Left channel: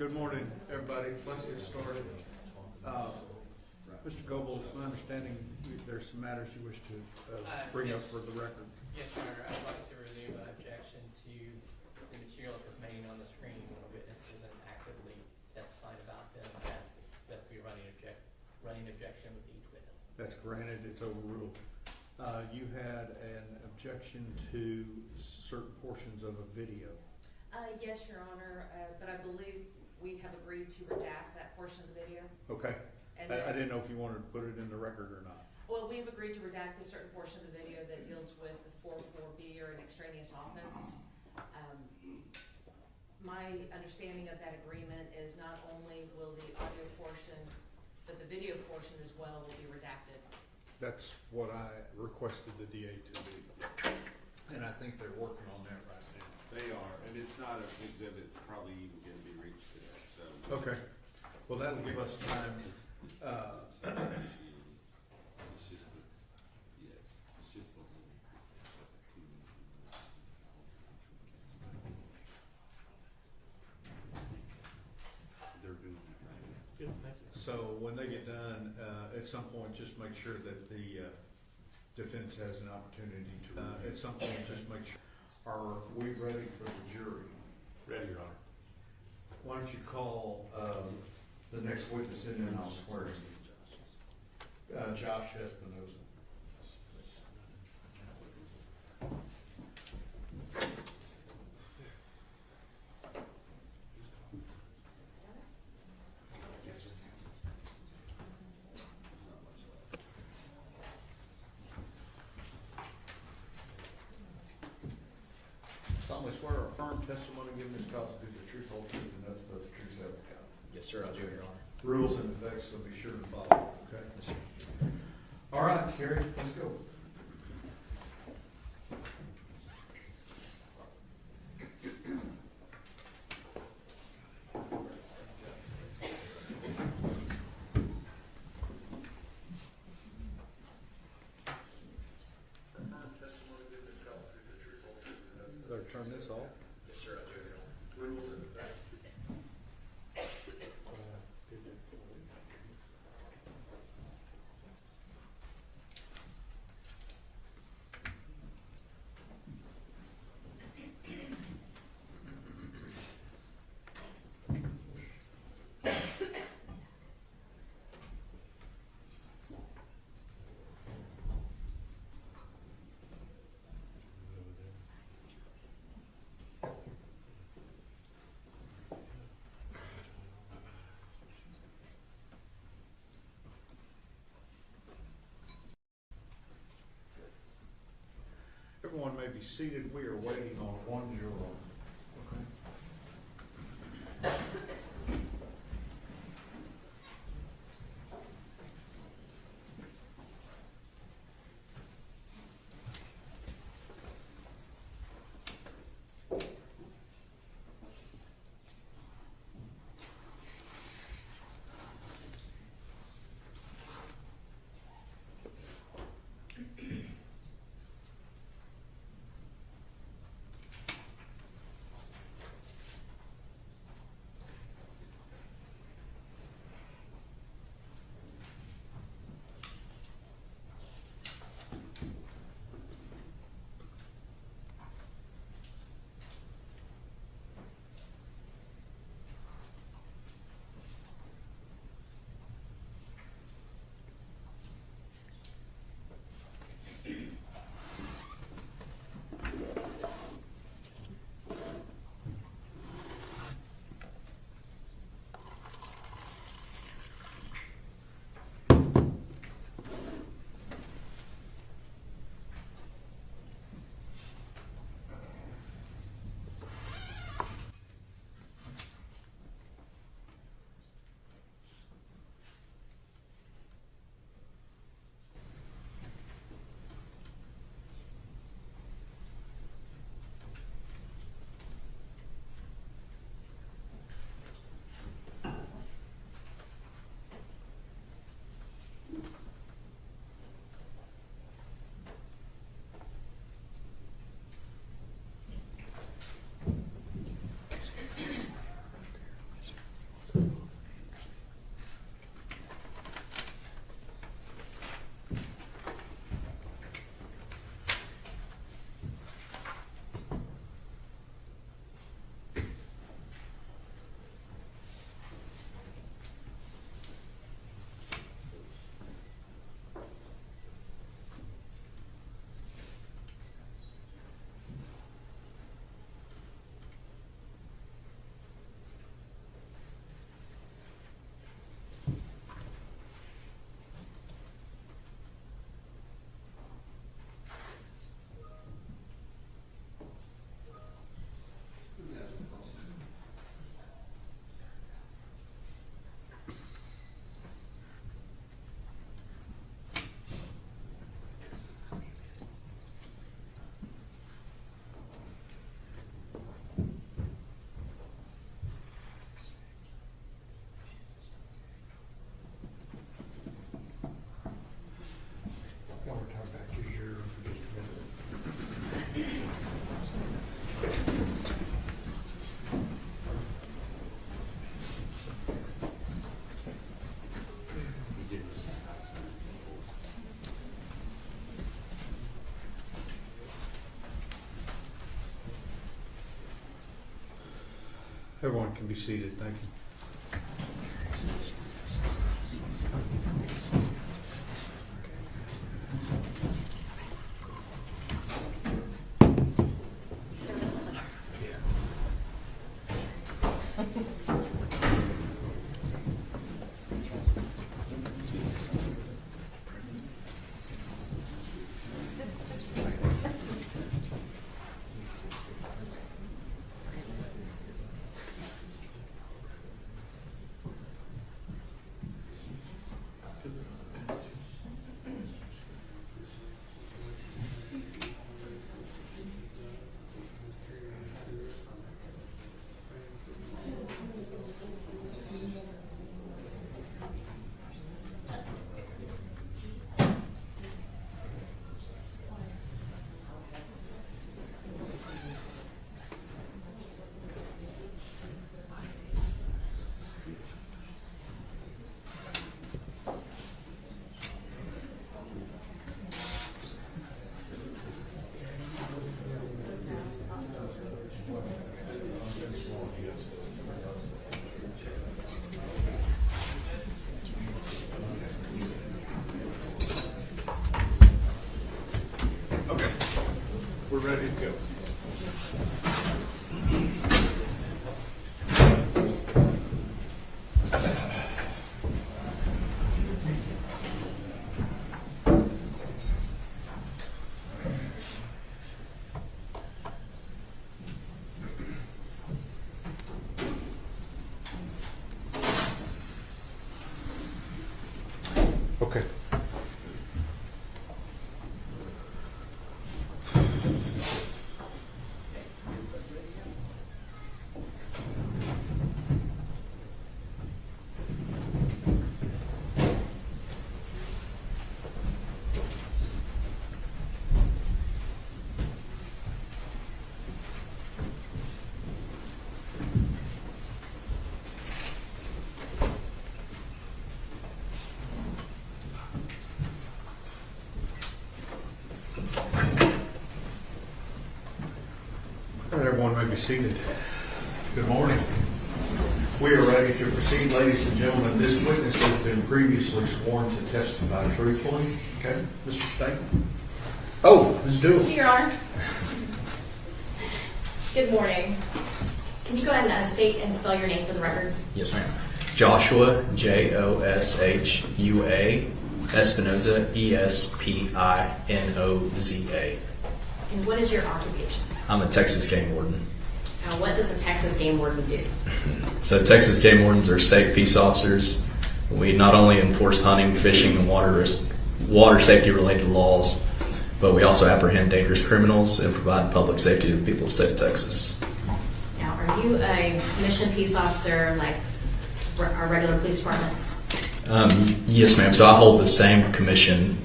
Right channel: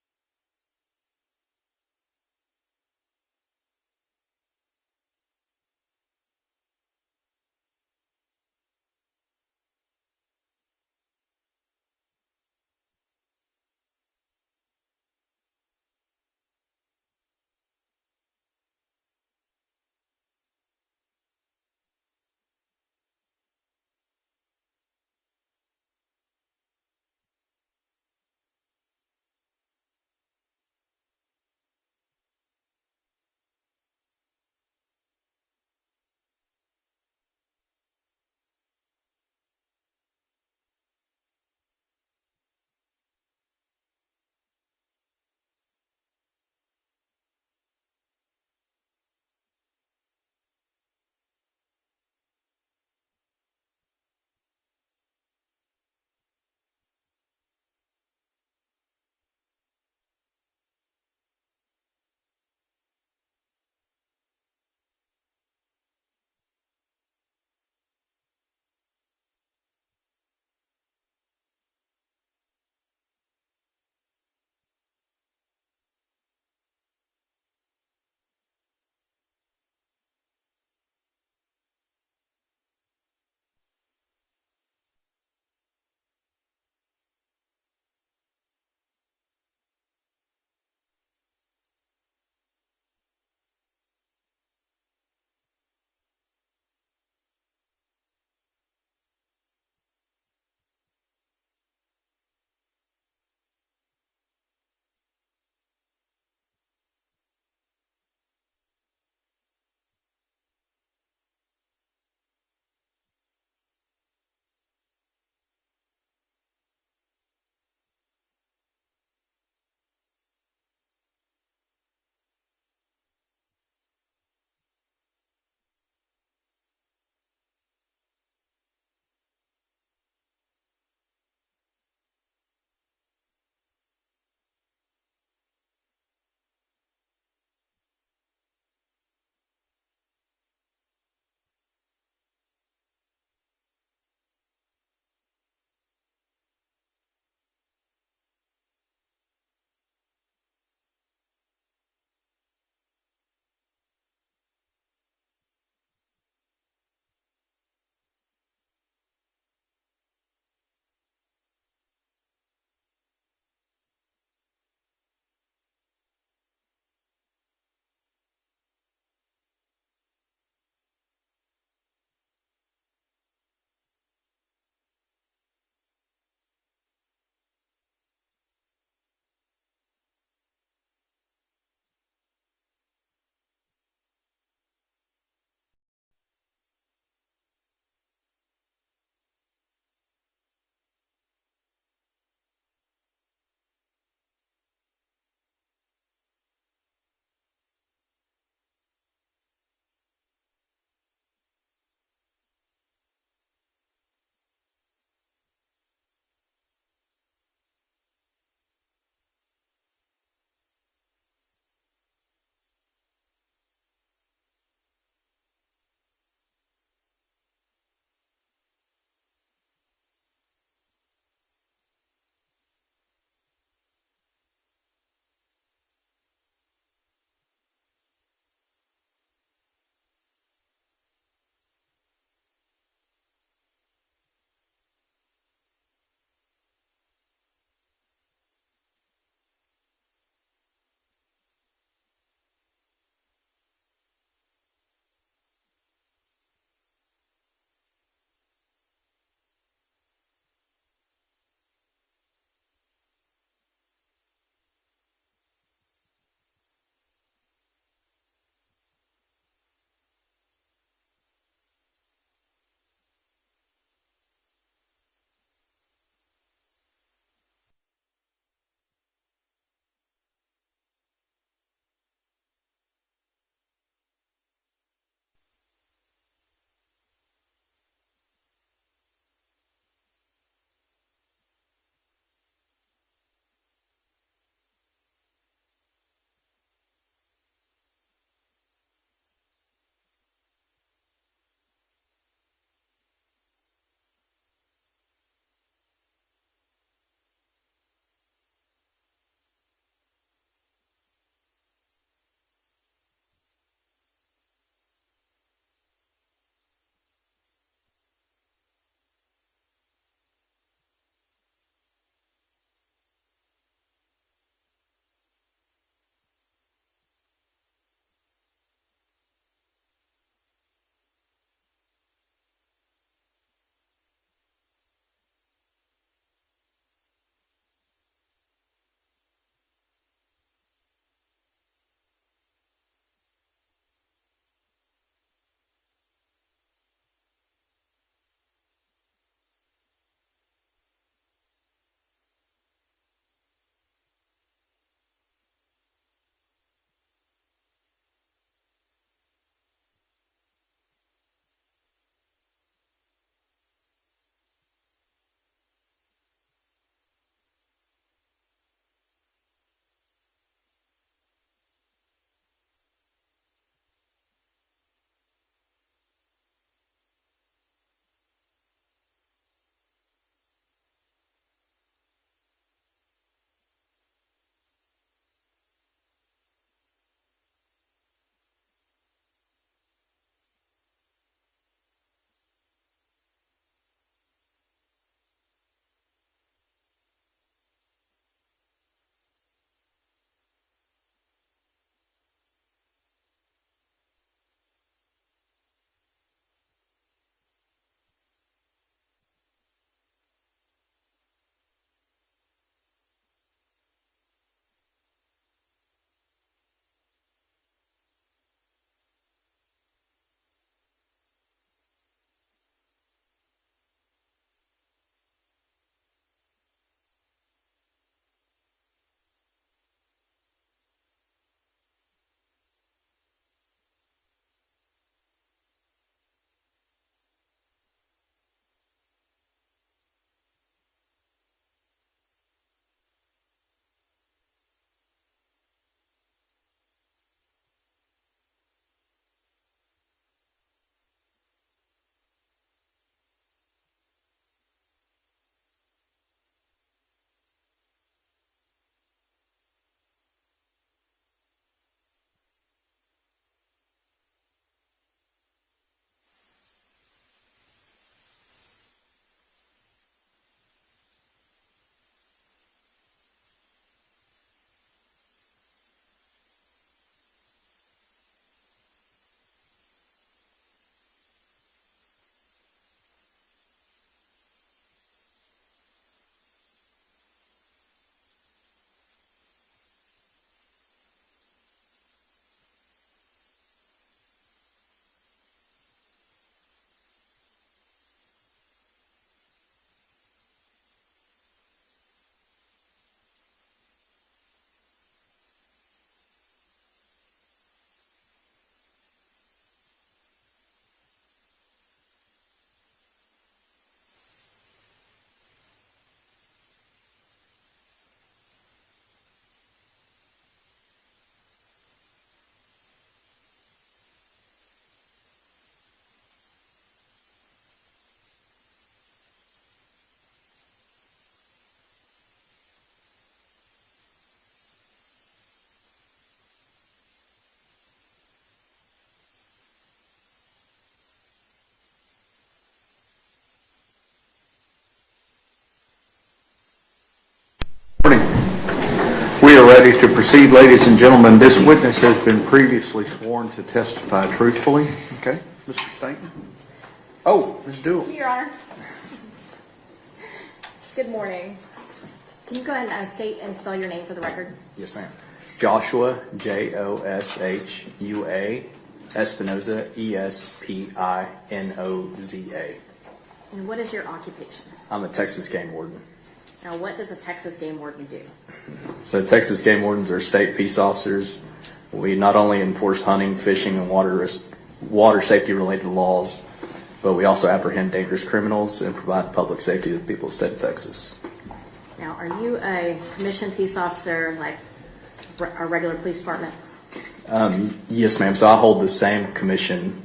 Good morning, everybody. Let's get started. Mr. Goebbels, my understanding there's some matters you wish to bring up for the record. Yes, Your Honor. I'd like to renew my objection to the materials remaining on the screen when a witness isn't actively testifying about them. I ask that we running objection with each witness. That's granted. It's overruled. You had an objection to certain portions of a video. Yes, Your Honor, but I believe we have agreed to redact that portion of the video. Okay. And I didn't know if you wanted to put it in the record or not. Well, we've agreed to redact a certain portion of the video that deals with the 4.4b or an extraneous offense. My understanding of that agreement is not only will the audio portion, but the video portion as well will be redacted. That's what I requested the DA to do. And I think they're working on that right now. They are, and it's not an exhibit that's probably even going to be reached today, so. Okay. Well, that'll give us time. So when they get done, at some point, just make sure that the defense has an opportunity to, at some point, just make sure. Are we ready for the jury? Ready, Your Honor. Why don't you call the next witness in and I'll swear him. Josh Espinosa. Solemnly swear or affirm testimony given this cause to be the truth, whole truth, and nothing but the truth, so help you God. Yes, sir, I do, Your Honor. Rules and effects, so be sure to follow, okay? Yes, sir. All right, Carrie, let's go. Better turn this off. Yes, sir, I do, Your Honor. Rules and effects. Everyone may be seated. We are waiting on one juror. Okay. Everyone can be seated, thank you. We're ready to go. Okay. All right, everyone may be seated. Good morning. We are ready to proceed, ladies and gentlemen. This witness has been previously sworn to testify truthfully. Okay, Mr. Stank. Oh, Ms. Jewell. Your Honor. Good morning. Can you go ahead and state and spell your name for the record? Yes, ma'am. Joshua, Joshua, Espinoza, Espinoza. And what is your occupation? I'm a Texas game warden. Now, what does a Texas game warden do? So Texas game wardens are state peace officers. We not only enforce hunting, fishing, and water safety related laws, but we also apprehend dangerous criminals and provide public safety to the people of the state of Texas. Now, are you a commissioned peace officer like our regular police departments? Yes, ma'am. So I hold the same commission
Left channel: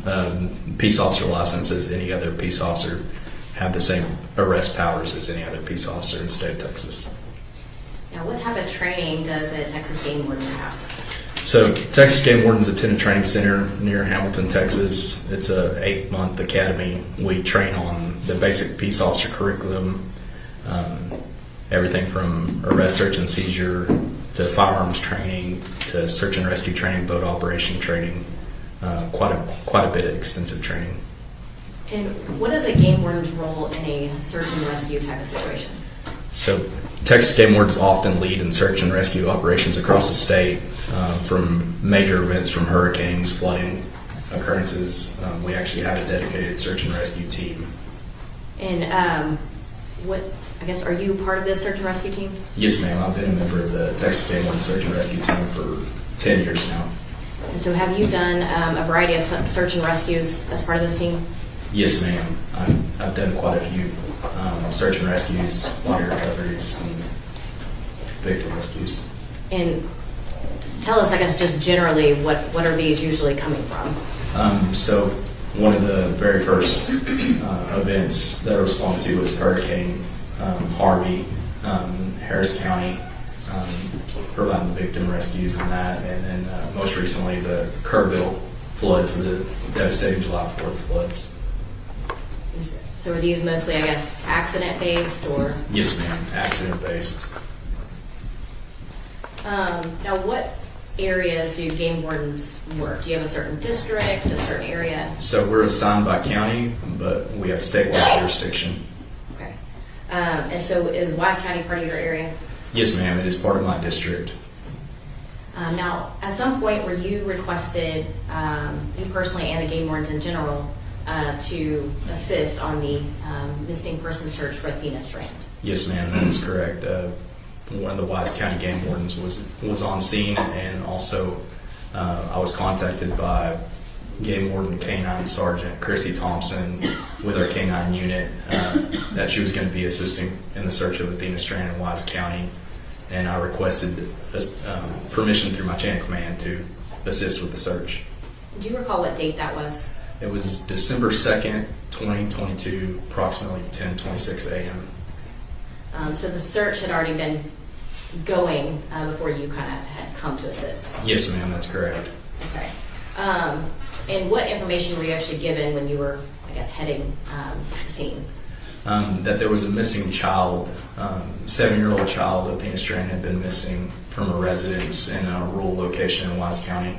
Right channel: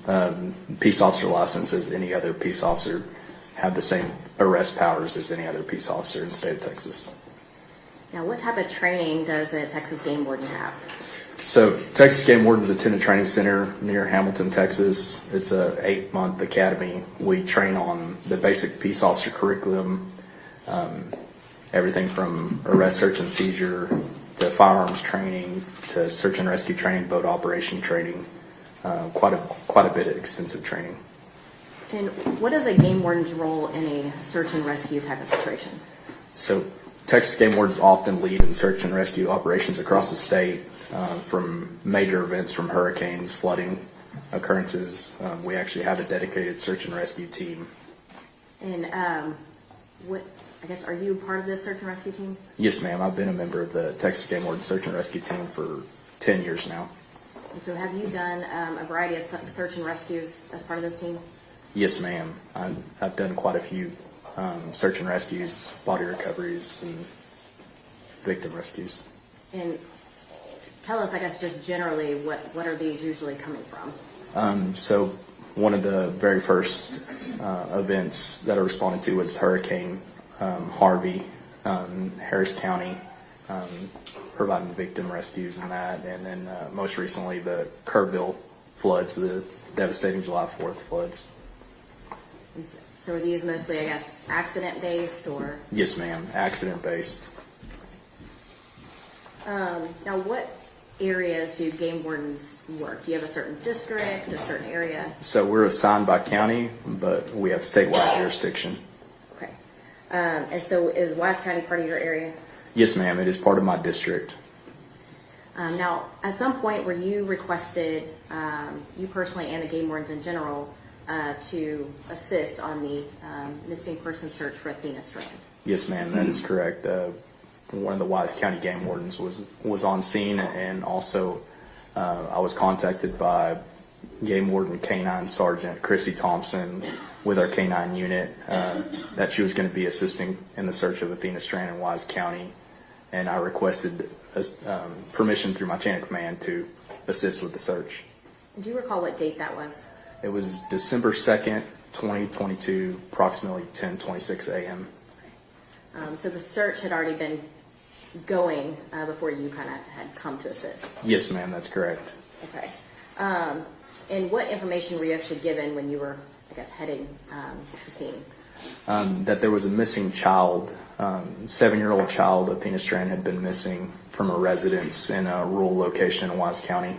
peace officer license as any other peace officer, have the same arrest powers as any other peace officer in the state of Texas. Now, what type of training does a Texas game warden have? So Texas Game Wardens attend a training center near Hamilton, Texas. It's a 8-month academy. We train on the basic peace officer curriculum, everything from arrest, search, and seizure to firearms training to search and rescue training, boat operation training, quite a bit of extensive training. And what is a game warden's role in a search and rescue type of situation? So Texas Game Wardens often lead in search and rescue operations across the state, from major events, from hurricanes, flooding occurrences. We actually have a dedicated search and rescue team. And I guess, are you part of this search and rescue team? Yes, ma'am. I've been a member of the Texas Game Warden Search and Rescue Team for 10 years now. And so have you done a variety of search and rescues as part of this team? Yes, ma'am. I've done quite a few search and rescues, body recoveries, and victim rescues. And tell us, I guess, just generally, what are these usually coming from? So one of the very first events that I responded to was Hurricane Harvey, Harris County, providing victim rescues and that. And then most recently, the Kerrville floods, the devastating July 4th floods. So are these mostly, I guess, accident-based or? Yes, ma'am. Accident-based. Now, what areas do game wardens work? Do you have a certain district, a certain area? So we're assigned by county, but we have statewide jurisdiction. Okay. And so is Wise County part of your area? Yes, ma'am, it is part of my district. Now, at some point where you requested, you personally and the game wardens in general, to assist on the missing person search for Athena Strand. Yes, ma'am, that is correct. One of the Wise County game wardens was on scene, and also I was contacted by Game Warden K-9 Sergeant Chrissy Thompson with our K-9 unit that she was going to be assisting in the search of Athena Strand in Wise County, and I requested permission through my chain of command to assist with the search. Do you recall what date that was? It was December 2nd, 2022, approximately 10:26 a.m. So the search had already been going before you kind of had come to assist? Yes, ma'am, that's correct. Okay. And what information were you actually given when you were, I guess, heading to scene? That there was a missing child, 7-year-old child of Athena Strand had been missing from a residence in a rural location in Wise County.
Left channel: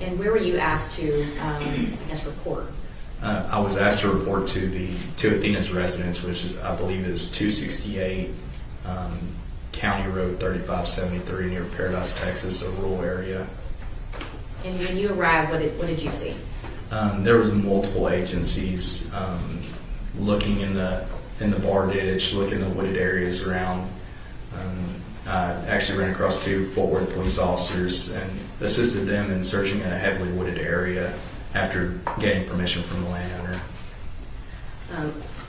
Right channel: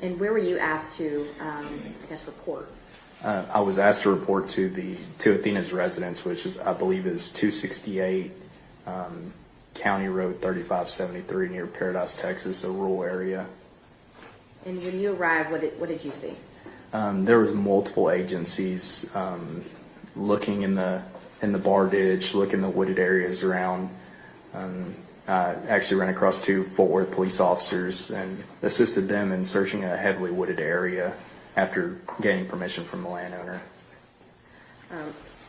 And where were you asked to, I guess, report? I was asked to report to Athena's residence, which is, I believe, is 268 County Road 3573 near Paradise, Texas, a rural area. And when you arrived, what did you see? There was multiple agencies looking in the bar ditch, looking in the wooded areas around. I actually ran across 2 Fort Worth police officers and assisted them in searching a heavily wooded area after getting permission from the landowner.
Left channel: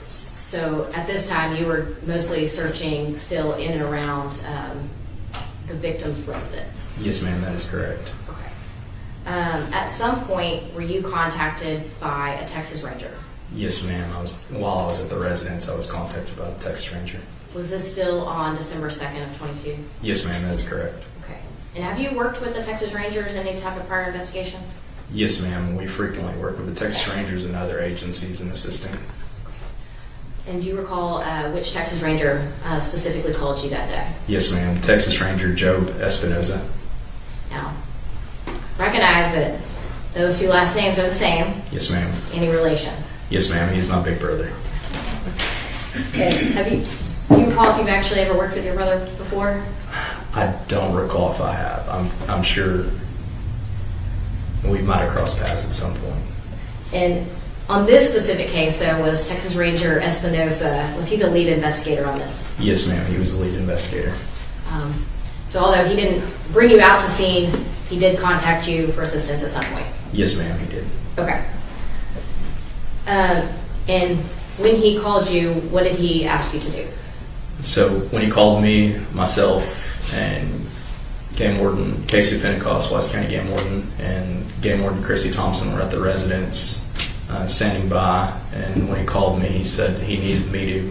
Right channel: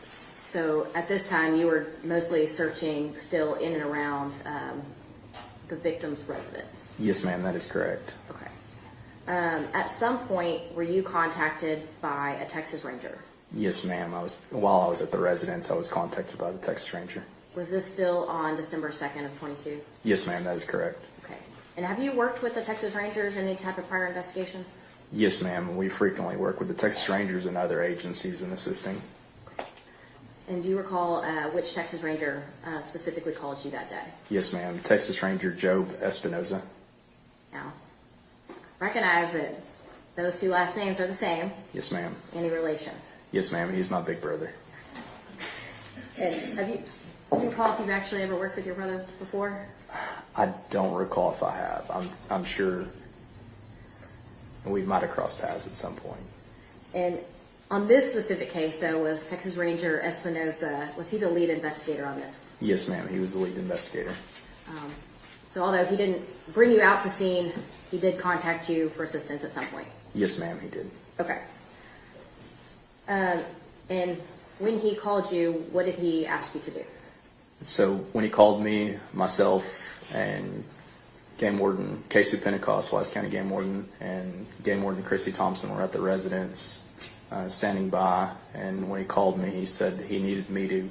So at this time, you were mostly searching still in and around the victim's residence? Yes, ma'am, that is correct. Okay. At some point, were you contacted by a Texas Ranger? Yes, ma'am. While I was at the residence, I was contacted by a Texas Ranger. Was this still on December 2nd of 22? Yes, ma'am, that is correct. Okay. And have you worked with the Texas Rangers in any type of prior investigations? Yes, ma'am. We frequently work with the Texas Rangers and other agencies in assisting. And do you recall which Texas Ranger specifically called you that day? Yes, ma'am. Texas Ranger Job Espinoza. Now, recognize that those 2 last names are the same. Yes, ma'am. Any relation? Yes, ma'am. He's my big brother. Okay. Do you recall if you've actually ever worked with your brother before? I don't recall if I have. I'm sure we might have crossed paths at some point. And on this specific case, though, was Texas Ranger Espinoza, was he the lead investigator on this? Yes, ma'am. He was the lead investigator. So although he didn't bring you out to scene, he did contact you for assistance at some point? Yes, ma'am. He did. Okay. And when he called you, what did he ask you to do? So when he called me, myself, and Game Warden Casey Pentecost, Wise County Game Warden, and Game Warden Chrissy Thompson were at the residence standing by, and when he called me, he said he needed me to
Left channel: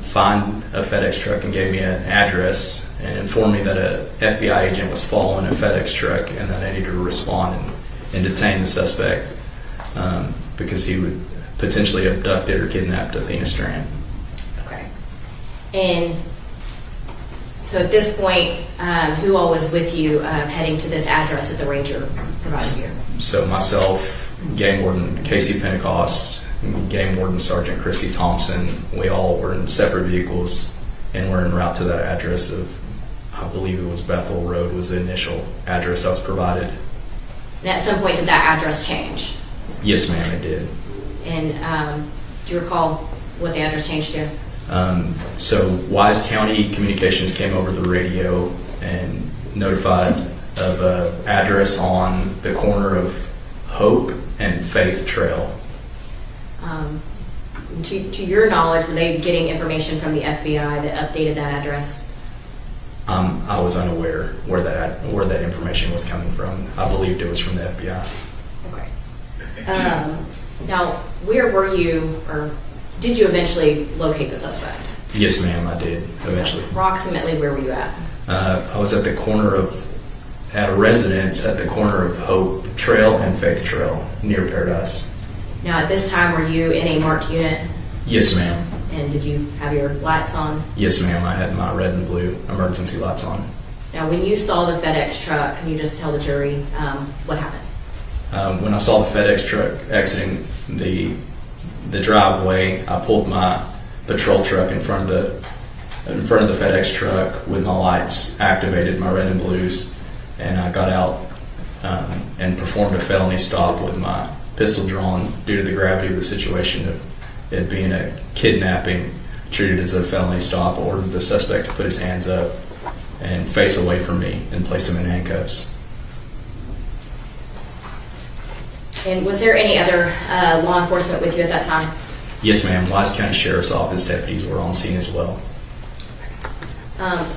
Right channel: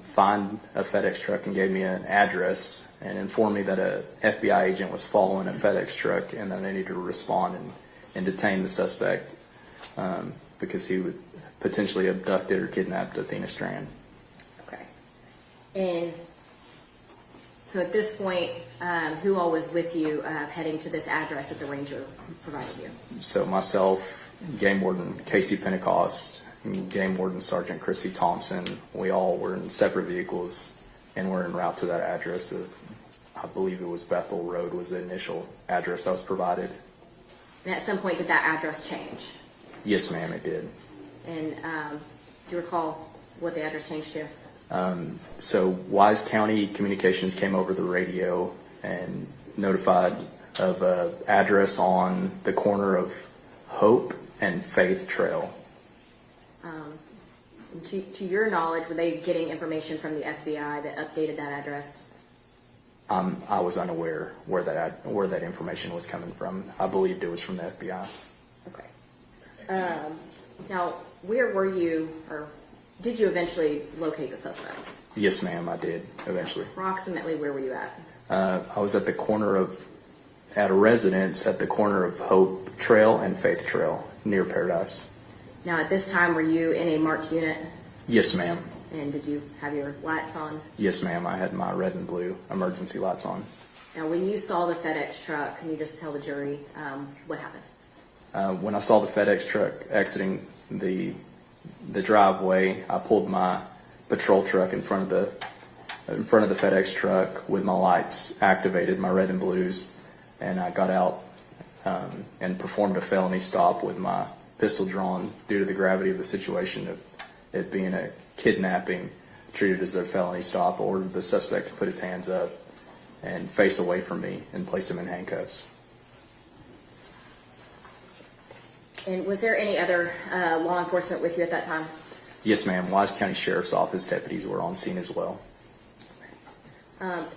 find a FedEx truck and gave me an address and informed me that a FBI agent was following a FedEx truck and that I needed to respond and detain the suspect because he would potentially abducted or kidnapped Athena Strand. Okay. And so at this point, who all was with you heading to this address that the ranger provided you? So myself, Game Warden Casey Pentecost, Game Warden Sergeant Chrissy Thompson, we all were in separate vehicles and were en route to that address of, I believe it was Bethel Road was the initial address that was provided. And at some point, did that address change? Yes, ma'am, it did. And do you recall what the address changed to? So Wise County Communications came over the radio and notified of an address on the corner of Hope and Faith Trail. To your knowledge, were they getting information from the FBI that updated that address? I was unaware where that information was coming from. I believed it was from the FBI. Okay. Now, where were you, or did you eventually locate the suspect? Yes, ma'am, I did eventually. Approximately where were you at? I was at a residence at the corner of Hope Trail and Faith Trail near Paradise. Now, at this time, were you in a marked unit? Yes, ma'am. And did you have your lights on? Yes, ma'am. I had my red and blue emergency lights on. Now, when you saw the FedEx truck, can you just tell the jury what happened? When I saw the FedEx truck exiting the driveway, I pulled my patrol truck in front of the FedEx truck with my lights activated, my red and blues, and I got out and performed a felony stop with my pistol drawn due to the gravity of the situation of it being a kidnapping treated as a felony stop. Ordered the suspect to put his hands up and face away from me and placed him in handcuffs. And was there any other law enforcement with you at that time? Yes, ma'am. Wise County Sheriff's Office deputies were on scene as well.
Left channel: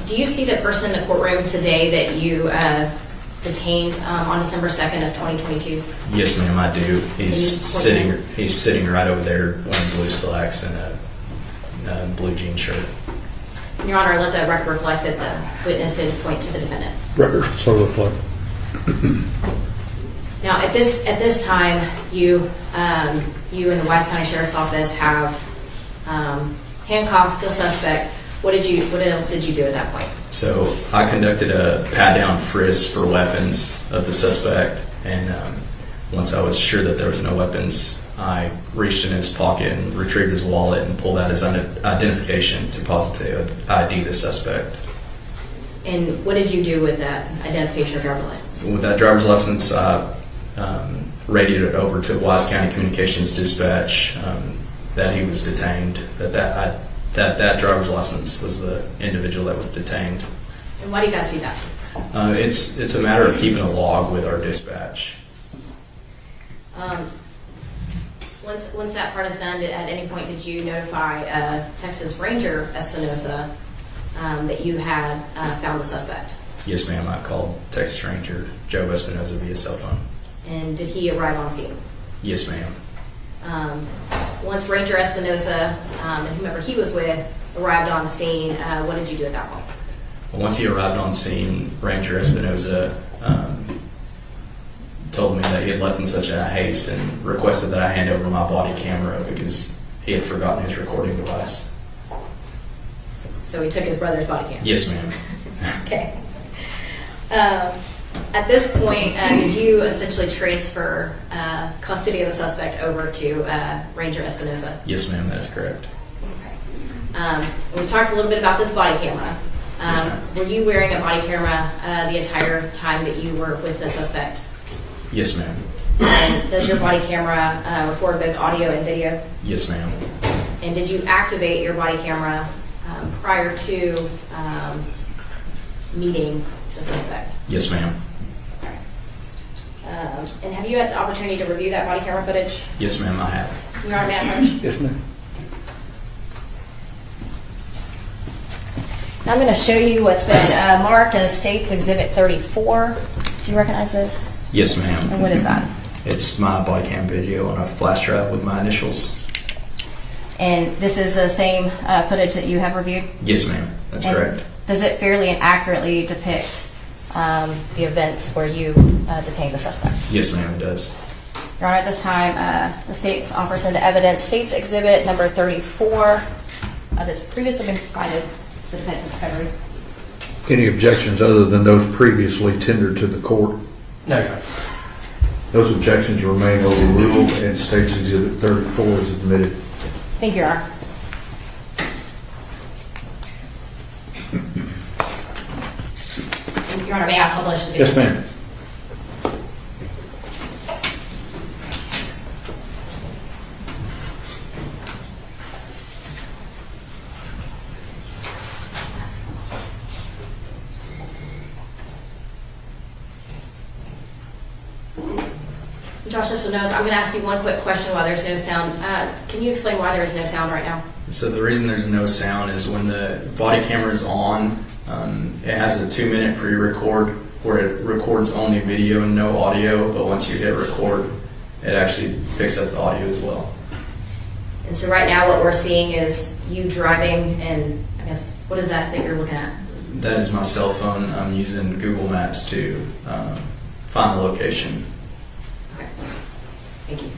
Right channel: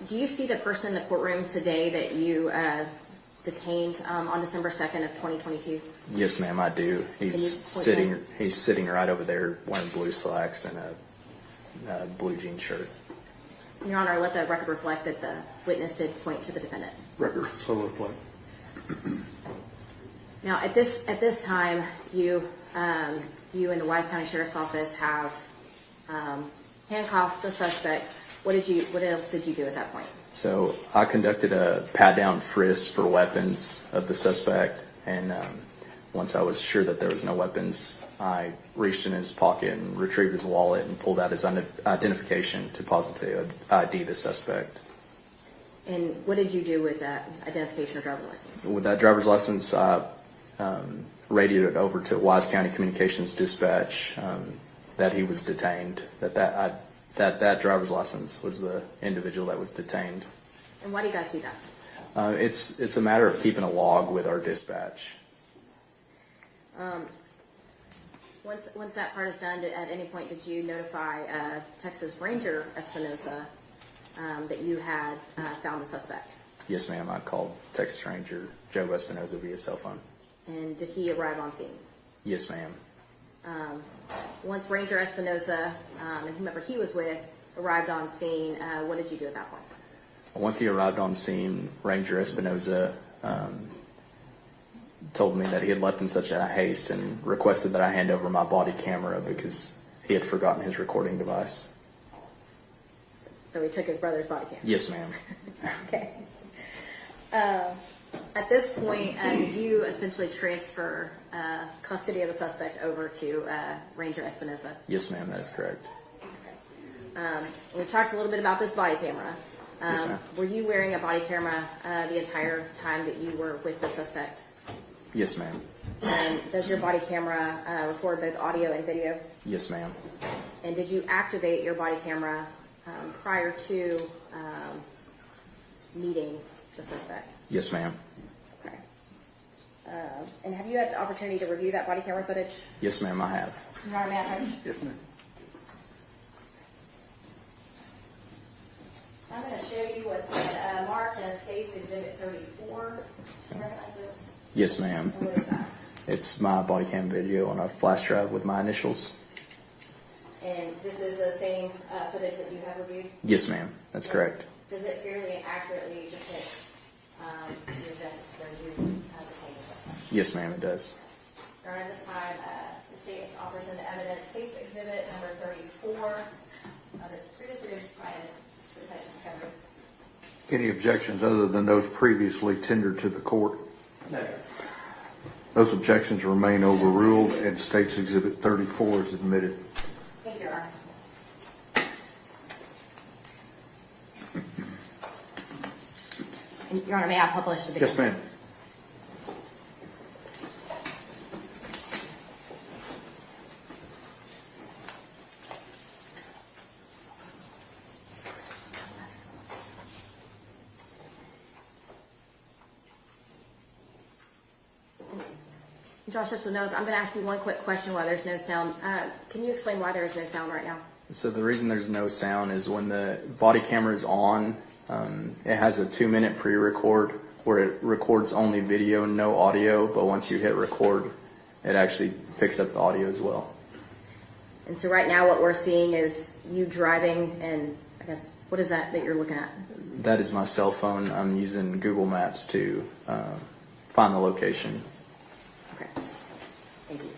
Do you see the person in the courtroom today that you detained on December 2nd of 2022? Yes, ma'am, I do. He's sitting right over there wearing blue slacks and a blue jean shirt. Your Honor, let the record reflect that the witness did point to the defendant. Record so reflect. Now, at this time, you and the Wise County Sheriff's Office have handcuffed the suspect. What else did you do at that point? So I conducted a pat-down frisk for weapons of the suspect, and once I was sure that there was no weapons, I reached in his pocket and retrieved his wallet and pulled out his identification to positively ID the suspect. And what did you do with that identification or driver's license? With that driver's license, I radioed it over to Wise County Communications Dispatch that he was detained, that driver's license was the individual that was detained. And why do you guys do that? It's a matter of keeping a log with our dispatch. Once that part is done, at any point did you notify Texas Ranger Espinosa that you had found the suspect? Yes, ma'am. I called Texas Ranger Joe Espinosa via cell phone. And did he arrive on scene? Yes, ma'am. Once Ranger Espinosa and whomever he was with arrived on scene, what did you do at that point? Once he arrived on scene, Ranger Espinosa told me that he had left in such a haste and requested that I hand over my body camera because he had forgotten his recording device. So he took his brother's body camera? Yes, ma'am. Okay. At this point, did you essentially transfer custody of the suspect over to Ranger Espinosa? Yes, ma'am, that's correct. Okay. We talked a little bit about this body camera. Yes, ma'am. Were you wearing a body camera the entire time that you were with the suspect? Yes, ma'am. And does your body camera record both audio and video? Yes, ma'am. And did you activate your body camera prior to meeting the suspect? Yes, ma'am. And have you had the opportunity to review that body camera footage? Yes, ma'am, I have. Your Honor, may I approach? Yes, ma'am. I'm going to show you what's been marked as State's Exhibit 34. Do you recognize this? Yes, ma'am. And what is that? It's my body cam video on a flash drive with my initials. And this is the same footage that you have reviewed? Yes, ma'am. That's And correct. does it fairly and accurately depict the events where you detained the suspect? Yes, ma'am, it does. Your Honor, at this time, the State offers into evidence State's Exhibit number 34 that's previously been provided to the defense discovery. Any objections other than those previously tendered to the court? No, Your Honor. Those objections remain overruled and State's Exhibit 34 is admitted. Thank you, Your Honor. Your Honor, may I publish the video? Yes, ma'am. Josh, this one knows. I'm going to ask you one quick question while there's no sound. Can you explain why there is no sound right now? So the reason there's no sound is when the body camera is on, it has a 2-minute pre-record where it records only video and no audio, but once you hit record, it actually picks up the audio as well. And so right now what we're seeing is you driving, and I guess, what is that you're looking at? That is my cell phone. I'm using Google Maps to find the location. Okay. Thank you.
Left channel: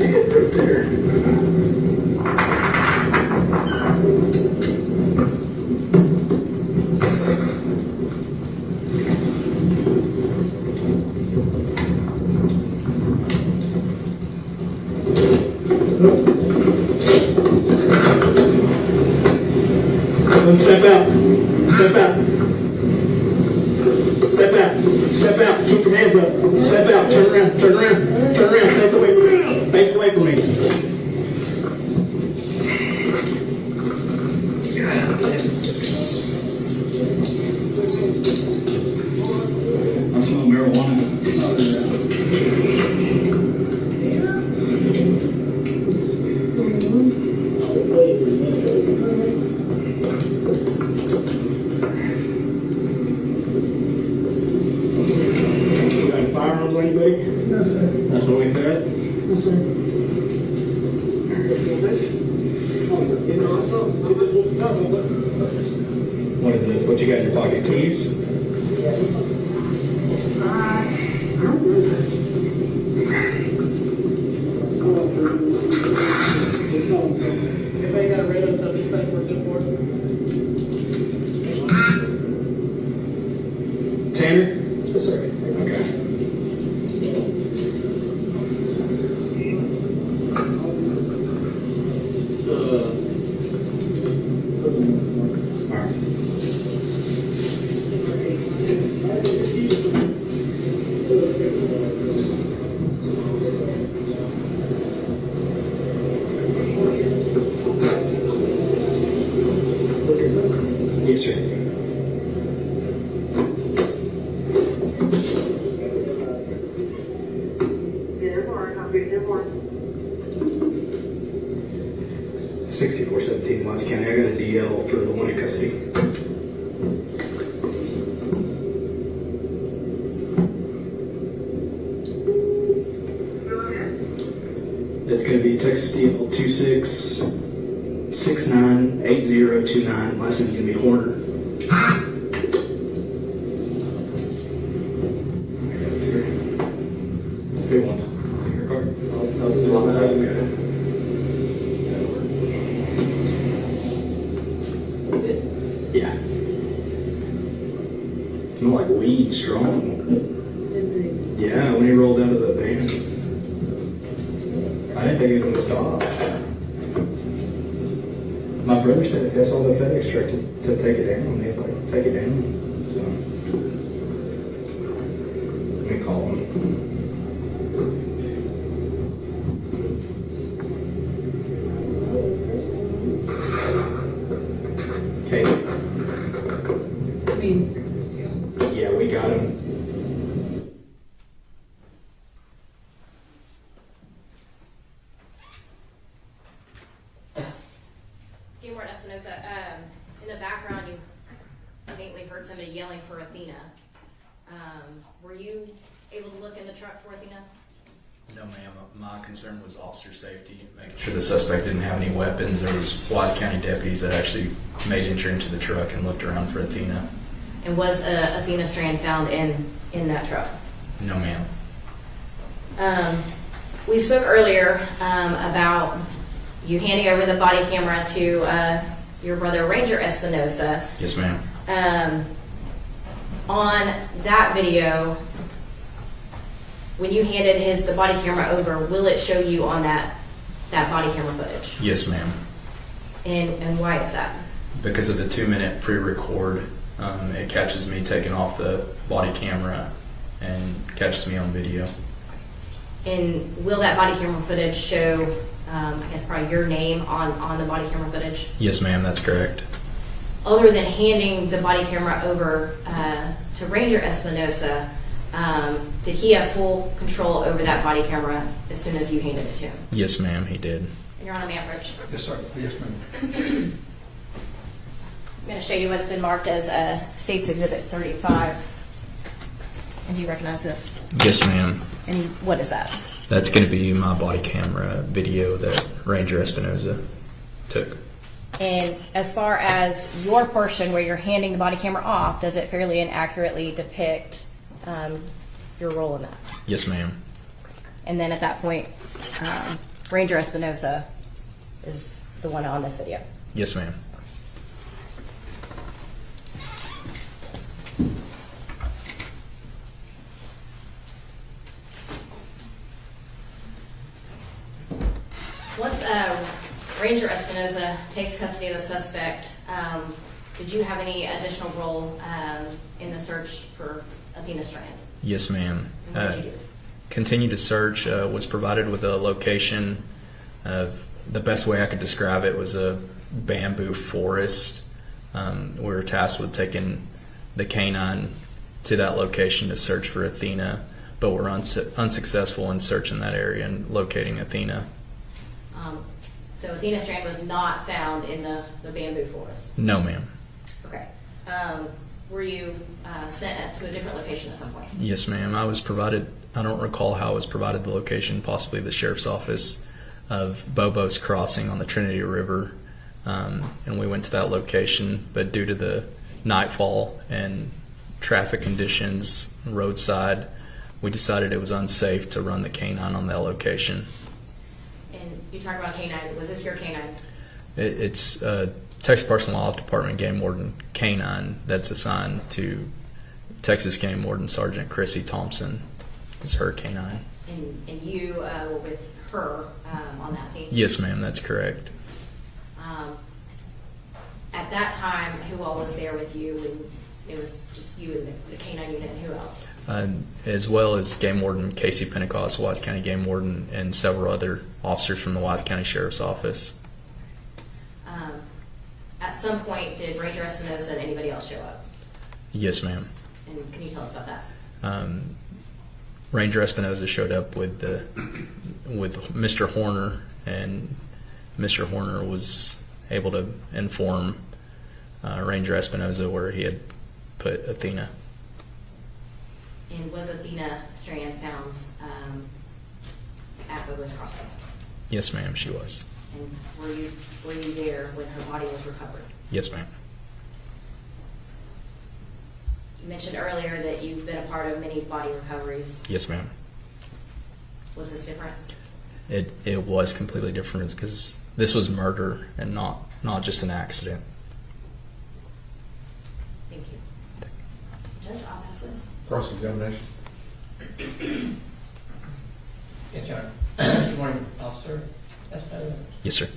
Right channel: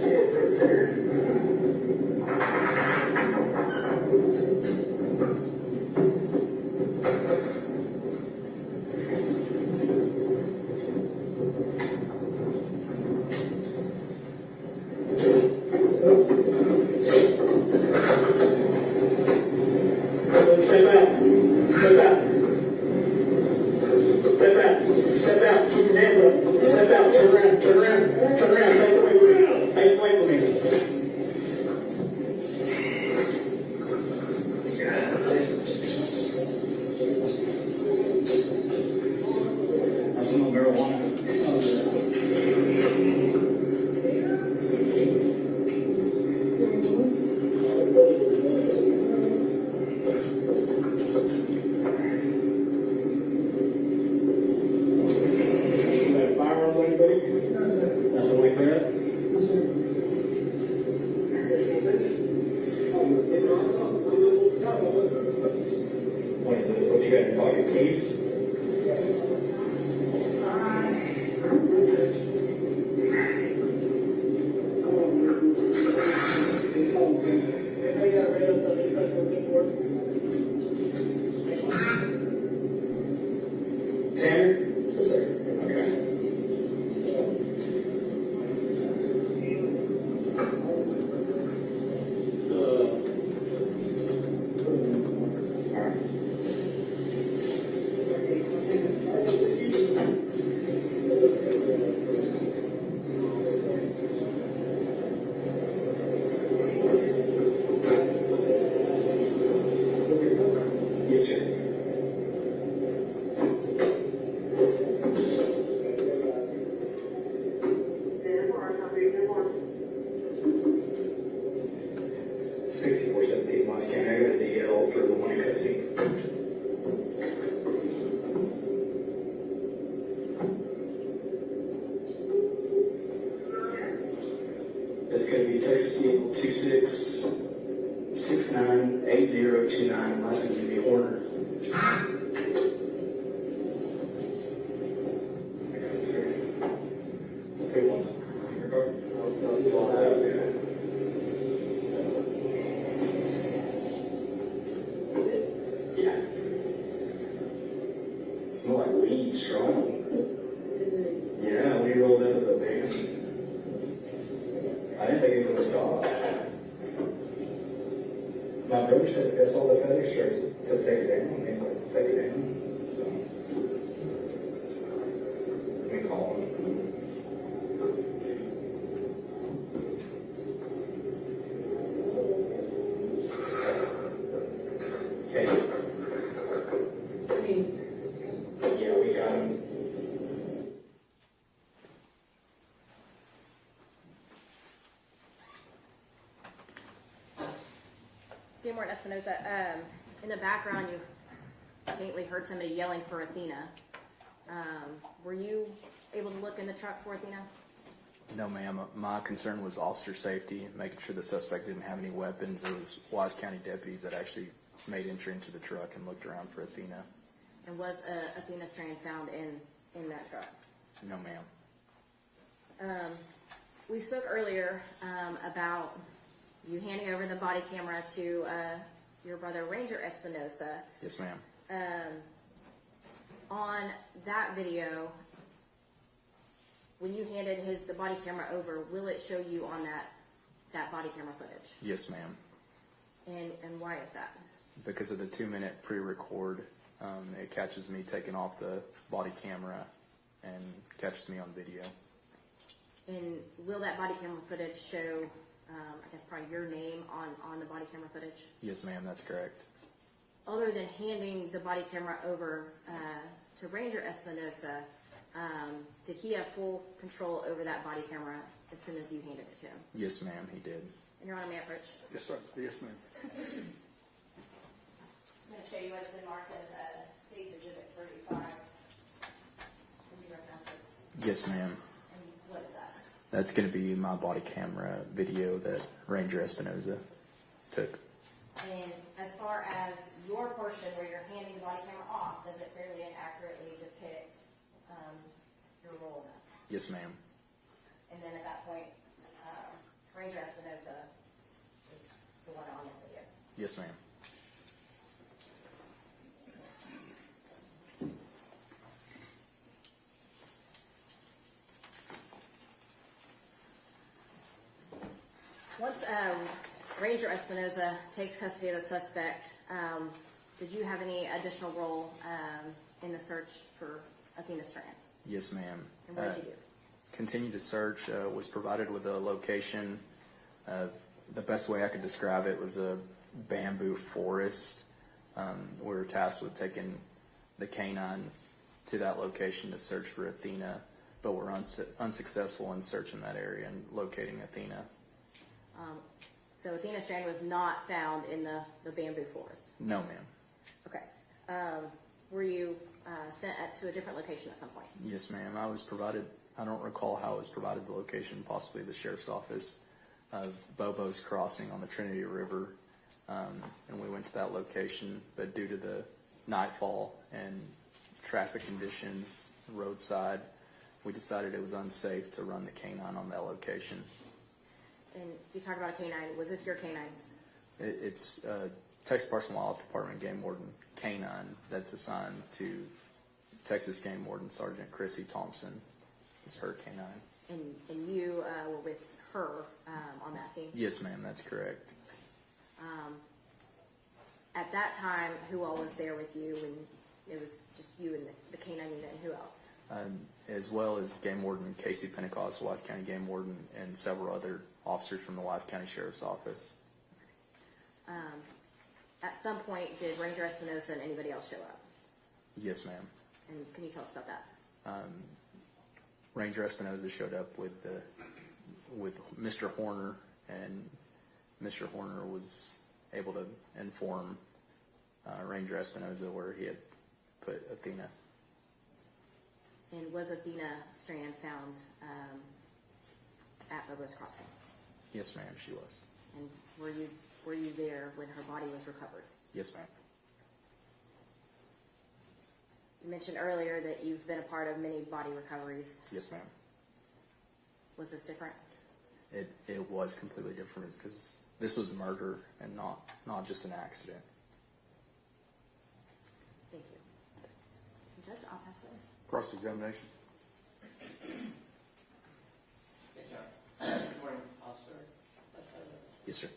see it right there. Step out. Step out. Step out. Step out. Keep your hands up. Step out. Turn around. Turn around. Turn around. Face away from me. Face away from me. I smell marijuana. That's what we got. What is this? What you got in your pocket? Keys? Tanner? Yes, sir. Okay. Yes, sir. $64.17 Watts County. I got a DL for the one in custody. It's going to be Texas DL 26698029. Last name's going to be Horner. Big one. Yeah. Smell like weed, strong. Yeah, when he rolled out of the van. I didn't think he was going to stop. My brother said that's all the FedEx truck to take it down. He's like, take it down. So, let me call him. Okay. Yeah, we got him. Gabriel Espinosa, in the background, you faintly heard somebody yelling for Athena. Were you able to look in the truck for Athena? No, ma'am. My concern was officer safety, making sure the suspect didn't have any weapons. There was Wise County deputies that actually made entry into the truck and looked around for Athena. And was Athena Strand found in that truck? No, ma'am. We spoke earlier about you handing over the body camera to your brother Ranger Espinosa. Yes, ma'am. On that video, when you handed the body camera over, will it show you on that body camera footage? Yes, ma'am. And why is that? Because of the 2-minute pre-record, it catches me taking off the body camera and catches me on video. And will that body camera footage show, I guess, probably your name on the body camera footage? Yes, ma'am, that's correct. Other than handing the body camera over to Ranger Espinosa, did he have full control over that body camera as soon as you handed it to him? Yes, ma'am, he did. And you're on the average. Yes, sir. Yes, ma'am. I'm going to show you what's been marked as State's Exhibit 35. And do you recognize this? Yes, ma'am. And what is that? That's going to be my body camera video that Ranger Espinosa took. And as far as your portion where you're handing the body camera off, does it fairly and accurately depict your role in that? Yes, ma'am. And then at that point, Ranger Espinosa is the one on this video. Yes, ma'am. Once Ranger Espinosa takes custody of the suspect, did you have any additional role in the search for Athena Strand? Yes, ma'am. And what did you do? Continue to search, was provided with a location. The best way I could describe it was a bamboo forest. We were tasked with taking the canine to that location to search for Athena, but were unsuccessful in searching that area and locating Athena. So Athena Strand was not found in the bamboo forest? No, ma'am. Okay. Were you sent to a different location at some point? Yes, ma'am. I was provided, I don't recall how I was provided the location, possibly the sheriff's office, of Bobo's Crossing on the Trinity River. And we went to that location, but due to the nightfall and traffic conditions roadside, we decided it was unsafe to run the canine on that location. And you talked about a canine. Was this your canine? It's Texas Parks and Wildlife Department Game Warden canine that's assigned to Texas Game Warden Sergeant Chrissy Thompson. It's her canine. And you were with her on that scene? Yes, ma'am, that's correct. At that time, who all was there with you? And it was just you and the canine unit, and who else? As well as Game Warden Casey Pentecost, Wise County Game Warden, and several other officers from the Wise County Sheriff's Office. At some point, did Ranger Espinosa and anybody else show up? Yes, ma'am. And can you tell us about that? Ranger Espinosa showed up with Mr. Horner, and Mr. Horner was able to inform Ranger Espinosa where he had put Athena. And was Athena Strand found at Bobo's Crossing? Yes, ma'am, she was. And were you there when her body was recovered? Yes, ma'am. You mentioned earlier that you've been a part of many body recoveries. Yes, ma'am. Was this different? It was completely different because this was murder and not just an accident. Thank you. Judge, I'll pass witness. Cross-examination. Yes, Your Honor. Good morning, Officer. Yes, President. Yes, sir.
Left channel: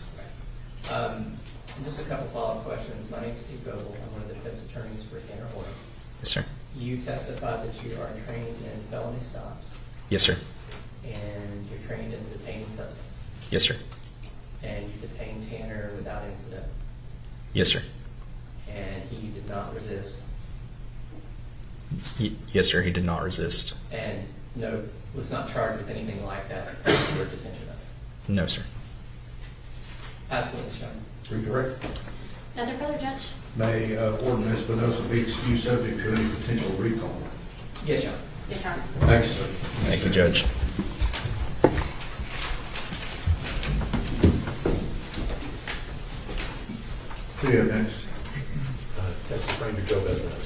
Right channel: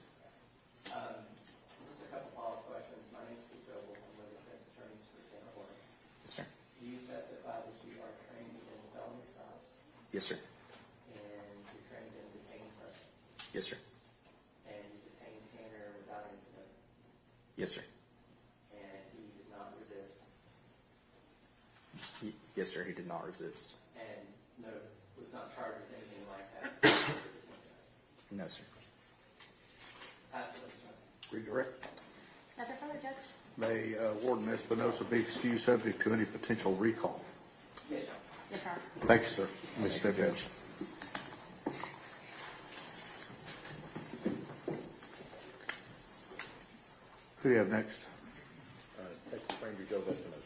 Just a couple follow-up questions. My name is Steve Goebel. I'm one of the defense attorneys for Tanner Horner. Yes, sir. You testified that you are trained in felony stops Yes, sir. and you're trained in detaining suspects. Yes, sir. And you detained Tanner without incident. Yes, sir. And he did not resist. Yes, sir. He did not resist. And was not charged with anything like that for detention of. No, sir. Absolutely, Your Honor. Redirect. Nothing further, Judge? May Warden Espinosa be excused subject to any potential recall? Yes, Your Honor. Yes, Your Honor. Thanks, sir. Thank you, Judge. Who do you have next? Texas Ranger Joe Espinosa.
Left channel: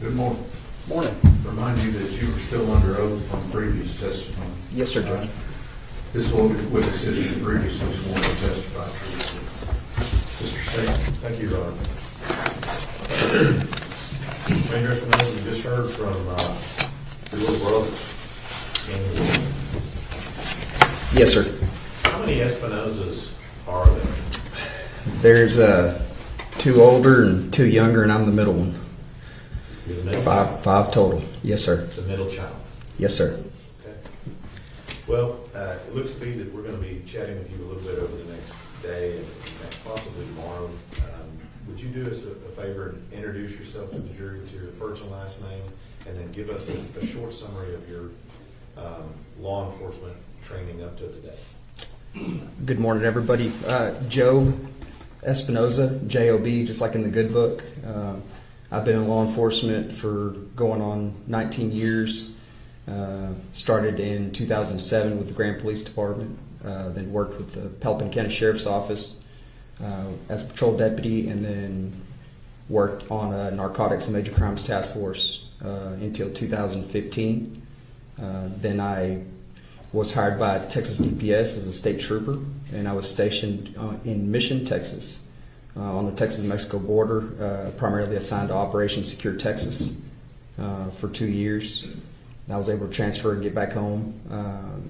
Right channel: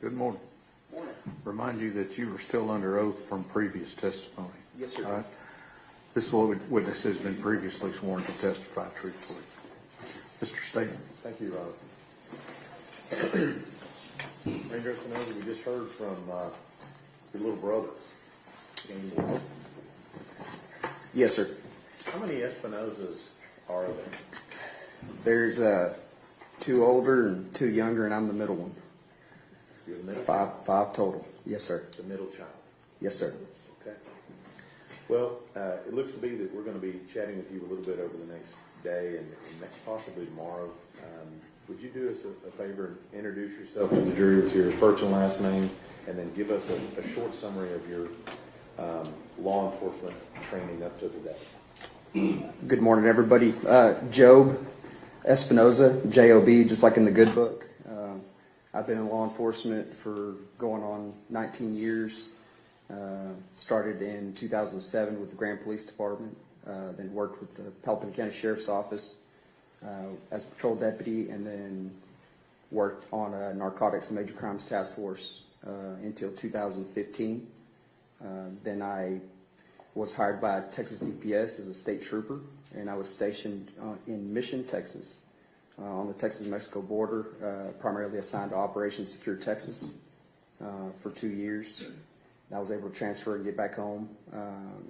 Good morning. Morning. Remind you that you were still under oath on previous testimony. Yes, sir, Judge. This witness has been previously sworn to testify truthfully. Mr. State. Thank you, Ron. Ranger Espinosa, we just heard from your little brothers. And Yes, sir. how many Espinosas are there? There's 2 older and 2 younger, and I'm the middle one. You're the middle Five total. Yes, sir. the middle child. Yes, sir. Okay. Well, it looks to me that we're going to be chatting with you a little bit over the next day and possibly tomorrow. Would you do us a favor and introduce yourself to the jury with your first and last name, and then give us a short summary of your law enforcement training up to today? Good morning, everybody. Joe Espinosa, J-O-B, just like in the good book. I've been in law enforcement for going on 19 years. Started in 2007 with the Grand Police Department. Then worked with the Pelham County Sheriff's Office as a patrol deputy, and then worked on a narcotics and major crimes task force until 2015. Then I was hired by Texas DPS as a state trooper, and I was stationed in Mission, Texas, on the Texas-Mexico border, primarily assigned to Operation Secure Texas for 2 years. I was able to transfer and get back home,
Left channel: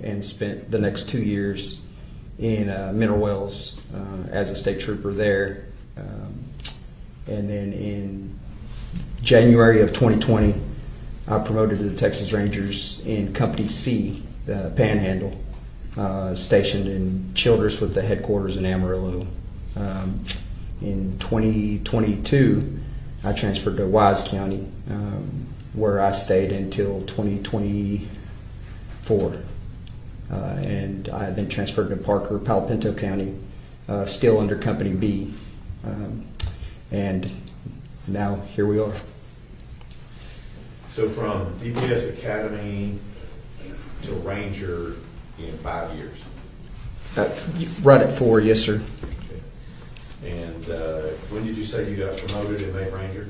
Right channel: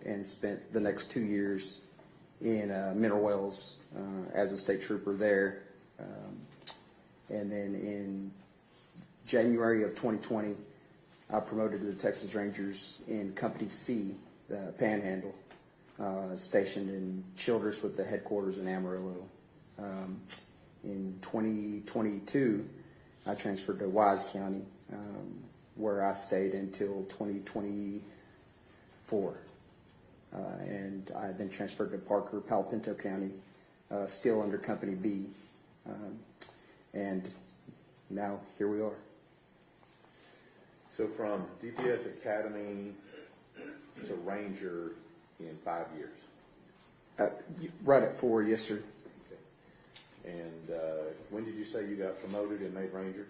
and spent the next 2 years in Mineral Wells as a state trooper there. And then in January of 2020, I promoted to the Texas Rangers in Company C, the Panhandle, stationed in Childress with the headquarters in Amarillo. In 2022, I transferred to Wise County, where I stayed until 2024. And I then transferred to Parker, Palo Pinto County, still under Company B. And now here we are. So from DPS Academy to Ranger in 5 years. Right at 4, yes, sir. Okay. And when did you say you got promoted and made Ranger?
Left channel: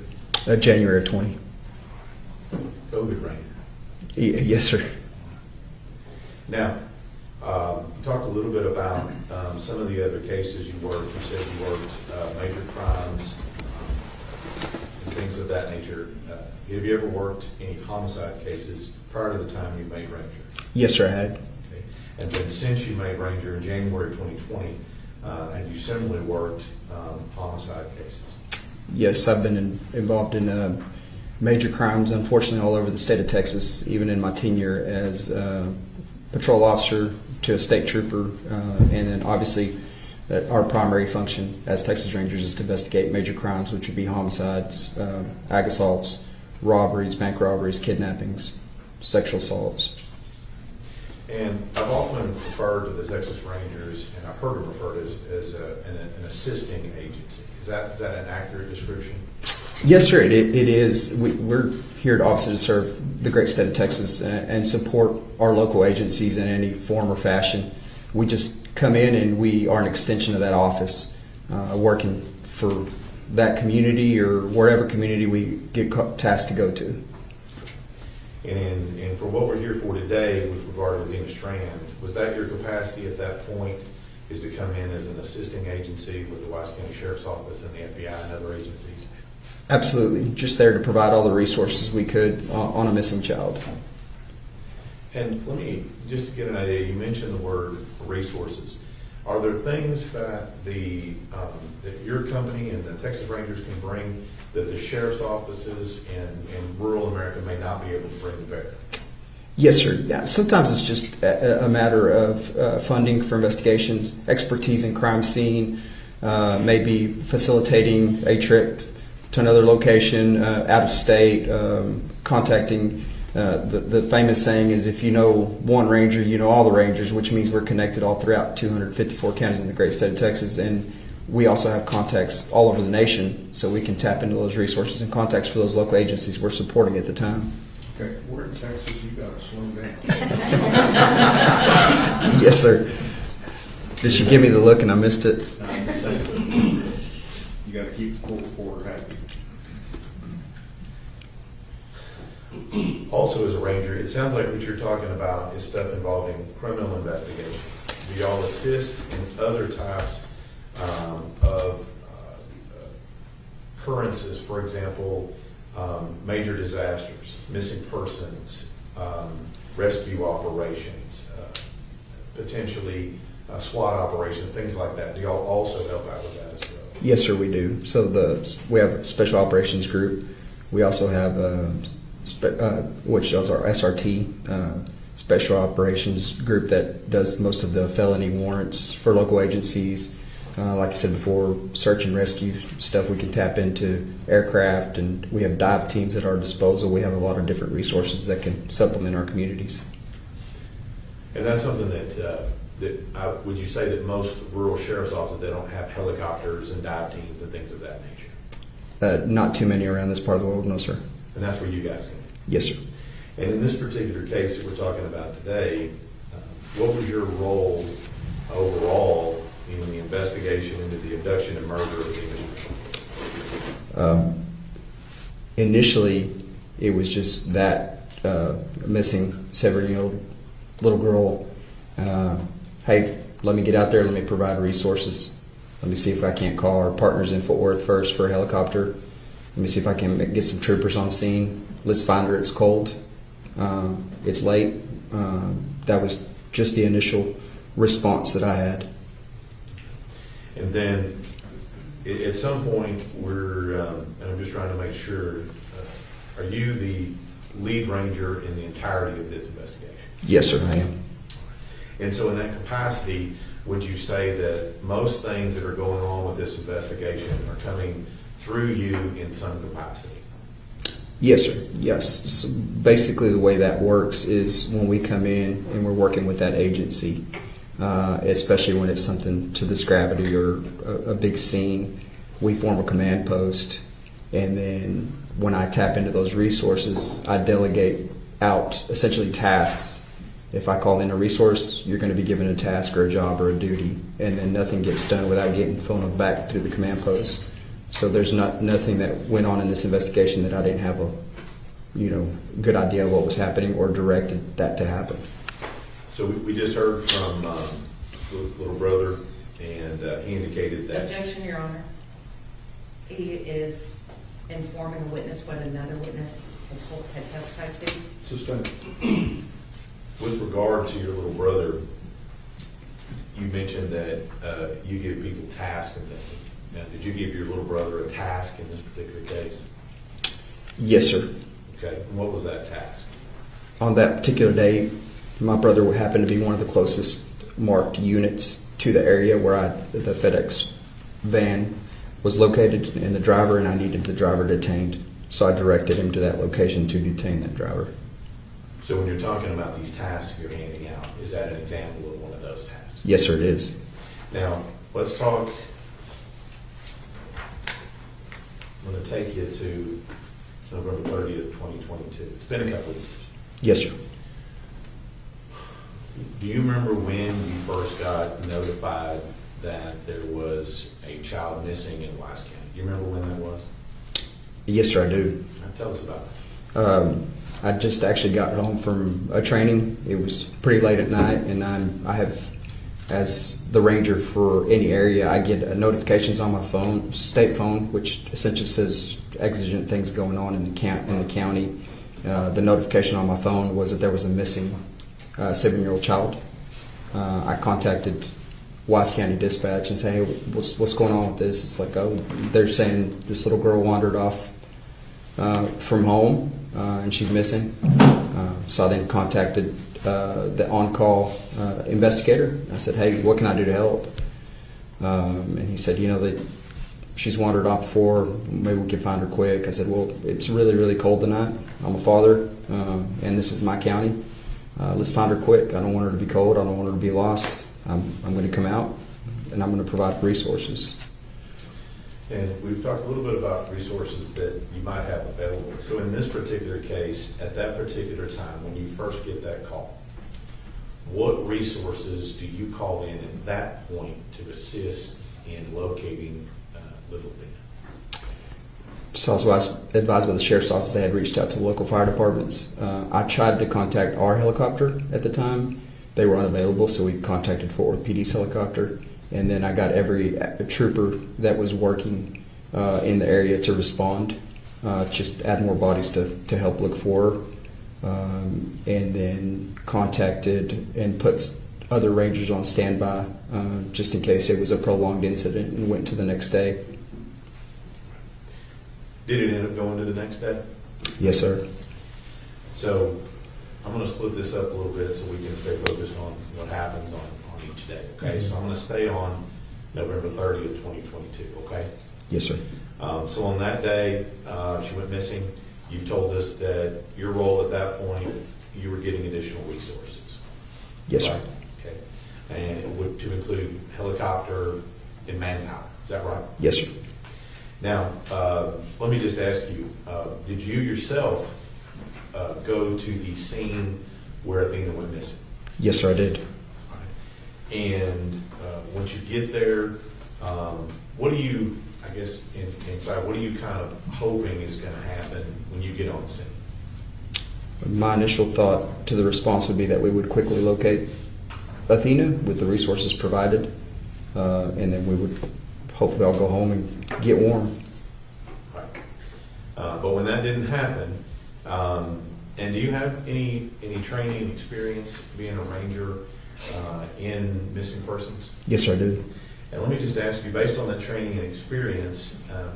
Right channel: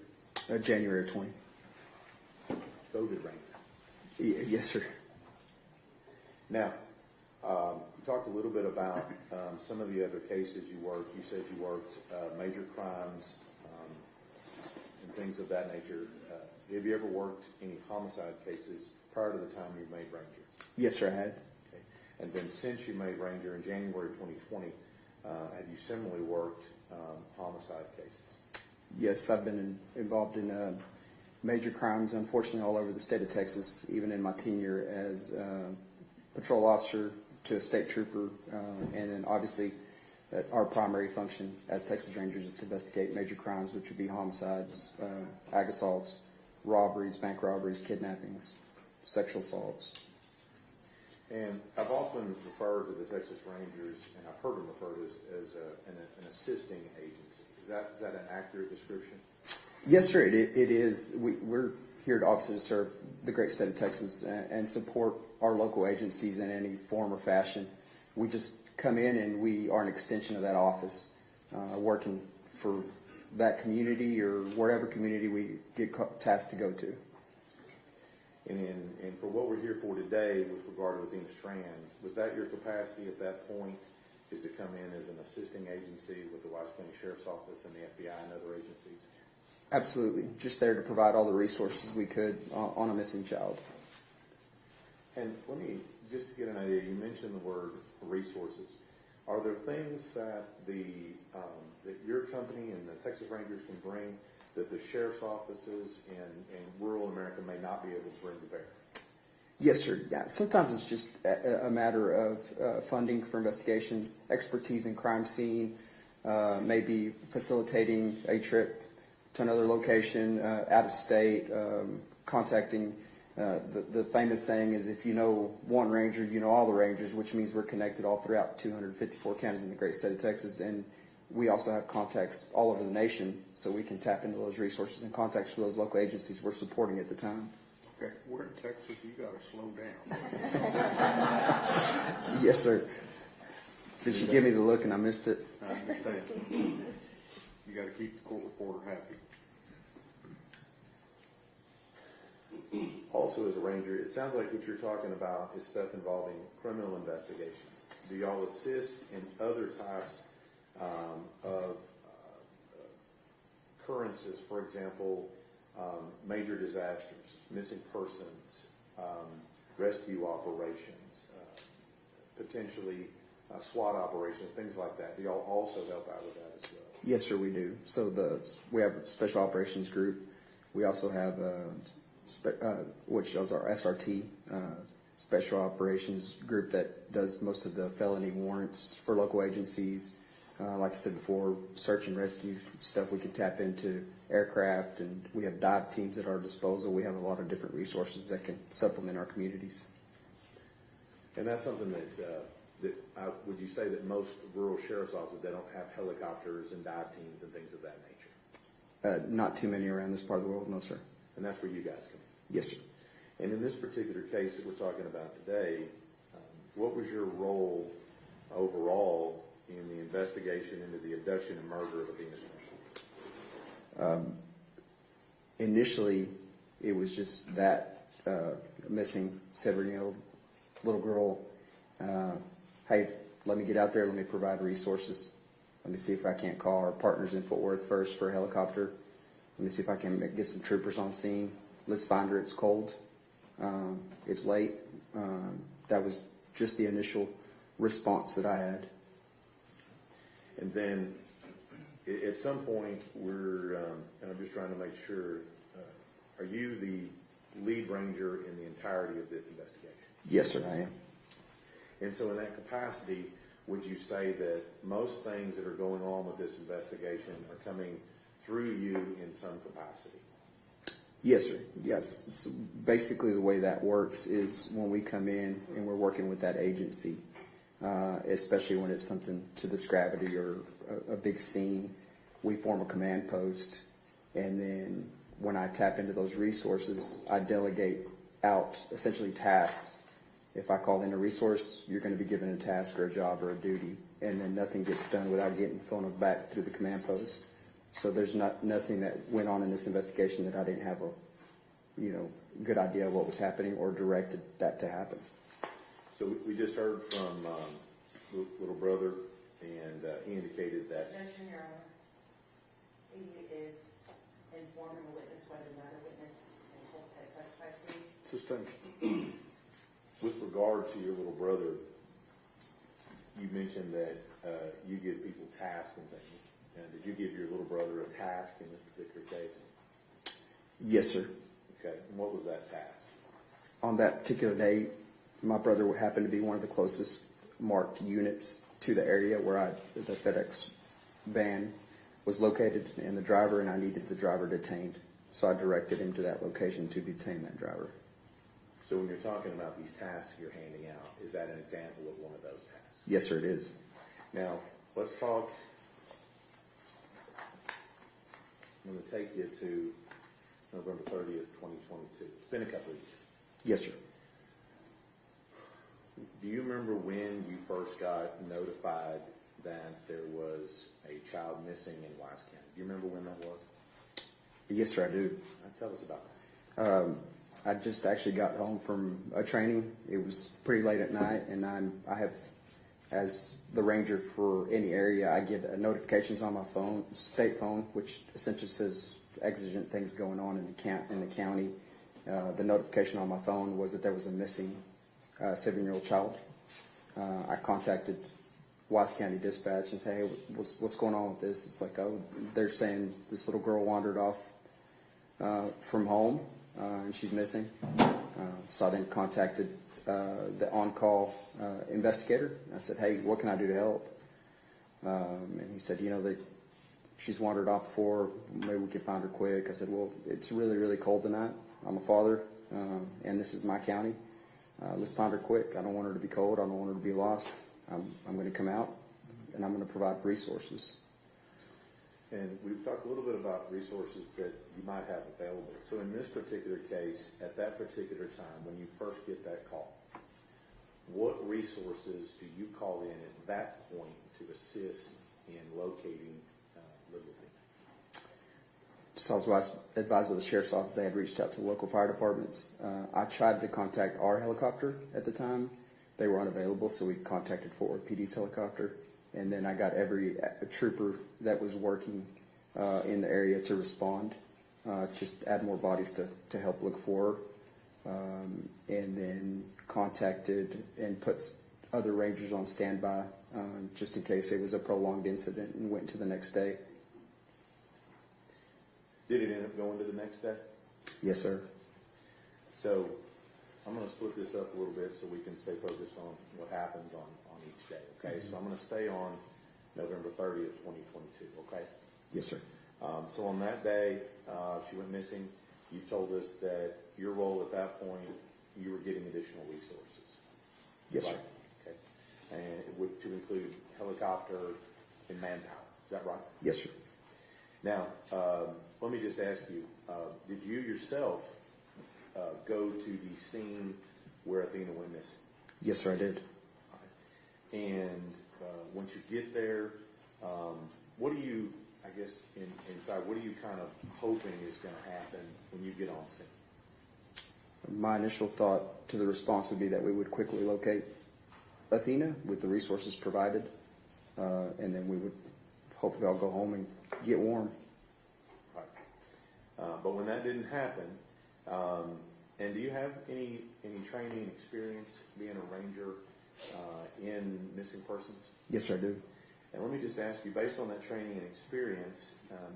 January of 20. COVID Ranger. Yes, sir. Now, you talked a little bit about some of the other cases you worked. You said you worked major crimes and things of that nature. Have you ever worked any homicide cases prior to the time you made Ranger? Yes, sir, I had. Okay. And then since you made Ranger in January 2020, have you similarly worked homicide cases? Yes, I've been involved in major crimes, unfortunately, all over the state of Texas, even in my tenure as patrol officer to a state trooper. And then obviously our primary function as Texas Rangers is to investigate major crimes, which would be homicides, ag assaults, robberies, bank robberies, kidnappings, sexual assaults. And I've often referred to the Texas Rangers, and I've heard them referred as an assisting agency. Is that an accurate description? Yes, sir, it is. We're here to obviously to serve the great state of Texas and support our local agencies in any form or fashion. We just come in and we are an extension of that office, working for that community or wherever community we get tasked to go to. And for what we're here for today with regard to Athena Strand, was that your capacity at that point, is to come in as an assisting agency with the Wise County Sheriff's Office and the FBI and other agencies? Absolutely. Just there to provide all the resources we could on a missing child. And let me, just to get an idea, you mentioned the word resources. Are there things that that your company and the Texas Rangers can bring that the sheriff's offices in rural America may not be able to bring to bear? Yes, sir. Yeah. Sometimes it's just a matter of funding for investigations, expertise in crime scene, maybe facilitating a trip to another location, out of state, contacting. The famous saying is, if you know one ranger, you know all the rangers, which means we're connected all throughout 254 counties in the great state of Texas. And we also have contacts all over the nation, so we can tap into those resources and contacts for those local agencies we're supporting at the time. Okay, we're in Texas, you gotta slow down. Yes, sir. Did she give me the look and I missed it? You gotta keep the full reporter happy. Also, as a ranger, it sounds like what you're talking about is stuff involving criminal investigations. Do y'all assist in other types of occurrences, for example, major disasters, missing persons, rescue operations, potentially SWAT operations, things like that? Do y'all also help out with that as well? Yes, sir, we do. So we have a special operations group. We also have which is our SRT, special operations group that does most of the felony warrants for local agencies. Like I said before, search and rescue stuff we can tap into, aircraft, and we have dive teams at our disposal. We have a lot of different resources that can supplement our communities. And that's something would you say that most rural sheriff's offices, they don't have helicopters and dive teams and things of that nature? Not too many around this part of the world, no, sir. And that's where you guys come in? Yes, sir. And in this particular case that we're talking about today, what was your role overall in the investigation into the abduction and murder of Athena? Initially, it was just that missing 7-year-old little girl. Hey, let me get out there. Let me provide resources. Let me see if I can't call our partners in Fort Worth first for a helicopter. Let me see if I can get some troopers on scene. Let's find her. It's cold. It's late. That was just the initial response that I had. And then at some point, and I'm just trying to make sure, are you the lead ranger in the entirety of this investigation? Yes, sir, I am. And so in that capacity, would you say that most things that are going on with this investigation are coming through you in some capacity? Yes, sir. Yes. So basically, the way that works is when we come in and we're working with that agency, especially when it's something to this gravity or a big scene, we form a command post. And then when I tap into those resources, I delegate out essentially tasks. If I call in a resource, you're going to be given a task or a job or a duty, and then nothing gets done without getting phoned back through the command post. So there's nothing that went on in this investigation that I didn't have a good idea of what was happening or directed that to happen. So we just heard from little brother, and he indicated that. Objection, Your Honor. He is informing a witness what another witness had testified to. Sustained. With regard to your little brother, you mentioned that you give people tasks and things. Now, did you give your little brother a task in this particular case? Yes, sir. Okay, and what was that task? On that particular day, my brother happened to be one of the closest marked units to the area where the FedEx van was located, and the driver, and I needed the driver detained. So I directed him to that location to detain that driver. So when you're talking about these tasks you're handing out, is that an example of one of those tasks? Yes, sir, it is. Now, let's talk. I'm going to take you to November 30th, 2022. It's been a couple of years. Yes, sir. Do you remember when you first got notified that there was a child missing in Wise County? Do you remember when that was? Yes, sir, I do. Tell us about that. I just actually got home from a training. It was pretty late at night, and I have, as the ranger for any area, I get notifications on my phone, state phone, which essentially says exigent things going on in the county. The notification on my phone was that there was a missing 7-year-old child. I contacted Wise County Dispatch and said, hey, what's going on with this? It's like, oh, they're saying this little girl wandered off from home, and she's missing. So I then contacted the on-call investigator. I said, hey, what can I do to help? And he said, that she's wandered off before. Maybe we can find her quick. I said, well, it's really, really cold tonight. I'm a father, and this is my county. Let's find her quick. I don't want her to be cold. I don't want her to be lost. I'm going to come out, and I'm going to provide resources. And we've talked a little bit about resources that you might have available. So in this particular case, at that particular time, when you first get that call, what resources do you call in at that point to assist in locating little Lynn? So I was advised by the sheriff's office they had reached out to local fire departments. I tried to contact our helicopter at the time. They were unavailable, so we contacted Fort Worth PD's helicopter. And then I got every trooper that was working in the area to respond, just add more bodies to help look for her. And then contacted and put other rangers on standby just in case it was a prolonged incident, and went to the next day. Did it end up going to the next day? Yes, sir. So I'm going to split this up a little bit so we can stay focused on what happens on each day, okay? So I'm going to stay on November 30th, 2022, okay? Yes, sir. So on that day, she went missing. You told us that your role at that point, you were getting additional resources. Yes, sir. Right? Okay. And it would to include helicopter and manpower. Is that right? Yes, sir. Now, let me just ask you, did you yourself go to the scene where Athena went missing? Yes, sir, I did. And once you get there, what do you, I guess, inside, what are you kind of hoping is going to happen when you get on the scene? My initial thought to the response would be that we would quickly locate Athena with the resources provided, and then we would hopefully all go home and get warm. Right. But when that didn't happen, and do you have any training experience being a ranger in missing persons? Yes, sir, I do. And let me just ask you, based on that training and experience,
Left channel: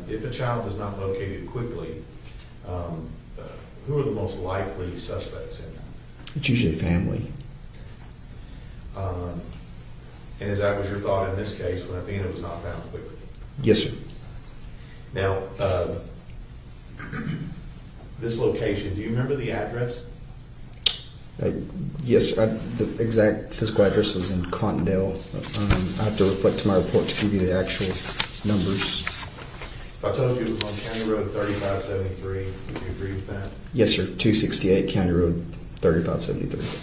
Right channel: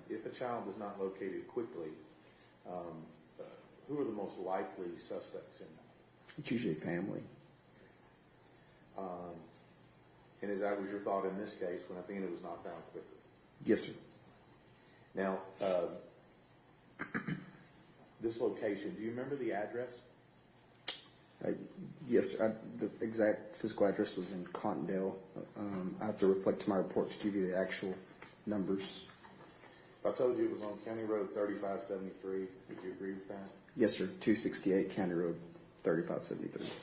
if a child is not located quickly, who are the most likely suspects in that? It's usually family. And as that was your thought in this case when Athena was not found quickly? Yes, sir. Now, this location, do you remember the address? Yes, the exact physical address was in Cottondale. I have to reflect to my report to give you the actual numbers. If I told you it was on County Road 3573, would you agree with that? Yes, sir. 268 County Road 3573.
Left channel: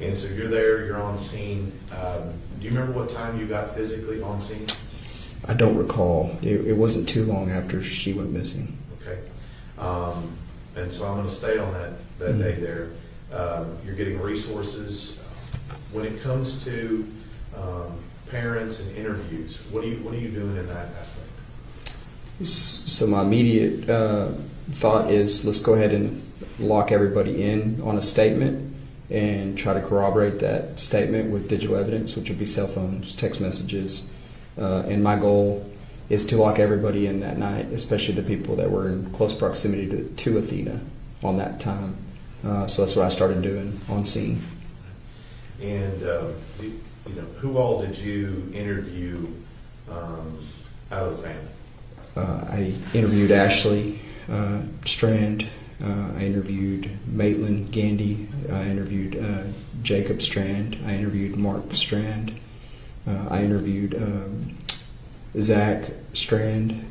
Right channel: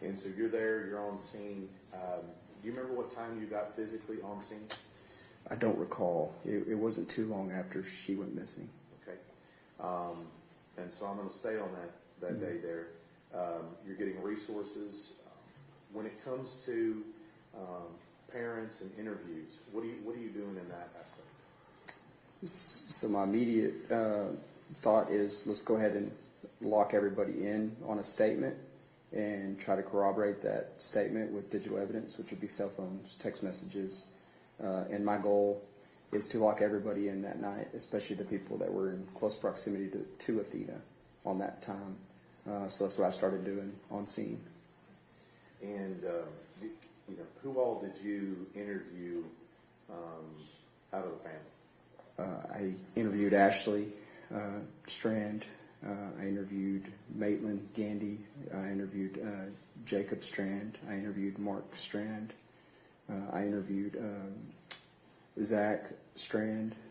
And so you're there, you're on scene. Do you remember what time you got physically on scene? I don't recall. It wasn't too long after she went missing. Okay. And so I'm going to stay on that day there. You're getting resources. When it comes to parents and interviews, what are you doing in that aspect? So my immediate thought is let's go ahead and lock everybody in on a statement and try to corroborate that statement with digital evidence, which would be cell phones, text messages. And my goal is to lock everybody in that night, especially the people that were in close proximity to Athena on that time. So that's what I started doing on scene. And who all did you interview out of the family? I interviewed Ashley Strand. I interviewed Maitland Gandy. I interviewed Jacob Strand. I interviewed Mark Strand. I interviewed Zach Strand.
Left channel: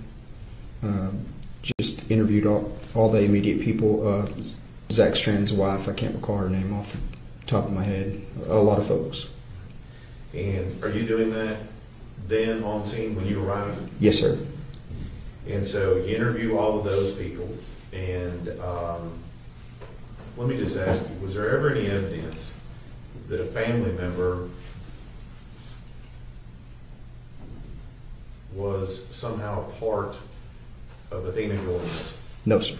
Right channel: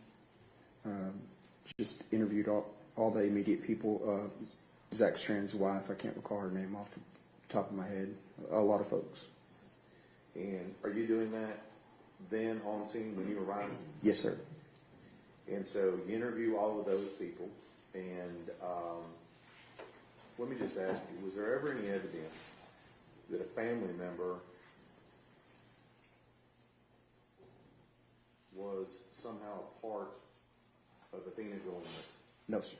Just interviewed all the immediate people. Zach Strand's wife, I can't recall her name off the top of my head. A lot of folks. And are you doing that then on scene when you arrive? Yes, sir. And so you interview all of those people, and let me just ask you, was there ever any evidence that a family member was somehow a part of Athena going missing? No, sir.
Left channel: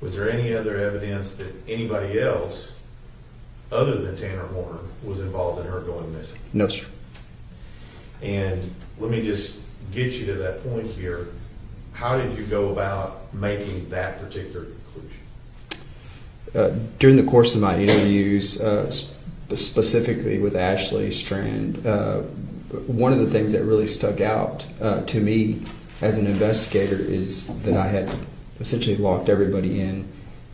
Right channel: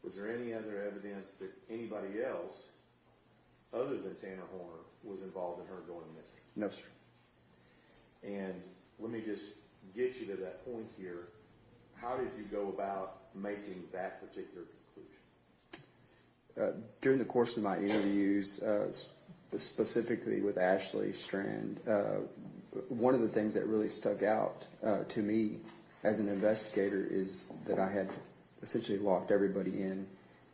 Was there any other evidence that anybody else, other than Tanner Horner, was involved in her going missing? No, sir. And let me just get you to that point here. How did you go about making that particular conclusion? During the course of my interviews, specifically with Ashley Strand, one of the things that really stuck out to me as an investigator is that I had essentially locked everybody in,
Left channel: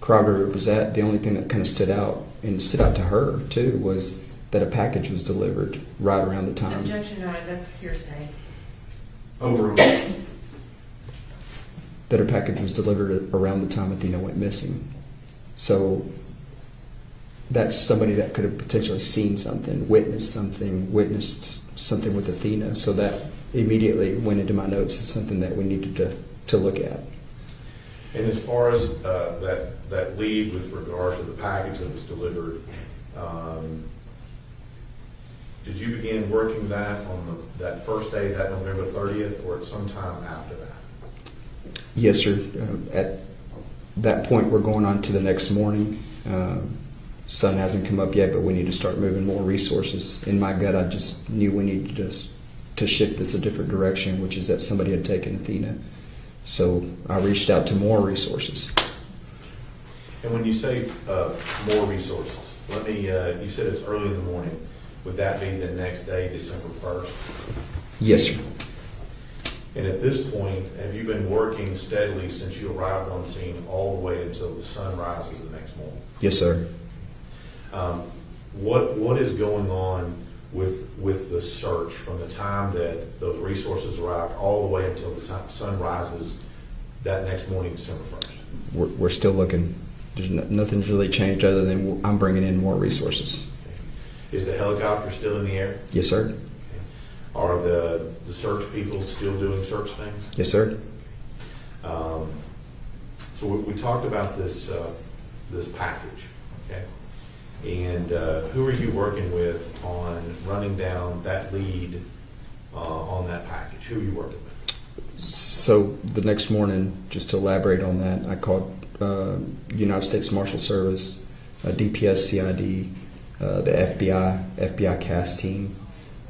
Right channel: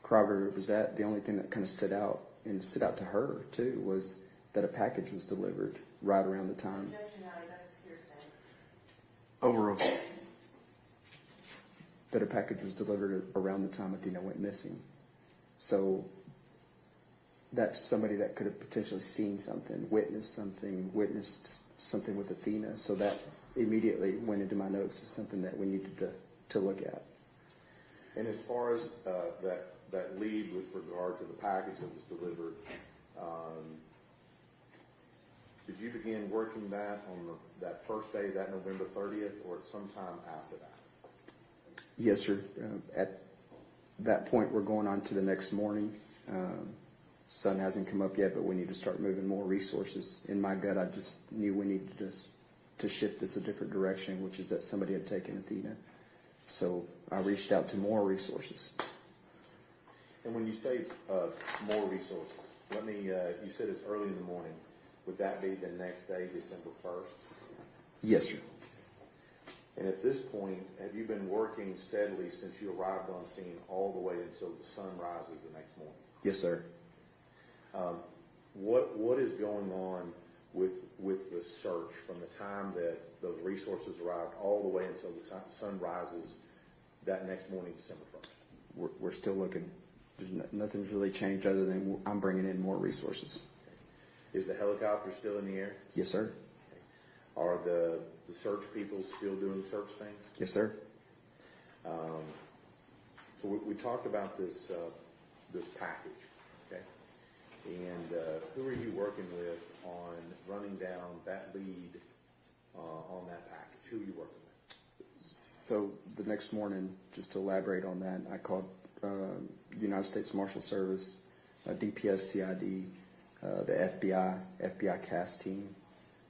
corroborated where was at. The only thing that kind of stood out, and stood out to her too, was that a package was delivered right around the time. Objection, Your Honor, that's hearsay. Overruled. That a package was delivered around the time Athena went missing. So that's somebody that could have potentially seen something, witnessed something with Athena. So that immediately went into my notes as something that we needed to look at. And as far as that lead with regard to the package that was delivered, did you begin working that on that first day, that November 30th, or at some time after that? Yes, sir. At that point, we're going on to the next morning. Sun hasn't come up yet, but we need to start moving more resources. In my gut, I just knew we needed to shift this a different direction, which is that somebody had taken Athena. So I reached out to more resources. And when you say more resources, let me, you said it's early in the morning. Would that be the next day, December 1st? Yes, sir. And at this point, have you been working steadily since you arrived on scene all the way until the sun rises the next morning? Yes, sir. What is going on with the search from the time that those resources arrived all the way until the sun rises that next morning, December 1st? We're still looking. There's nothing's really changed other than I'm bringing in more resources. Okay. Is the helicopter still in the air? Yes, sir. Okay. Are the search people still doing search things? Yes, sir. So we talked about this package, okay? And who are you working with on running down that lead on that package? Who are you working with? So the next morning, just to elaborate on that, I called United States Marshal Service, DPS CID, the FBI CAS team.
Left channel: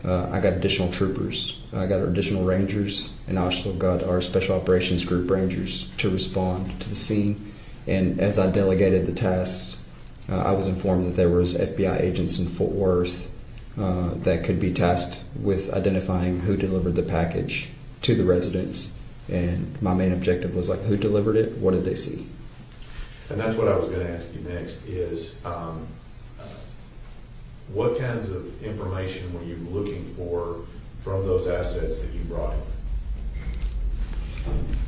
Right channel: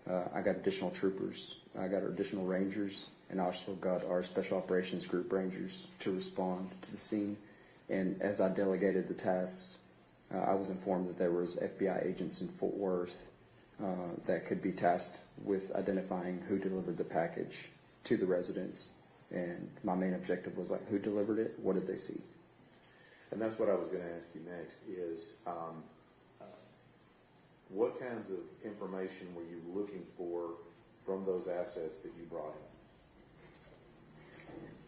I got additional troopers. I got additional rangers, and I also got our Special Operations Group rangers to respond to the scene. And as I delegated the tasks, I was informed that there was FBI agents in Fort Worth that could be tasked with identifying who delivered the package to the residents. And my main objective was who delivered it? What did they see? And that's what I was going to ask you next is what kinds of information were you looking for from those assets that you brought in?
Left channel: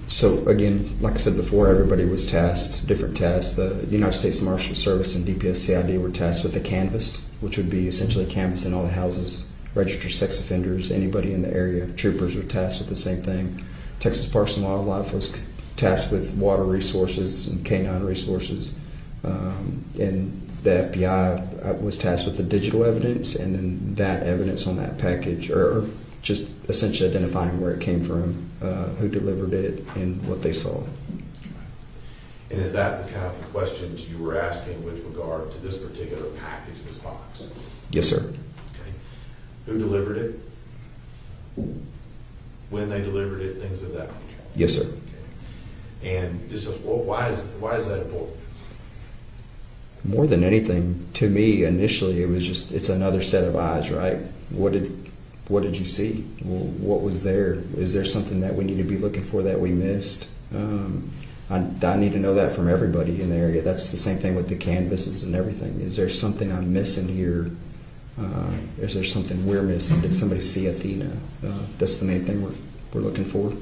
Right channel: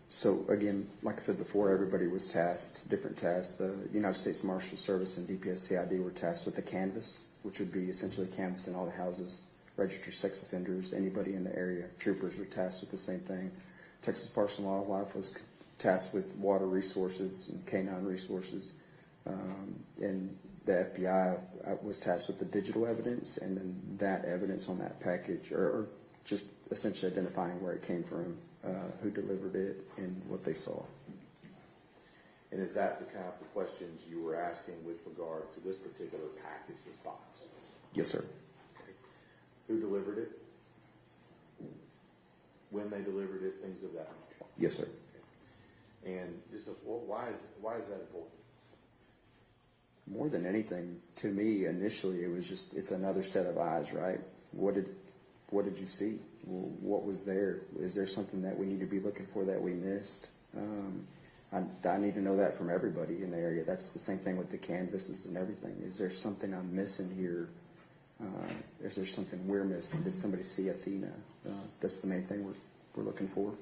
So again, like I said before, everybody was tasked, different tasks. The United States Marshal Service and DPS CID were tasked with a canvas, which would be essentially canvassing all the houses, registered sex offenders, anybody in the area. Troopers were tasked with the same thing. Texas Parks and Wildlife was tasked with water resources and canine resources. And the FBI was tasked with the digital evidence, and then that evidence on that package, or just essentially identifying where it came from, who delivered it, and what they saw. And is that the kind of questions you were asking with regard to this particular package, this box? Yes, sir. Okay. Who delivered it? When they delivered it, things of that nature? Yes, sir. Okay. And just why is that important? More than anything, to me, initially, it was just, it's another set of eyes, right? What did you see? What was there? Is there something that we need to be looking for that we missed? I need to know that from everybody in the area. That's the same thing with the canvases and everything. Is there something I'm missing here? Is there something we're missing? Did somebody see Athena? That's the main thing we're looking for.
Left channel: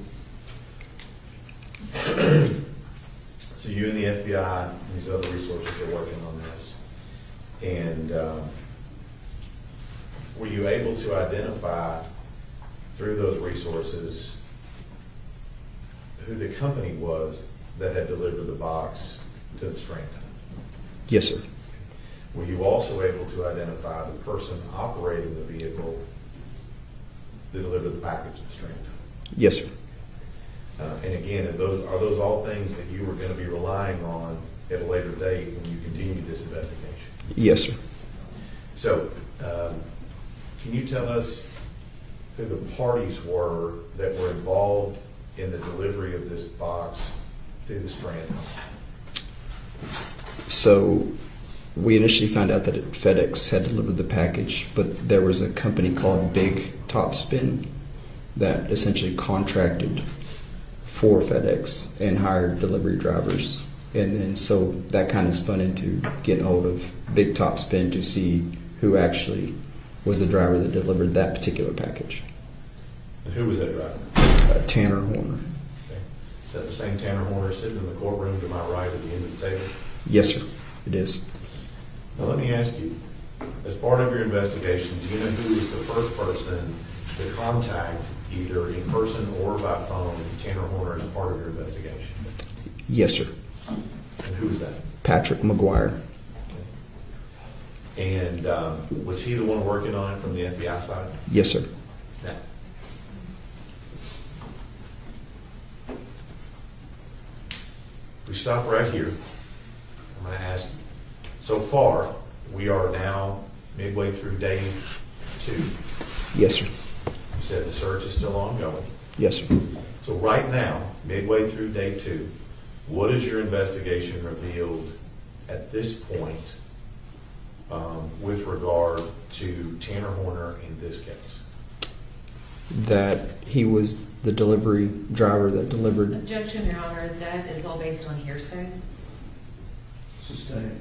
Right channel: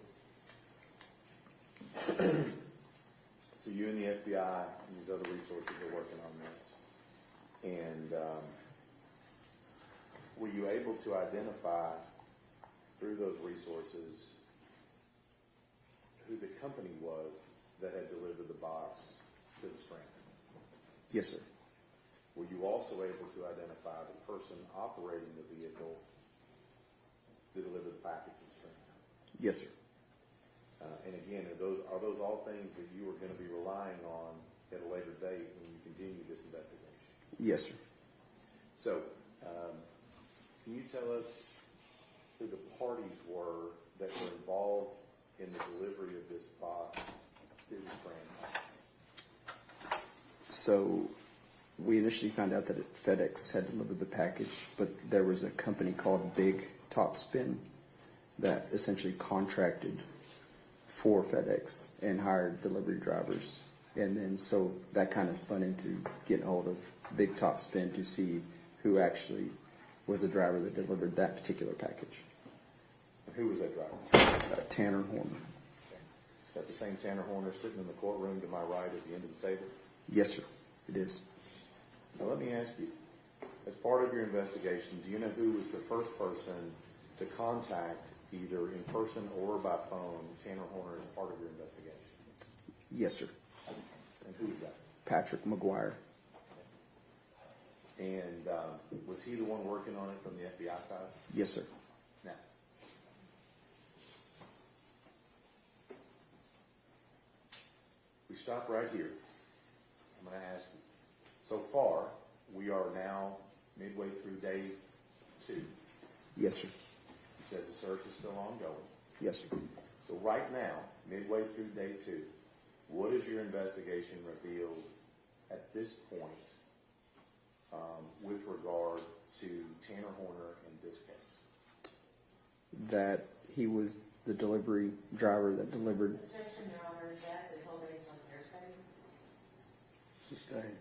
So you and the FBI and these other resources are working on this. And were you able to identify through those resources who the company was that had delivered the box to the Strand? Yes, sir. Were you also able to identify the person operating the vehicle that delivered the package to the Strand? Yes, sir. And again, are those all things that you were going to be relying on at a later date when you continue this investigation? Yes, sir. So, can you tell us who the parties were that were involved in the delivery of this box to the Strand? So, we initially found out that FedEx had delivered the package, but there was a company called Big Topspin that essentially contracted for FedEx and hired delivery drivers. And then so that kind of spun into getting hold of Big Topspin to see who actually was the driver that delivered that particular package. And who was that driver? Tanner Horner. Okay. Is that the same Tanner Horner sitting in the courtroom to my right at the end of the table? Yes, sir. It is. Now let me ask you, as part of your investigation, do you know who was the first person to contact either in person or by phone Tanner Horner as part of your investigation? Yes, sir. And who was that? Patrick McGuire. And was he the one working on it from the FBI side? Yes, sir. Now, we stop right here. I'm going to ask, so far, we are now midway through day 2. You Yes, sir. said the search is still ongoing. Yes, sir. So right now, midway through day 2, what has your investigation revealed at this point with regard to Tanner Horner in this case? That he was the delivery driver that delivered. Objection, Your Honor, that is all based on hearsay. Sustained.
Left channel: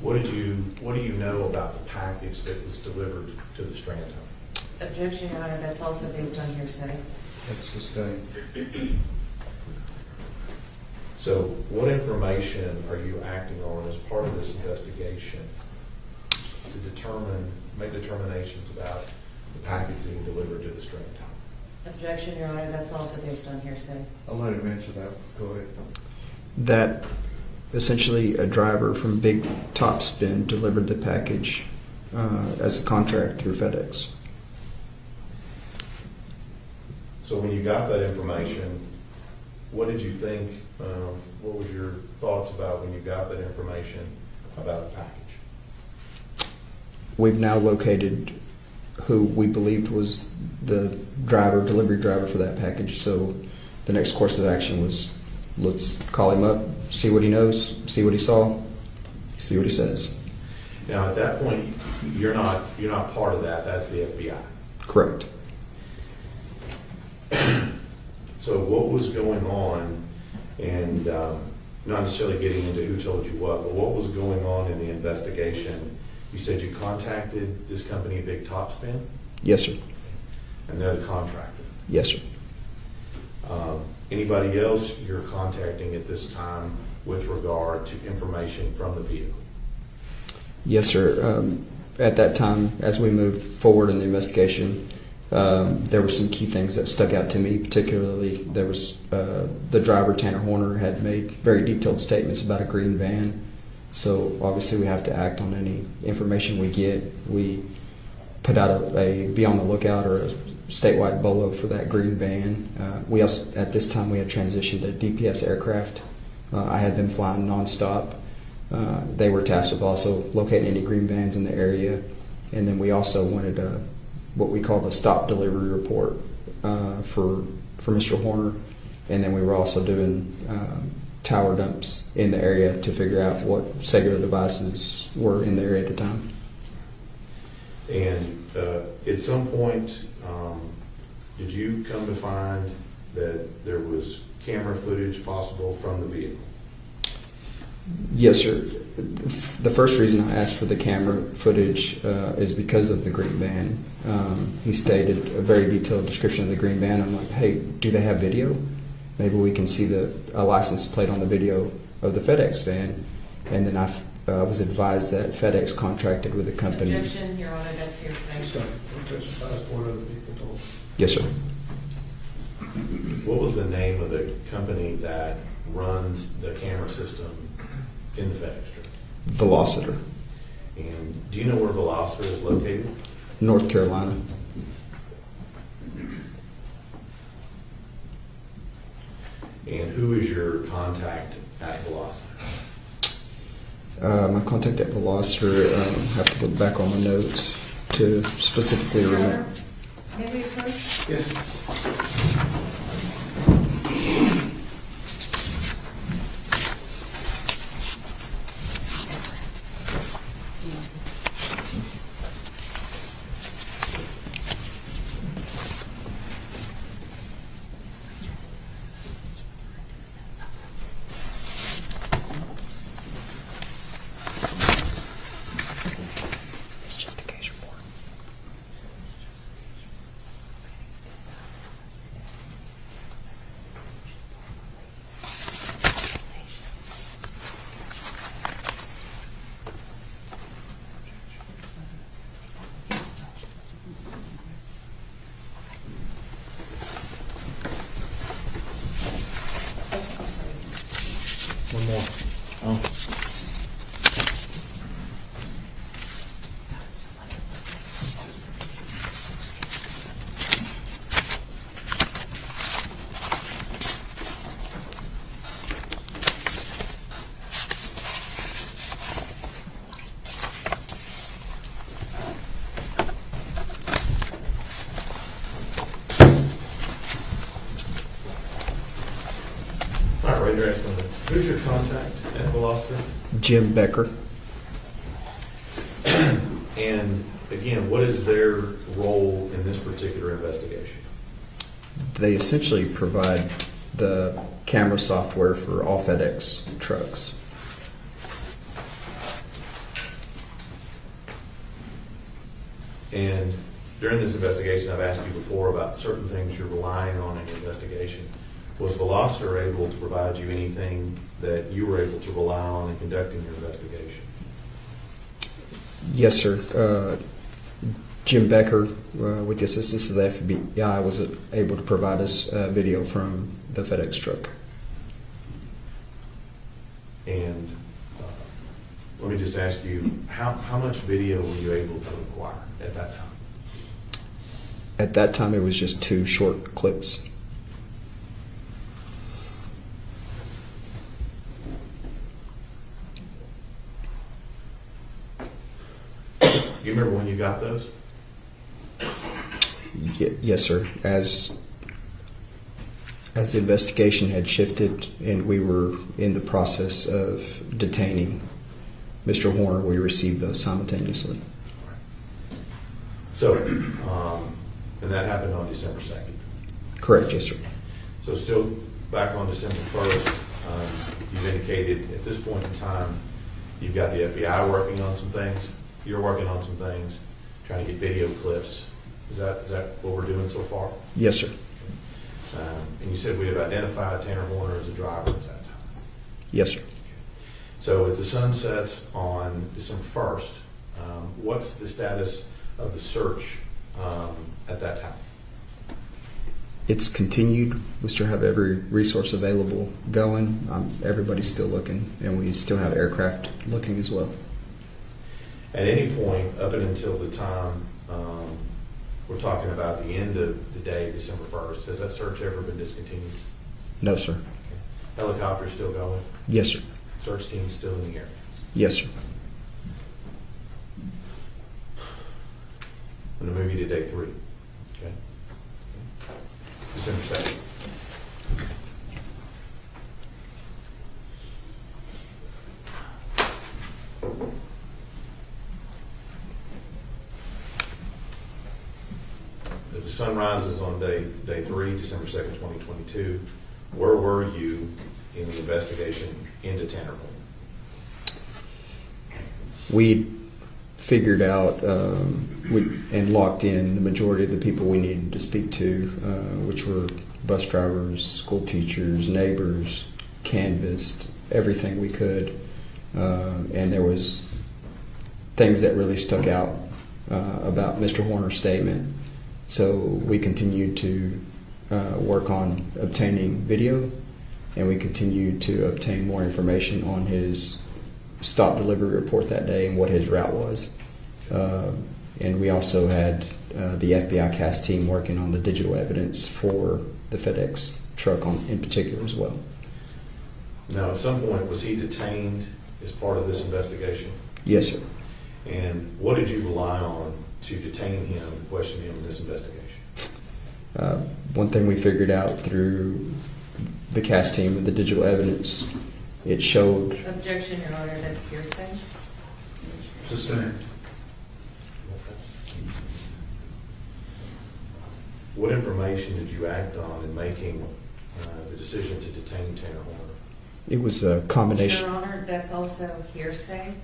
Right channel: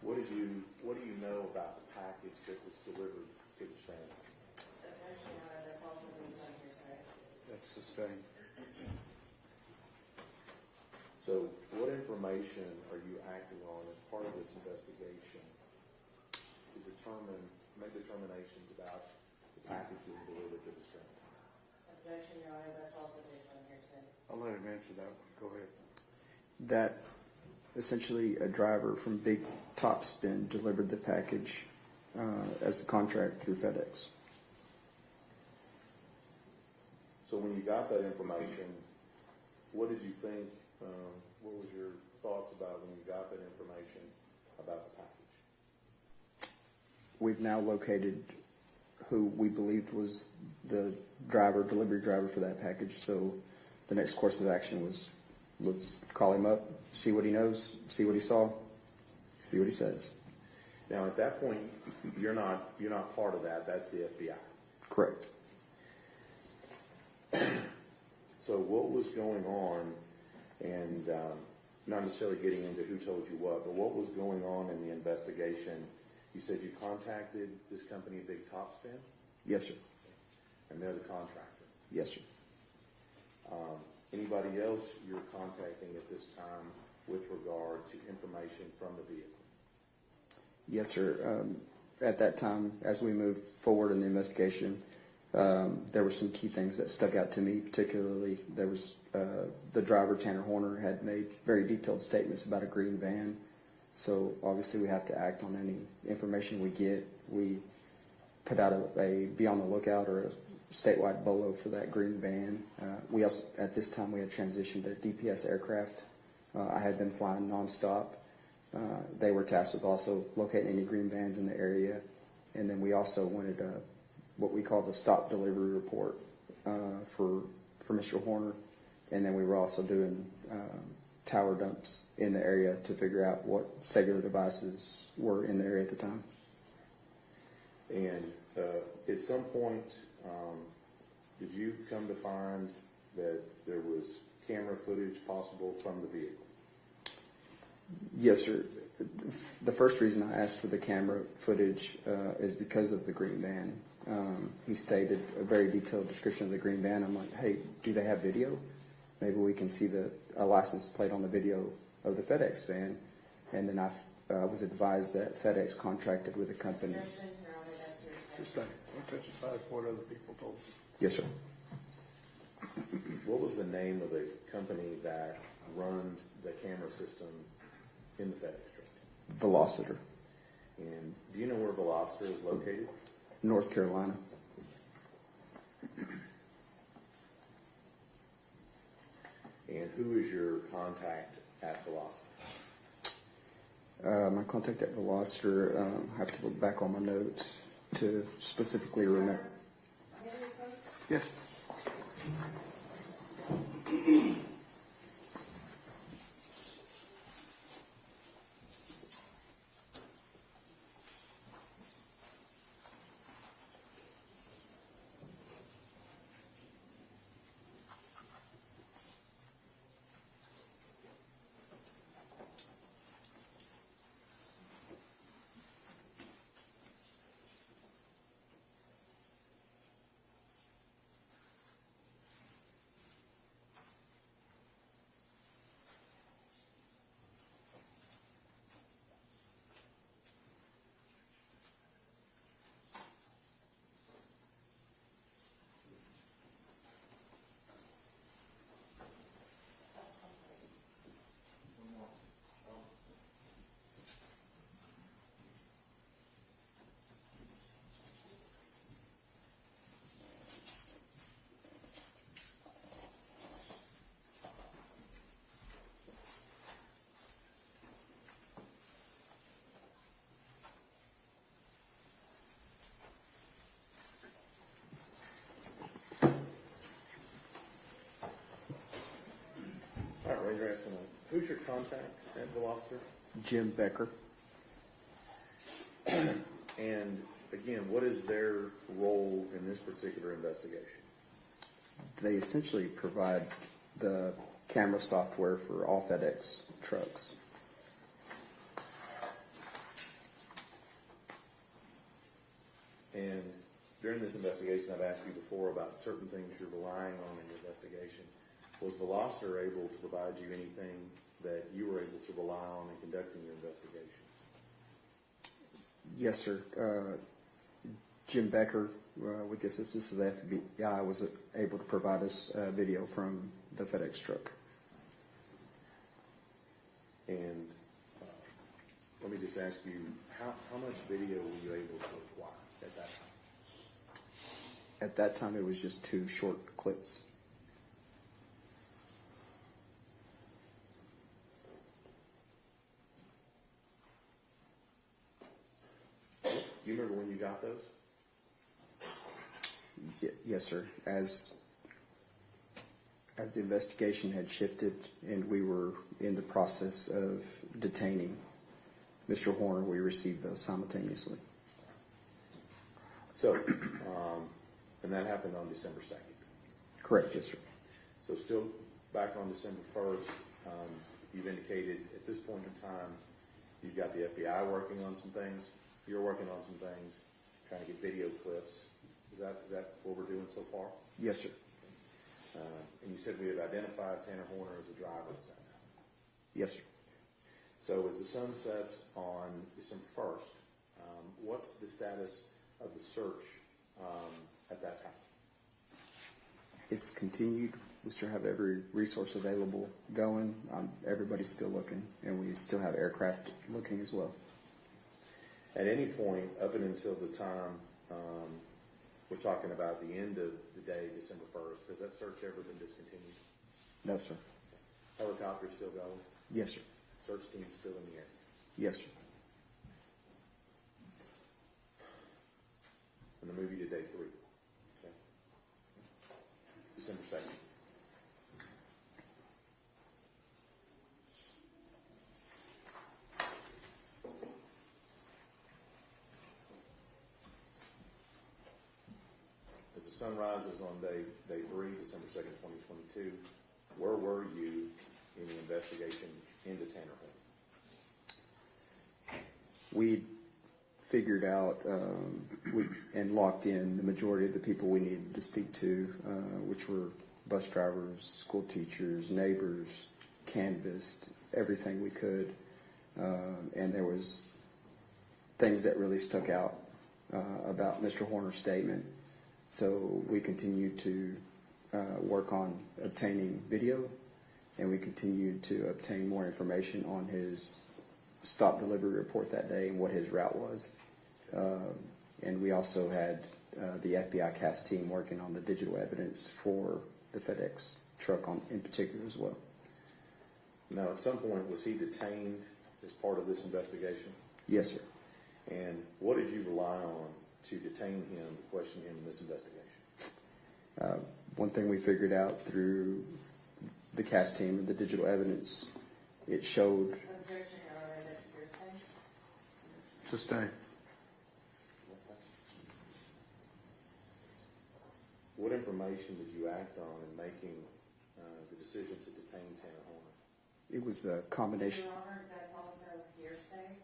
What do you know about the package that was delivered to the Strand home? Objection, Your Honor, that's also based on hearsay. That's sustained. So what information are you acting on as part of this investigation to make determinations about the package being delivered to the Strand home? Objection, Your Honor, that's also based on hearsay. I'll let him answer that. Go ahead. That essentially a driver from Big Topspin delivered the package as a contract through FedEx. So when you got that information, what did you think, what was your thoughts about when you got that information about the package? We've now located who we believed was the delivery driver for that package. So the next course of action was, let's call him up, see what he knows, see what he saw, see what he says. Now, at that point, you're not part of that. That's the FBI. Correct. So what was going on, and not necessarily getting into who told you what, but what was going on in the investigation? You said you contacted this company, Big Topspin, Yes, sir. and they're the contractor. Yes, sir. Anybody else you're contacting at this time with regard to information from the vehicle? Yes, sir. At that time, as we moved forward in the investigation, there were some key things that stuck out to me. Particularly, there was the driver, Tanner Horner, had made very detailed statements about a green van. So obviously, we have to act on any information we get. We put out a be on the lookout or a statewide bolo for that green van. We also, at this time, we had transitioned to DPS aircraft. I had them flying nonstop. They were tasked with also locating any green vans in the area, and then we also wanted what we called a stop delivery report for Mr. Horner, and then we were also doing tower dumps in the area to figure out what cellular devices were in the area at the time. And at some point, did you come to find that there was camera footage possible from the vehicle? Yes, sir. The first reason I asked for the camera footage is because of the green van. He stated a very detailed description of the green van. I'm like, hey, do they have video? Maybe we can see a license plate on the video of the FedEx van. And then I was advised that FedEx contracted with the company. Objection, Your Honor, that's hearsay. What other people told. Yes, sir. What was the name of the company that runs the camera system in the FedEx truck? Velociter, And do you know where Velociter is located? North Carolina. And who is your contact at Velociter? My contact at Velociter, I have to look back on the notes to specifically Your remember. Honor, may we approach? Yes. It's just a case report. One more. Oh. All right, raise your hand. Who's your contact at Velocity? Jim Becker. And again, what is their role in this particular investigation? They essentially provide the camera software for all FedEx trucks. And during this investigation, I've asked you before about certain things you're relying on in the investigation. Was Velocity able to provide you anything that you were able to rely on in conducting your investigation? Yes, sir. Jim Becker, with the assistance of the FBI, was able to provide us video from the FedEx truck. And let me just ask you, how much video were you able to acquire at that time? At that time, it was just 2 short clips. Do you remember when you got those? Yes, sir. As the investigation had shifted and we were in the process of detaining Mr. Horner, we received those simultaneously. So, and that happened on December 2nd. Correct, yes, sir. So still back on December 1st, you've indicated at this point in time, you've got the FBI working on some things, you're working on some things, trying to get video clips. Is that what we're doing so far? Yes, sir. And you said we have identified Tanner Horner as a driver at that time. Yes, sir. So as the sun sets on December 1st, what's the status of the search at that time? It's continued. We still have every resource available going. Everybody's still looking, and we still have aircraft looking as well. At any point, up and until the time we're talking about the end of the day, December 1st, has that search ever been discontinued? No, sir. Helicopter still going? Yes, sir. Search team still in the area? Yes, sir. I'm going to move you to day 3. Okay. December 2nd. As the sun rises on day 3, December 2nd, 2022, where were you in the investigation into Tanner Horner? We figured out and locked in the majority of the people we needed to speak to, which were bus drivers, school teachers, neighbors, canvassed everything we could, and there was things that really stuck out about Mr. Horner's statement. So we continued to work on obtaining video, and we continued to obtain more information on his stop delivery report that day and what his route was. And we also had the FBI CAS team working on the digital evidence for the FedEx truck in particular as well. Now, at some point, was he detained as part of this investigation? Yes, sir. And what did you rely on to detain him and question him in this investigation? One thing we figured out through the CAS team with the digital evidence, it showed... Objection, Your Honor, that's hearsay. Sustained. What information did you act on in making the decision to detain Tanner Horner? It was a combination... Your Honor, that's also hearsay.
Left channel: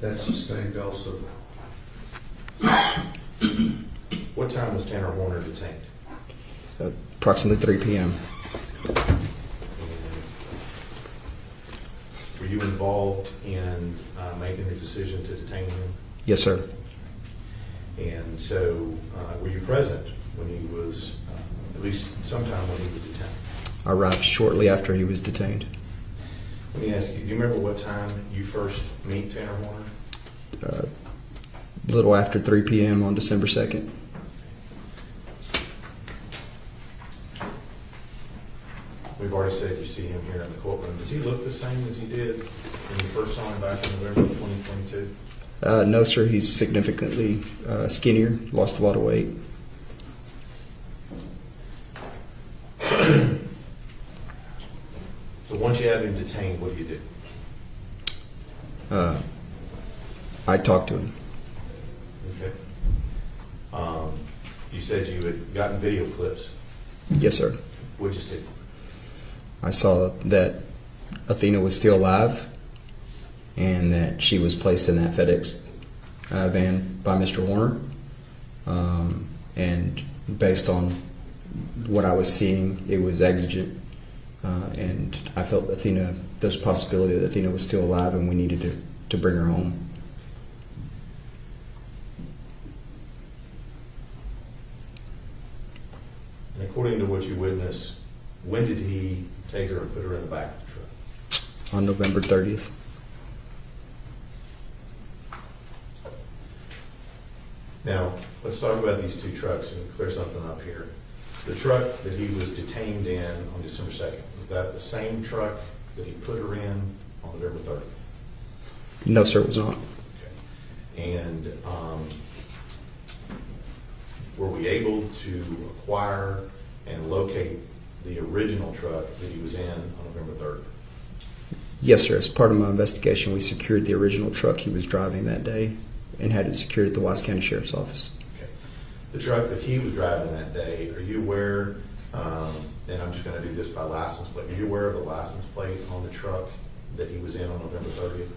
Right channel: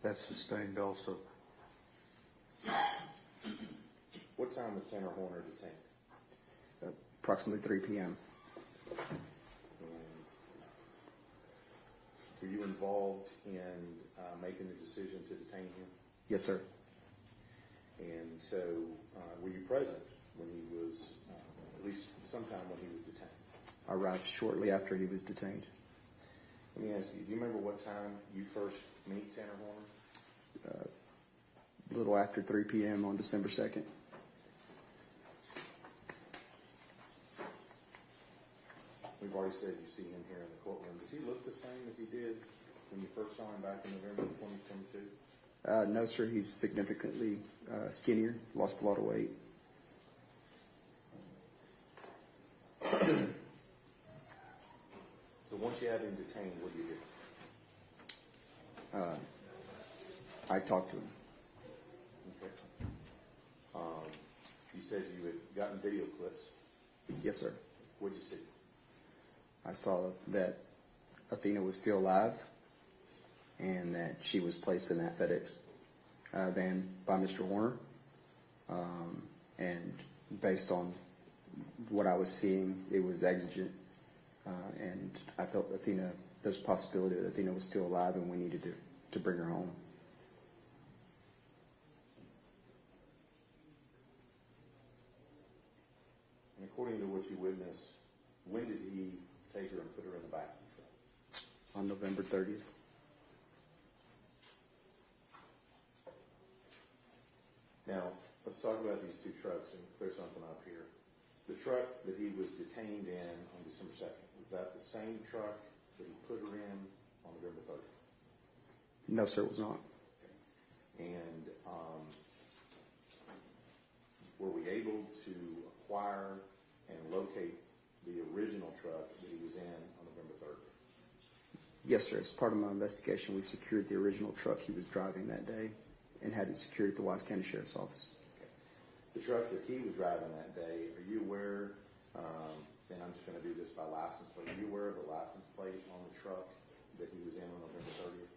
That's sustained also. What time was Tanner Horner detained? approximately 3 p.m. Were you involved in making the decision to detain him? Yes, sir. And so, were you present when he was, at least sometime when he was detained? I arrived shortly after he was detained. Let me ask you, do you remember what time you first meet Tanner Horner? A little after 3 p.m. on December 2nd. We've already said you see him here in the courtroom. Does he look the same as he did when you first saw him back in November of 2022? No, sir. He's significantly skinnier, lost a lot of weight. So once you have him detained, what do you do? I talked to him. Okay. You said you had gotten video clips. Yes, sir. What'd you see? I saw that Athena was still alive and that she was placed in that FedEx van by Mr. Horner. And based on what I was seeing, it was exigent. And I felt there's a possibility that Athena was still alive and we needed to bring her home. And according to what you witnessed, when did he take her and put her in the back of the truck? On November 30th. Now, let's talk about these two trucks and clear something up here. The truck that he was detained in on December 2nd, is that the same truck that he put her in on November 30th? No, sir, it was not. Okay. And were we able to acquire and locate the original truck that he was in on November 3rd? Yes, sir. As part of my investigation, we secured the original truck he was driving that day and had it secured at the Wise County Sheriff's Office. Okay. The truck that he was driving that day, are you aware, and I'm just going to do this by license plate, are you aware of the license plate on the truck that he was in on November 30th?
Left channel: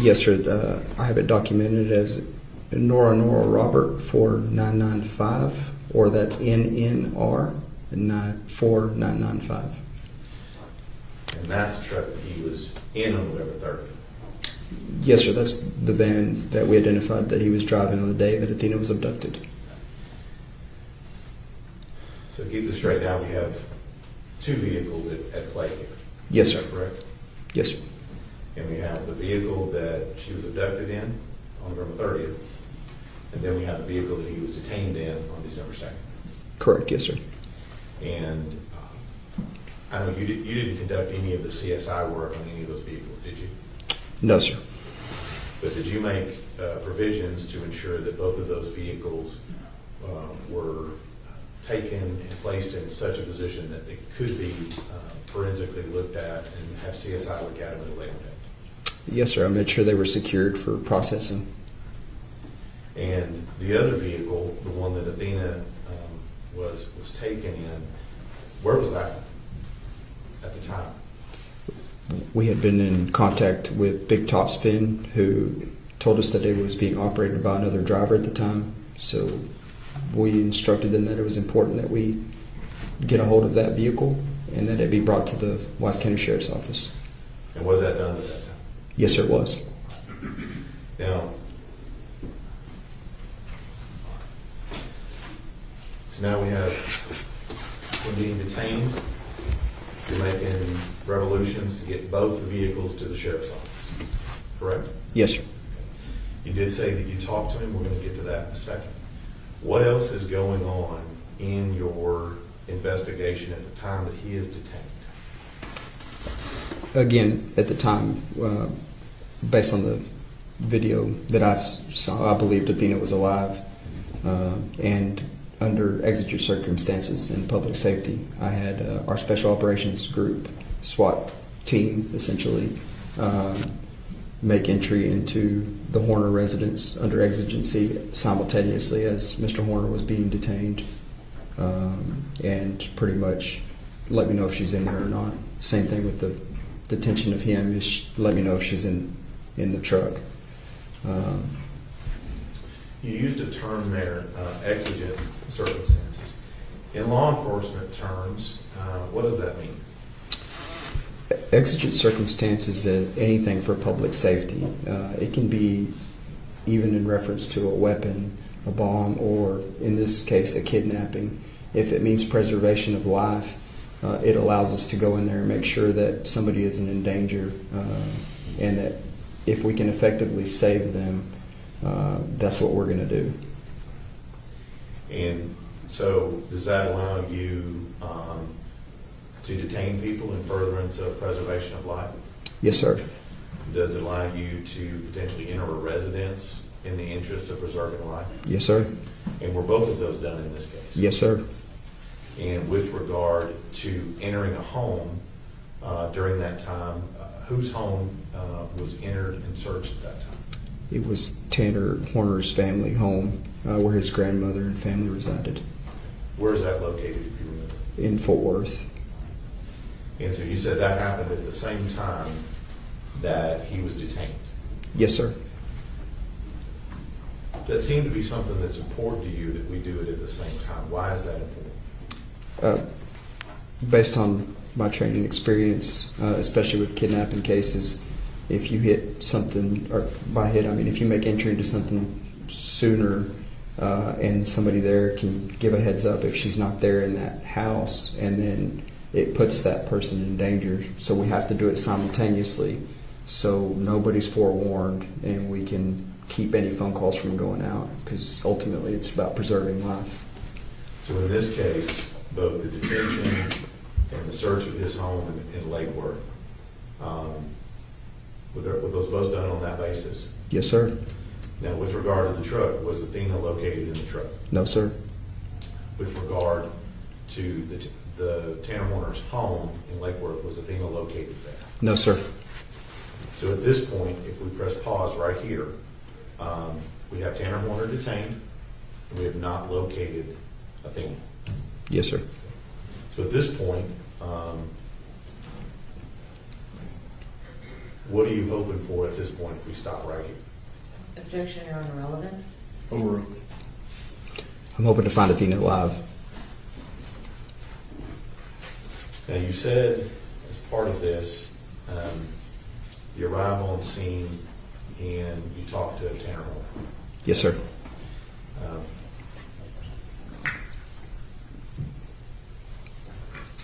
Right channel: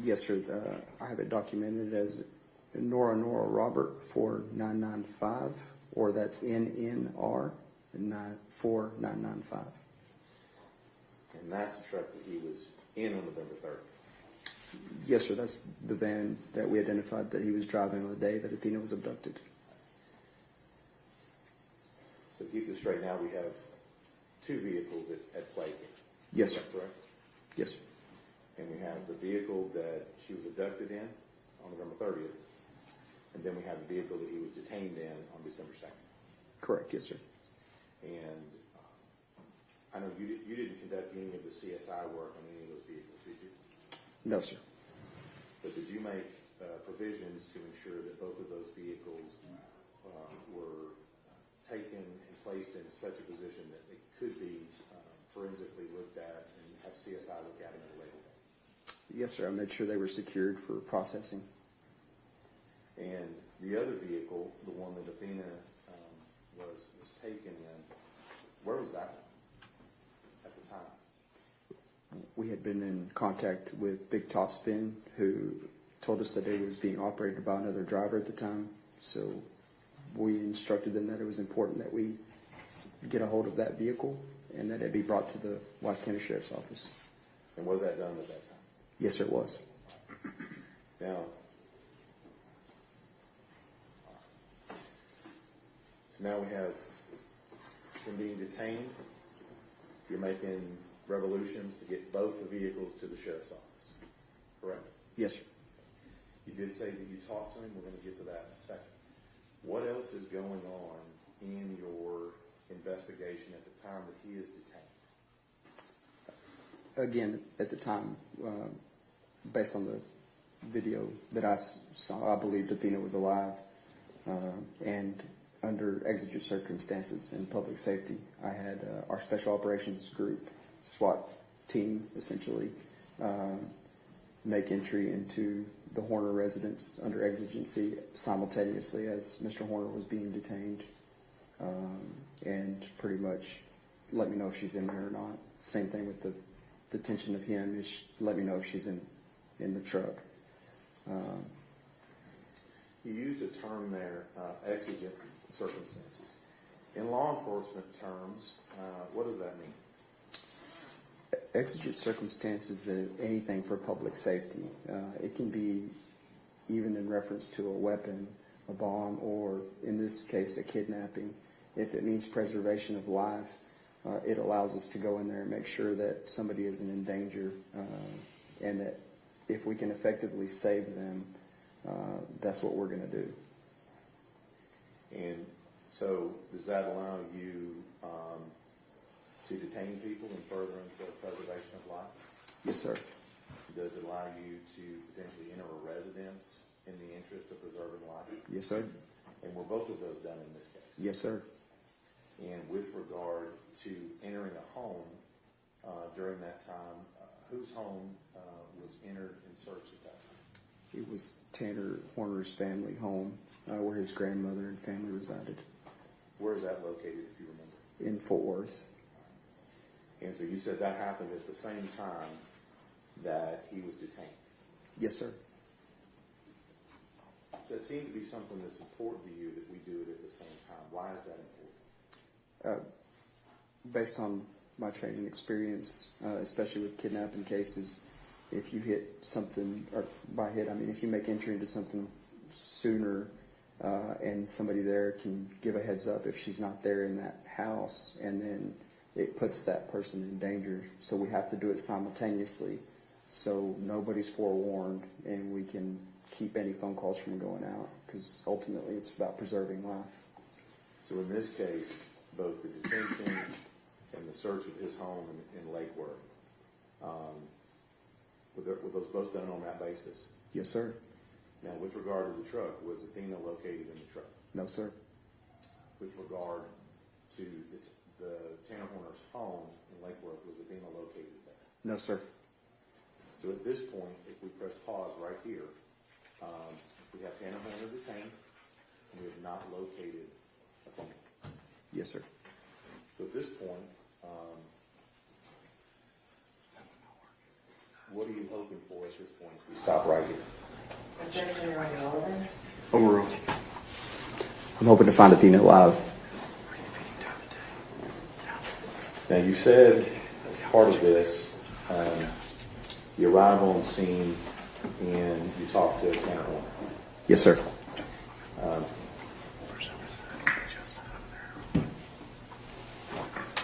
Yes, sir. I have it documented as Nora Robert 4995, or that's NNR 4995. And that's the truck that he was in on November 30th? Yes, sir. That's the van that we identified that he was driving on the day that Athena was abducted. So to keep this straight, now we have two vehicles at play here. Yes, Is sir. that correct? Yes, sir. And we have the vehicle that she was abducted in on November 30th, and then we have the vehicle that he was detained in on December 2nd. Correct. Yes, sir. And I know you didn't conduct any of the CSI work on any of those vehicles, did you? No, sir. But did you make provisions to ensure that both of those vehicles were taken and placed in such a position that they could be forensically looked at and have CSI look at them at a later date? Yes, sir. I made sure they were secured for processing. And the other vehicle, the one that Athena was taken in, where was that at the time? We had been in contact with Big Topspin, who told us that it was being operated by another driver at the time. So we instructed them that it was important that we get a hold of that vehicle and that it be brought to the Wise County Sheriff's Office. And was that done at that time? Yes, sir, it was. Now, so now we have him being detained. You're making revolutions to get both the vehicles to the sheriff's office, correct? Yes, sir. You did say that you talked to him. We're going to get to that in a second. What else is going on in your investigation at the time that he is detained? Again, at the time, based on the video that I saw, I believed Athena was alive. And under exigent circumstances in public safety, I had our special operations group, SWAT team, essentially, make entry into the Horner residence under exigency simultaneously as Mr. Horner was being detained, and pretty much let me know if she's in there or not. Same thing with the detention of him, is let me know if she's in the truck. You used a term there, exigent circumstances. In law enforcement terms, what does that mean? Exigent circumstances is anything for public safety. It can be even in reference to a weapon, a bomb, or in this case, a kidnapping. If it means preservation of life, it allows us to go in there and make sure that somebody isn't in danger, and that if we can effectively save them, that's what we're going to do. And so does that allow you to detain people in furtherance of preservation of life? Yes, sir. Does it allow you to potentially enter a residence in the interest of preserving life? Yes, sir. And were both of those done in this case? Yes, sir. And with regard to entering a home during that time, whose home was entered and searched at that time? It was Tanner Horner's family home, where his grandmother and family resided, Where is that located, if you remember? in Fort Worth. And so you said that happened at the same time that he was detained. Yes, sir. That seemed to be something that's important to you, that we do it at the same time. Why is that important? Based on my training experience, especially with kidnapping cases, if you hit something, or by hit I mean if you make entry into something sooner, and somebody there can give a heads up if she's not there in that house, and then it puts that person in danger. So we have to do it simultaneously, so nobody's forewarned, and we can keep any phone calls from going out, because ultimately it's about preserving life. So in this case, both the detention and the search of his home in Lake Worth, were those both done on that basis? Yes, sir. Now, with regard to the truck, was Athena located in the truck? No, sir. With regard to the Tanner Horner's home in Lake Worth, was Athena located there? No, sir. So at this point, if we press pause right here, we have Tanner Horner detained, and we have not located Athena. Yes, sir. So at this point, what are you hoping for at this point if we stop right here? Objection or irrelevance? Overruled. I'm hoping to find Athena alive. Now, you said as part of this, you arrive on scene and you talk to Tanner Horner. Yes, sir.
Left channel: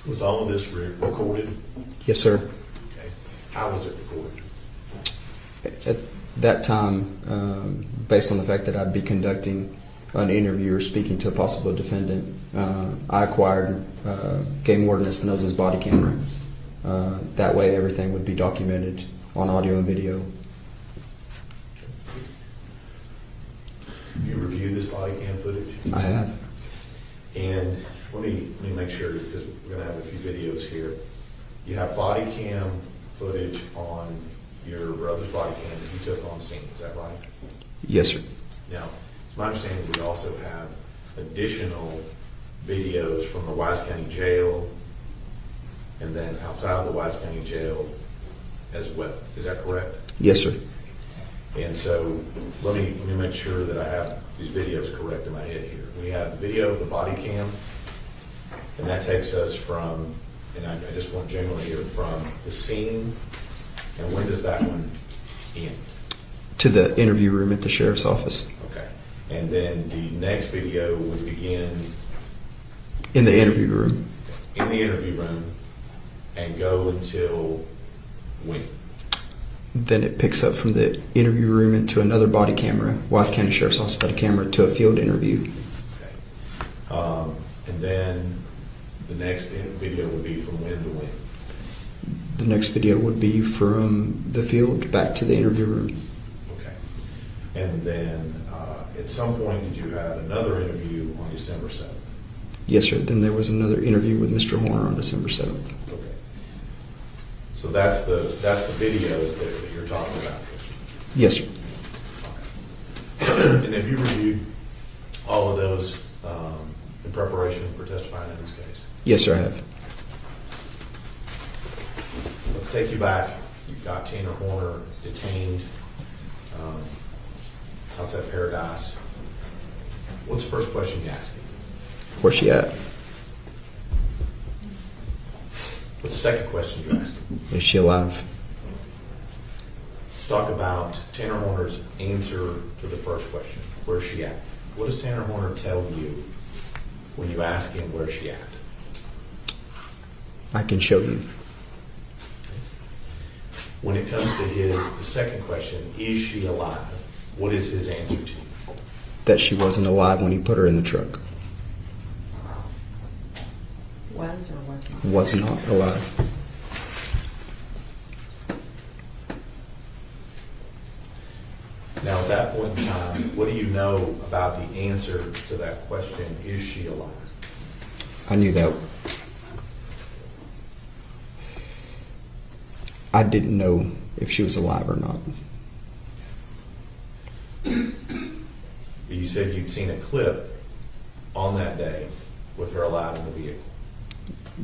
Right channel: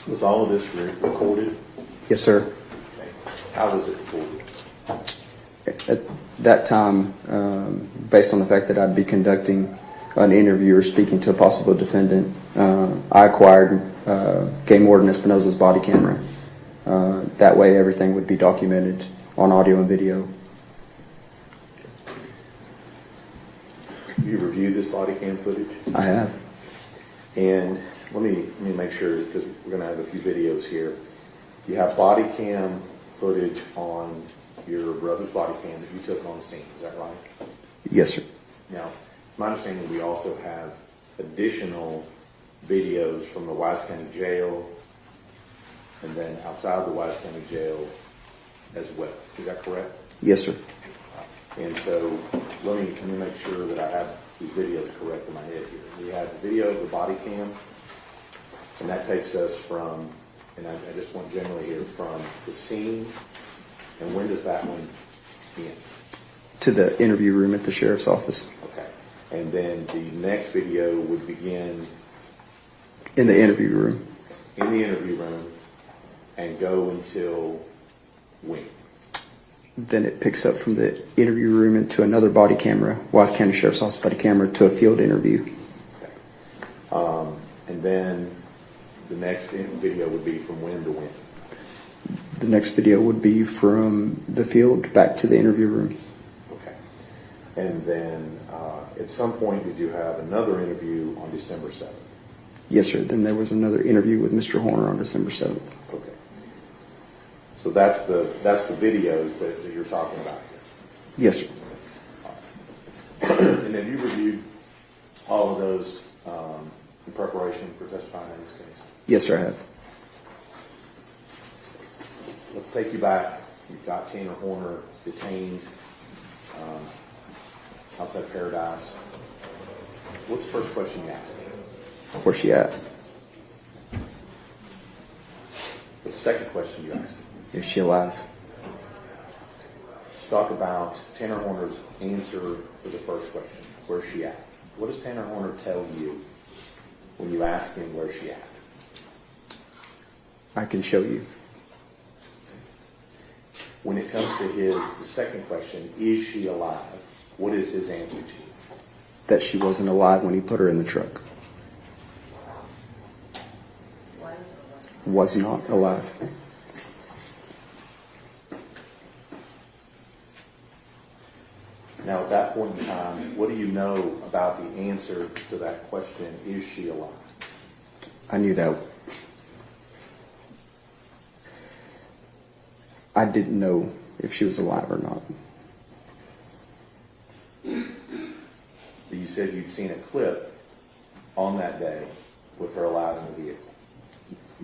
Was all of this recorded? Yes, sir. Okay. How was it recorded? At that time, based on the fact that I'd be conducting an interview or speaking to a possible defendant, I acquired Game Warden Espinosa's body camera. That way everything would be documented on audio and video. You reviewed this body cam footage? I have. And let me make sure, because we're going to have a few videos here. You have body cam footage on your brother's body cam that you took on scene, is that right? Yes, sir. Now, it's my understanding that we also have additional videos from the Wise County Jail and then outside of the Wise County Jail as well. Is that correct? Yes, sir. And so let me make sure that I have these videos correct in my head here. We have video of the body cam, and that takes us from, and I just want generally here, from the scene, and when does that one end? To the interview room at the sheriff's office. Okay. And then the next video would begin In the interview room. in the interview room and go until when? Then it picks up from the interview room into another body camera. Wise County Sheriff's Office body camera to a field interview. Okay. And then the next video would be from when to when? The next video would be from the field back to the interview room. Okay. And then at some point, did you have another interview on December 7th? Yes, sir. Then there was another interview with Mr. Horner on December 7th. Okay. So that's the videos that you're talking about. Yes, sir. And have you reviewed all of those in preparation for testifying in this case? Yes, sir, I have. Let's take you back. You've got Tanner Horner detained outside Paradise. What's the first question you asked? Where's she at? What's the second question you asked? Is she alive? Let's talk about Tanner Horner's answer to the first question. Where's she at? What does Tanner Horner tell you when you ask him where's she at? I can show you When it comes to the second question, is she alive? What is his answer to you? that she wasn't alive when he put her in the truck. Was or wasn't? Was not alive. Now, at that point in time, what do you know about the answer to that question, is she alive? I knew that. I didn't know if she was alive or not. You said you'd seen a clip on that day with her alive in the vehicle.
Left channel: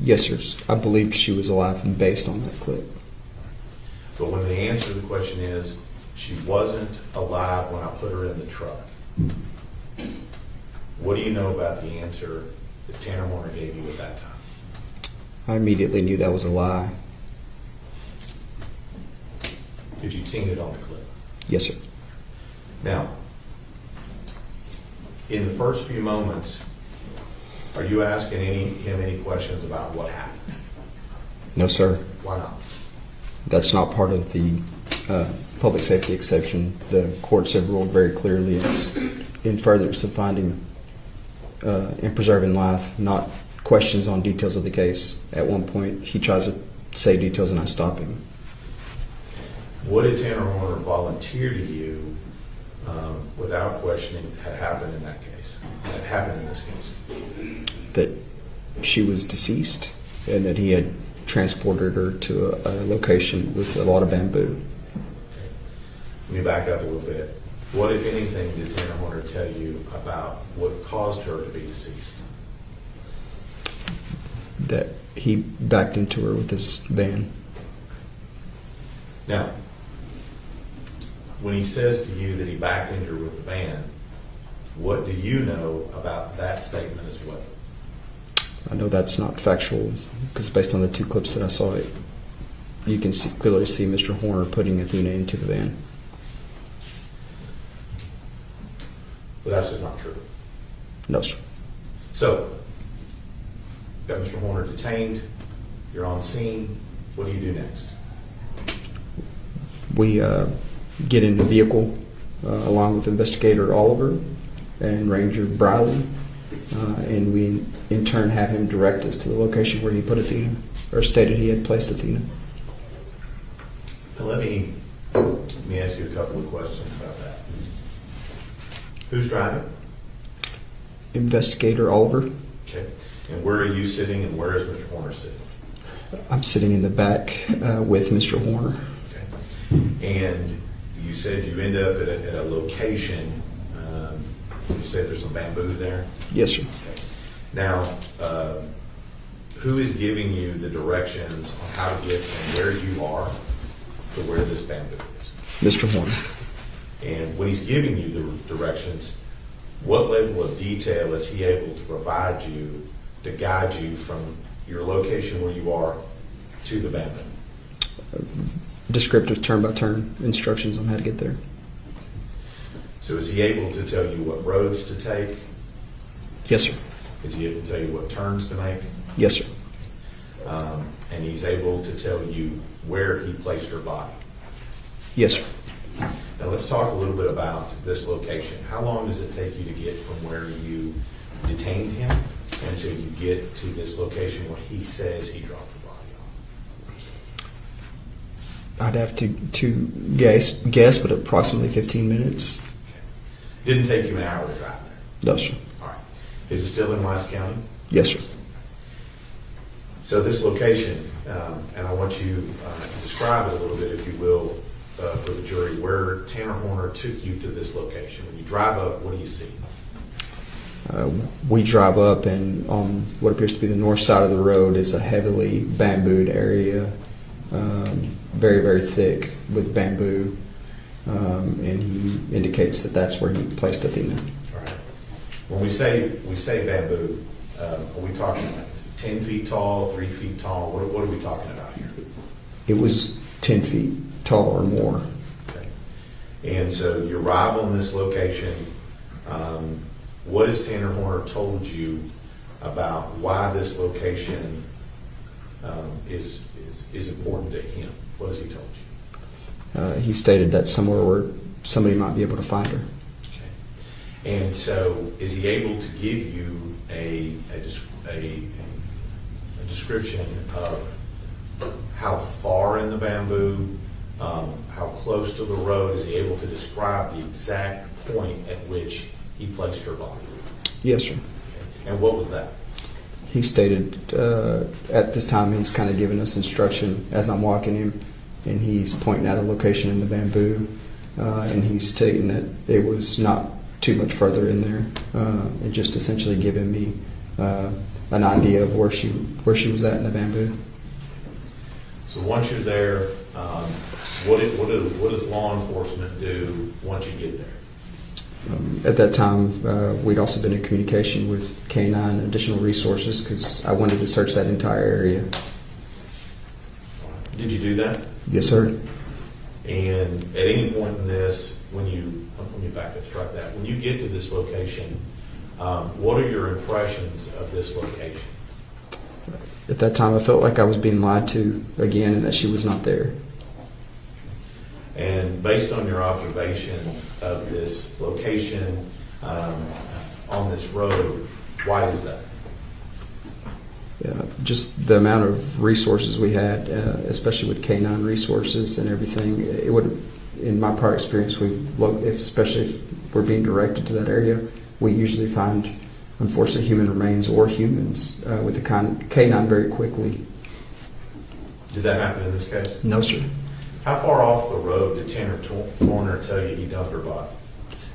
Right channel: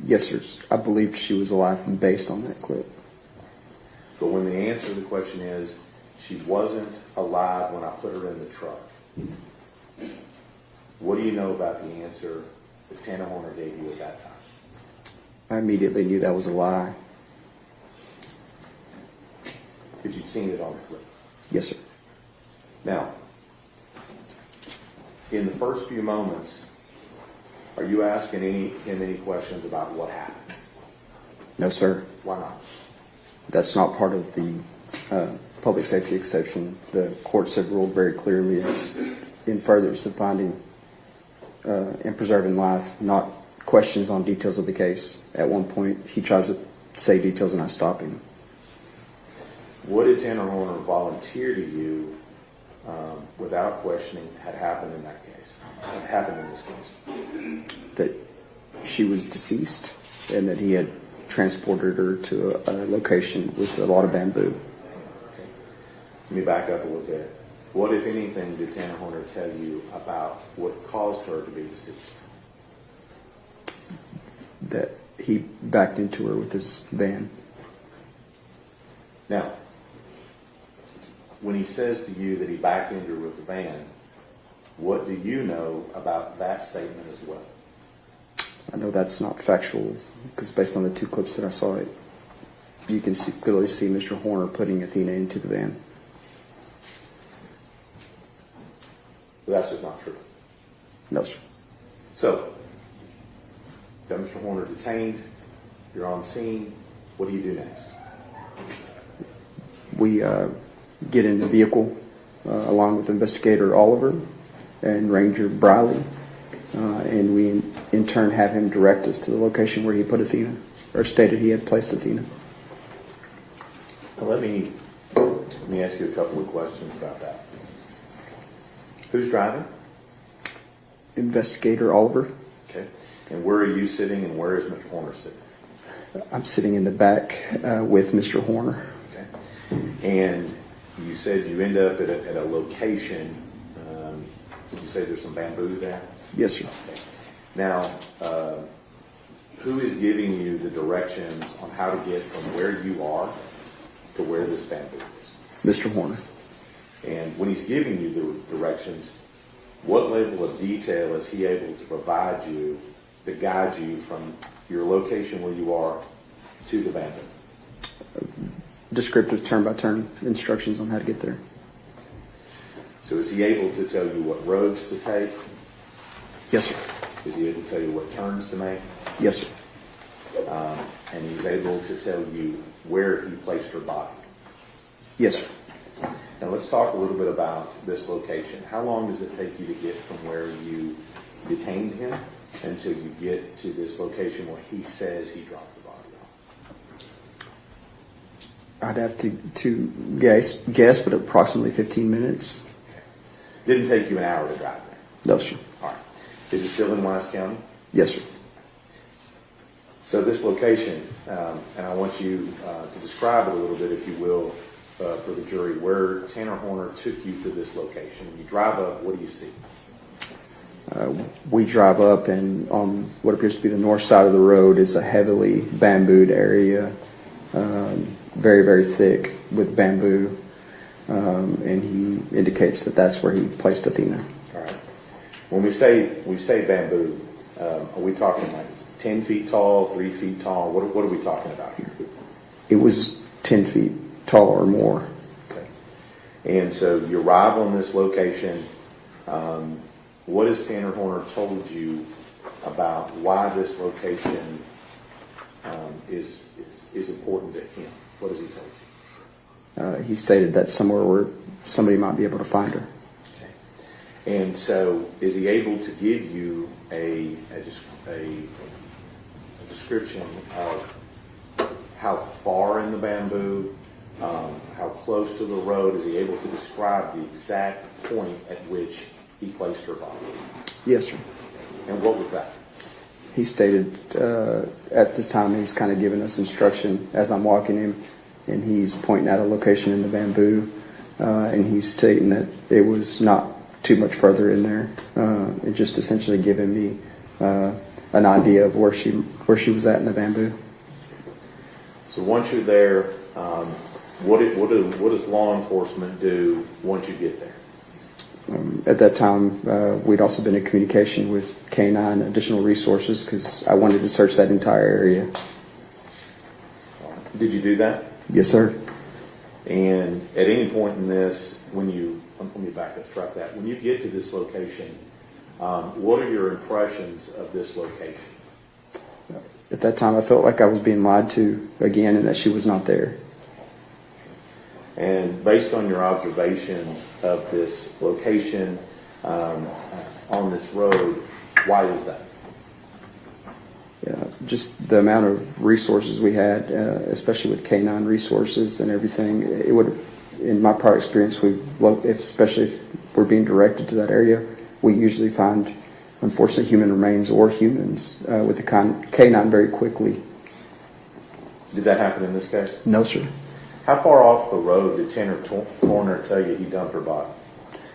Yes, sir. I believed she was alive based on that clip. But when the answer to the question is, she wasn't alive when I put her in the truck, what do you know about the answer that Tanner Horner gave you at that time? I immediately knew that was a lie. Because you'd seen it on the clip. Yes, sir. Now, in the first few moments, are you asking him any questions about what happened? No, sir. Why not? That's not part of the public safety exception. The courts have ruled very clearly it's in furtherance of finding and preserving life, not questions on details of the case. At one point, he tries to say details and I stop him. What did Tanner Horner volunteer to you without questioning had happened in that case, had happened in this case? That she was deceased and that he had transported her to a location with a lot of bamboo. Let me back up a little bit. What, if anything, did Tanner Horner tell you about what caused her to be deceased? That he backed into her with his van. Now, when he says to you that he backed into her with the van, what do you know about that statement as well? I know that's not factual because based on the two clips that I saw, you can clearly see Mr. Horner putting Athena into the van. But that's just not true. No, sir. So, got Mr. Horner detained, you're on scene, what do you do next? We get in the vehicle along with Investigator Oliver and Ranger Briley, and we in turn have him direct us to the location where he put Athena, or stated he had placed Athena. Now let me ask you a couple of questions about that. Who's driving? Investigator Oliver. Okay. And where are you sitting and where is Mr. Horner sitting? I'm sitting in the back with Mr. Horner. Okay. And you said you end up at a location, you said there's some bamboo there? Yes, sir. Okay. Now, who is giving you the directions on how to get from where you are to where this bamboo is? Mr. Horner. And when he's giving you the directions, what level of detail is he able to provide you to guide you from your location where you are to the bamboo? Descriptive turn-by-turn instructions on how to get there. So is he able to tell you what roads to take? Yes, sir. Is he able to tell you what turns to make? Yes, sir. And he's able to tell you where he placed her body? Yes, sir. Now let's talk a little bit about this location. How long does it take you to get from where you detained him until you get to this location where he says he dropped the body off? I'd have to guess, but approximately 15 minutes. Okay. Didn't take you an hour to drive there? No, sir. All right. Is it still in Wise County? Yes, sir. So this location, and I want you to describe it a little bit, if you will, for the jury, where Tanner Horner took you to this location. When you drive up, what do you see? We drive up, and on what appears to be the north side of the road is a heavily bambooed area, very, very thick with bamboo, and he indicates that that's where he placed Athena. All right. When we say bamboo, are we talking like 10 feet tall, 3 feet tall? What are we talking about here? It was 10 feet tall or more. Okay. And so you arrive on this location. What has Tanner Horner told you about why this location is important to him? What has he told you? He stated that somewhere where somebody might be able to find her. Okay. And so, is he able to give you a description of how far in the bamboo, how close to the road? Is he able to describe the exact point at which he placed her body? Yes, sir. And what was that? He stated at this time he's kind of giving us instruction as I'm walking him, and he's pointing out a location in the bamboo, and he's stating that it was not too much further in there. It just essentially giving me an idea of where she was at in the bamboo. So once you're there, what does law enforcement do once you get there? At that time, we'd also been in communication with K-9 additional resources because I wanted to search that entire area. Did you do that? Yes, sir. And at any point in this, let me back up, strike that. When you get to this location, what are your impressions of this location? At that time, I felt like I was being lied to again and that she was not there. And based on your observations of this location on this road, why is that? Yeah, just the amount of resources we had, especially with K-9 resources and everything. It would, in my prior experience, especially if we're being directed to that area, we usually find, unfortunately, human remains or humans with the K-9 very quickly. Did that happen in this case? No, sir. How far off the road did Tanner Torner tell you he dumped her body?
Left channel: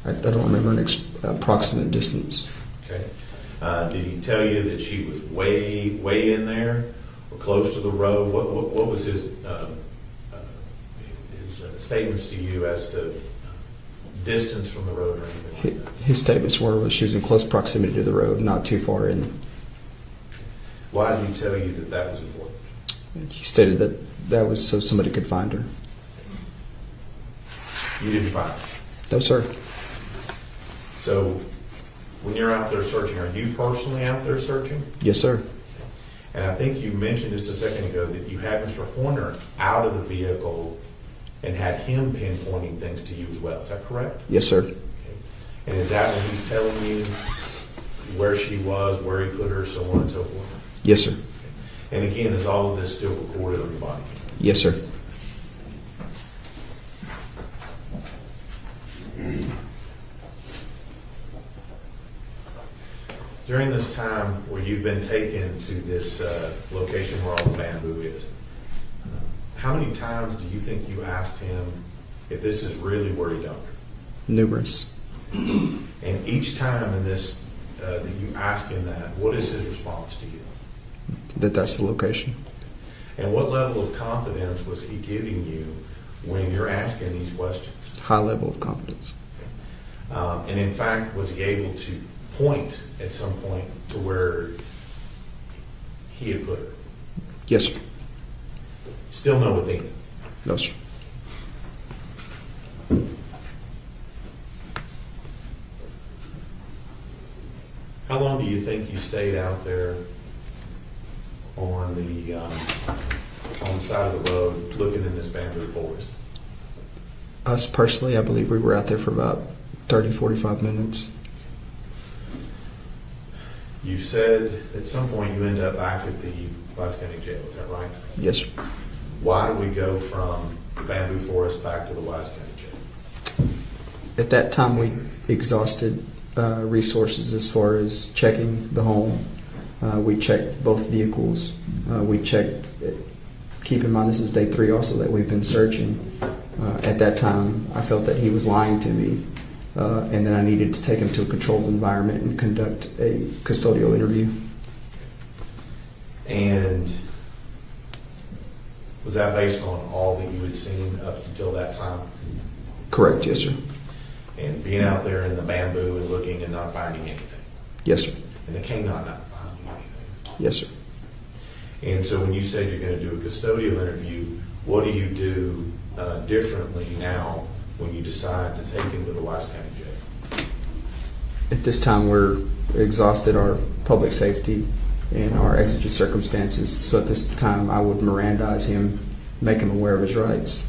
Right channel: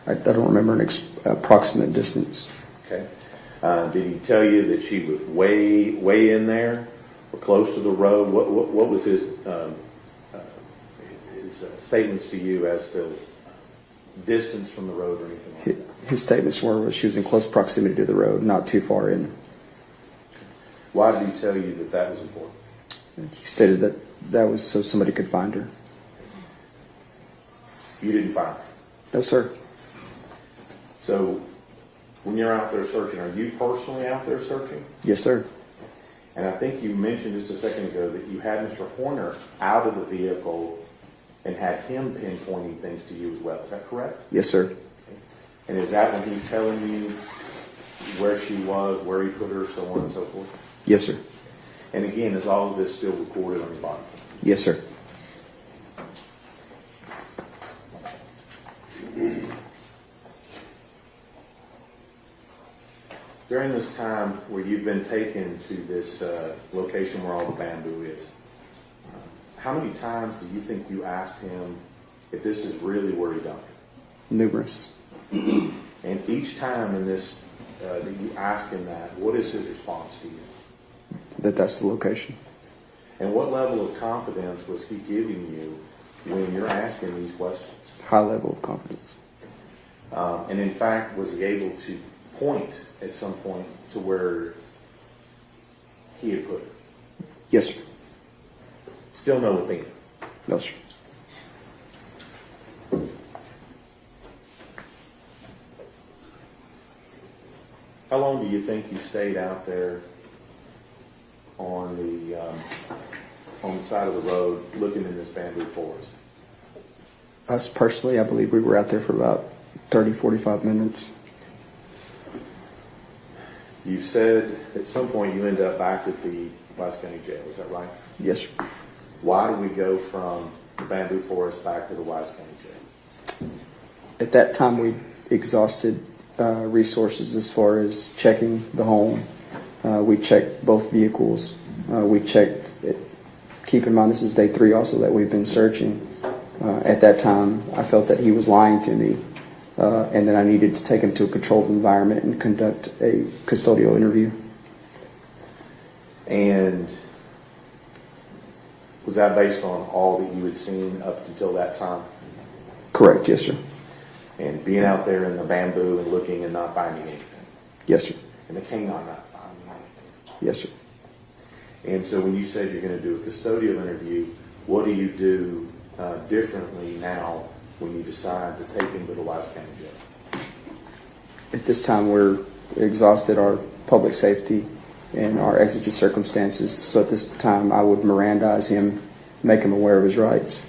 I don't remember an approximate distance. Okay. Did he tell you that she was way in there or close to the road? What was his statements to you as to distance from the road or anything like that? His statements were she was in close proximity to the road, not too far in. Why did he tell you that that was important? He stated that was so somebody could find her. You didn't find her? No, sir. So when you're out there searching, are you personally out there searching? Yes, sir. And I think you mentioned just a second ago that you had Mr. Horner out of the vehicle and had him pinpointing things to you as well. Is that correct? Yes, sir. And is that when he's telling you where she was, where he put her, so on and so forth? Yes, sir. And again, is all of this still recorded on your body? Yes, sir. During this time where you've been taken to this location where all the bamboo is, how many times do you think you asked him if this is really where he dumped her? Numerous. And each time in this that you ask him that, what is his response to you? That's the location. And what level of confidence was he giving you when you're asking these questions? High level of confidence. And in fact, was he able to point at some point to where he had put her? Yes, sir. Still no Athena? No, sir. How long do you think you stayed out there on the side of the road looking in this bamboo forest? Us personally, I believe we were out there for about 30, 45 minutes. You said at some point you ended up back at the Wise County Jail, is that right? Yes, sir. Why do we go from the bamboo forest back to the Wise County Jail? At that time, we exhausted resources as far as checking the home. We checked both vehicles. We checked, keep in mind this is day 3 also that we've been searching. At that time, I felt that he was lying to me, and that I needed to take him to a controlled environment and conduct a custodial interview. And was that based on all that you had seen up until that time? Correct, yes, sir. And being out there in the bamboo and looking and not finding anything? Yes, sir. And the canine not finding anything? Yes, sir. And so when you said you're going to do a custodial interview, what do you do differently now when you decide to take him to the Wise County Jail? At this time, we're exhausted our public safety in our exigent circumstances. So at this time, I would Mirandize him, make him aware of his rights.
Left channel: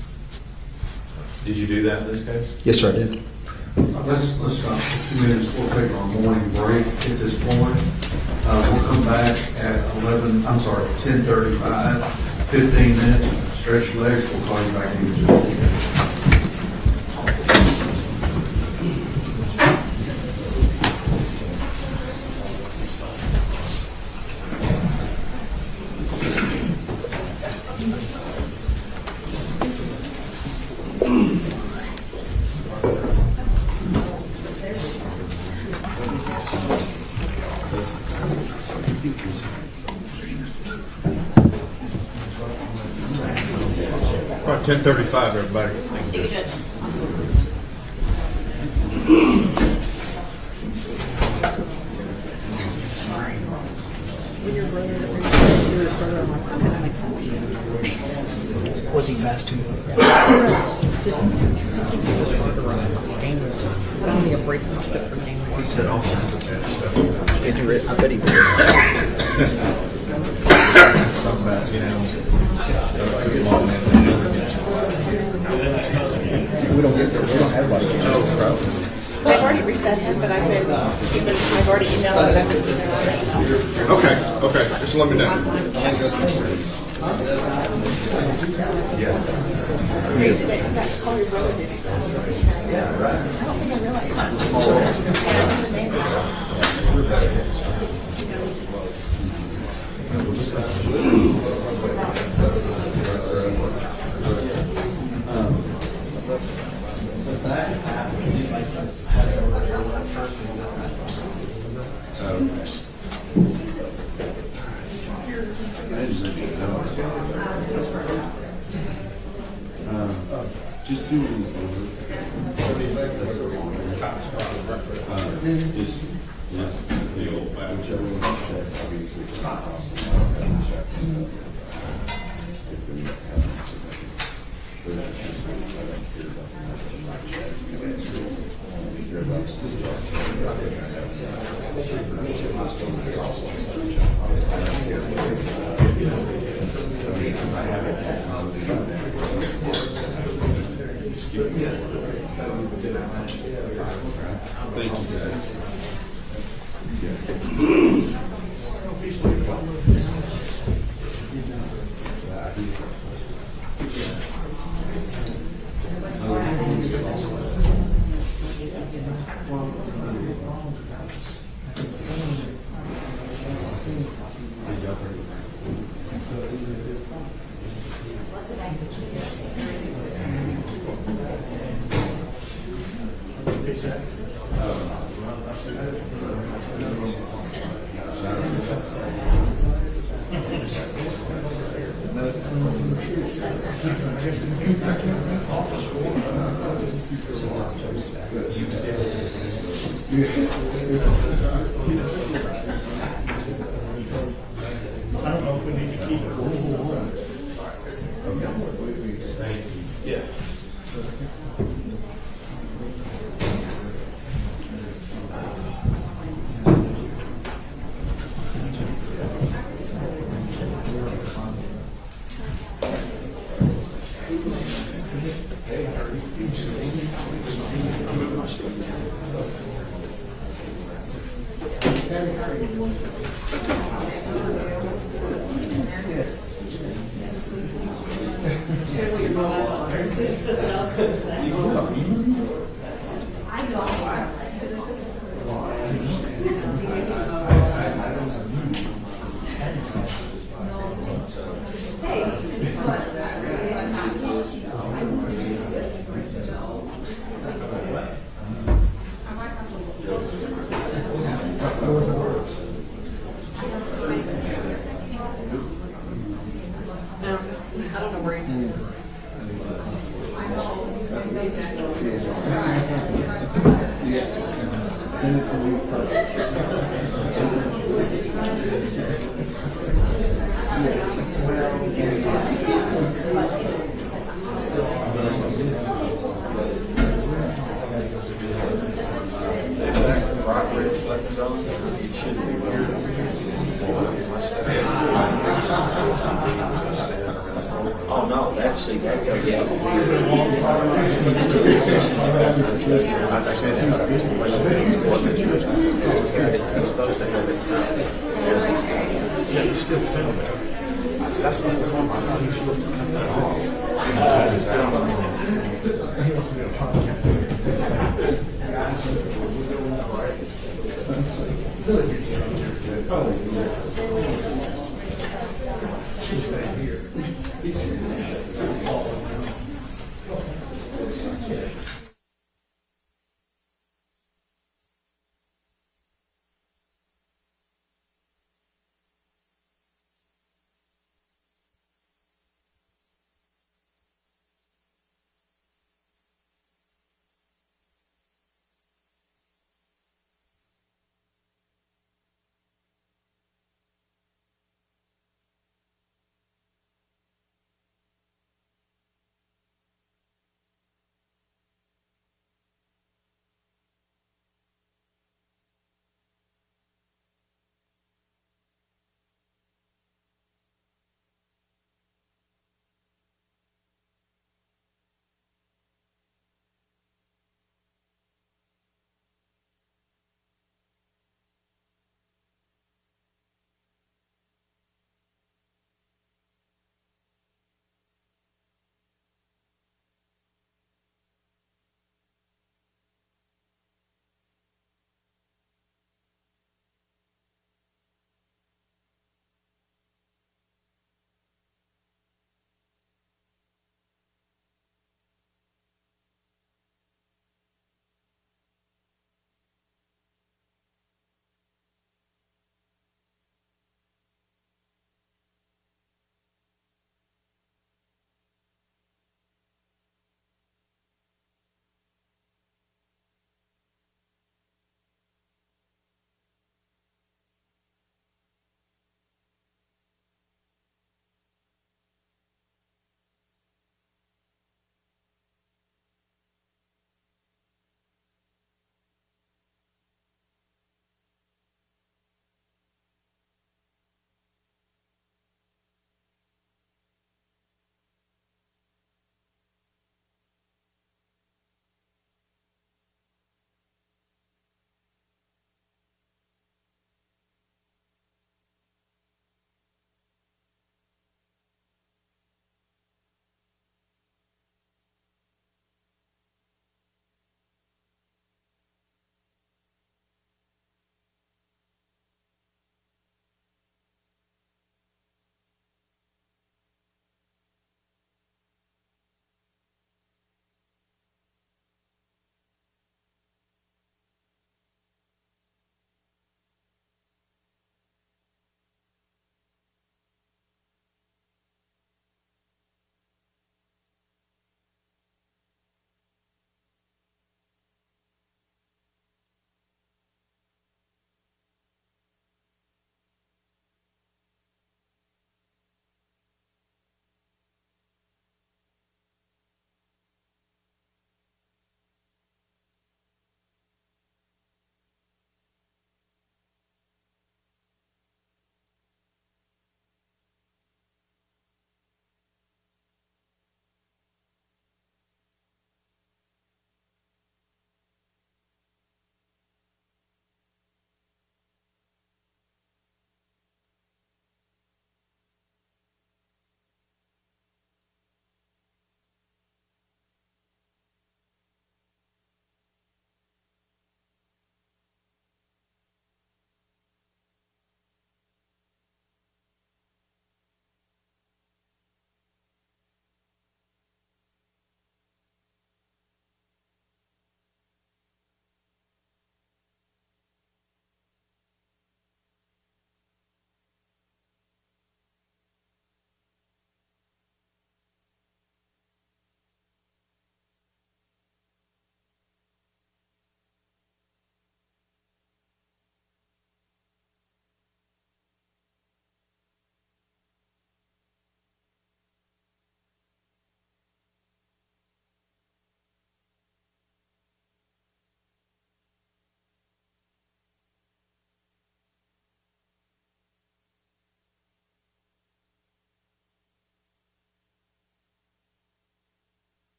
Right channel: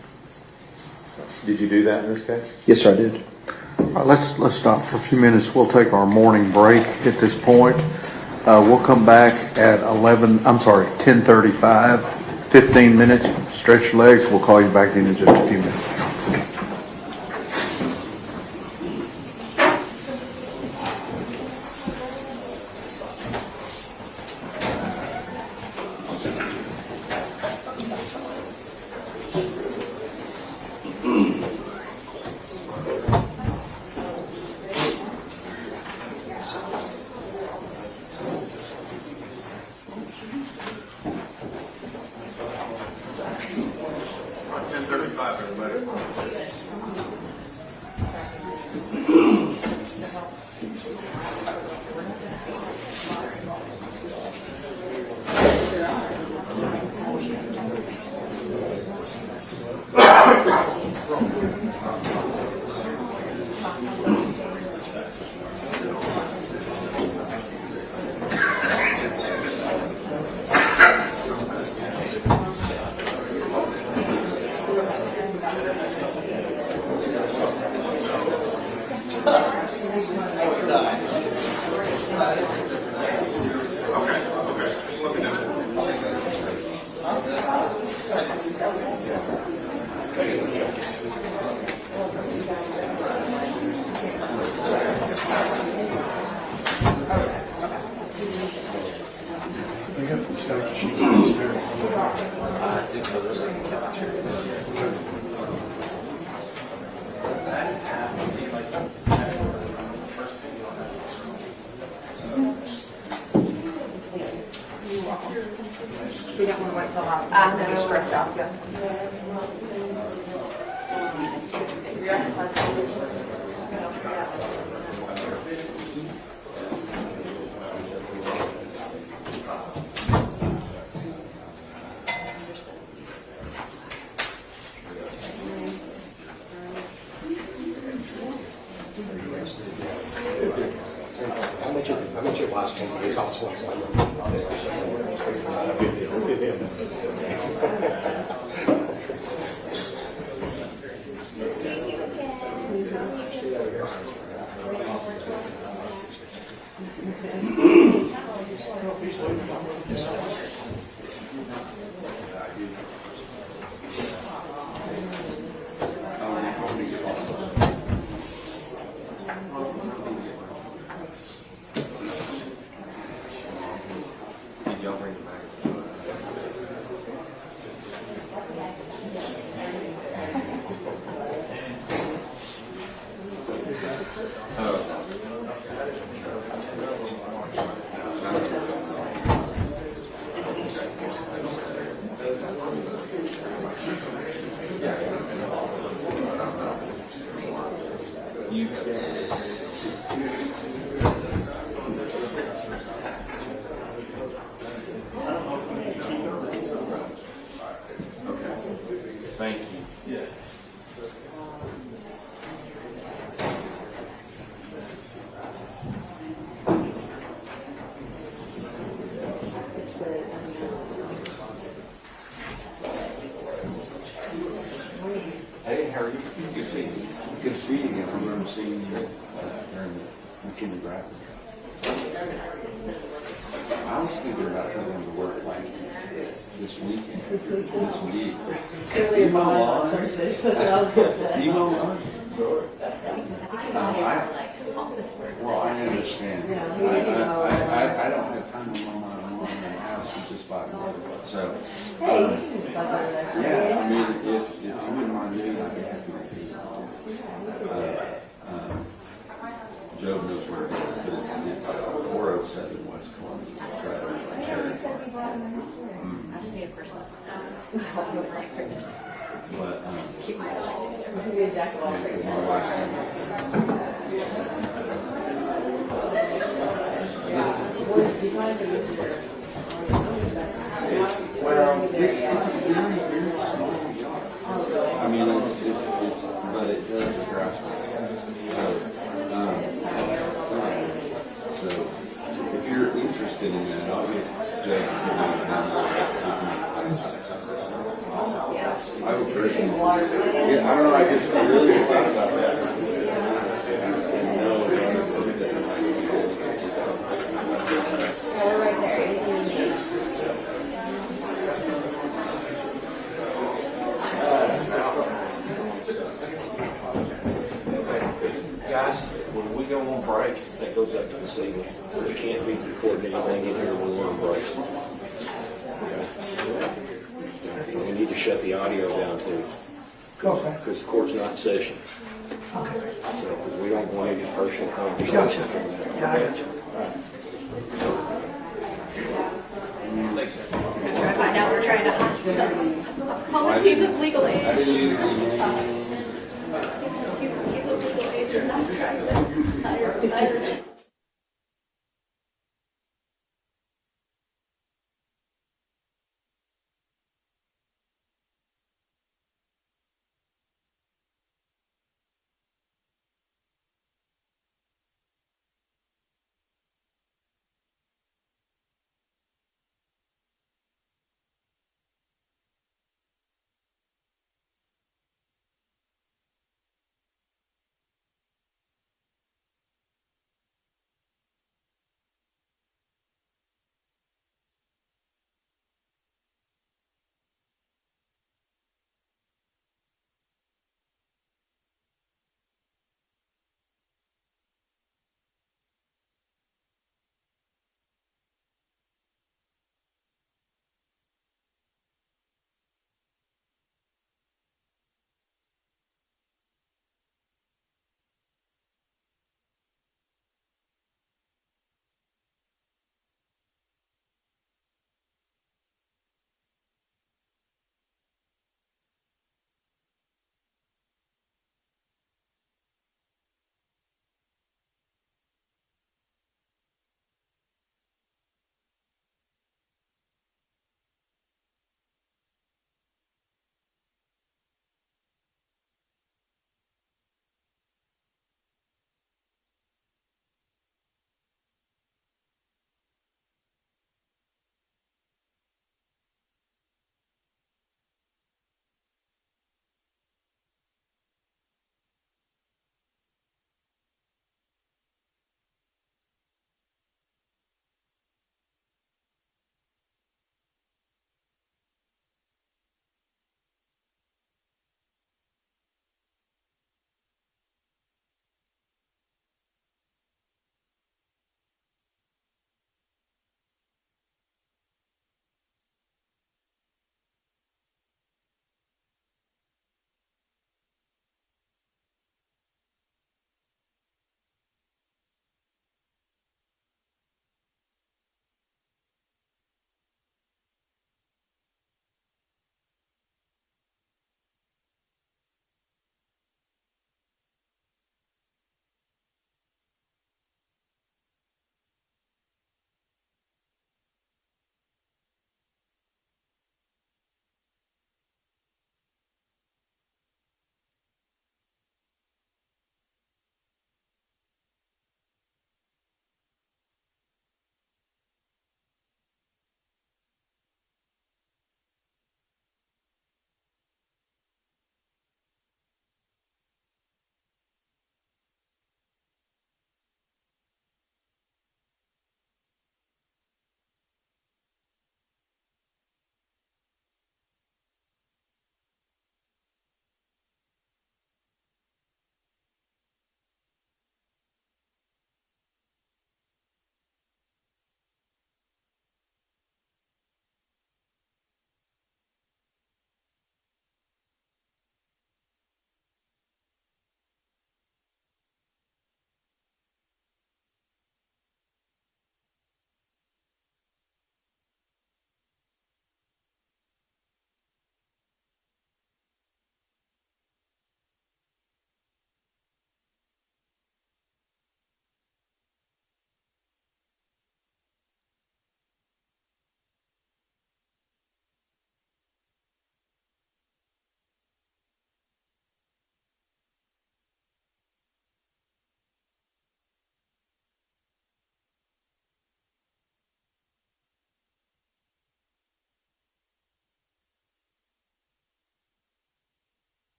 Did you do that in this case? Yes, sir, I did. All right, let's stop for a few minutes. We'll take our morning break at this point. We'll come back at 10:35, 15 minutes. Stretch your legs. We'll call you back in just a few minutes. All right, 10:35, everybody. Was he fast too? Did you read? I bet he did. I've already reset him, but I've already emailed him. Okay, just let me know. Thank you. Yeah. Need to shut the audio down because the court's not in session. So, because we don't want any personal conversation. I find out we're trying to hide stuff. Policy of legal age. He's of legal age and not trying to hire.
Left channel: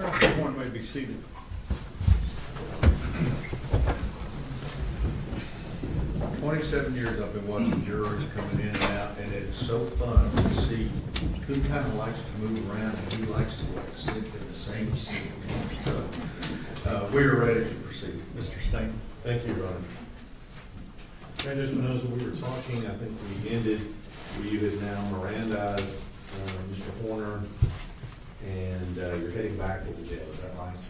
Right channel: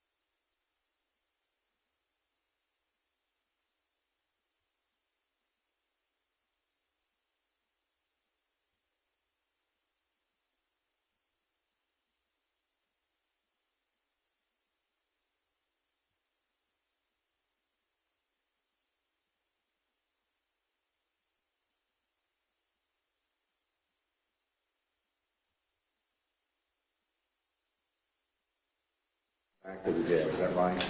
Everyone may be seated. "27 years I've been watching juries coming in and out, and it is so fun to see who kind of likes to move around and who likes to sit in the same seat. So, we are ready to proceed. Mr. Stanton. Thank you, Ron. Judge Espinoza, we were talking, I think we ended, you had now Mirandized Mr. Horner, and you're heading back to the jail, is that right?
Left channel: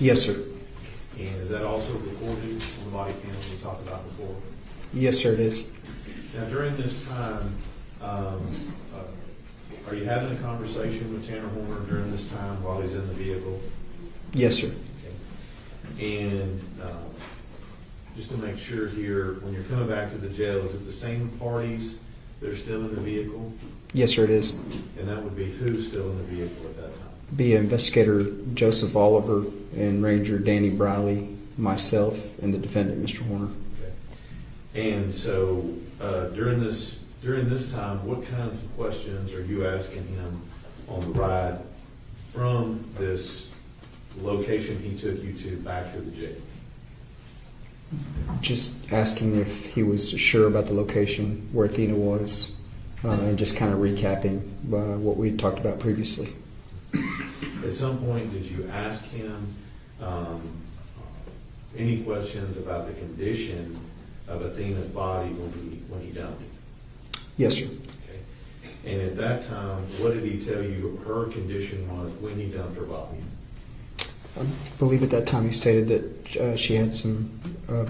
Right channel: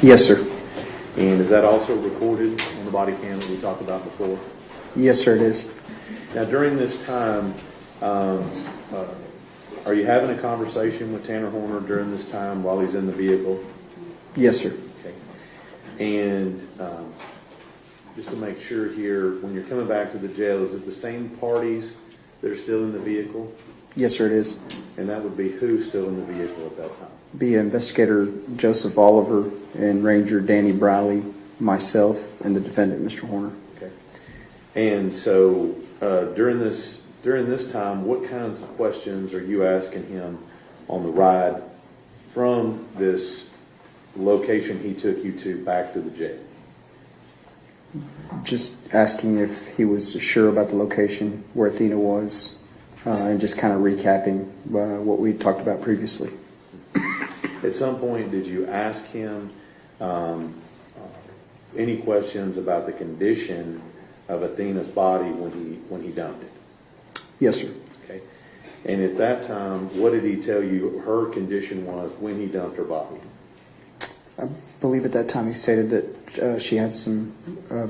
Yes, sir. And is that also recorded on the body cam that we talked about before? Yes, sir, it is. Now, during this time, are you having a conversation with Tanner Horner during this time while he's in the vehicle? Yes, sir. Okay. And just to make sure here, when you're coming back to the jail, is it the same parties that are still in the vehicle? Yes, sir, it is. And that would be who still in the vehicle at that time? Be Investigator Joseph Oliver and Ranger Danny Briley, myself, and the defendant, Mr. Horner. Okay. And so during this time, what kinds of questions are you asking him on the ride from this location he took you to back to the jail? Just asking if he was sure about the location where Athena was, and just kind of recapping what we had talked about previously. At some point, did you ask him any questions about the condition of Athena's body when he dumped it? Yes, sir. Okay. And at that time, what did he tell you her condition was when he dumped her body? I believe at that time he stated that she had some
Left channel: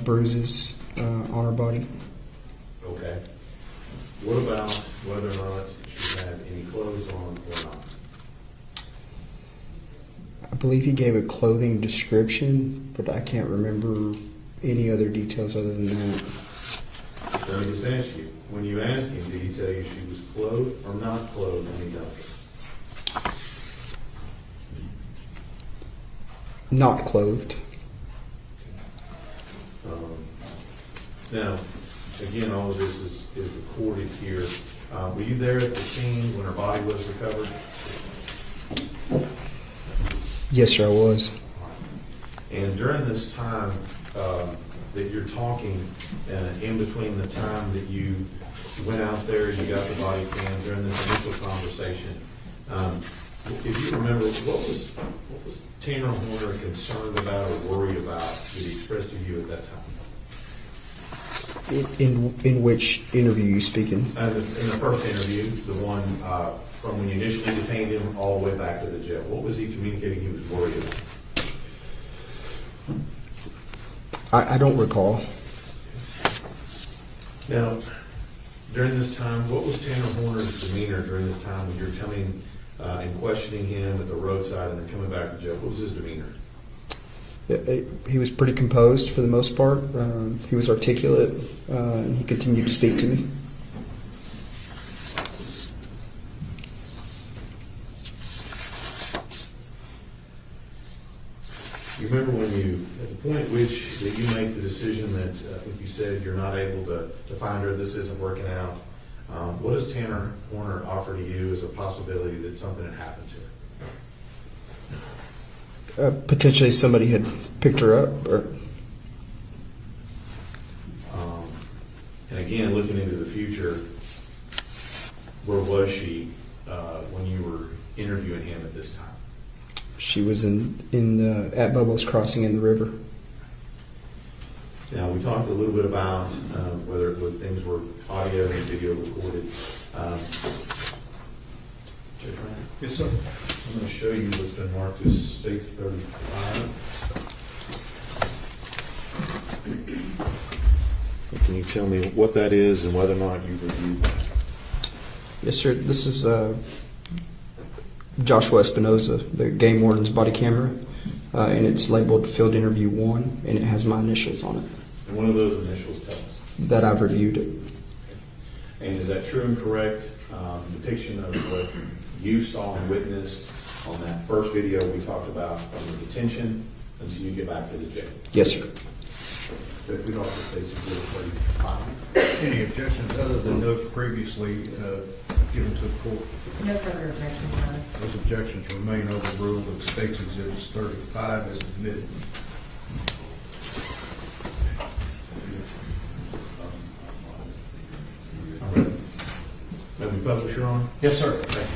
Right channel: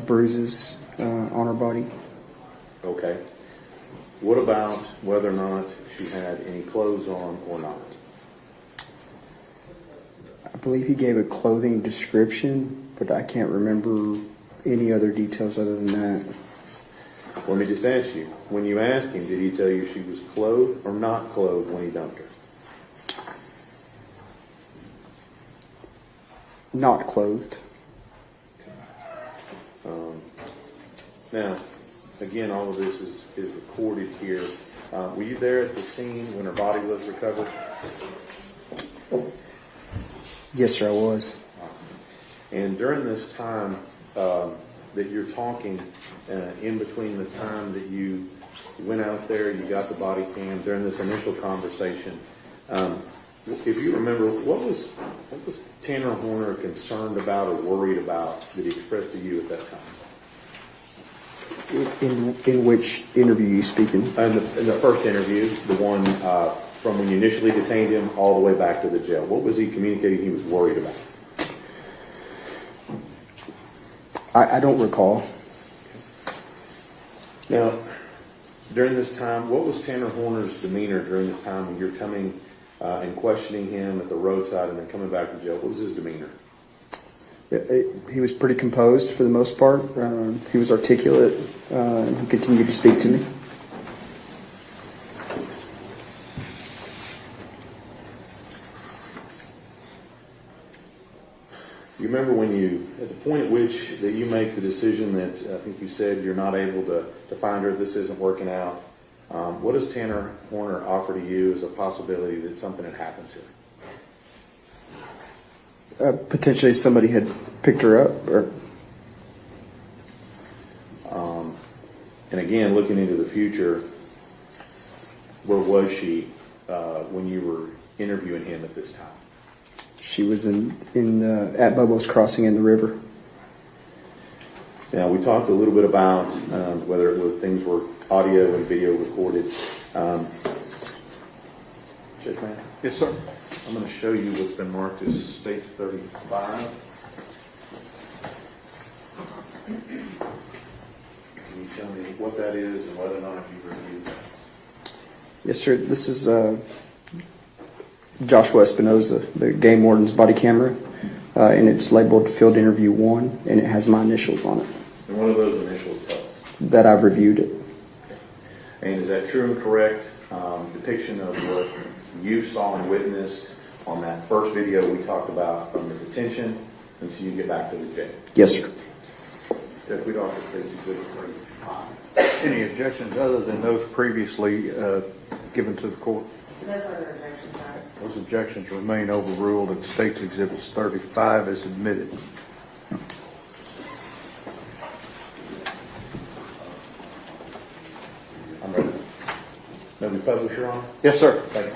bruises on her body. Okay. What about whether or not she had any clothes on or not? I believe he gave a clothing description, but I can't remember any other details other than that. Let me just ask you, when you asked him, did he tell you she was clothed or not clothed when he dumped her? Not clothed. Now, again, all of this is recorded here. Were you there at the scene when her body was recovered? Yes, sir, I was. And during this time that you're talking, in between the time that you went out there, you got the body cam, during this initial conversation, if you remember, what was Tanner Horner concerned about or worried about that he expressed to you at that time? In which interview you speaking? In the first interview, the one from when you initially detained him all the way back to the jail. What was he communicating he was worried about? I don't recall. Now, during this time, what was Tanner Horner's demeanor during this time when you're coming and questioning him at the roadside and then coming back to jail? What was his demeanor? He was pretty composed for the most part. He was articulate, and he continued to speak to me. You remember when at the point at which that you make the decision that I think you said you're not able to find her, this isn't working out, what does Tanner Horner offer to you as a possibility that something had happened to her? Potentially somebody had picked her up. And again, looking into the future, where was she when you were interviewing him at this time? She was at Bubbles Crossing in the river. Now, we talked a little bit about whether it was things were audio and video recorded. Judge Rand? Yes, sir. I'm going to show you what's been marked as States 35. Can you tell me what that is and whether or not you've reviewed that? Yes, sir. This is Joshua Espinoza, the game warden's body camera, and it's labeled Field Interview 1, and it has my initials on it. And what do those initials tell us? That I've reviewed it. And is that true and correct depiction of what you saw and witnessed on that first video we talked about from the detention until you get back to the jail? Yes, sir. If we don't States Exhibit 35. Any objections other than those previously given to the court? No further objections, Your Honor. Those objections remain overruled and States Exhibits 35 is admitted. I'm ready. Let me publish, Your Honor. Yes, sir. Thank you.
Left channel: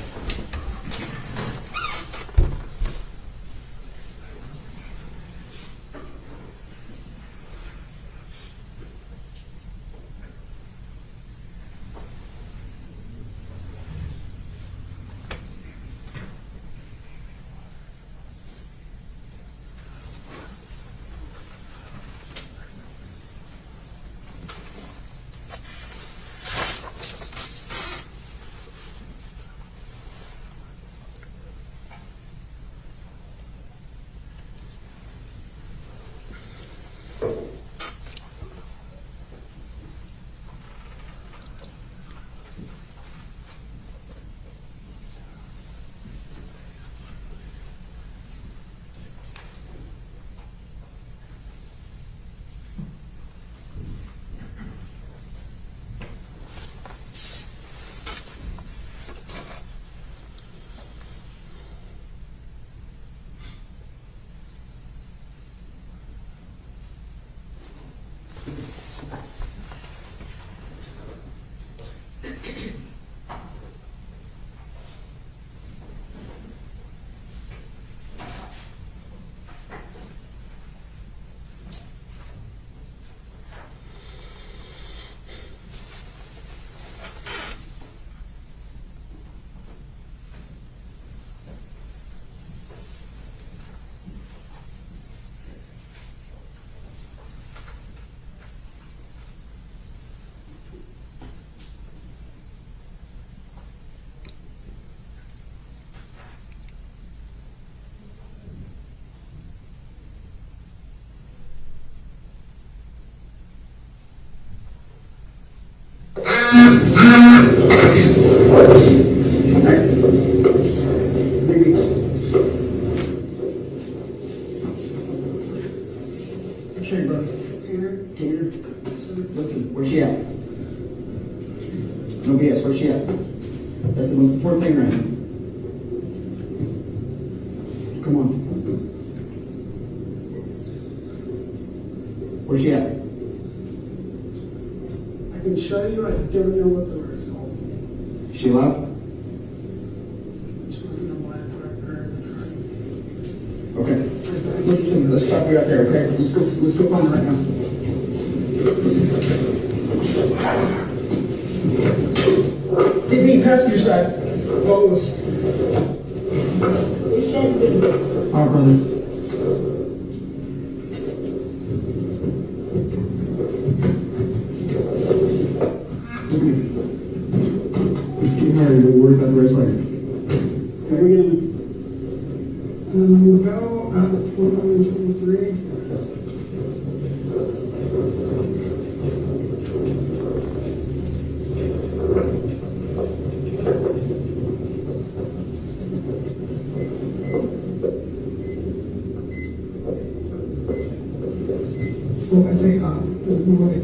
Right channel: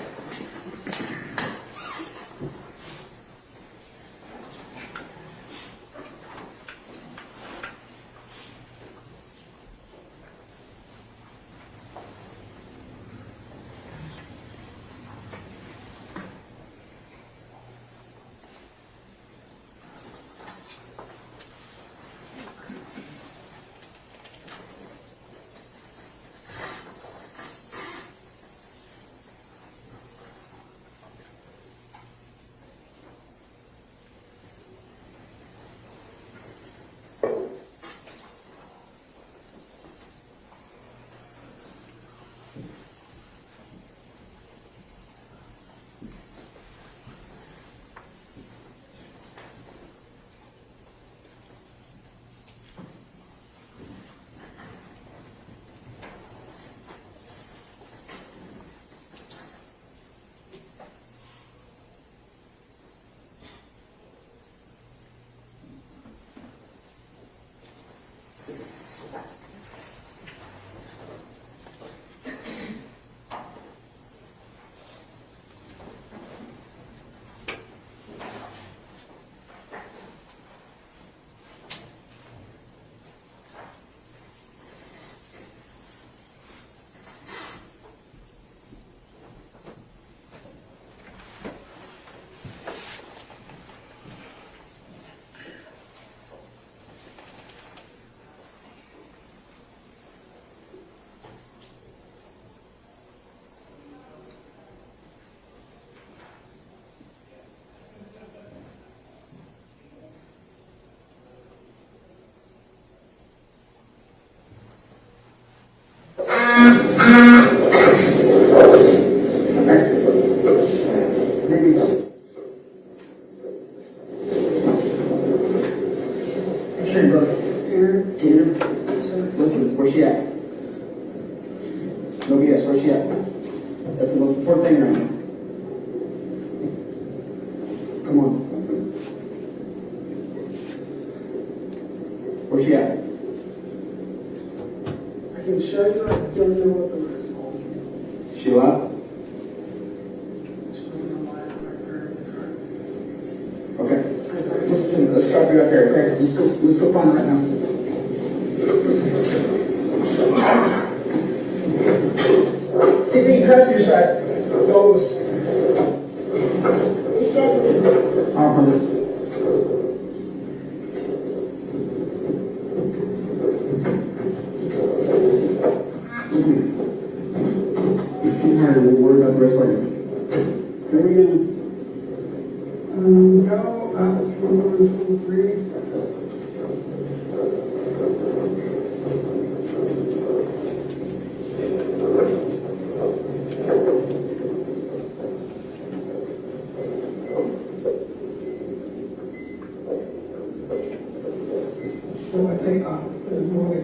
Listen, where's she at? No BS, where's she at? That's the most important thing right now. Come on. Where's she at? I can show you, I don't know what the word is called. She what? She wasn't a black record. Okay. Let's start right there. Okay. Let's go find her right now. Take me passenger side. Focus. All right, brother. Let's keep married. We'll worry about the rest later. There we go. Go out 423. Well, I say, there's no way.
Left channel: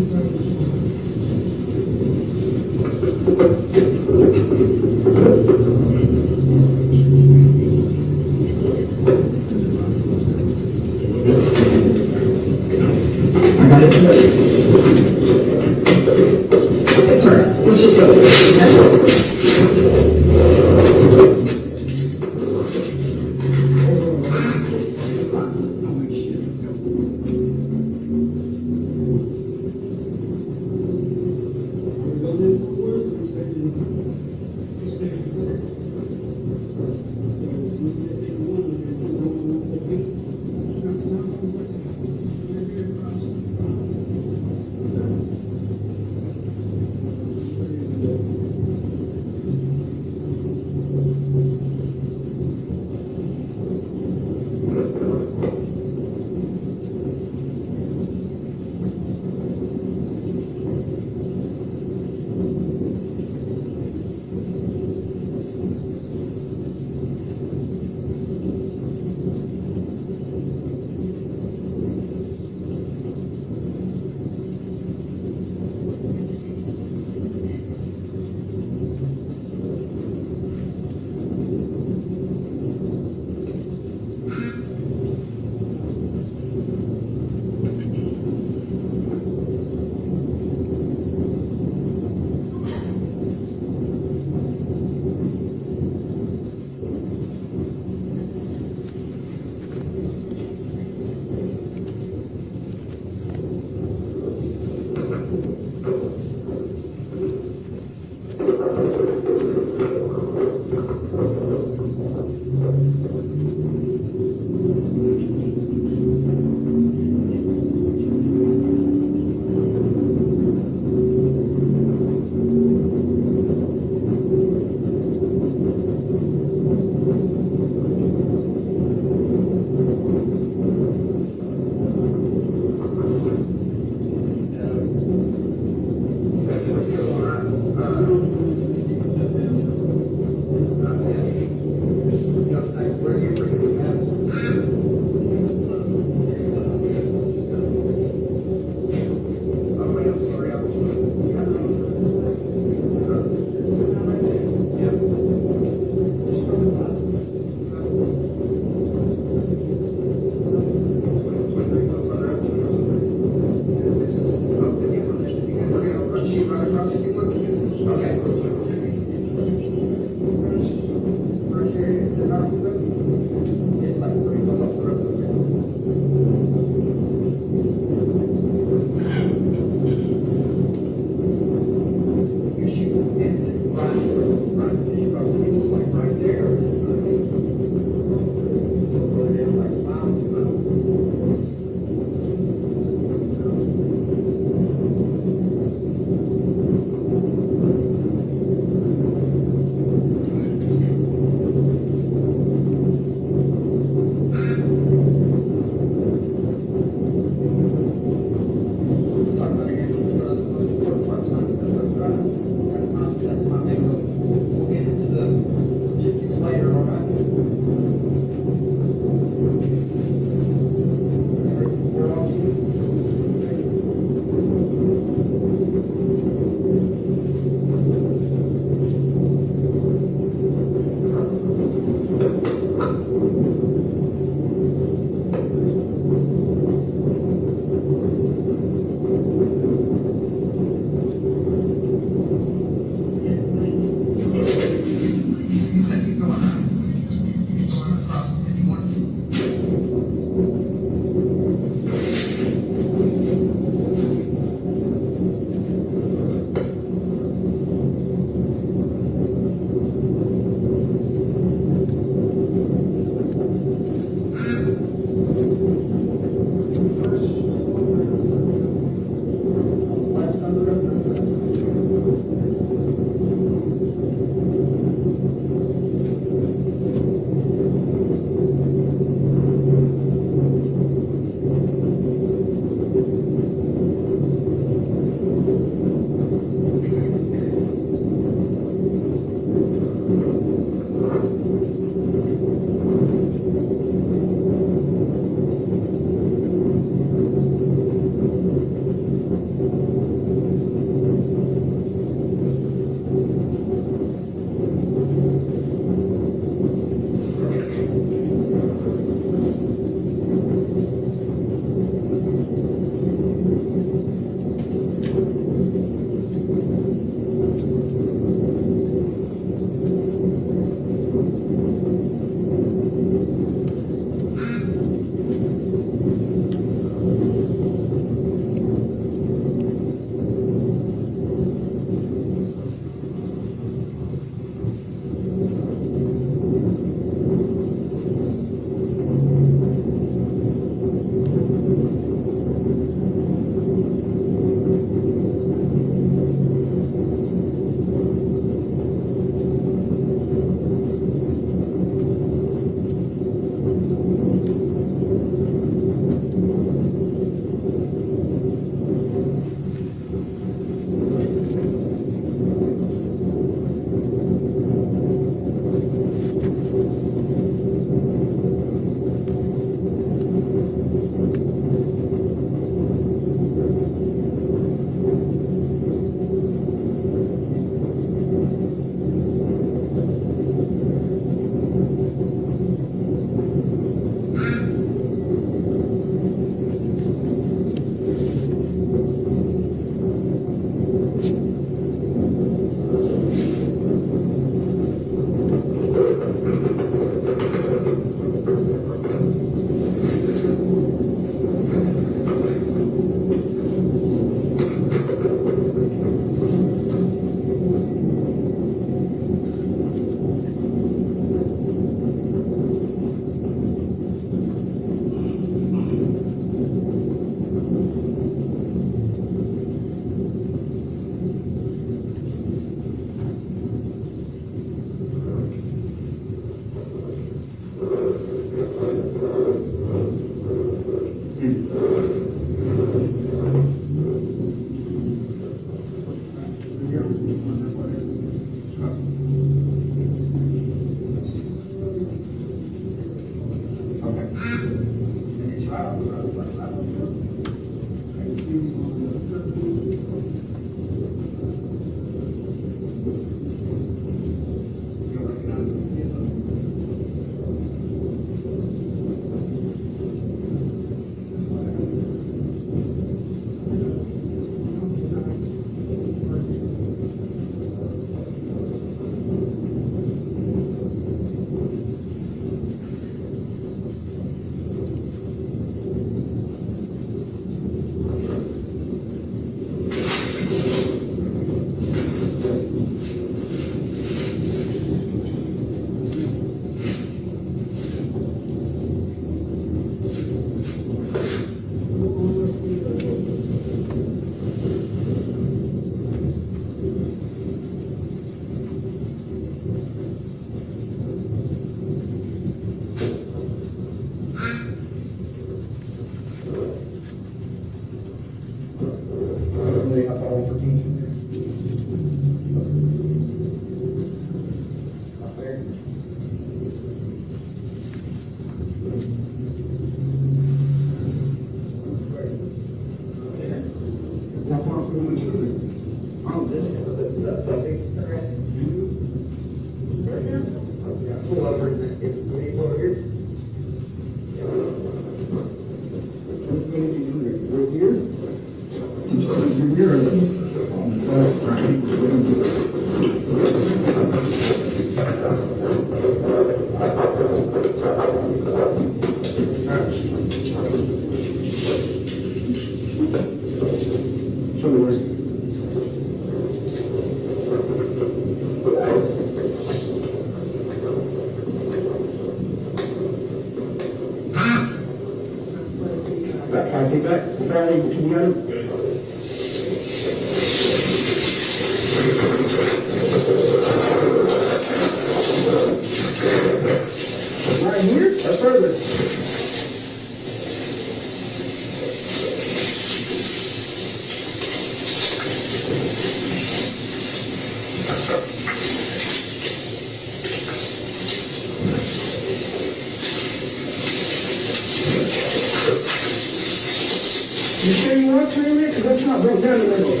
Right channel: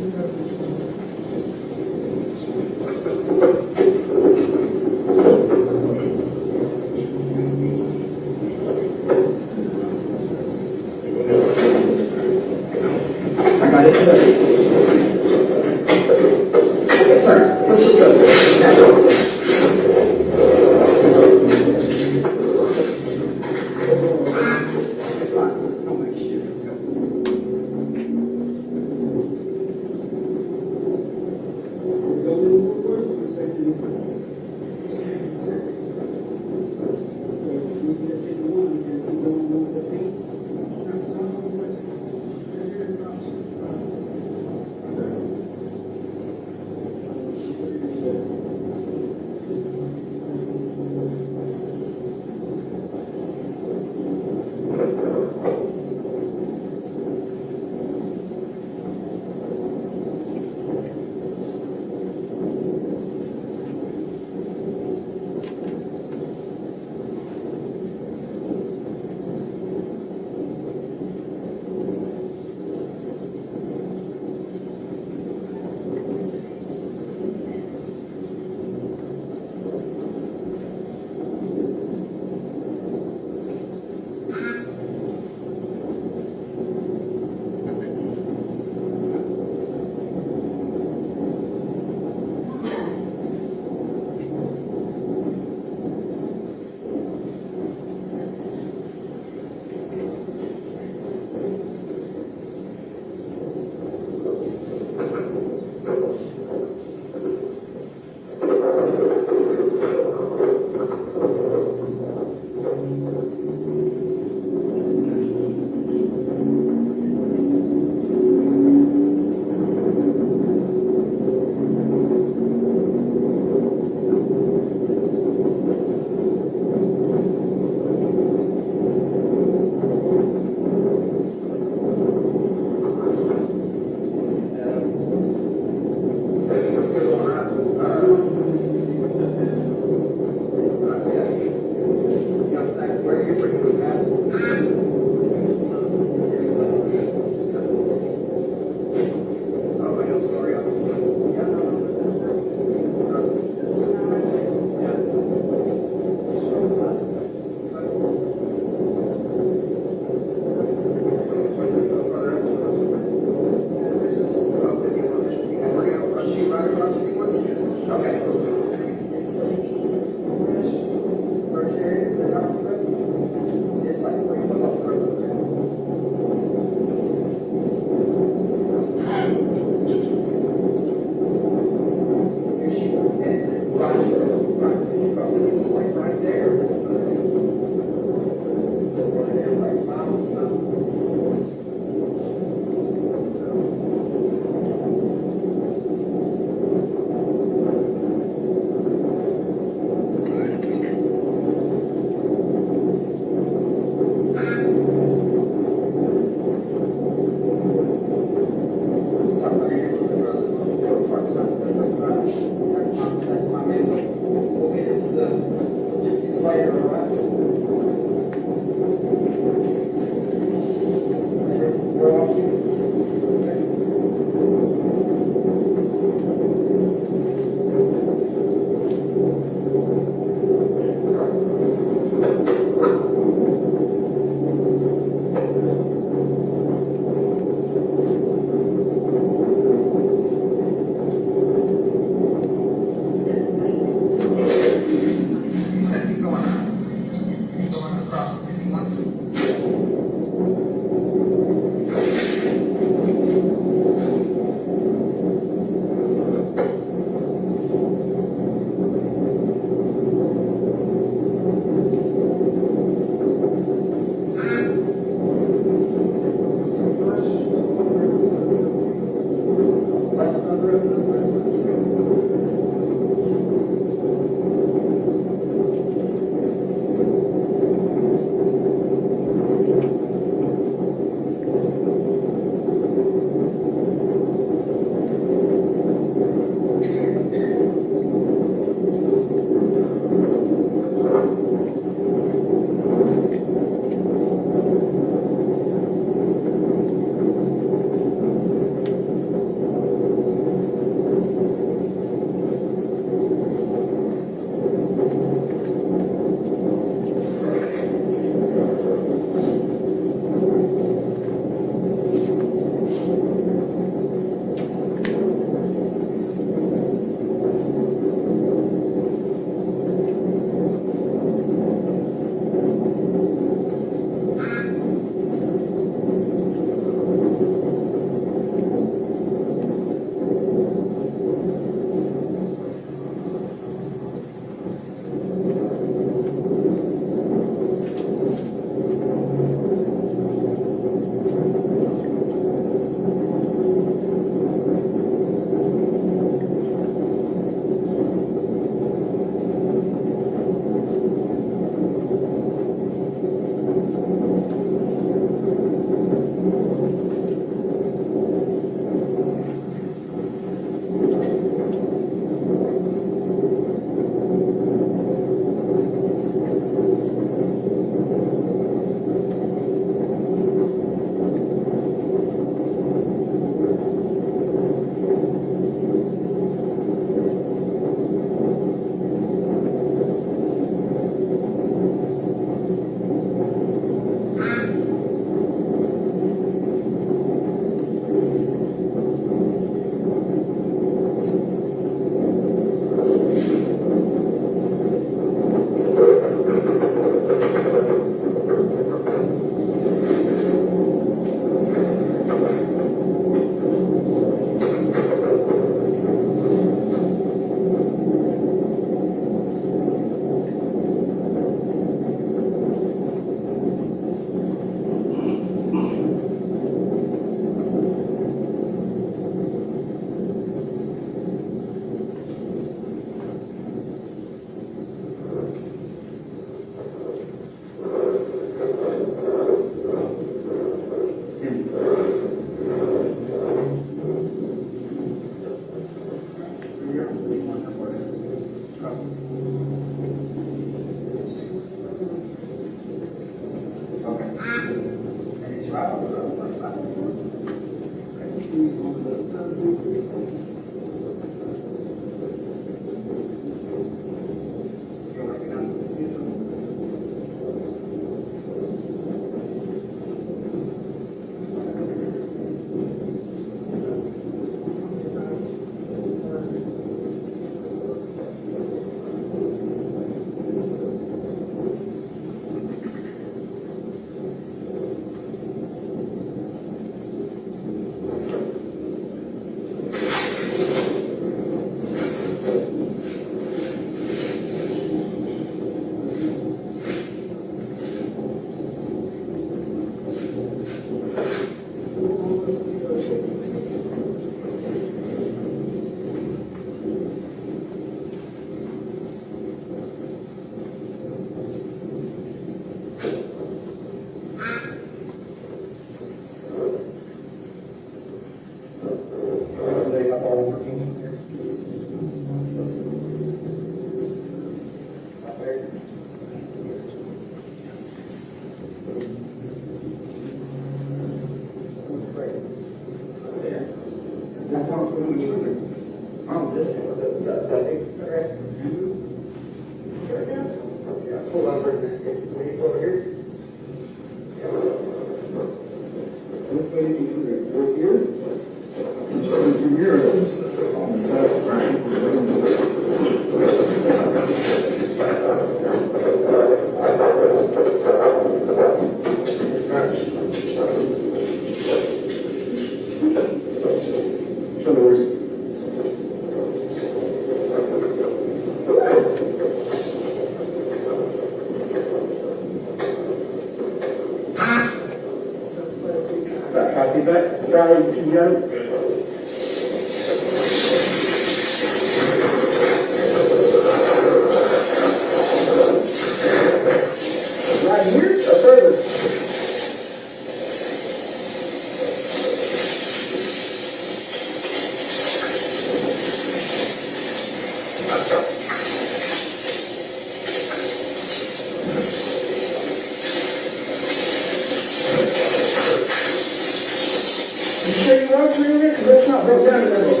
You sure you want to read it? 'Cause that's not broke down in every book.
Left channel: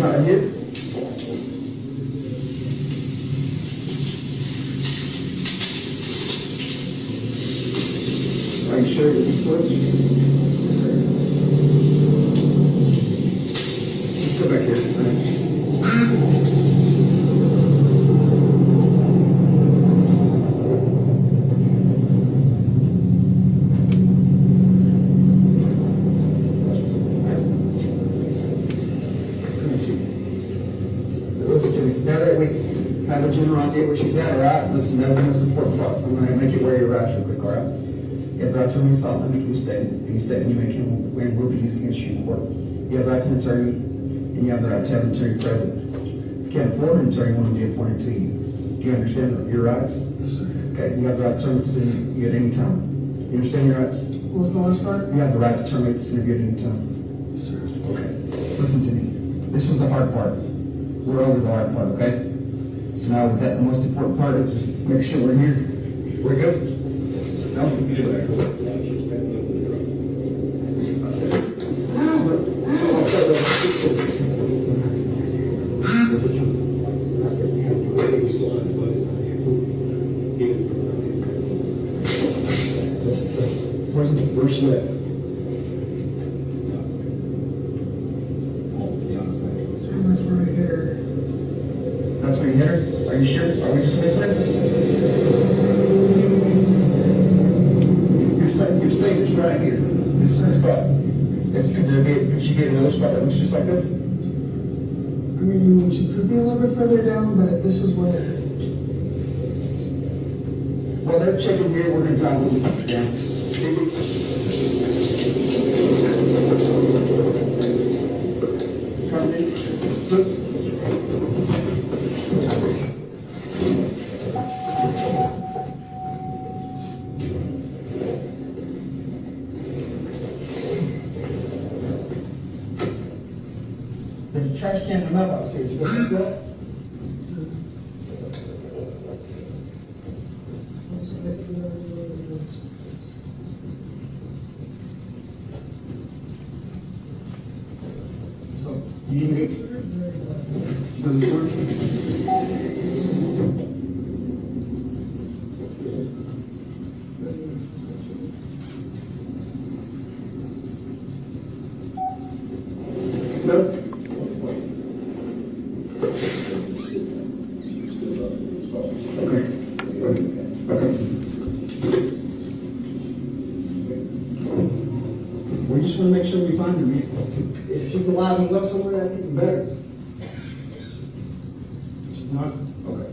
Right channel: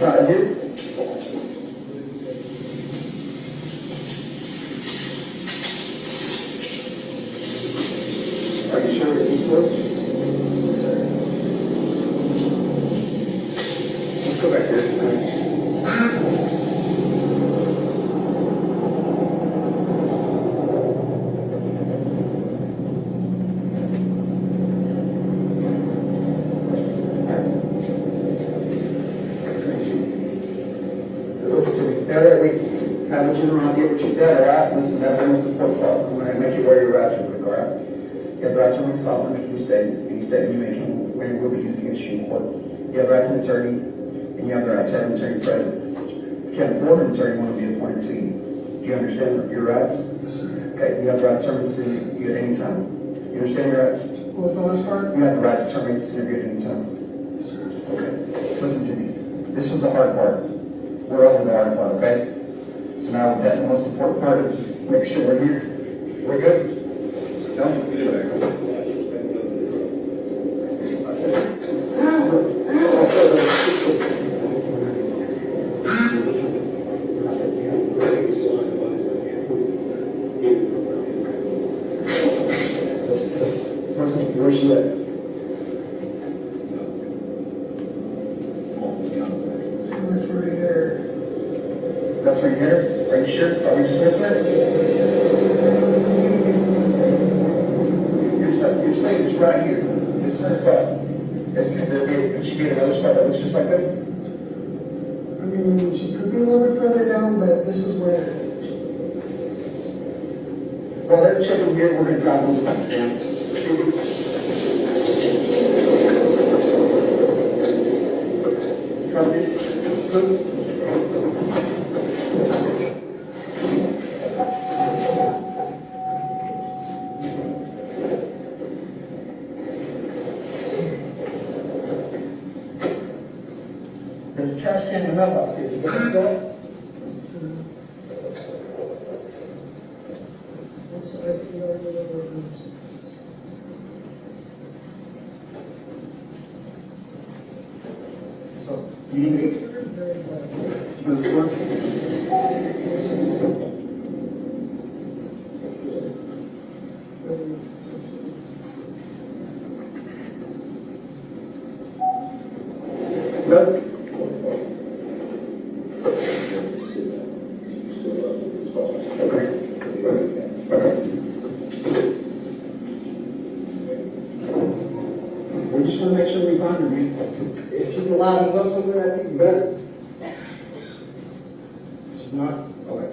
Right here. Are you sure it's close? Let's go back here. Now that we have a general idea what she's at, all right, listen, that's the most important part. We're going to make you wear your rights real quick, all right? You have rights to remain silent if you state, any statement you make will be used against you in court. You have rights to an attorney, and you have the right to have an attorney present. If you can't afford an attorney, one will be appointed to you. Do you understand your rights? Okay, you have the right to terminate this interview at any time. You understand your rights? What was the last part? You have the right to terminate this interview at any time. Okay, listen to me. This was the hard part. We're over the hard part, okay? So now with that, the most important part is just make sure we're here. We're good? No? Where's she at? That's right here. That's right here? Are you sure? Are we dismissing it? You're saying it's right here. Dismiss spot. Yes, she gave another spot that was just like this? I mean, she could be a little bit further down, but this is where. Well, they're checking here. We're going to drop those spots down. trash can and mailbox here. Is that correct? So, you didn't get this one? Good. We just want to make sure we find her. If she's alive and go somewhere, that's even better. She's not? Okay.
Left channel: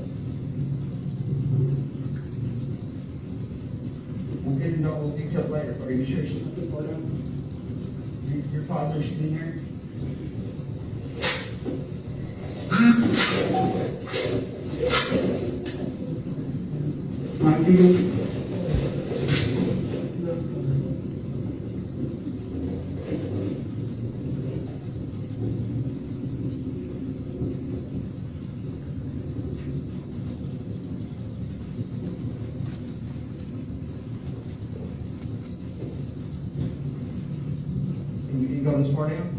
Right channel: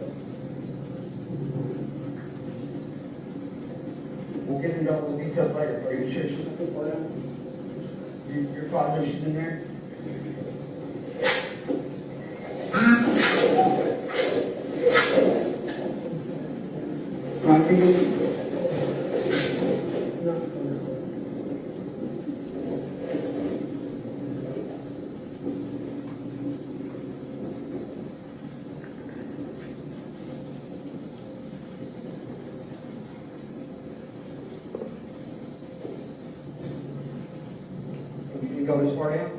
We'll get into all those details later. Are you sure she's not this way? Your father, she's in there? My fingers. Can you go this far down?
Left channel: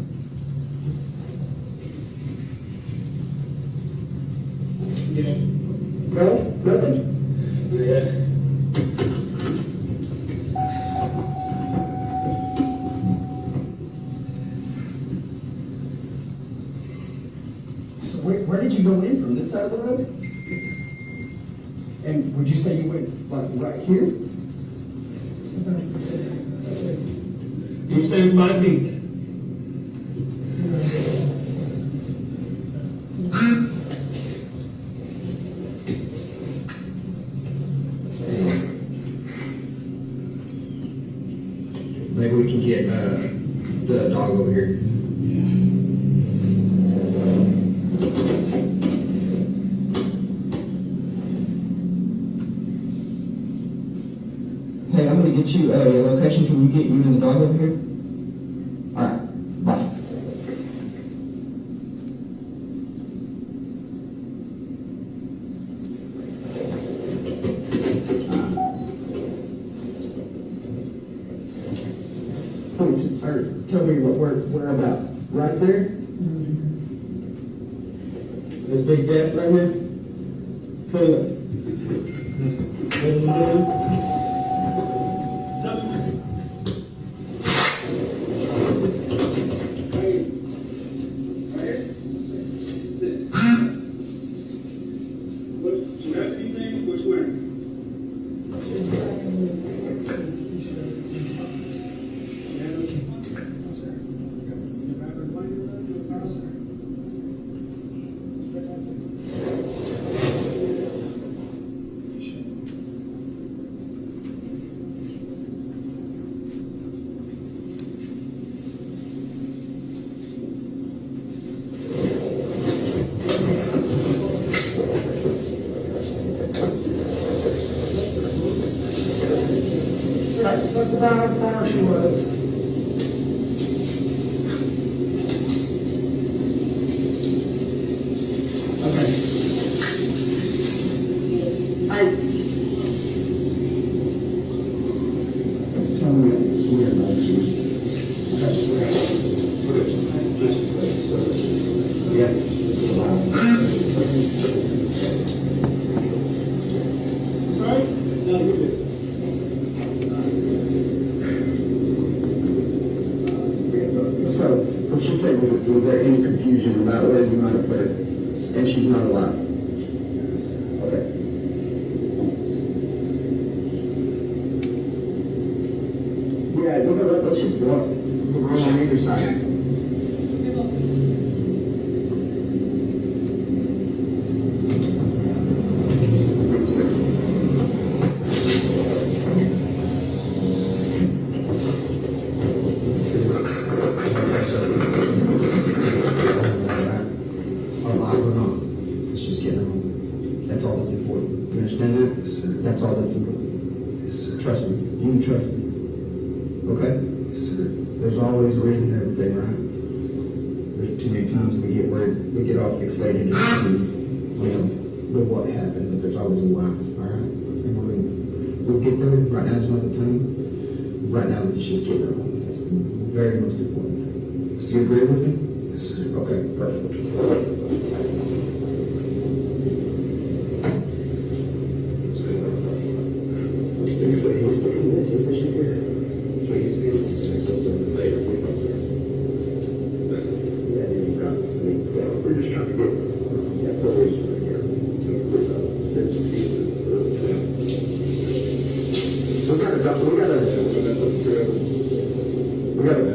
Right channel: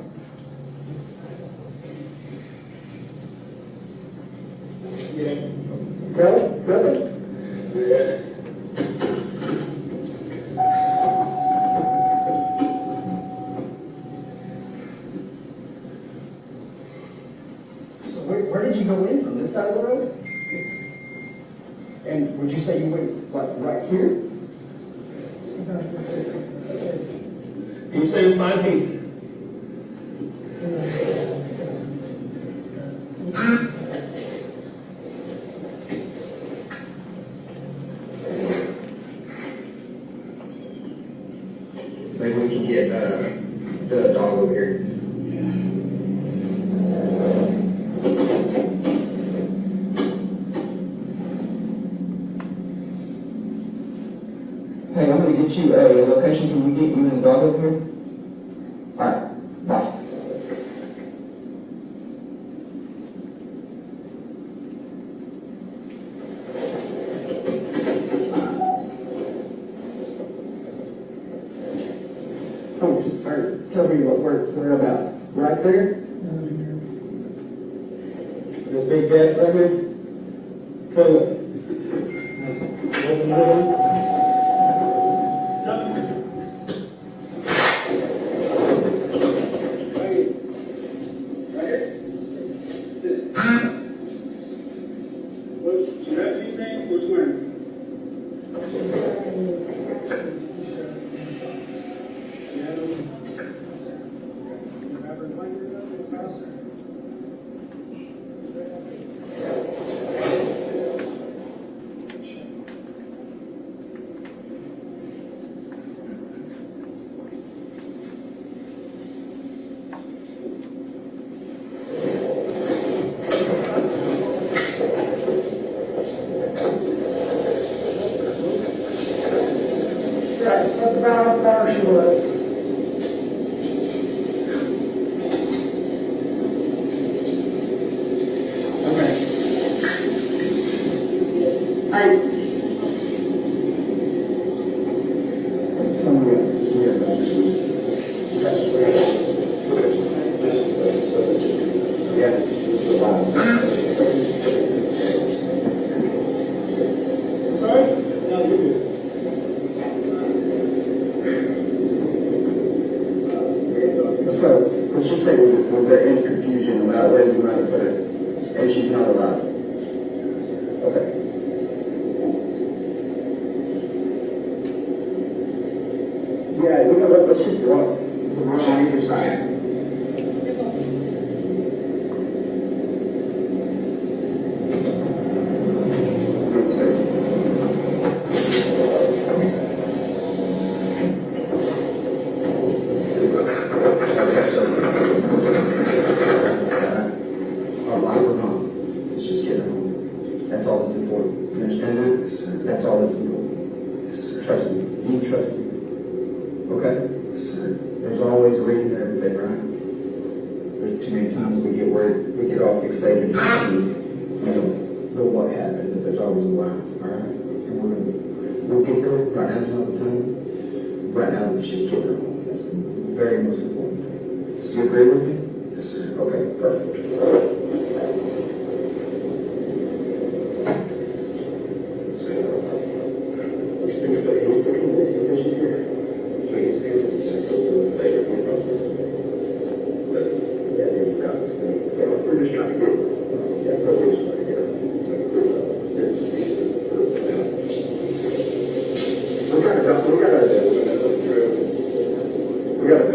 Go, good. So where did you go in from this side of the road? And would you say you went like right here? You said 5 feet. Maybe we can get the dog over here. Hey, I'm gonna get you a location. Can we get you and the dog over here? Alright, bye. Tell me what we're about. Right there? The big gap right there? Tell you what. That's about how far she was. So, what she said was there any confusion about where you might have put her, and she's not alive? Okay. Yeah, you know what, let's just walk. We'll go on either side. That's all that's important. You understand it? That's all that's important. Trust me. You can trust me. Okay? There's always a reason for everything, right? Too many times we get worried, we get all fixated and, know what happened, but there's always a why, all right? We'll get there, right now's not the time. Right now, let's just get there. That's the very most important thing. You agree with me? Yes, sir. Okay, perfect. We're just trying to get that's what we here. We got it.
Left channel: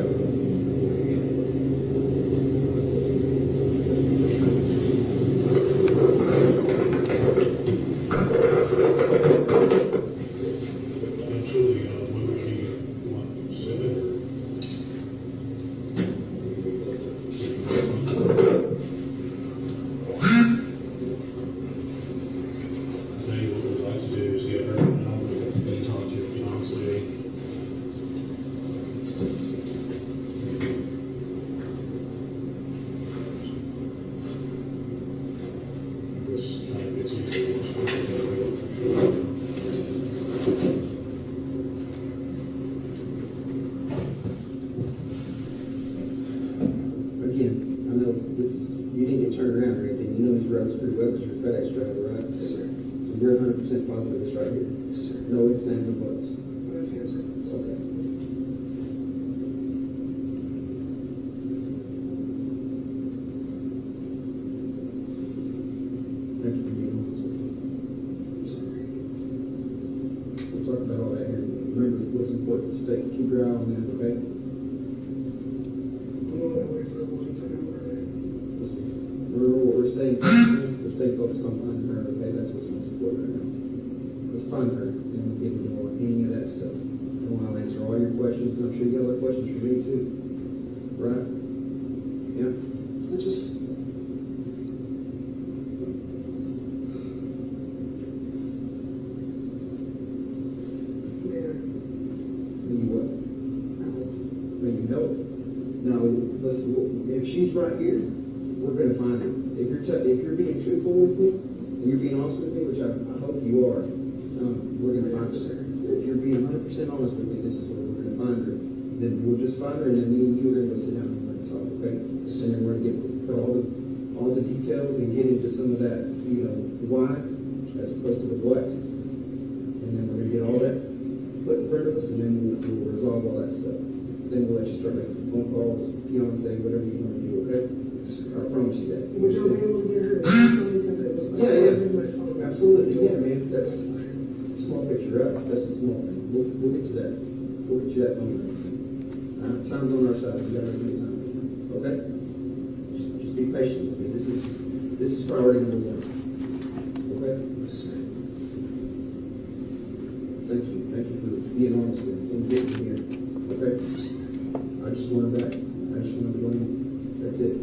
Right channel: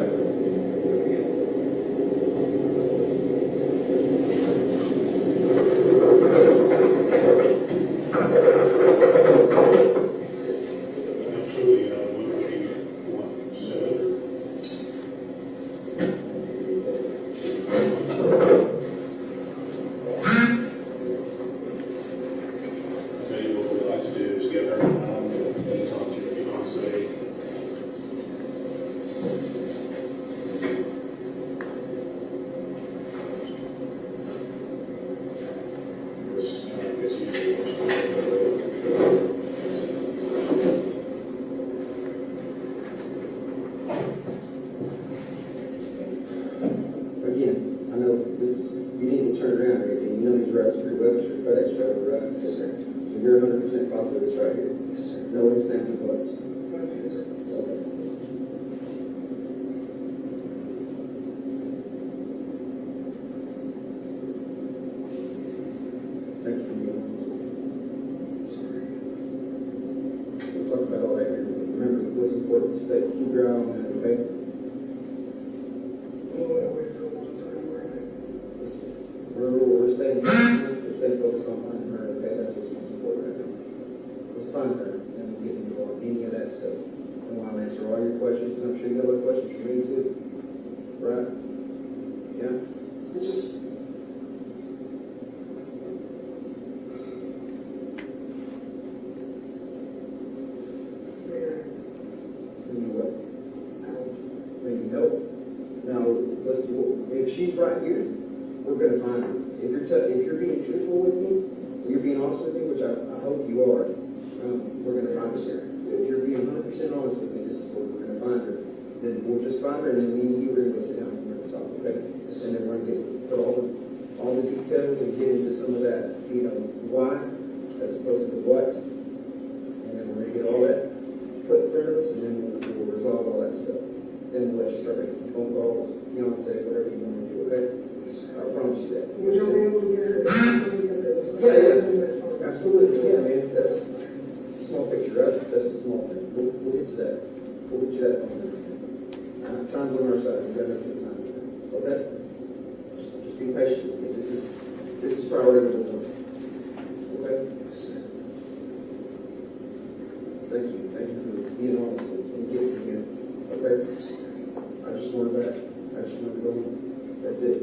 You're 100% positive it's right here. No ifs, ands, and buts. Thank you for being honest. We'll talk about all that here. Remember what's important. Stay, keep your eye on that, okay? Remember what we're saying. Just stay focused on finding her, okay? That's what's most important right now. Let's find her, and we'll get into more, any of that stuff. I'll answer all your questions, and I'm sure you got other questions for me too. Right? Yeah? It's just... What? Maybe no. Now, listen, if she's right here, we're going to find her. If you're being truthful with me, and you're being honest with me, which I hope you are, we're going to find her. If you're being 100% honest with me, this is where we're going to find her. Then we'll just find her, and then me and you are going to go sit down and we're going to talk, okay? And then we're going to get all the details and get into some of that, why, as opposed to the what. And then we're going to get all that put in front of us, and then we'll resolve all that stuff. Then we'll let you start making some phone calls, fiance, whatever you want to do, okay? I promise you that. Would you be able to get her? Yeah. Absolutely, yeah, man. That's a small picture, right? That's a small thing. We'll get to that. We'll get you that on there. Time's on our side. We got to make time. Okay? Just be patient with me. This is priority number one. Okay? Thank you. Thank you for being honest with me. Getting here. Okay? I just learned that. I just learned one. That's it.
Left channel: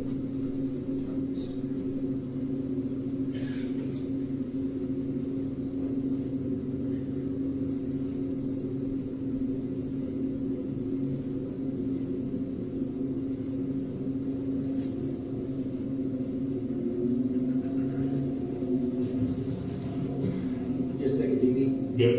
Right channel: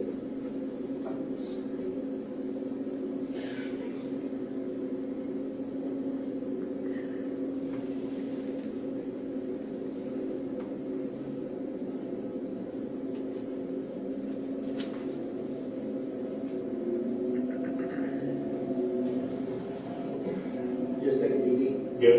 Just take a DD. Yep.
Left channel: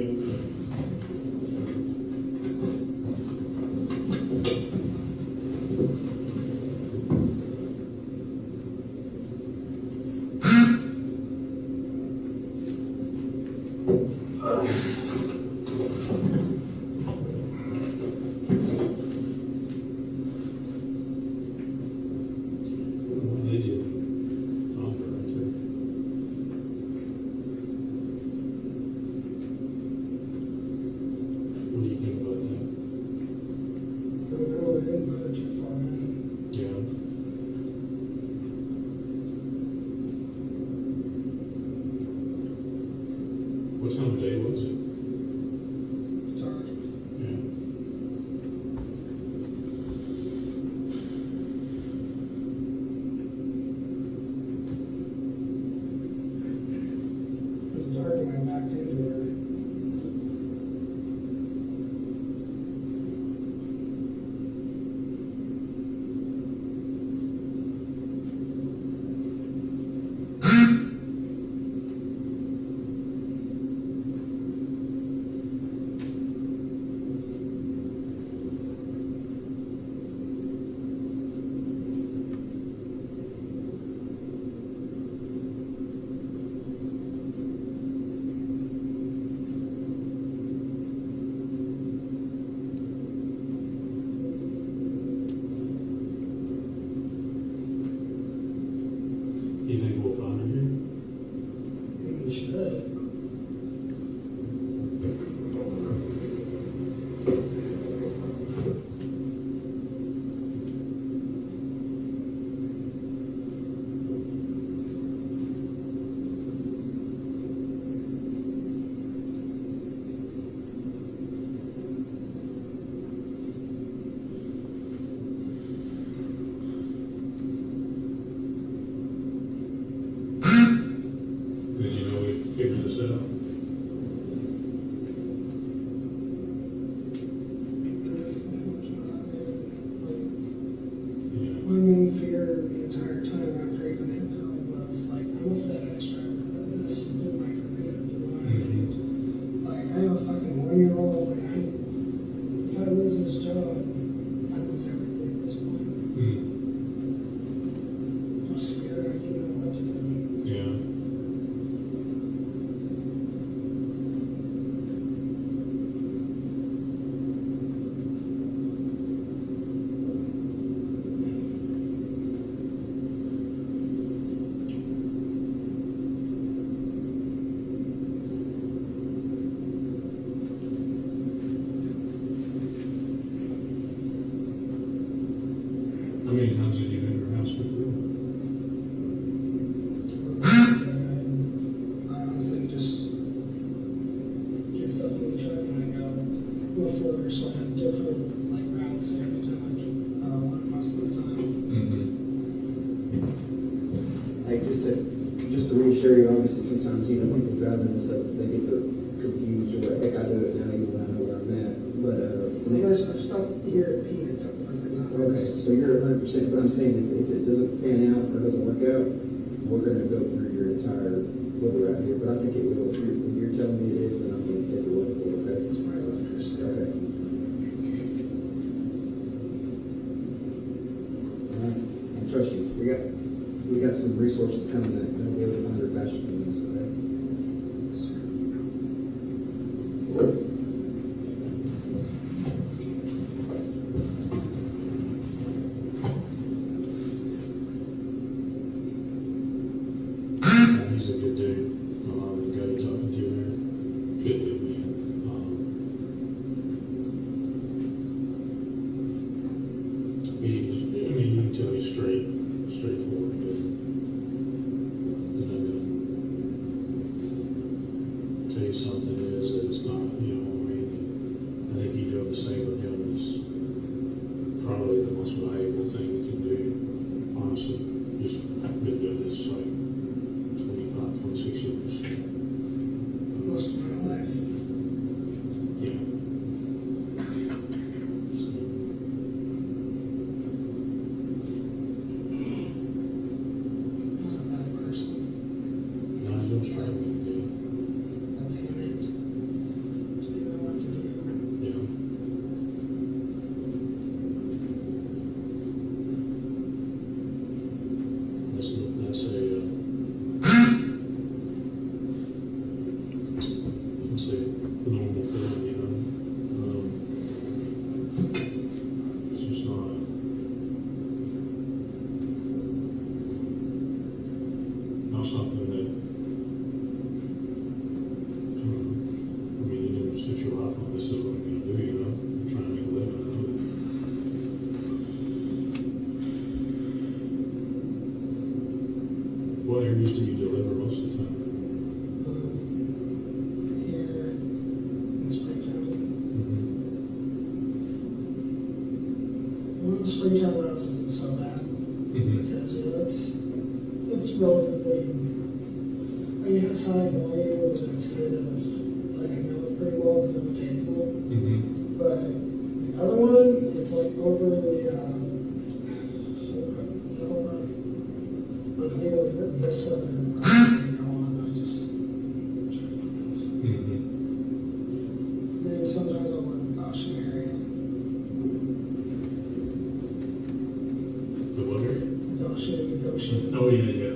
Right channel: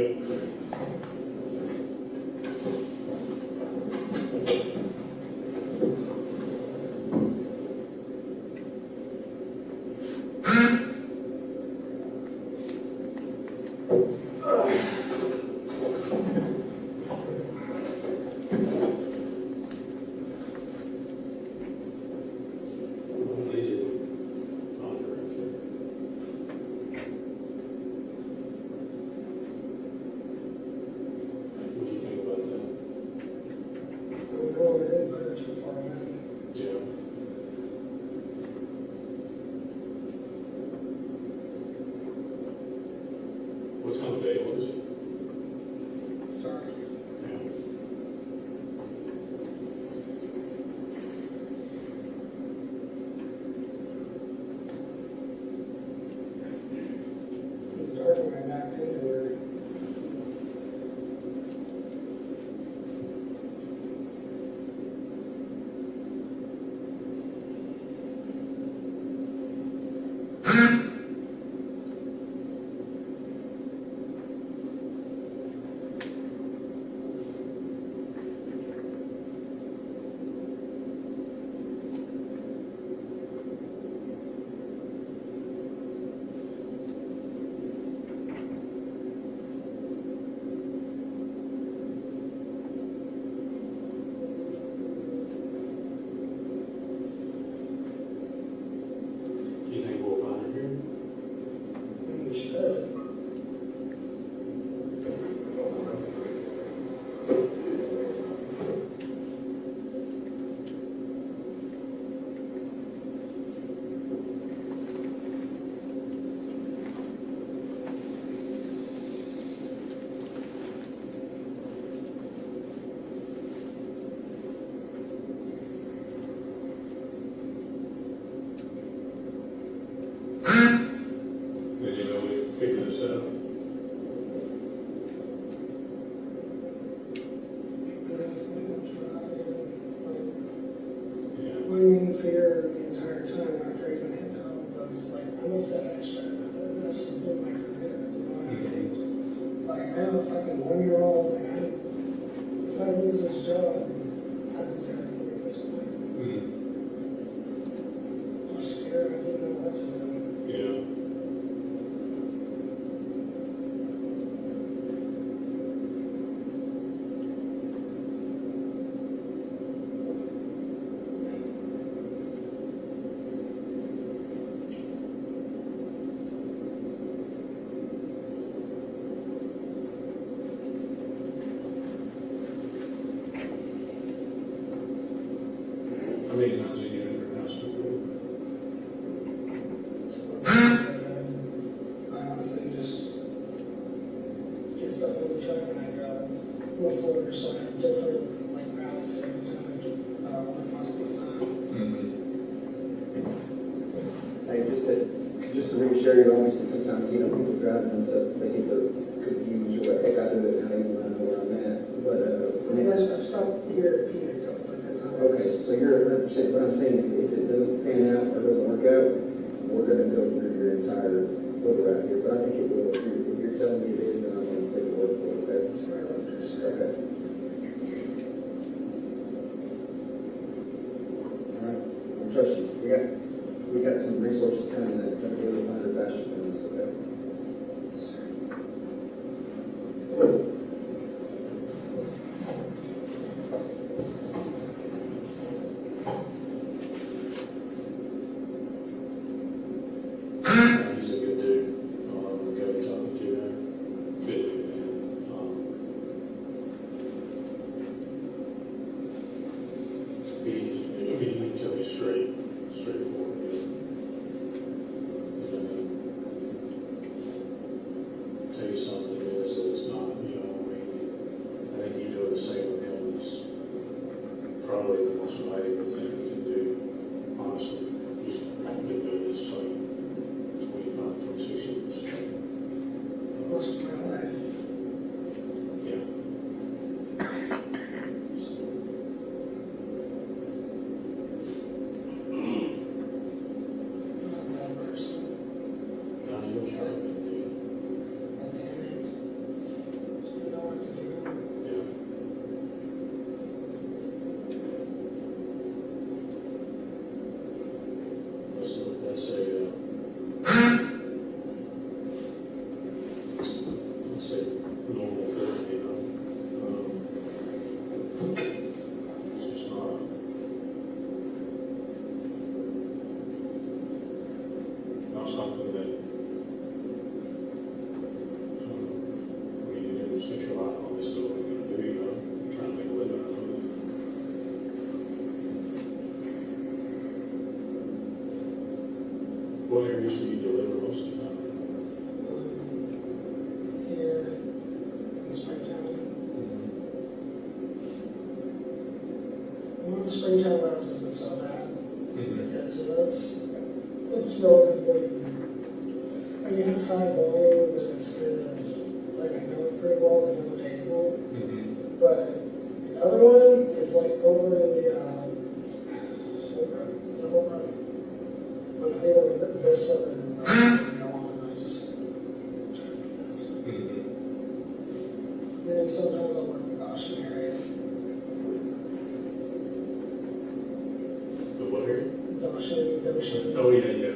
lose his job, I was everything at this point. I'm scared, I didn't know what to do. Yeah. I mean, how's it in your house? I honestly just get stuff in the truck and I go lift loader, so I have different like routes every time, most of the time. Like just to reassure you, obviously sometimes, you know, people driving this up, they get confused, you're like, heck, I do it, how do you want to know where I'm at? But, Unless I've stopped here, here, okay, so you're 100%, but I'm saying if it doesn't pan out or doesn't work out, we're gonna go through your entire look right here, but I think it will. If you're telling me it is, then I'm gonna take a look for it, okay? Okay. All right, I trust you. We got some resources coming that are gonna be able to find a faster than this, okay? He's a good dude. The guy who's talking to you there. Good dude, man. He can tell me straightforward, man. And then tell you something is that it's not, you know, I think you doing the same with him is probably the most valuable thing you can do, honestly. Just been doing this like 25, 26 years. Most of my life. Yeah. I'm not a bad person. Now you're struggling, dude. I'm panicked. Didn't know what to do. Yeah. That's a normal thing, you know. It's just not something that, I mean, you never set your life on this is what you're gonna do, you know. You're trying to make a living out of it. What areas do you deliver most of the time? Here in Springtown. Well, Springtown routes isn't so bad because you know, it's relatively, I mean, it's high volume and it's kind of like I know it pretty well because I'm a table. But the other one is like over in the it's the whole run. I'm dealing with this other go on. I just try to pronounce it. Then sometimes I work in the Goshen area. The what area? Goshen. Oh, yeah, yeah.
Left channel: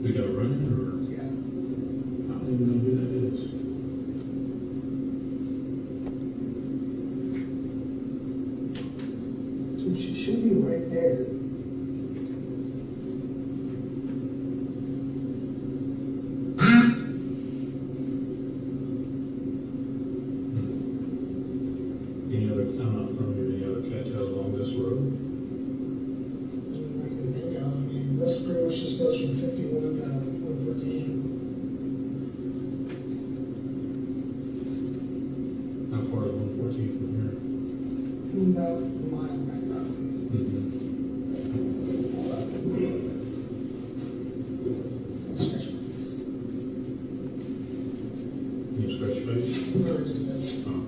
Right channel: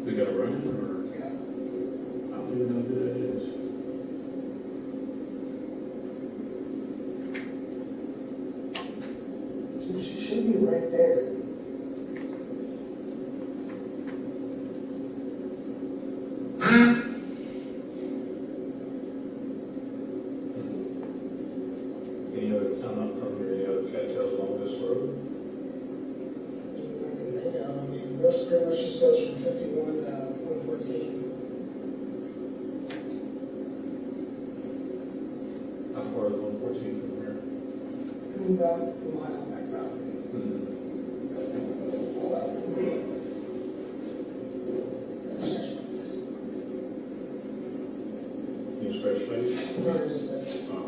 We got a run or? Yeah. I don't even know who that is. Dude, she should be right there. Any other, I'm not from here, any other cartels on this road? I mean, this pretty much just goes from 51 to 114. How far is 114 from here? move out to the mile on that property. That's just nice. You scratch face? No, just that. Oh.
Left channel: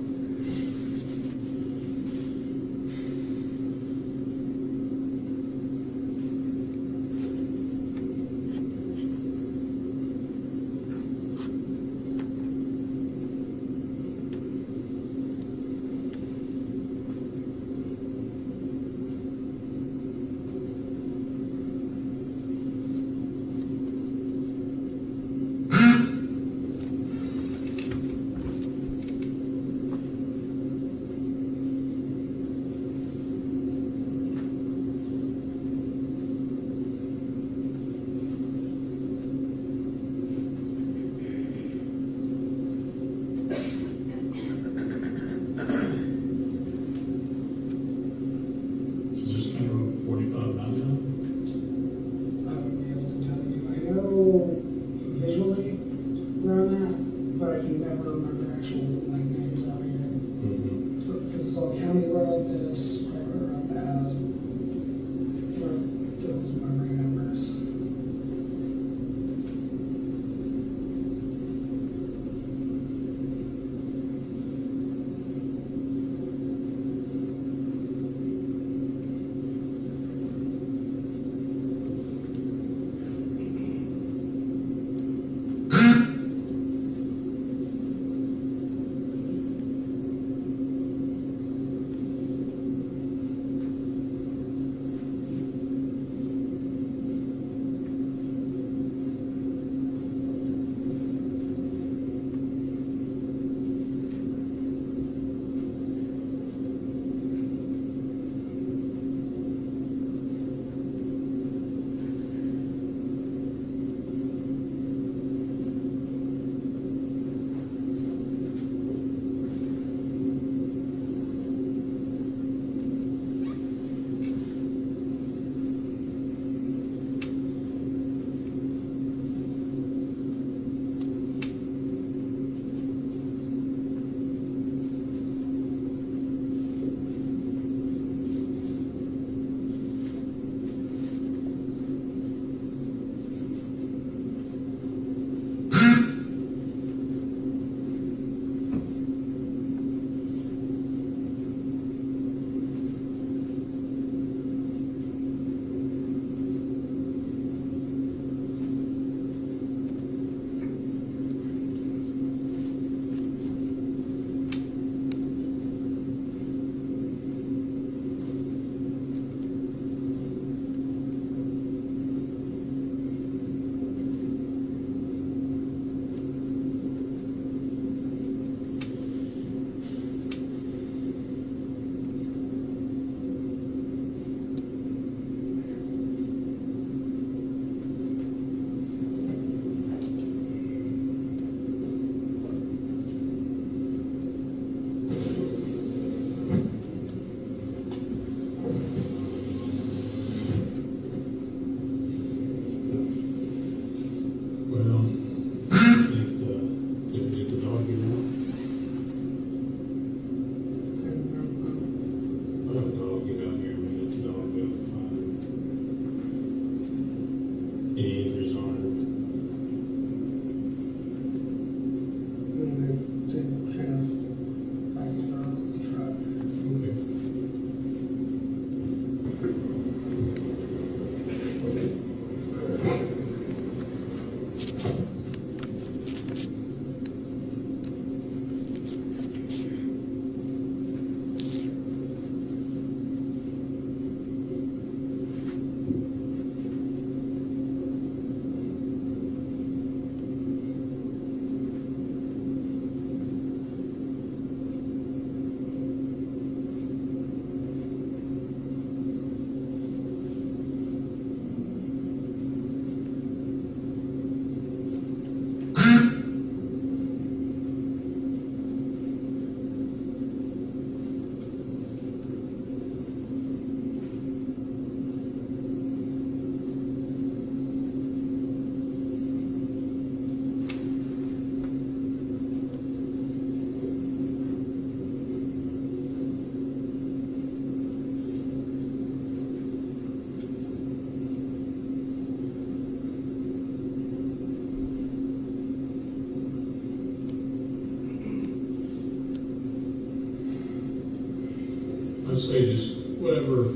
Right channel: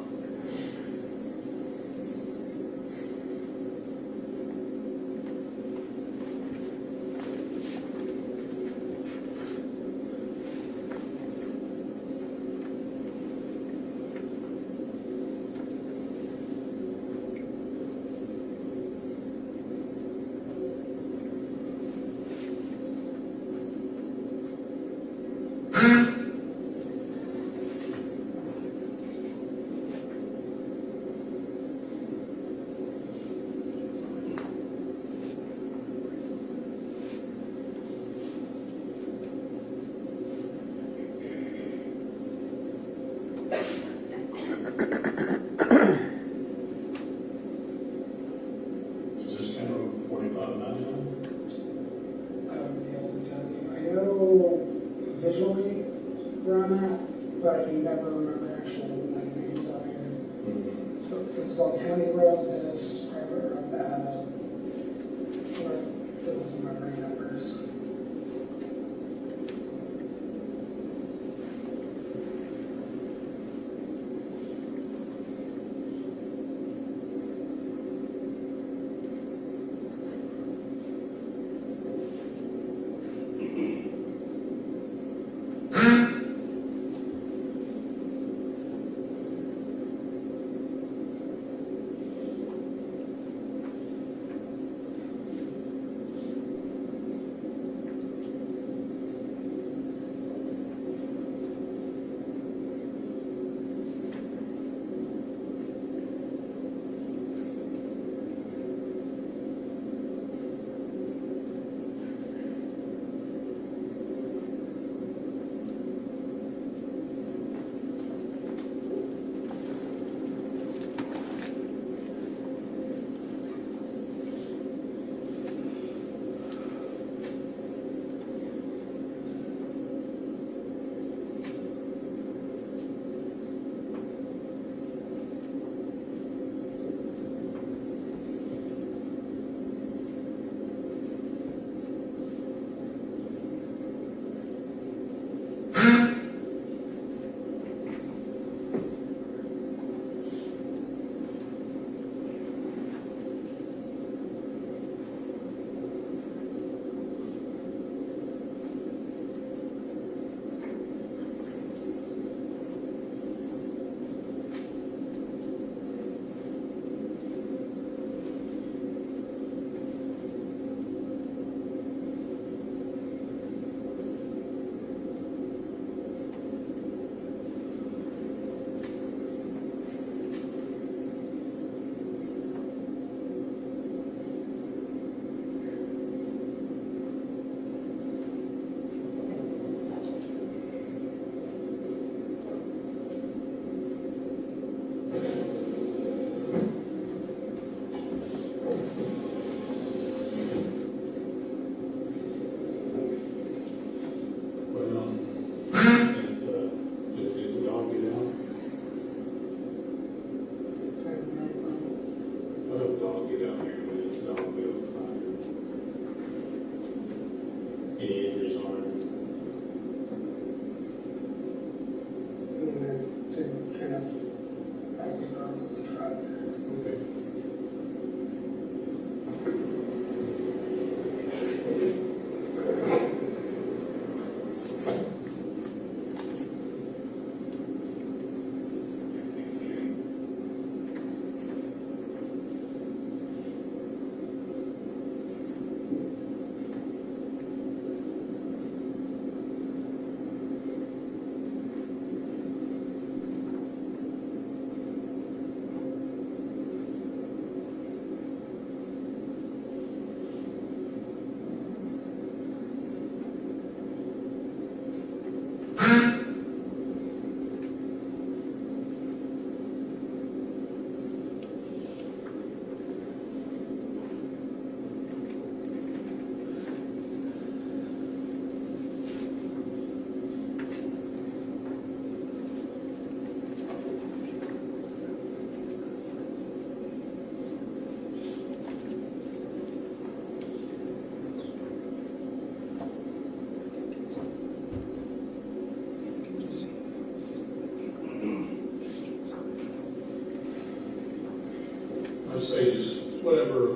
whatever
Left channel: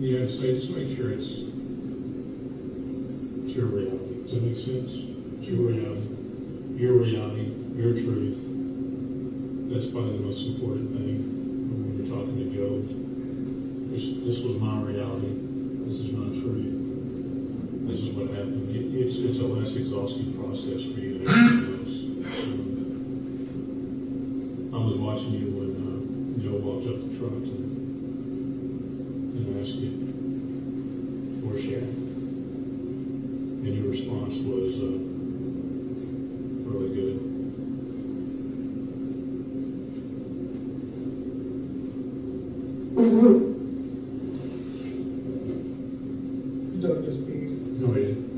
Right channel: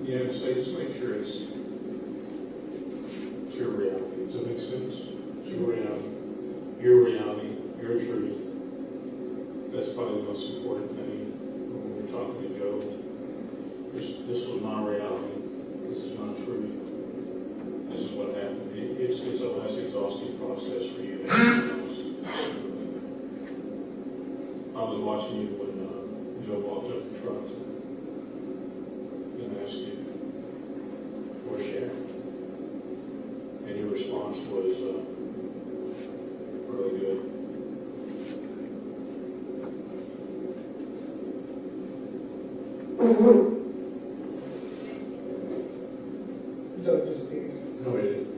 we have to say, just make sure it's your reality. Does that make sense? It's your reality, your truth. That's probably the most important thing when we're talking to Joe. This was my reality. This is my truth. This is what happened. It's a less exhausting process for you than anything else. I was watching you when Joe walked up the truck and asked you, where's she at? And your response was really good. Don't just be. No, he didn't.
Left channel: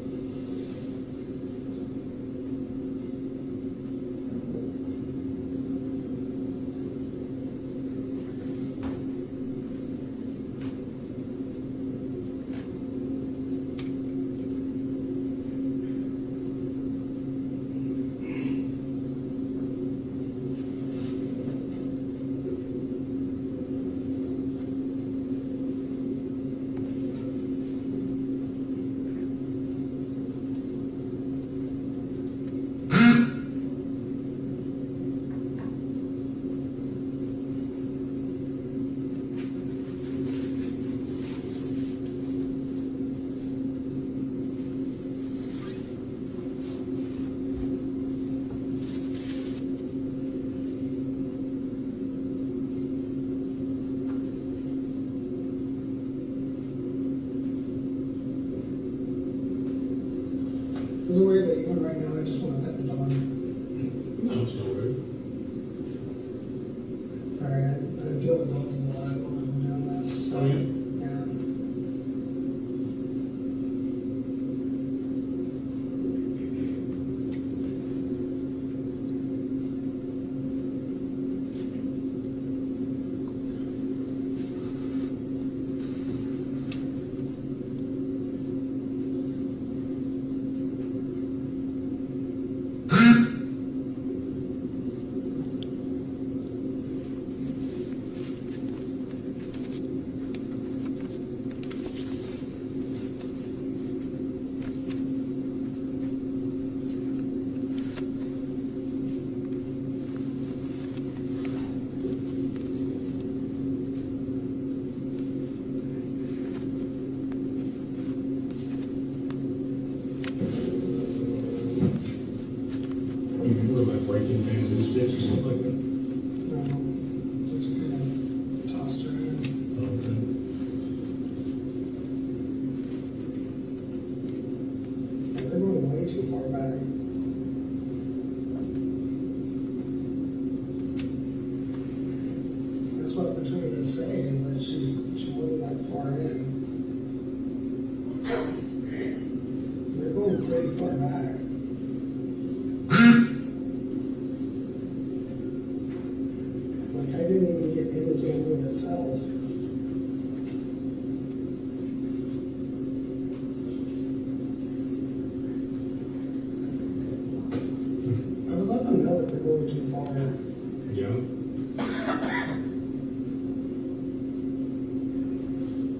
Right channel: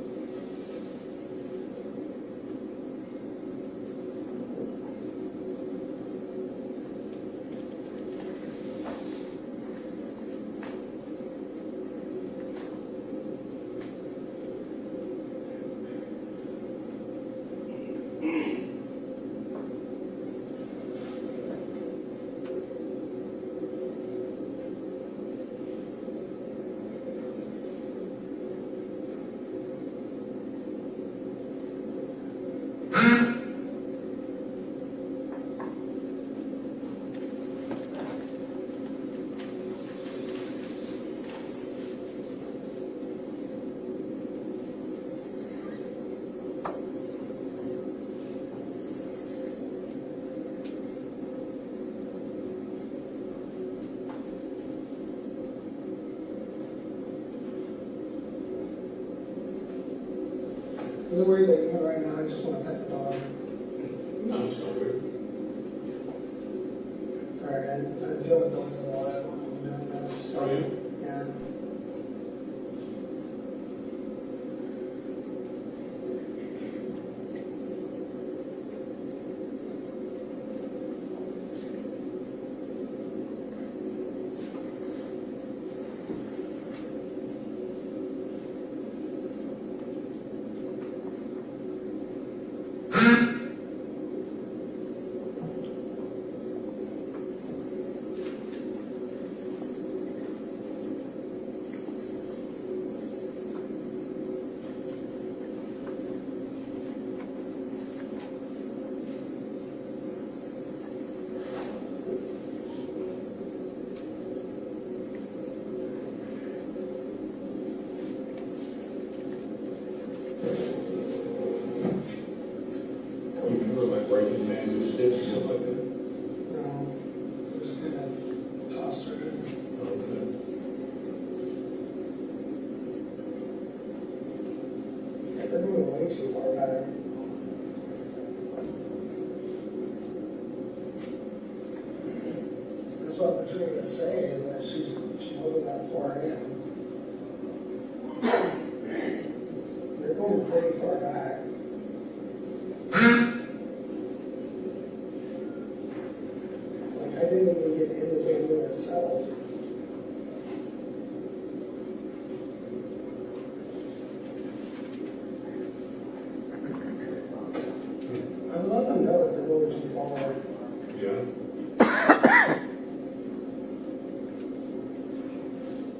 Is it weird that even right now I just want to pet the dog? No, it's not rude. Sorry, I deal with dogs a lot. That's, Oh, yeah? yeah. Breaking down his disc or something like that? No, just kind of tossed around. Okay. Like they're going way too far back. That's what I'm trying to say is that she wasn't that far in. They're going pretty far back. Like I didn't even get into the game itself. I would love to know if they're going too far. Yeah.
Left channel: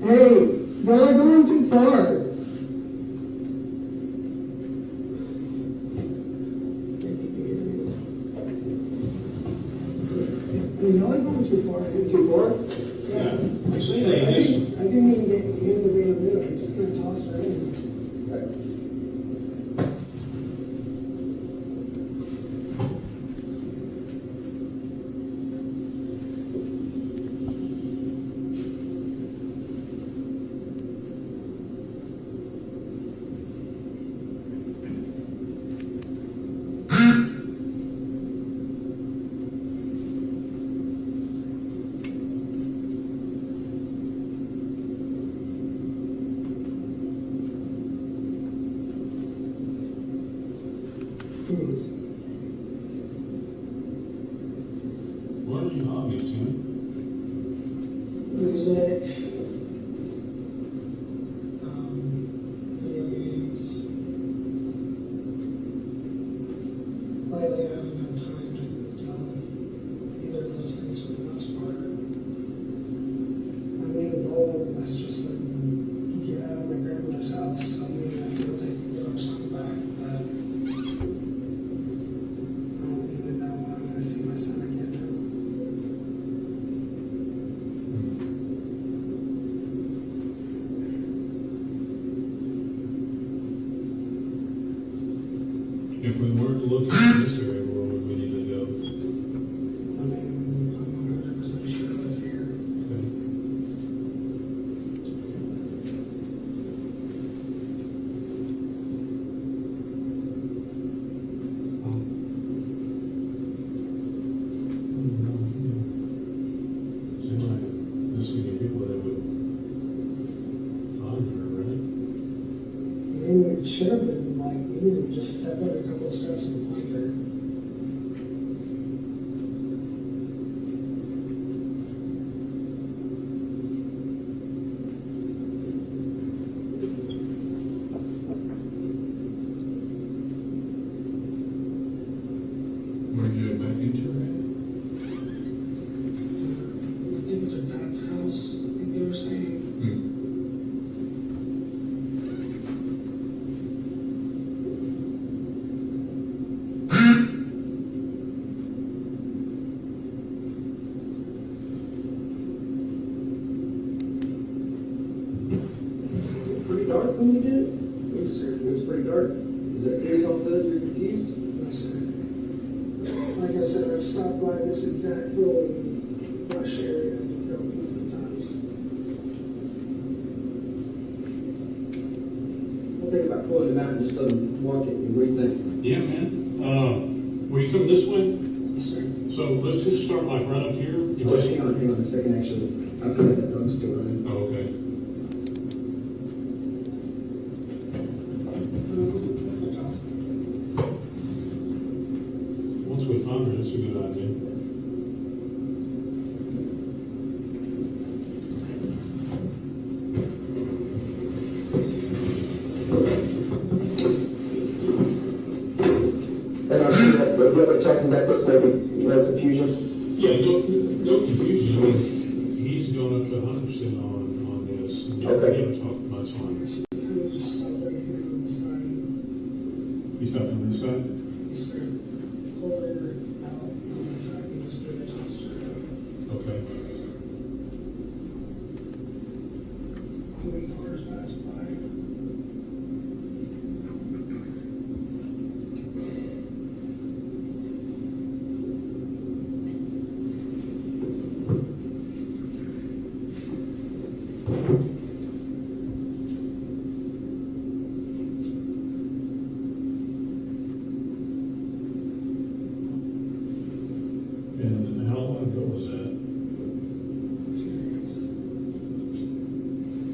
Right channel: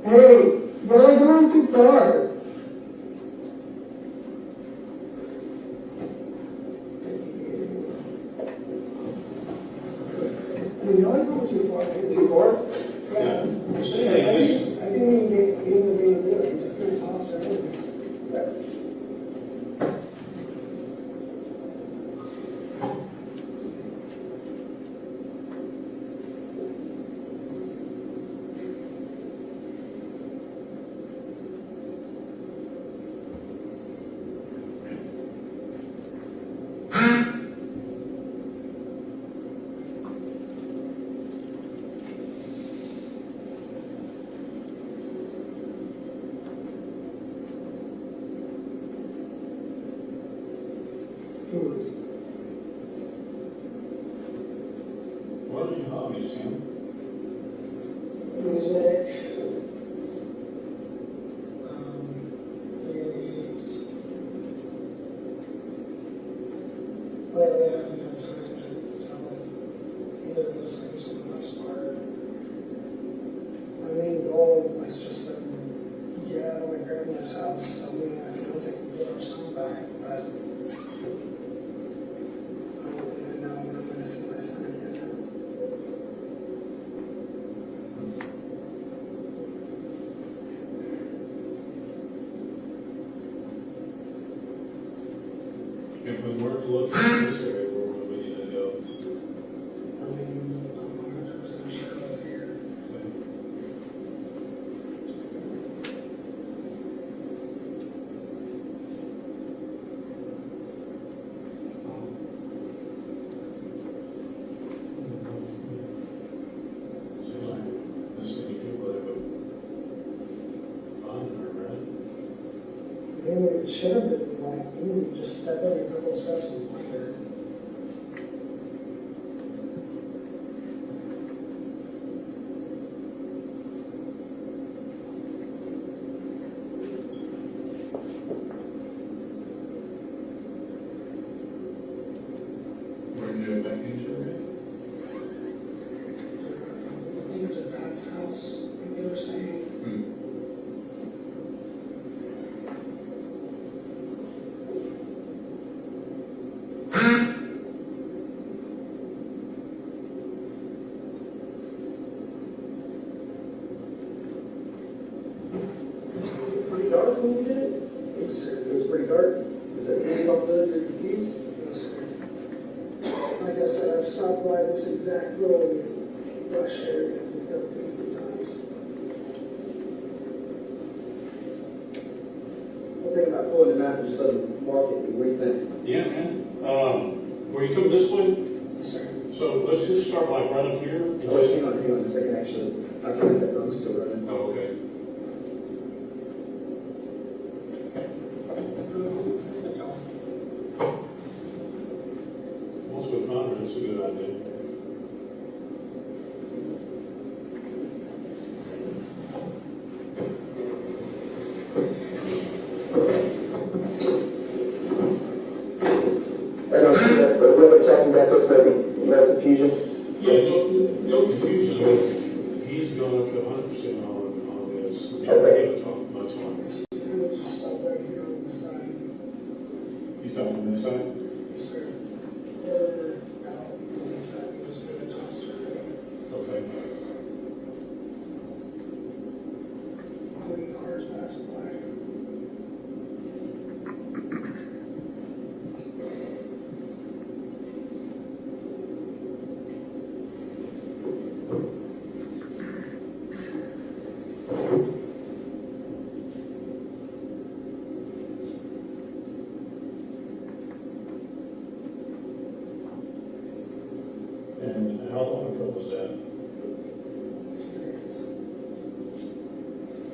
Hey, they're going too far. You're not going too far. Too far? Yeah. I didn't even get into the game of it. I just kind of tossed it in. If we weren't looking in this area, where would we need to go? I mean, I'm 100% sure it's here. Okay. Seems like this many people that would find her, right? I mean, it should have been like easy, just step every couple steps and find her. Where did it back into her? I think it's her dad's house, I think they were saying. Pretty dark when you did it? Yes, sir. It was pretty dark? Is that pretty off those your keys? Yes, sir. Like I said, I've stopped by this exact little rush area a couple times. What do you think about pulling them out and just let them walk it? What do you think? Yeah, man. We come this way, Yes, sir. so let's just start like right up here. Oh, hang on a second, actually. I think that phone's still running. Oh, okay. Once we find her, that's a good idea. And I see that, but we're talking about this, no confusion. Yeah, no confusion. He's gone up to 100% on this. Okay. He haven't talked much on it. I'm gonna just stop right here on the side. He's not on this side? Yes, sir. Quarter out, and I can just give it to us. Okay. How many cars pass by? And how long ago was that?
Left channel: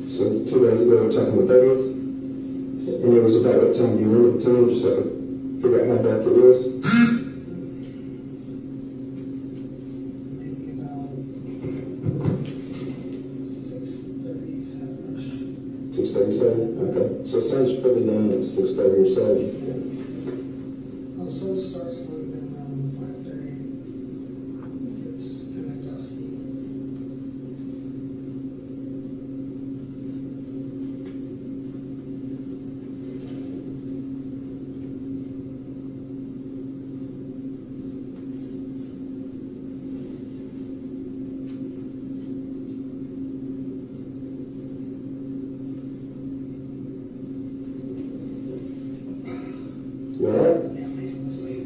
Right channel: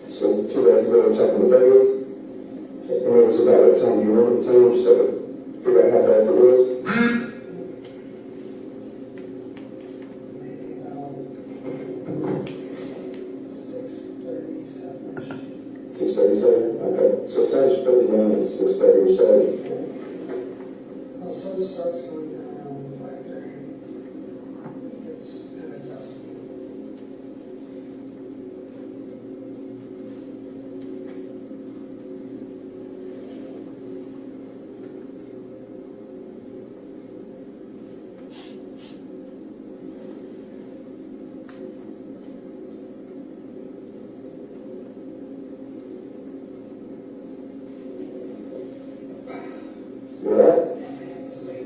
So 2 days ago, taking the 30th. And it was about that time you were with the team, so figure out how bad it was. Maybe about 6:37. 6:37, okay. So Saturday's pretty done at 6:30 or 7. Also starts going down around 5:30. It's kind of dusty. You all right? Yeah, man, it's like,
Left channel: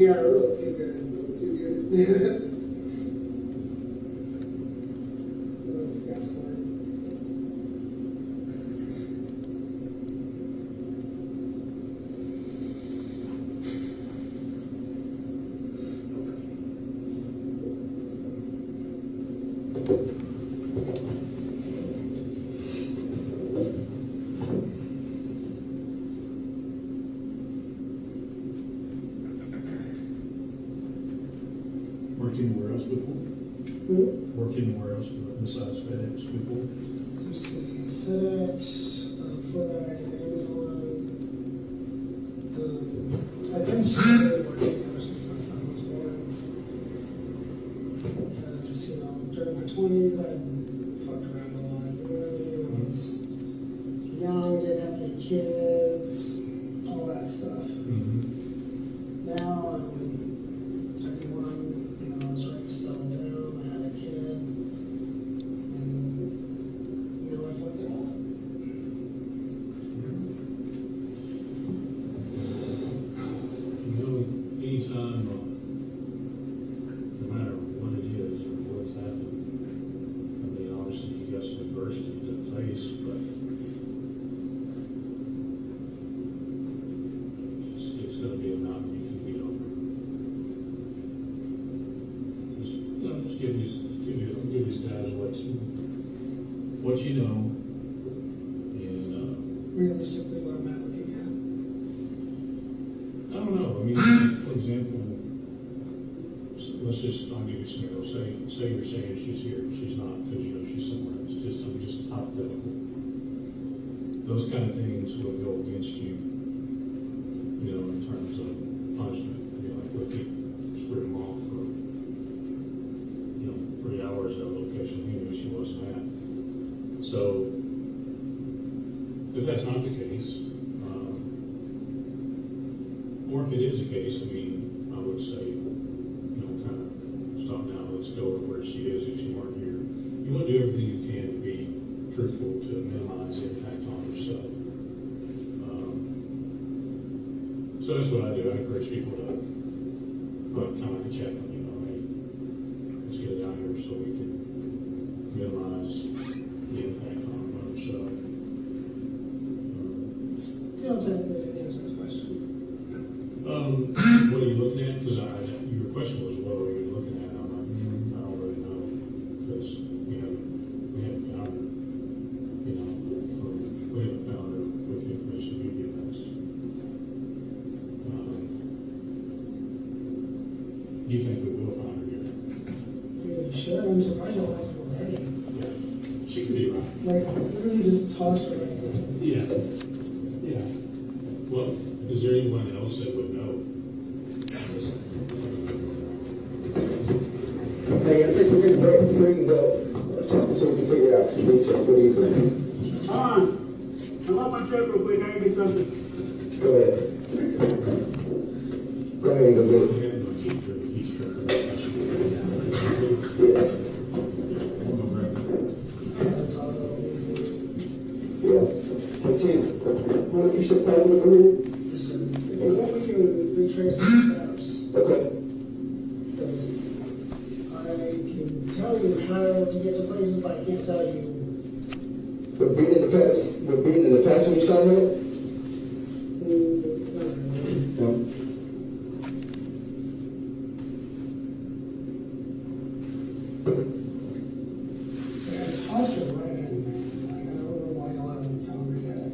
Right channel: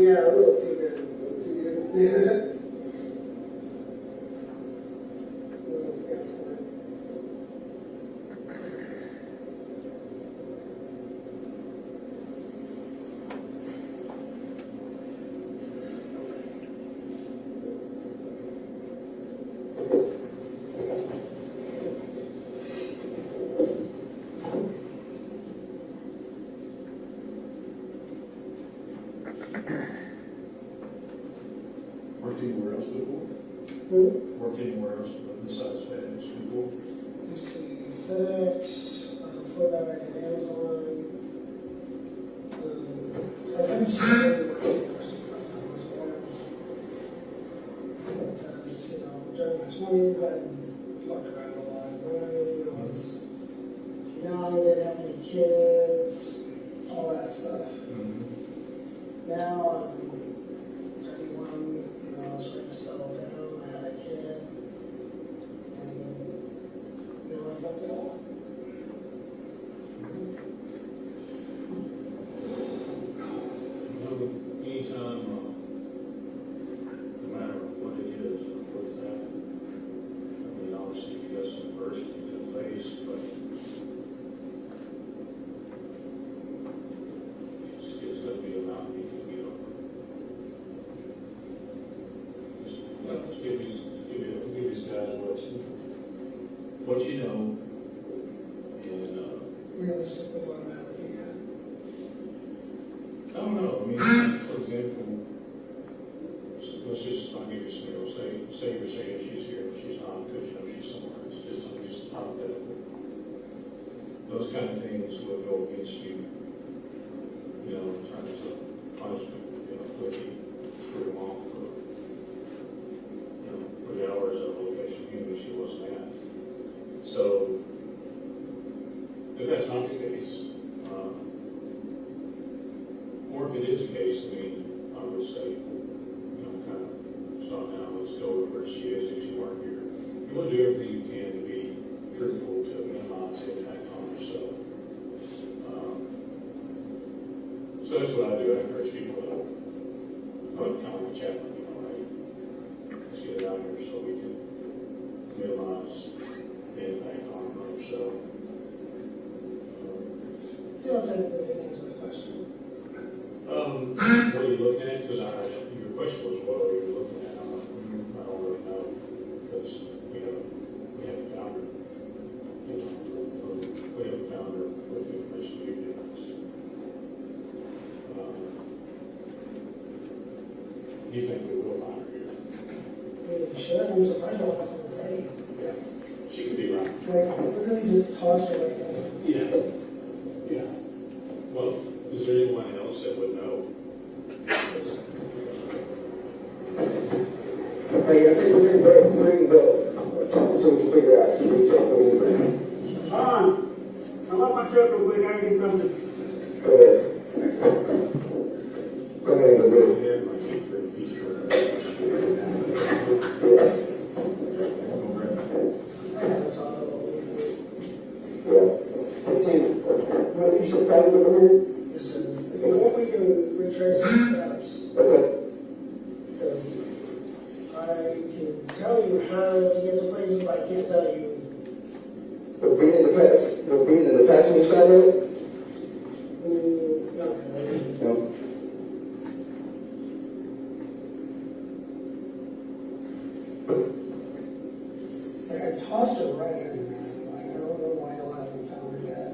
Yeah, we'll figure it out. Yeah. That's fine. Worked anywhere else before? Worked anywhere else besides FedEx before? Let's see, FedEx, for that I did Amazon. I've done several since my son was born. Just, you know, during my 20s, I fucked around a lot. You know what I mean? I was young, didn't have any kids, all that stuff. Now I'm 31, you know, I was ready to settle down, I had a kid, and, you know, I fucked it all. Anytime, no matter what it is or what's happened, I mean, obviously you got some adversity to face, but it's gonna be a mountain you can get over. Just, you know, just give these guys what you know, and, Realistically, what am I looking at? I don't know, I mean, for example, let's just, I'll give you a scenario, say you're saying she's here, she's not, because you know she's somewhere, it's just something just hypothetical. Those kind of things would go against you, you know, in terms of punishment, you know, if he screwed him off for, you know, 3 hours at a location he knew she wasn't at. So, if that's not the case, or if it is the case, I mean, I would say, you know, kind of stop now, let's go over where she is if she weren't here. You want to do everything you can to be truthful to minimize the impact on yourself. So that's what I do. I encourage people to, well, kind of like a chaplain, you know, hey, let's get it out here so we can minimize the impact on yourself. Still technically didn't answer the question. What are you looking at? Because your question was, what are you looking at? I'm like, I don't really know, because, you know, we haven't found her, you know, we haven't found her with the information you've given us. Do you think we will find her here? I mean, you should, I'm surprised I don't have her already. Yeah, she could be right. Like, I really just tossed her right there. Yeah, yeah. Well, is there anyone else that would know? Okay, I think we're gonna bring the talk so we can figure out some detail. What do you think? Hold on. Now, hold my truck real quick, I need something. Go ahead. Go ahead, go ahead. Yes. Yeah. Okay. What you said, probably over here? Listen, before we can retrace the steps, Okay. because I can tell you how to get to places, but I can't tell you. We've been in the past. We've been in the passenger side of it? No. No. Like, I tossed her right in. Like, I don't know why I allowed me to tell her that.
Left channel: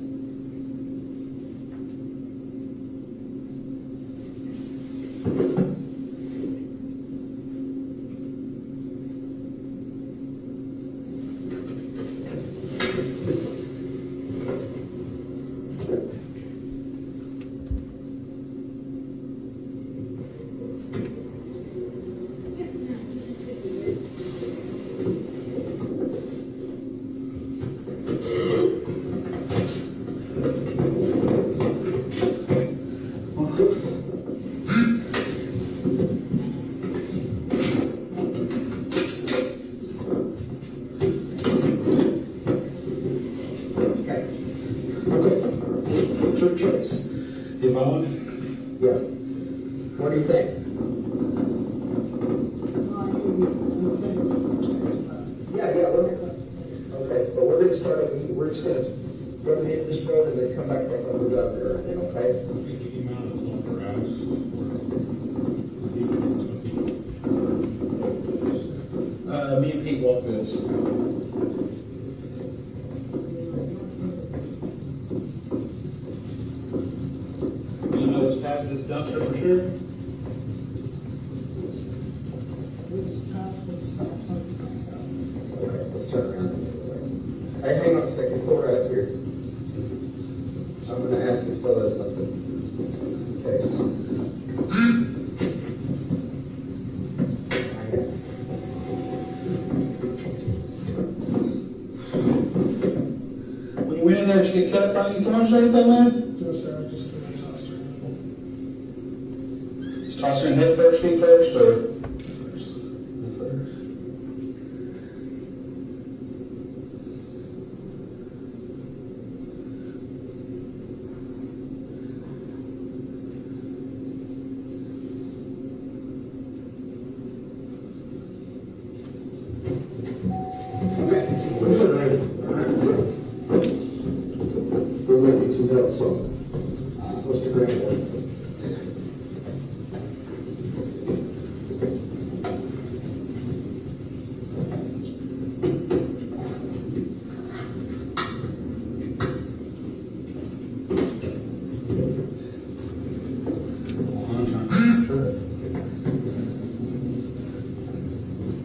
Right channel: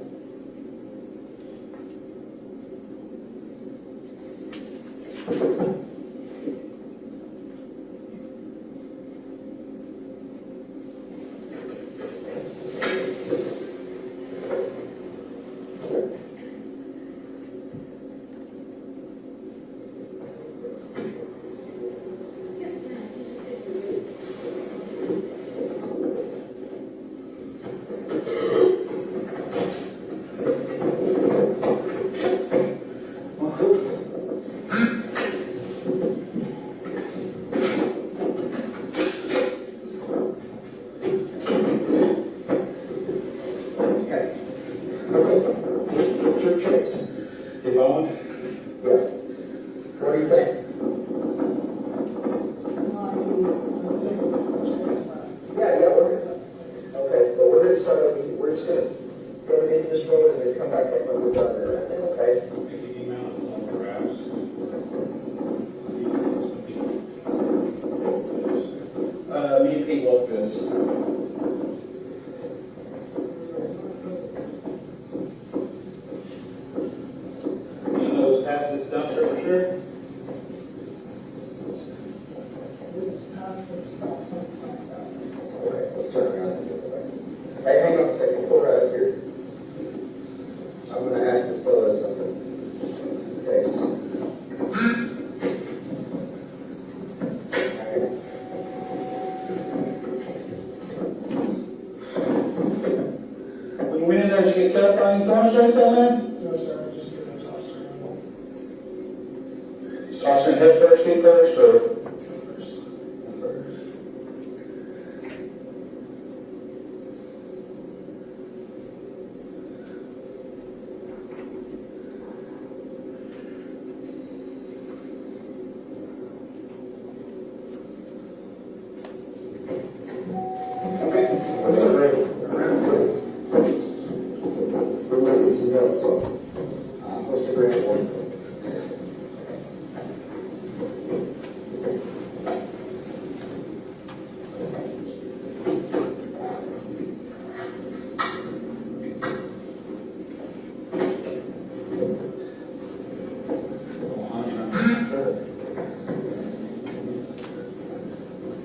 What's your choice? Yvonne? Yeah. What do you think? just gonna go to the end of this road and then come back like we're down there right now, okay? Me and Pete walk this. You know it's past this dumpster for sure? Okay, let's turn around. Hey, hang on a second, go right up here. I'm gonna ask this fellow something. Okay. When you went in there, did you get cut by any times or anything, man? No, sir, I just did a toss around. Toss in head first, feet first, or? We're making some notes on what's the grant one?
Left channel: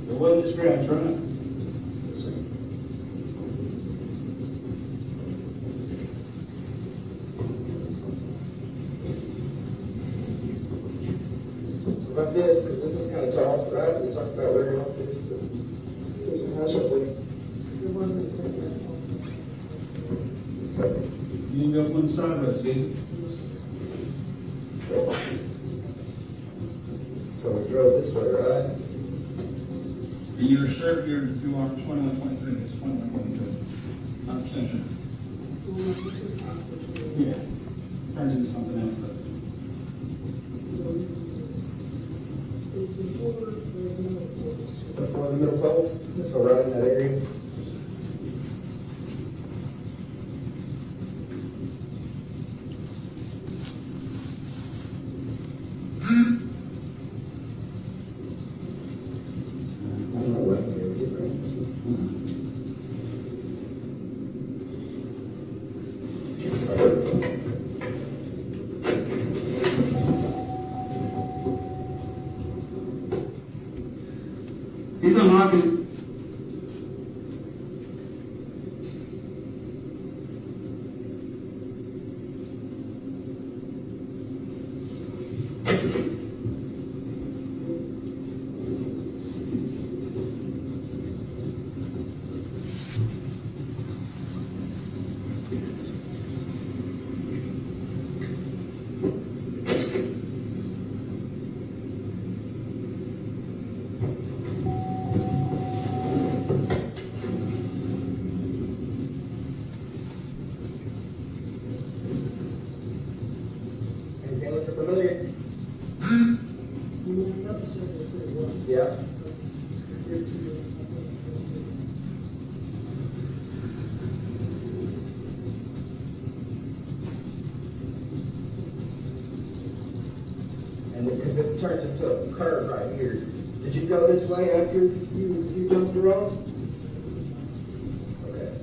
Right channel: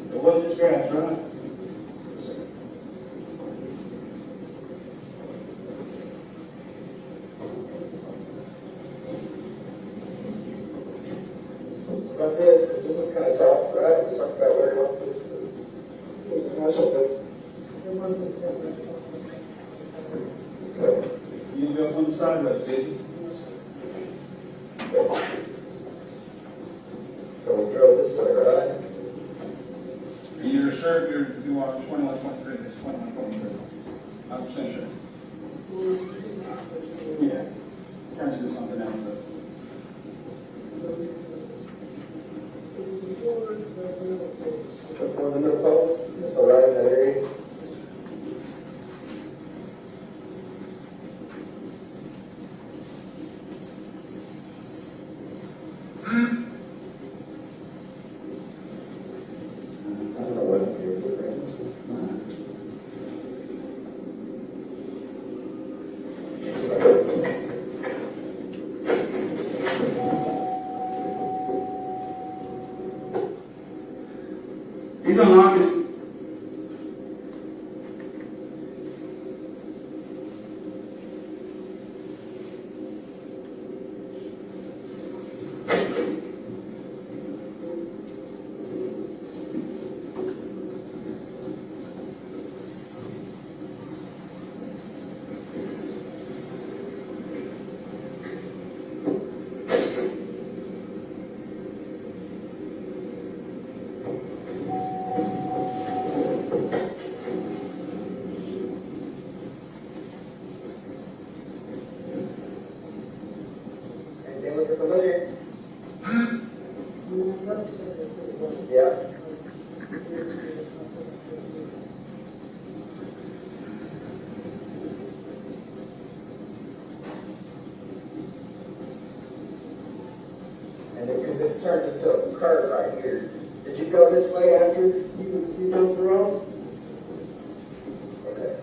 The well is scratched, right? About this, 'cause this is kind of tough, right? We talked about where you want this, but it was a special one. It wasn't. You didn't go from the side of us, did you? So we drove this way, right? And you're sure you are 2123, it's 2123. I'm sure. Yeah. Turns into something else. Before the middle post, so right in that area. I'm not looking at your grants. He's unlocking. Anything look familiar? Yeah. And because it turns into a curve right here. Did you go this way after you jumped the road? Okay.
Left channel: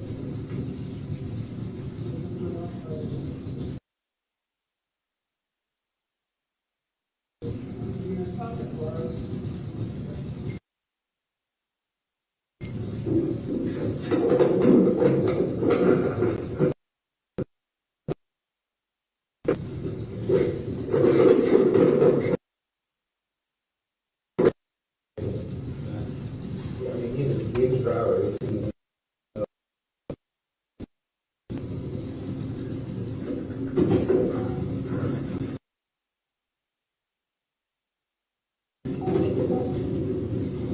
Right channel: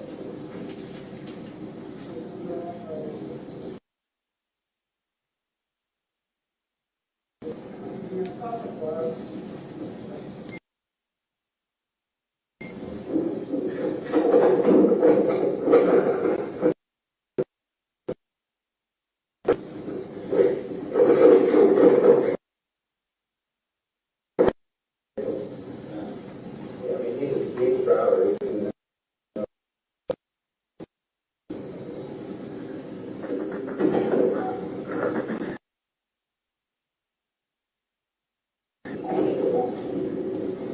I mean, he's a driver. He's in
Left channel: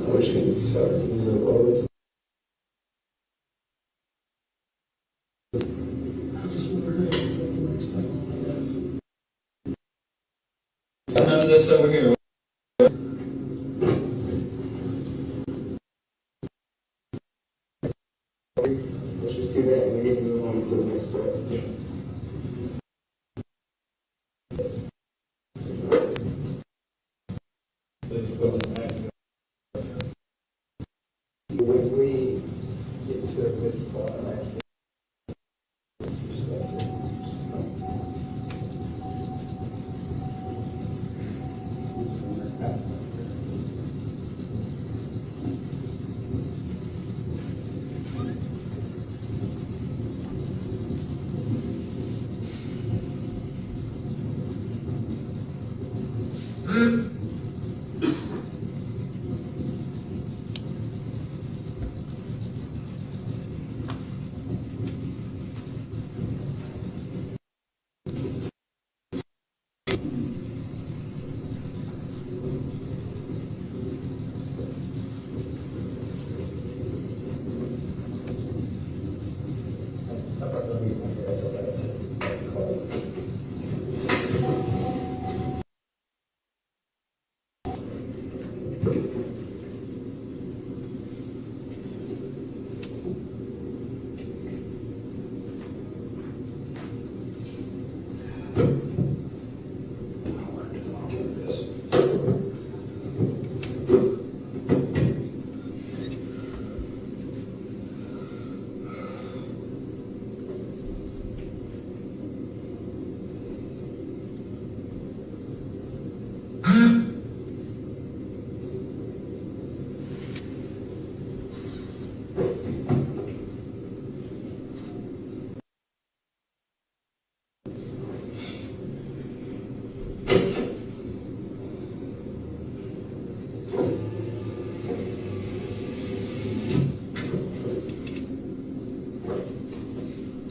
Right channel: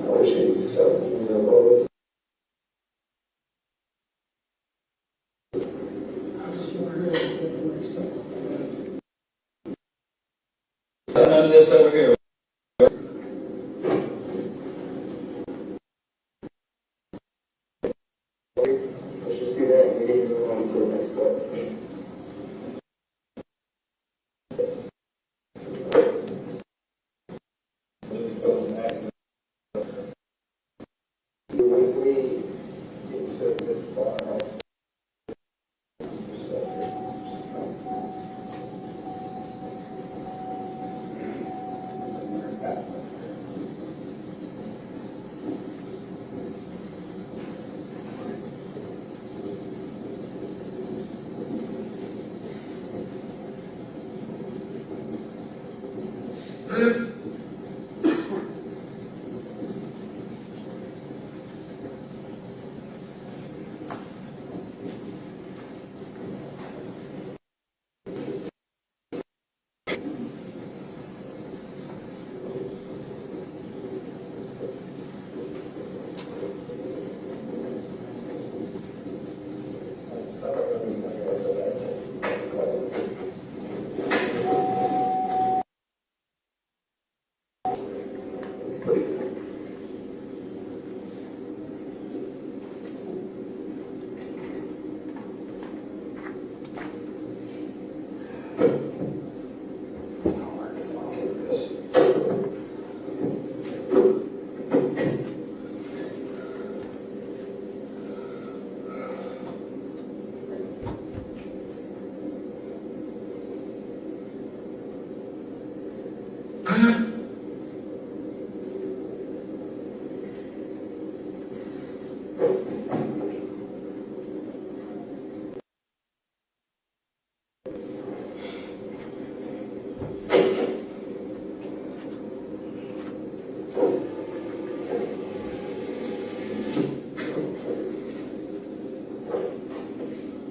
I wish he was selling, you know, what was This over here. let's just do that and we need to move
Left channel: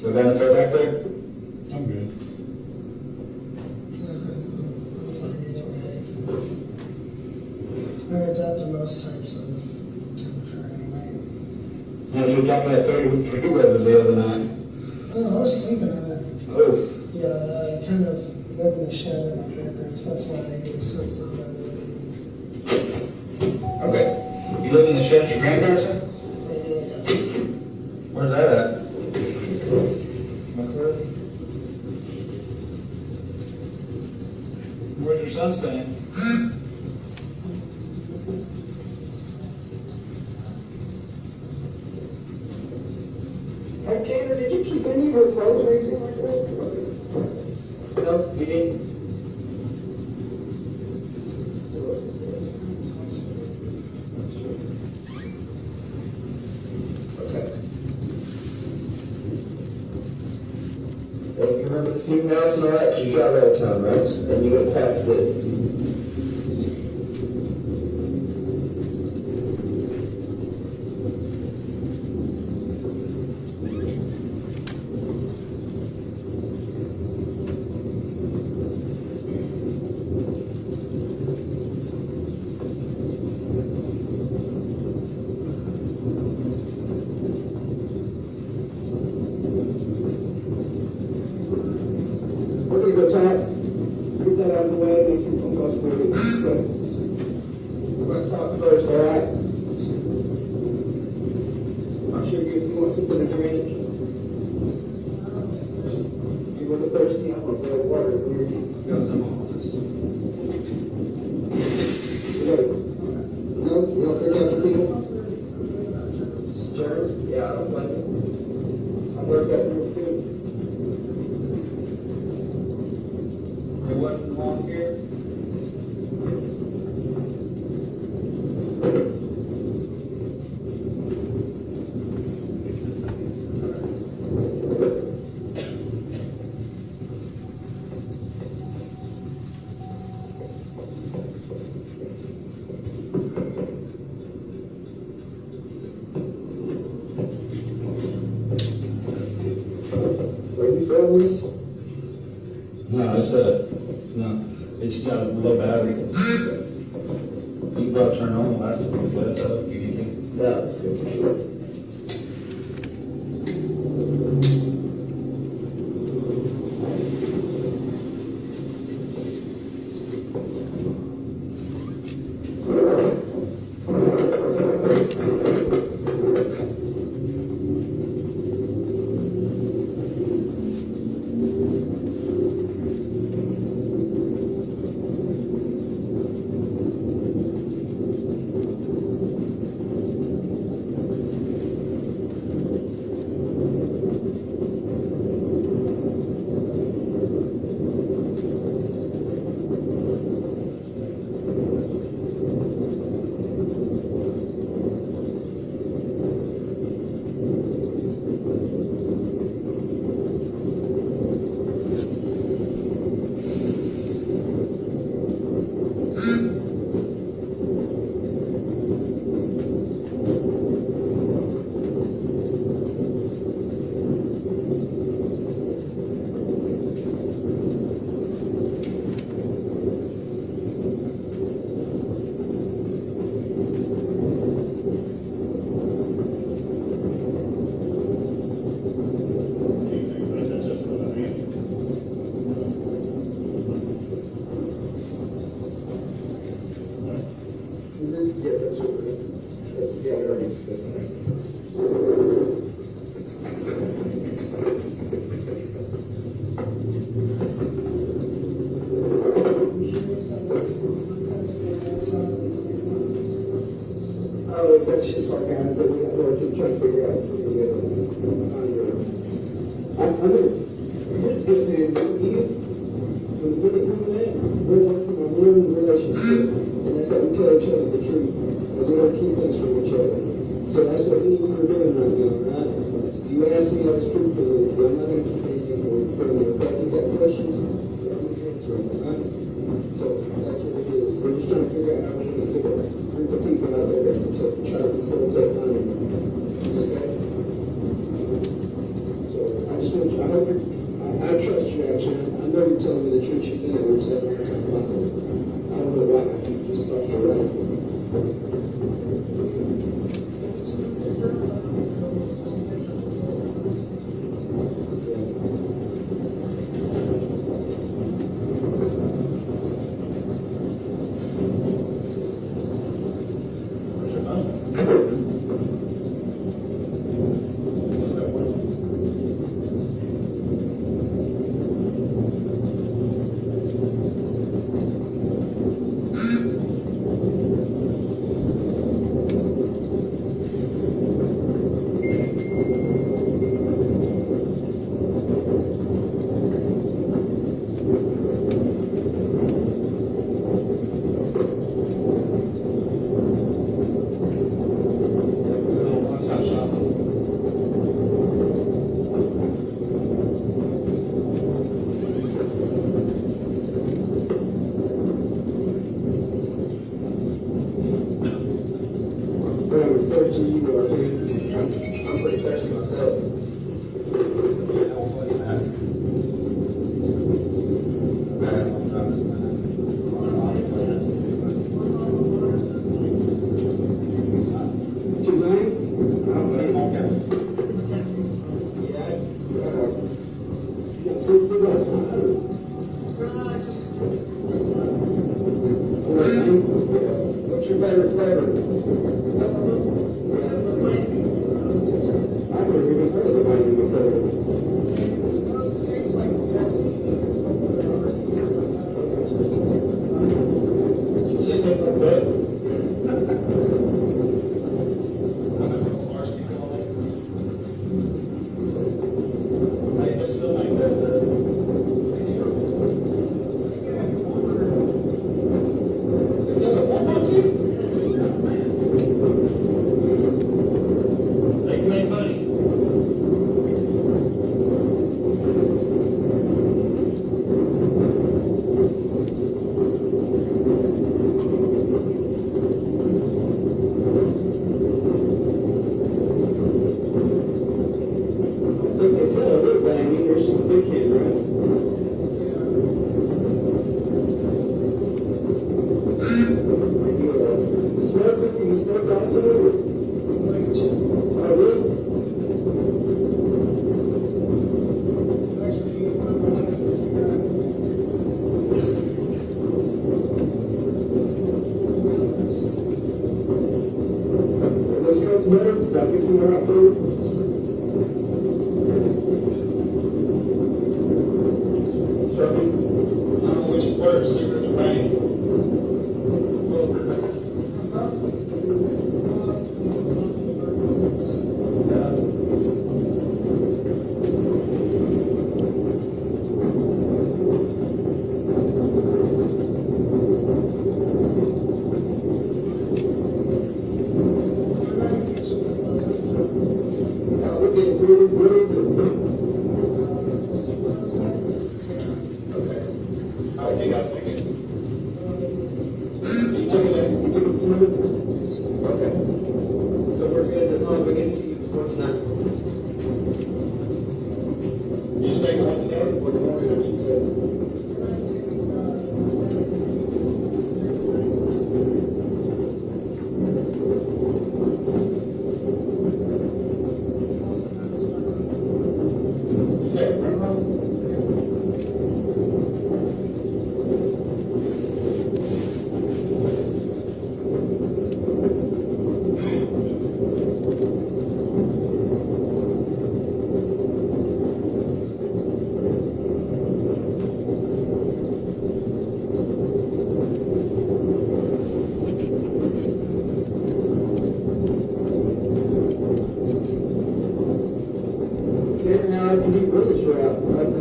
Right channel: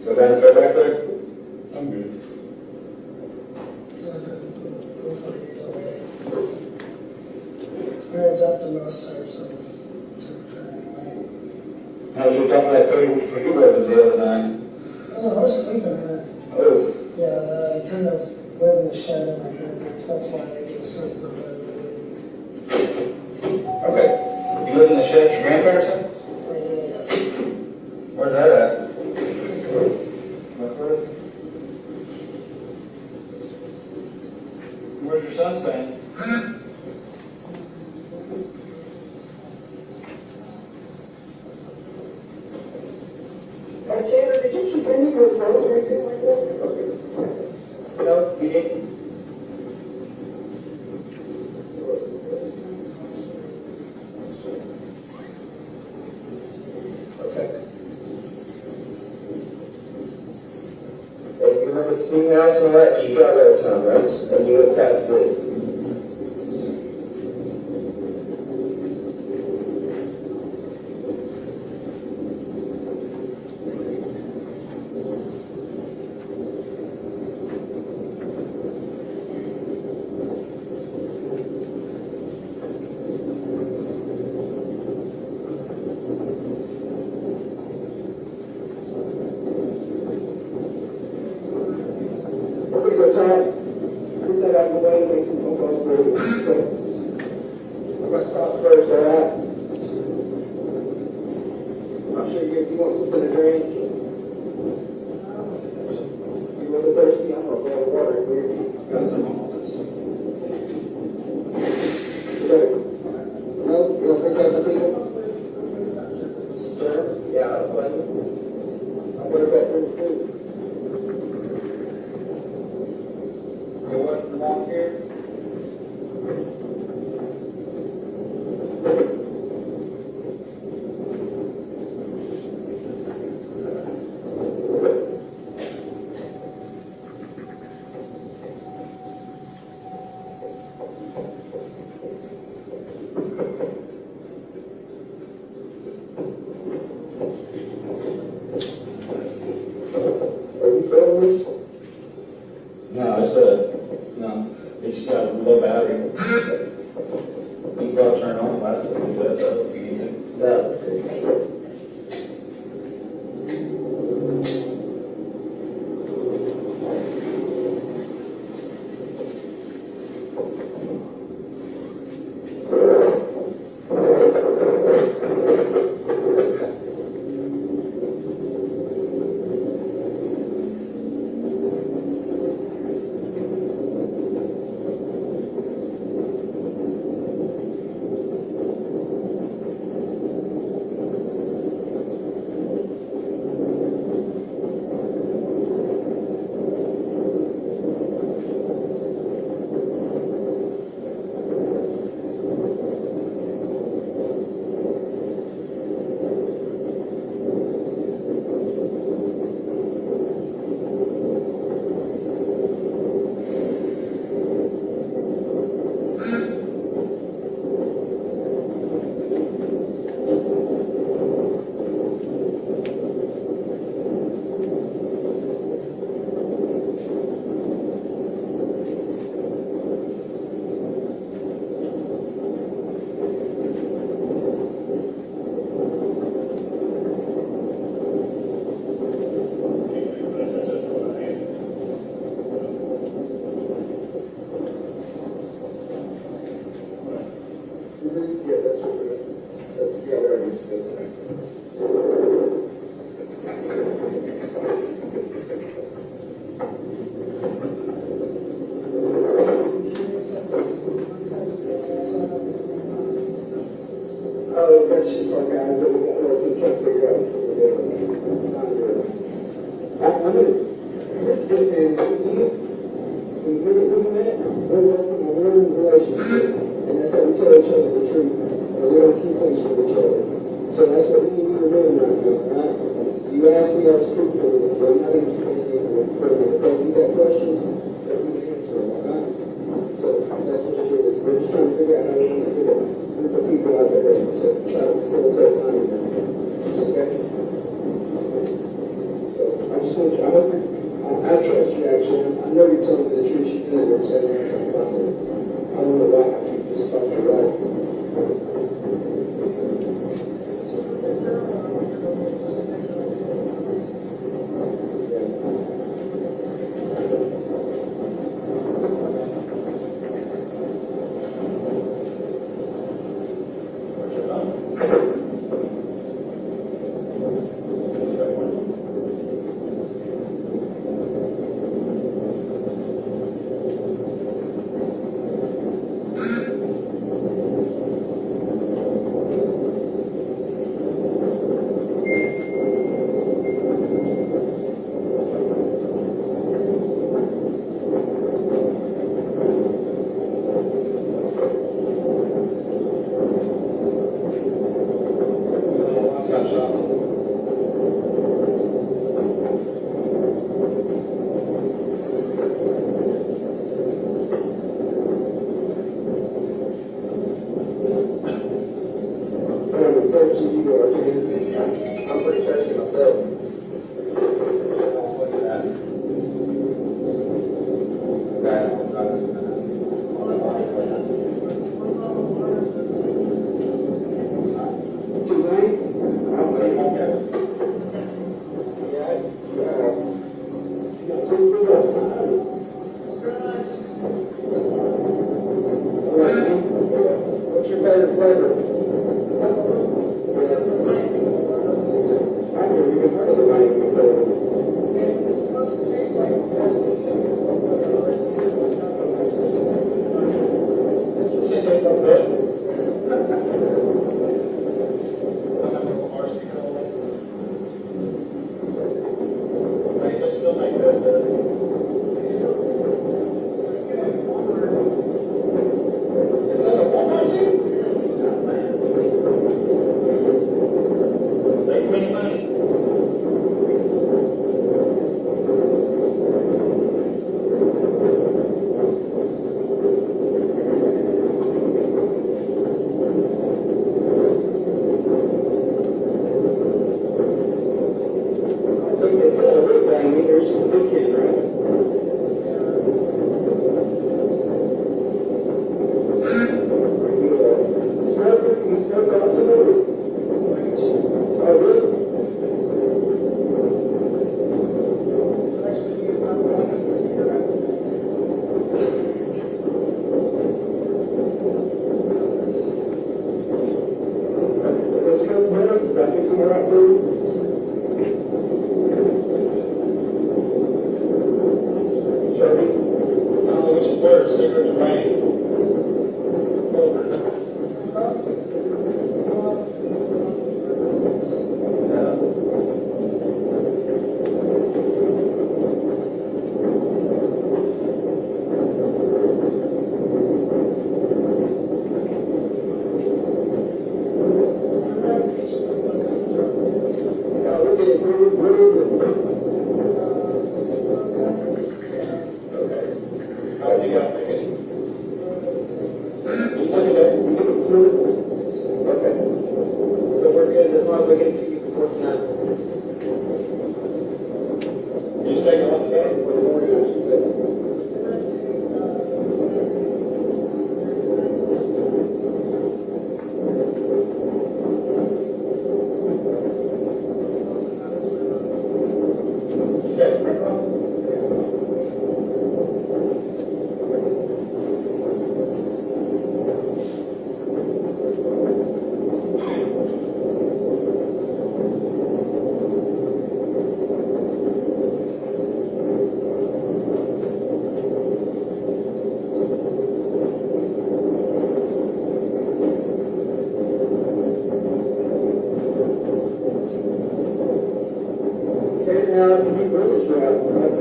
So then, feel back there? I'm good. I adopted most types of temperature anyway. Now, you were talking that 30 for you over the other night. Oh, I was sleeping in it. Oh, Yeah, I kind of live in the shed in my grandparents, that's why it was so okay. You live in the shed at your grandparents' house? Yes. Where's that at? Where's your son staying? Tanner, did you keep any of your clothes or anything like that? No, you didn't. Okay. Well, you remember this new house and all that? You drive out of town, right? And you went past this. Okay, go top. Put that out of the way, make some phone calls for you. I'm going to talk first, all right? I'm sure you want something to drink. You're really thirsty. I'm going to grab water here. Got some office. No, you don't feel that for people? Germs? Yeah, I don't blame you. I work that pretty soon. What's wrong here? Are you filming this? No, no, it's got a low battery. You go turn on the battery, but it's up, you can. That's good. we're working on one relationship, and that's how we tell each other the truth. Because we don't keep things from each other. So that's what me and you are doing right now, right? You asked me, I was truthful with you. I'm not educated or permanent. But if you got questions, we can answer them, all right? So that's what it is. We're just trying to figure out how we can get a group of people out there to try to facilitate money. Okay? So I just want you, I trust you actually. I know you're telling me the truth. You feel it yourself. I don't know why you just thought you're right. I'm pretty thirsty myself. What's your favorite flavor?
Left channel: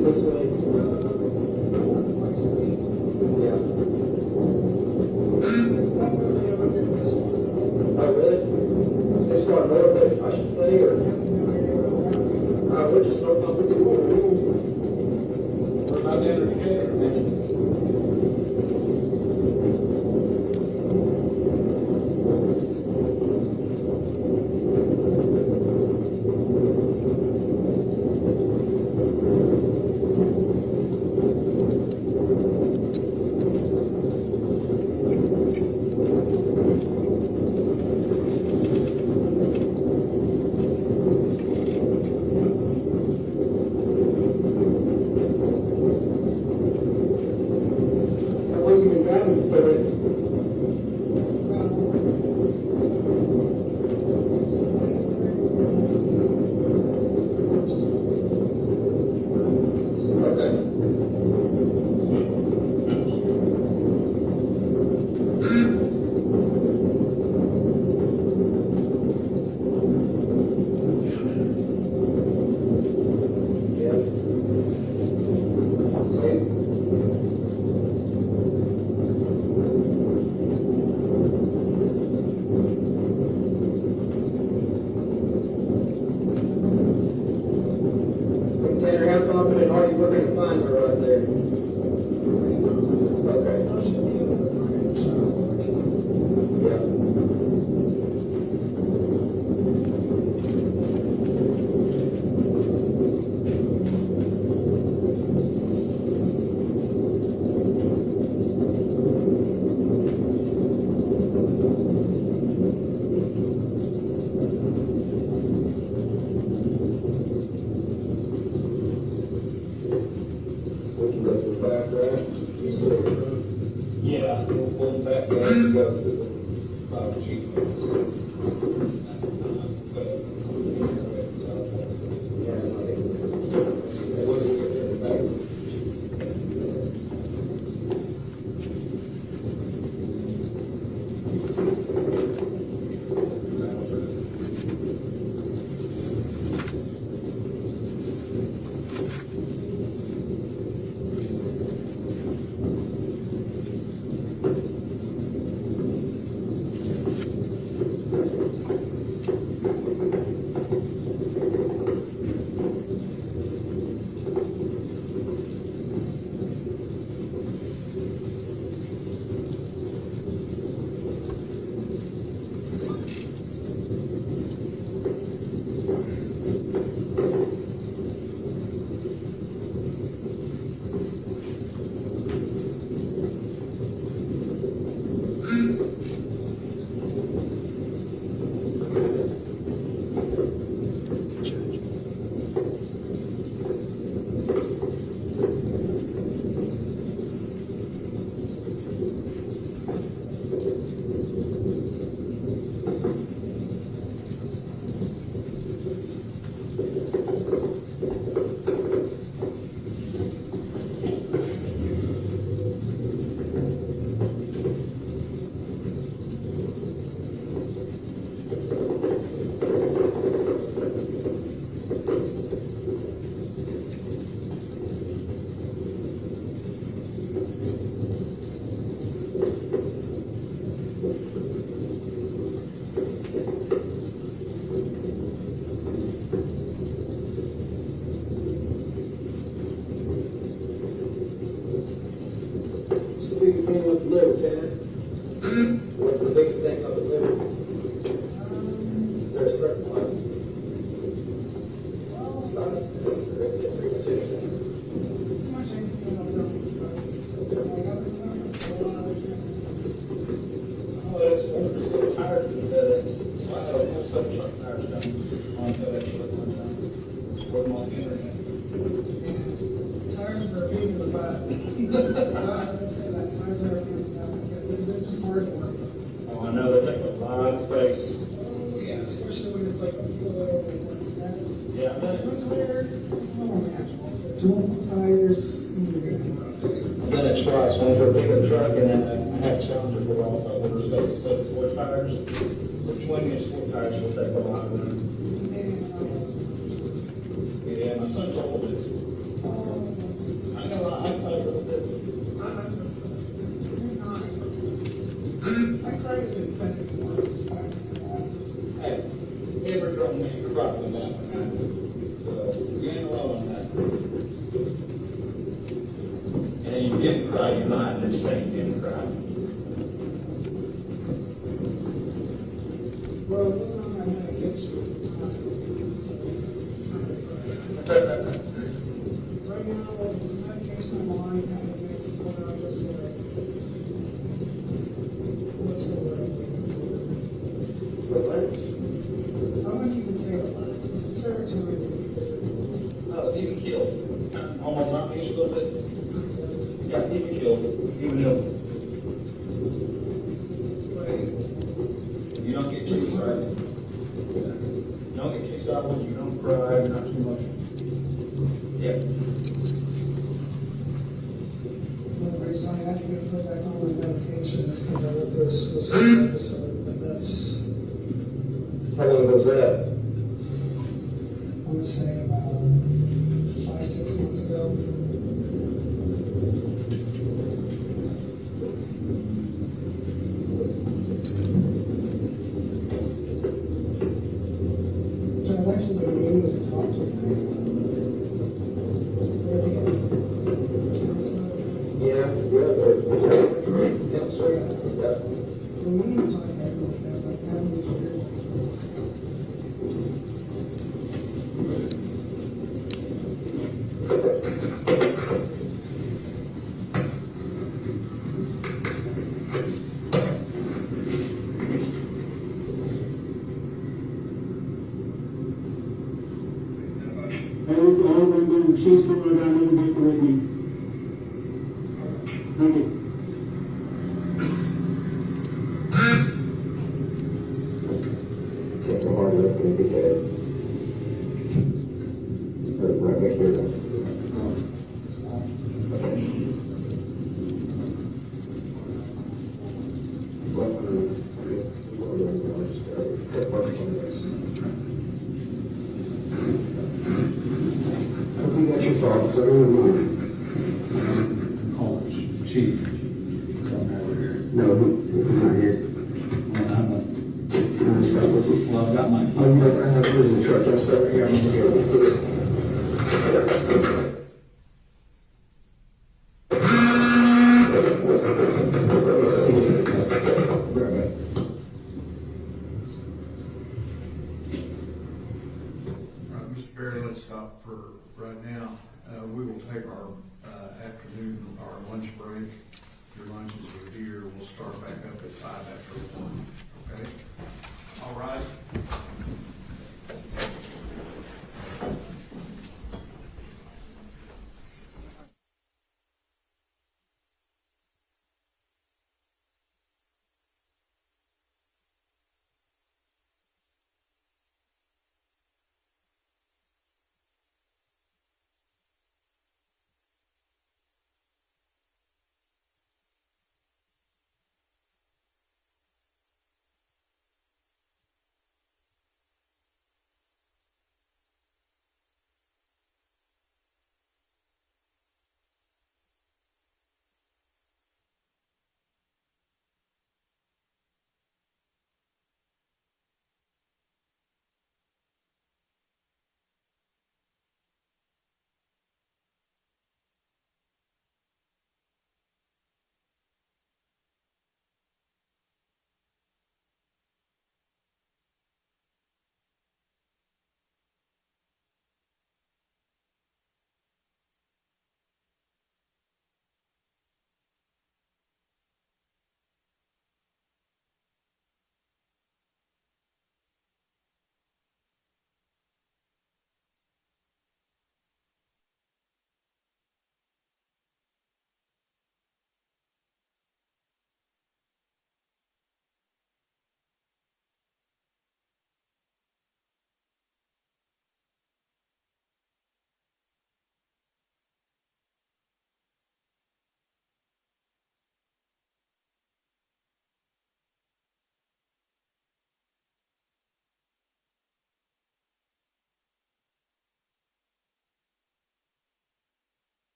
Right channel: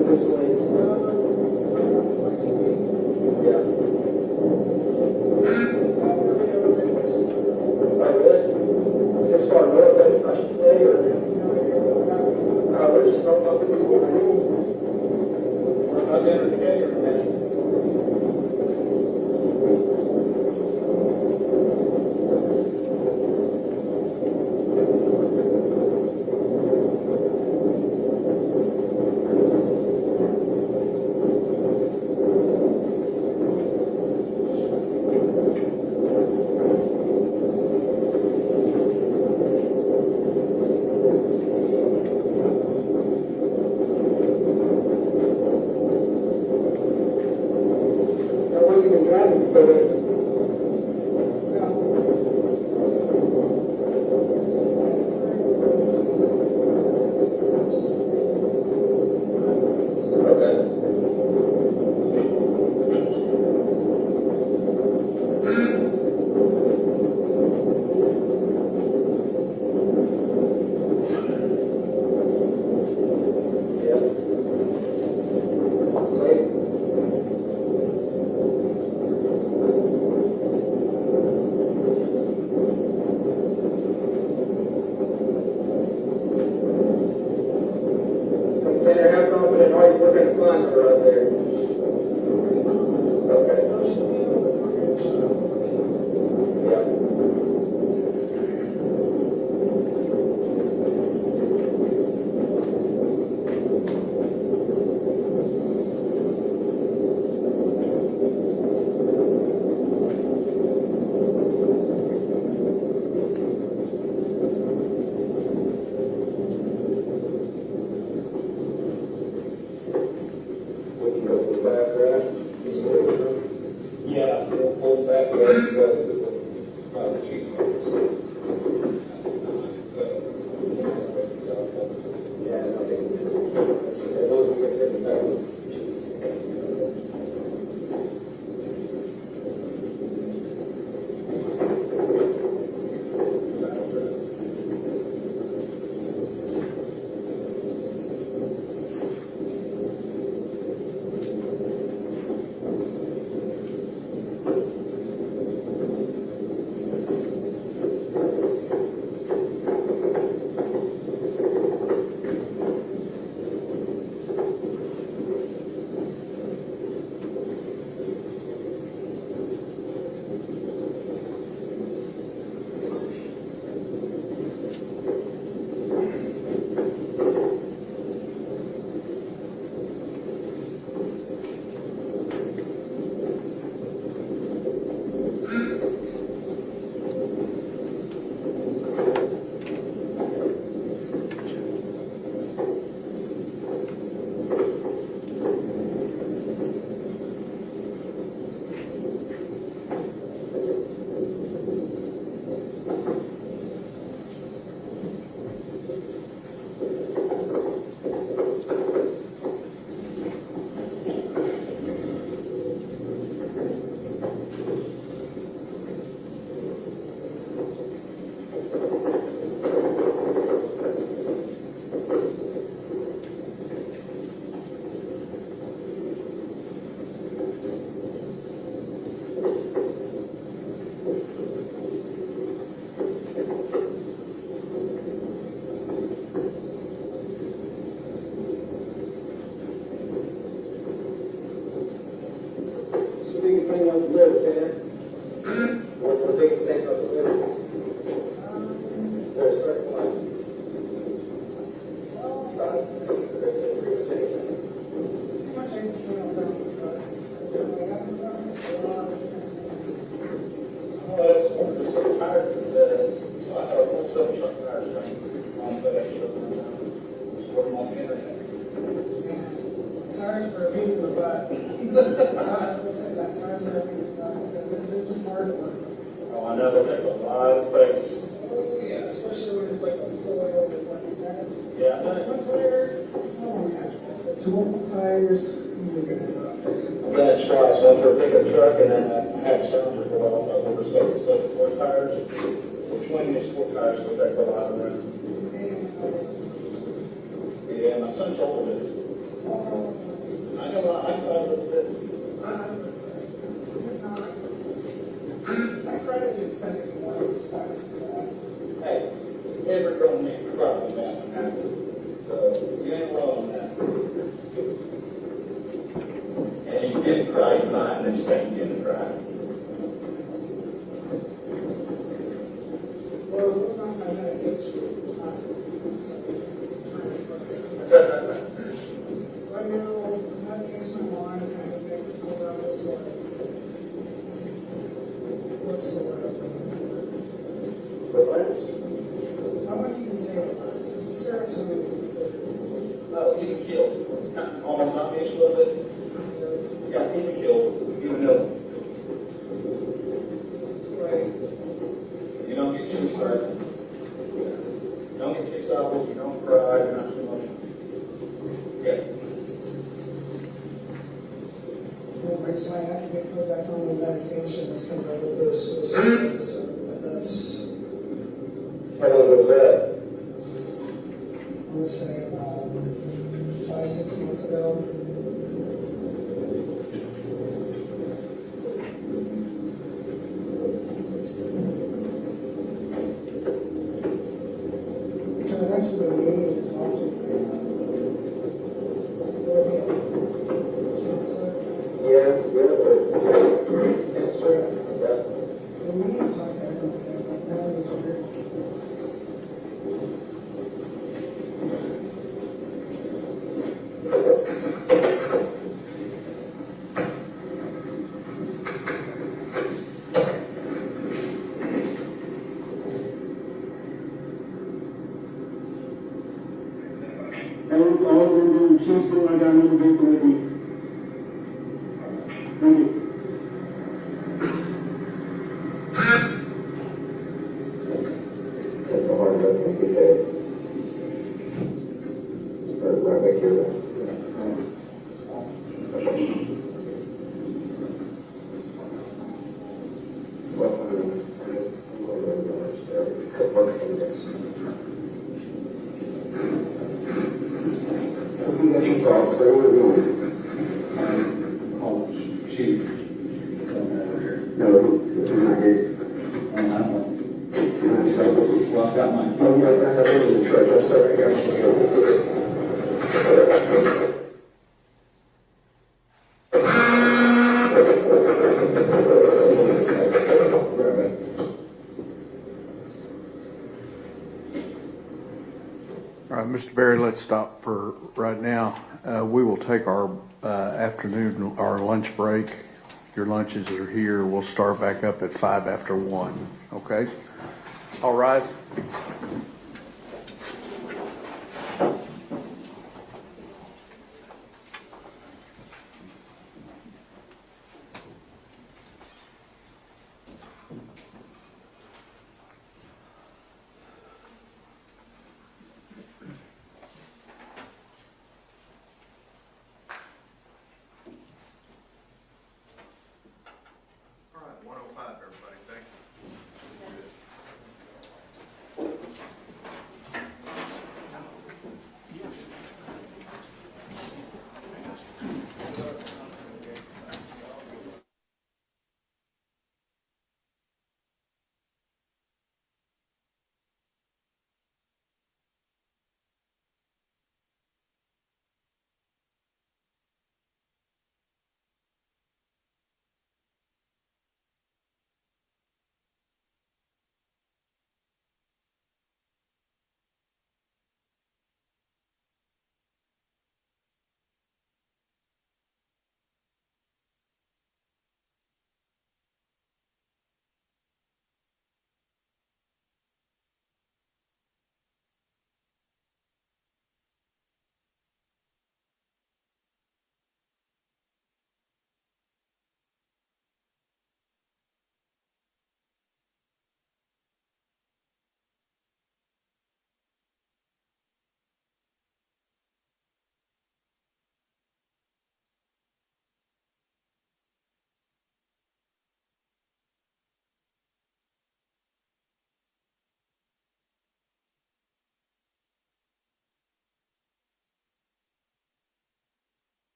This way. Yeah. start off with the order. How's that indicator, man? How long you been driving for this? Tanner, how confident are you we're going to find her out there? Okay. Yeah. Yeah, pull back there and go through the Robert Chief. Biggest thing up the liver, Tanner? What's the biggest thing up the liver? Is there a certain one? Tires for people to buy. Let's say that tires are because they're just hard to work. Oh, I know, they take a lot of space. Oh, yeah, especially when it's like a 4 or like 7. Yeah. One tire, it's multiple tires. Then it's twice, one for a pickup truck and then a half cylinder for all over the space. So 4 tires, so 20 is 4 tires will take a lot of room. Yeah, my son told me. I know I looked at Hey, every girl needs to drop it down. So, you ain't He was killed. Almost not finished a little bit. Yeah, he was killed. Even though. You don't get too excited. You don't get too excited. You don't cry. Not too much. Yeah. The reason I have to get put back on the medication is because I went through a suicide, so that's, How long was that? I'm gonna say about 5-6 months ago. So I've actually been meaning to talk to you about cancer. Yeah, but it's right. Yeah. The meetings like everything, like that is weird. That is all we're going to choose from. I got a little bit with me. Thank you. That's your fault, so College chief. no, it's not here. And I'm like, well, I got my. I have it in the truck, let's start right here. All right, Mr. Berry, let's stop for right now. We will take our afternoon, our lunch break. Your lunches are here. We'll start back up at 1:05, okay? All rise. All right, 105, everybody, thank you.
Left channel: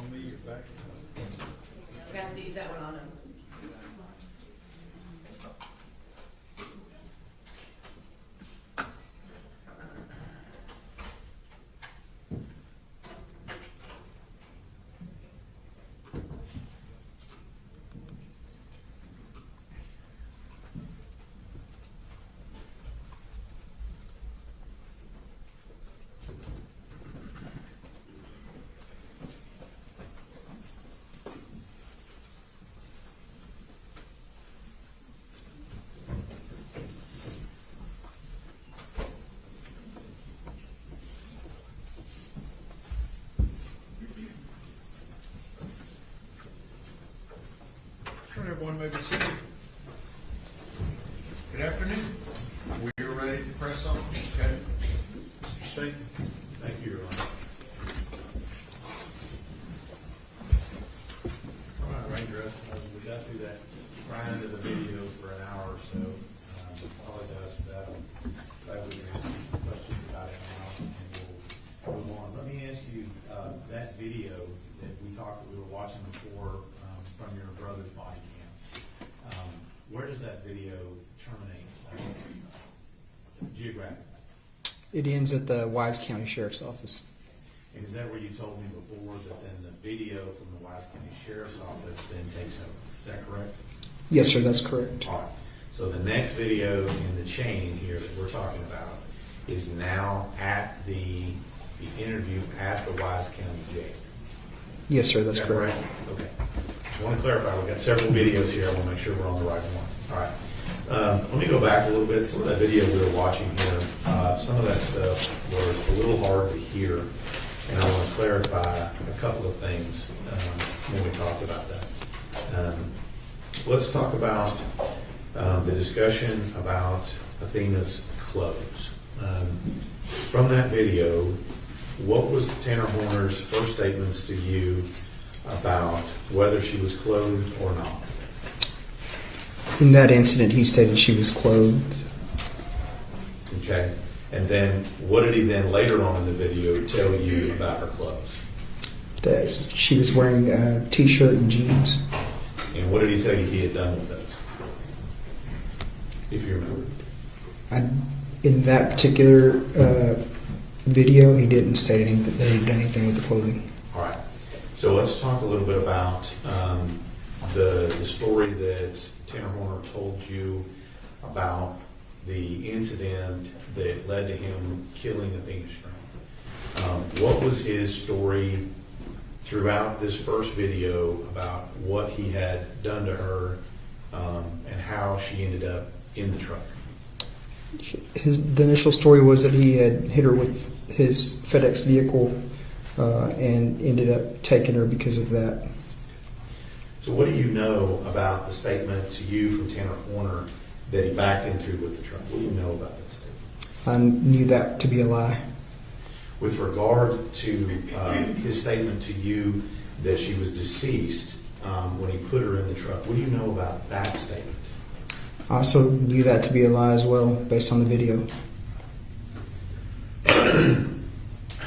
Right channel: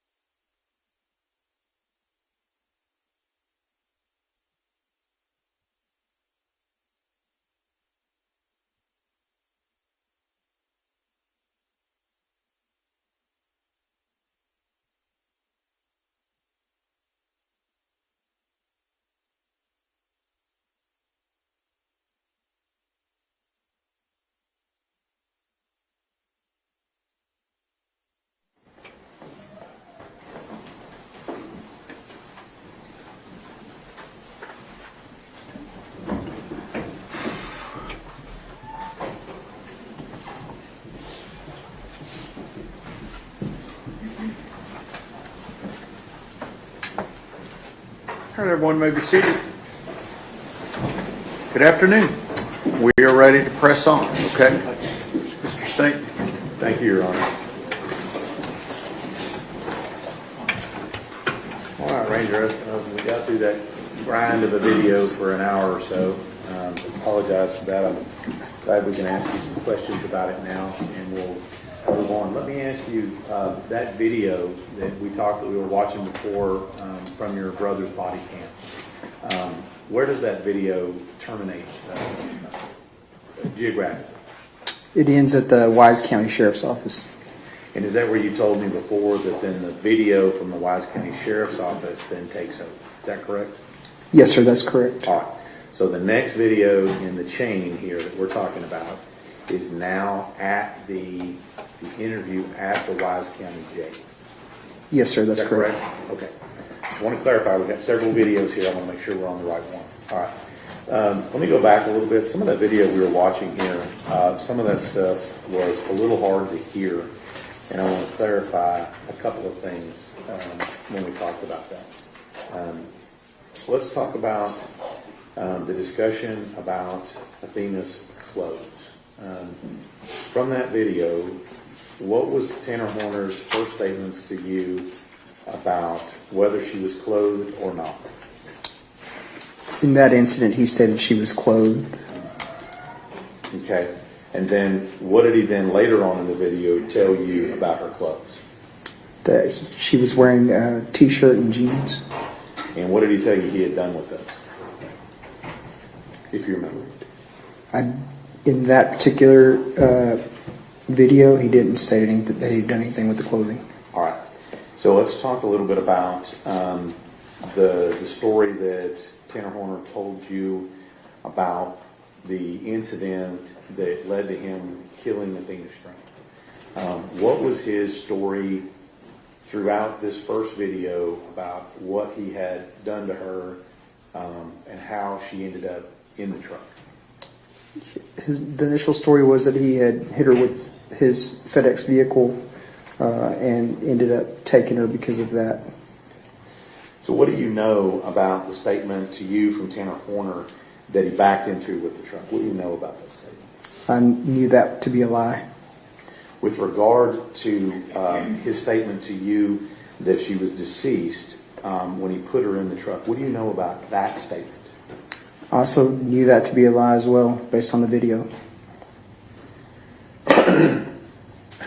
We have to use that one on him. All right, everyone may be seated. Good afternoon. We are ready to press on, okay? Mr. State. Thank you, Your Honor. All right, Ranger, we got through that grind of a video for an hour or so. Apologize for that. I'm glad we can ask you some questions about it now, and we'll move on. Let me ask you, that video that we were watching before from your brother's body cam, where does that video terminate geographically? It ends at the Wise County Sheriff's Office. And is that where you told me before that then the video from the Wise County Sheriff's Office then takes over? Is that correct? Yes, sir, that's correct. All right. So the next video in the chain here that we're talking about is now at the interview at the Wise County Jail. Yes, sir, that's Is that correct. Okay. Just want to clarify, we've got several videos here. I want to make sure we're on the right one. All right. Let me go back a little bit. Some of that video we were watching here, some of that stuff was a little hard to hear. And I want to clarify a couple of things when we talked about that. Let's talk about the discussion about Athena's clothes. From that video, what was Tanner Horner's first statements to you about whether she was clothed or not? In that incident, he stated she was clothed. Okay. And then what did he then later on in the video tell you about her clothes? That she was wearing a t-shirt and jeans. And what did he tell you he had done with those? If you remember. In that particular video, he didn't say anything, that he'd done anything with the clothing. All right. So let's talk a little bit about the story that Tanner Horner told you about the incident that led to him killing Athena Strand. What was his story throughout this first video about what he had done to her and how she ended up in the truck? The initial story was that he had hit her with his FedEx vehicle and ended up taking her because of that. So what do you know about the statement to you from Tanner Horner that he backed into with the truck? What do you know about that statement? I knew that to be a lie. With regard to his statement to you that she was deceased when he put her in the truck, what do you know about that statement? I also knew that to be a lie as well, based on the video.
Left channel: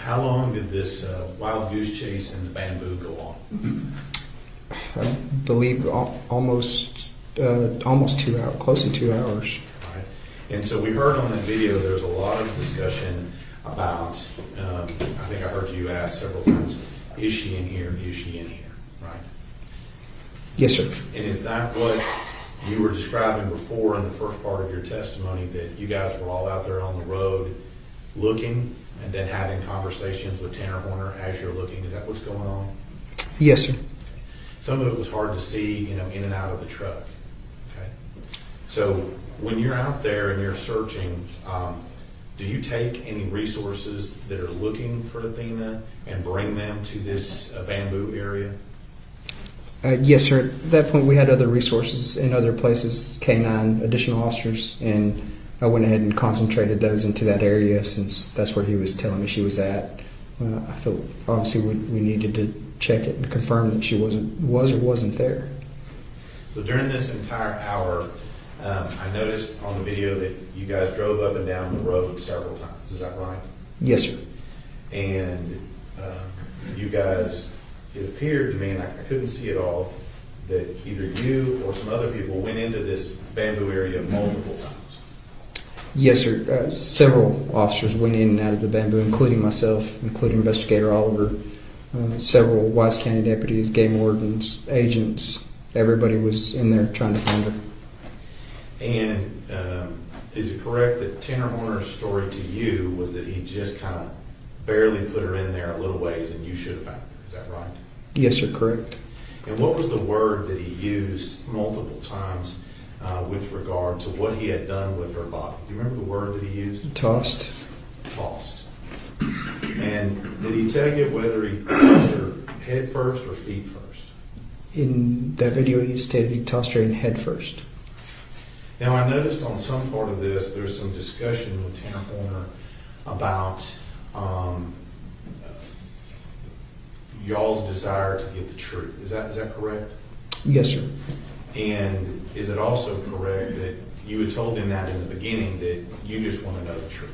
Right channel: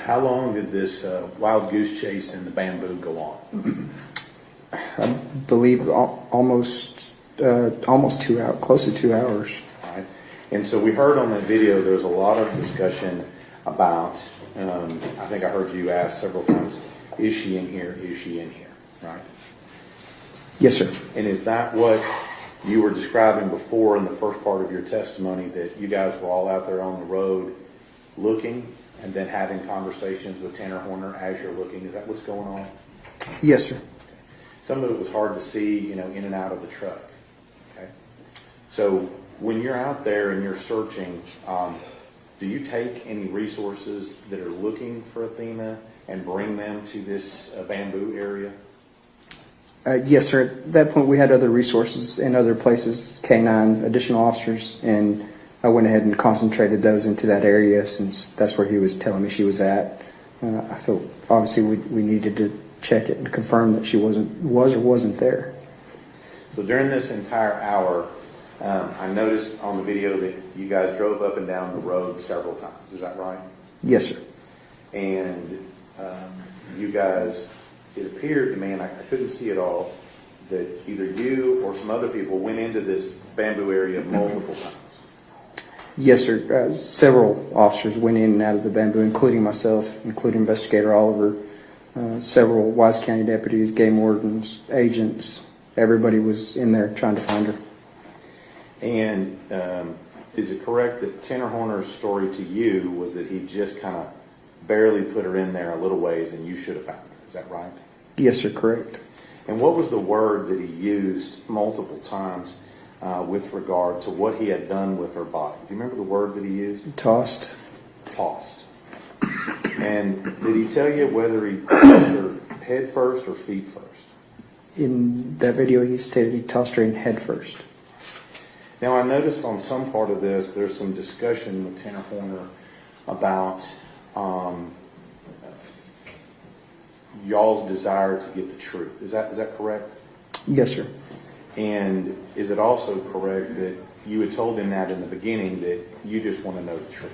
How long did this wild goose chase in the bamboo go on? I believe almost 2 hours, close to 2 hours. All right. And so we heard on the video there's a lot of discussion about, I think I heard you ask several times, is she in here? Is she in here? Right? Yes, sir. And is that what you were describing before in the first part of your testimony, that you guys were all out there on the road looking and then having conversations with Tanner Horner as you're looking? Is that what's going on? Yes, sir. Some of it was hard to see, in and out of the truck. Okay. So when you're out there and you're searching, do you take any resources that are looking for Athena and bring them to this bamboo area? Yes, sir. At that point, we had other resources in other places, K-9, additional officers, and I went ahead and concentrated those into that area since that's where he was telling me she was at. I felt obviously we needed to check it and confirm that she was or wasn't there. So during this entire hour, I noticed on the video that you guys drove up and down the road several times. Is that right? Yes, sir. And you guys it appeared to me, and I couldn't see it all, that either you or some other people went into this bamboo area multiple times. Yes, sir. Several officers went in and out of the bamboo, including myself, including Investigator Oliver, several Wise County deputies, game wardens, agents. Everybody was in there trying to find her. And is it correct that Tanner Horner's story to you was that he just kind of barely put her in there a little ways and you should have found her? Is that right? Yes, sir. Correct. And what was the word that he used multiple times with regard to what he had done with her body? Do you remember the word that he used? Tossed. Tossed. And did he tell you whether he tossed her head first or feet first? In that video, he stated he tossed her in head first. Now, I noticed on some part of this, there's some discussion with Tanner Horner about y'all's desire to get the truth. Is that correct? Yes, sir. And is it also correct that you had told him that in the beginning, that you just want to know the truth?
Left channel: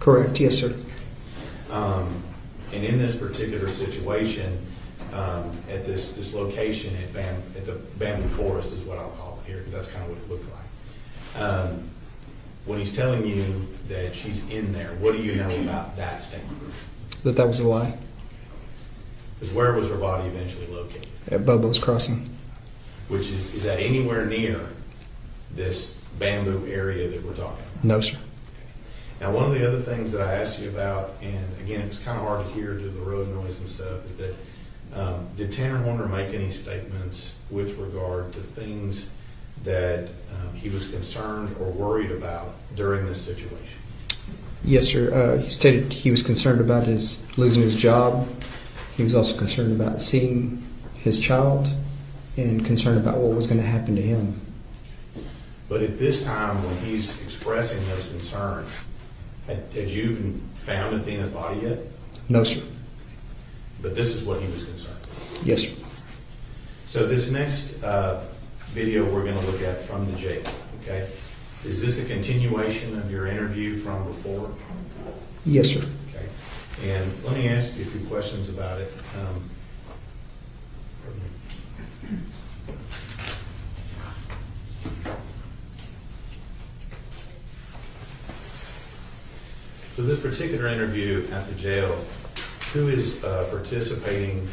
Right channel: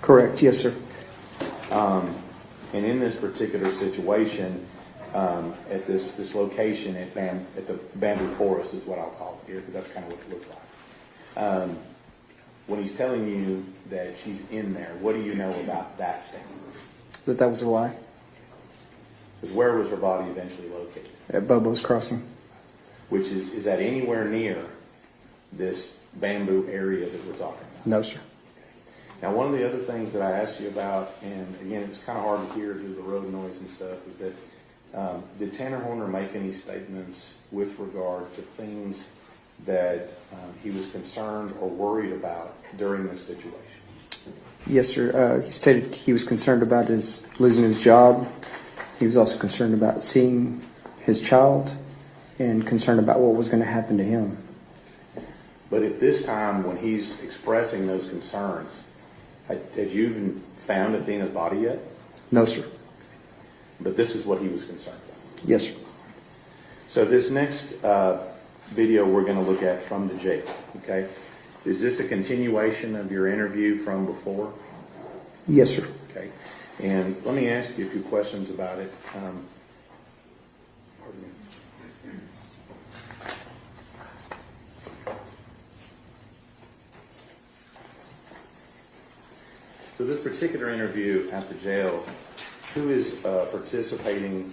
Correct. Yes, sir. And in this particular situation, at this location at the bamboo forest is what I'll call it here, because that's kind of what it looked like. When he's telling you that she's in there, what do you know about that statement? That was a lie. Because where was her body eventually located? At Bubba's Crossing. Which is that anywhere near this bamboo area that we're talking about? No, sir. Now, one of the other things that I asked you about, and again, it was kind of hard to hear due to the road noise and stuff, is that did Tanner Horner make any statements with regard to things that he was concerned or worried about during this situation? Yes, sir. He stated he was concerned about losing his job. He was also concerned about seeing his child and concerned about what was going to happen to him. But at this time, when he's expressing those concerns, had you even found Athena's body yet? No, sir. But this is what he was concerned with? Yes, sir. So this next video we're going to look at from the jail, okay? Is this a continuation of your interview from before? Yes, sir. Okay. And let me ask you a few questions about it. So this particular interview at the jail, who is participating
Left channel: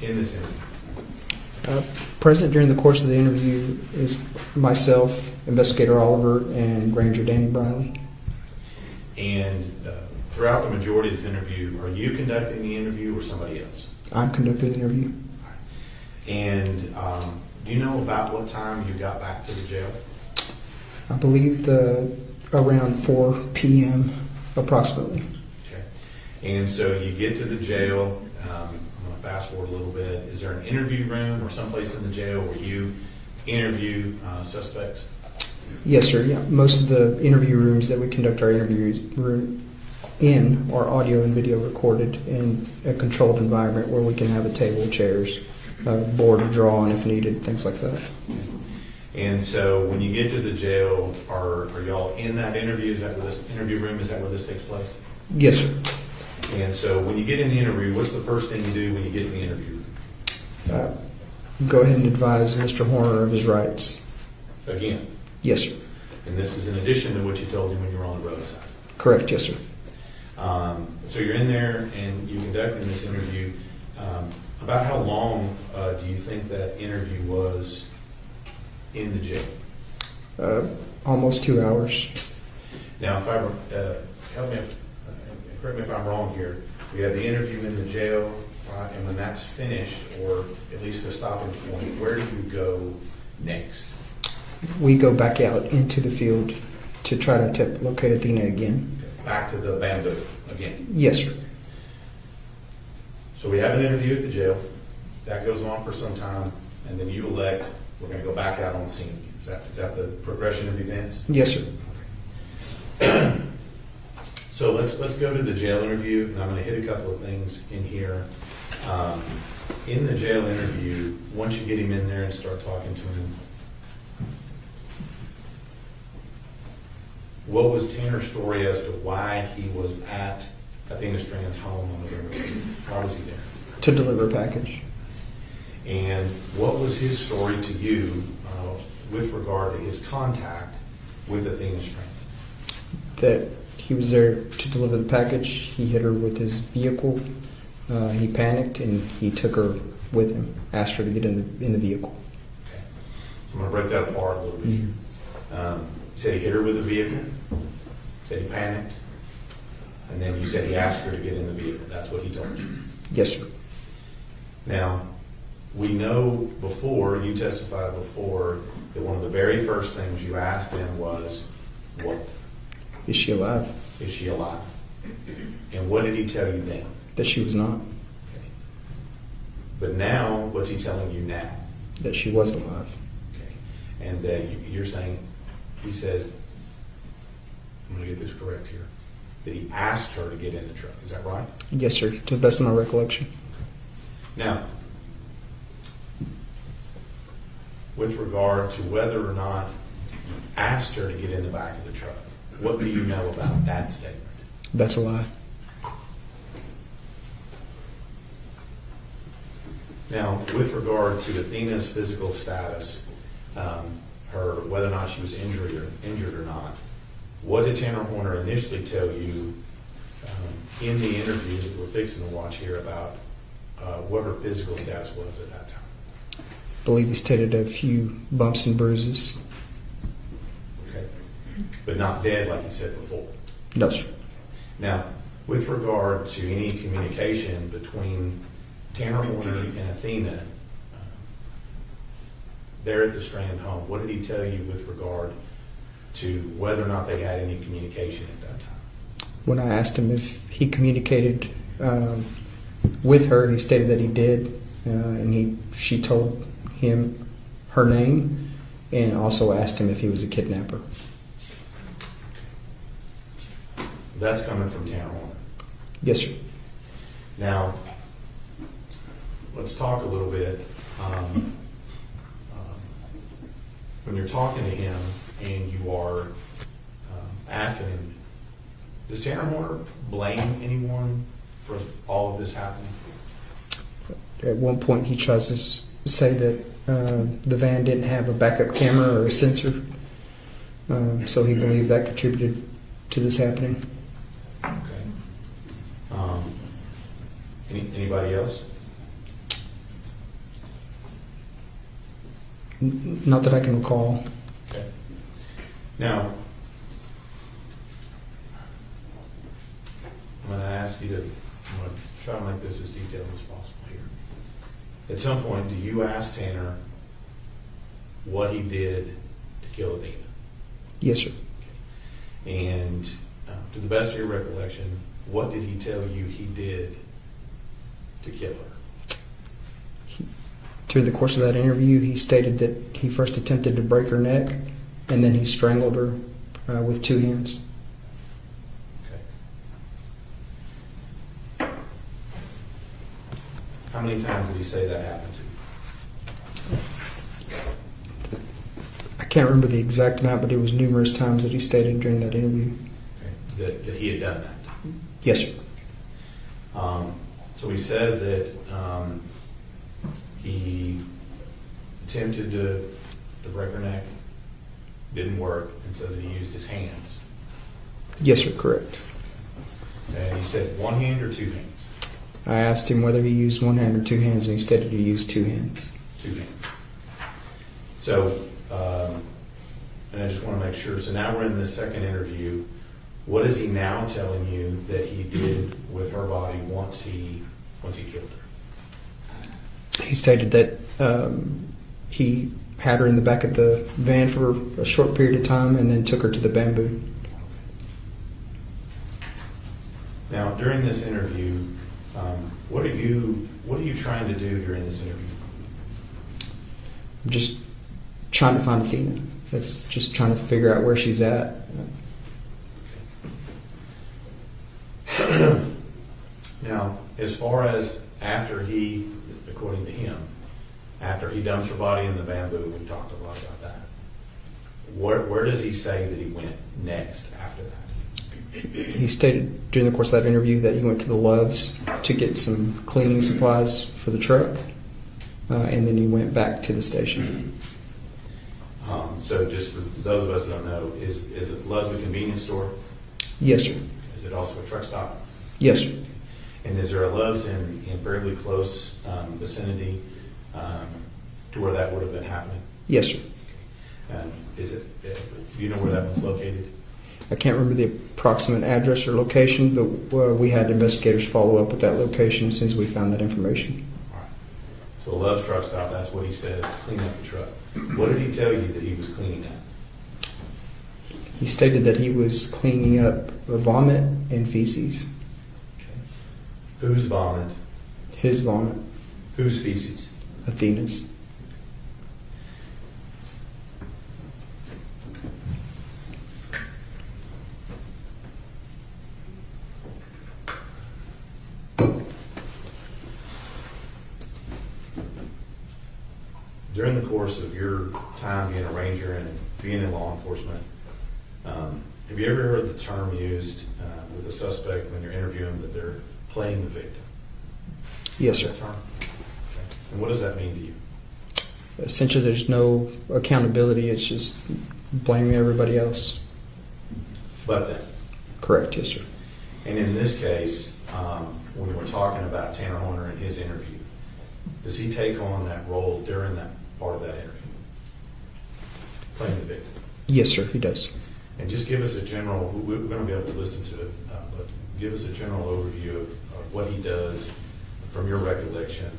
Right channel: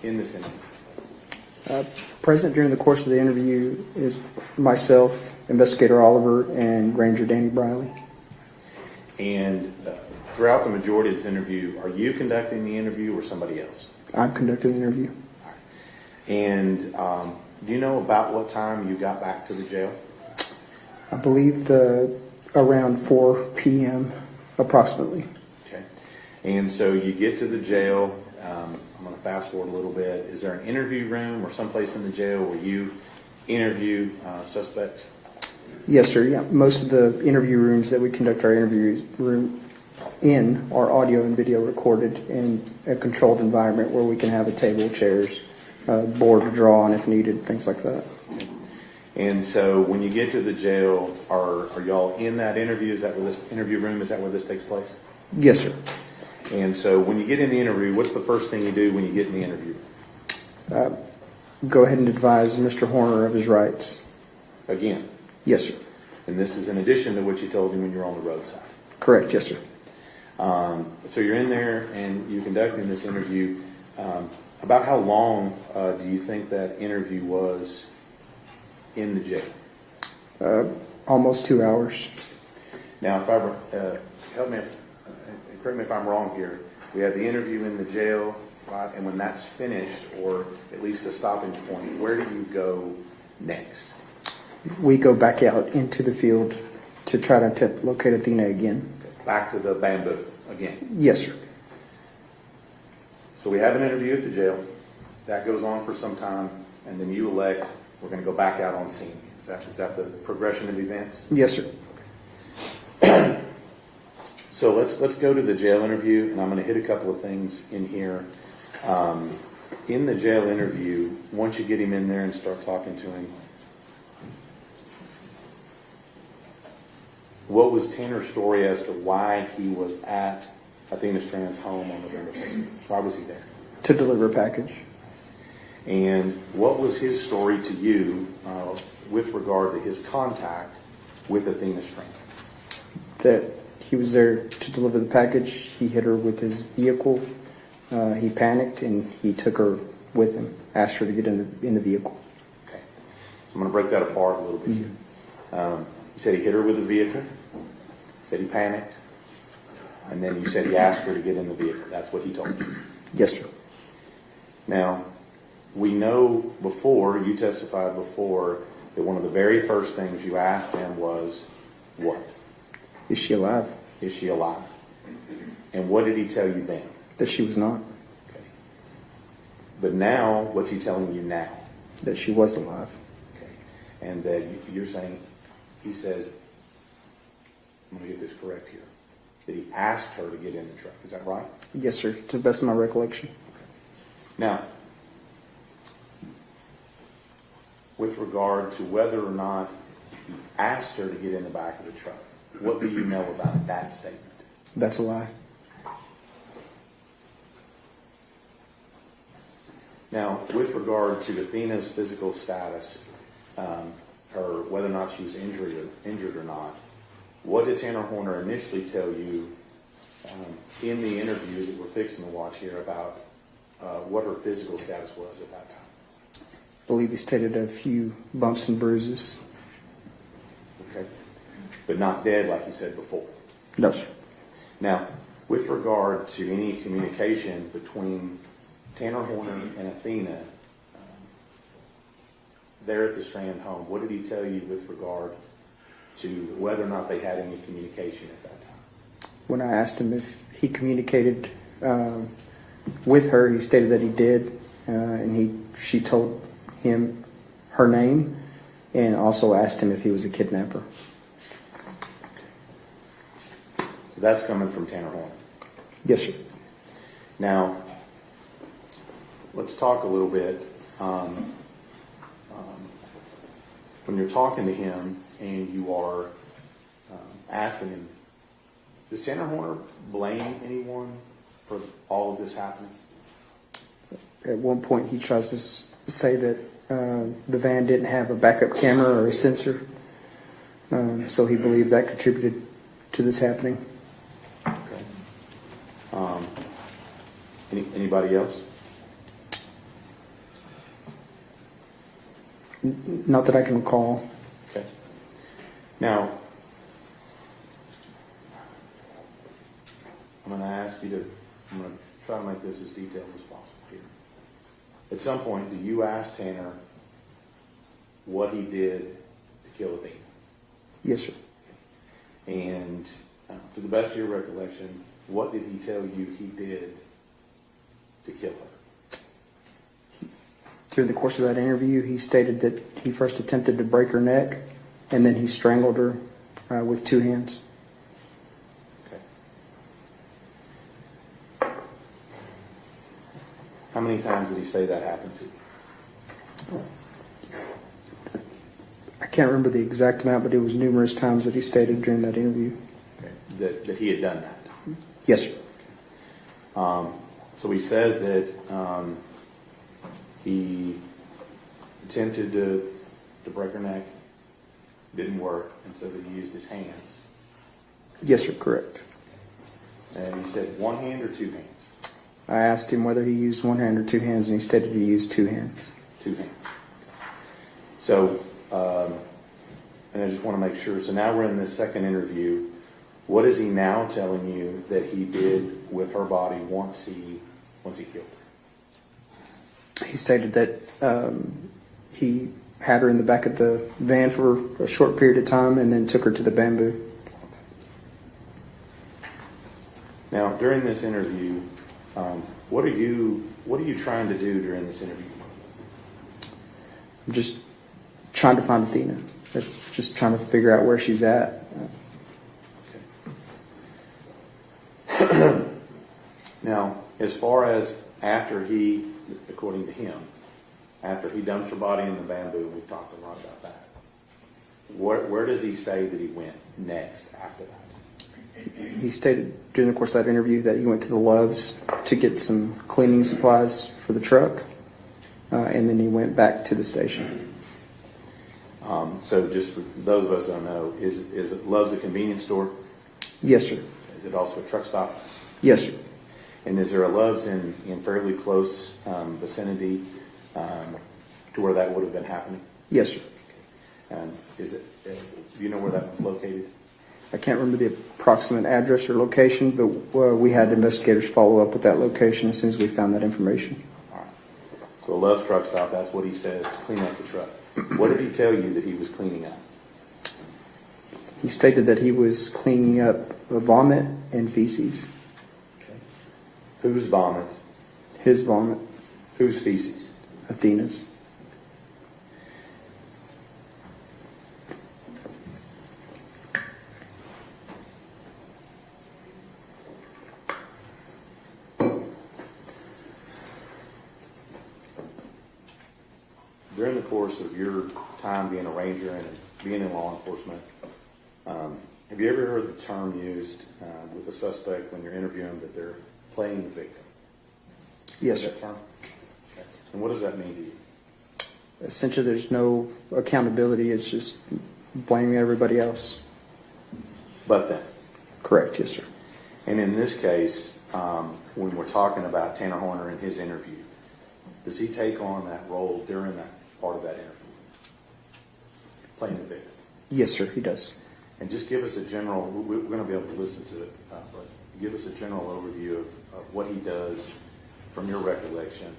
in this interview? Present during the course of the interview is myself, Investigator Oliver, and Ranger Danny Briley. And throughout the majority of this interview, are you conducting the interview or somebody else? I'm conducting the interview. And do you know about what time you got back to the jail? I believe around 4 p.m. approximately. Okay. And so you get to the jail. I'm going to fast forward a little bit. Is there an interview room or someplace in the jail where you interview suspects? Yes, sir. Yeah. Most of the interview rooms that we conduct our interviews in are audio and video recorded in a controlled environment where we can have a table, chairs, board to draw on if needed, things like that. And so when you get to the jail, are y'all in that interview? Is that where this interview room, is that where this takes place? Yes, sir. And so when you get in the interview, what's the first thing you do when you get in the interview room? Go ahead and advise Mr. Horner of his rights. Again? Yes, sir. And this is in addition to what you told you when you were on the roadside? Correct, yes, sir. So you're in there and you're conducting this interview. About how long do you think that interview was in the jail? Almost 2 hours. Now, if I help me, correct me if I'm wrong here. We have the interview in the jail, right? And when that's finished, or at least a stopping point, where do you go next? We go back out into the field to try to locate Athena again. Back to the bamboo again? Yes, sir. So we have an interview at the jail. That goes on for some time, and then you elect, we're going to go back out on scene. Is that the progression of events? Yes, sir. So let's go to the jail interview, and I'm going to hit a couple of things in here. In the jail interview, once you get him in there and start talking to him, what was Tanner's story as to why he was at Athena Strand's home on the river? Why was he there? to deliver a package. And what was his story to you with regard to his contact with Athena Strand? That he was there to deliver the package. He hit her with his vehicle. He panicked and he took her with him, asked her to get in the vehicle. Okay. So I'm going to break that apart a little bit here. He said he hit her with the vehicle, said he panicked, and then you said he asked her to get in the vehicle. That's what he told you? Yes, sir. Now, we know before, you testified before, that one of the very first things you asked him was, what? Is she alive? Is she alive? And what did he tell you then? That she was not. Okay. But now, what's he telling you now? That she was alive. Okay. And that you're saying, he says, I'm going to get this correct here, that he asked her to get in the truck. Is that right? Yes, sir, to the best of my recollection. Now, with regard to whether or not he asked her to get in the back of the truck, what do you know about that statement? That's a lie. Now, with regard to Athena's physical status, her whether or not she was injured or not, what did Tanner Horner initially tell you in the interview that we're fixing to watch here about what her physical status was at that time? I believe he stated a few bumps and bruises. Okay. But not dead like he said before? No, sir. Now, with regard to any communication between Tanner Horner and Athena there at the Strand home, what did he tell you with regard to whether or not they had any communication at that time? When I asked him if he communicated with her, he stated that he did, and she told him her name and also asked him if he was a kidnapper. That's coming from Tanner Horner? Yes, sir. Now, let's talk a little bit. When you're talking to him and you are asking him, does Tanner Horner blame anyone for all of this happening? At one point, he tries to say that the van didn't have a backup camera or a sensor, so he believed that contributed to this happening. Okay. Anybody else? Not that I can recall. Okay. Now, I'm going to ask you to, I'm going to try to make this as detailed as possible here. At some point, do you ask Tanner what he did to kill Athena? Yes, sir. Okay. And to the best of your recollection, what did he tell you he did to kill her? Through the course of that interview, he stated that he first attempted to break her neck, and then he strangled her with 2 hands. Okay. How many times did he say that happened to you? I can't remember the exact amount, but it was numerous times that he stated during that interview. Okay. That he had done that? Yes, sir. So he says that he attempted to break her neck, didn't work, and so that he used his hands. Yes, sir, correct. And he said 1 hand or 2 hands? I asked him whether he used 1 hand or 2 hands, and he stated he used 2 hands. 2 hands. So, and I just want to make sure, so now we're in this second interview. What is he now telling you that he did with her body once he killed her? He stated that he had her in the back of the van for a short period of time and then took her to the bamboo. Now, during this interview, what are you trying to do during this interview? I'm just trying to find Athena. That's just trying to figure out where she's at. Now, as far as after he, according to him, after he dumps her body in the bamboo, we've talked a lot about that. Where does he say that he went next after that? he stated during the course of that interview that he went to the Loves to get some cleaning supplies for the truck, and then he went back to the station. So just for those of us that don't know, is it Love's a convenience store? Yes, sir. Is it also a truck stop? Yes, sir. And is there a Love's in fairly close vicinity to where that would have been happening? Yes, sir. And do you know where that one's located? I can't remember the approximate address or location, but we had investigators follow up with that location as soon as we found that information. All right. So Love's truck stop, that's what he said, clean up the truck. What did he tell you that he was cleaning up? He stated that he was cleaning up vomit and feces. Okay. Whose vomit? His vomit. Whose feces? Athena's. During the course of your time being a ranger and being in law enforcement, have you ever heard the term used with a suspect when you're interviewing that they're playing the victim? Yes, sir. Term? Okay. And what does that mean to you? Essentially, there's no accountability. It's just blaming everybody else. But then? Correct, yes, sir. And in this case, when we're talking about Tanner Horner in his interview, does he take on that role during that part of that interview? Playing the victim? Yes, sir, he does. And just give us a general, we're going to be able to listen to it, but give us a general overview of what he does from your recollection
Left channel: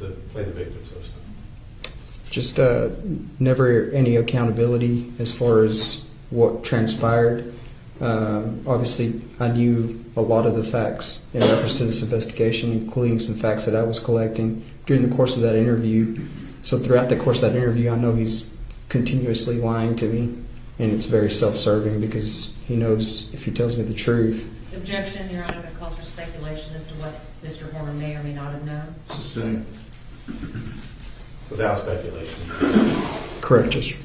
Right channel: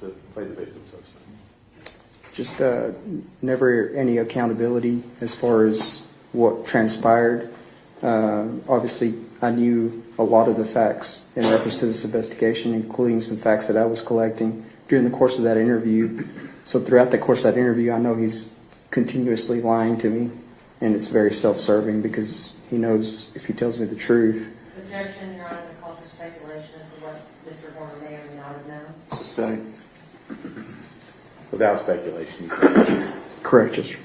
to play the victim, so to speak. Just never any accountability as far as what transpired. Obviously, I knew a lot of the facts in reference to this investigation, including some facts that I was collecting during the course of that interview. So throughout the course of that interview, I know he's continuously lying to me, and it's very self-serving because he knows if he tells me the truth. Objection, Your Honor, that calls for speculation as to what Mr. Horner may or may not have known. Sustained. Without speculation. Correct, yes, sir.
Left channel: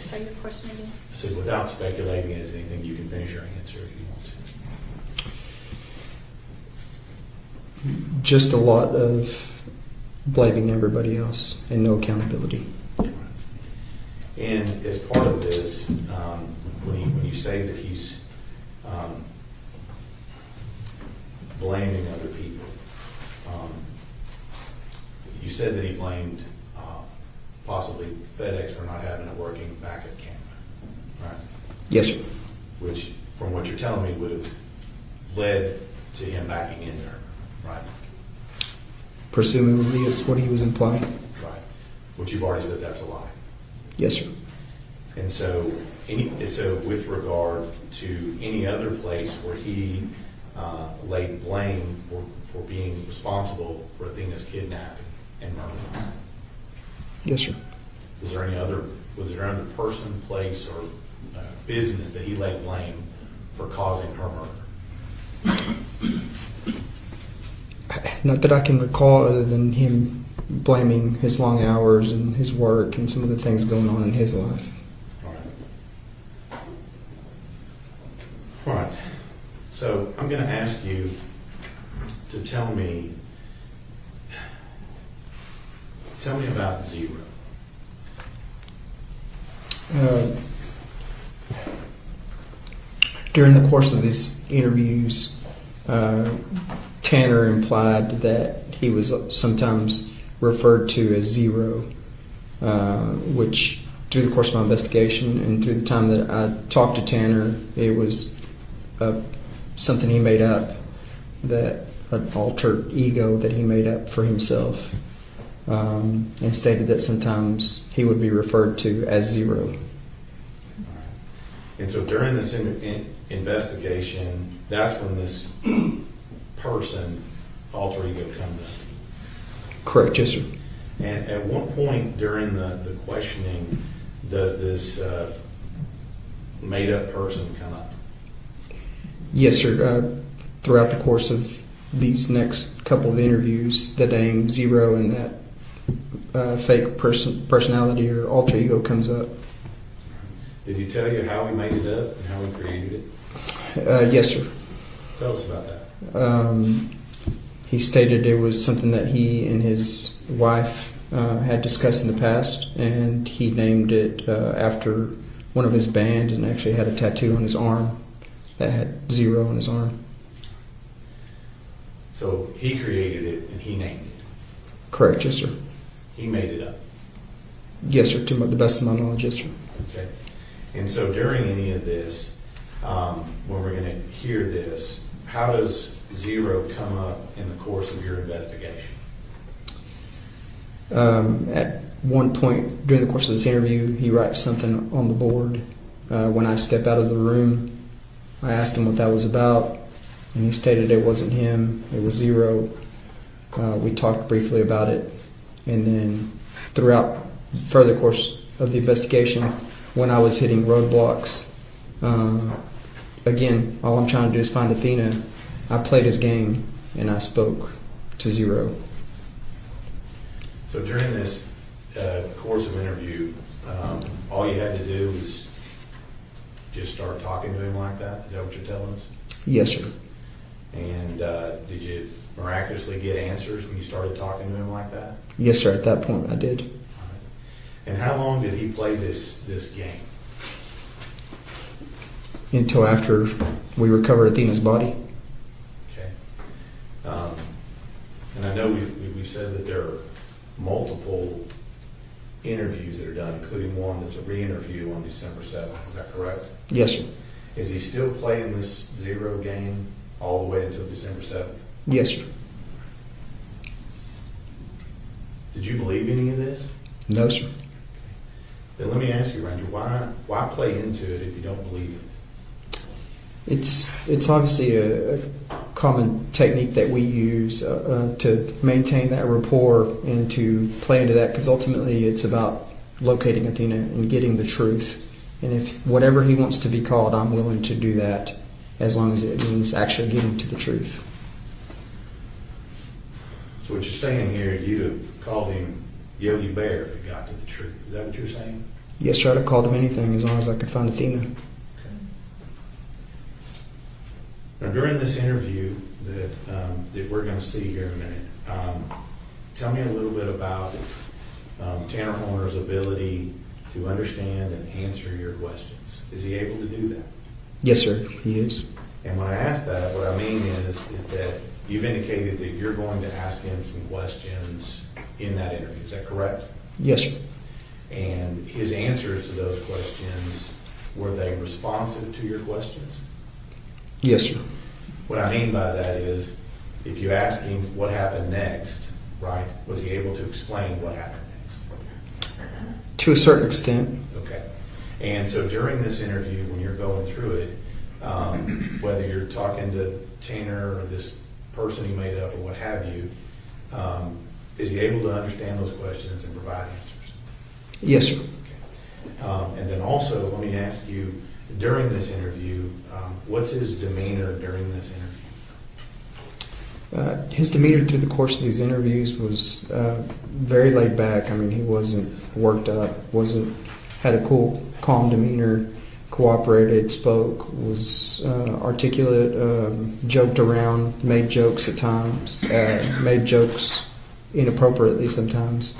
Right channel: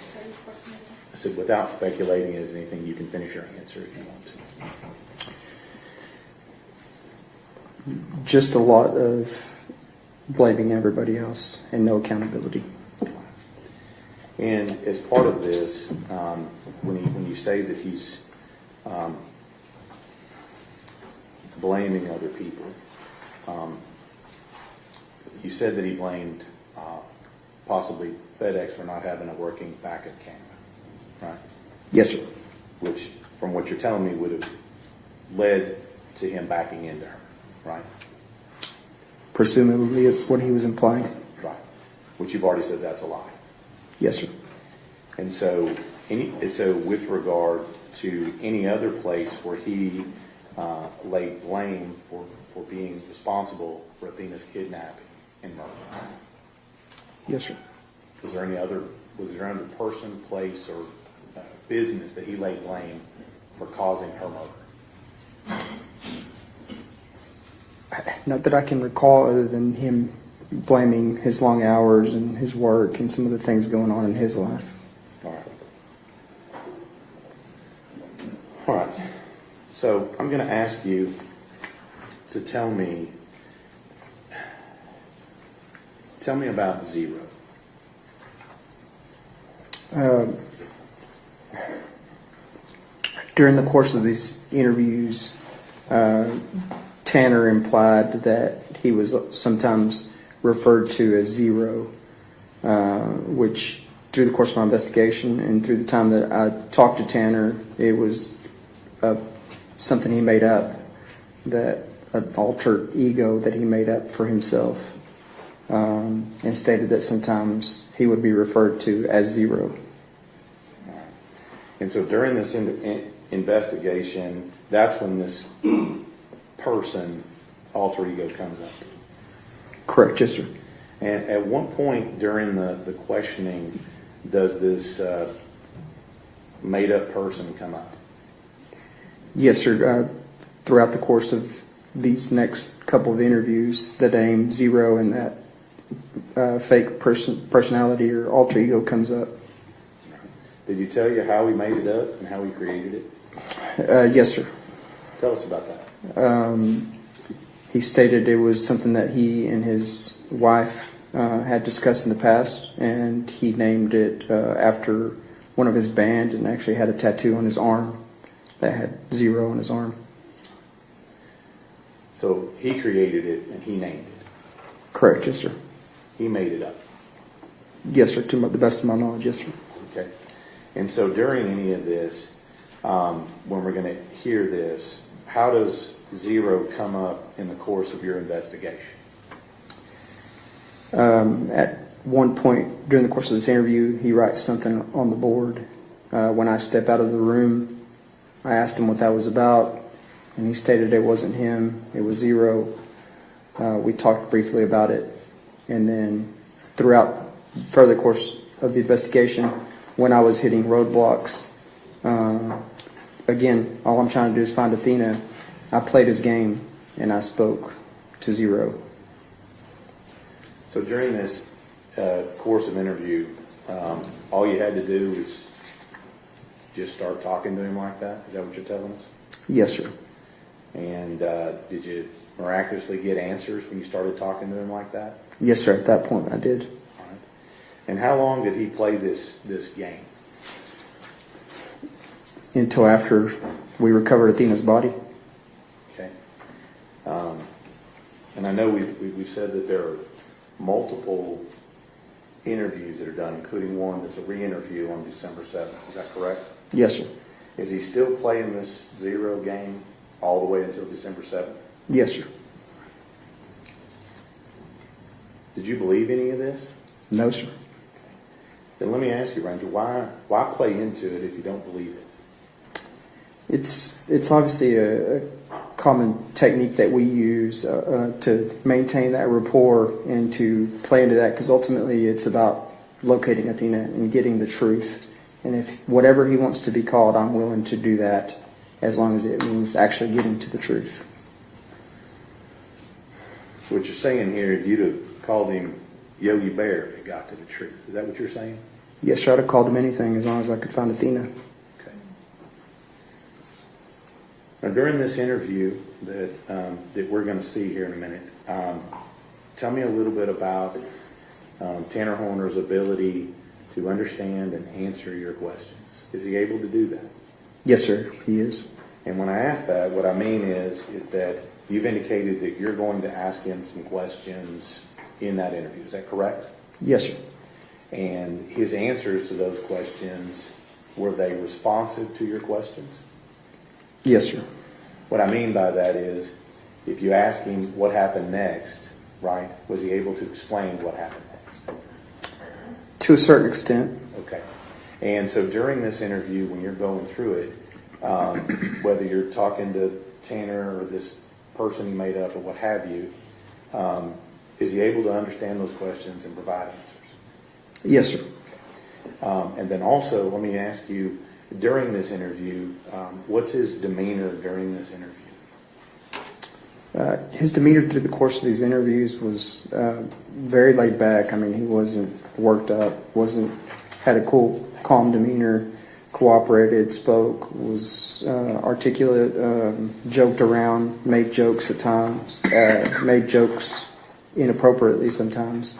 Say your question again. I said, without speculating, is anything you can finish your answer if you want to. Just a lot of blaming everybody else and no accountability. And as part of this, when you say that he's blaming other people, you said that he blamed possibly FedEx for not having a working backup camera, right? Yes, sir. Which, from what you're telling me, would have led to him backing into her, right? Presumably is what he was implying. Right. Which you've already said that's a lie. Yes, sir. And so, with regard to any other place where he laid blame for being responsible for Athena's kidnapping and murder, Yes, sir. was there any other person, place, or business that he laid blame for causing her murder? Not that I can recall, other than him blaming his long hours and his work and some of the things going on in his life. All right. All right. So I'm going to ask you to tell me about Zero. During the course of these interviews, Tanner implied that he was sometimes referred to as Zero, which through the course of my investigation and through the time that I talked to Tanner, it was something he made up, that an alter ego that he made up for himself, and stated that sometimes he would be referred to as Zero. And so during this investigation, that's when this person, alter ego, comes up. Correct, yes, sir. And at what point during the questioning does this made-up person come up? Yes, sir. Throughout the course of these next couple of interviews, the name Zero and that fake personality or alter ego comes up. Did he tell you how he made it up and how he created it? Yes, sir. Tell us about that. He stated it was something that he and his wife had discussed in the past, and he named it after one of his band, and actually had a tattoo on his arm that had 0 on his arm. So he created it and he named it. Correct, yes, sir. He made it up. Yes, sir, to the best of my knowledge, yes, sir. Okay. And so during any of this, when we're going to hear this, how does 0 come up in the course of your investigation? At one point during the course of this interview, he writes something on the board. When I step out of the room, I asked him what that was about, and he stated it wasn't him, it was 0. We talked briefly about it, and then throughout further course of the investigation, when I was hitting roadblocks, again, all I'm trying to do is find Athena. I played his game, and I spoke to 0. So during this course of interview, all you had to do is just start talking to him like that? Is that what you're telling us? Yes, sir. And did you miraculously get answers when you started talking to him like that? Yes, sir. At that point, I did. All right. And how long did he play this game? Until after we recovered Athena's body. Okay. And I know we've said that there are multiple interviews that are done, including one that's a re-interview on December 7th. Is that correct? Yes, sir. Is he still playing this 0 game all the way until December 7th? Yes, sir. Did you believe any of this? No, sir. Then let me ask you, Ranger, why play into it if you don't believe it? It's obviously a common technique that we use to maintain that rapport and to play into that, because ultimately it's about locating Athena and getting the truth. And if whatever he wants to be called, I'm willing to do that, as long as it means actually getting to the truth. So what you're saying here, you'd have called him Yogi Bear if you got to the truth. Is that what you're saying? Yes, sir. I'd have called him anything as long as I could find Athena. Okay. Now, during this interview that we're going to see here in a minute, tell me a little bit about Tanner Horner's ability to understand and answer your questions. Is he able to do that? Yes, sir. He is. And when I ask that, what I mean is that you've indicated that you're going to ask him some questions in that interview. Is that correct? Yes, sir. And his answers to those questions, were they responsive to your questions? Yes, sir. What I mean by that is, if you ask him what happened next, right, was he able to explain what happened next? To a certain extent. Okay. And so during this interview, when you're going through it, whether you're talking to Tanner or this person he made up or what have you, is he able to understand those questions and provide answers? Yes, sir. Okay. And then also, let me ask you, during this interview, what's his demeanor during this interview? His demeanor through the course of these interviews was very laid back. I mean, he wasn't worked up, had a cool, calm demeanor, cooperated, spoke, was articulate, joked around, made jokes at times, made jokes inappropriately sometimes.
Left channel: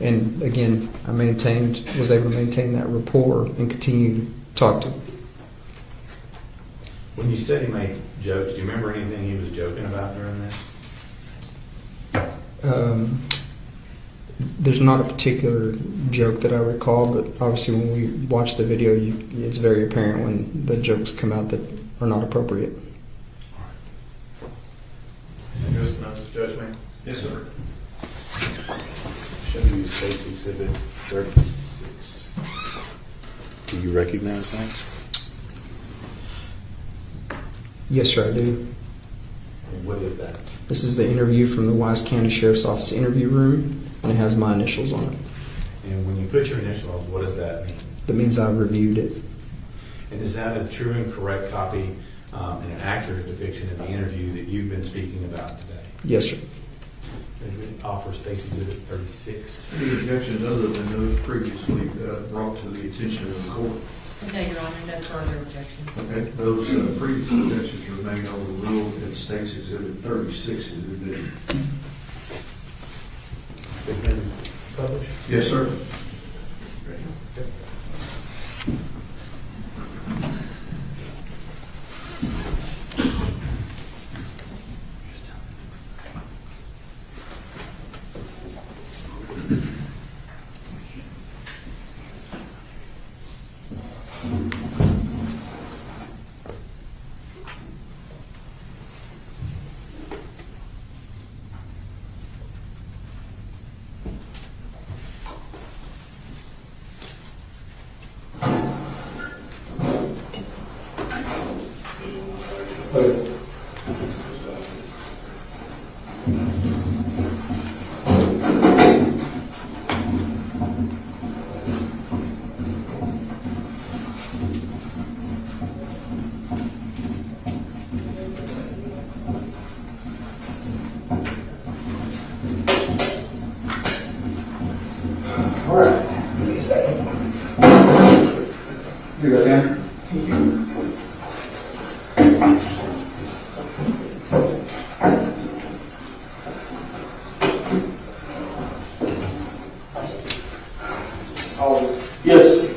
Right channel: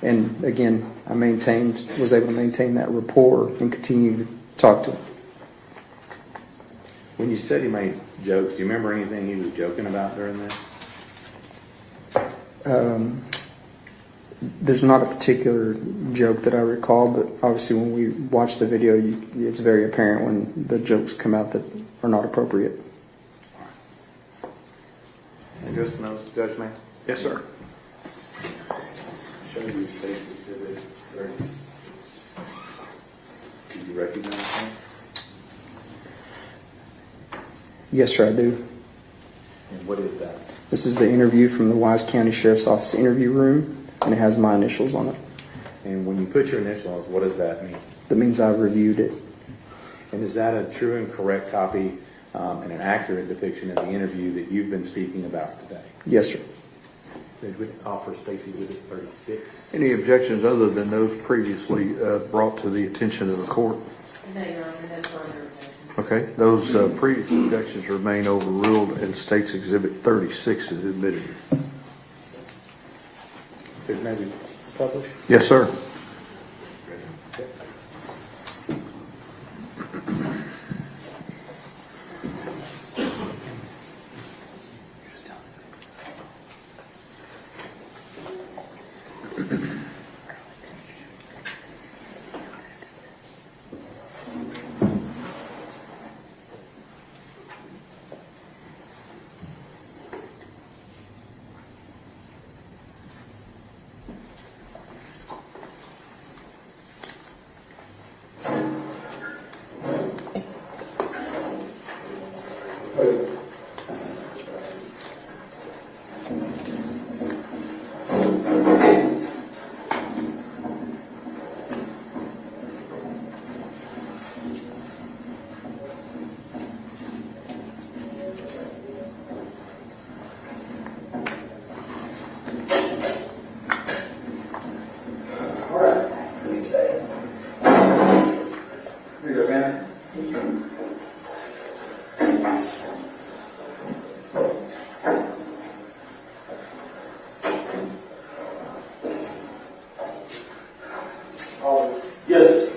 And again, I was able to maintain that rapport and continue to talk to him. When you said he made jokes, do you remember anything he was joking about during this? There's not a particular joke that I recall, but obviously when we watch the video, it's very apparent when the jokes come out that are not appropriate. Just notes, Judge May? Yes, sir. Show you State's Exhibit 36. Do you recognize that? Yes, sir, I do. And what is that? This is the interview from the Wise County Sheriff's Office interview room, and it has my initials on it. And when you put your initials, what does that mean? That means I've reviewed it. And is that a true and correct copy and an accurate depiction of the interview that you've been speaking about today? Yes, sir. Did we offer State's Exhibit 36? Any objections other than those previously brought to the attention of the court? No, Your Honor, no further objections. Okay, those previous objections remain overruled and State's Exhibit 36 is admitted. Is that published? Yes, sir. Okay. Yes.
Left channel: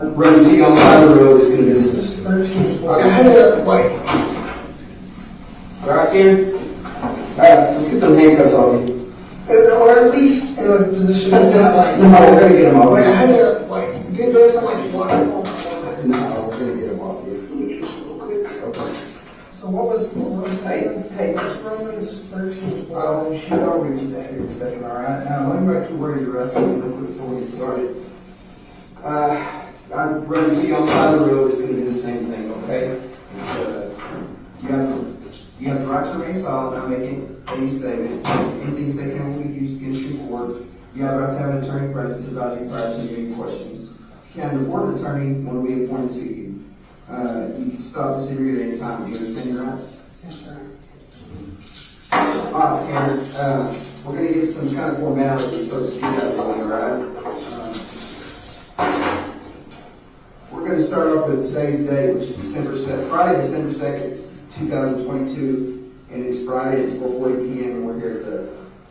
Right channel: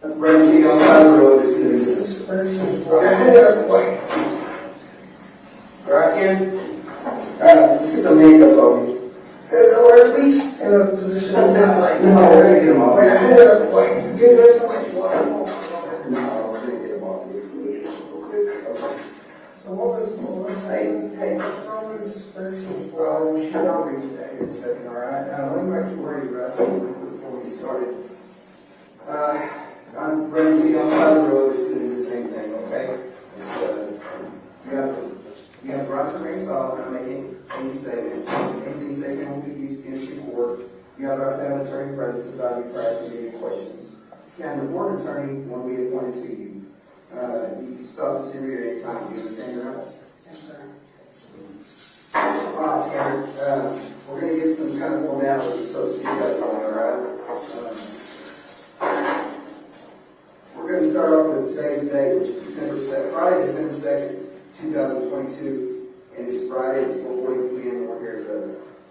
Right, you outside the road is going to do this. Okay, wait. All right, Tim? All right, let's get them handcuffs on you. Or at least in a position to sound like... No, we're going to get them off. Wait, I had to, like, get this, I'm like, what? No, I'm going to get them off you. Okay. So what was hey, what's Romans 13? Oh, sure, I'll read you that here in a second, all right? Now, let me back to where you're at, so before we started. I'm running to you outside the road, it's going to do the same thing, okay? You have the right to remain silent, not making any statement. Anything said can be used against you in court. You have the right to have an attorney present to value prior to any question. You can report an attorney when we appointed to you. You can stop this interview at any time. Do you understand your rights? Yes, sir. All right, Tanner. We're going to get some kind of formality, so to speak, out of the way, all right? We're going to start off with today's date, which is Friday, December 2nd, 2022, and it's Friday at 4:40 p.m. We're here at the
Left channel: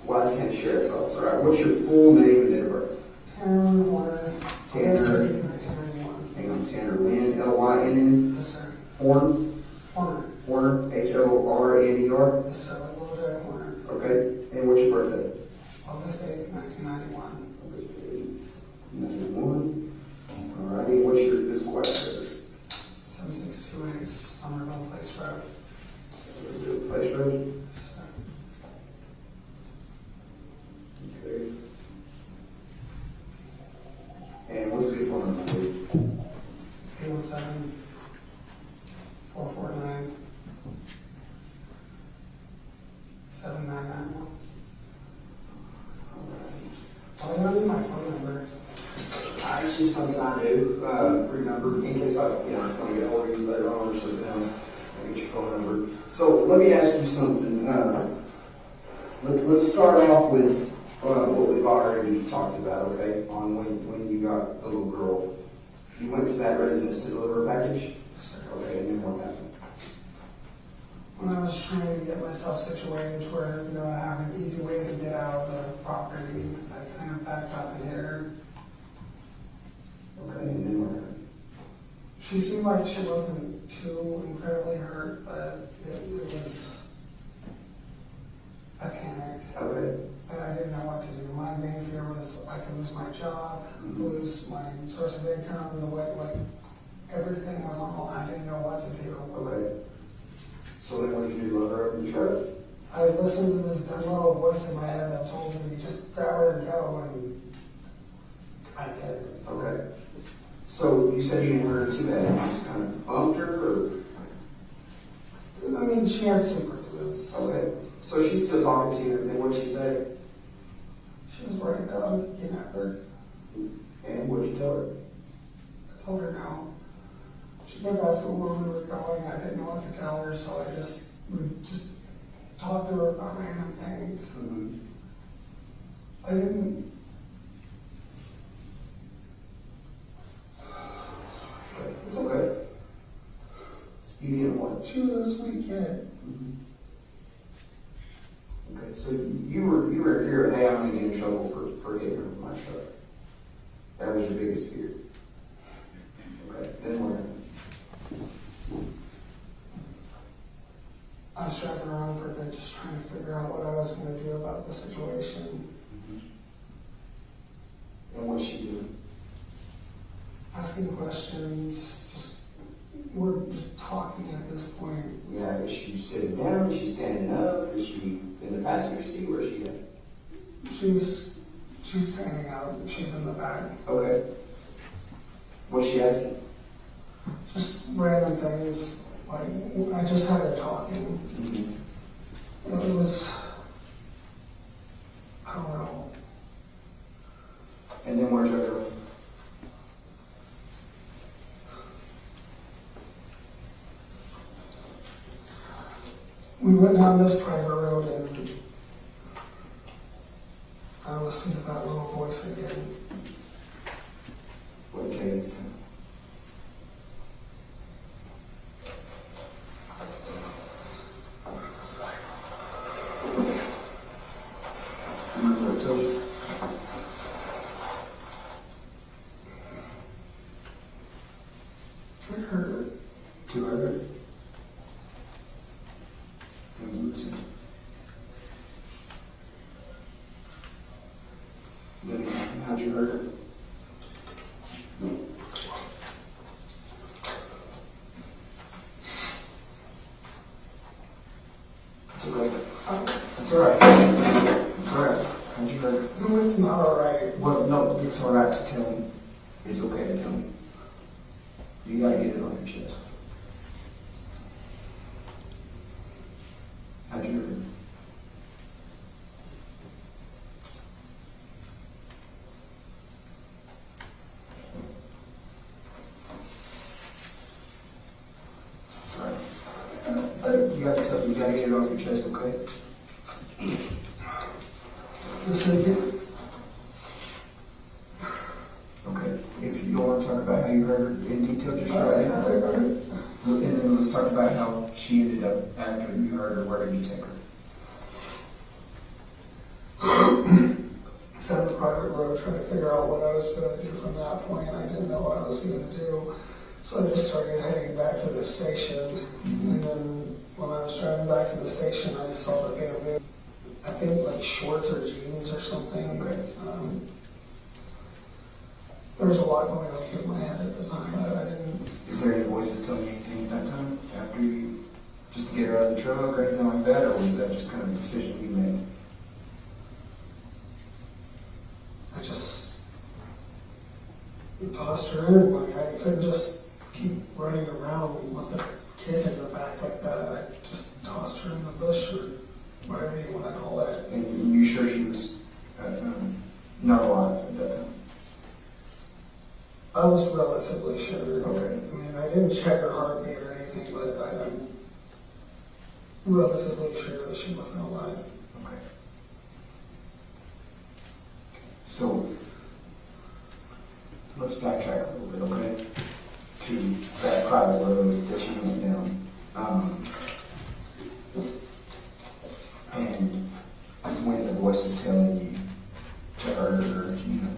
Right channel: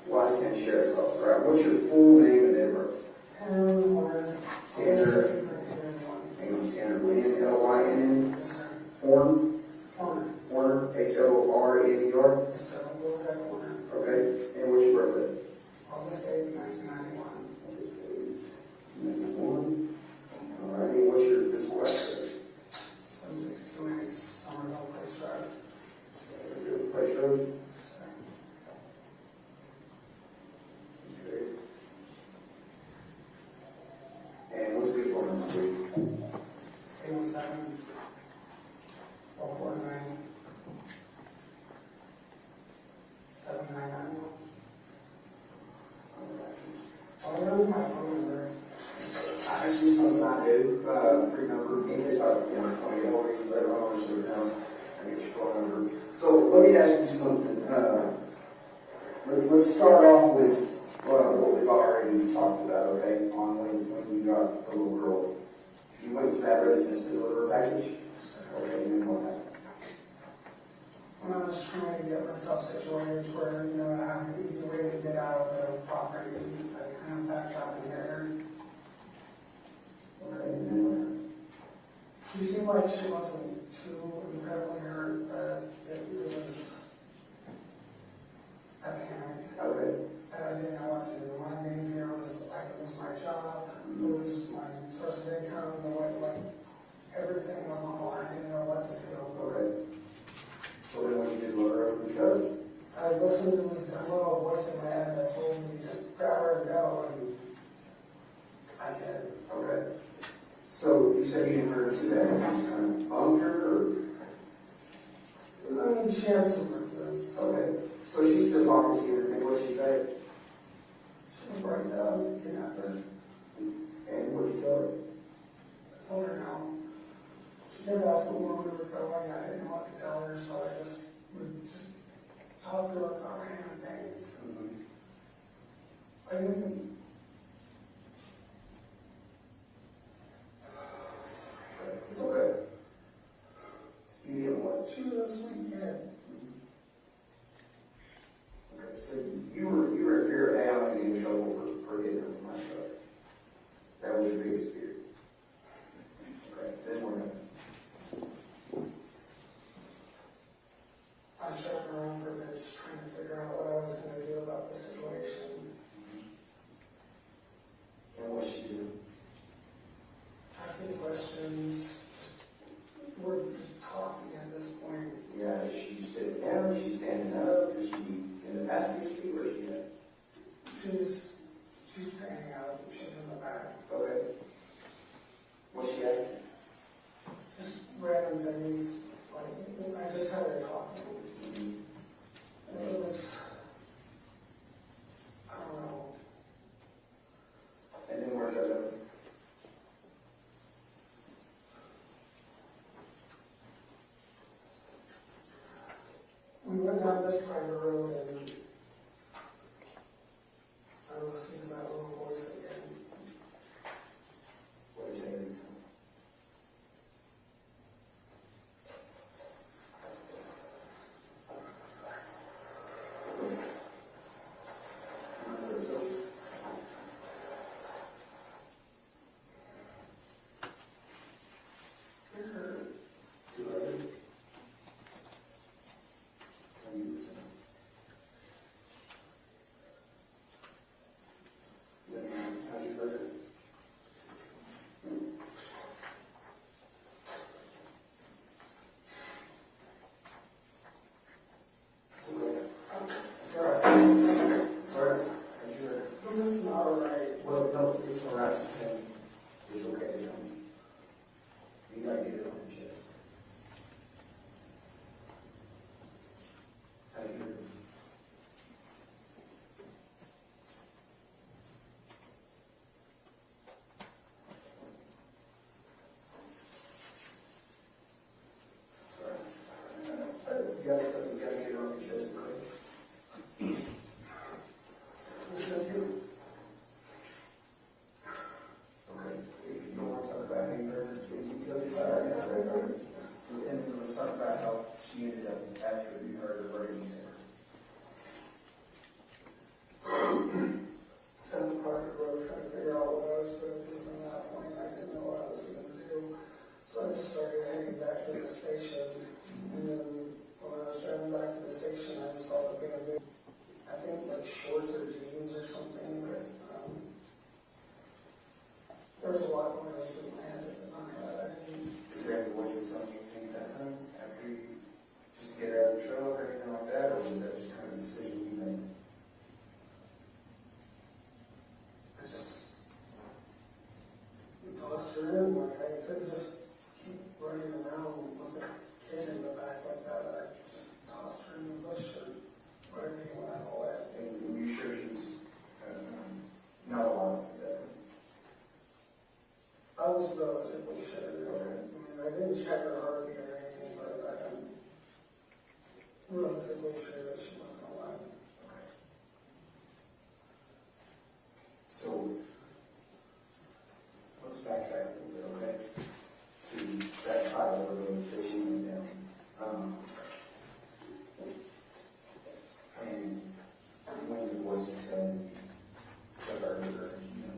Wise County Sheriff's Office. All right, what's your full name and date of birth? Tanner. Hang on, Tanner Lynn, Lynn. Yes, sir. Horn. with my phone number? It's just something I do, remember, in case I, you know, want to get hold of you later on or something else, I get your phone number. So let me ask you something. Let's start off with what we've already talked about, okay? On when you got the little girl. You went to that residence to deliver a package? Okay, and then what happened? When I was trying to get myself situated to where, you know, I have an easy way to get out of the property, I kind of backed up and hit her. Okay, and then what happened? She seemed like she wasn't too incredibly hurt, but it was a panic. Okay. And I didn't know what to do. My main fear was I could lose my job, lose my source of income, the way, like, everything was on the line. I didn't know what to do. Okay. So then what do you do, look her up and try? I listened to this dumb little voice in my head that told me, just grab her and go, and I did. Okay. So you said you didn't hurt her too bad, you just kind of bumped her, or? I mean, she had some bruises. Okay. So she's still talking to you and everything, what'd she say? She was worried that I was a kidnapper. And what'd you tell her? I told her no. She kept asking where we were going. I didn't know what to tell her, so I would just talk to her about random things. Mm-hmm. I didn't. It's okay. You didn't what? She was a sweet kid. Mm-hmm. Okay, so you were in fear of, hey, I'm going to get in trouble for getting rid of my truck. That was your biggest fear. Okay, then what happened? I was driving around for a bit just trying to figure out what I was going to do about the situation. And what'd she do? Asking questions, we're just talking at this point. Yeah, is she sitting down? Is she standing up? Is she in the passenger seat? Where's she at? She's standing up. She's in the back. Okay. What's she asking? Just random things. Like, I just had her talking. Mm-hmm. It was, I don't know. And then where'd you go? We went down this private road and I listened to that little voice again. What did it tell you this time? Remember what it told you? I heard it. 200? And you listen. Then how'd you heard it? It's okay. It's alright. It's alright. How'd you heard it? No, it's not alright. Well, no, it's alright to tell me. It's okay to tell me. You gotta get it off your chest. How'd you hear it? Sorry. You gotta get it off your chest, okay? Listen again. Okay. If you don't want to talk about how you heard it in detail, just All right, I heard it. And then let's talk about how she ended up after you heard her. Where did you take her? Sat on the private road trying to figure out what I was going to do from that point. I didn't know what I was going to do. So I just started heading back to the station. And then when I was driving back to the station, I saw the bamboo. I think like shorts or jeans or something. Okay. There was a lot going on in my head at the time, but I didn't. Is there any voices telling you anything at that time after you, just to get her out of the truck or anything like that, or was that just kind of a decision you made? I just tossed her in. Like, I couldn't just keep running around with a kid in the back like that. I just tossed her in the bush or whatever you want to call that. And you sure she was not alive? I was relatively sure. Okay. I mean, I didn't check her heartbeat or anything, but I'm relatively sure that she wasn't alive. Okay. So, let's backtrack a little bit, okay? To that private road that you went down. And when the voice is telling you to hurt her, you know,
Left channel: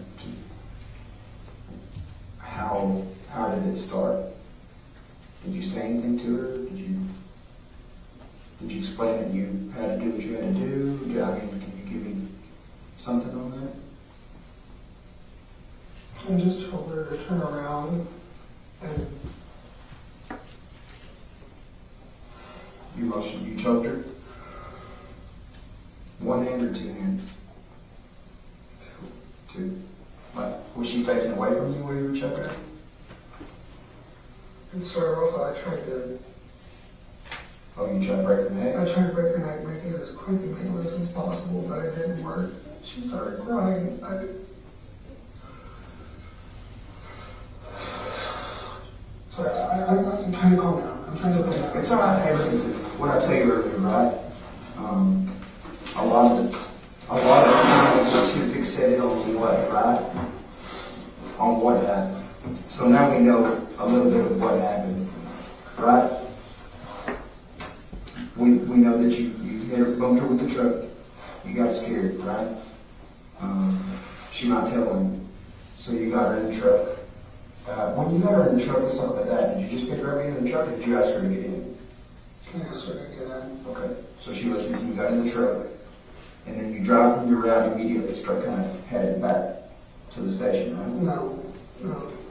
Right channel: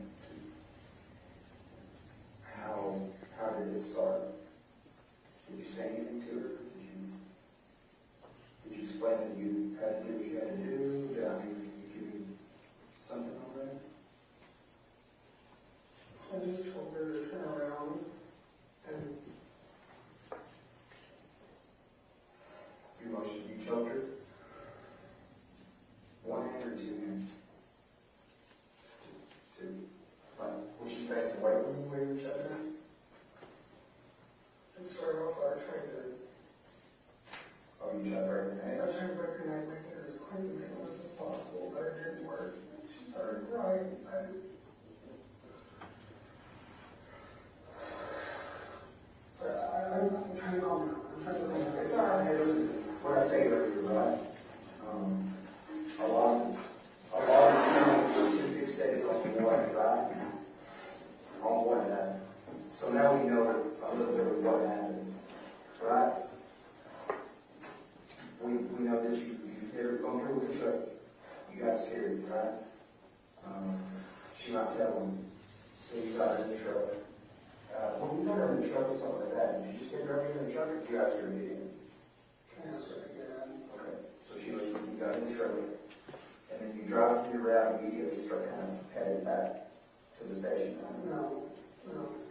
how did it start? Did you say anything to her? Did you explain that you had to do what you had to do? I mean, can you give me something on that? I just told her to turn around and You choked her? One hand or two hands? Two. Like, was she facing away from you while you were choking her? in sort of I tried to. Oh, you tried to break her neck? I tried to break her neck, make it as quick and painless as possible, but it didn't work. She started crying. I'm trying to calm down. I'm trying to calm down. It's all right. Hey, listen to what I tell you earlier, right? A lot of the time we're too fixated on what, right? On what happened. So now we know a little bit of what happened, right? We know that you hit her, bumped her with the truck. You got scared, right? She not telling you. So you got her in the truck. When you got her in the truck, let's talk about that. Did you just pick her up into the truck, or did you ask her to get in? I asked her to get in. Okay. So she listened to you, got in the truck, and then you drive from your route immediately, start kind of headed back to the station, right? No.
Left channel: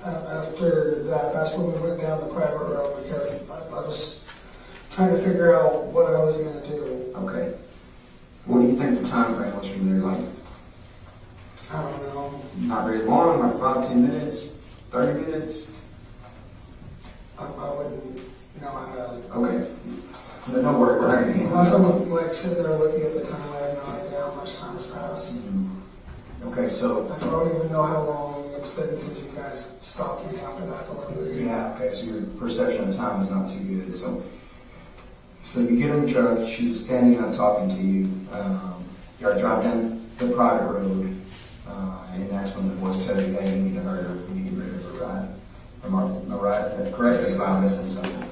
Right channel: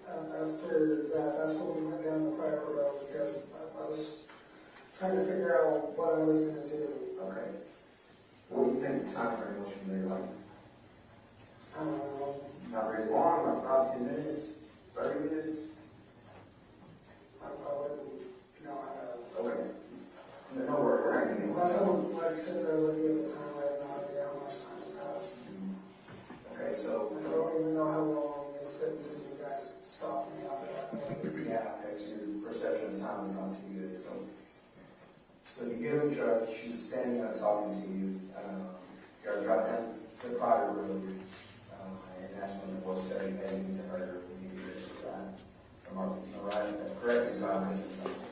After that, that's when we went down the private road because I was trying to figure out what I was going to do. Okay. What do you think the time frame was from there? Like, I don't know. not very long, like 5, 10 minutes, 30 minutes? I wouldn't know how to. Okay. But don't worry, we're not going to get Unless I'm like sitting there looking at the time, I have no idea how much time has passed. Okay, so. I don't even know how long it's been since you guys stopped me after that delivery. Yeah, okay, so your perception of time is not too good. So you get in the truck, she's standing up talking to you. You gotta drive down the private road, and that's when the voice tells you, hey, you need to hurt her, you need to get rid of her, right? Am I right? Correct me if I'm missing something.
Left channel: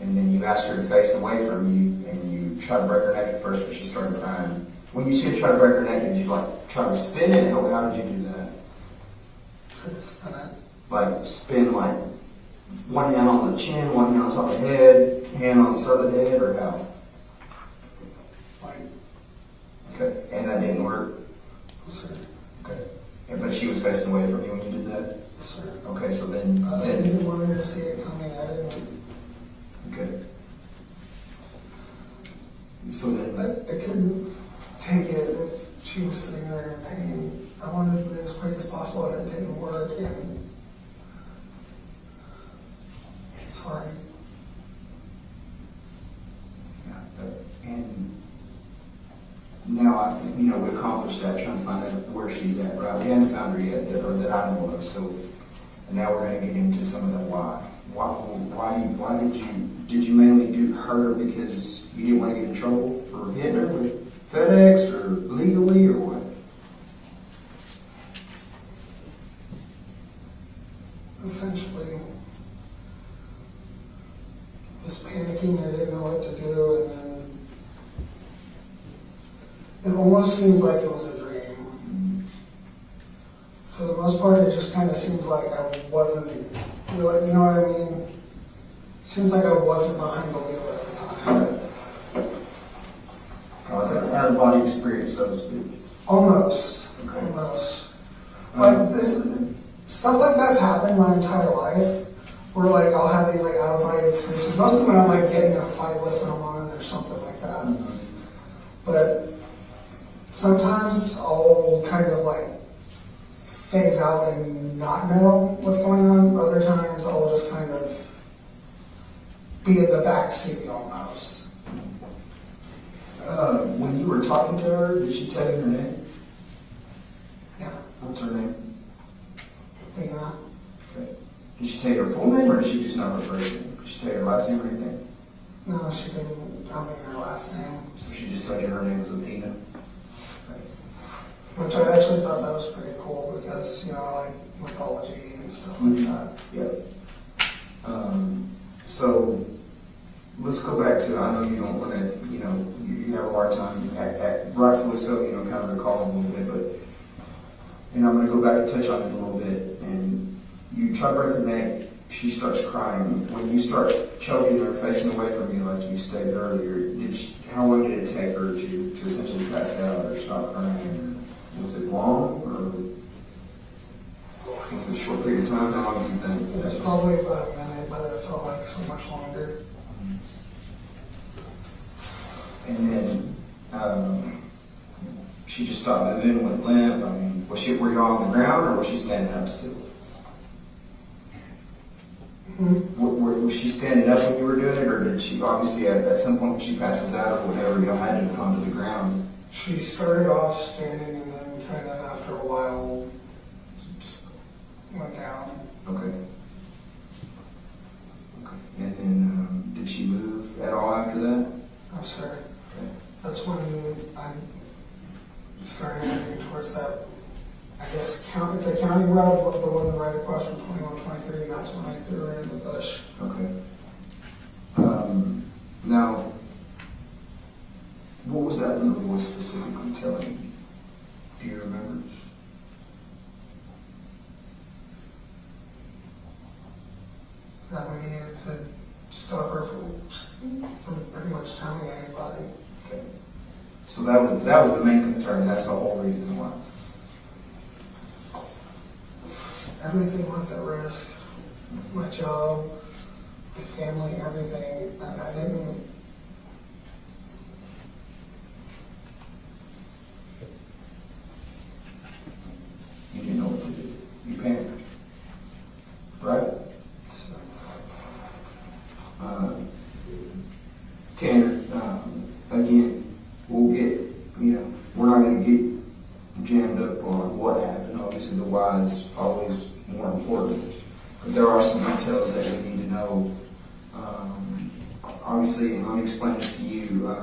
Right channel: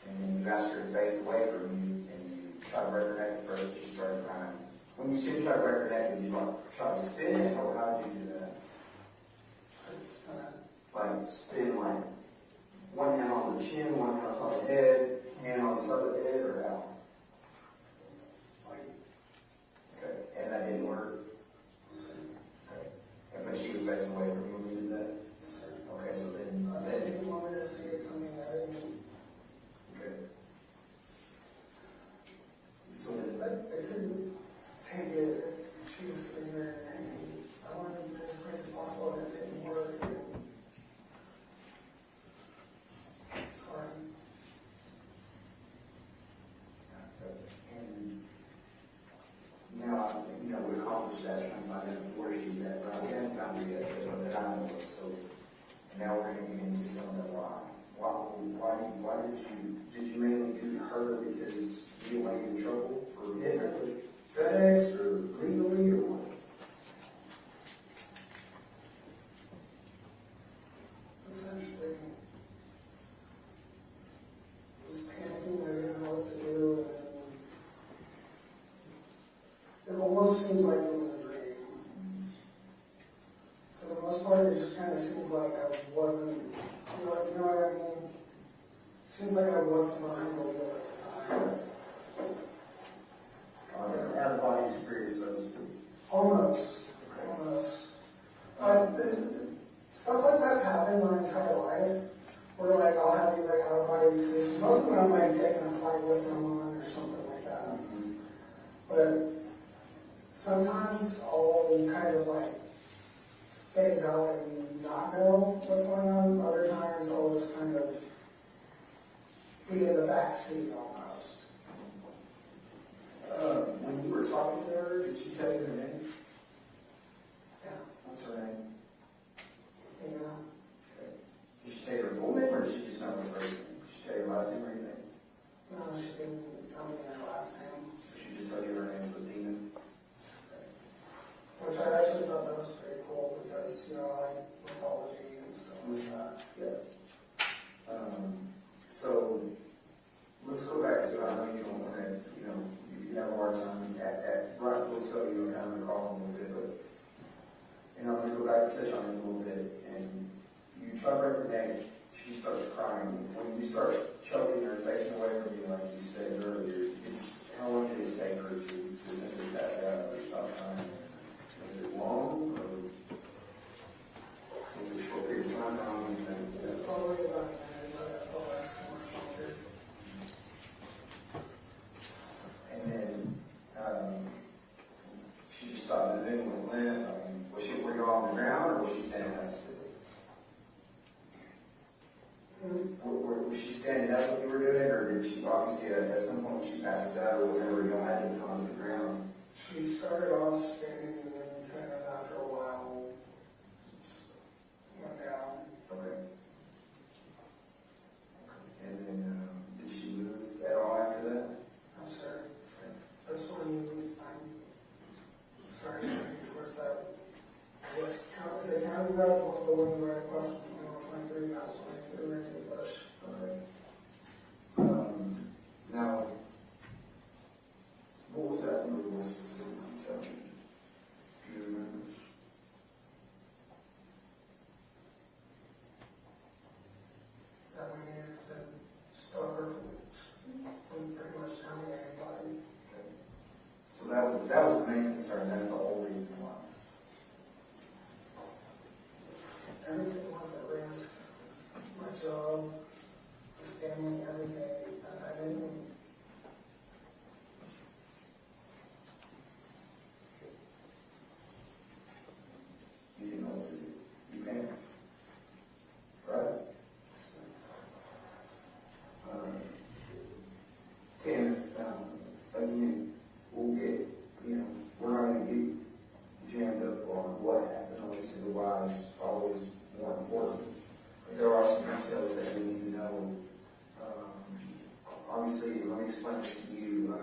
And then you ask her to face away from you, and you try to break her neck at first, but she started crying. When you said try to break her neck, did you like try to spin it? How did you do that? Try to spin it. Like spin like one hand on the chin, one hand on top of the head, hand on the side of the head, or how? Like. Okay, and that didn't work? Yes, sir. Okay. Yeah, but she was facing away from you when you did that? Yes, sir. Okay, so then. I didn't want her to see it coming. I didn't. Okay. So then. I couldn't take it if she was sitting there in pain. I wanted to do it as quick as possible, and it didn't work. And sorry. Yeah, and now we accomplished that, trying to find out where she's at, right? We haven't found her yet, or that I know of. So now we're going to get into some of that why. Why did you mainly do her because you didn't want to get in trouble for hitting her with FedEx or legally or what? Essentially, just panicking. I didn't know what to do, and then it almost seems like it was a dream. For the most part, it just kind of seems like I wasn't, you know what I mean? Seems like I wasn't behind the wheel at the time. Out of body experience, so to speak. Almost. Okay. Almost. But stuff like that's happened my entire life. Where like I'll have these like out of body experiences. Mostly when I'm like getting in a fight with someone or something like that. But sometimes I'll kind of like phase out and not know what's going on. Other times I'll just kind of be in the back seat almost. When you were talking to her, did she tell you her name? Yeah. What's her name? Athena. Okay. Did she tell you her full name, or did she just know her first name? Did she tell you her last name or anything? No, she didn't tell me her last name. So she just told you her name was Athena? Which I actually thought that was pretty cool because, you know, I like mythology and stuff like that. Yep. So let's go back to, I know you don't want to, you know, you have a hard time, rightfully so, you know, kind of recall a little bit, but, and I'm going to go back and touch on it a little bit. And you try to break her neck, she starts crying. When you start choking her, facing away from you, like you stated earlier, how long did it take her to essentially pass out or stop crying? Was it long, or was it a short period of time? How long do you think? It was probably about a minute, but it felt like so much longer. And then she just stopped moving and went limp. I mean, were y'all on the ground, or was she standing up still? Was she standing up when you were doing it, or did she, obviously at some point when she passes out or whatever, you had to come to the ground? She started off standing and then kind of after a while went down. Okay. And then did she move at all after that? No, sir. Okay. That's when I started moving towards that, I guess, it's a county road, the one right across from 2123, and that's when I threw her in the bush. Okay. Now, what was that little voice specifically telling you? Do you remember? That we needed to stop her from pretty much telling anybody. Okay. So that was the main concern. That's the whole reason why. Everything was at risk. My job, my family, everything. And I didn't. You didn't know what to do. You panicked. Right? So, Tanner, again, we'll get, we're not going to get jammed up on what happened. Obviously, the why is always more important. But there are some details that we need to know. Obviously, and let me explain this to you,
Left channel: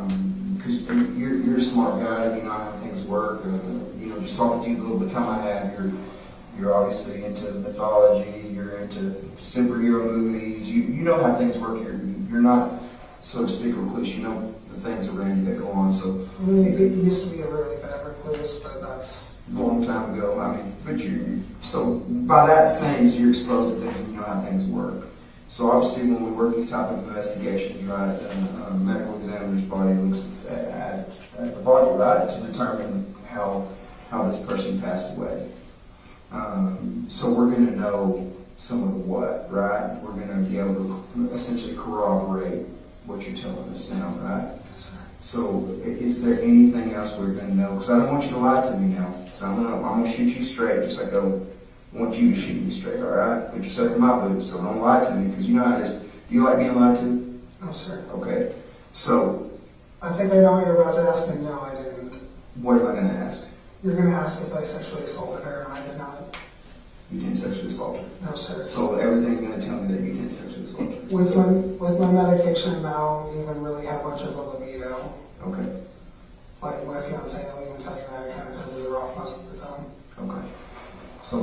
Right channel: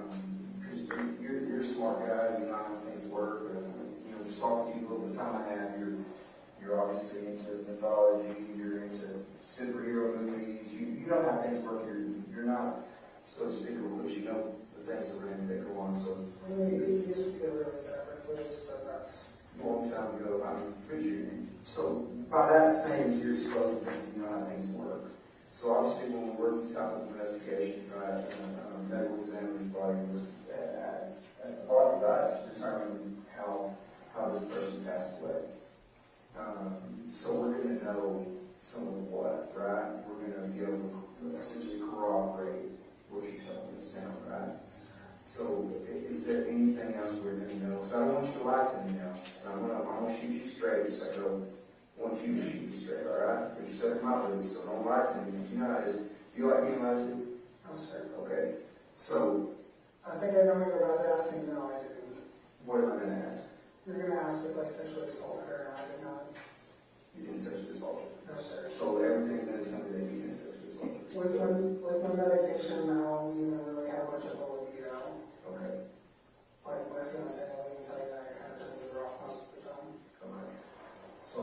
because you're a smart guy, you know how things work. Just talking to you the little bit of time I have, you're obviously into mythology, you're into superhero movies, you know how things work here. You're not, so to speak, a recluse. You know the things around you that go on. So I mean, it used to be a really bad recluse, but that's a long time ago. I mean, but so by that saying, you're exposed to things and you know how things work. So obviously, when we work this type of investigation, right, a medical examiner's body looks at the body, right, to determine how this person passed away. So we're going to know some of the what, right? We're going to be able to essentially corroborate what you're telling us now, right? So is there anything else we're going to know? Because I don't want you to lie to me now. So I'm going to shoot you straight, just like I want you to shoot me straight, all right? Put yourself in my boots, so don't lie to me, because you know how it is. Do you like being lied to? no, sir. Okay. So I think I know what you're about to ask, and no, I didn't. what am I going to ask? You're going to ask if I sexually assaulted her, and I did not. You didn't sexually assault her. No, sir. So everything's going to tell me that you didn't sexually assault her. With my medication now, I don't even really have much of a libido. Okay. Like my fiance will even tell you that kind of pisses her off most of the time. Okay. So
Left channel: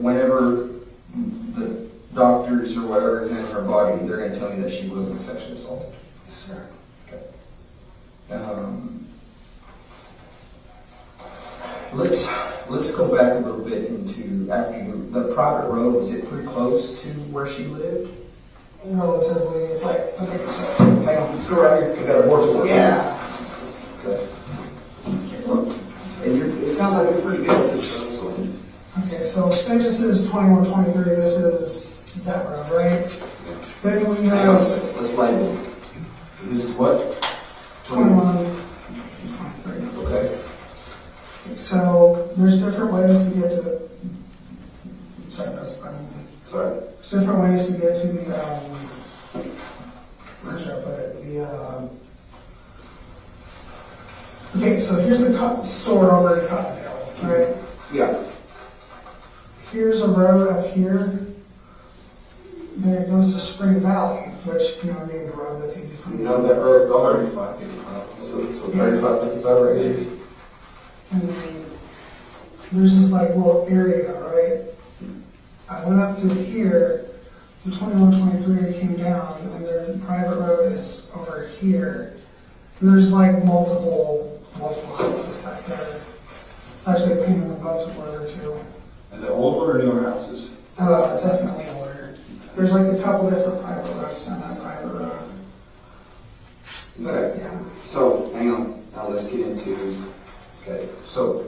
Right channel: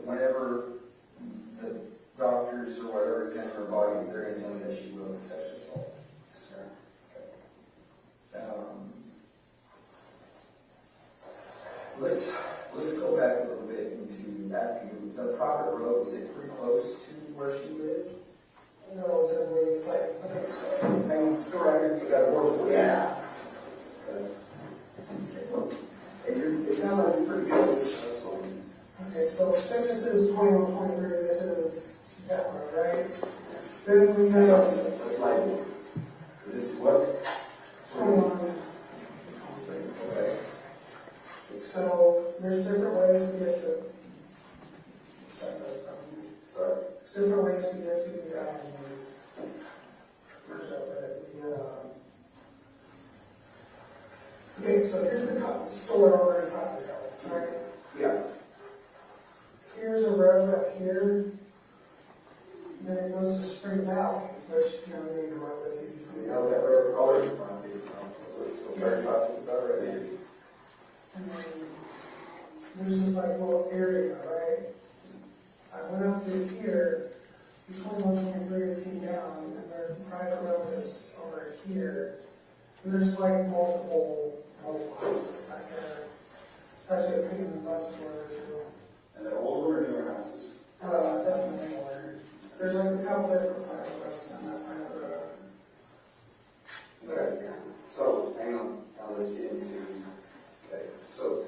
whenever the doctors or whatever examine her body, they're going to tell me that she wasn't sexually assaulted. Yes, sir. Okay. Let's go back a little bit into the private road. Was it pretty close to where she lived? Relatively, it's like, okay, so. Hang on, let's go right here. We got a board to work. Yeah. Okay. Look, and it sounds like you're pretty good at this stuff. So. Okay, so say this is 2123, this is that road, right? Then we Hang on a have second. Let's label it. This is what? 21. Okay. So there's different ways to get to the. Sorry. There's different ways to get to the. Where should I put it? Okay, so here's the store over in Cottondale, right? Yeah. Here's a road up here, then it goes to Spring Valley, which, named a road that's easy for me. You know that road, 3555. So 3555 right here. And then there's this like little area, right? I went up through here, through 2123, I came down, and there's a private road is over here. And there's like multiple houses back there. It's actually a pain in the butt to live into. And the older or newer houses? Definitely older. There's like a couple different private roads on that private road. But, yeah. So, hang on, now let's get into, okay, so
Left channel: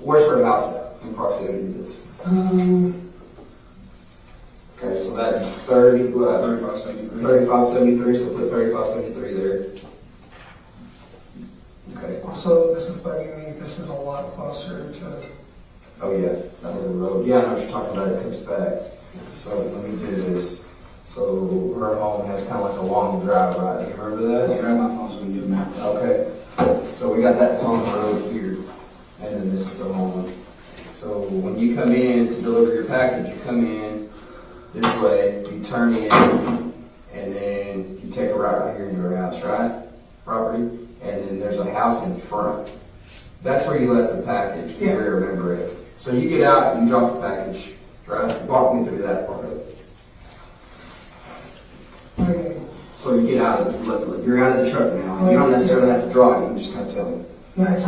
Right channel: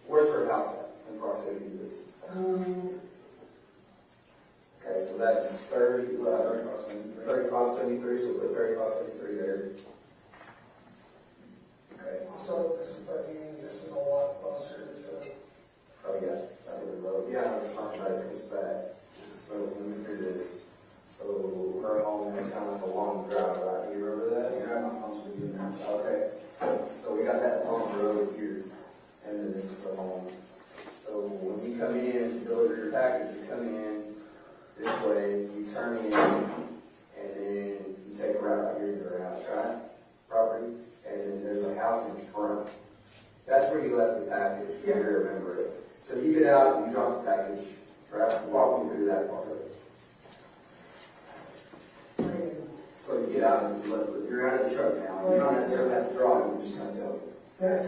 where's her house at in proximity to this? Okay, so that's 3573. 3573, so put 3573 there. Okay. Also, this is bugging me, this is a lot closer to... Oh yeah, that other road. Yeah, I know what you're talking about, it cuts back. So let me do this. So her home has kind of like a long drive, right? Do you remember that? Yeah, my phone's going to get a map. Okay. So we got that long road here, and then this is the home. So when you come in to deliver your package, you come in this way, you turn in, and then you take a right here into her house, right? Property. And then there's a house in front. That's where you left the package, Yeah. we remember it. So you get out, you drop the package, right? Walk me through that part of it. Okay. So you get out, you're out of the truck now. You don't necessarily have to draw it, you just kind of tell me. Yeah,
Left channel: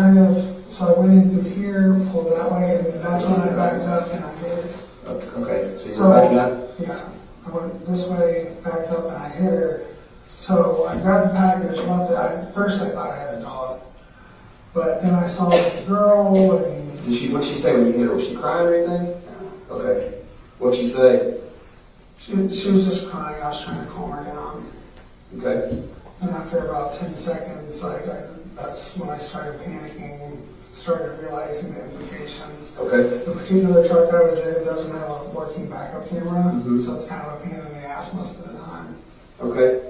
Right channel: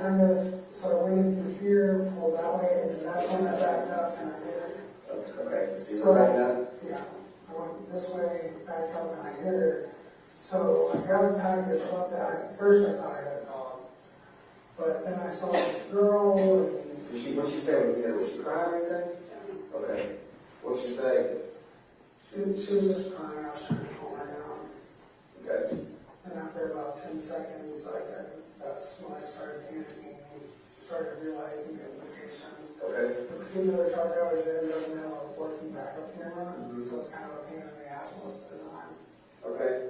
so I went in through here, pulled that way, and then that's when I backed up and I hit her. Okay, so you're backing up? Yeah, I went this way, backed up, and I hit her. So I grabbed the package, left it. At first I thought I had a dog. But then I saw this girl, and... What'd she say when you hit her? Was she crying or anything? Yeah. Okay. What'd she say? She was just crying. I was trying to calm her down. Okay. And after about 10 seconds, that's when I started panicking and started realizing the implications. Okay. The particular truck I was in doesn't have a working backup camera, Mm-hmm. so it's kind of a pain in the ass most of the time. Okay.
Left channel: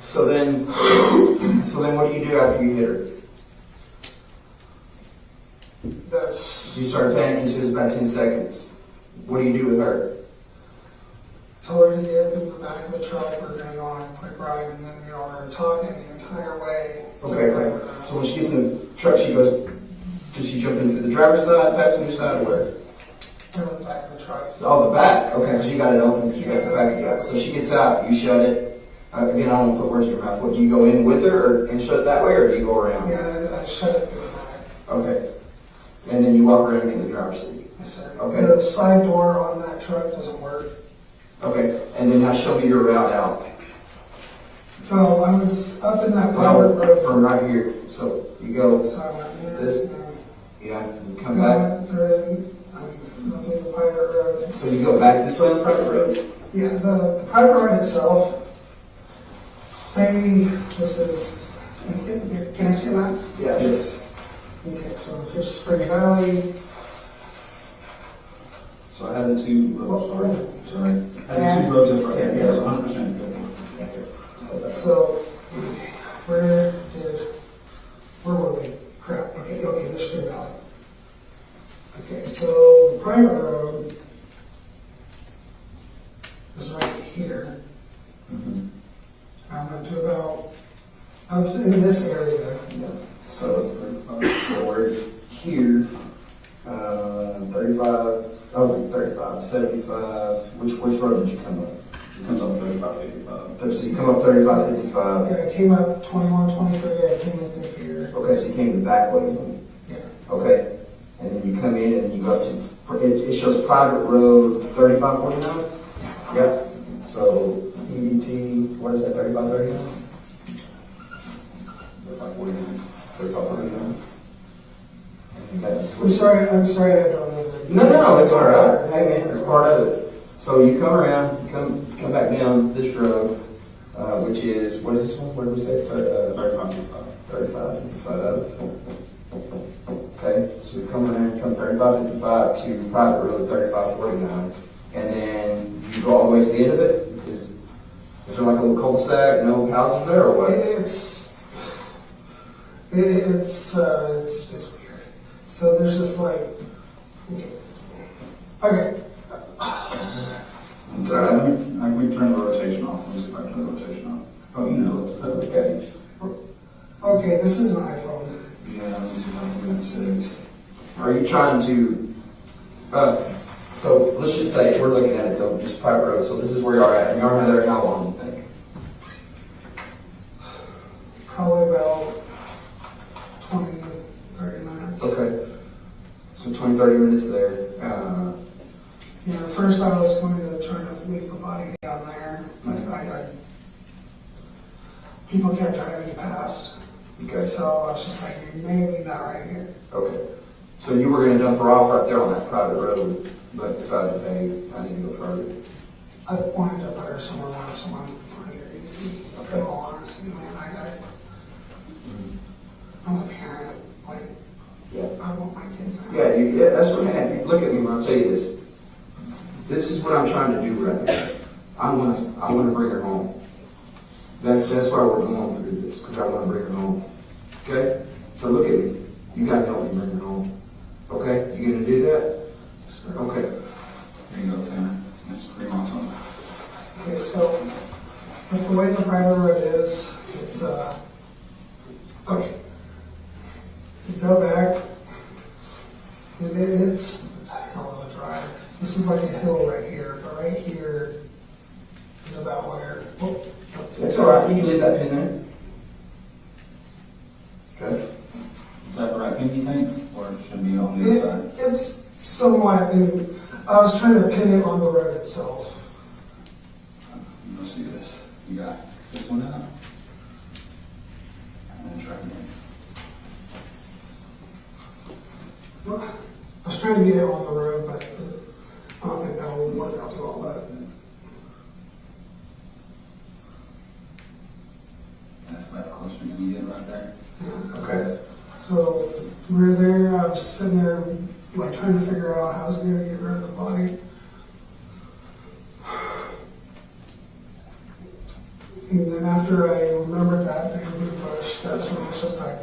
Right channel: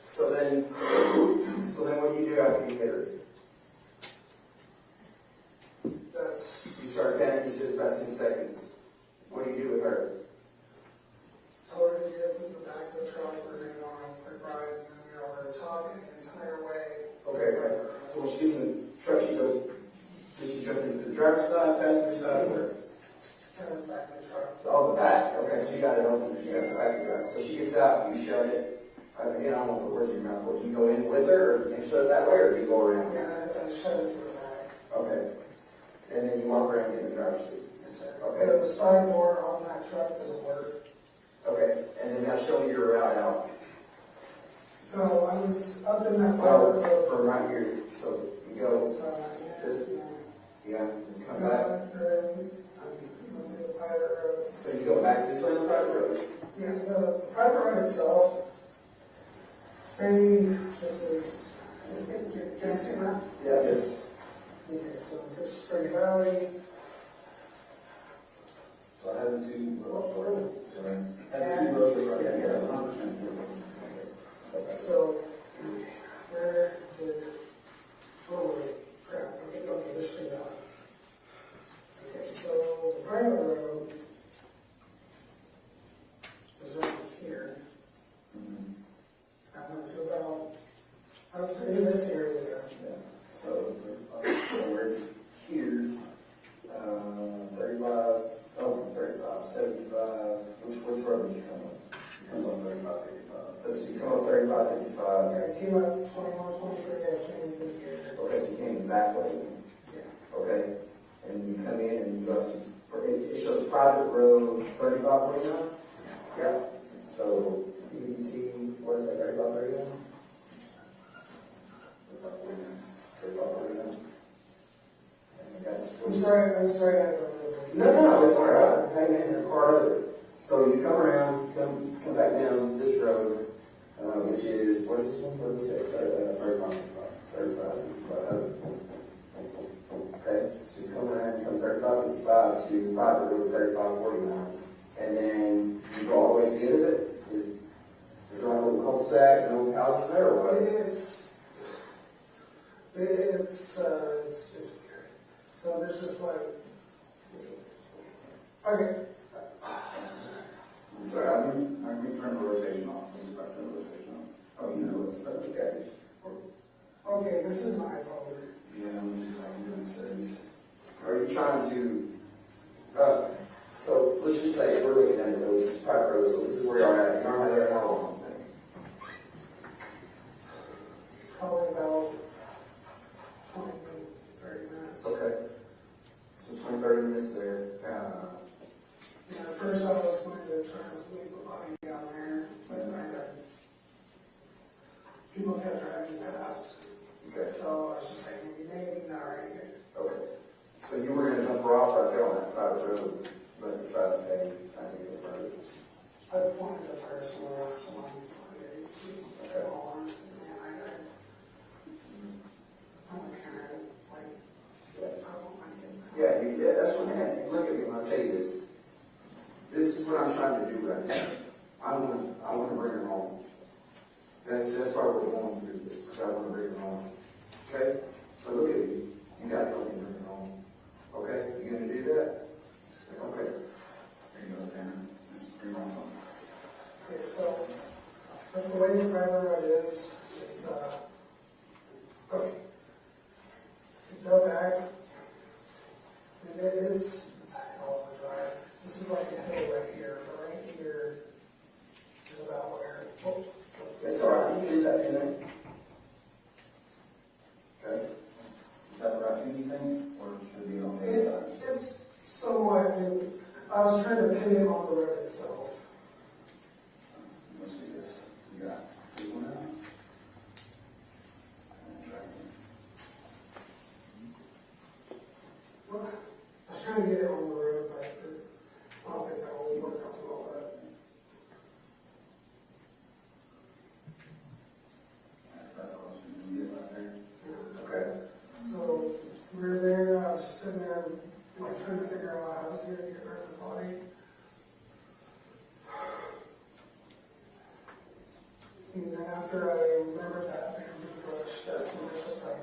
So then what do you do after you hit her? You started panicking, so it was about 10 seconds. What do you do with her? Told her to get in the back of the truck, we're going to go on a quick ride, and then, we're talking the entire way. Okay. So when she gets in the truck, does she jump into the driver's side, passenger side, or where? The back of the truck. Oh, the back. Okay, because you got it open, you got the back. Yeah. So she gets out, you shut it. Again, I don't want to put words in your mouth. What, do you go in with her and shut it that way, or do you go around? Yeah, I shut it through the back. Okay. And then you walk around in the driver's seat. Yes, sir. Okay. The side door on that truck doesn't work. Okay. And then now show me your route out. So I was up in that private road. From right here. So you go. So I went this. Yeah. You come I back. went through it, went through the private road. So you go back this way on the private road? Yeah, the private road itself, say this is, can I say that? Yeah. Yes. Okay, so here's Spring Valley. So I had the two roads, sorry. I had the two roads up right there, yes, 100%. Okay. So, where were we? Crap, okay, there's Spring Valley. Okay, so the private road is right here. Mm-hmm. I went to I was in this area. Yeah. So we're here, 35, 75. Which road did you come up? It comes up 3555. So you come up 3555. Yeah, I came up 2123, I came in through here. Okay, so you came the back way. Yeah. Okay. And then you come in and you go up to, it shows private road 3549? Yep. So EBT, what is that, 3539? 3549. I'm sorry, I don't know that. No, it's all right. Hey man, it's part of it. So you come around, you come back down this road, which is, what is this one? What did we say? 3555. 3555. Okay, so you come around, come 3555 to private road 3549, and then you go all the way to the end of it. Is there like a little cul-de-sac, no houses there, or what? It's weird. So there's just like, okay. I'm sorry. We Oh, you know, it's okay. Okay, this is an iPhone. Yeah, I'm using my 6. Are you trying to, so let's just say, we're looking at it though, just private road, so this is where y'all are at, and y'all are there how long, you think? Probably about 20, 30 minutes. Okay. So 20, 30 minutes there. Yeah, at first I was going to try to leave the body down there, but people kept driving past. Okay. So I was just like, maybe not right here. Okay. So you were gonna dump her off right there on that private road, but decided, hey, I need to go further. I wanted to put her somewhere where someone could find her easy. Okay. In all honesty, man, I'm a parent. Like, Yeah. I want my kid found. Yeah, that's what happened. Look at me when I tell you this. This is what I'm trying to do right now. I want to bring her home. That's why we're going through this, because I want to bring her home. Okay? So look at me. You got to help me bring her home. Okay? You gonna do that? Sure. Okay. There you go, Tanner. That's pretty awesome. Okay, so with the way the private road is, it's okay. You go back, and it's a hell of a drive. This is like a hill right here, but right here is about where. That's all right. You can leave that pin there. Okay. Is that the right pin, you think? Or it should be on the other side? It's somewhat, and I was trying to pin it on the road itself. Let's do this. You got this one out. And then try again. Well, I was trying to get it on the road, but I don't think that'll work out too well. But That's about closer than you get right there. yeah. Okay. So we were there. I was sitting there, like trying to figure out how I was going to get rid of the body. And then after I remembered that bamboo bush, that's when it's just like,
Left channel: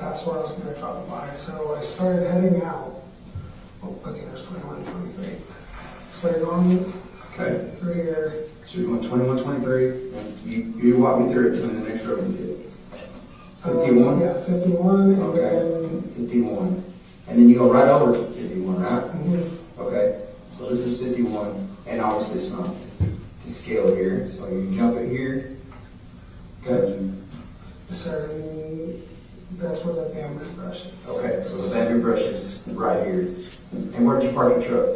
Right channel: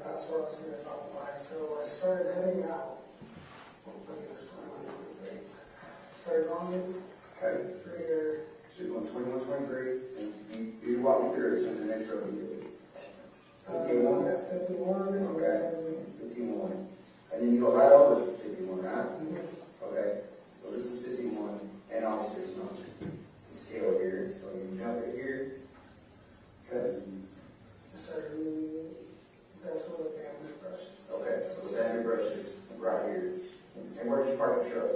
that's where I was going to drop the body. So I started heading out. Oh, okay, there's 21, 23. Started going Okay. through here. So you're going 21, 23. And you walk me through it to the next road we did. 51? Yeah, 51, and Okay. then 51. And then you go right over to 51, right? mhm. Okay. So this is 51. And obviously it's not to scale here. So you jump it here. Okay. So that's where the bamboo brush is. Okay. So the bamboo brush is right here. And where did you park your truck?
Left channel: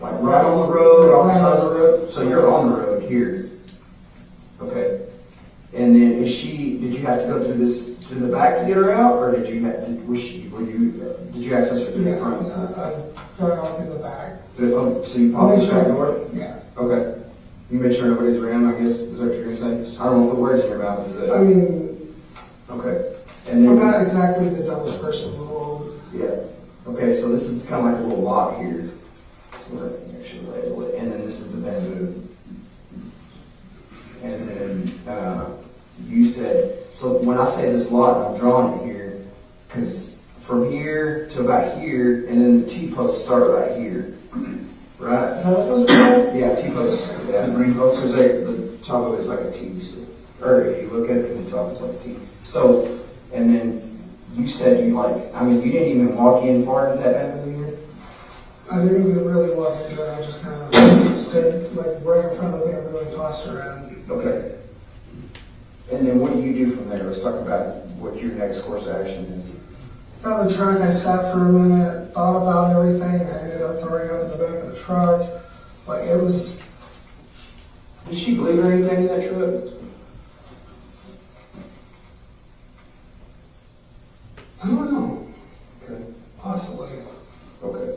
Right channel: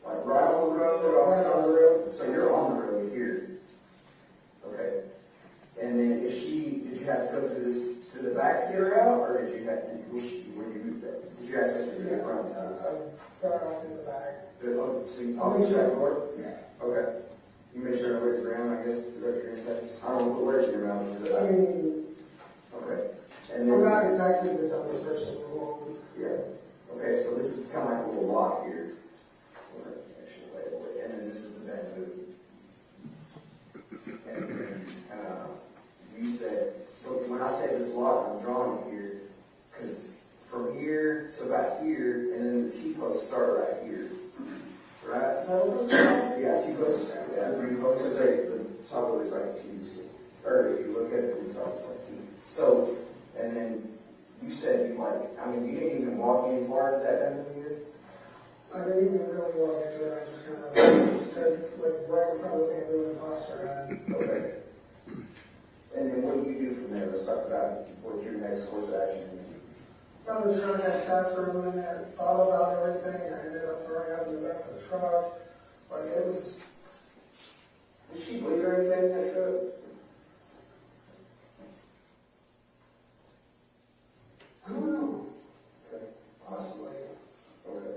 Like right on the road, off the side of the road? So you're on the road here. Okay. And then did you have to go through the back to get her out, or did you access her through the front? Yeah, I got out through the back. So you popped the back door? Yeah. Okay. You made sure nobody's around, I guess, is that what you're gonna say? I don't want the words in your mouth, is I it? mean, Okay. And I'm then, not exactly the dumbest person in the world. yeah. Okay, so this is kind of like a little lot here. So we're actually label it. And then this is the bamboo. And then, you said, so when I say this lot, I'm drawing it here, because from here to about here, and then the T-posts start right here. Right? Is that what those are called? Yeah, T-posts, yeah. The green posts? Because the top of it is like a T, so, or if you look at it from the top, it's like a T. So, and then you said you you didn't even walk in far into that avenue here? I didn't even really walk into it. I just kind of stood like right in front of the bamboo and tossed around. Okay. And then what do you do from there? Let's talk about what your next course of action is. Got the truck, I sat for a minute, thought about everything. I ended up throwing it in the back of the truck. Like it was. Did she bleed or anything in that truck? I don't know. Okay. Possibly. Okay.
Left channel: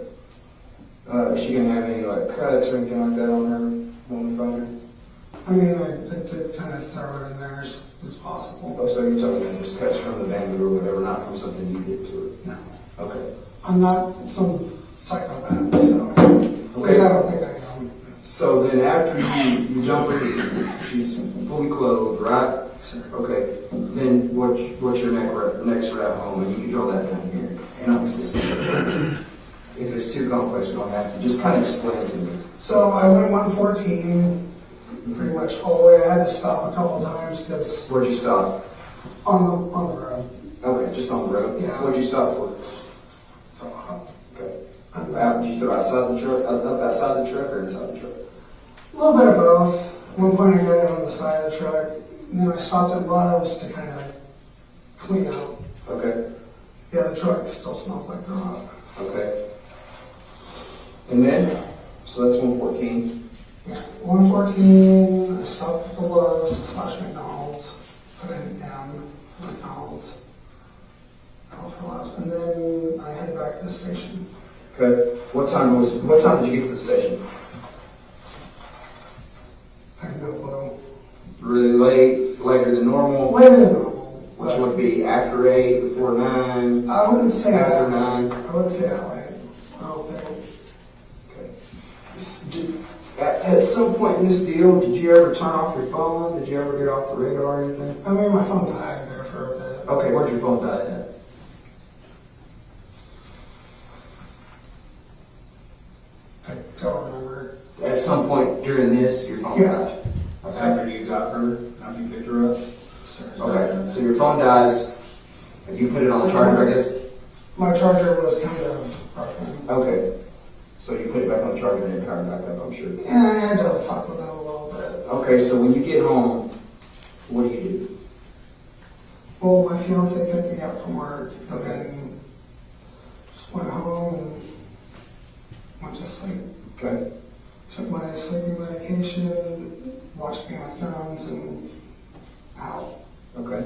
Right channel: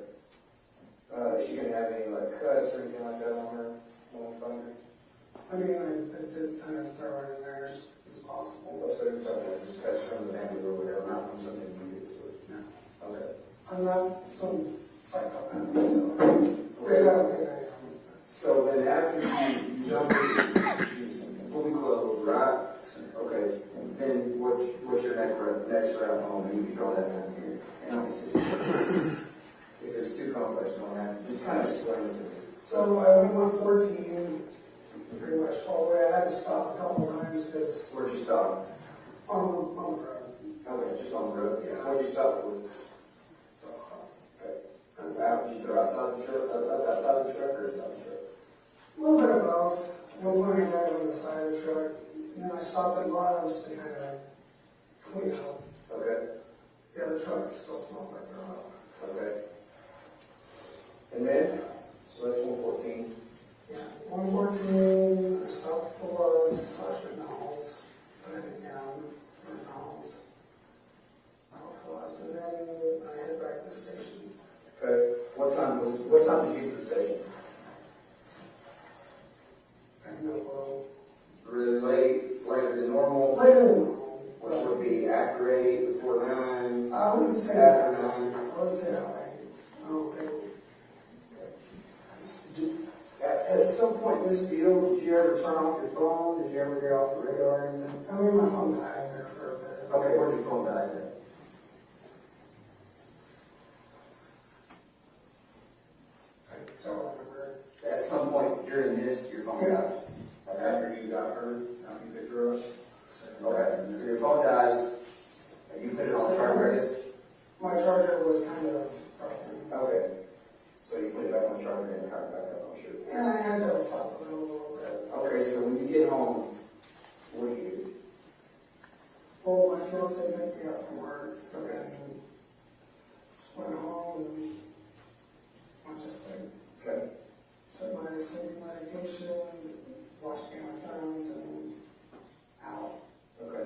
Is she gonna have any cuts or anything like that on her when we find her? I mean, I did kind of throw her in there as possible. Oh, so you're talking about just cuts from the bamboo or whatever, not from something you did to it? No. Okay. I'm not some psychopath, so at least I don't think I am. So then after you dump her, she's fully clothed, right? Sure. Okay. Then what's your next route home? And you can draw that down here. And obviously, if it's too complex, we don't have to. Just kind of explain it to me. So I went 114, pretty much all the way. I had to stop a couple times because Where'd you stop? on the road. Okay, just on the road? Yeah. What'd you stop for? Okay. Did you throw outside the truck, up outside the truck or inside the truck? A little bit of both. At one point I got it on the side of the truck, and then I stopped at Love's to kind of clean out. Okay. Yeah, the truck still smells like the rock. Okay. And then, so that's 114. Yeah, 114, I stopped at the Love's / McDonald's, put in M, McDonald's, L for Love's, and then I headed back to the station. Okay. What time did you get to the station? I have no clue. Really late, later than normal? Later than normal. Which would be after 8, before 9? I wouldn't say after that. 9? I wouldn't say that way. I don't think. At some point in this deal, did you ever turn off your phone? Did you ever get off the radar or anything? I mean, my phone died there for a bit. Okay, where'd your phone die at? I don't remember. At some point during this, your phone died? Okay. After you got her, after you picked her up? Okay, so your phone dies, and you put it on the charger, I guess? My charger was kind of broken. Okay, so you put it back on the charger and it powered back up, I'm sure. Yeah, I had to fuck with it a little bit. Okay, so when you get home, what do you do? Well, my fiance picked me up from work, and then just went home and went to sleep. Okay. Took my sleeping medication, watched Game of Thrones, and out. Okay.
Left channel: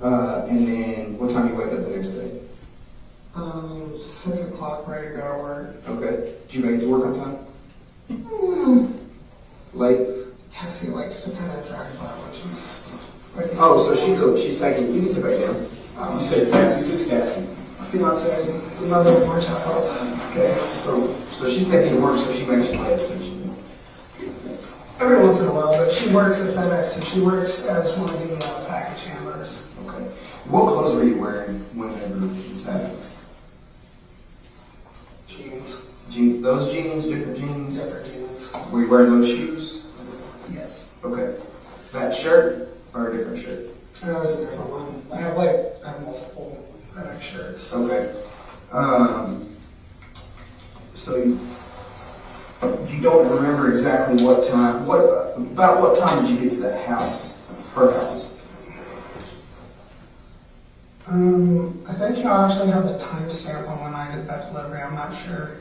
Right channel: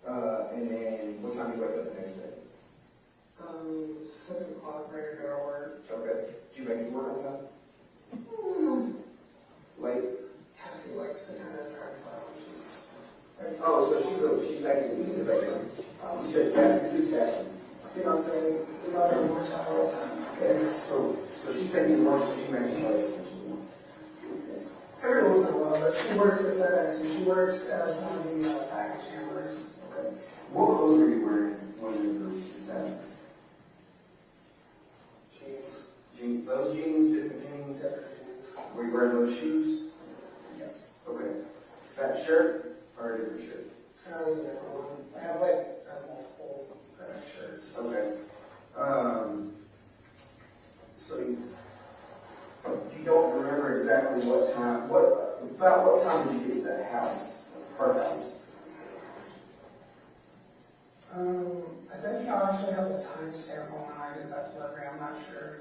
And then, what time do you wake up the next day? 6 o'clock, ready to go to work. Okay. Did you make it to work on time? Mm. Late? Cassie likes to kind of drag about when she's ready. Oh, so she's taking, you can sit back down. You said Cassie, who's Cassie? My fiance, the mother of my child. Okay, so she's taking you to work, so she makes you late, essentially. Every once in a while, but she works at FedEx, and she works as one of the package handlers. Okay. What clothes were you wearing whenever this happened? Jeans. Jeans, those jeans, different jeans? Different jeans. Were you wearing those shoes? Yes. Okay. That shirt or a different shirt? That was a different one. I have multiple FedEx shirts. Okay. So you don't remember exactly what time, about what time did you get to that house, her house? I think I actually have the timestamp on when I did that delivery. I'm not sure.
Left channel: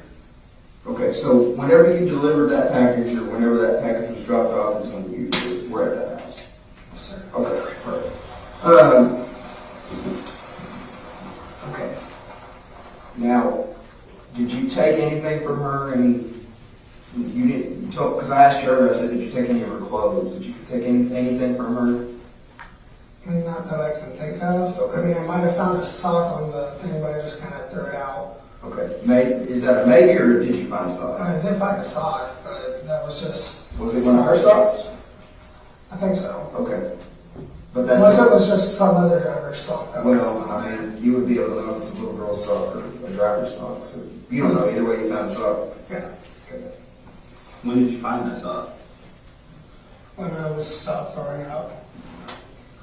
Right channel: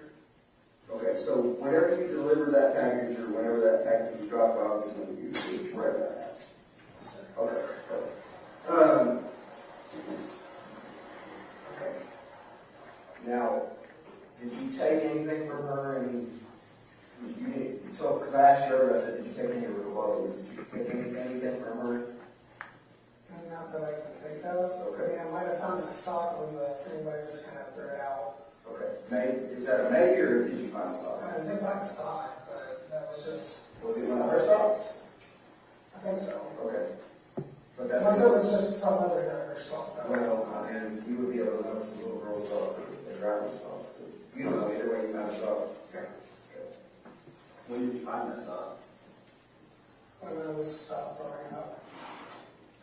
Okay, so whenever you delivered that package or whenever that package was dropped off is when you were at that house? Yes, sir. Okay, perfect. Okay. Now, did you take anything from her? And you didn't, because I asked you earlier, I said, did you take any of her clothes? Did you take anything from her? I mean, not that I can think of. Okay. I mean, I might have found a sock on the thing, but I just kind of threw it out. Okay. Is that a maybe, or did you find a sock? I did find a sock, but that was just... Was it one of her socks? I think so. Okay. But that's... Unless it was just some other driver's sock. Well, I mean, you would be able to know if it's a little girl's sock or a driver's sock. So you don't know either way you found a sock. Yeah. Okay. When did you find that sock? When I was stopped throwing up.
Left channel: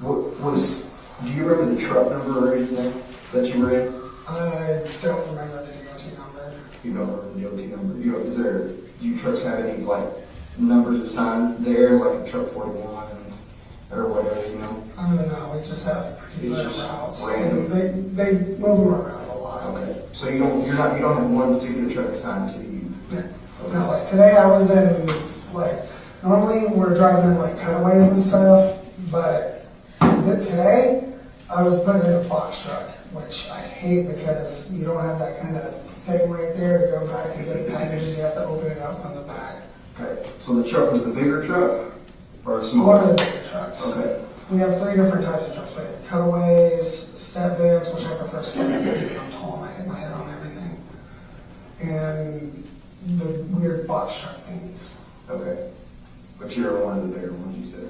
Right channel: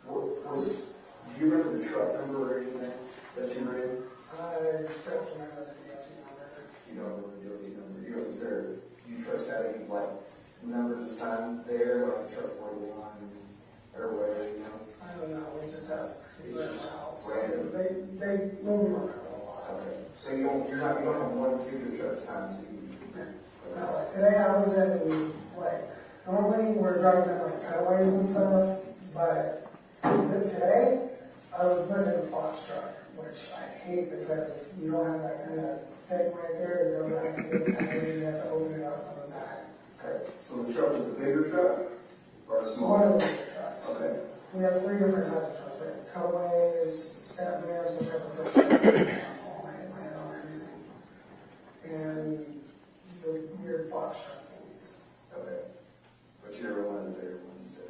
Do you remember the truck number or anything that you were in? I don't remember the DOT number. You don't remember the DOT number? Do you trucks have any, like, numbers assigned there, like a truck 41 or whatever, you know? I don't know, we just have particular It's just routes. random. And they move them around a lot. Okay. So you don't have one particular truck assigned to you? No. No, like today I was in, normally we're driving in cutaways and stuff, but today I was put in a box truck, which I hate because you don't have that kind of thing right there to go back and get packages. You have to open it up from the back. Okay. So the truck was the bigger truck or a smaller? One of the bigger trucks. Okay. We have 3 different types of trucks. We have cutaways, step vans, which I prefer step vans because I'm tall and I hit my head on everything, and the weird box truck thingies. Okay. But you're one of the bigger ones, you said.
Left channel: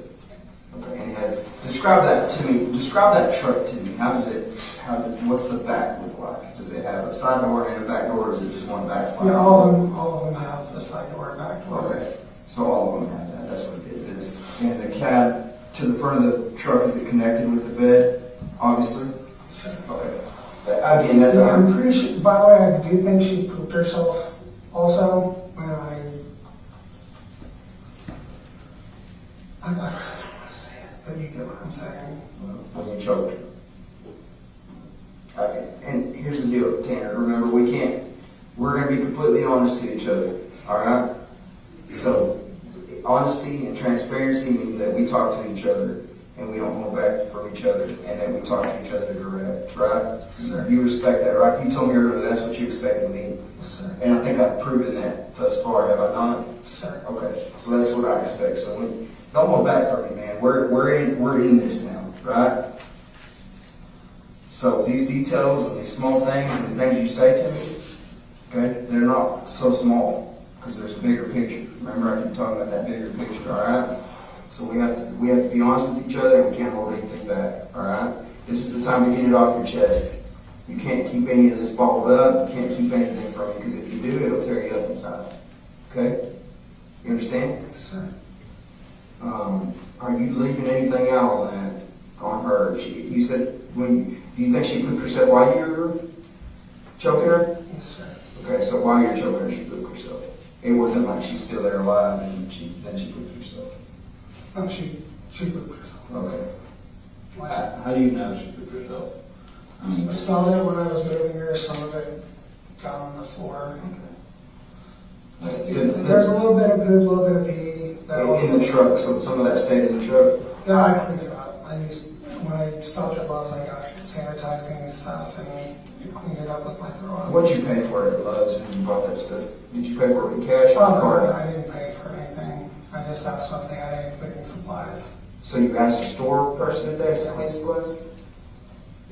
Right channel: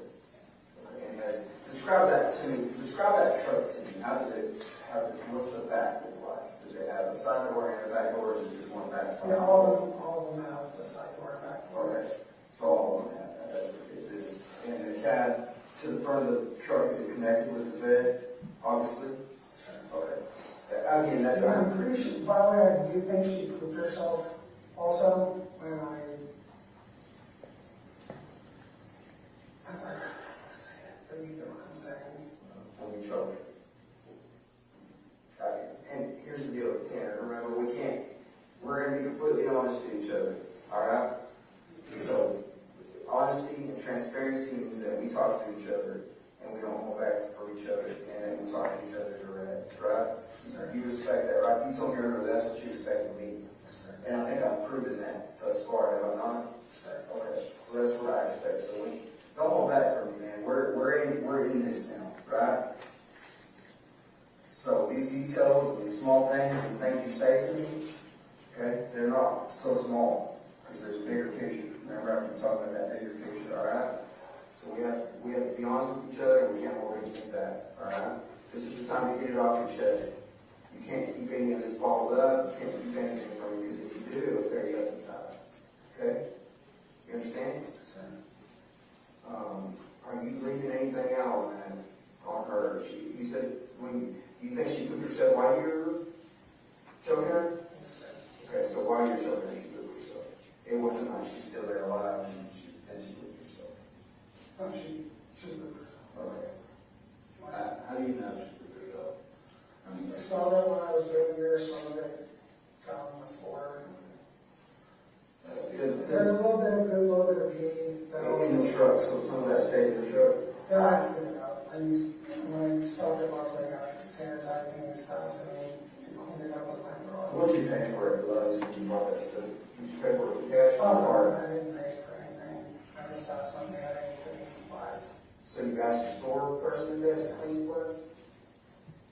Okay. And describe that to me. Describe that truck to me. What's the back look like? Does it have a side door and a back door, or is it just one back slide? Yeah, all of them have a side door and back door. Okay. So all of them have to the front of the truck, is it connected with the bed, obviously? Sir. Okay. Again, that's I'm pretty sure, by the way, I do think she pooped herself also when I don't really want to say it, but you get what I'm saying. when you choked her. And here's the deal, Tanner, remember, we're going to be completely honest to each other, all right? So, honesty and transparency means that we talk to each other and we don't hold back from each other, and then we talk to each other direct, right? Sir. You respect that, right? You told me earlier that's what you expect of me. Yes, sir. And I think I've proven that thus far, have I not? Sir. Okay, so that's what I expect. So don't hold back from me, man. We're in this now, right? So these details and these small things and things you say to me, okay, they're not so small because there's a bigger picture. Remember, I keep talking about that bigger picture, all right? So we have to be honest with each other, and we can't hold anything back, all right? This is the time to get it off your chest. You can't keep any of this bottled up. You can't keep anything from you, because if you do, it'll tear you up inside. Okay? You understand? Sir. Are you leaving anything out on that, on her? You said, do you think she pooped herself while you were choking her? Yes, sir. Okay, so while you're choking her, she pooped herself. It wasn't like she's still there alive and then she pooped herself. No, she pooped herself. Okay. How do you know she pooped herself? I smelled it when I was moving her. Some of it got on the floor. Okay. There's a little bit of poop, a little bit of pee. In the truck, so some of that stayed in the truck? Yeah, I cleaned it up. When I stopped at Love's, I got sanitizing stuff and cleaned it up with my throw. What'd you pay for it at Love's when you bought that stuff? Did you pay for it in cash or Oh, card? no, I didn't pay for anything. I just asked them if they had any cleaning supplies. So you asked a store person if they had some cleaning supplies?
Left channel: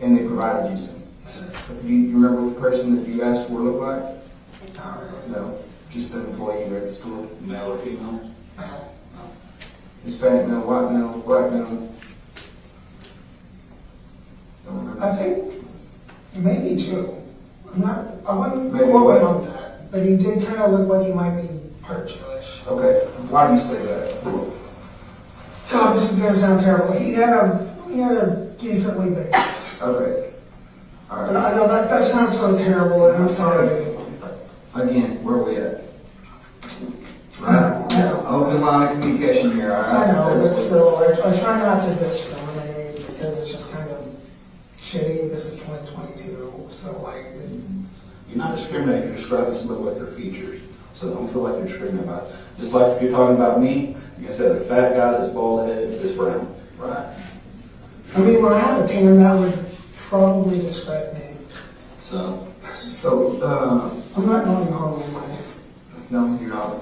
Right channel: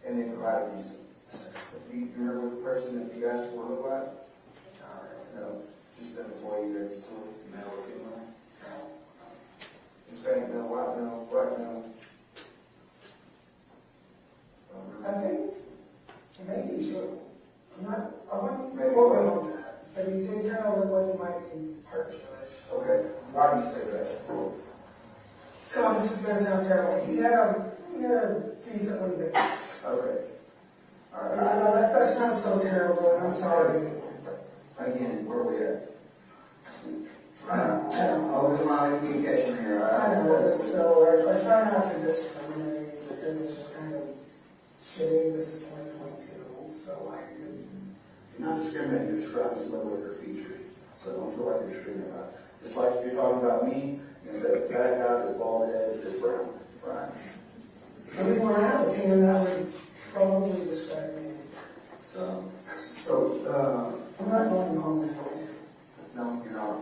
And they provided you some? Yes, sir. Do you remember what the person that you asked for looked like? Not really. No, just the employee there at the store. Male or female? No. Hispanic male, white male, black male? Don't remember. I think maybe two. I wouldn't Maybe quote what? him on that, but he did kind of look like he might be part Jewish. Okay, why do you say that? God, this is going to sound terrible. He had a decently big nose. Okay. All And right. I know that sounds so terrible, and I'm sorry. Again, where are we at? I know. Open line of communication here, all right? I know, That's but what- still, I try not to discriminate because it's just kind of shitty. This is 2022, so like, You're not discriminating, you're describing somebody with their features. So don't feel like you're discriminating about it. Just like if you're talking about me, you're going to say the fat guy that's bald headed, this brown, right? I mean, when I have a tan, that would probably describe me. So, I'm not going home anyway. no, you're not.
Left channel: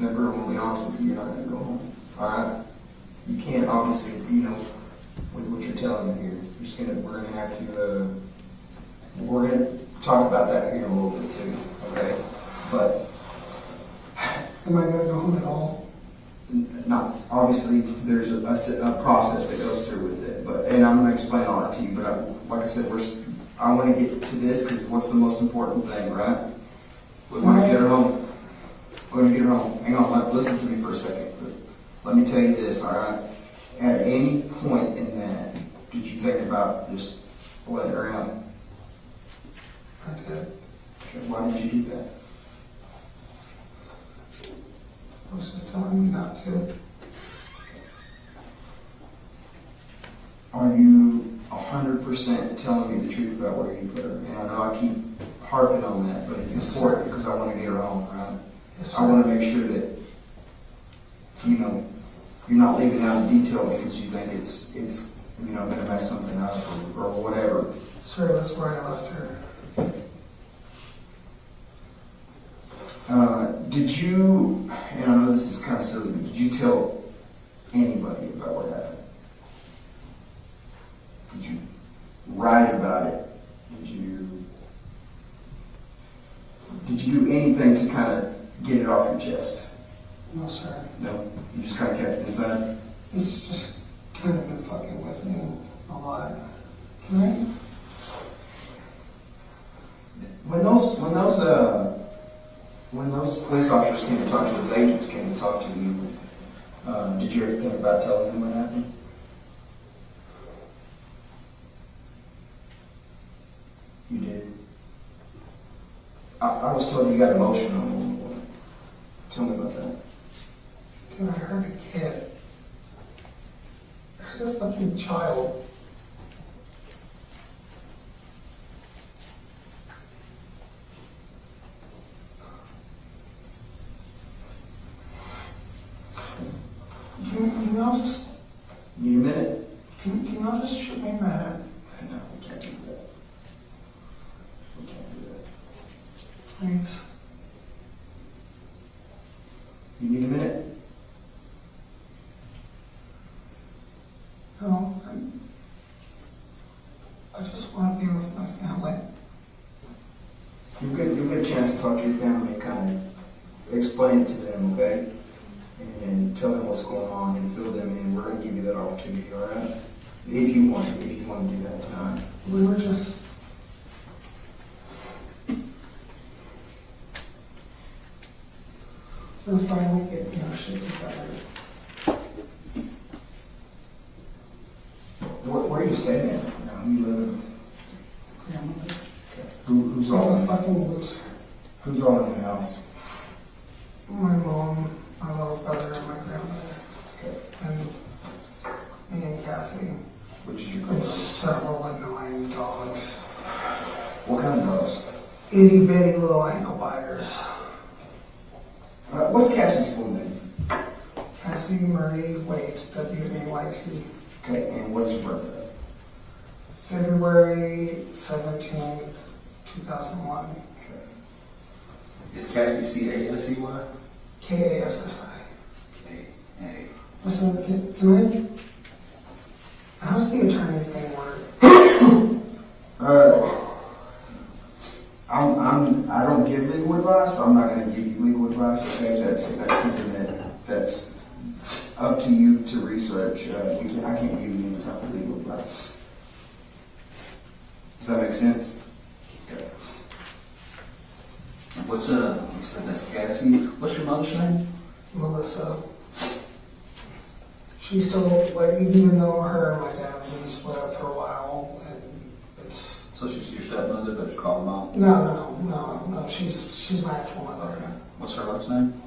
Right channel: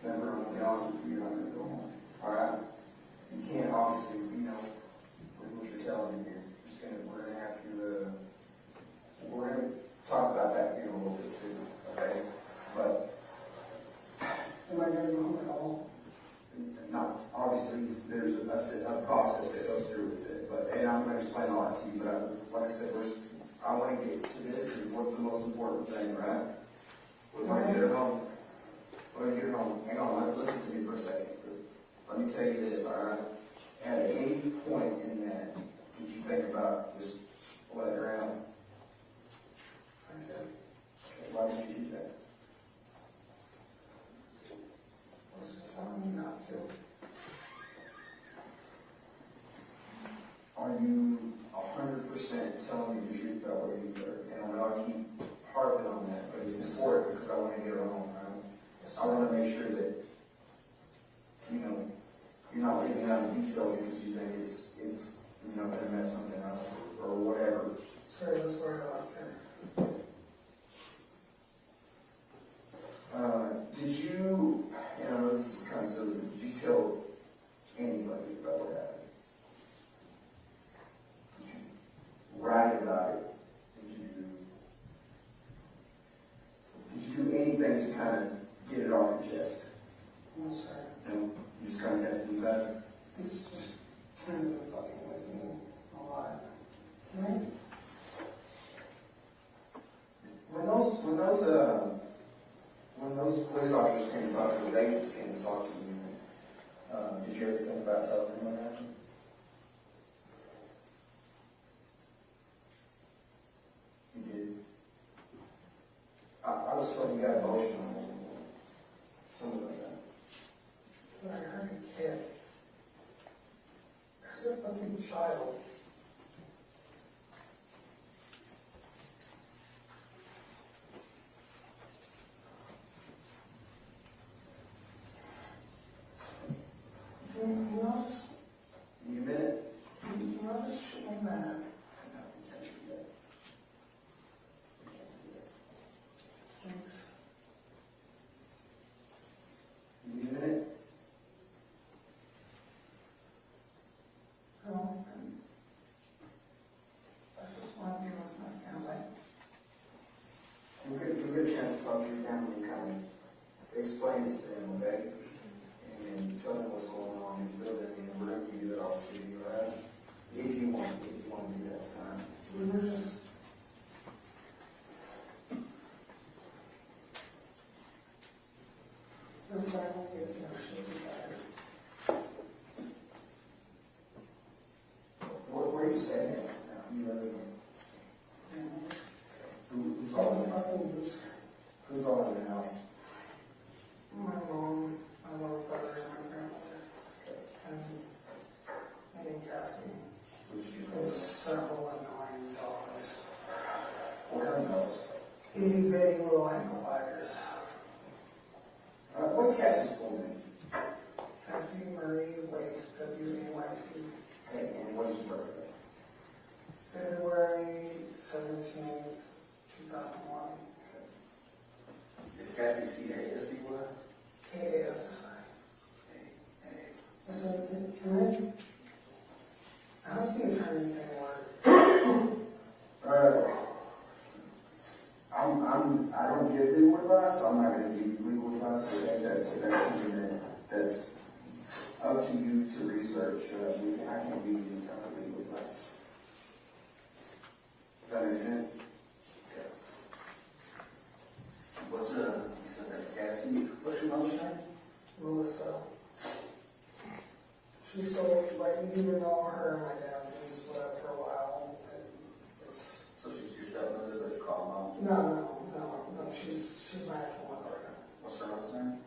Remember, I'm going to be honest with you, you're not going to go home. All right? You can't, obviously, with what you're telling me here. We're going to have to, we're going to talk about that here in a little bit too, okay? But Am I going to go home at all? not, obviously, there's a process that goes through with it, and I'm going to explain all that to you, but like I said, I want to get to this because what's the most important thing, right? We want to get her home. We're going to get her home. Hang on, listen to me for a second. Let me tell you this, all right? At any point in that, did you think about just letting her out? I did. Okay, why did you do that? I was just telling me not to. Are you 100% telling me the truth about where you put her? And I know I keep harping on that, but it's important because I want to get her home, right? Yes, I want to make sure that, you're not leaving out the detail because you think it's going to mess something up or whatever. Sir, that's where I left her. Did you, and I know this is kind of silly, but did you tell anybody about what happened? Did you write about it? Did you do anything to kind of get it off your chest? No, sir. No? You just kind of kept it inside? He's just kind of been fucking with me a lot. Can I? When those police officers came to talk to you, those agents came to talk to you, Did you ever think about telling him what happened? You did. I was told you got emotional at one point. Tell me about that. Dude, I heard a kid. There's a fucking child. Can y'all just... Need a minute? Can y'all just shoot me in the head? No, we can't do that. We can't do that. Please. You need a minute? No, I just want to be with my family. You'll get a chance to talk to your family and kind of explain it to them, okay? And tell them what's going on and fill them in. We're going to give you that opportunity, all right? If you want to do that tonight. We were just... We're finally getting our shit together. Where are you staying at now? Who you living with? Grandmother. Okay. Who's I'm all a fucking loser. Who's all in the house? My mom, my little brother, and my grandmother. Okay. And me and Cassie. Which is your And grandmother? several annoying dogs. What kind of dogs? Itty bitty little ankle biters. What's Cassie's full name? Cassie Marie Waite, W-A-Y-T. Okay, and what's your birthday? February 17th, 2001. Okay. Is Cassie C-A-S-E-Y? K-A-S-S-I. A. Listen, can I... How does the attorney thing work? I don't give legal advice. I'm not going to give you legal advice. Okay, that's something that's up to you to research. I can't give you any type of legal advice. Does that make sense? Okay. What's you said that's Cassie. What's your mother's name? Melissa. She's still, like, even though her and my dad have been split up for a while, and it's... So she's your stepmother that you call mom? No, she's my actual mother. Okay. What's her last name?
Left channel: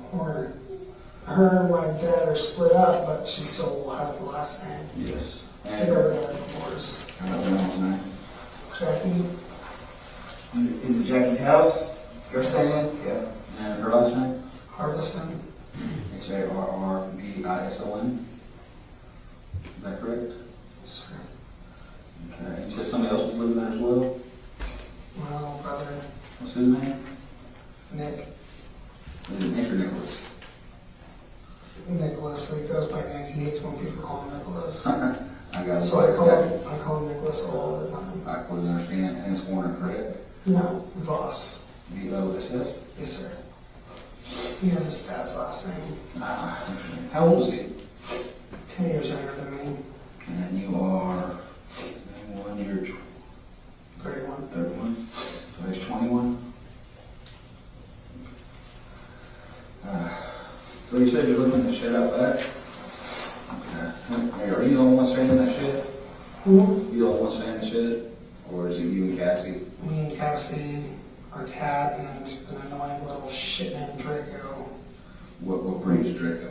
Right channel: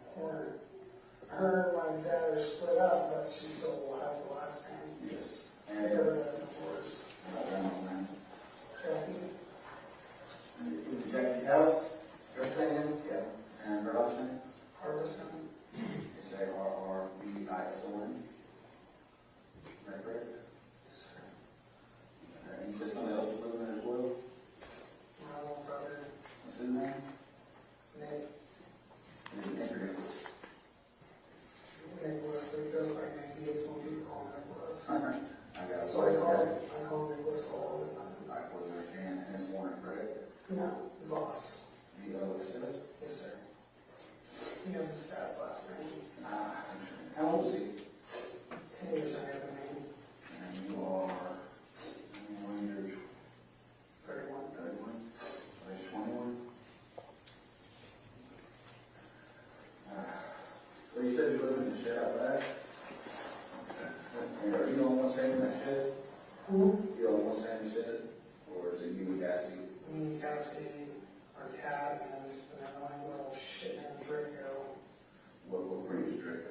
Her and my dad are split up, but she still has the last name. Yes. They got her divorce. I don't know his name. Jackie. Is it Jackie's house? You're staying in? Yeah. And her last name? Hardison. Harrbison. Is that correct? Sir. Okay. You said somebody else was living there as well? My little brother. What's his name? Nick. Is it Nick or Nicholas? Nicholas, but he goes by Nick. He hates when people call him Nicholas. I got it. So I call him Nicholas all the time. I couldn't understand. And it's Warner, correct? No, Voss. V-O-S-S? Yes, sir. He has his dad's last name. How old is he? 10 years younger than me. And you are 21, you're 31. 31. So he's 21. So you said you're living in the shed out back? Okay. Hey, are you the only one staying in that shed? Who? You the only one staying in the shed? Or is it you and Cassie? Me and Cassie, our cat, and an annoying little shit named Draco. What breed is Draco?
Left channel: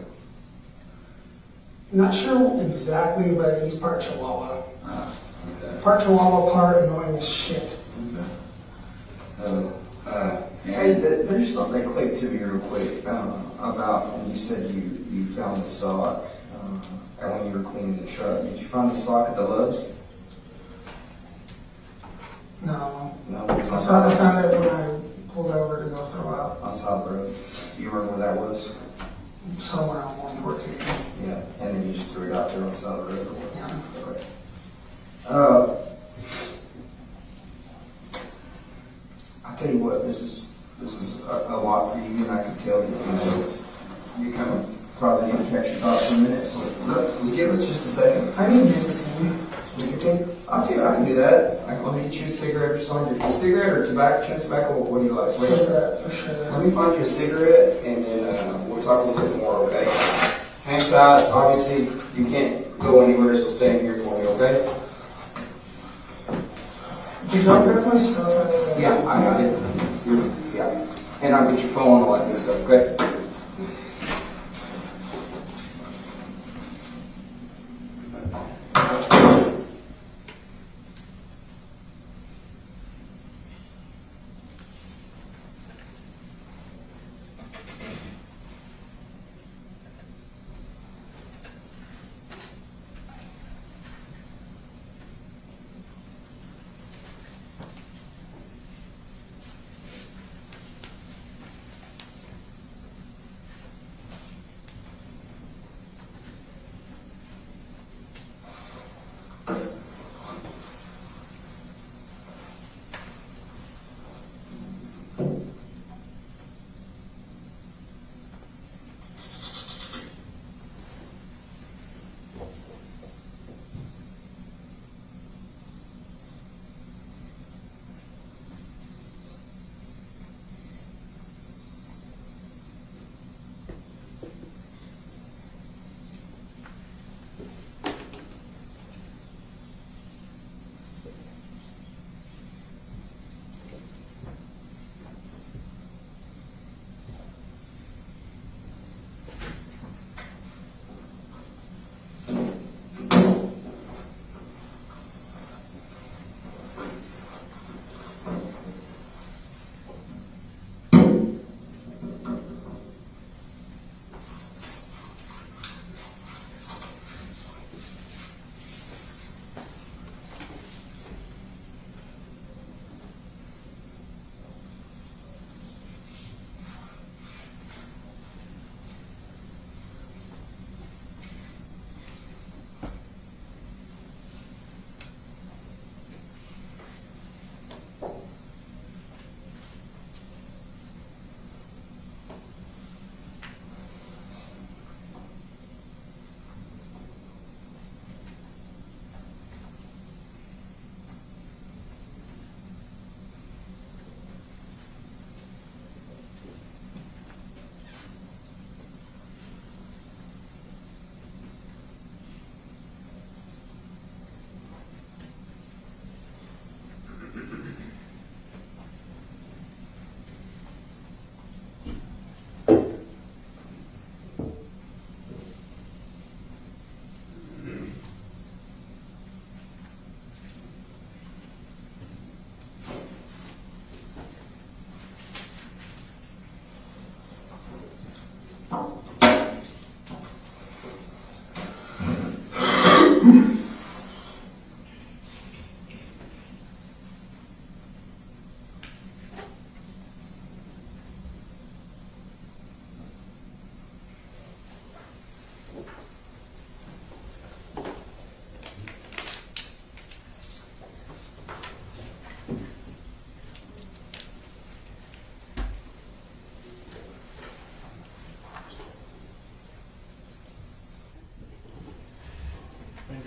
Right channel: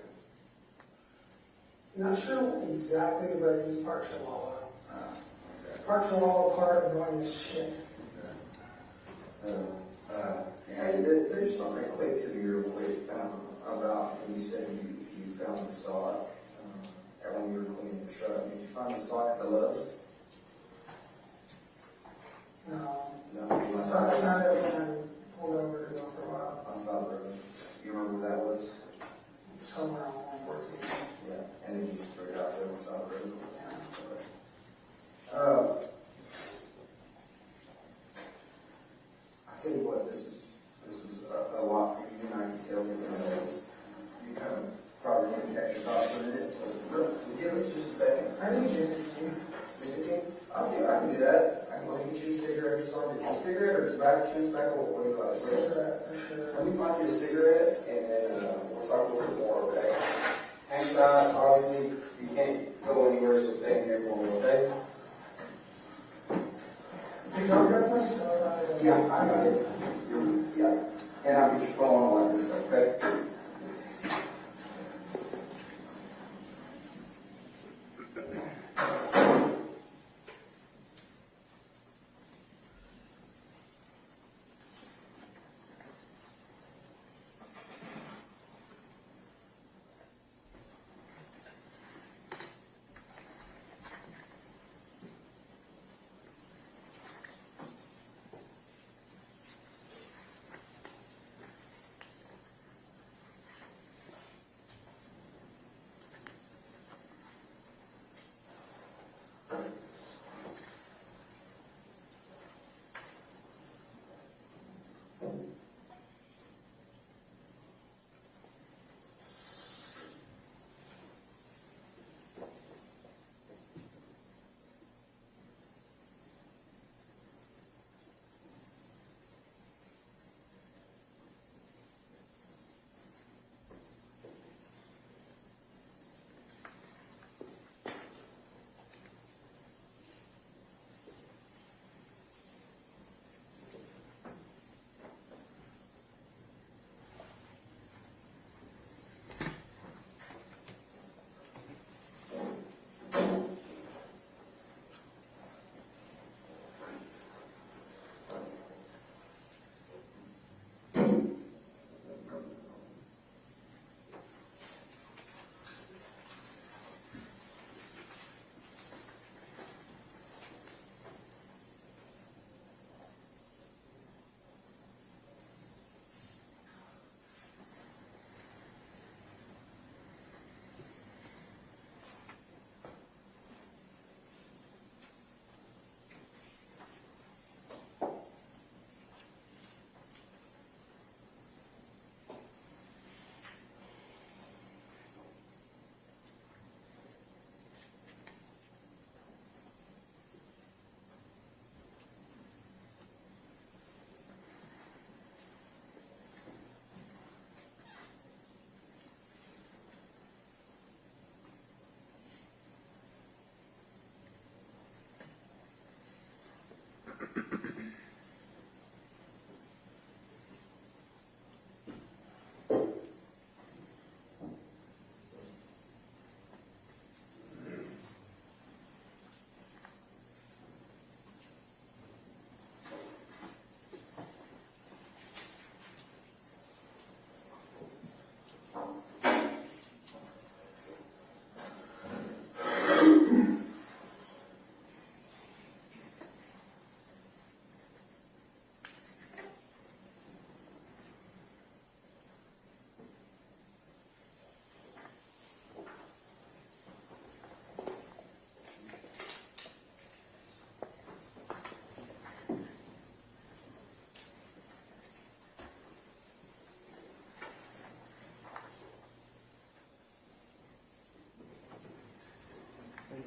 Not sure exactly, but he's part Chihuahua. Okay. Part Chihuahua, part annoying as shit. Okay. Hey, there's something that clicked to me real quick about when you said you found the sock and when you were cleaning the truck. Did you find the sock at the Love's? No. No, it was I on found side it when I pulled over to go throw up. on side of the road. You remember where that was? Somewhere on 114. Yeah. And then you just threw it out there on the side of the road. Yeah. Okay. I tell you what, this is a lot for you, and I can tell you kind of probably need to catch your thoughts for a minute. So give us just a second. I need nicotine. Nicotine? I'll tell you, I can do that. Let me get you a cigarette or something. A cigarette or tobacco? Chewing tobacco? What do you like? Cigarette, for sure. Let me find you a cigarette, and then we'll talk a little bit more, okay? Hands tied. Obviously, you can't go anywhere, so stay in here for me, okay? Did I grab my stuff out of there? Yeah, I got it. Yeah. And I'll get your phone and all that good stuff, okay?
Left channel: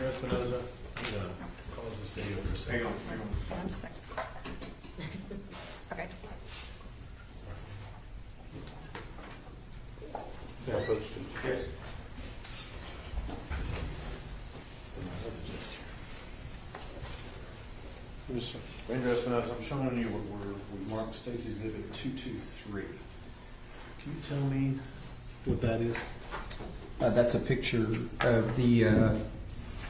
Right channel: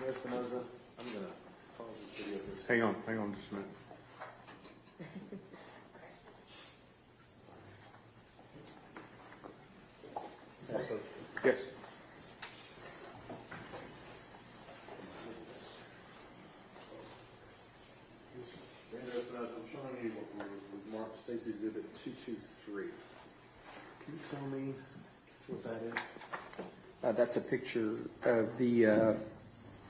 Espinoza, I'm gonna pause this video for a second. Hang on. Just a second. Okay. Yes. Ranger Espinoza, I'm showing you what we've marked State's Exhibit 223. Can you tell me what that is? That's a picture of the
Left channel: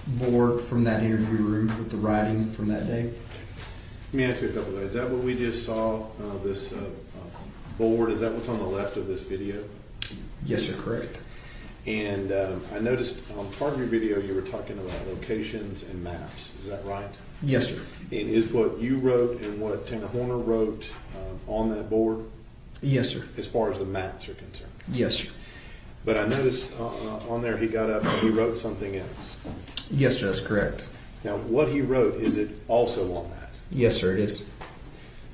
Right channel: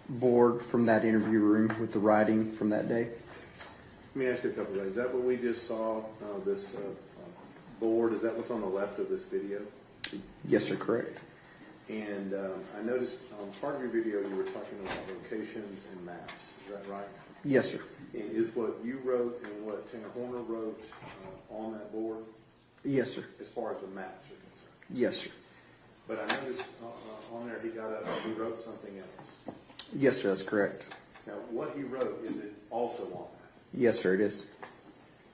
board from that interview room with the writing from that day. Let me ask you a couple of things. Is that what we just saw, this board, is that what's on the left of this video? Yes, sir, correct. And I noticed on part of your video you were talking about locations and maps. Is that right? Yes, sir. And is what you wrote and what Tanner Horner wrote on that board? Yes, sir. As far as the maps are concerned? Yes, sir. But I noticed on there he got up and he wrote something else. Yes, sir, that's correct. Now, what he wrote, is it also on that? Yes, sir, it is.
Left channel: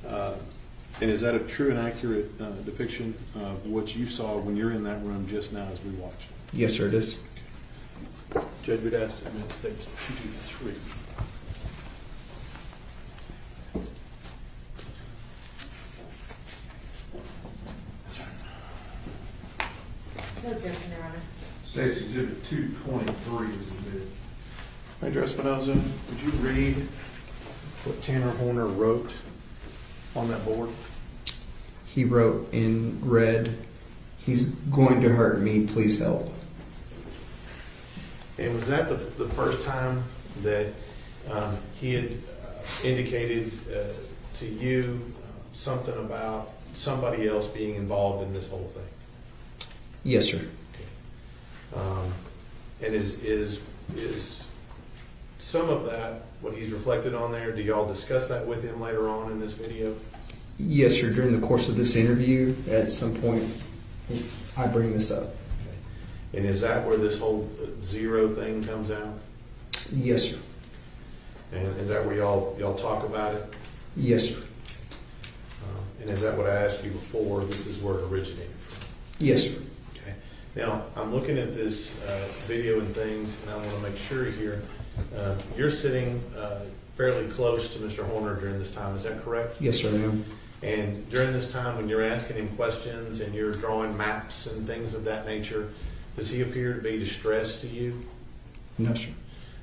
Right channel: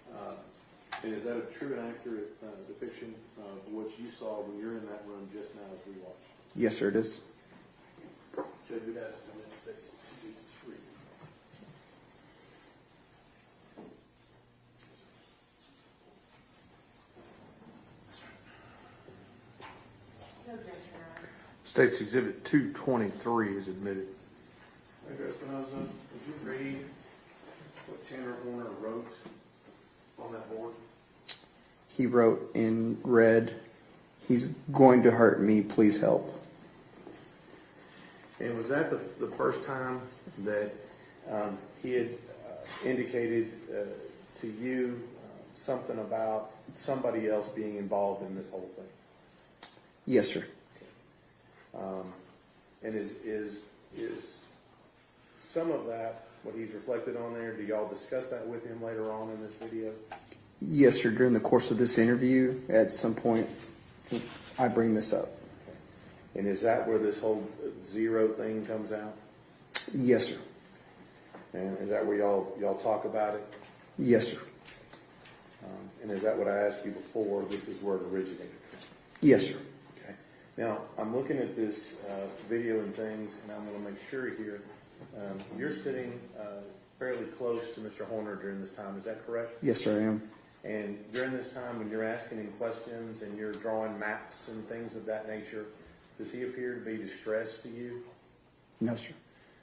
And is that a true and accurate depiction of what you saw when you're in that room just now as we watched? Yes, sir, it is. Okay. Judge, we'd ask to admit States 223. No objection, Your Honor. State's Exhibit 223 is admitted. Major Espinoza, would you read what Tanner Horner wrote on that board? He wrote in red, "He's going to hurt me, please help." And was that the first time that he had indicated to you something about somebody else being involved in this whole thing? Yes, sir. And is some of that what he's reflected on there? Do y'all discuss that with him later on in this video? Yes, sir. During the course of this interview, at some point, I bring this up. And is that where this whole zero thing comes out? Yes, sir. And is that where y'all talk about it? Yes, sir. And is that what I asked you before? This is where it originated from? Yes, sir. Okay. Now, I'm looking at this video and things, and I want to make sure here. You're sitting fairly close to Mr. Horner during this time. Is that correct? Yes, sir, I am. And during this time, when you're asking him questions and you're drawing maps and things of that nature, does he appear to be distressed to you? No, sir.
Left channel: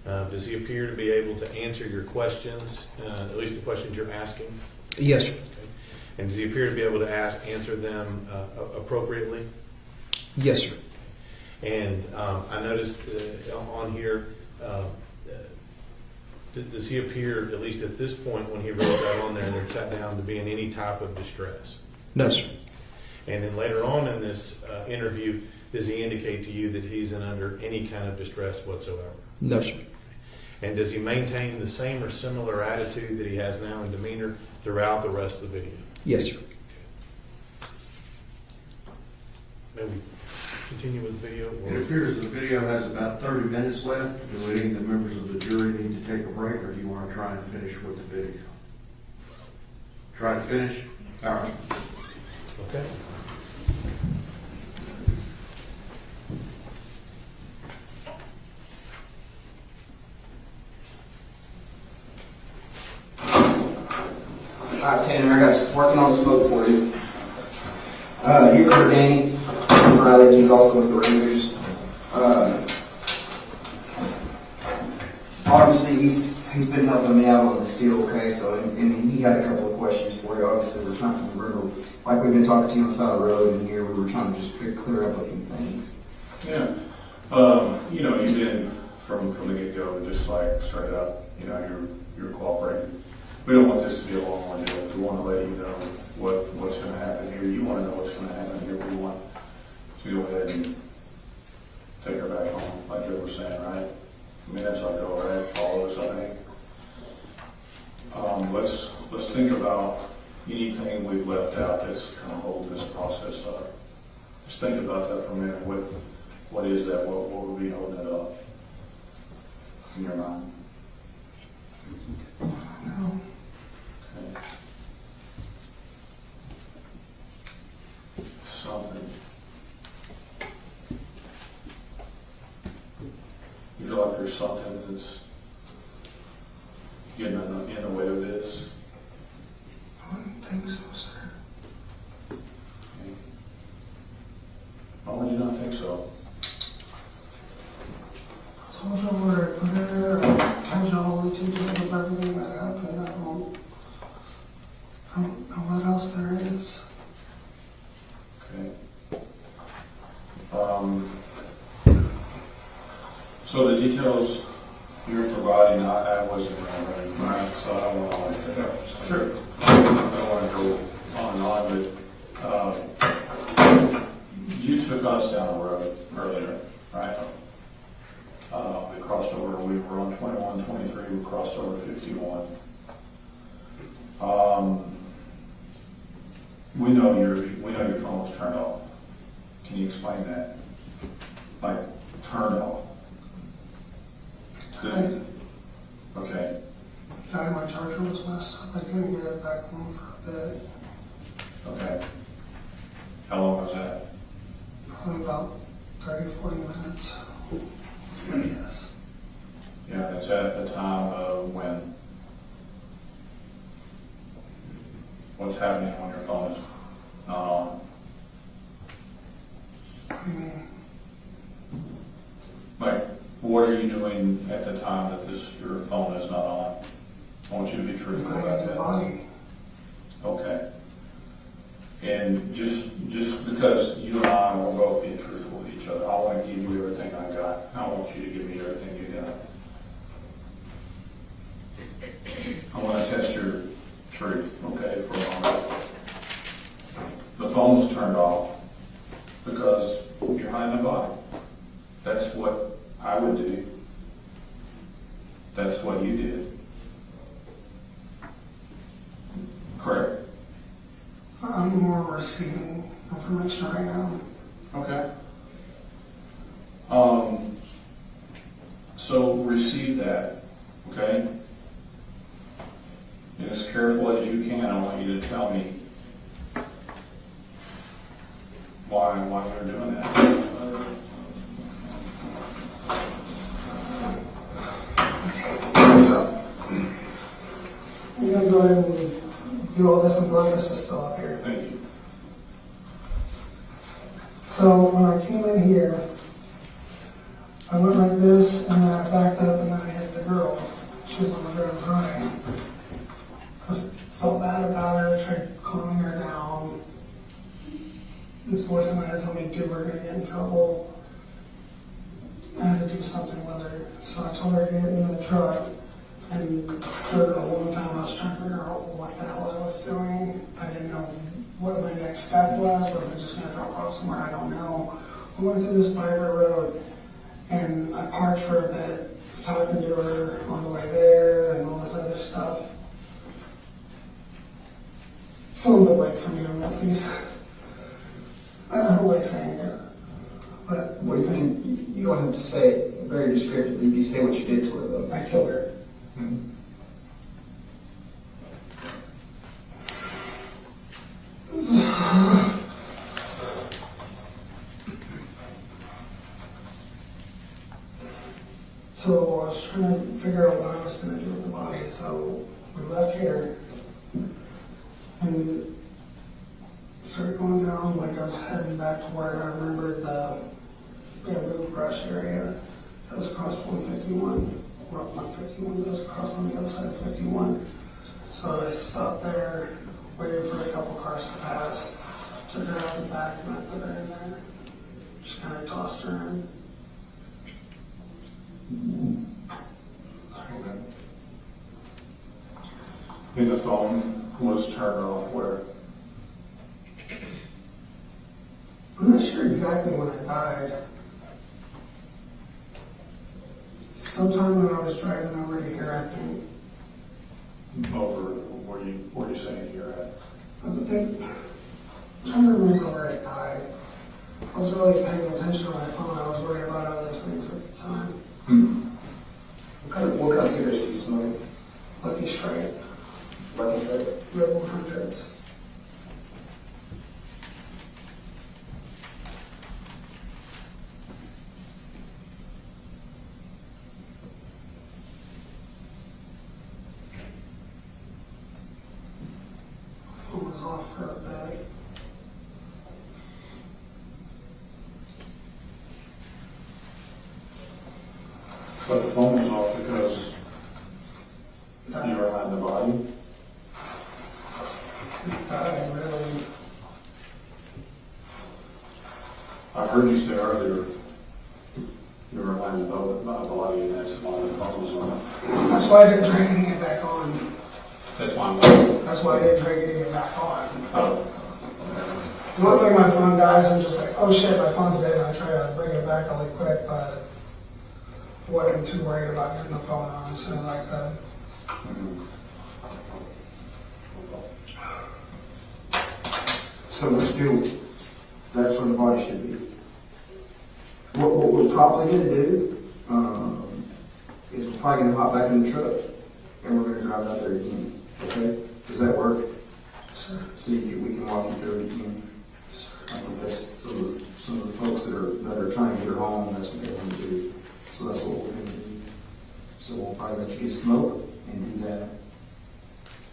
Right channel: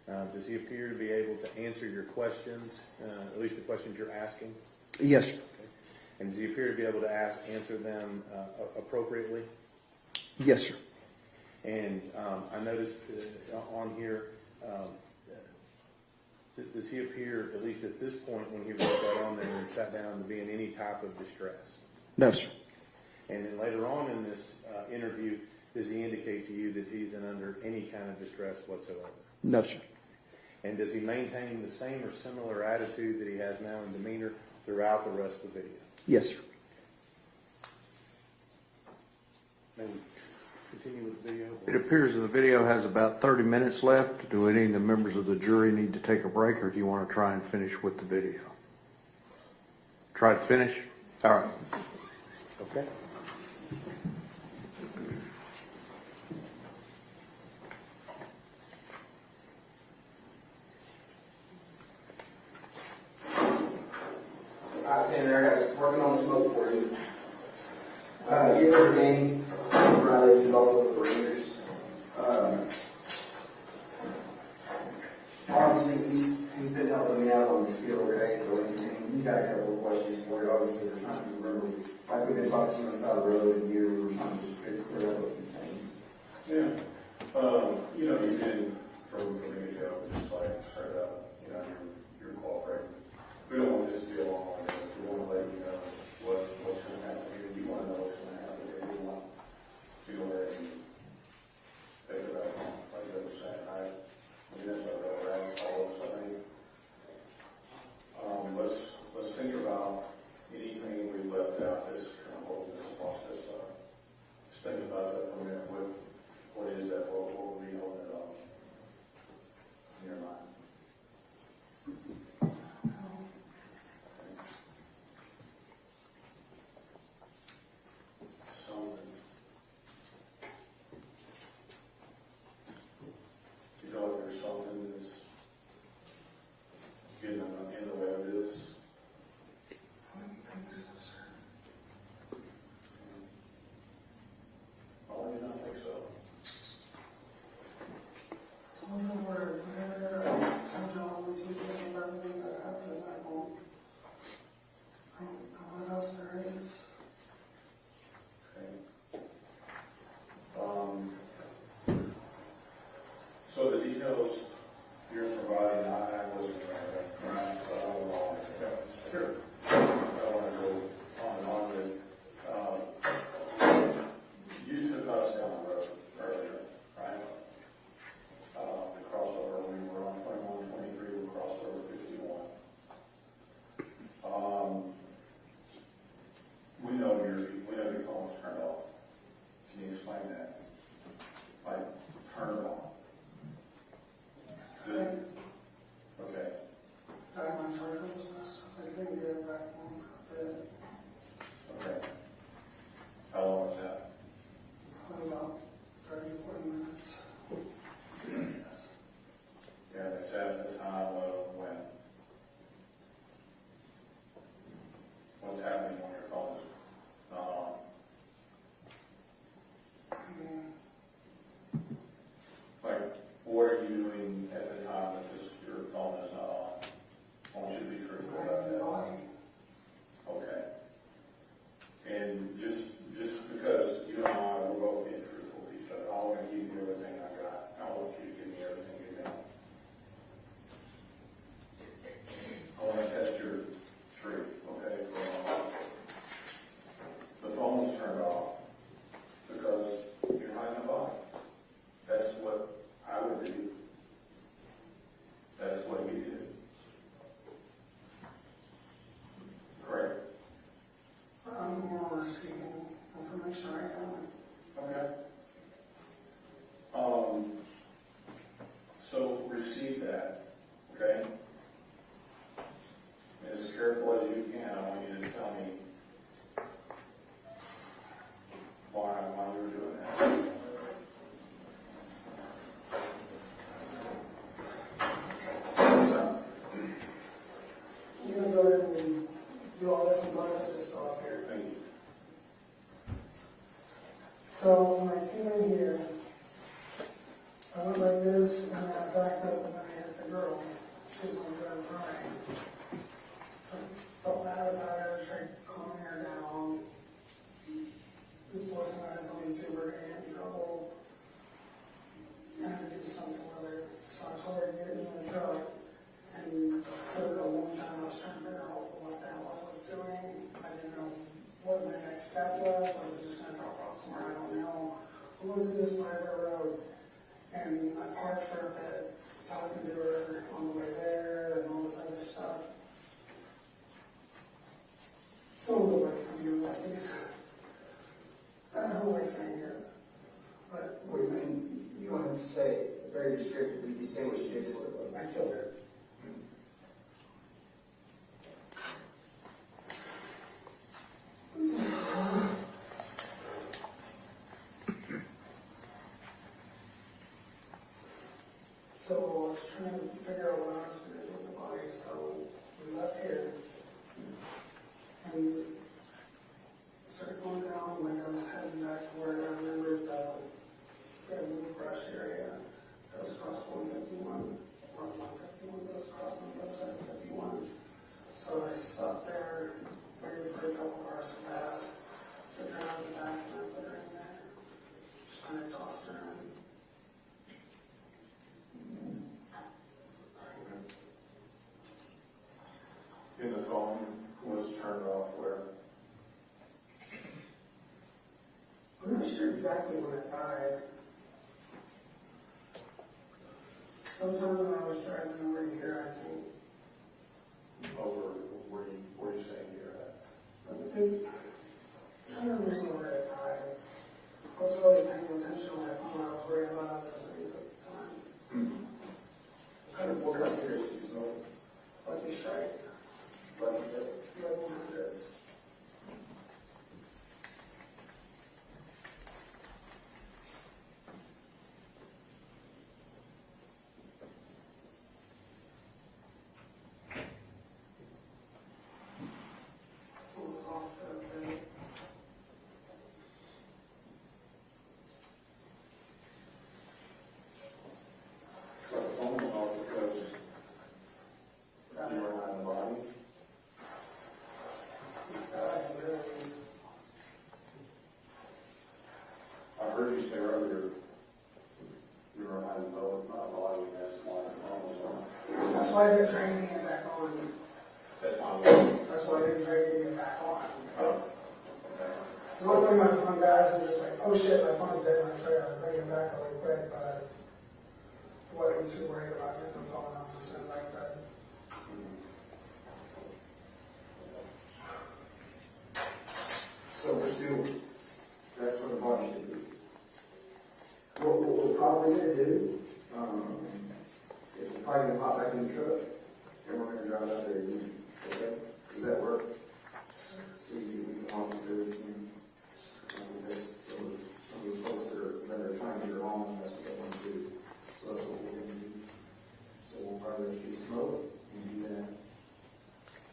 Does he appear to be able to answer your questions, at least the questions you're asking? Yes, sir. Okay. And does he appear to be able to answer them appropriately? Yes, sir. And I noticed on here, does he appear, at least at this point when he wrote that on there and then sat down, to be in any type of distress? No, sir. And then later on in this interview, does he indicate to you that he's under any kind of distress whatsoever? No, sir. And does he maintain the same or similar attitude that he has now in demeanor throughout the rest of the video? Yes, sir. May we continue with the video? It appears the video has about 30 minutes left. Do any of the members of the jury need to take a break, or do you want to try and finish with the video? Try to finish? All right. Okay. All right, Tanner, I got working on the smoke for you. You heard Danny Riley, he's also with the Rangers. Obviously, he's been helping me out on this deal, okay? So, and he had a couple of questions for you. Obviously, we're trying to remember, like we've been talking to you on the side of the road, and here we were trying to just clear up a few things. Yeah. You know, you've been from the get-go, just like started out, you know, you're cooperating. We don't want this to be a long one. We want to let you know what's going to happen here. You want to know what's going to happen here. We want to go ahead and take her back home, like Joe was saying, right? I mean, that's our goal, right? All of us, I think. Let's think about anything we've left out that's going to hold this process up. Just think about that for a minute. What is that? What would be holding it up in your mind? No. Okay. Something. You feel like there's something that's getting in the way of this? I don't think so, sir. Okay. Why would you not think so? I told y'all where I put her. I told y'all all the details of everything that happened. I don't know what else there is. Okay. So the details you're providing, I wasn't ready, right? So I don't want to sure. I don't want to go on and on, but you took us down the road earlier, right? We crossed over. We were on 21, 23. We crossed over 51. We know your phone was turned off. Can you explain that? Like turned off. Good. Okay. My charger was messed up. I couldn't get it back home for a bit. Okay. How long was that? Probably about 30, 40 minutes. Yes. Yeah, and it's at the time of when? What's happening when your phone is not on? What do you mean? what are you doing at the time that your phone is not on? I want you to be truthful about Finding the that. body. Okay. And just because you and I will both be truthful with each other, I want to give you everything I got. I want you to give me everything you got. I want to test your truth, okay, for a moment. The phone was turned off because you're hiding a body. That's what I would do. That's what you did. Correct? I'm more receiving information right now. Okay. So receive that, okay? And as careful as you can, I want you to tell me why you're doing that. So, I'm going to go ahead and do all this, and blood this is still up here. Thank you. So when I came in here, I went like this, and then I backed up, and then I hit the girl. She was on the ground crying. I felt bad about her, tried calming her down. This voice in my head told me, dude, we're going to get in trouble. I had to do something with her. So I told her to get in the truck, and for a long time I was trying to figure out what the hell I was doing. I didn't know what my next step was. Was I just going to drop off somewhere? I don't know. We went through this private road, and I parked for a bit, was talking to her on the way there, and all this other stuff. Film the mic for me on that, please. I don't like saying it, but Well, you don't have to say it very descriptively. You say what you did to her, though. I killed her. So I was trying to figure out what I was going to do with the body. So we left here and started going down, like I was heading back to where I remembered the bamboo brush area that was across 151. Well, not 51, that was across on the other side of 51. So I stopped there, waited for a couple cars to pass, took her out the back, and I put her in there. Just kind of tossed her in. And the phone was turned off where? I'm not sure exactly when I died. Sometime when I was driving over to here, I think. Over where you saying you're at? I'm trying to remember where I died. I was really paying attention to my phone. I was worried about other things at the time. What kind of cigarettes do you smoke? Lucky Strike. Lucky Strike? Red 100s. Phone was off for a bit. But the phone was off because you were hiding the body? I heard you say earlier you were hiding the body and that's why the phone was on. That's why I didn't try getting it back on. That's why That's why I didn't try getting it back on. Oh. It's not like my phone dies, I'm just like, oh shit, my phone's dead, and I try to bring it back really quick, but wasn't too worried about getting the phone on as soon as I could. So we're still, that's where the body should be. What we're probably going to do is we're probably going to hop back in the truck and we're going to drive out there again. Okay? Does that work? Sure. So we can walk you through it again. I think that's some of the folks that are trying to get her home, that's what they want to do. So that's what we're going to do. So we'll probably let you get smoke and do that.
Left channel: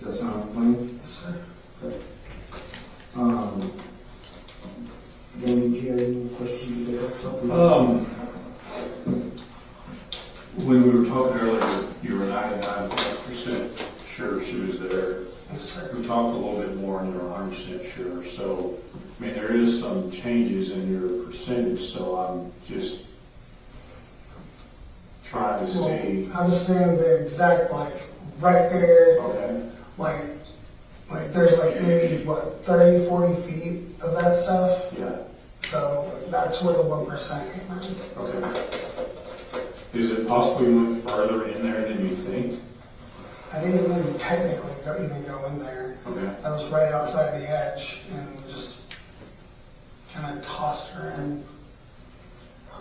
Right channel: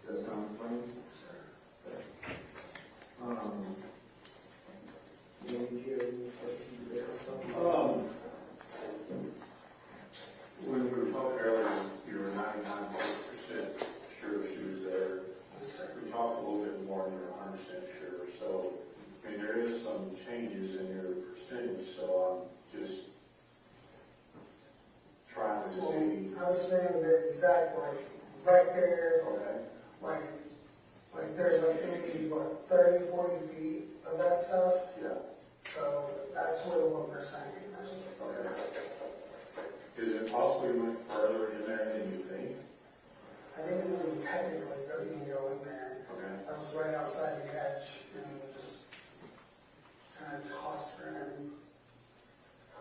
Does that sound like a plan? Yes, sir. Okay. Dan, did you have any questions you could ask? talking earlier, you were 99% sure she was there. Yes, sir. We talked a little bit more and you were 100% sure. So, I mean, there is some changes in your percentage, so I'm just trying to see. Well, I'm saying the exact, like, right there, Okay. like there's like maybe, what, 30, 40 feet of that stuff? Yeah. So that's where the 1% came in. Okay. Is it possible you went further in there than you think? I didn't even technically even go in there. Okay. I was right outside the edge and just kind of tossed her in.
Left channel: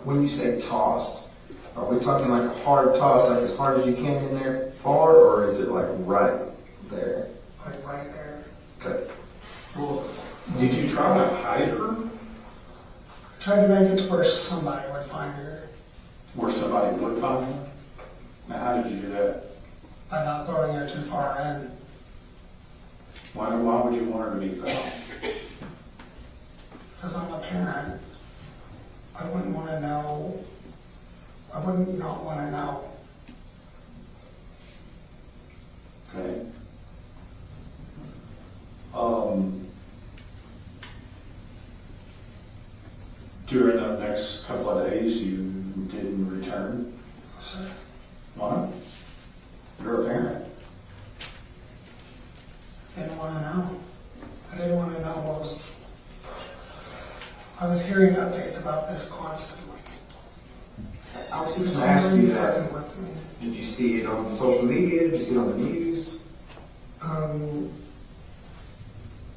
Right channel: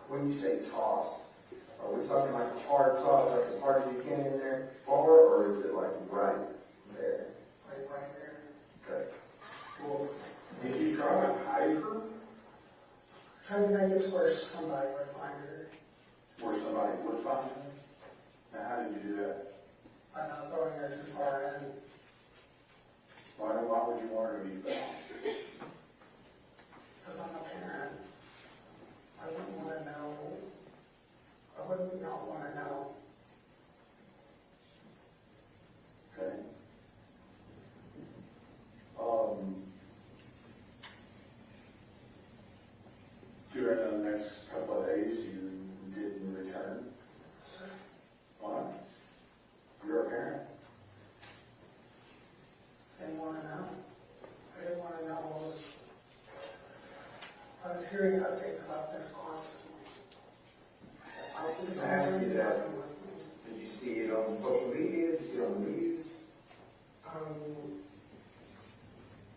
When you say tossed, are we talking like a hard toss, like as hard as you can in there far, or is it like right there? Like right there. Okay. Well, did you try to hide her? I tried to make it to where somebody would find her Where somebody would find her? Now, how did you do that? by not throwing her too far in. Why would you want her to be found? Because I'm a parent. I wouldn't want to know. I wouldn't not want to know. Okay. During the next couple of days, you didn't return? Sir, Why not? You're a parent. I didn't want to know. I didn't want to know what was. I was hearing updates about this constantly. I was just So going to ask you that. fucking with me. Did you see it on social media? Did you see it on the news?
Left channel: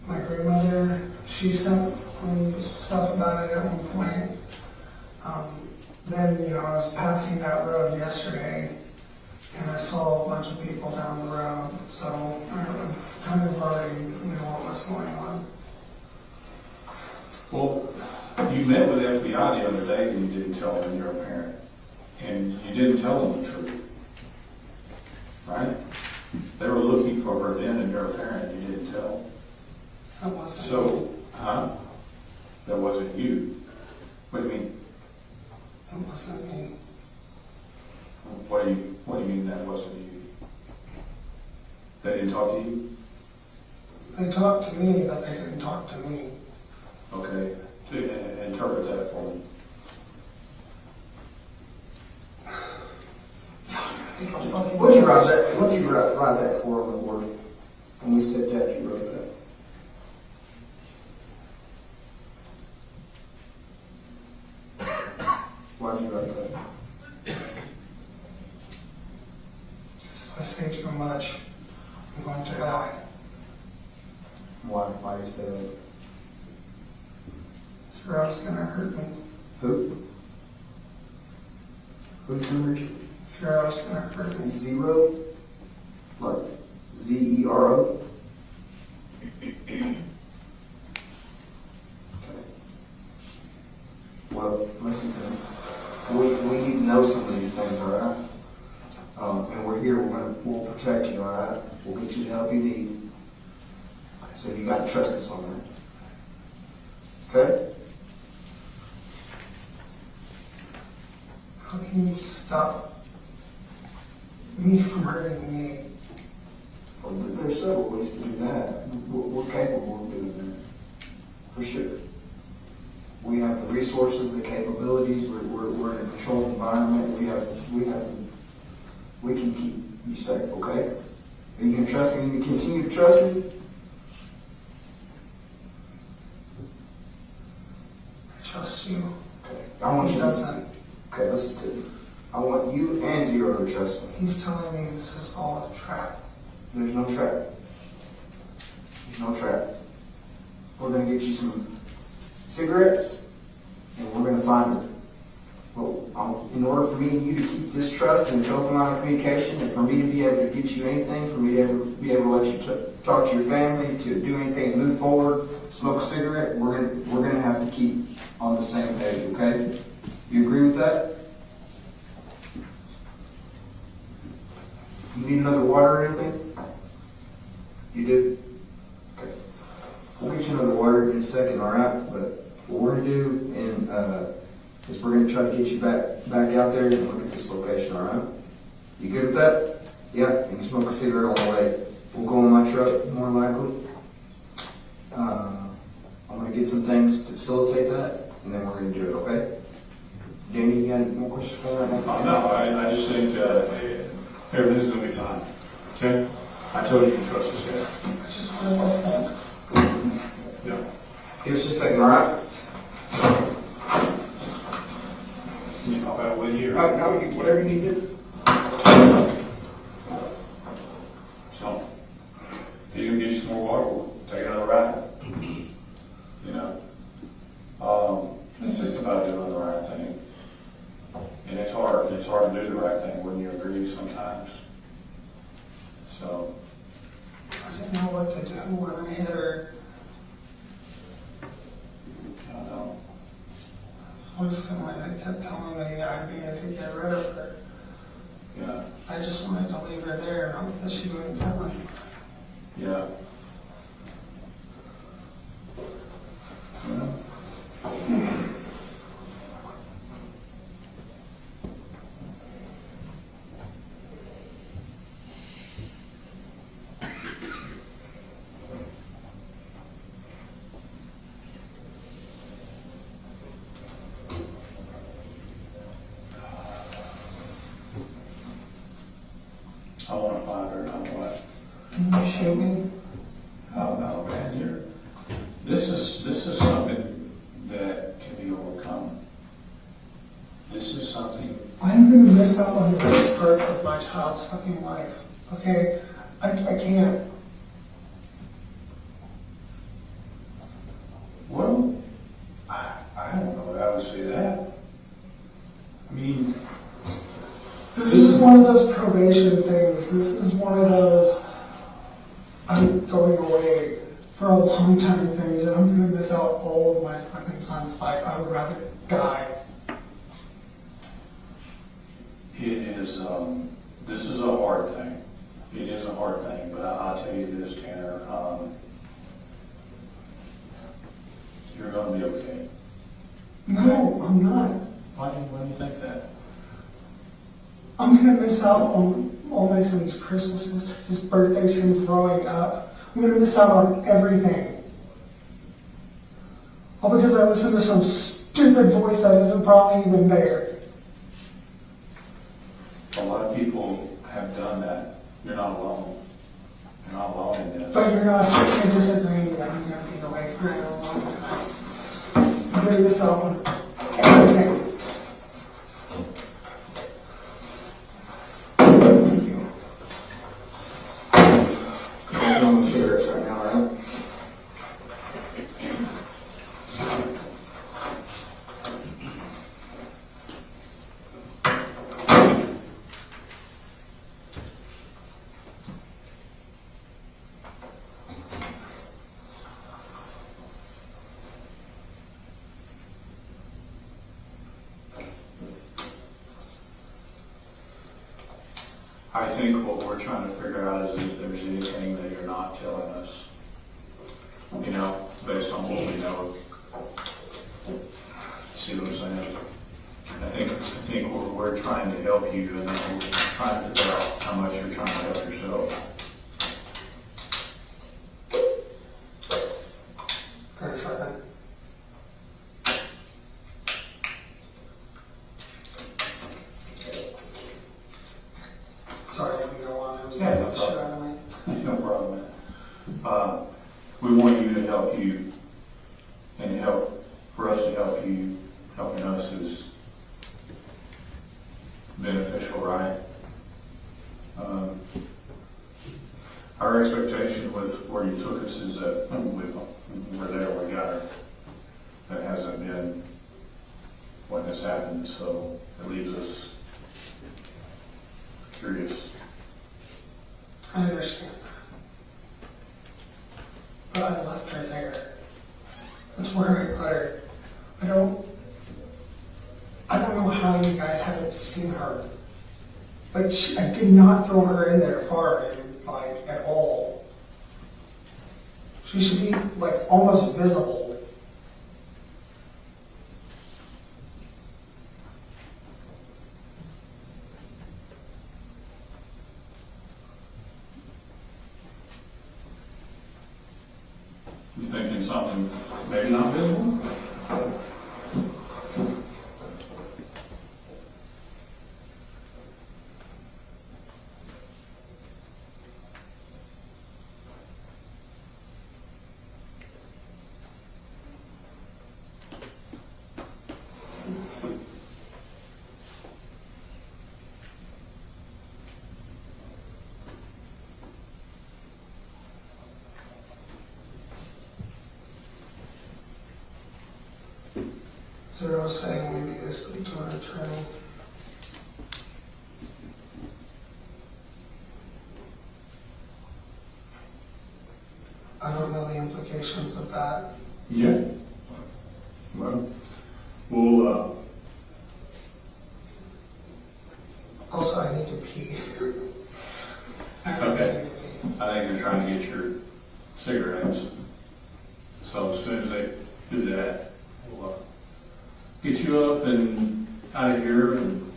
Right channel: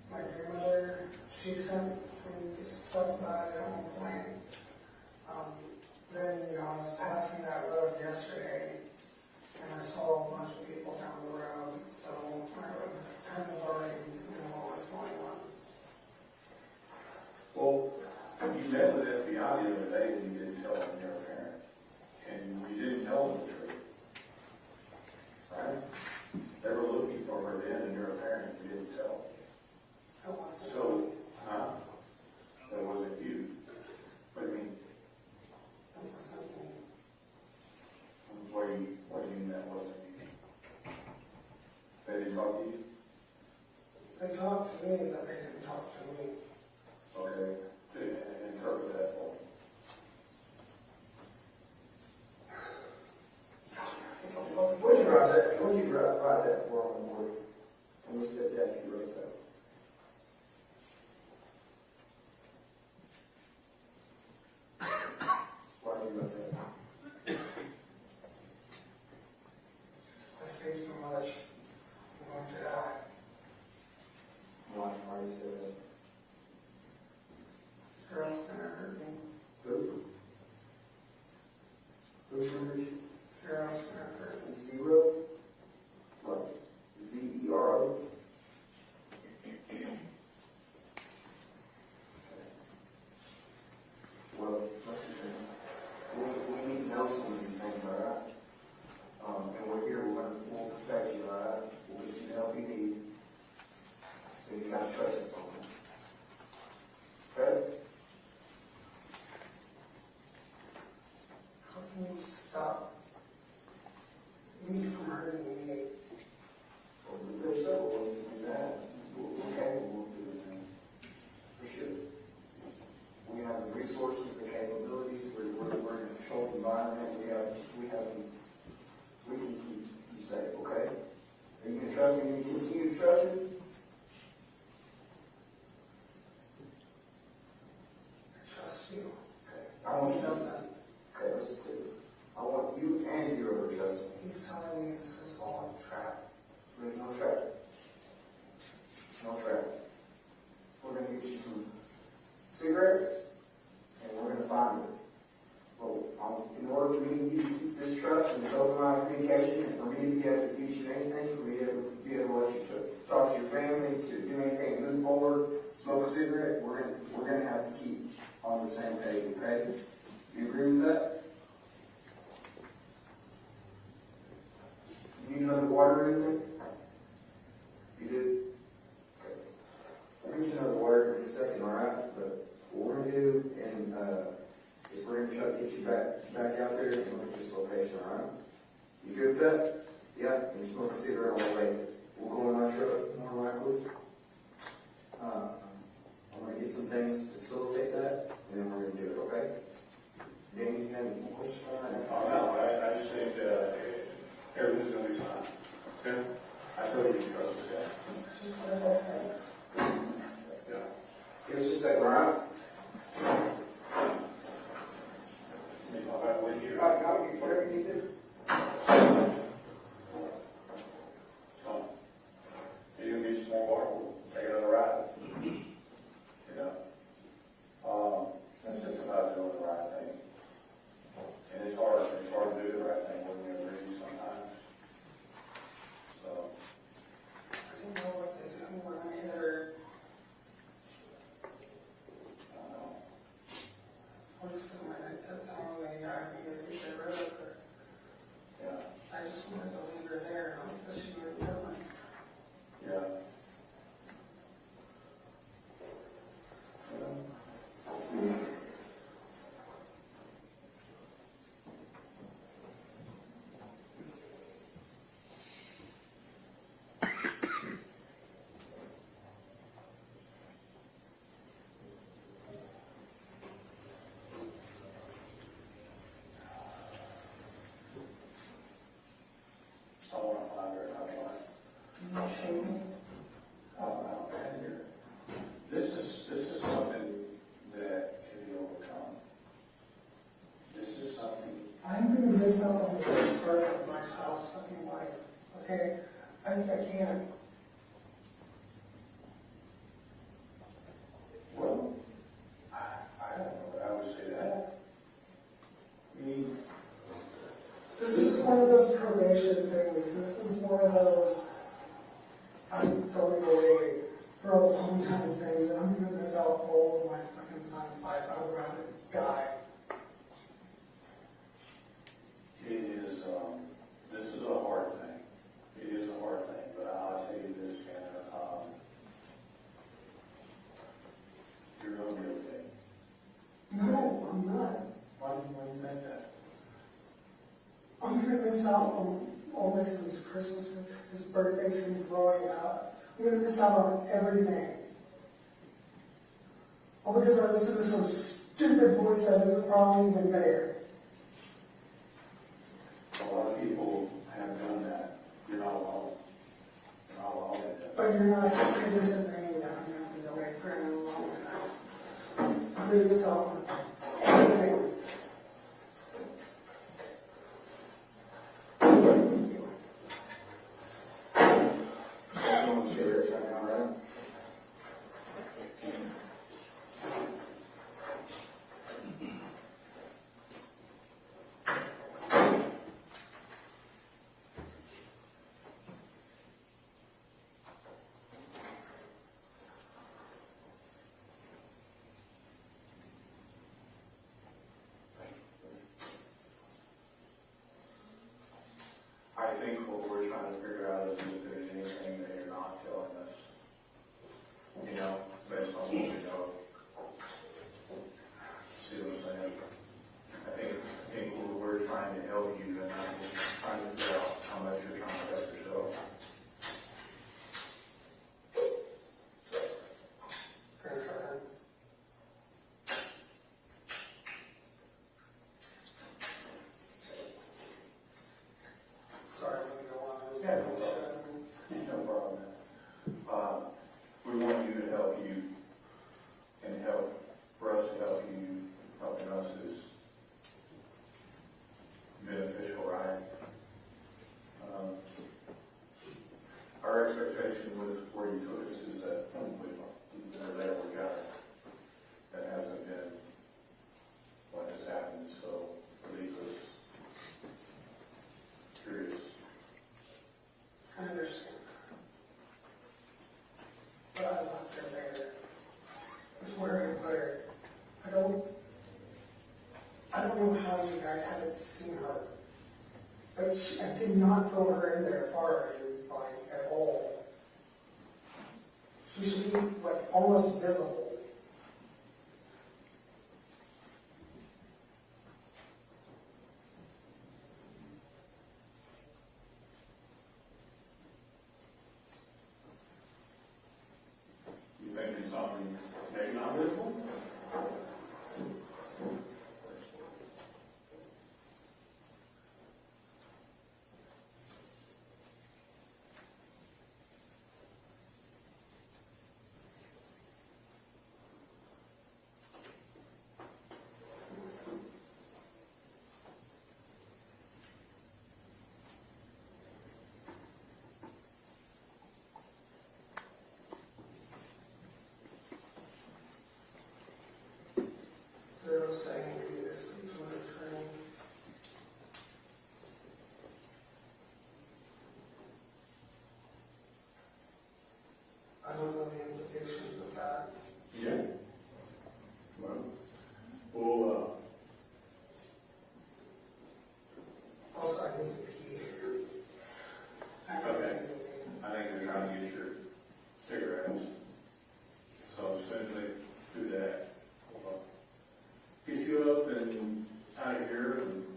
My grandmother, she sent me stuff about it at one point. Then, I was passing that road yesterday, and I saw a bunch of people down the road, so I kind of already knew what was going on. Well, you met with FBI the other day and you didn't tell them you're a parent. And you didn't tell them the truth. Right? They were looking for her then and you're a parent and you didn't tell them. That wasn't me. So, that wasn't you. What do you mean? That wasn't me. What do you mean that wasn't you? They didn't talk to you? They talked to me, but they didn't talk to me. Okay. Interpret that for me. What'd you write that? What'd you write that for on the board? When we stepped out, you wrote that. Why'd you write that? If I say too much, I'm going to die. Why do you say that? Zero's going to hurt me. Who? Who's gonna hurt you? Zero's going to hurt me. Zero? Like Z-E-R-O? Okay. Well, listen to me. We need to know some of these things, alright? And we're here, we'll protect you, alright? We'll get you the help you need. So you gotta trust us on that. Okay? How can you stop me from hurting me? Well, there's several ways to do that. We're capable of doing that. For sure. We have the resources, the capabilities, we're in a controlled environment, we can keep you safe, okay? Are you gonna trust me? You can continue to trust me? I trust you. Okay. I want He you doesn't. Okay, listen to me. I want you and Zero to trust me. He's telling me this is all a trap. There's no trap. There's no trap. We're gonna get you some cigarettes, and we're gonna find her. Well, in order for me and you to keep this trust and this open line of communication, and for me to be able to get you anything, for me to be able to let you talk to your family, to do anything, move forward, smoke a cigarette, we're gonna have to keep on the same page. Okay? You agree with that? You need another water or anything? You do? Okay. We'll get you another water in a second, alright? But what we're going to do is we're going to try to get you back out there and look at this location, alright? You good with that? Yeah, and you smoke a cigarette on the way. We'll go in my truck, more likely. I'm gonna get some things to facilitate that, and then we're gonna do it, okay? Danny, you got any more questions for me right now? No, I just think everything's going to be fine. Okay? I told you to trust this guy. I just want to walk back. Yeah. Give us just a second, all right? I'll have with you. No, whatever you need to do. So, if you can get you some more water, we'll take another ride. You know? It's just about doing the right thing. And it's hard to do the right thing, wouldn't you agree sometimes? So. I didn't know what to do when I hit her. I don't know. I just someone that kept telling me I needed to get rid of her. Yeah. I just wanted to leave her there and hope that she wouldn't tell me. Yeah. I want to find her, not what. Can you show me? Oh no, man, this is something that can be overcome. This is something. I'm gonna miss out on the best parts of my child's fucking life. Okay? I can't. Well, I don't know if I would say that. I mean, This isn't one of those probation things. This is one of those I'm going away for a long time things, and I'm gonna miss out all of my fucking son's life. I would rather die. it is, this is a hard thing. It is a hard thing, but I'll tell you this, Tanner, you're gonna be okay. No, I'm not. Why do you think that? I'm gonna miss out on all my son's Christmases, his birthdays, him growing up. I'm gonna miss out on everything. All because I listened to some stupid voice that isn't probably even there. A lot of people have done that. You're not alone. You're not alone in this. But you're not simply disagreeing that I'm gonna be away for a long time. I'm gonna miss out on everything. Thank you. I'm doing cigarettes right now, right? I think what we're trying to figure out is if there's anything that you're not telling us. You know, based on what we know. See what I'm saying? I think we're trying to help you, and then we're trying to figure out how much you're trying to help yourself. Thanks, Ryan. Sorry, I can go on. I was Yeah, getting no the shit out of me. No problem. We want you to help you, and for us to help you, helping us is beneficial, right? Our expectation with where you took us is that we're there, we got her. That hasn't been what has happened, so it leaves us curious. I understand that. But I left her there. That's where I put her. I don't know how you guys haven't seen her. Like, I did not throw her in there far, like, at all. She should be, like, almost visible. in something maybe not visible. So you're all saying we need to speak to an attorney? I don't know the implications of that. Yeah. Well, we'll, Also, I need to pee. okay. I think you're trying to get your cigarettes. So as soon as they do that, we'll get you up and out of here, and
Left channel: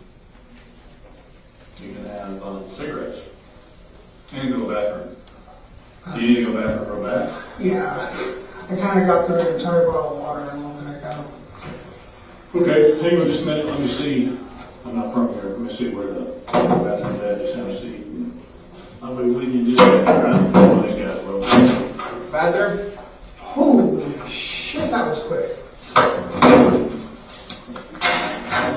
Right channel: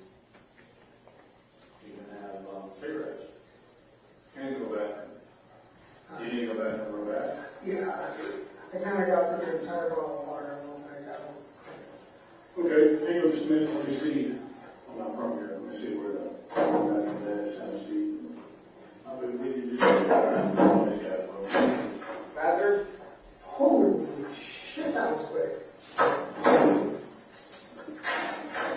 you can have cigarettes. And go to the bathroom. Do you need to go to the bathroom real bad? Yeah, I kind of got through an entire bottle of water a little bit ago. Okay, hang on just a minute. Let me see. I'm not from here. Let me see where the bathroom is. Just have a seat. I'll be with you just around all these guys. Bathroom? Holy shit, that was quick.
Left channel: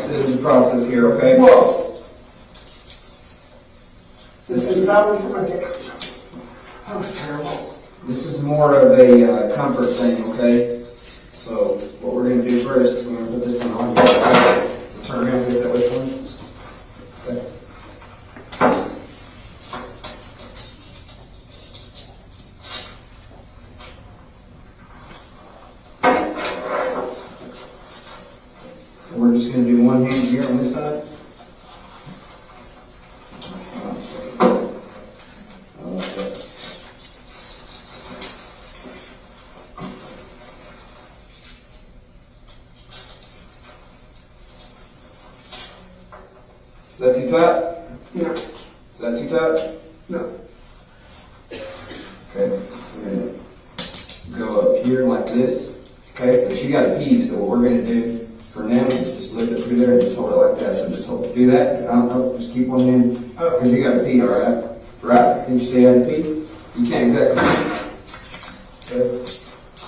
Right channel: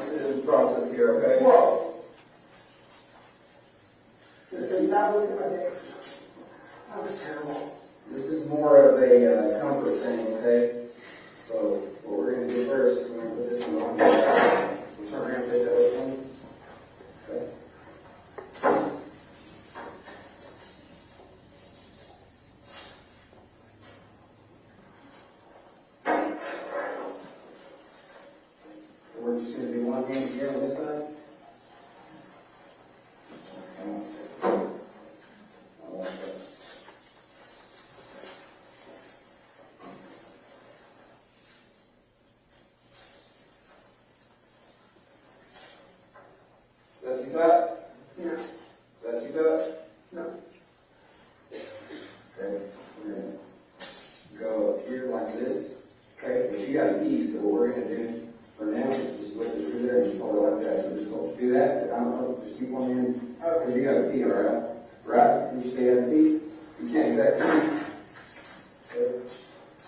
There's a process here, okay? Whoa. This is that one for my dick. That was terrible. This is more of a comfort thing, okay? So what we're going to do first is we're going to put this one on here. So turn around this that way for me. Okay. We're just going to do one hand here on this side. Okay. Is that too tight? No. Is that too tight? No. Okay. We're going to go up here like this. Okay, but you got to pee, so what we're going to do for now is just lift it through there and just hold it like that. So just hold, do that. No, just keep one hand, because you got to pee, all right? Right? Can you see how to pee? You can't exactly pee. Okay.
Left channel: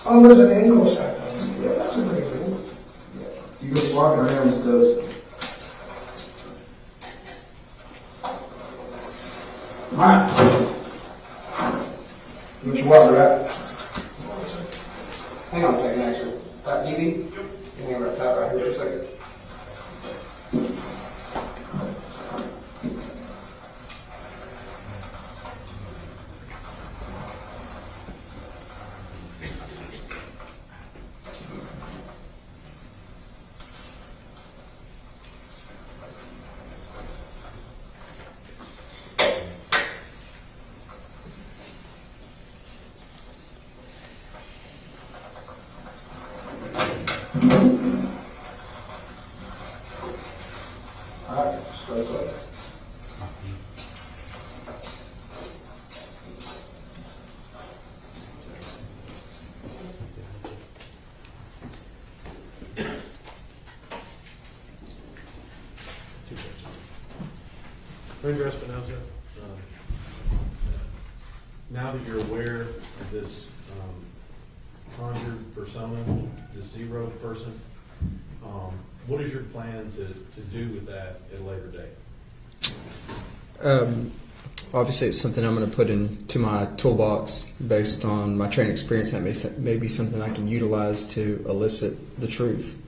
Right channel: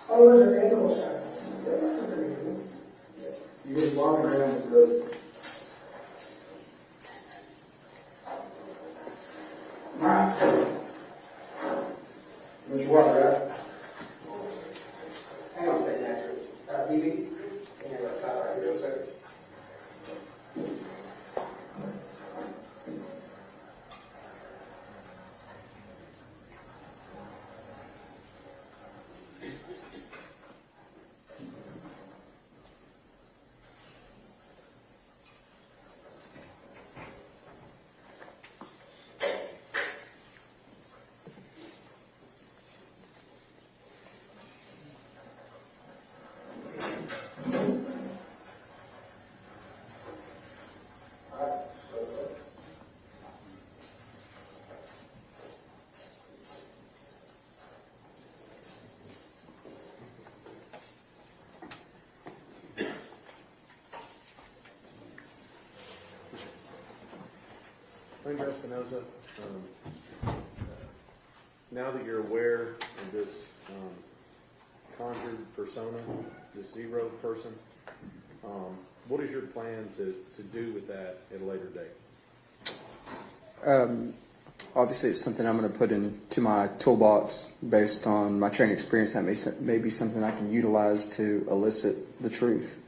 Oh, there's an ankle strap. Yeah. That's a pretty good. You just walking around with those. Alright. You want your water, right? Hang on a second, actually. Evie? Give me a right top right here for a second. Alright, straight away. Ranger Espinoza, now that you're aware of this conjured persona, this zero person, what is your plan to do with that at a later date? Obviously, it's something I'm going to put into my toolbox based on my training experience. That may be something I can utilize to elicit the truth.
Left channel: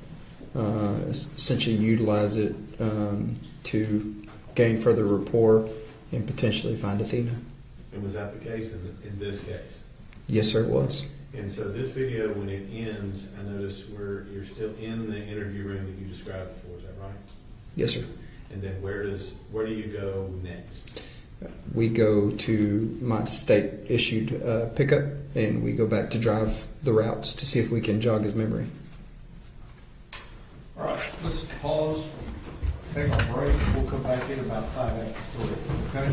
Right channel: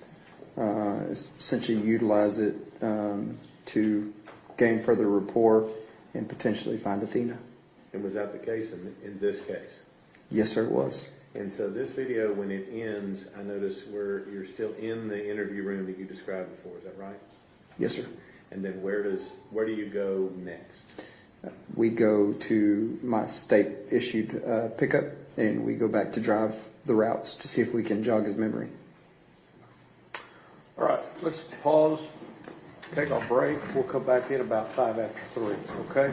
Essentially, utilize it to gain further rapport and potentially find Athena. And was that the case in this case? Yes, sir, it was. And so this video, when it ends, I notice where you're still in the interview room that you described before. Is that right? Yes, sir. And then where do you go next? We go to my state-issued pickup, and we go back to drive the routes to see if we can jog his memory. All right, let's pause, take our break. We'll come back in about 5 after 3, okay?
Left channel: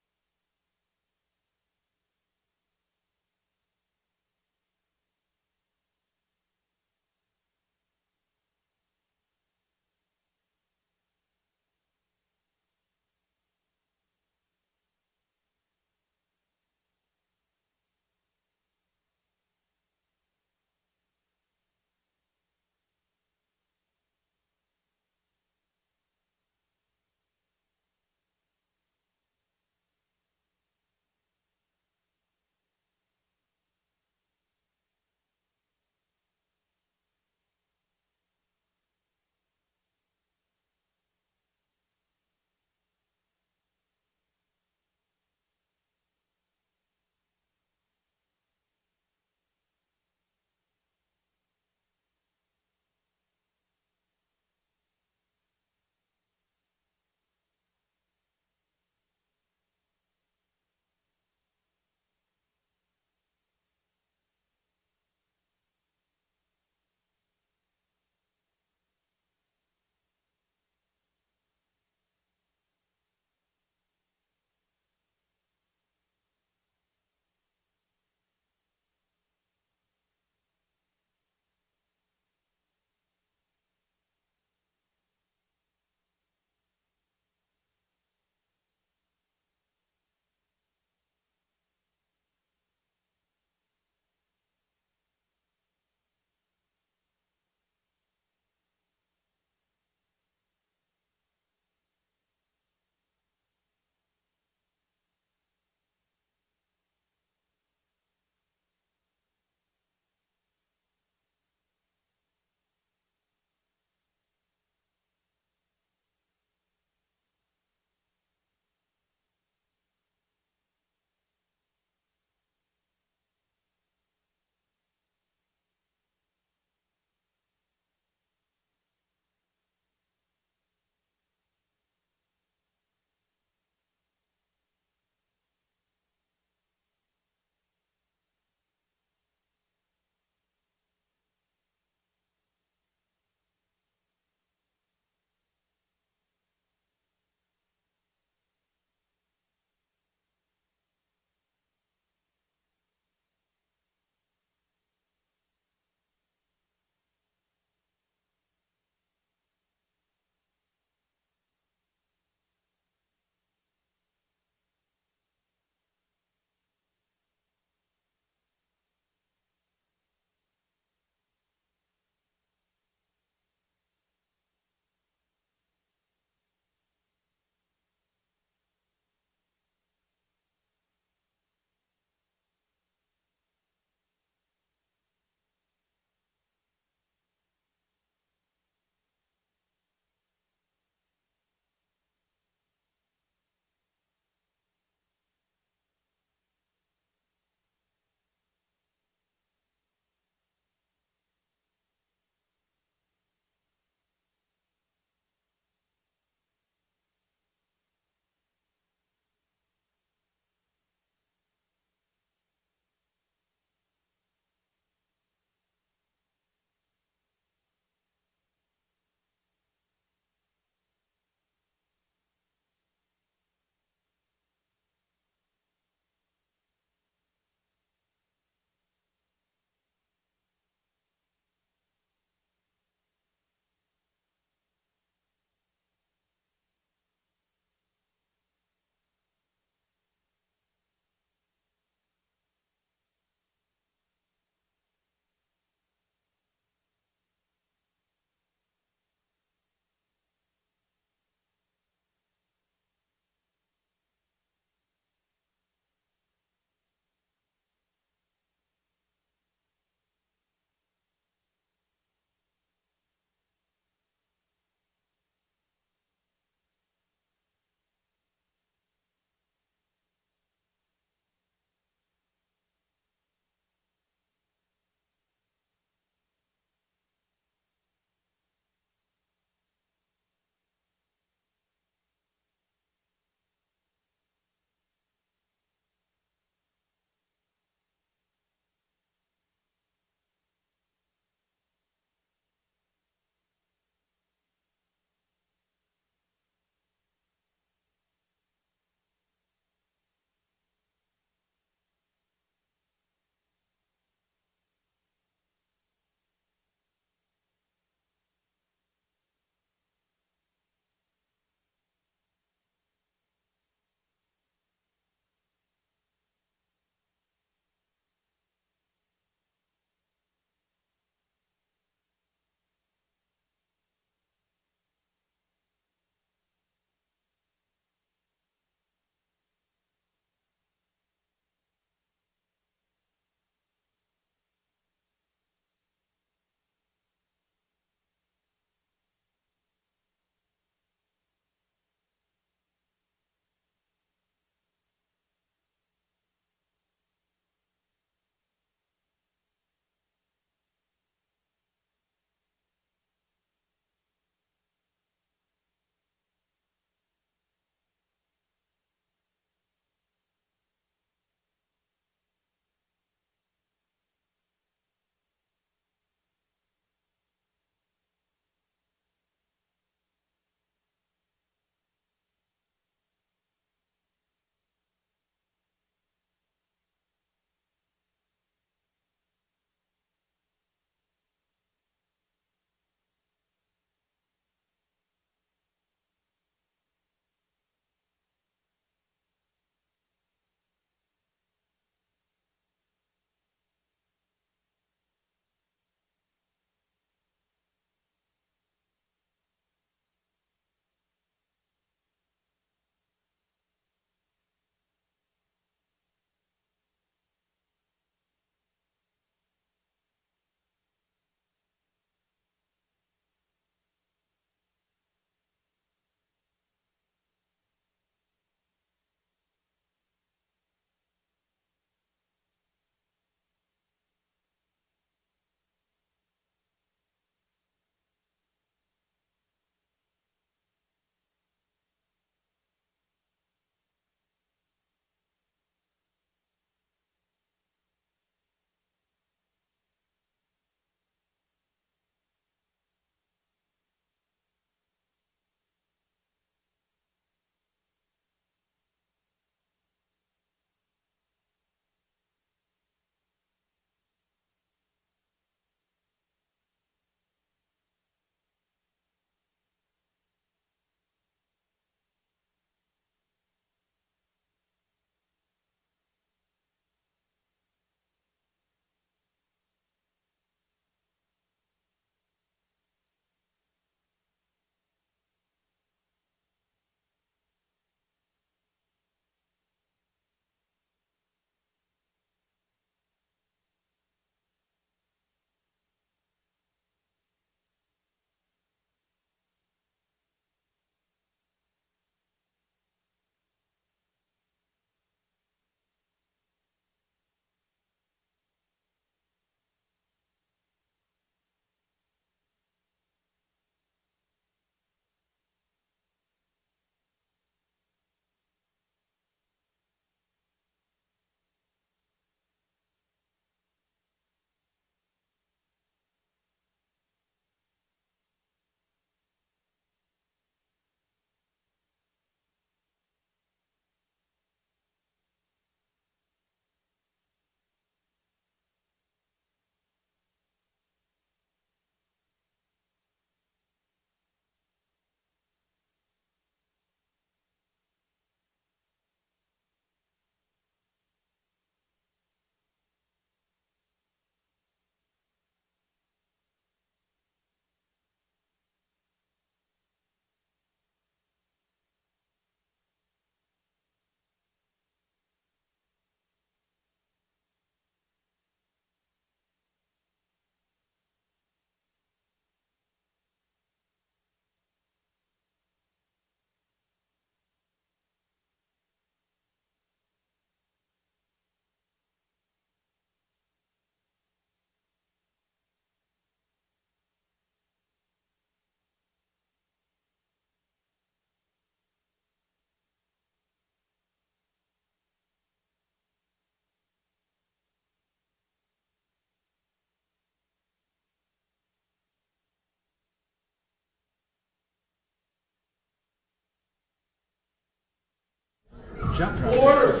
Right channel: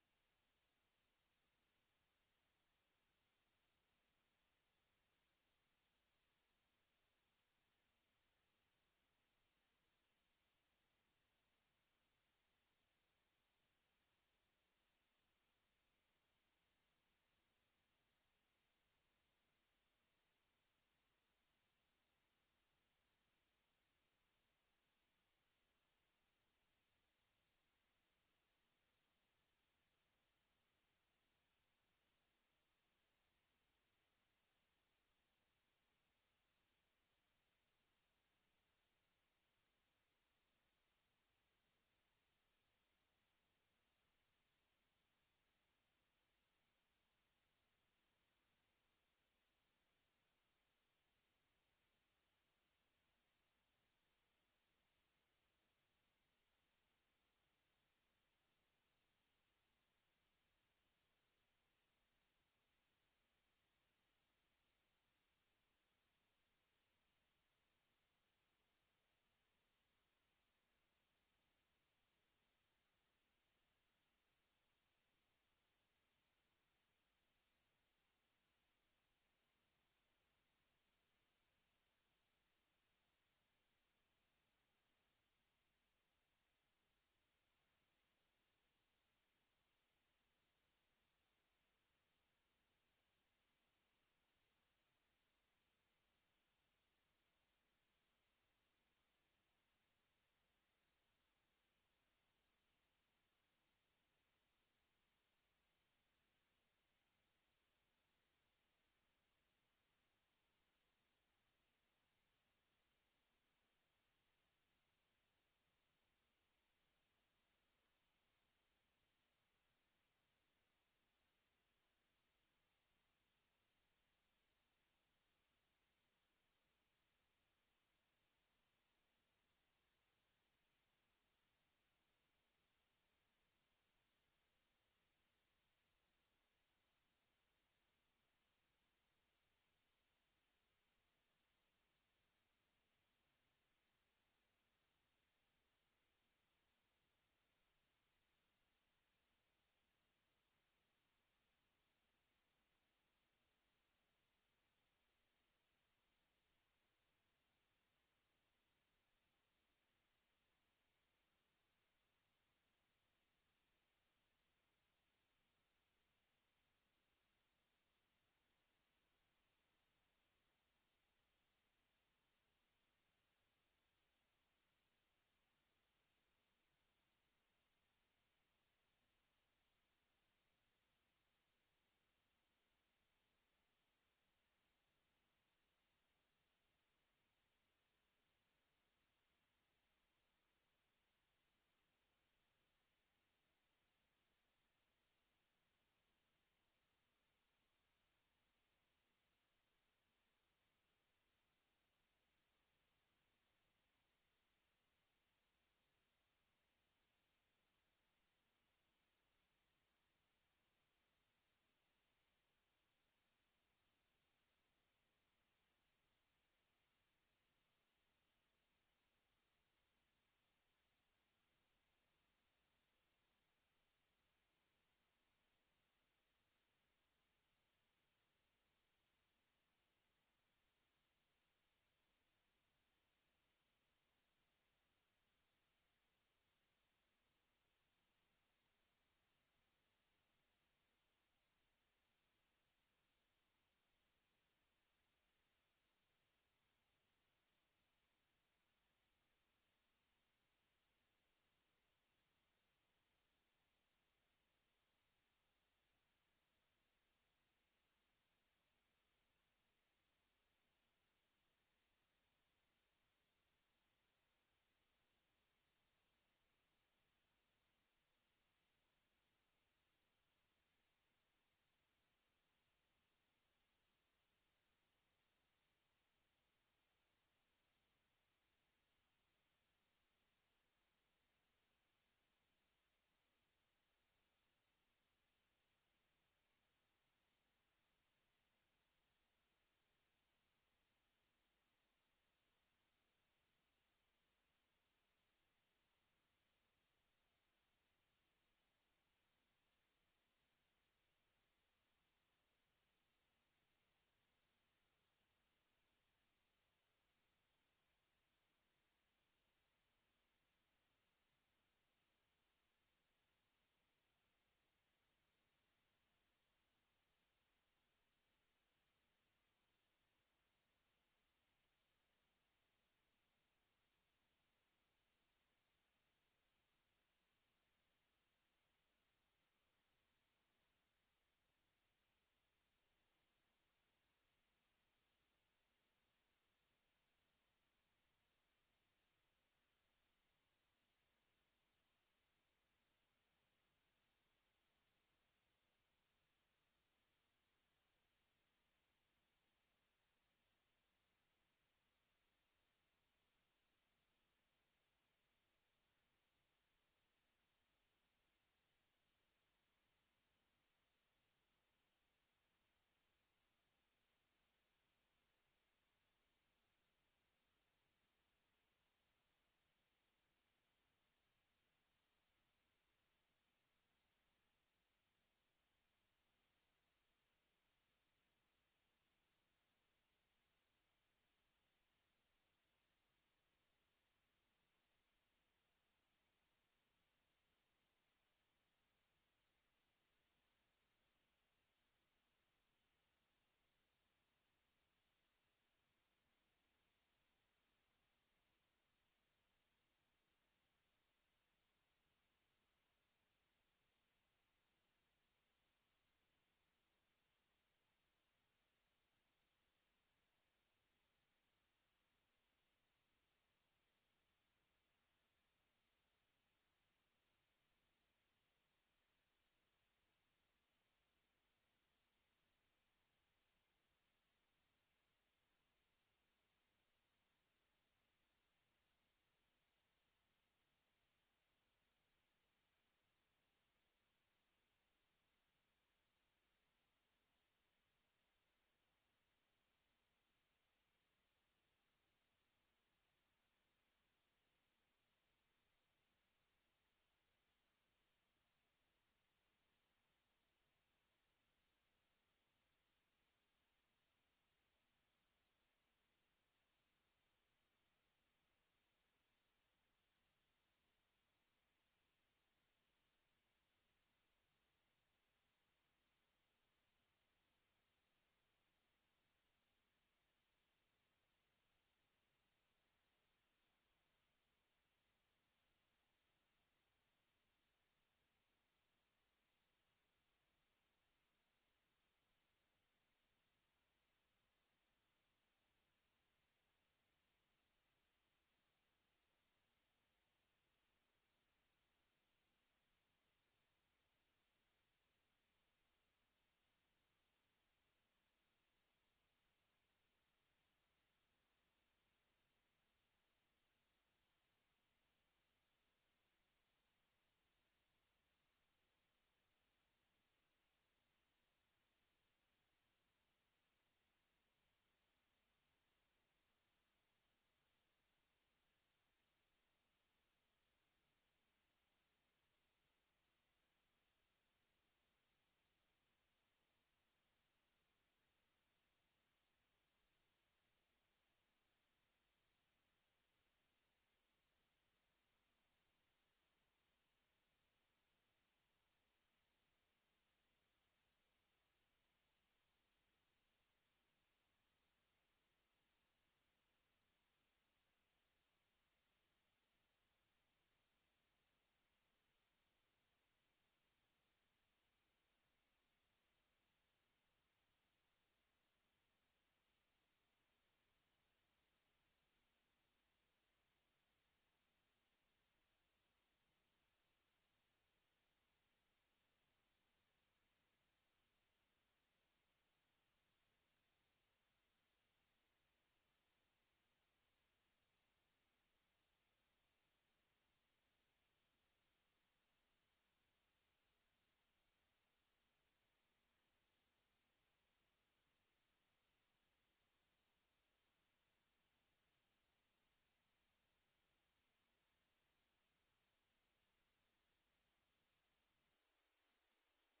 jump drive. Order.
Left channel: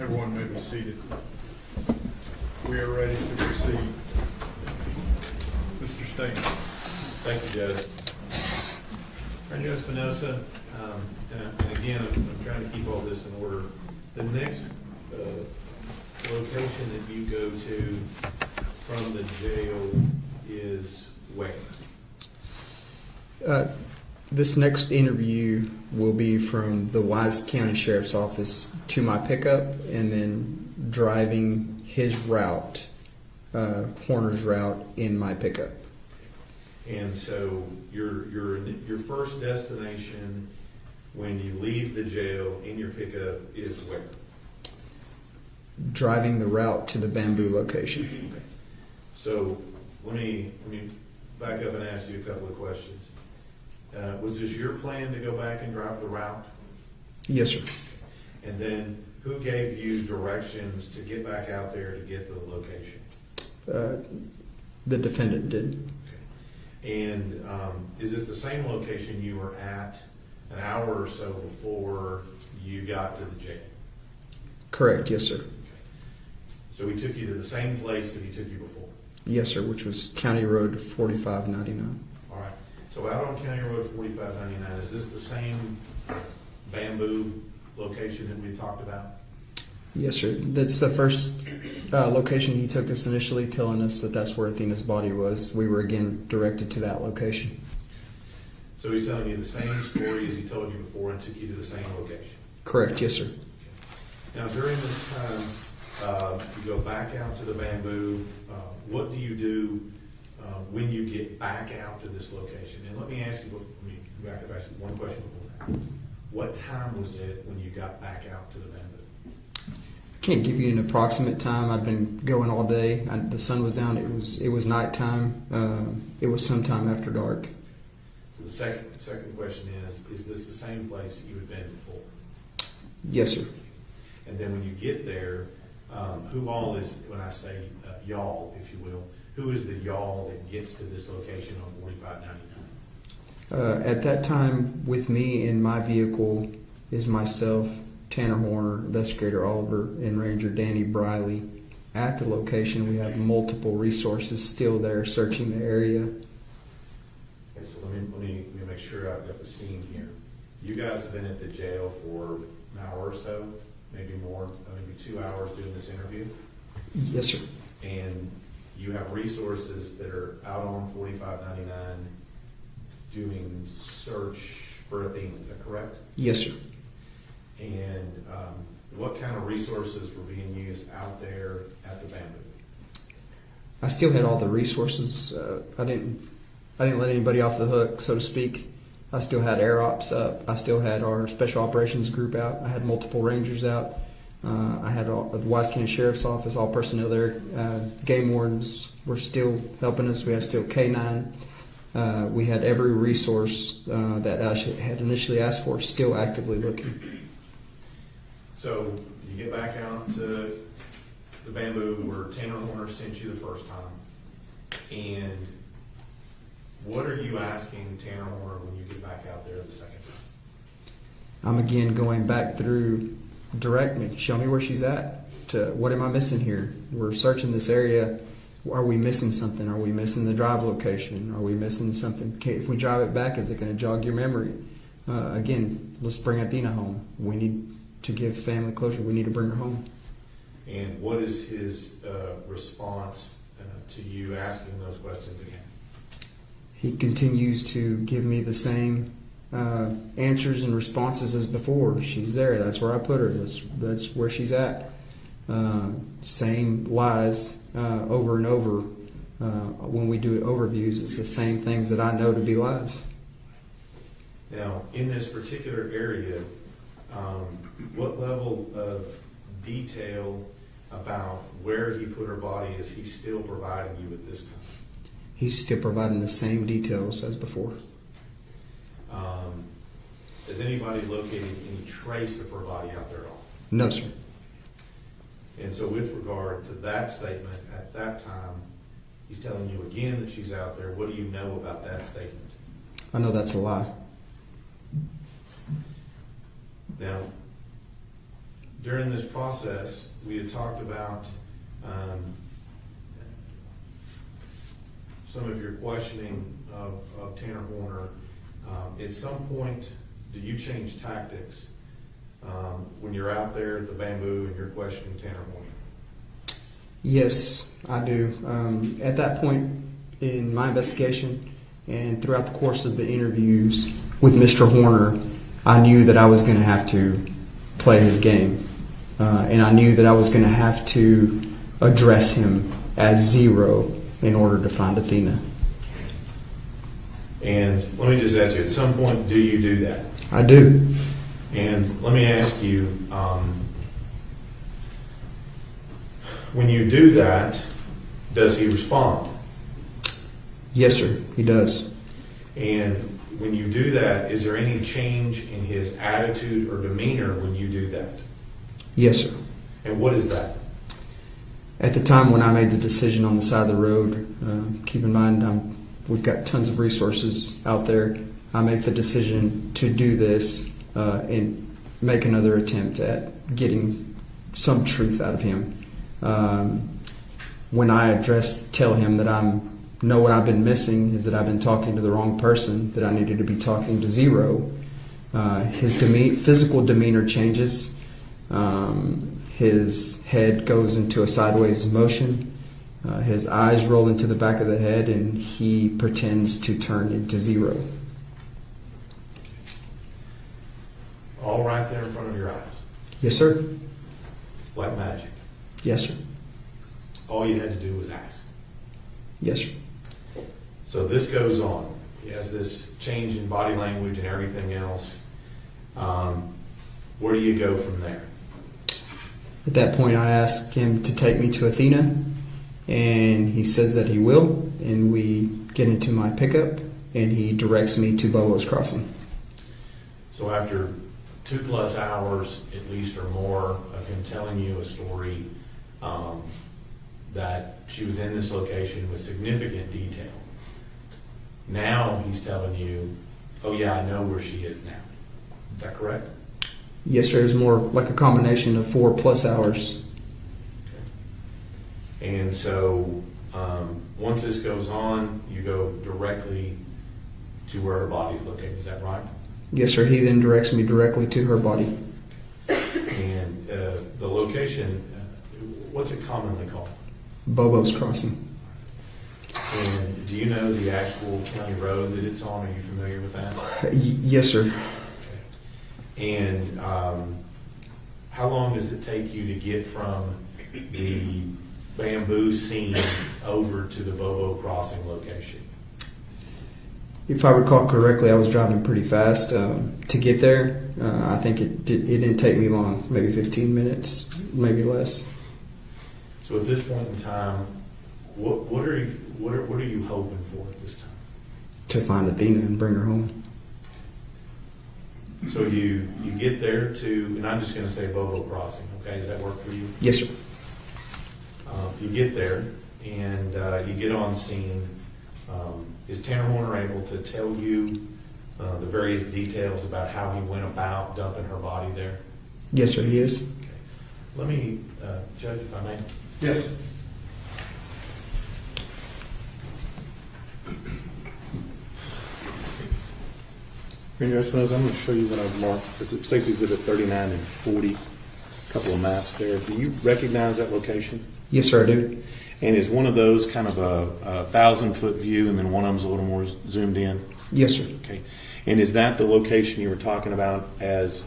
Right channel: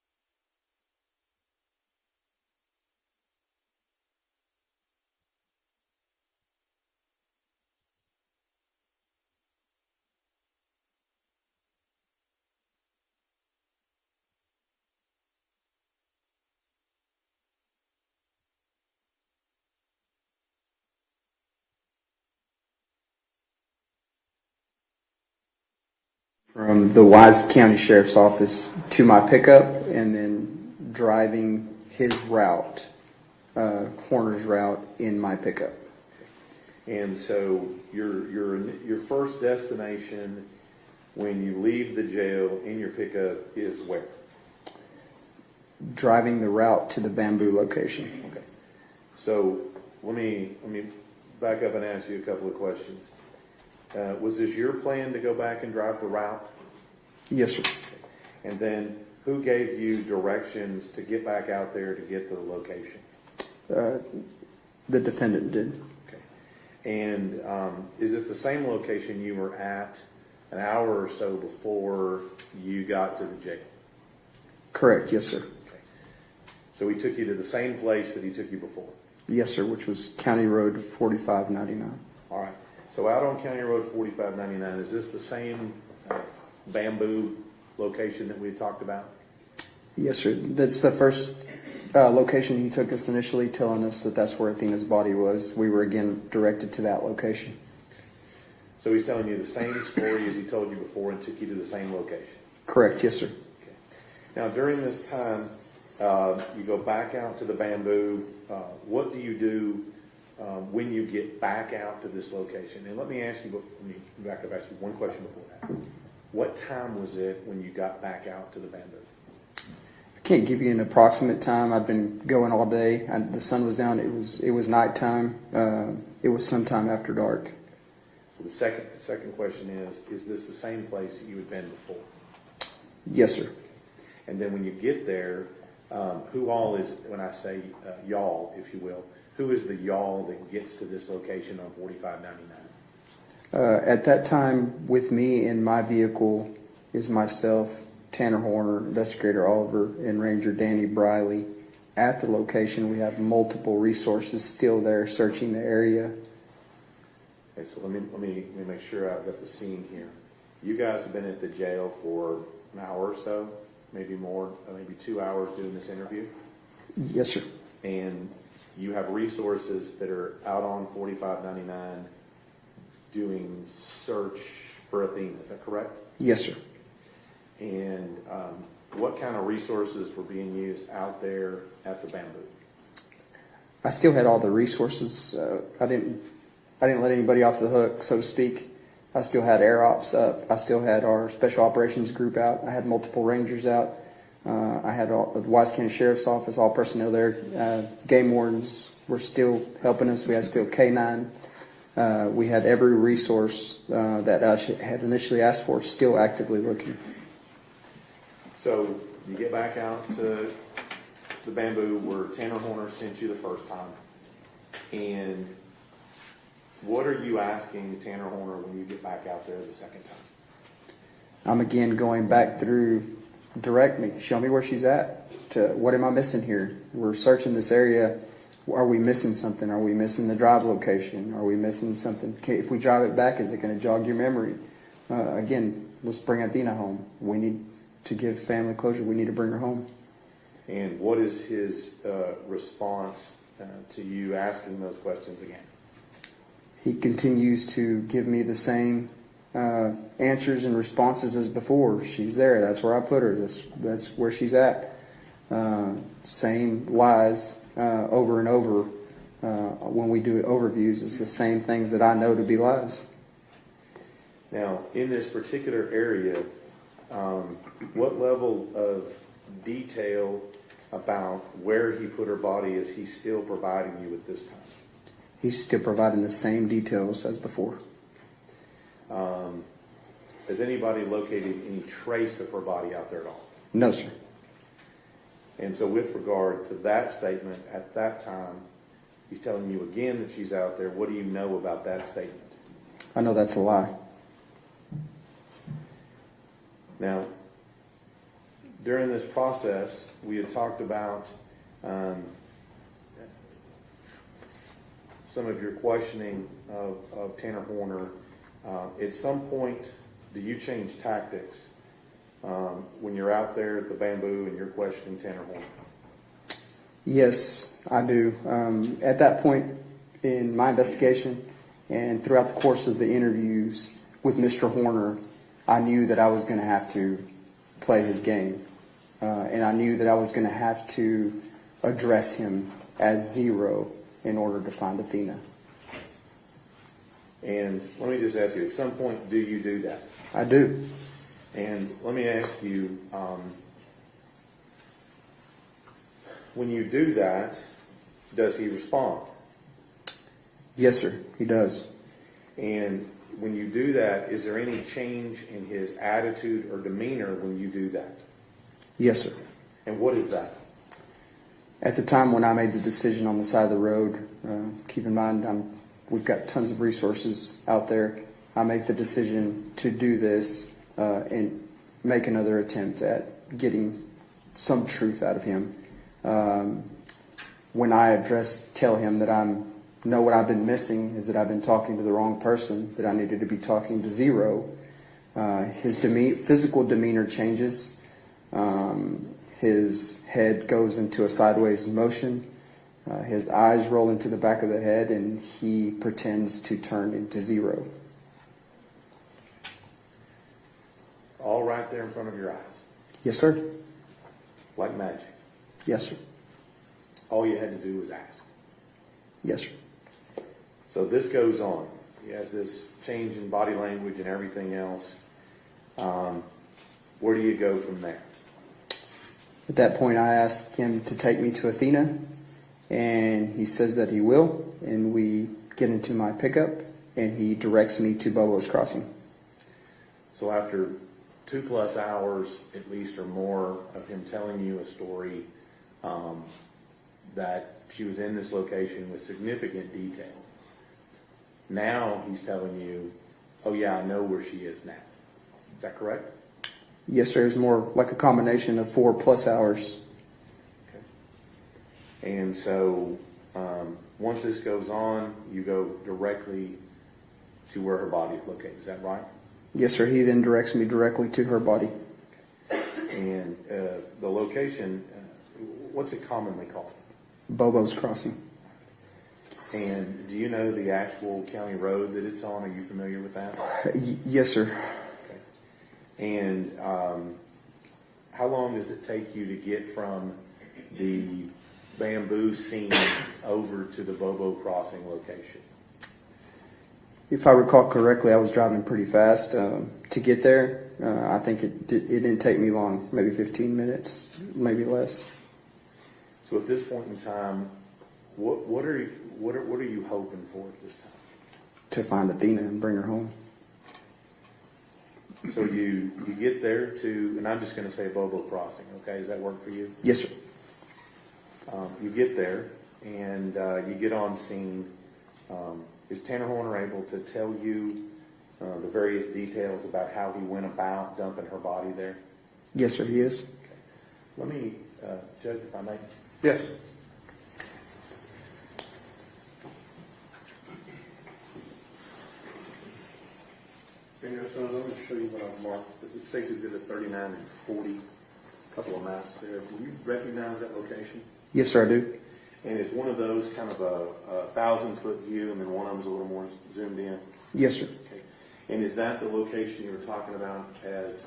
Everyone may be seated. We are ready to proceed. Mr. Stain. Thank you, Judge. Randy Espinosa, and again, I'm trying to keep all this in order. The next location that you go to from the jail is where? This next interview will be from the Wise County Sheriff's Office to my pickup, and then driving his route, Horner's route, in my pickup. And so your first destination when you leave the jail in your pickup is where? Driving the route to the bamboo location. Okay. So let me back up and ask you a couple of questions. Was this your plan to go back and drive the route? Yes, sir. And then who gave you directions to get back out there to get the location? The defendant did. Okay. And is this the same location you were at an hour or so before you got to the jail? Correct, yes, sir. Okay. So he took you to the same place that he took you before? Yes, sir, which was County Road 4599. All right. So out on County Road 4599, is this the same bamboo location that we talked about? Yes, sir. That's the first location he took us initially, telling us that that's where Athena's body was. We were again directed to that location. So he's telling you the same story as he told you before and took you to the same location? Correct, yes, sir. Okay. Now during this time, you go back out to the bamboo. What do you do when you get back out to this location? And let me ask you, ask you one question before that. What time was it when you got back out to the bamboo? I can't give you an approximate time. I've been going all day. The sun was down. It was nighttime. It was sometime after dark. The second question is this the same place that you had been before? Yes, sir. And then when you get there, who all is, when I say y'all, if you will, who is the y'all that gets to this location on 4599? At that time, with me in my vehicle is myself, Tanner Horner, Investigator Oliver, and Ranger Danny Briley. At the location, we have multiple resources still there searching the area. Okay, so let me make sure I've got the scene here. You guys have been at the jail for an hour or so, maybe more, maybe 2 hours doing this interview? Yes, sir. And you have resources that are out on 4599 doing search for Athena, is that correct? Yes, sir. And what kind of resources were being used out there at the bamboo? I still had all the resources. I didn't let anybody off the hook, so to speak. I still had air ops up. I still had our special operations group out. I had multiple rangers out. I had all the Wise County Sheriff's Office, all personnel there. Game wardens were still helping us. We had still K9. We had every resource that I had initially asked for still actively looking. So you get back out to the bamboo where Tanner Horner sent you the first time, and what are you asking Tanner Horner when you get back out there the second time? I'm again going back through, direct me, show me where she's at. What am I missing here? We're searching this area. Are we missing something? Are we missing the drive location? Are we missing something? Okay, if we drive it back, is it going to jog your memory? Again, let's bring Athena home. We need to give family closure. We need to bring her home. And what is his response to you asking those questions again? He continues to give me the same answers and responses as before. She's there. That's where I put her. That's where she's at. Same lies over and over. When we do overviews, it's the same things that I know to be lies. Now, in this particular area, what level of detail about where he put her body is he still providing you at this time? He's still providing the same details as before. Has anybody located any trace of her body out there at all? No, sir. And so with regard to that statement at that time, he's telling you again that she's out there. What do you know about that statement? I know that's a lie. Now, during this process, we had talked about some of your questioning of Tanner Horner. At some point, do you change tactics when you're out there at the bamboo and you're questioning Tanner Horner? Yes, I do. At that point in my investigation and throughout the course of the interviews with Mr. Horner, I knew that I was going to have to play his game. And I knew that I was going to have to address him as zero in order to find Athena. And let me just ask you, at some point, do you do that? I do. And let me ask you, when you do that, does he respond? Yes, sir, he does. And when you do that, is there any change in his attitude or demeanor when you do that? Yes, sir. And what is that? At the time when I made the decision on the side of the road, keep in mind we've got tons of resources out there. I make the decision to do this and make another attempt at getting some truth out of him. When I tell him that know what I've been missing is that I've been talking to the wrong person, that I needed to be talking to zero. His physical demeanor changes. His head goes into a sideways motion. His eyes roll into the back of the head, and he pretends to turn into zero. All right there in front of your eyes. Yes, sir. Like magic. Yes, sir. All you had to do was ask. Yes, sir. So this goes on. He has this change in body language and everything else. Where do you go from there? At that point, I ask him to take me to Athena, and he says that he will, and we get into my pickup, and he directs me to Bobo's Crossing. So after 2+ hours, at least or more, of him telling you a story that she was in this location with significant detail, now he's telling you, oh yeah, I know where she is now. Is that correct? Yes, sir. It was more like a combination of 4+ hours. Okay. And so once this goes on, you go directly to where her body is located. Is that right? Yes, sir. He then directs me directly to her body. And the location, what's it commonly called? Bobo's Crossing. And do you know the actual county road that it's on? Are you familiar with that? Yes, sir. And how long does it take you to get from the bamboo scene over to the Bobo Crossing location? If I recall correctly, I was driving pretty fast to get there. I think it didn't take me long, maybe 15 minutes, maybe less. So at this point in time, what are you hoping for at this time? To find Athena and bring her home. So you get there to, and I'm just going to say Bobo Crossing, okay? Does that work for you? Yes, sir. You get there, and you get on scene. Is Tanner Horner able to tell you the various details about how he went about dumping her body there? Yes, sir, he is. Okay. Let me, Judge, if I may. Yes. Ranger Espinosa, I'm going to show you what I've marked. This is State's Exhibit 39 and 40, a couple of maps there. Do you recognize that location? Yes, sir, I do. And is one of those kind of a 1,000-foot view, and then one of them's a little more zoomed in? Yes, sir. Okay. And is that the location you were talking about as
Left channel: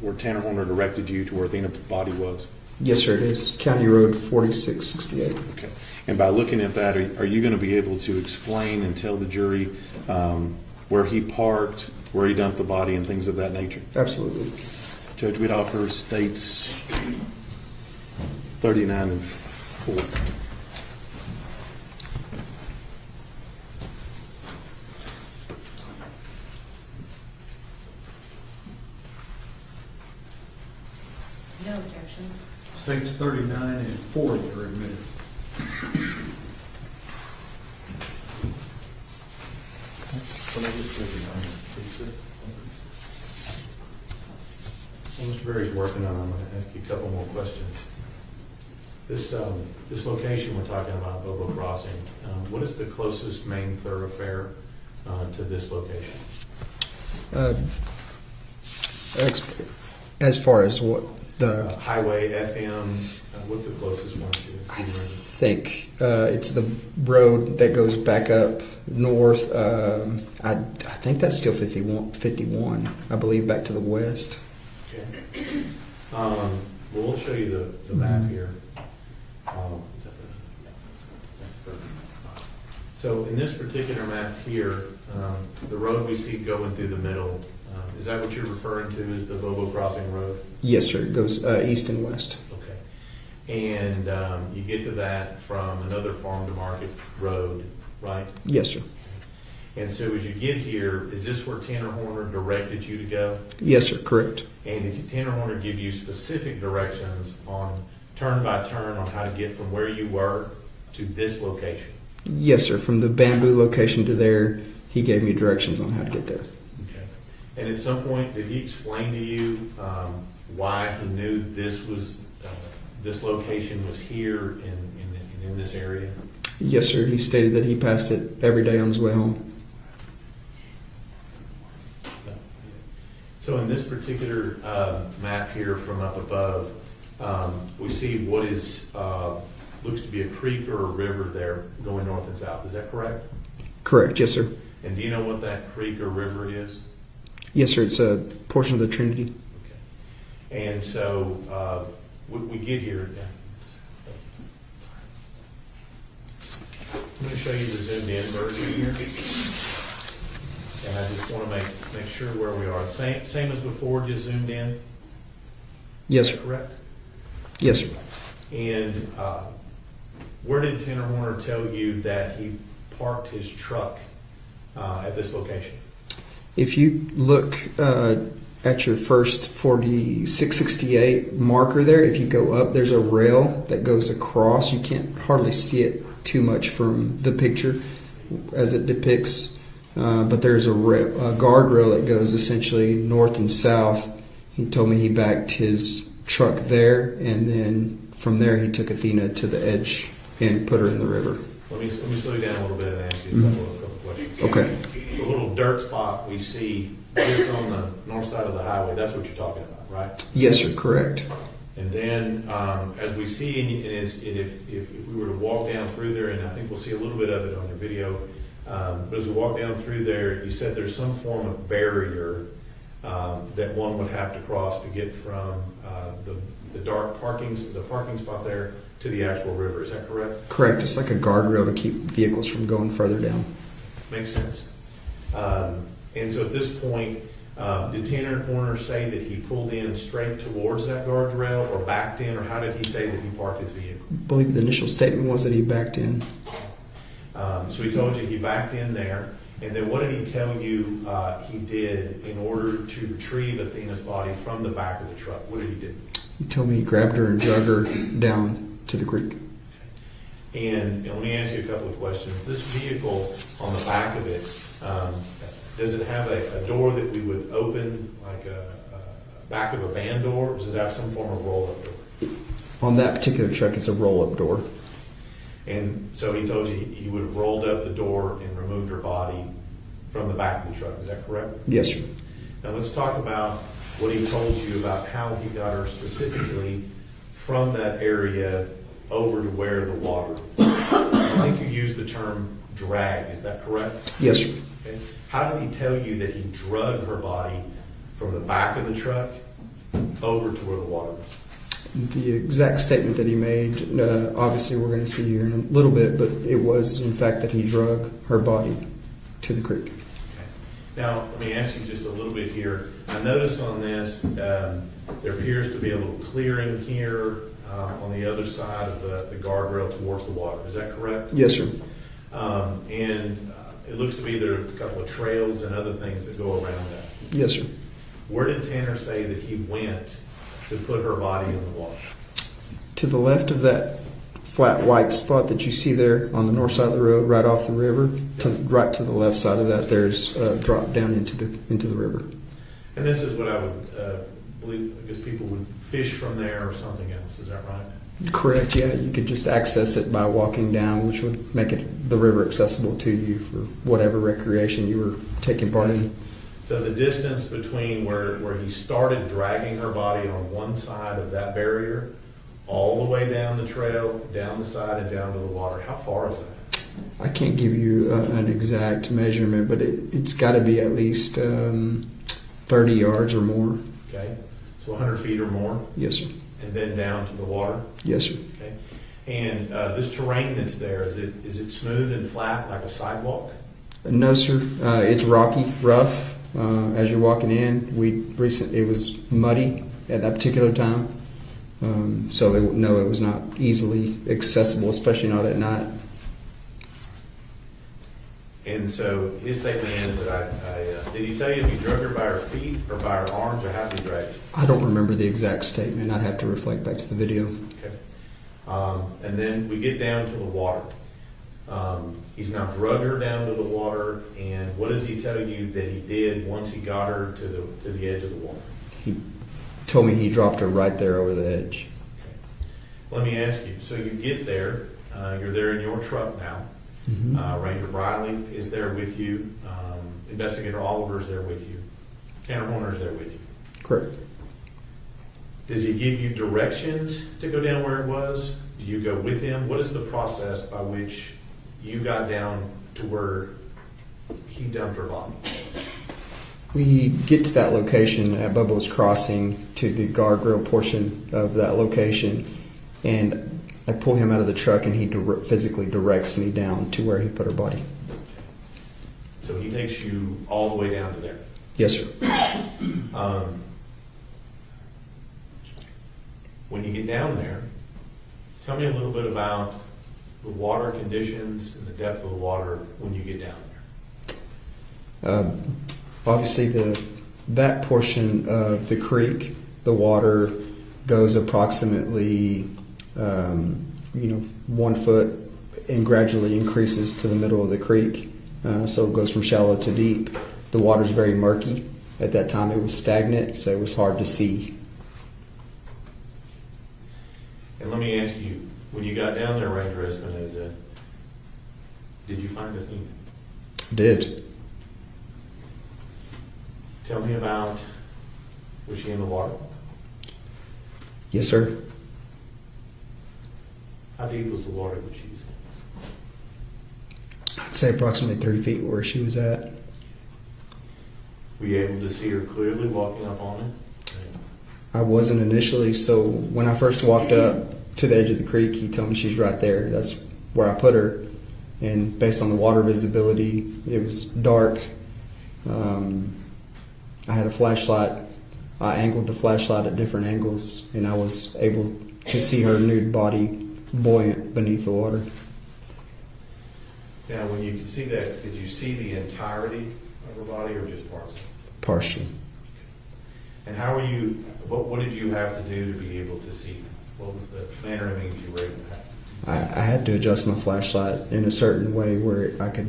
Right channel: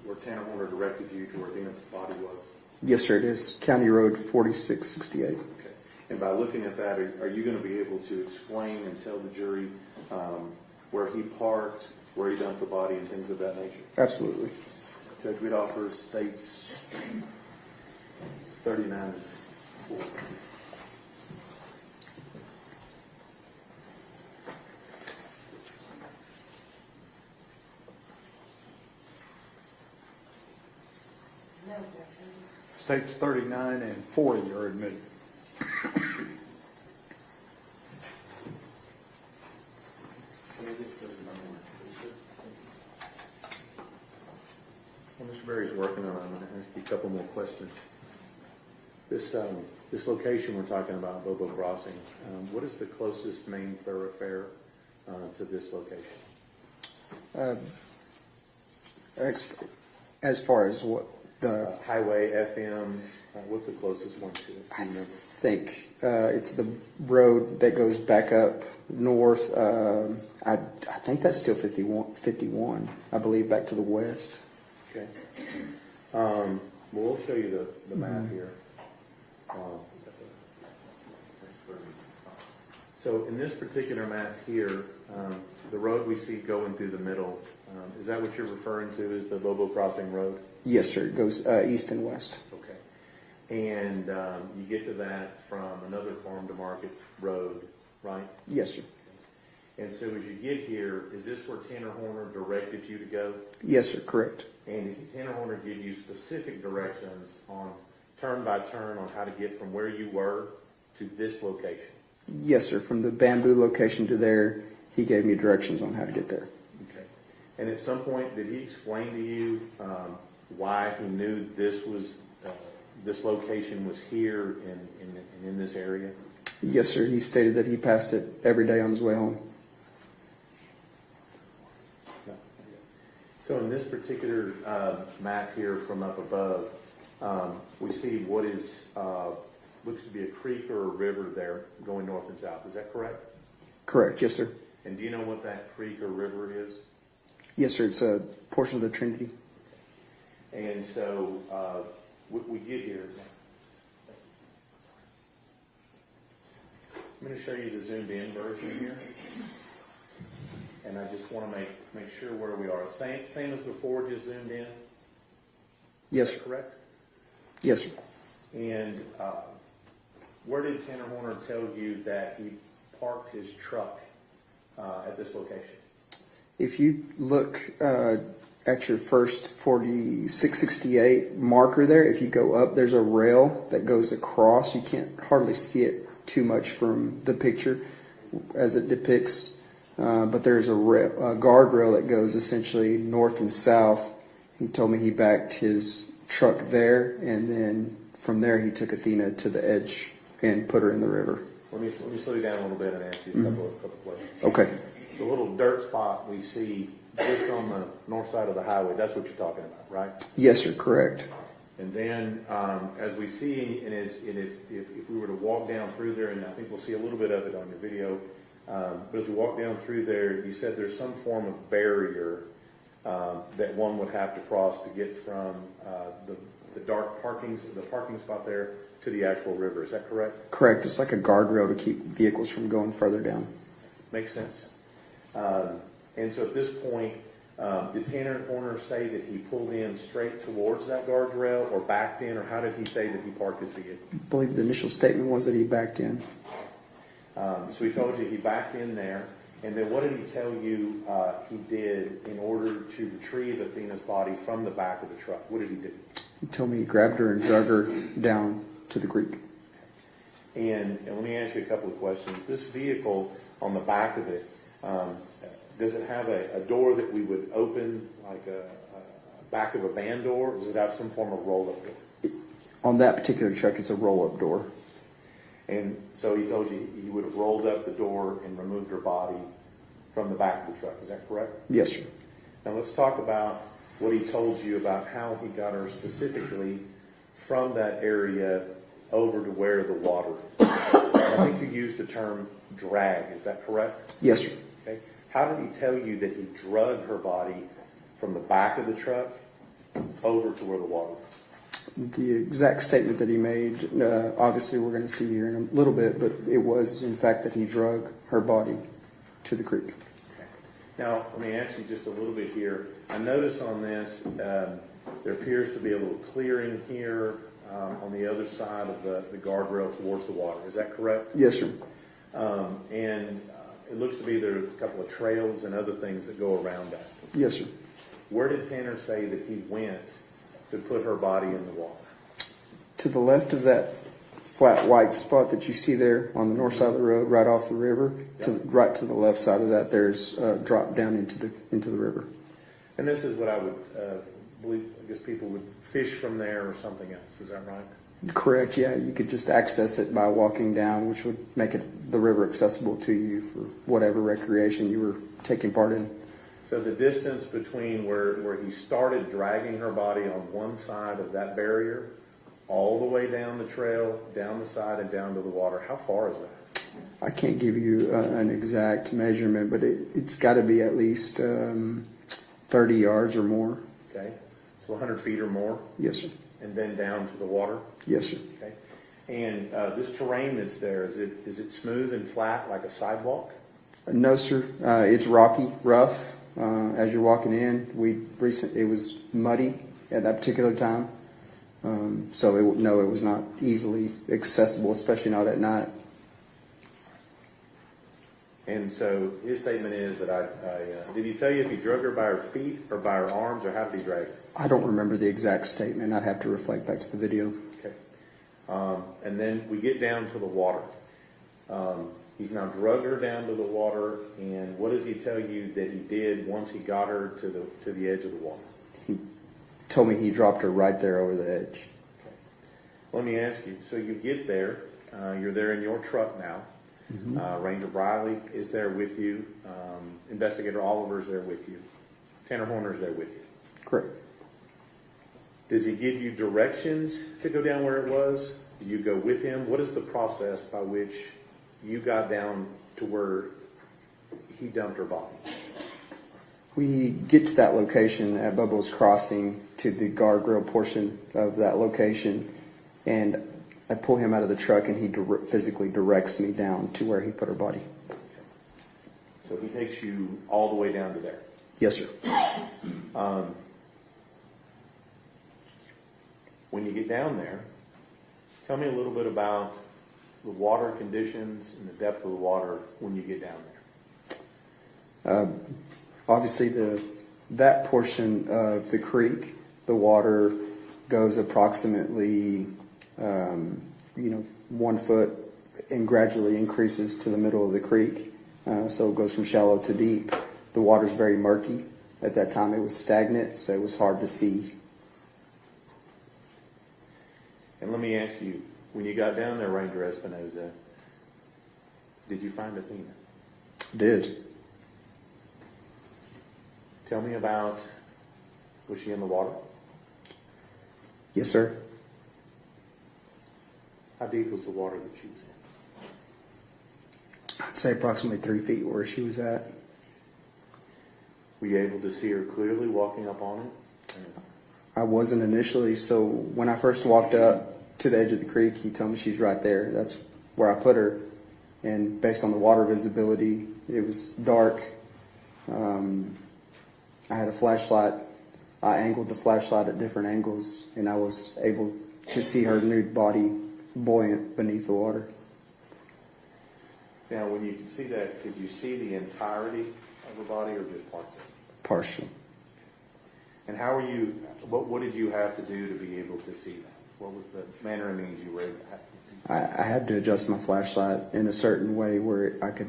where Tanner Horner directed you to where Athena's body was? Yes, sir, it is. County Road 4668. Okay. And by looking at that, are you going to be able to explain and tell the jury where he parked, where he dumped the body, and things of that nature? Absolutely. Judge Wiedhofer states 39 and 40. No objection. States 39 and 40 are admitted. Well, Mr. Berry's working on it. I'm going to ask you a couple more questions. This location we're talking about, Bobo Crossing, what is the closest main thoroughfare to this location? As far as what the Highway, FM, what's the closest one to it? I think it's the road that goes back up north. I think that's still 51, I believe, back to the west. Okay. Well, we'll show you the map here. So in this particular map here, the road we see going through the middle, is that what you're referring to as the Bobo Crossing Road? Yes, sir. It goes east and west. Okay. And you get to that from another farm to market road, right? Yes, sir. And so as you get here, is this where Tanner Horner directed you to go? Yes, sir. Correct. And did Tanner Horner give you specific directions on turn by turn on how to get from where you were to this location? Yes, sir. From the bamboo location to there, he gave me directions on how to get there. Okay. And at some point, did he explain to you why he knew this was this location was here in this area? Yes, sir. He stated that he passed it every day on his way home. So in this particular map here from up above, we see what is looks to be a creek or a river there going north and south. Is that correct? Correct. Yes, sir. And do you know what that creek or river is? Yes, sir. It's a portion of the Trinity. Okay. And so we get here. I'm going to show you the zoomed in version here. And I just want to make sure where we are. Same as before, just zoomed in? Yes, Is sir. that correct? Yes, sir. And where did Tanner Horner tell you that he parked his truck at this location? If you look at your first 4668 marker there, if you go up, there's a rail that goes across. You can't hardly see it too much from the picture as it depicts, but there's a guardrail that goes essentially north and south. He told me he backed his truck there, and then from there he took Athena to the edge and put her in the river. Let me slow you down a little bit and ask you a couple of questions. Okay. The little dirt spot we see just on the north side of the highway, that's what you're talking about, right? Yes, sir. Correct. And then as we see, and if we were to walk down through there, and I think we'll see a little bit of it on your video, but as we walk down through there, you said there's some form of barrier that one would have to cross to get from the parking spot there to the actual river. Is that correct? Correct. It's like a guardrail to keep vehicles from going further down. Makes sense. And so at this point, did Tanner Horner say that he pulled in straight towards that guardrail or backed in, or how did he say that he parked his vehicle? I believe the initial statement was that he backed in. So he told you he backed in there, and then what did he tell you he did in order to retrieve Athena's body from the back of the truck? What did he do? He told me he grabbed her and dragged her down to the creek. And let me ask you a couple of questions. This vehicle on the back of it, does it have a door that we would open, like a back of a van door, or does it have some form of roll-up door? On that particular truck, it's a roll-up door. And so he told you he would have rolled up the door and removed her body from the back of the truck. Is that correct? Yes, sir. Now let's talk about what he told you about how he got her specifically from that area over to where the water is. I think you used the term drag. Is that correct? Yes, sir. Okay. Okay. How did he tell you that he drug her body from the back of the truck over to where the water was? The exact statement that he made, obviously we're going to see here in a little bit, but it was in fact that he drug her body to the creek. Okay. Now, let me ask you just a little bit here. I notice on this, there appears to be a little clearing here on the other side of the guardrail towards the water. Is that correct? Yes, sir. And it looks to be there are a couple of trails and other things that go around that. Yes, sir. Where did Tanner say that he went to put her body in the water? To the left of that flat white spot that you see there on the north side of the road, right off the river, right to the left side of that, there's a drop down into the river. And this is what I would believe, I guess people would fish from there or something else. Is that right? Correct, yeah. You could just access it by walking down, which would make the river accessible to you for whatever recreation you were taking part in. So the distance between where he started dragging her body on one side of that barrier, all the way down the trail, down the side, and down to the water, how far is that? I can't give you an exact measurement, but it's got to be at least 30 yards or more. Okay, so 100 feet or more? Yes, sir. And then down to the water? Yes, sir. Okay. And this terrain that's there, is it smooth and flat like a sidewalk? No, sir. It's rocky, rough. As you're walking in, it was muddy at that particular time. So it was not easily accessible, especially not at night. And so his statement is that did he tell you if he drug her by her feet or by her arms, or how did he drag her? I don't remember the exact statement. I'd have to reflect back to the video. Okay. And then we get down to the water. He's now drugged her down to the water, and what does he tell you that he did once he got her to the edge of the water? He told me he dropped her right there over the edge. Okay. Let me ask you, so you get there, you're there in your truck now. Mm-hmm. Ranger Briley is there with you. Investigator Oliver is there with you. Tanner Horner is there with you. Correct. Does he give you directions to go down where it was? Do you go with him? What is the process by which you got down to where he dumped her body? We get to that location at Bubba's Crossing, to the guardrail portion of that location, and I pull him out of the truck, and he physically directs me down to where he put her body. So he takes you all the way down to there? Yes, sir. When you get down there, tell me a little bit about the water conditions and the depth of the water when you get down there. Obviously, that portion of the creek, the water goes approximately 1 foot and gradually increases to the middle of the creek. So it goes from shallow to deep. The water's very murky. At that time, it was stagnant, so it was hard to see. And let me ask you, when you got down there, Ranger Espinoza, did you find Athena? Did. Tell me about, was she in the water? Yes, sir. How deep was the water that she was in? I'd say approximately 30 feet where she was at. Were you able to see her clearly walking up on him? I wasn't initially, so when I first walked up to the edge of the creek, he told me she's right there. That's where I put her. And based on the water visibility, it was dark. I had a flashlight. I angled the flashlight at different angles, and I was able to see her nude body buoyant beneath the water. Now, when you could see that, did you see the entirety of her body or just parts of it? Partially. And how were you, what did you have to do to be able to see that? What was the manner of means you were able to have? I had to adjust my flashlight in a certain way where I could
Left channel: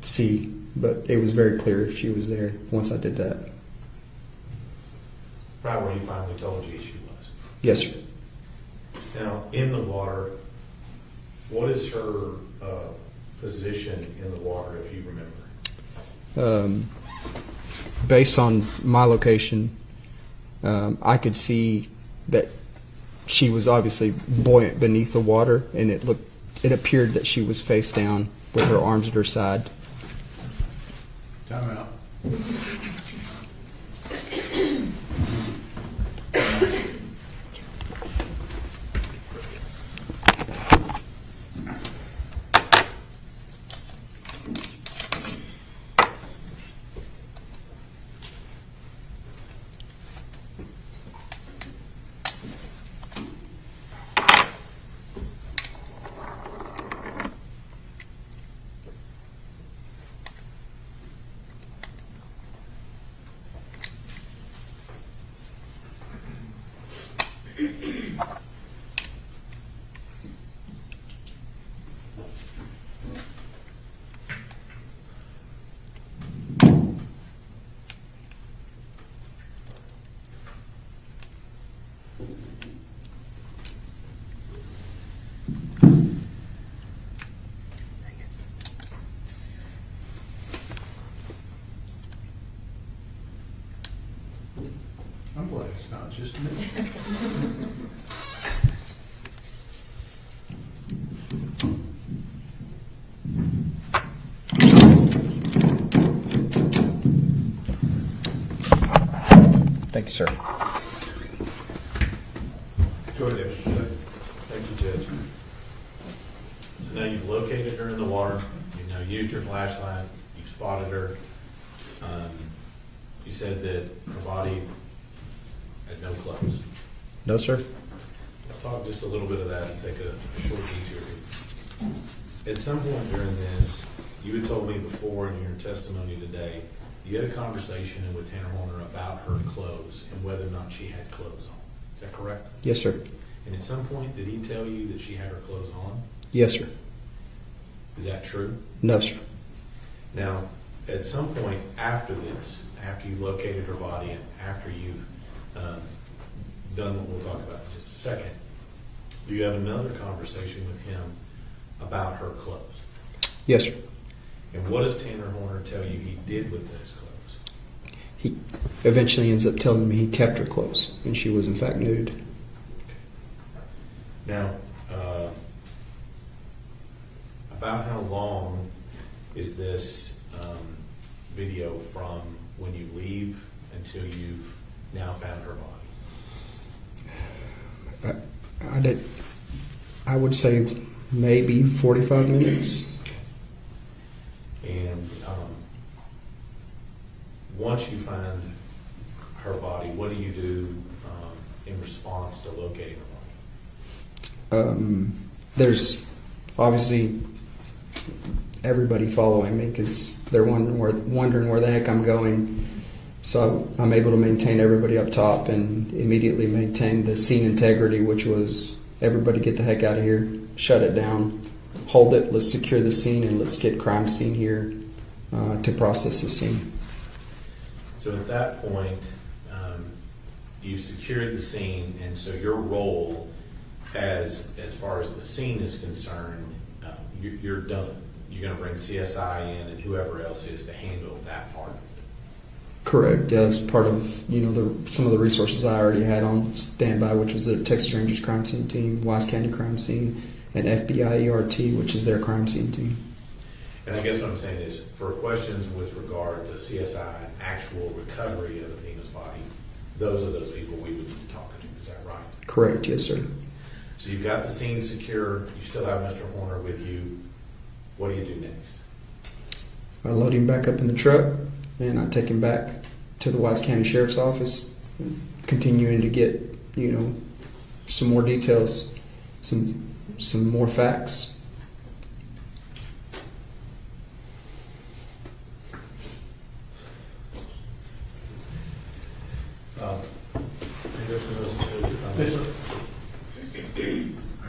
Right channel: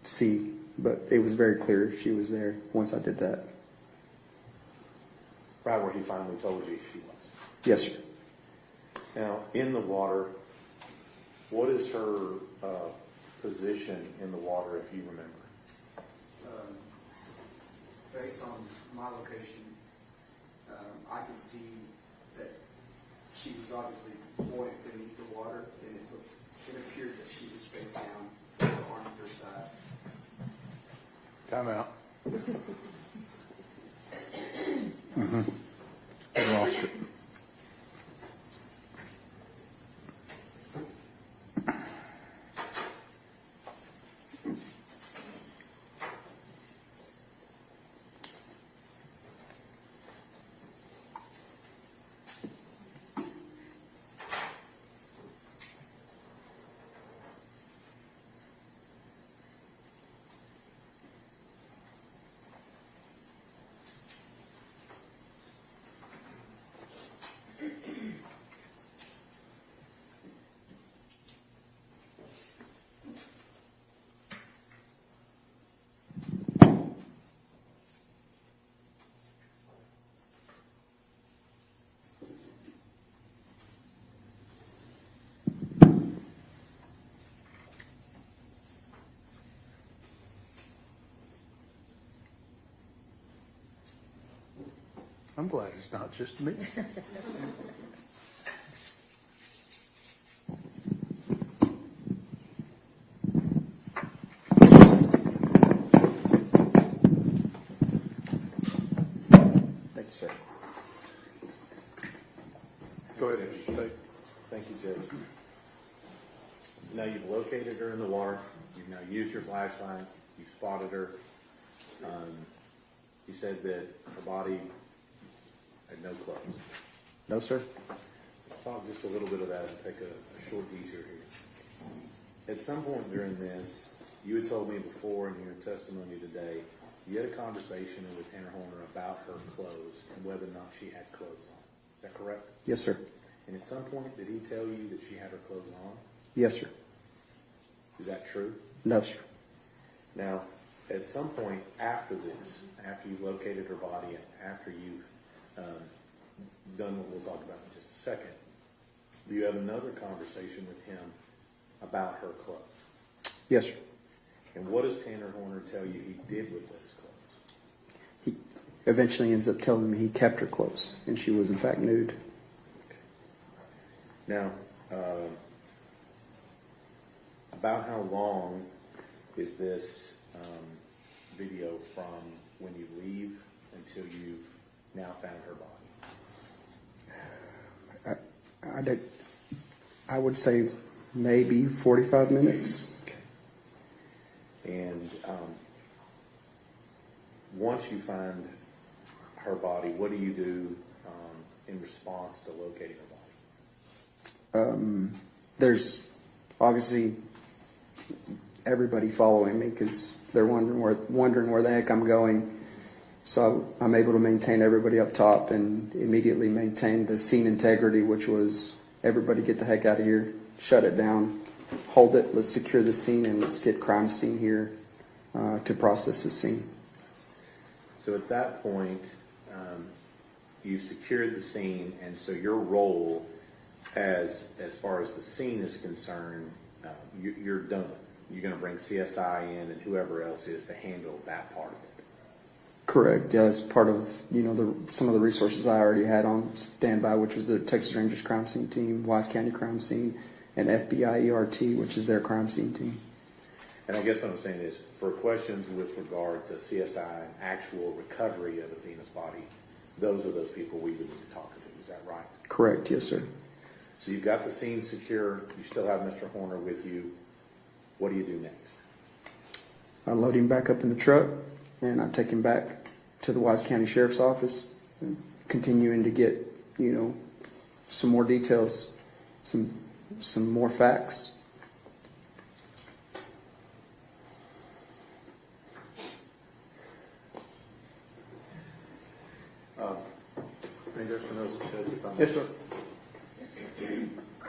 see, but it was very clear she was there once I did that. Right where he finally told you she was? Yes, sir. Now, in the water, what is her position in the water, if you remember? Based on my location, I could see that she was obviously buoyant beneath the water, and it appeared that she was face down with her arms at her side. Time out. I'm glad it's not just me. Thank you, sir. Go ahead, Mr. Shea. Thank you, Judge. So now you've located her in the water, you've now used your flashlight, you've spotted her. You said that her body had no clothes. No, sir. Let's talk just a little bit of that and take a short detour here. At some point during this, you had told me before in your testimony today, you had a conversation with Tanner Horner about her clothes and whether or not she had clothes on. Is that correct? Yes, sir. And at some point, did he tell you that she had her clothes on? Yes, sir. Is that true? No, sir. Now, at some point after this, after you located her body and after you've done what we'll talk about in just a second, do you have another conversation with him about her clothes? Yes, sir. And what does Tanner Horner tell you he did with those clothes? He eventually ends up telling me he kept her clothes, and she was in fact nude. Now, about how long is this video from when you leave until you've now found her body? I would say maybe 45 minutes. And once you find her body, what do you do in response to locating her body? There's obviously everybody following me because they're wondering where the heck I'm going. So I'm able to maintain everybody up top and immediately maintain the scene integrity, which was everybody get the heck out of here, shut it down, hold it, let's secure the scene, and let's get crime scene here to process the scene. So at that point, you've secured the scene, and so your role as far as the scene is concerned, you're done. You're going to bring CSI in and whoever else is to handle that part of it. Correct. Yeah, it's part of some of the resources I already had on standby, which was the Texas Rangers crime scene team, Wise County crime scene, and FBI ERT, which is their crime scene team. And I guess what I'm saying is, for questions with regard to CSI actual recovery of Athena's body, those are those people we would be talking to. Is that right? Correct. Yes, sir. So you've got the scene secure. You still have Mr. Horner with you. What do you do next? I load him back up in the truck, and I take him back to the Wise County Sheriff's Office, continuing to get, some more details, some more facts. Yes, sir.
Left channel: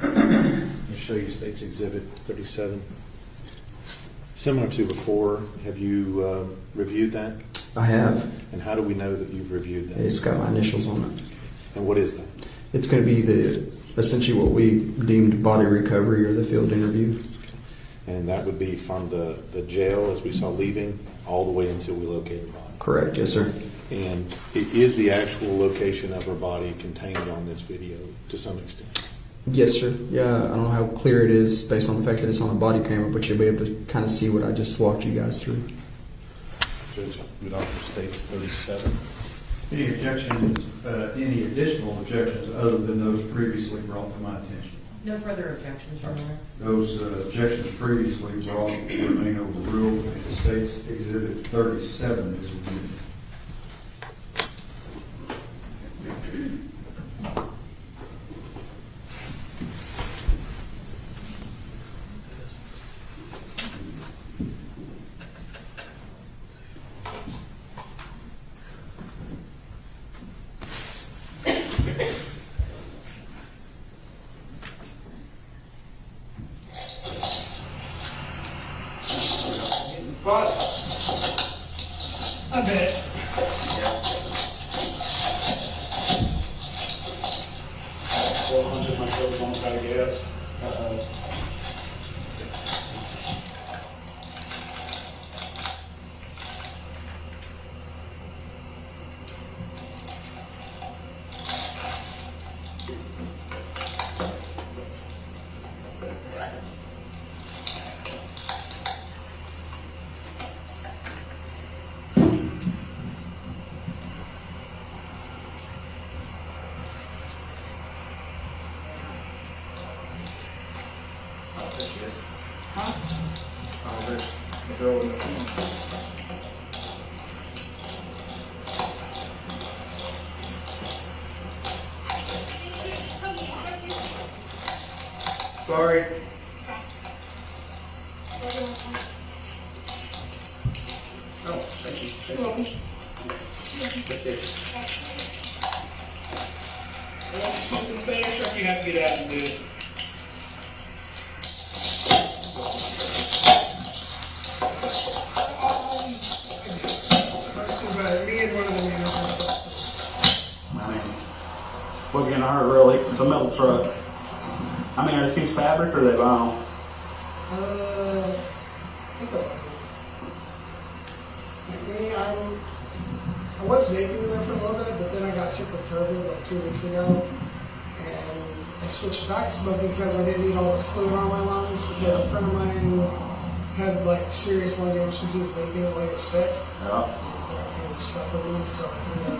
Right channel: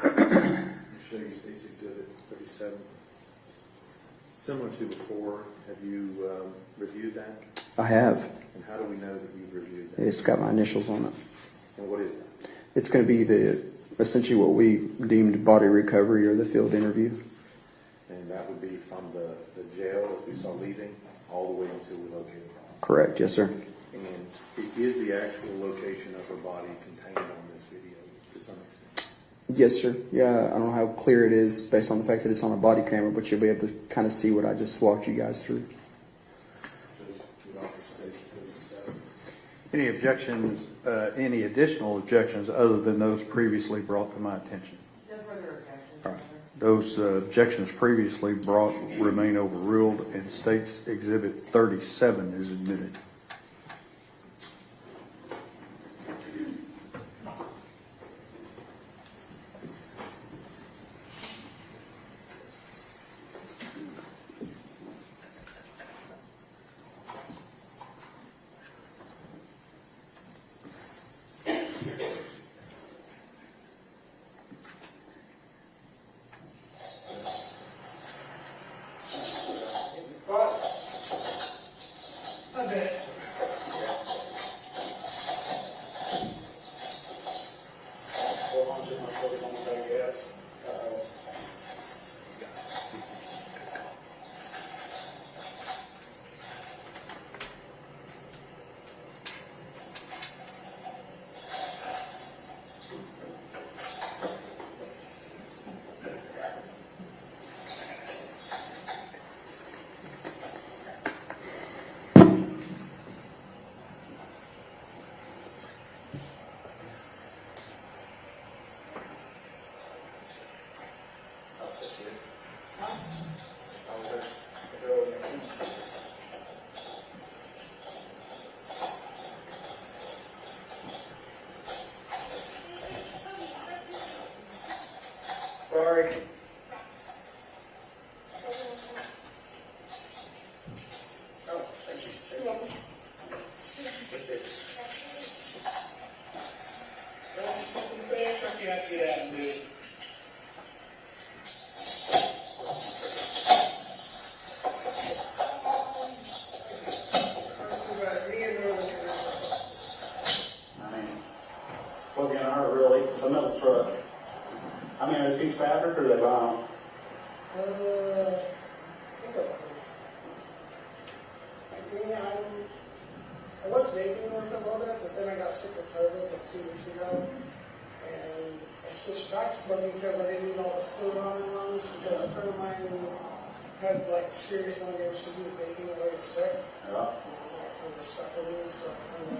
Let me show you State's Exhibit 37. Similar to before, have you reviewed that? I have. And how do we know that you've reviewed that? It's got my initials on it. And what is that? It's going to be essentially what we deemed body recovery or the field interview. And that would be from the jail as we saw leaving all the way until we located her body. Correct, yes, sir. And it is the actual location of her body contained on this video to some extent. Yes, sir. Yeah, I don't know how clear it is based on the fact that it's on a body camera, but you'll be able to kind of see what I just walked you guys through. Judge, it also states 37. Any objections, any additional objections other than those previously brought to my attention? No further objections, Your Honor. Those objections previously brought remain overruled, and states Exhibit 37 is admitted. I bet. Well, I'll just myself on I guess. There she is. Huh? There's the girl in the pants. Sorry. Oh, thank you. You're welcome. That's it. Well, just want to finish, or if you have to get out and do it. Me and one of the managers. I mean, what's gonna hurt really? It's a metal truck. I mean, are these fabric or are they vinyl? I think I was vaping there for a little bit, but then I got sick with COVID like 2 weeks ago, and I switched back to smoking because I didn't need all the fluid on my lungs, because a friend of mine had like serious lung damage because he was vaping while he was sick. Yeah. That kind of stuck with me, so I kind of...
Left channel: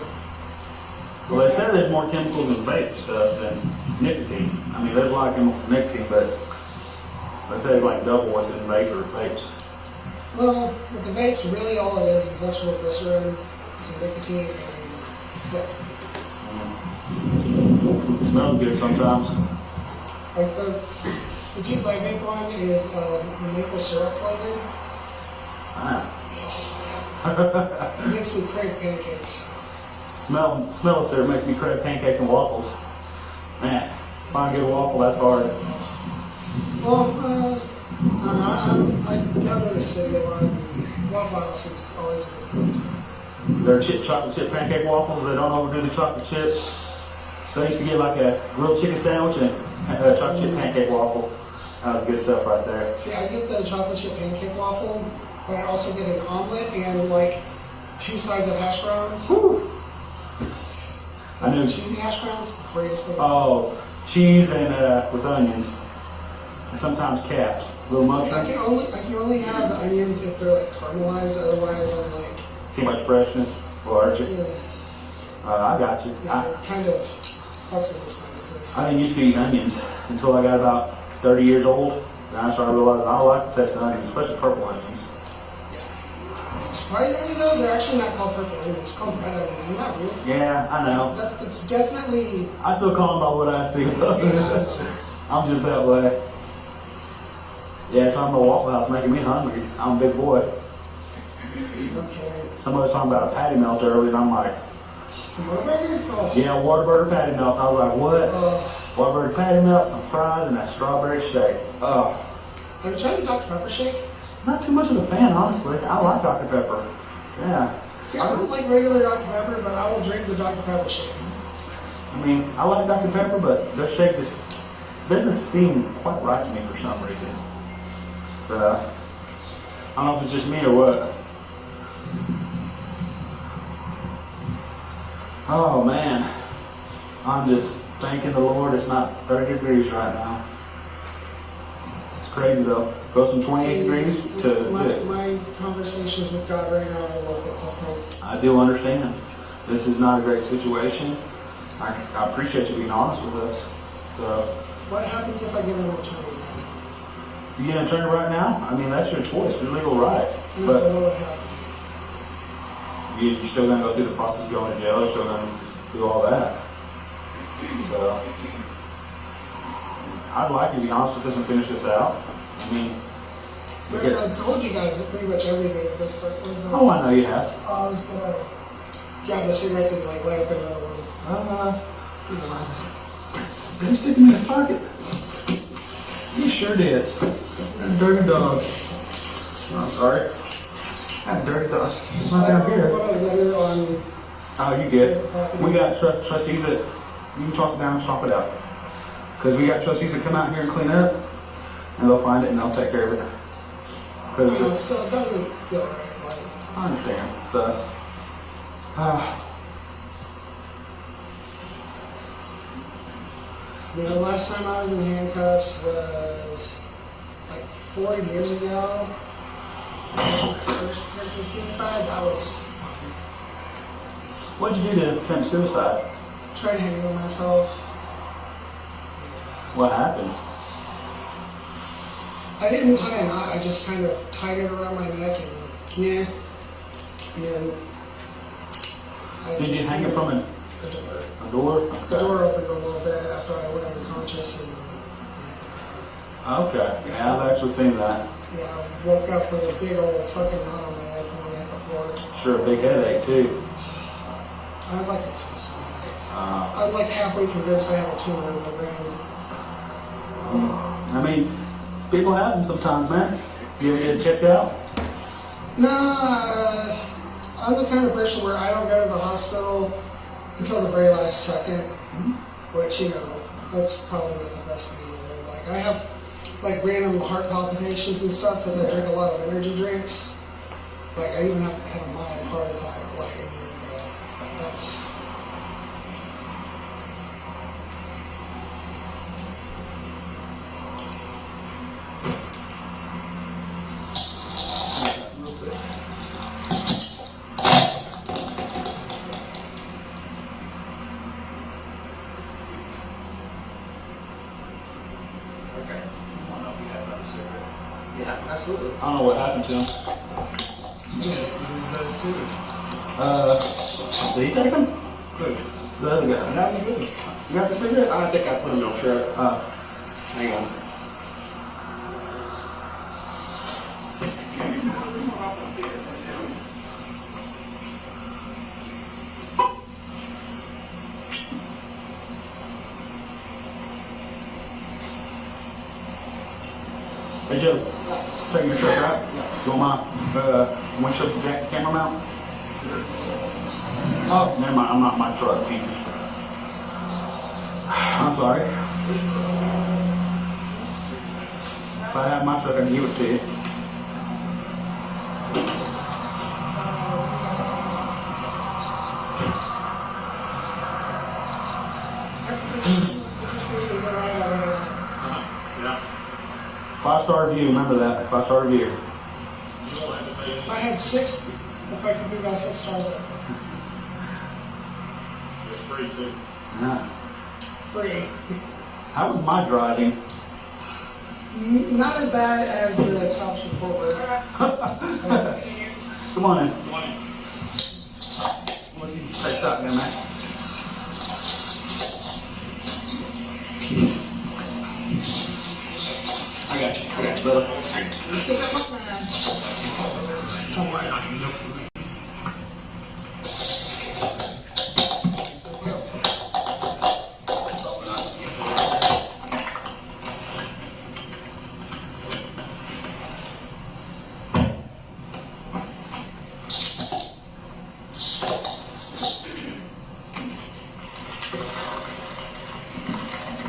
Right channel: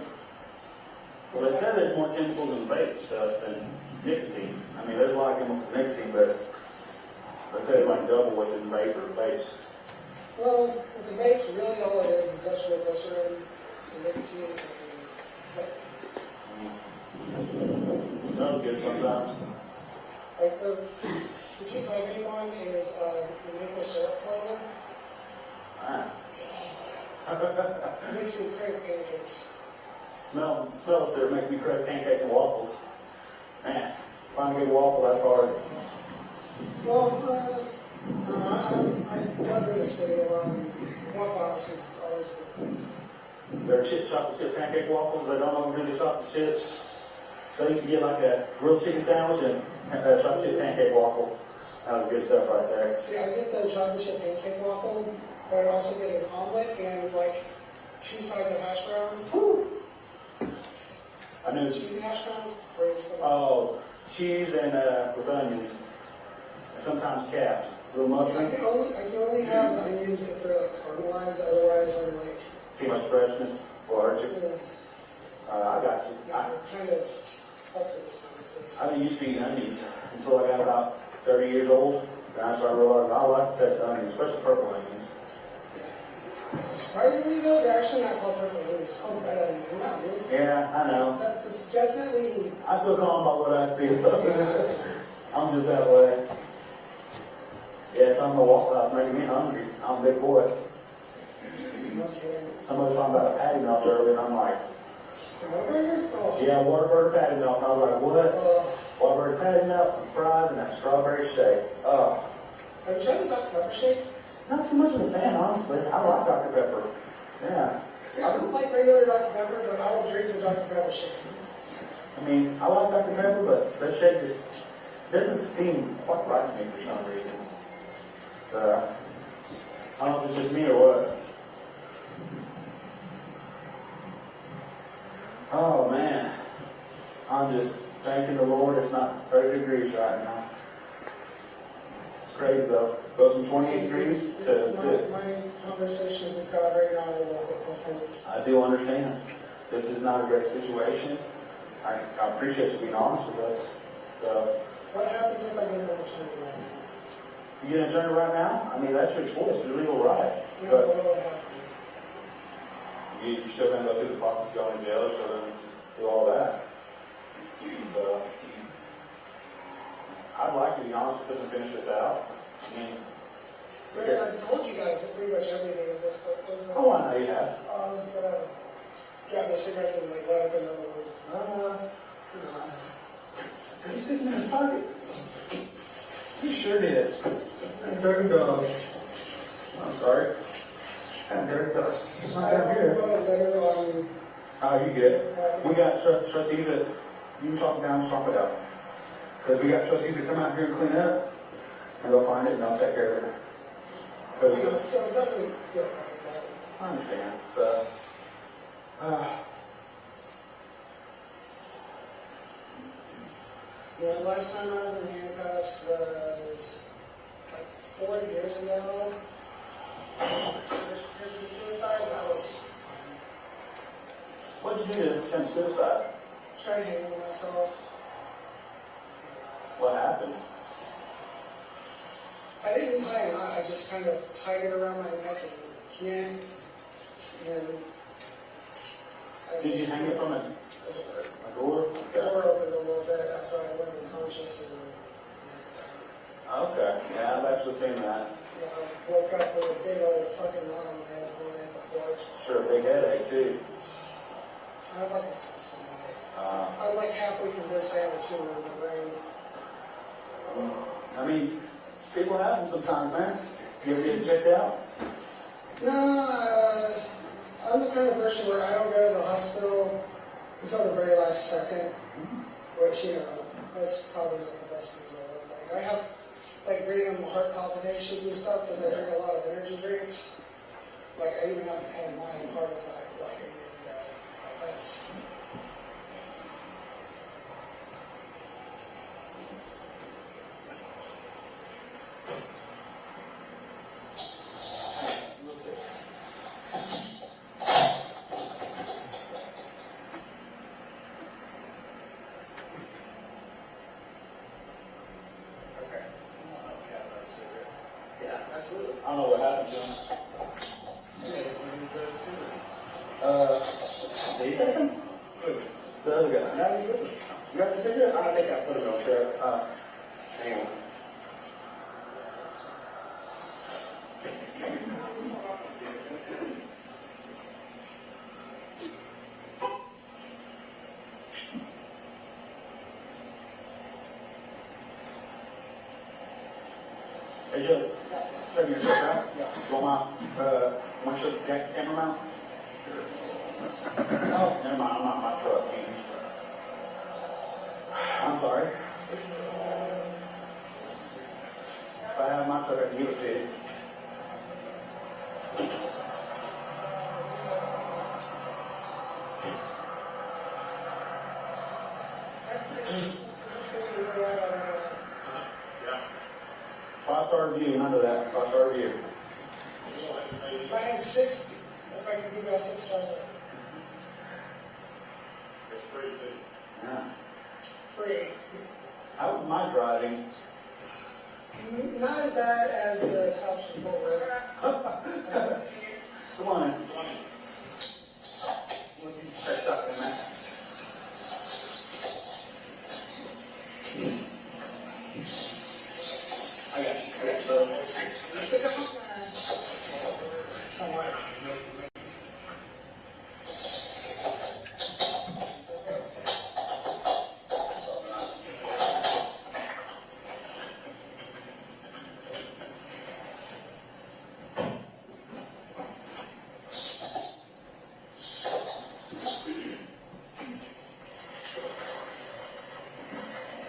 Well, they say there's more chemicals in vape stuff than nicotine. I mean, there's a lot of chemicals in nicotine, but they say it's like double what's in vape or vapes. Well, with the vapes, really all it is vegetable glycerin, some nicotine, and click. It smells good sometimes. Like the juice I vape one is the maple syrup flavored. Ah. It makes me crave pancakes. Smell of syrup makes me crave pancakes and waffles. Man, if I can get a waffle, that's hard. Well, I go to the city a lot. Waffle House is always good. They're chocolate chip pancake waffles. They don't overdo the chocolate chips. So I used to get like a grilled chicken sandwich and a chocolate chip pancake waffle. That was good stuff right there. See, I get the chocolate chip pancake waffle, but I also get an omelet and like 2 sides of hash browns. Woo. I knew. Cheesy hash browns, greatest thing. Oh, cheese and with onions, and sometimes capped. Little I mustard. can only have the onions if they're like caramelized. Otherwise, I'm like. Too much freshness. Well, aren't you? Yeah. I got you. Kind of. That's what this thing is. I didn't used to eat onions until I got about 30 years old. And I started realizing I like the taste of onions, especially purple onions. Surprisingly though, they're actually not called purple onions, they're called red onions. Isn't that weird? Yeah, I know. It's definitely... I still call them by what I see. I'm just that way. Yeah, talking about Waffle House making me hungry. I'm a big boy. Okay. Somebody was talking about a patty melt earlier, and I'm like, Whataburger? Oh. yeah, Whataburger patty melt. I was like, what? Whataburger patty melt, some fries, and that strawberry shake. Have you tried the Dr. Pepper shake? Not too much of a fan, honestly. I like Dr. Pepper. Yeah. See, I don't like regular Dr. Pepper, but I will drink the Dr. Pepper shake. I mean, I like Dr. Pepper, but their shake just doesn't seem quite right to me for some reason. So, I don't know if it's just me or what. Oh man, I'm just thanking the Lord it's not 30 degrees right now. It's crazy though. Goes from 28 degrees to my conversation conversations we've got right now are a little bit different. I do understand. This is not a great situation. I appreciate you being honest with us. So, What happens if I get an attorney right now? you get an attorney right now? I mean, that's your choice, your legal right. And I But don't know what happened. you're still going to go through the process of going to jail. You're still going to do all that. So, I'd like you to be honest with us and finish this out. I mean, But I've told you guys pretty much everything at this point. oh, I know you have. I was gonna grab the cigarettes and like light up another one. Did he stick him in his pocket? You sure did. That dirty dog. Oh, I'm sorry. That dirty dog. It's not down here. What a letter on. Oh, you good. We got trustees that, you can toss it down and swap it out. Because we got trustees that come out here and clean up, and they'll find it and they'll take care of it. Because So it still doesn't feel right. Like, I understand. So, you know, last time I was in handcuffs was like 4 years ago. First suicide, that was what'd you do to attempt suicide? trying to handle myself. What happened? I didn't tie a knot, I just kind of tied it around my neck and yeah. And Did you hang it from a door? The door opened a little bit after I went unconscious and Okay. Yeah, I've actually seen that. yeah, I woke up with a big old fucking knot on my head when I hit the floor. Sure, a big headache too. I had like a I'm like halfway convinced I had a tumor in my brain. I mean, people happen sometimes, man. You ever get it checked out? No, I'm the kind of person where I don't go to the hospital until the very last second, which, you know, that's probably not the best thing in the world. Like, I have, like, random heart palpitations and stuff because I drink a lot of energy drinks. Like, I even had a mild heart attack, like, a year ago. Like, that's... Absolutely. I don't know what happened to him. Yeah, those two. Did he take them? Good. The other guy. That was good. You got the cigarette? I think I put them on shirt. Hang on. Hey Joe, taking your truck out? You want my windshield camera mount? Oh, never mind, I'm not in my truck, Jesus. I'm sorry. If I have my truck, I can give it to you. Yeah. 5-star review, remember that, 5-star review. I had 6, effectively got 6 stars there. It's free too. Yeah. Free. How was my driving? Not as bad as the cops report were. Come on in. What do you take that there, man? I got you, brother. Let's get that up, man. Somewhere.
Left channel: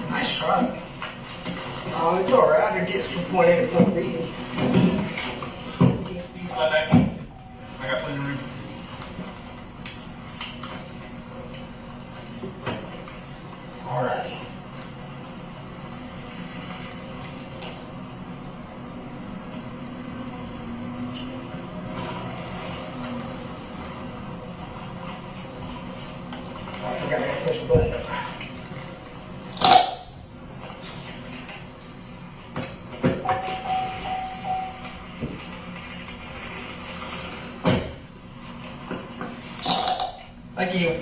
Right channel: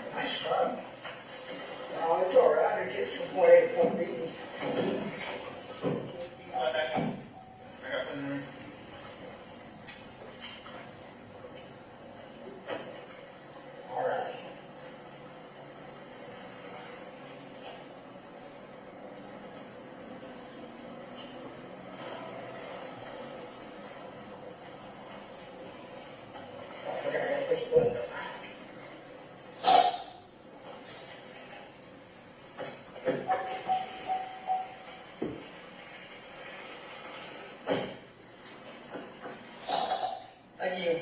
Nice truck. Oh, it's alright. It gets from point A to point B. Slide back. I got plenty place to put it. Thank you.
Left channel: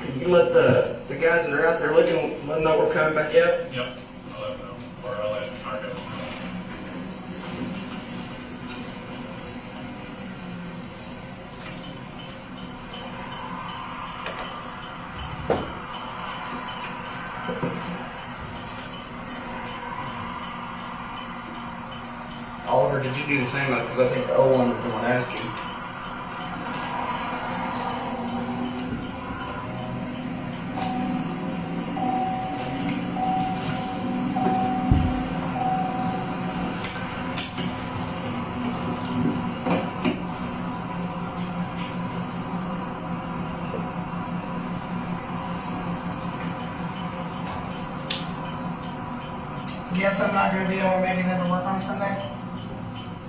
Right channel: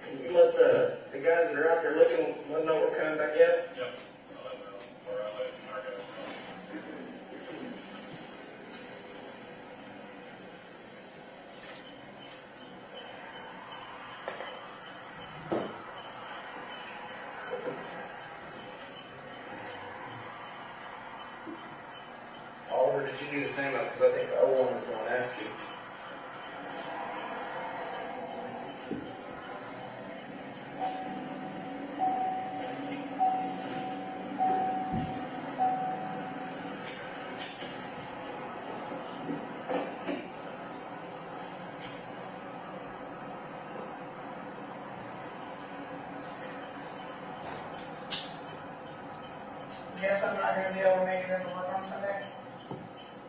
Can you let the guys that are out there looking, let them know we're coming back out? Yep. I'll let them know, or I'll let Marco. Oliver, did you do the same? Because I think Owen was the one asking. Guess I'm not going to be able to make it into work on Sunday.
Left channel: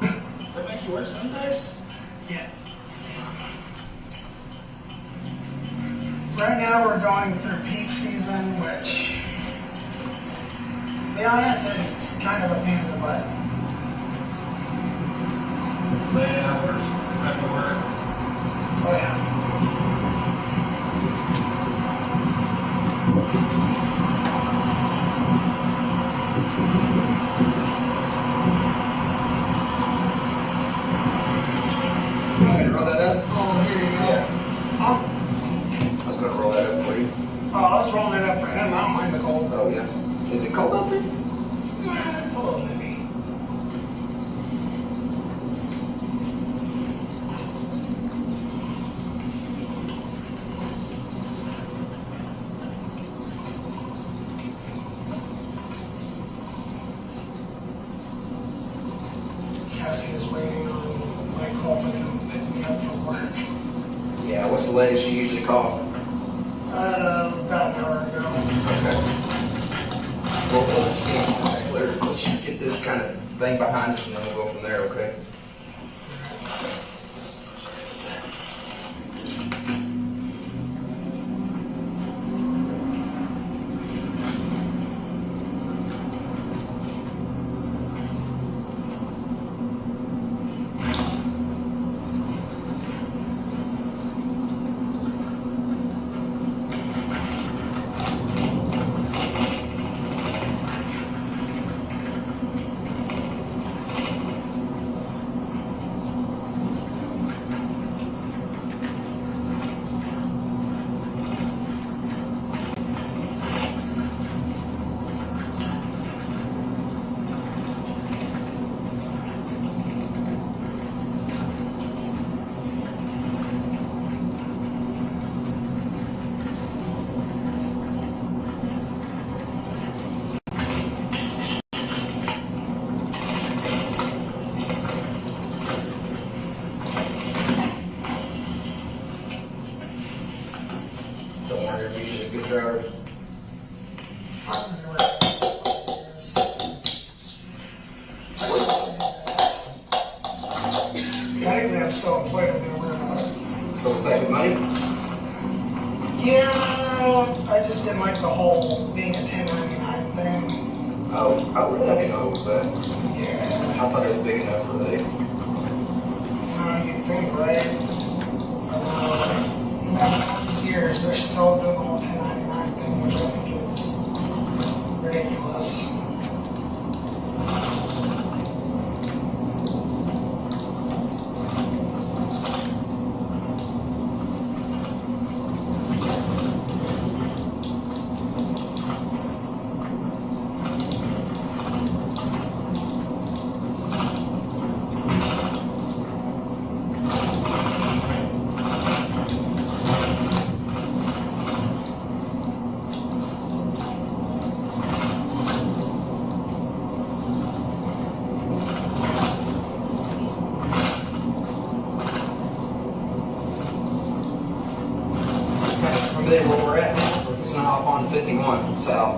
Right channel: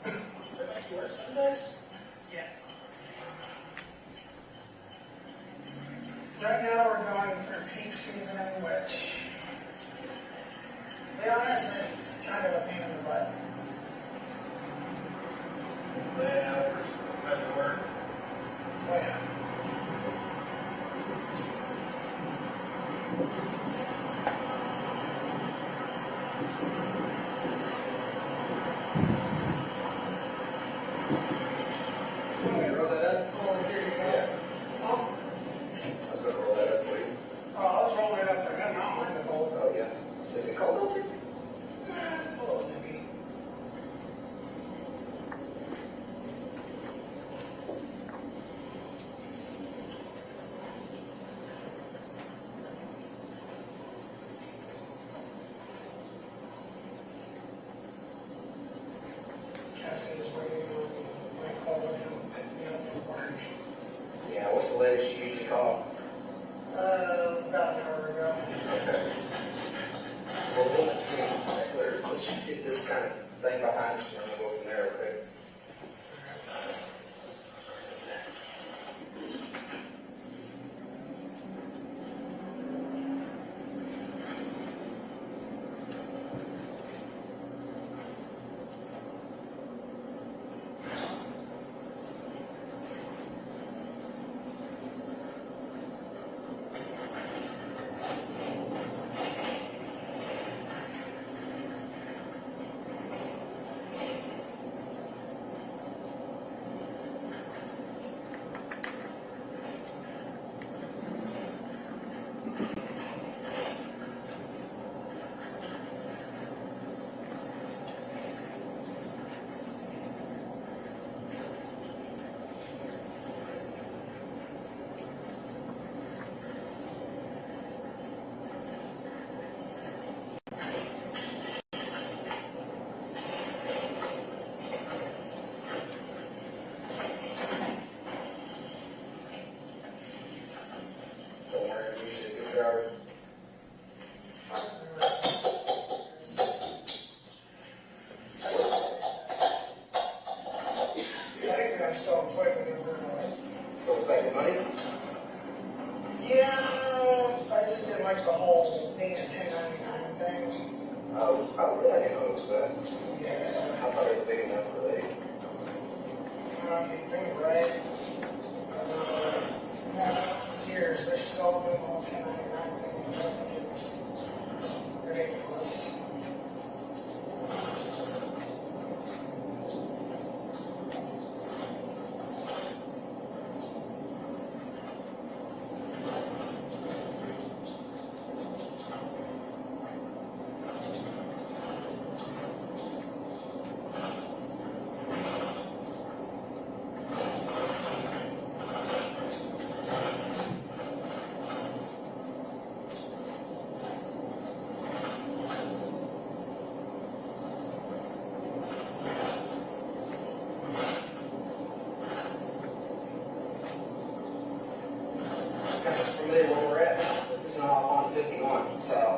That makes you work Sundays? Yeah. Right now we're going through peak season, which, to be honest, it's kind of a pain in the butt. Late hours, back to work. Oh yeah. Roll that up? Oh, here you go. Oh, I was going to roll that up for you. I was rolling it up for him. I don't mind the cold. Oh, yeah. Is it cold out there? It's a little nippy. Cassie is waiting on my call to come pick me up from work. Yeah, what's the latest you usually call? About an hour ago. Okay. Well, let's just get this kind of thing behind us and then we'll go from there, okay? Don't worry, you're usually a good driver. Technically, I'm still employed with him. We're not. So is that good money? Yeah, I just didn't like the whole being a 1099 thing. Oh, I wouldn't have known it was that. Yeah. I thought it was big enough for that. You think, right? But after all these years, they're still doing the whole 1099 thing, which I think is ridiculous. Familiar where we're at now? It's not hop on 51 south.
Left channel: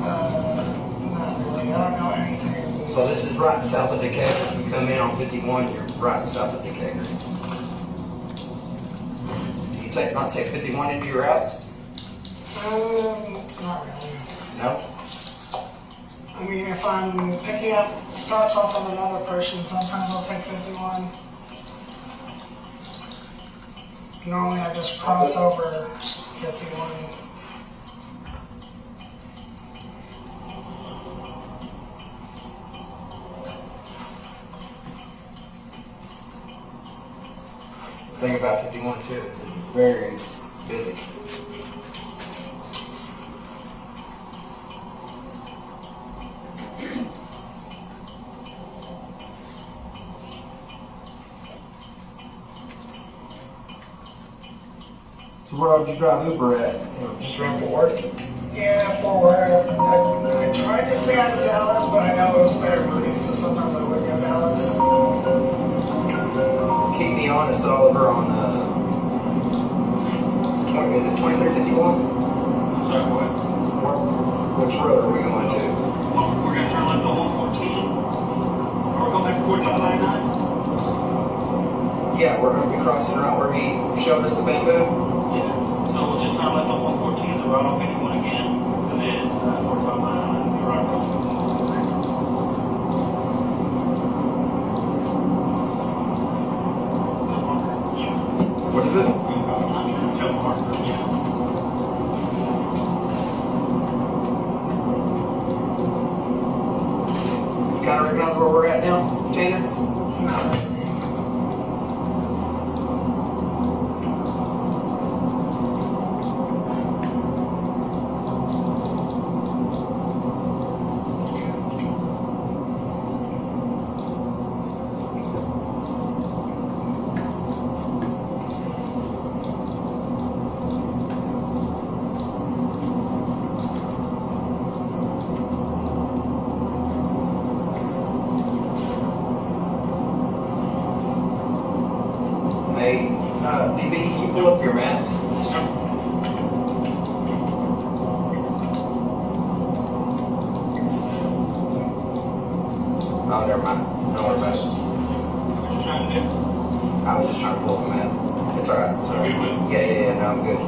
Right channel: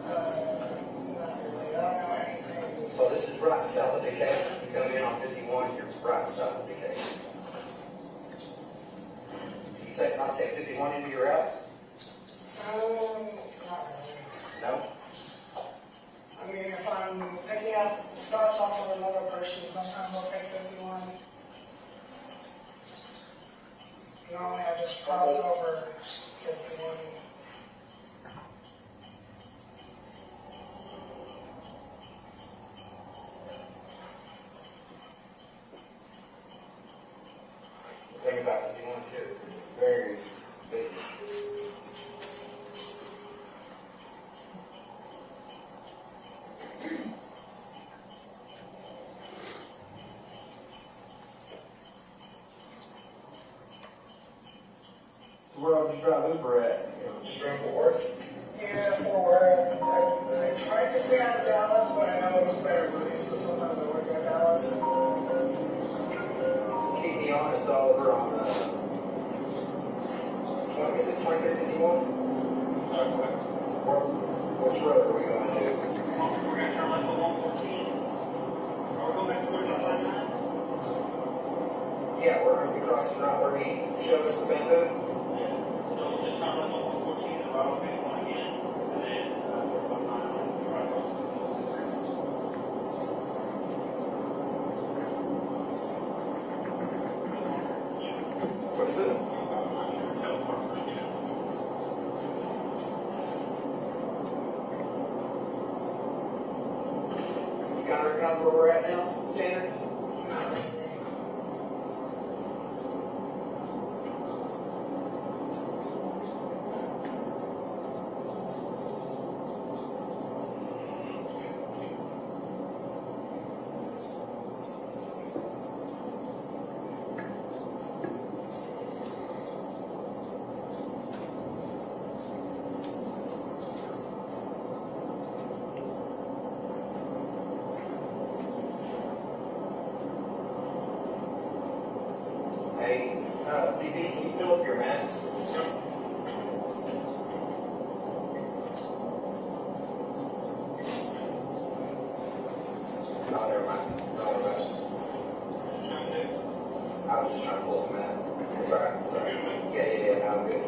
Not really. I don't know anything So this is right south of Decatur. You come in on 51, you're right south of Decatur. Do you not take 51 into your routes? Not really. No? I mean, if I'm picking up starts off with another person, sometimes I'll take 51. Normally I just cross over 51. The thing about 51 too is it's very busy. So where did you drive Uber at? Just around Fort Worth? Yeah, Fort Worth. I tried to stay out of Dallas, but I know it was better money, so sometimes I would get Dallas. Keep me honest, Oliver, on 2351? Sorry, what? Which road are we going to? We're gonna turn left on 114. Or we're going back to 4599? Yeah, we're going to be crossing right where he showed us the bamboo. Yeah. So we'll just turn left on 114, then right on 51 again, and then 4599, right across. What is it? You kind of recognize where we're at now, Taylor? Hey, DB, can you pull up your maps? Oh, never mind. No more messages. What you trying to do? I was just trying to pull up a map. It's alright. It's alright. Yeah, no, I'm good.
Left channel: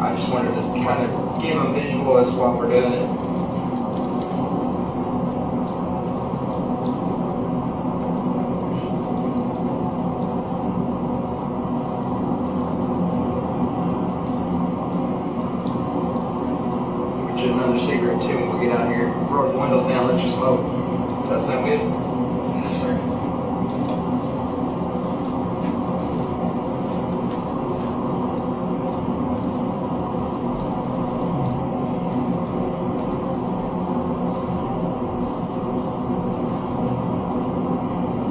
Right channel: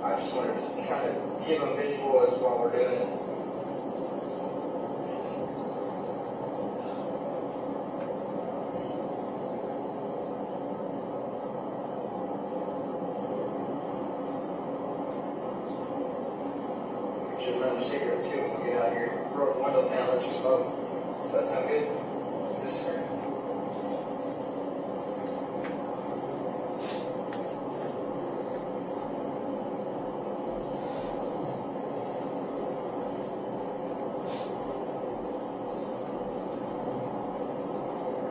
I just wanted to kind of give them a visual as what we're doing. Another secret too when we get out here. Roll the windows down, let you smoke. Does that sound good? Yes, sir.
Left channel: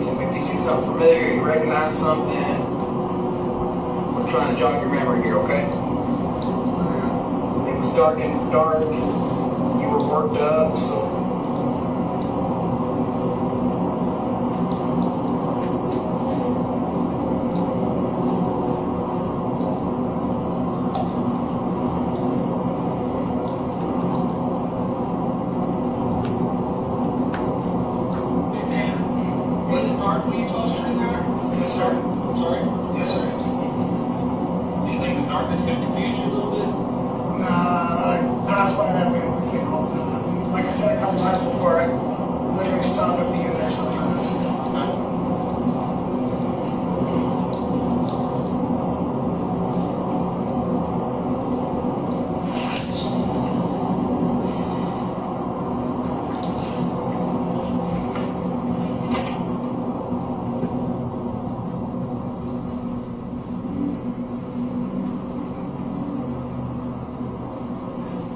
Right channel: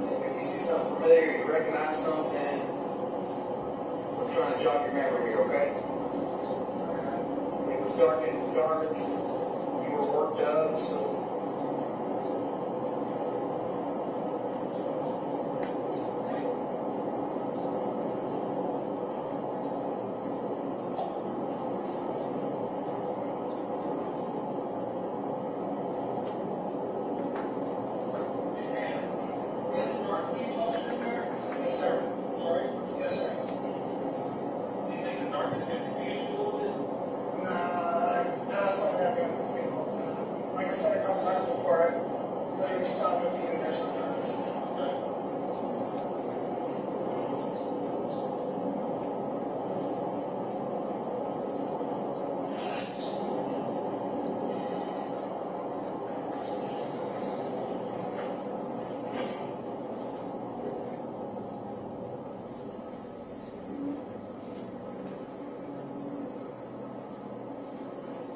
So if you see something familiar, you recognize something, we're trying to jog your memory here, okay? It was dark and you were worked up, so. Was it dark when you tossed her in there? Yes, sir. I'm sorry? Yes, sir. Do you think the darkness could confuse you a little bit? Nah, that's why I have everything all the time. Like I said a couple times before, I literally stop and be in there sometimes.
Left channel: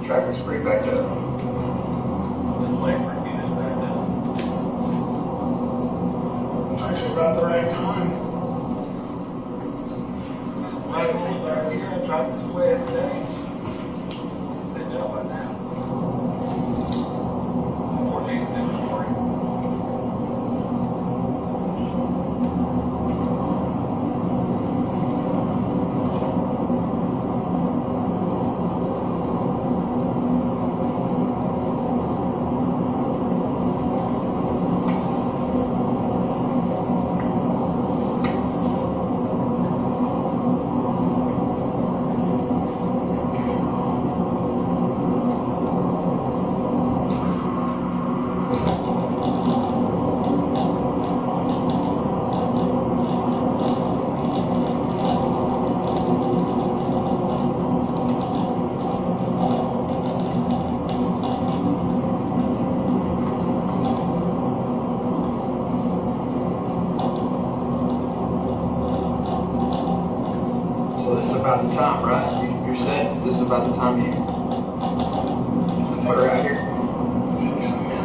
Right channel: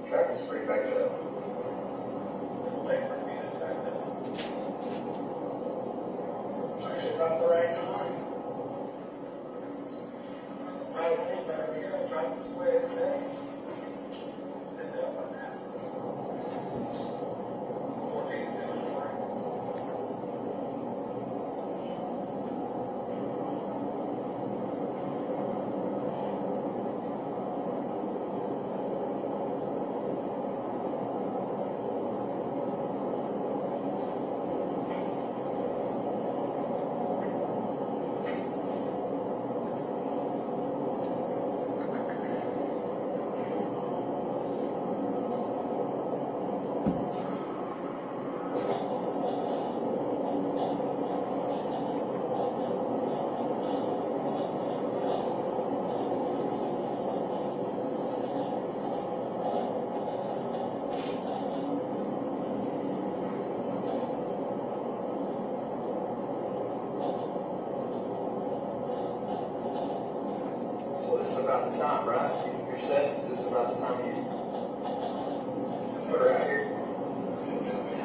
Traffic's pretty backed up. Then wait for me to back down. It's actually about the right time. Right, you're gonna drive this way every day. They're done by now. 14 is a different story. So this is about the time, right? You're set? This is about the time you put her out here? I think so, yeah.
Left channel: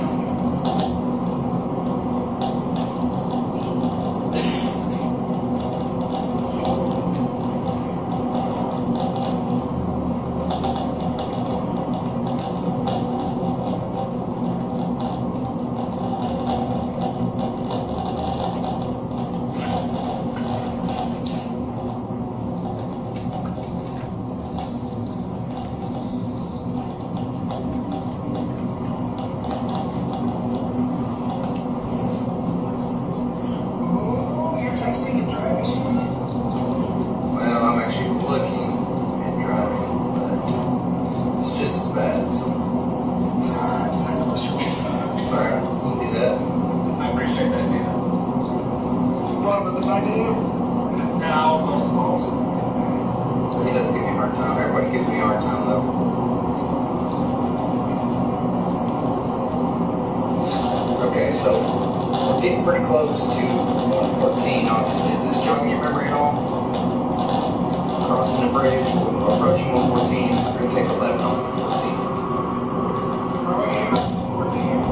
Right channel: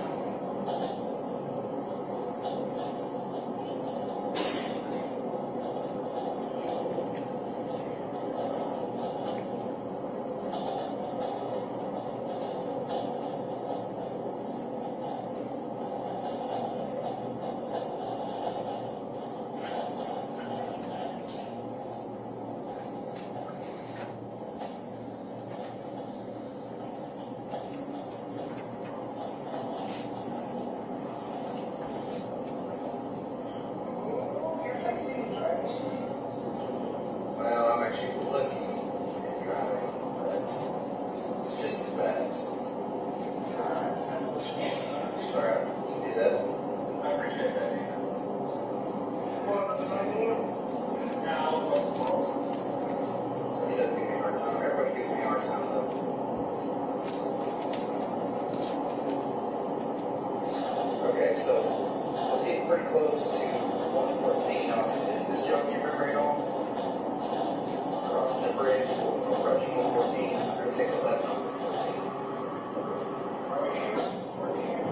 Oh, you're texting and driving. Well, I'm actually looking and driving, but it's just as bad. So. Nah, just have to listen to it. Sorry, I won't do that. I appreciate that, dude. What, was it back to you? No, I was supposed to call. So he doesn't give me a hard time. Everybody gives me a hard time, though. Okay, so we're getting pretty close to 114, obviously. Is this jogging your memory at all? Crossing the bridge, we're approaching 114. We're going to take a left on 114. Are we aiming at 14?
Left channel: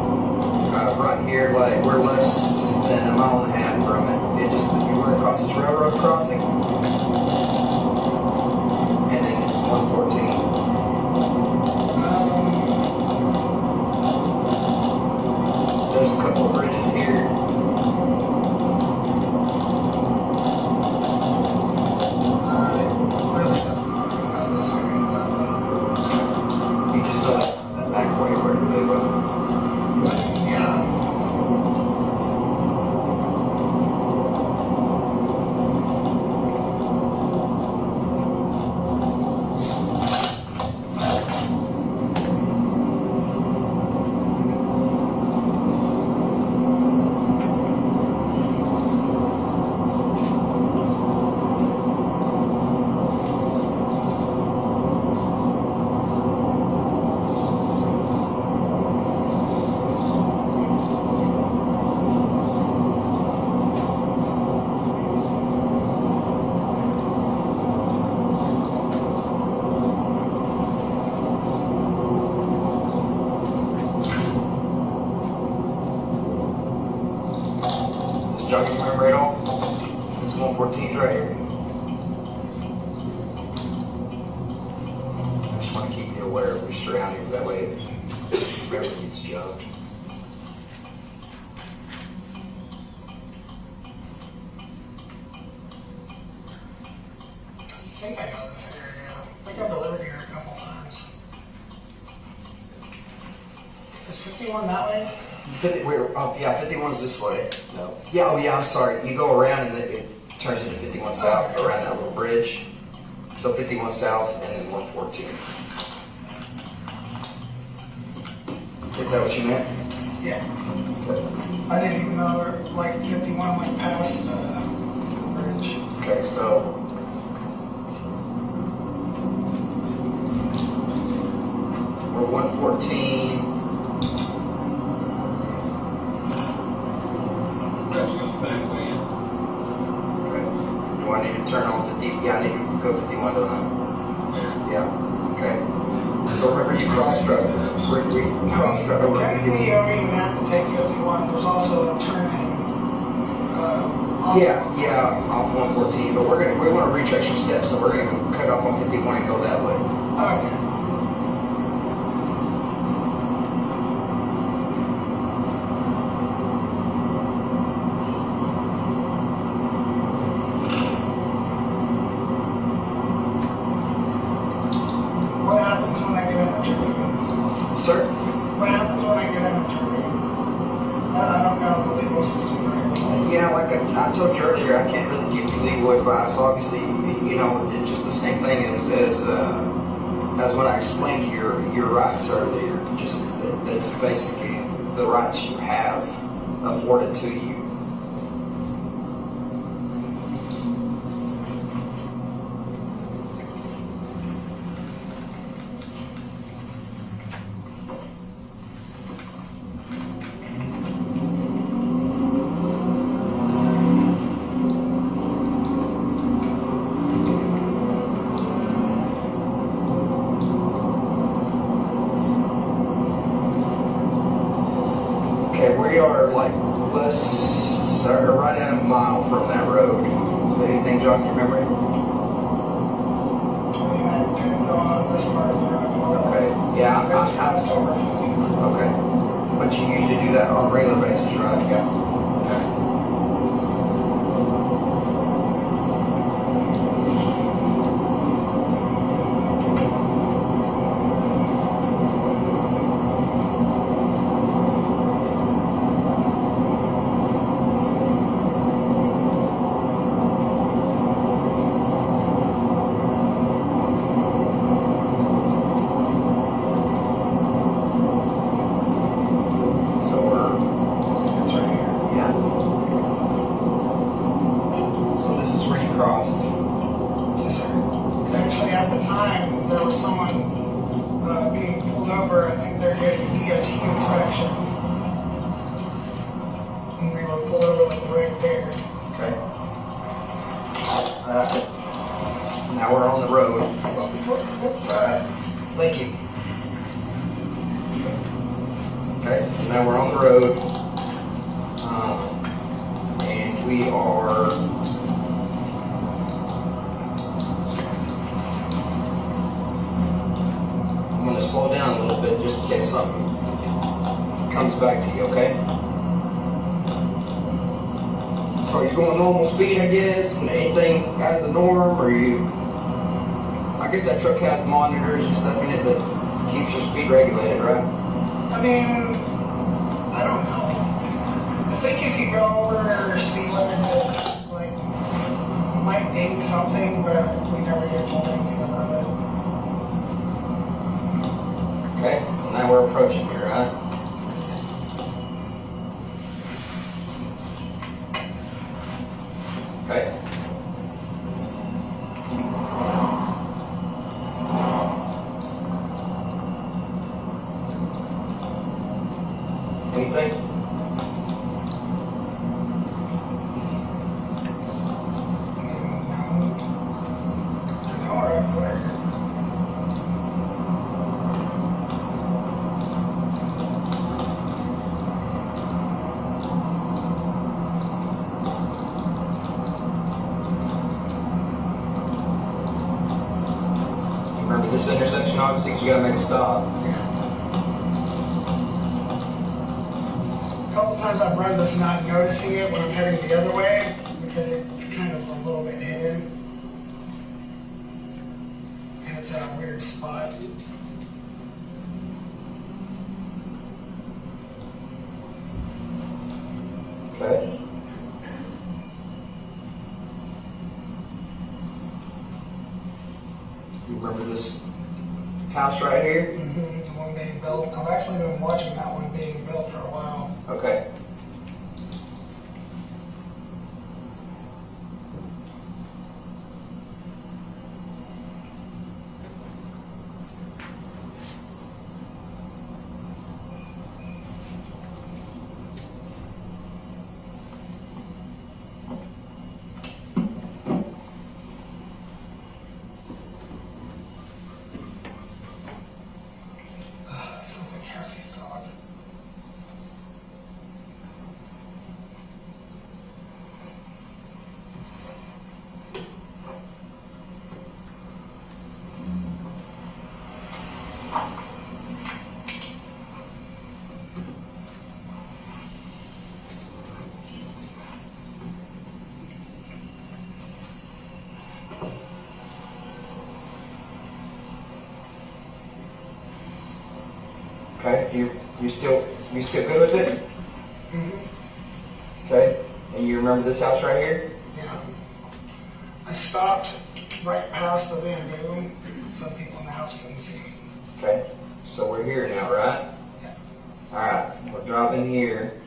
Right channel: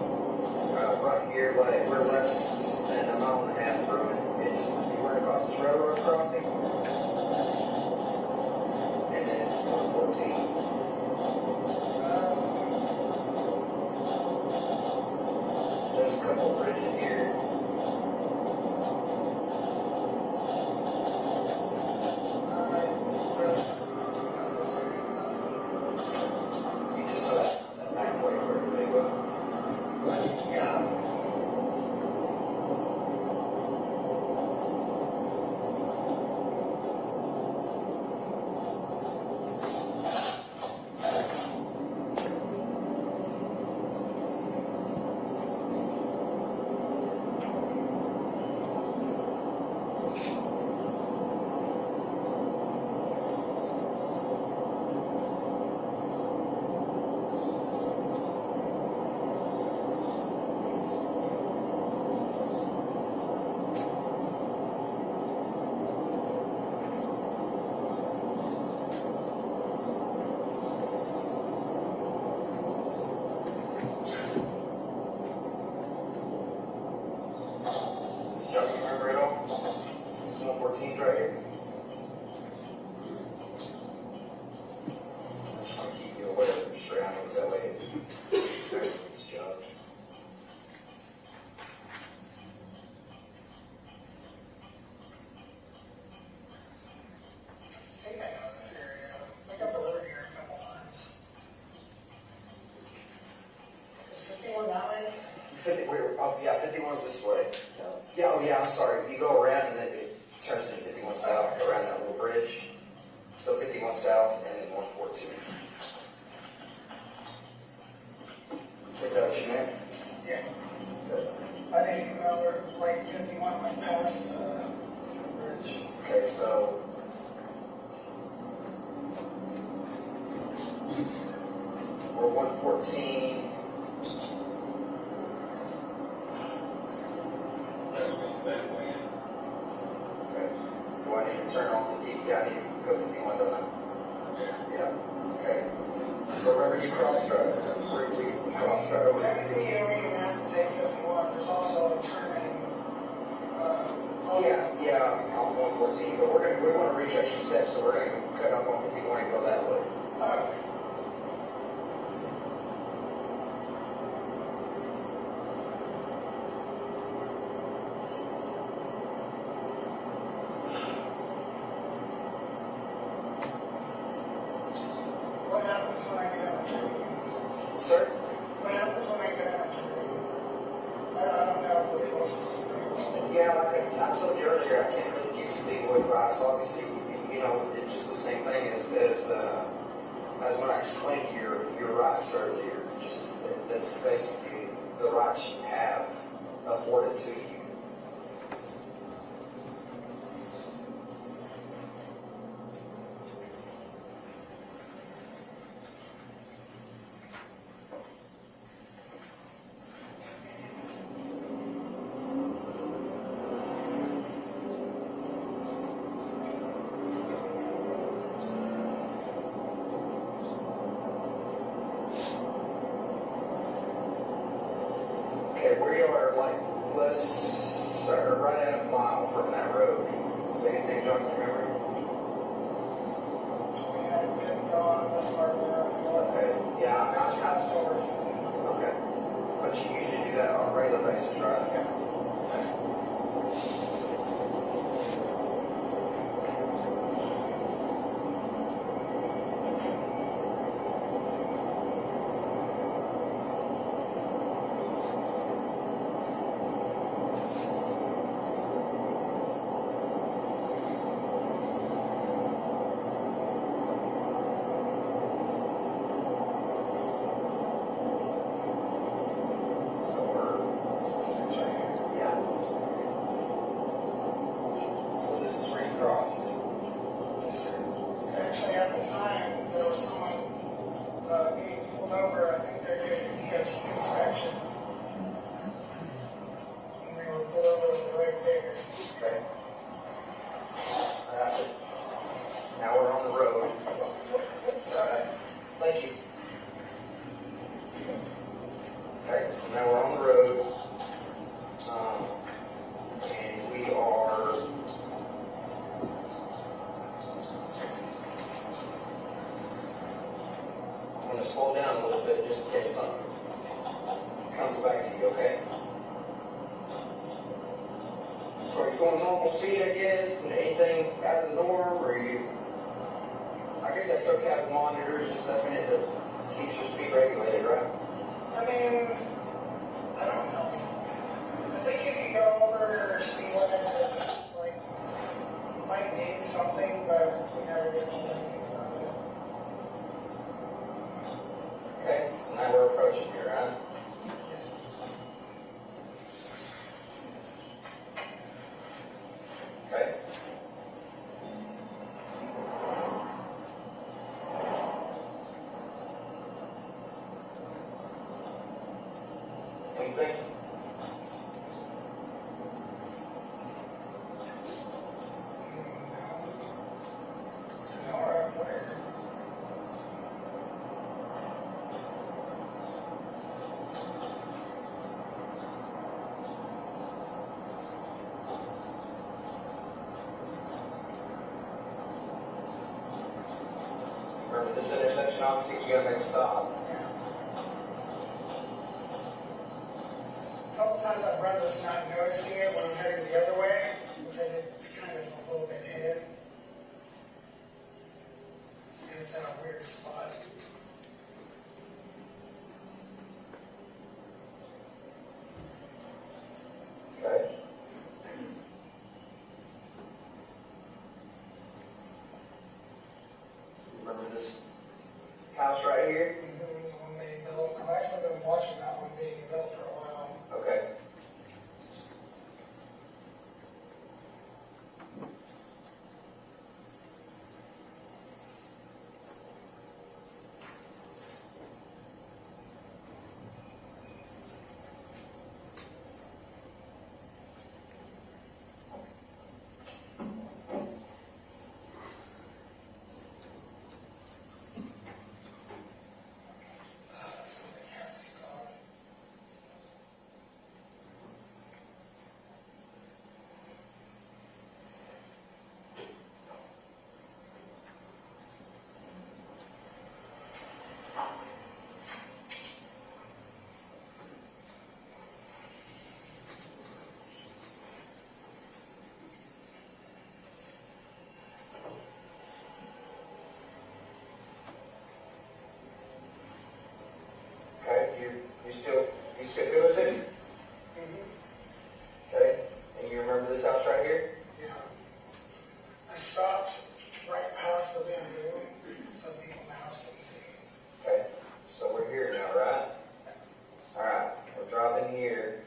Right here, like, we're less than a mile and a half from it. It just, you run across this railroad crossing, and then it's 114. There's a couple of bridges here. I really don't know this area that well. You just know that back way where they go. Yeah. Is this jogging your memory at all? This is 114 right here. I just want to keep you aware of your surroundings, that way if memory gets jogged. I think I know this area. I think I've delivered here a couple times. Is 51 that way? 51's this way. No. Yeah, oh yeah, I'm sorry. You go around and then it turns into 51 south, around that little bridge. So 51 south and then 114. Is that what you meant? Yeah. I didn't even know there, like 51 went past the bridge. Okay, so we're 114. That's going back way in. Okay. Do I need to turn on 50? Yeah, I need to go 51, don't I? Yeah. Okay. So remember you cross-drug. Technically, you don't even have to take 51. There's also a turn in. Yeah, off 114, but we want to retrace your steps, so we're going to cut off on 51 and go that way. Okay. What happens when I get in a turn? Sir? What happens when I get in a turn? I don't know the legal system right. Yeah, like I told you earlier, I can't really give you legal advice. Obviously, you know, it's just the same thing as when I explained your rights earlier. Just that's basically the rights you have afforded to you. Okay, we are like, right at a mile from that road. Is there anything, John, you remember? I mean, I didn't go on this part of the road. Okay, yeah. That's passed over 51. Okay. But you usually do that on a regular basis, right? Yeah. Actually, at the time, there was someone being pulled over. I think they're getting a DOT inspection. And they were pulled over like right there. Okay. Now we're on the road. Thank you. Okay, so now we're on the road. And we are... I'm going to slow down a little bit just in case something comes back to you, okay? So you're going normal speed, I guess, and anything out of the norm, or you... I guess that truck has monitors and stuff in it that keeps your speed regulated, right? I mean, I don't know. I think if you go over speed limits, it like might ding something, but we never get told anything about it. Okay, so now we're approaching here, right? Okay. Anything? Remember this intersection, obviously, because you gotta make a stop. A couple times I've run this not noticing it when I'm heading the other way because it's kind of a little bit hidden. And it's at a weird spot. Okay. You remember this house right here? Mm-hmm, the one being built. I've actually been watching that one being built for a while. Okay. Sounds like Cassie's dog. Okay, you still good with it? Mm-hmm. Okay, and you remember this house right here? Yeah. I stopped right past the bamboo so people in the house couldn't see. Okay, so we're here now, right? Yeah. All right, we're driving here.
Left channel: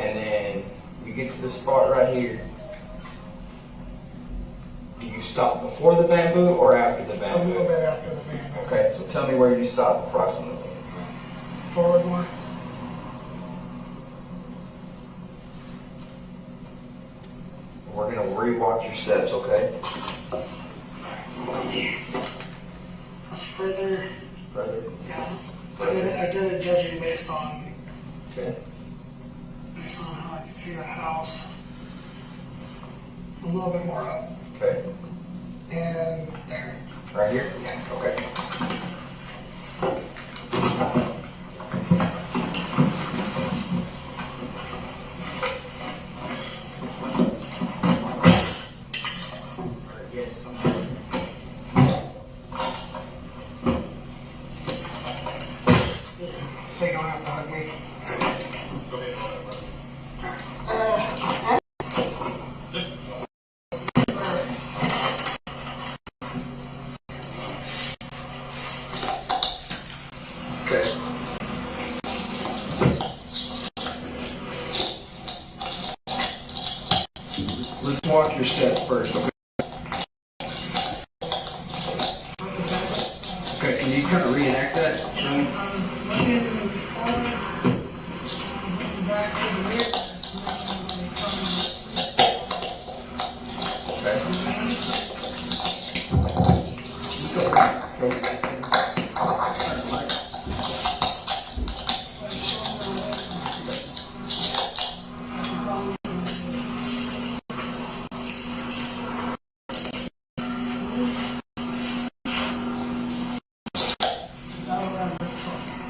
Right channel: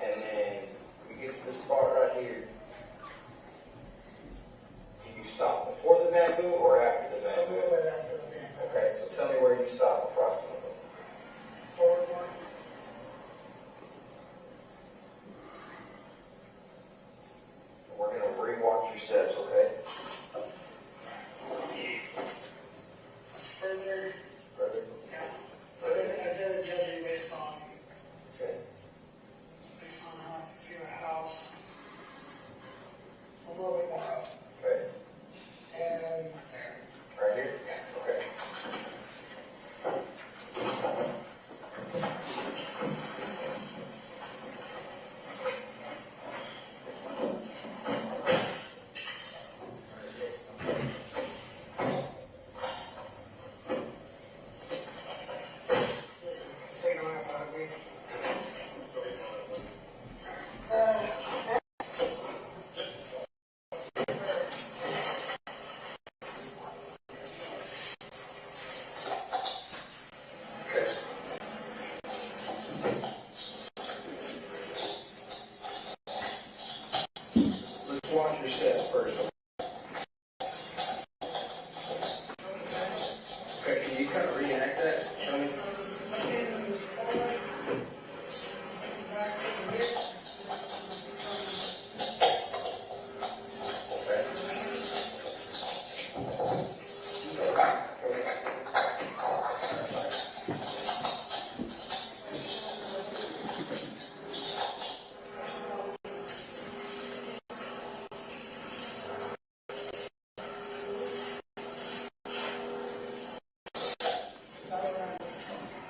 And then you get to this spot right here. Do you stop before the bamboo or after the A bamboo? little bit after the bamboo. Okay, so tell me where you stop approximately. Forward more. We're gonna rewalk your steps, okay? That's further. Further. Yeah. I did it judging based on Okay. how I can see the house a little bit more up. Okay. And there. Right here? Yeah. Okay. So you don't have to hug me. Okay. Let's walk your steps first, okay? Okay, can you kind of reenact that? Show me. I was looking back to the mirror.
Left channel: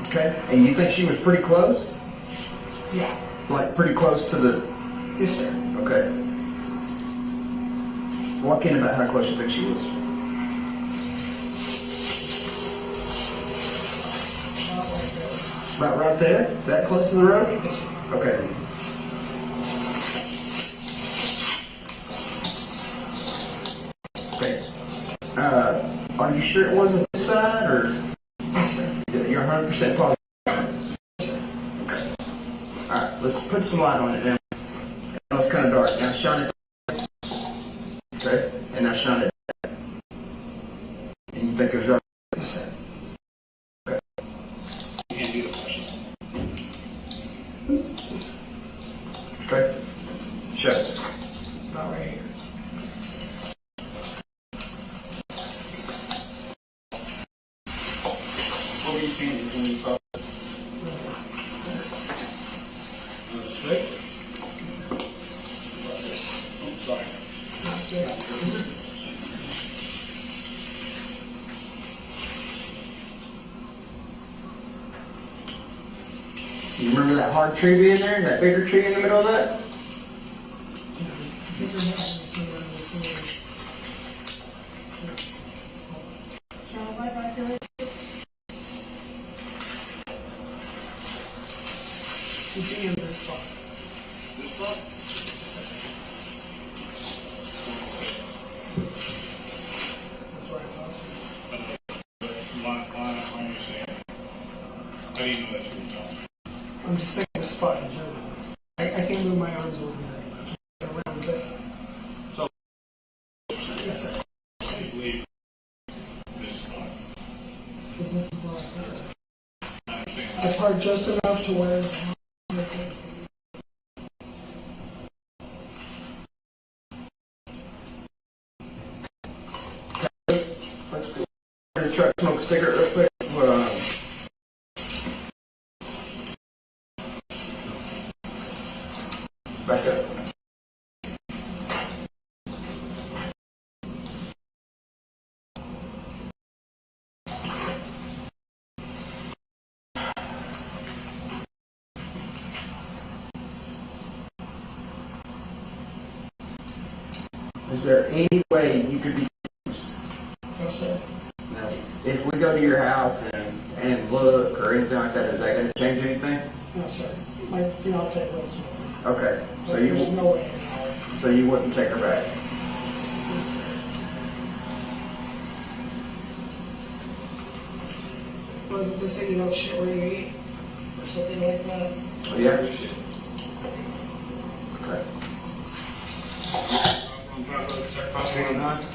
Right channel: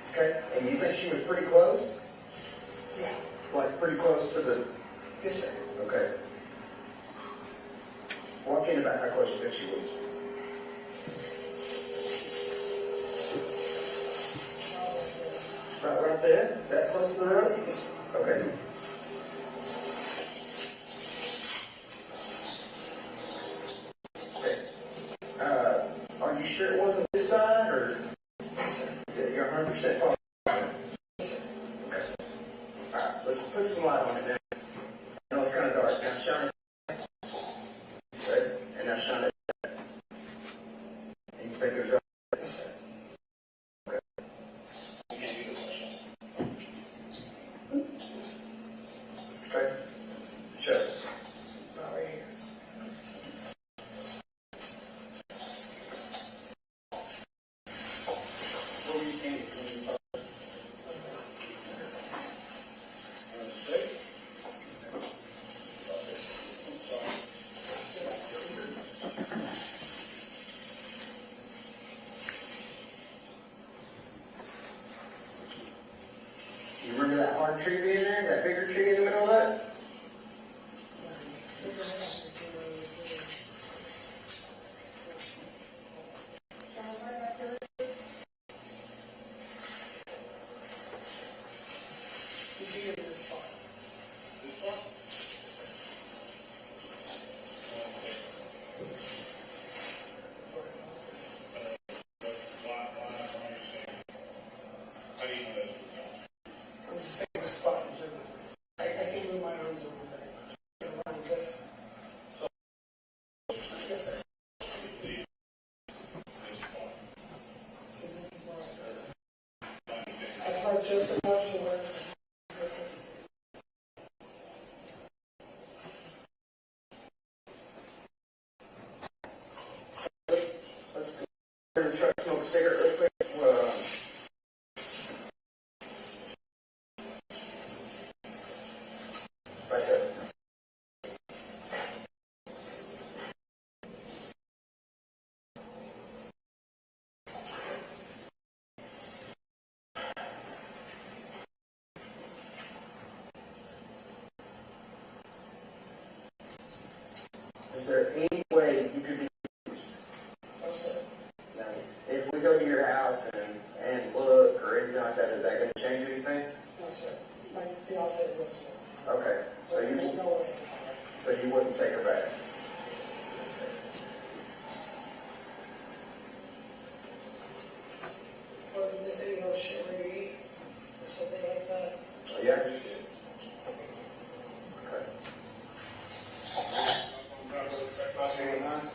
Okay, and you think she was pretty close? Yeah. Like pretty close to the... Yes, sir. Okay. Walk in about how close you think she was. About right there? That close to the road? Yes, sir. Okay. Okay. Are you sure it wasn't this side, or Yes, sir. you're 100% positive? Okay. All right, let's put some light on it now. Now it's kind of dark. Now shine it. Okay, and now shine it. And you think it was right? Yes, sir. Okay. Show us. About right here. What were you thinking when you saw it? You remember that hard tree being there, and that bigger tree in the middle of that? You see in this spot. This spot? That's what I thought. That's my understanding. How do you know that's what you're talking about? I'm just saying the spot in general. I can't move my arms over very much. Around this. So, Yes, sir. I believe this spot. Because this is where I park. I understand. I park just enough to where. Let's go in the truck, smoke a cigarette real quick. Back up. Is there any way you could be used? No, sir. Now, if we go to your house and look or anything like that, is that going to change anything? No, sir. My fiance lives with me. Okay, so But there's you no way in hell. so you wouldn't take her back. Wasn't this saying, you know, shit where you eat? Or something like that? Yeah. Okay.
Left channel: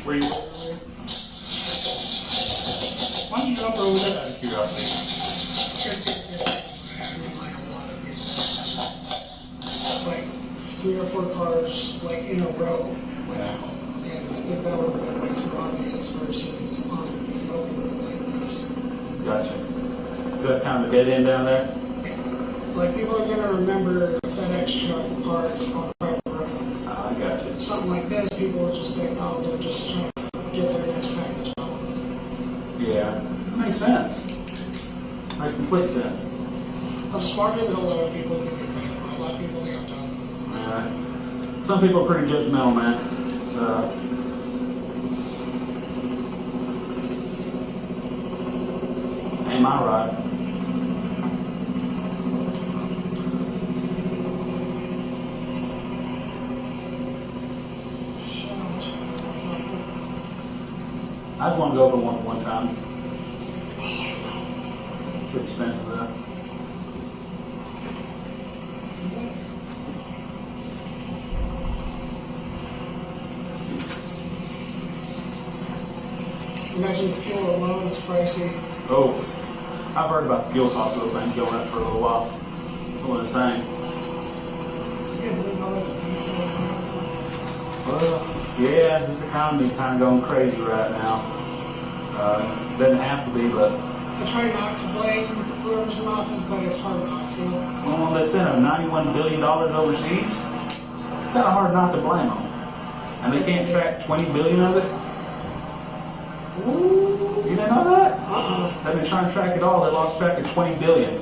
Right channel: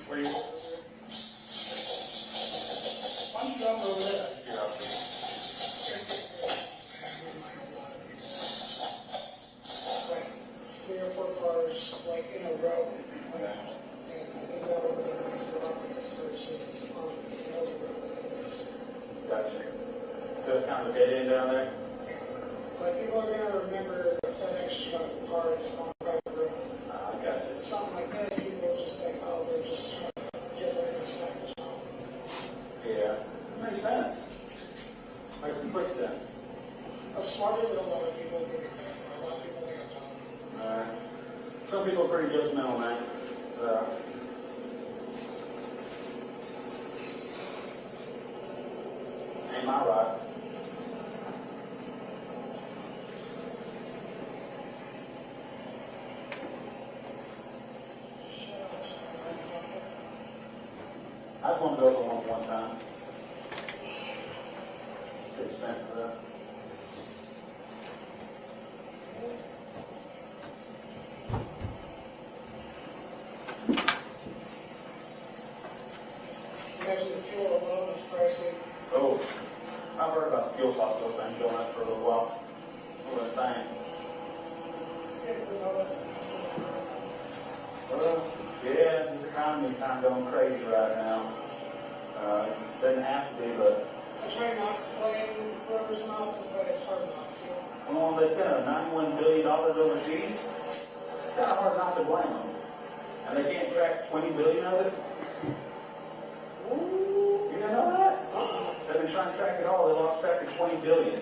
Where you? Why don't you jump over there? Out of curiosity. Like 3 or 4 cars, like in a row, went out. And I think that would have been way too obvious versus on an open road like this. Gotcha. that's kind of a dead end down there? Like, people are gonna remember FedEx truck parked on a private road. I got you. Something like this, people will just think, oh, they're just trying to get their next package home. Yeah, that makes sense. Makes complete sense. I'm smarter than a lot of people think I'm. A lot of people think I'm dumb. Some people are pretty judgmental, man. So, am I right? I just want to go over one time. It's too expensive though. Imagine the fuel alone is pricey. Oh, I've heard about the fuel cost of those things going up for a little while. What the same. Well, yeah, this economy's kind of going crazy right now. Doesn't have to be, but. I try not to blame whoever's in office, but it's hard not to. Well, they sent $91 billion overseas. It's kind of hard not to blame them. And they can't track 20 billion of it. You didn't know that? They've been trying to track it all. They lost track of 20 billion.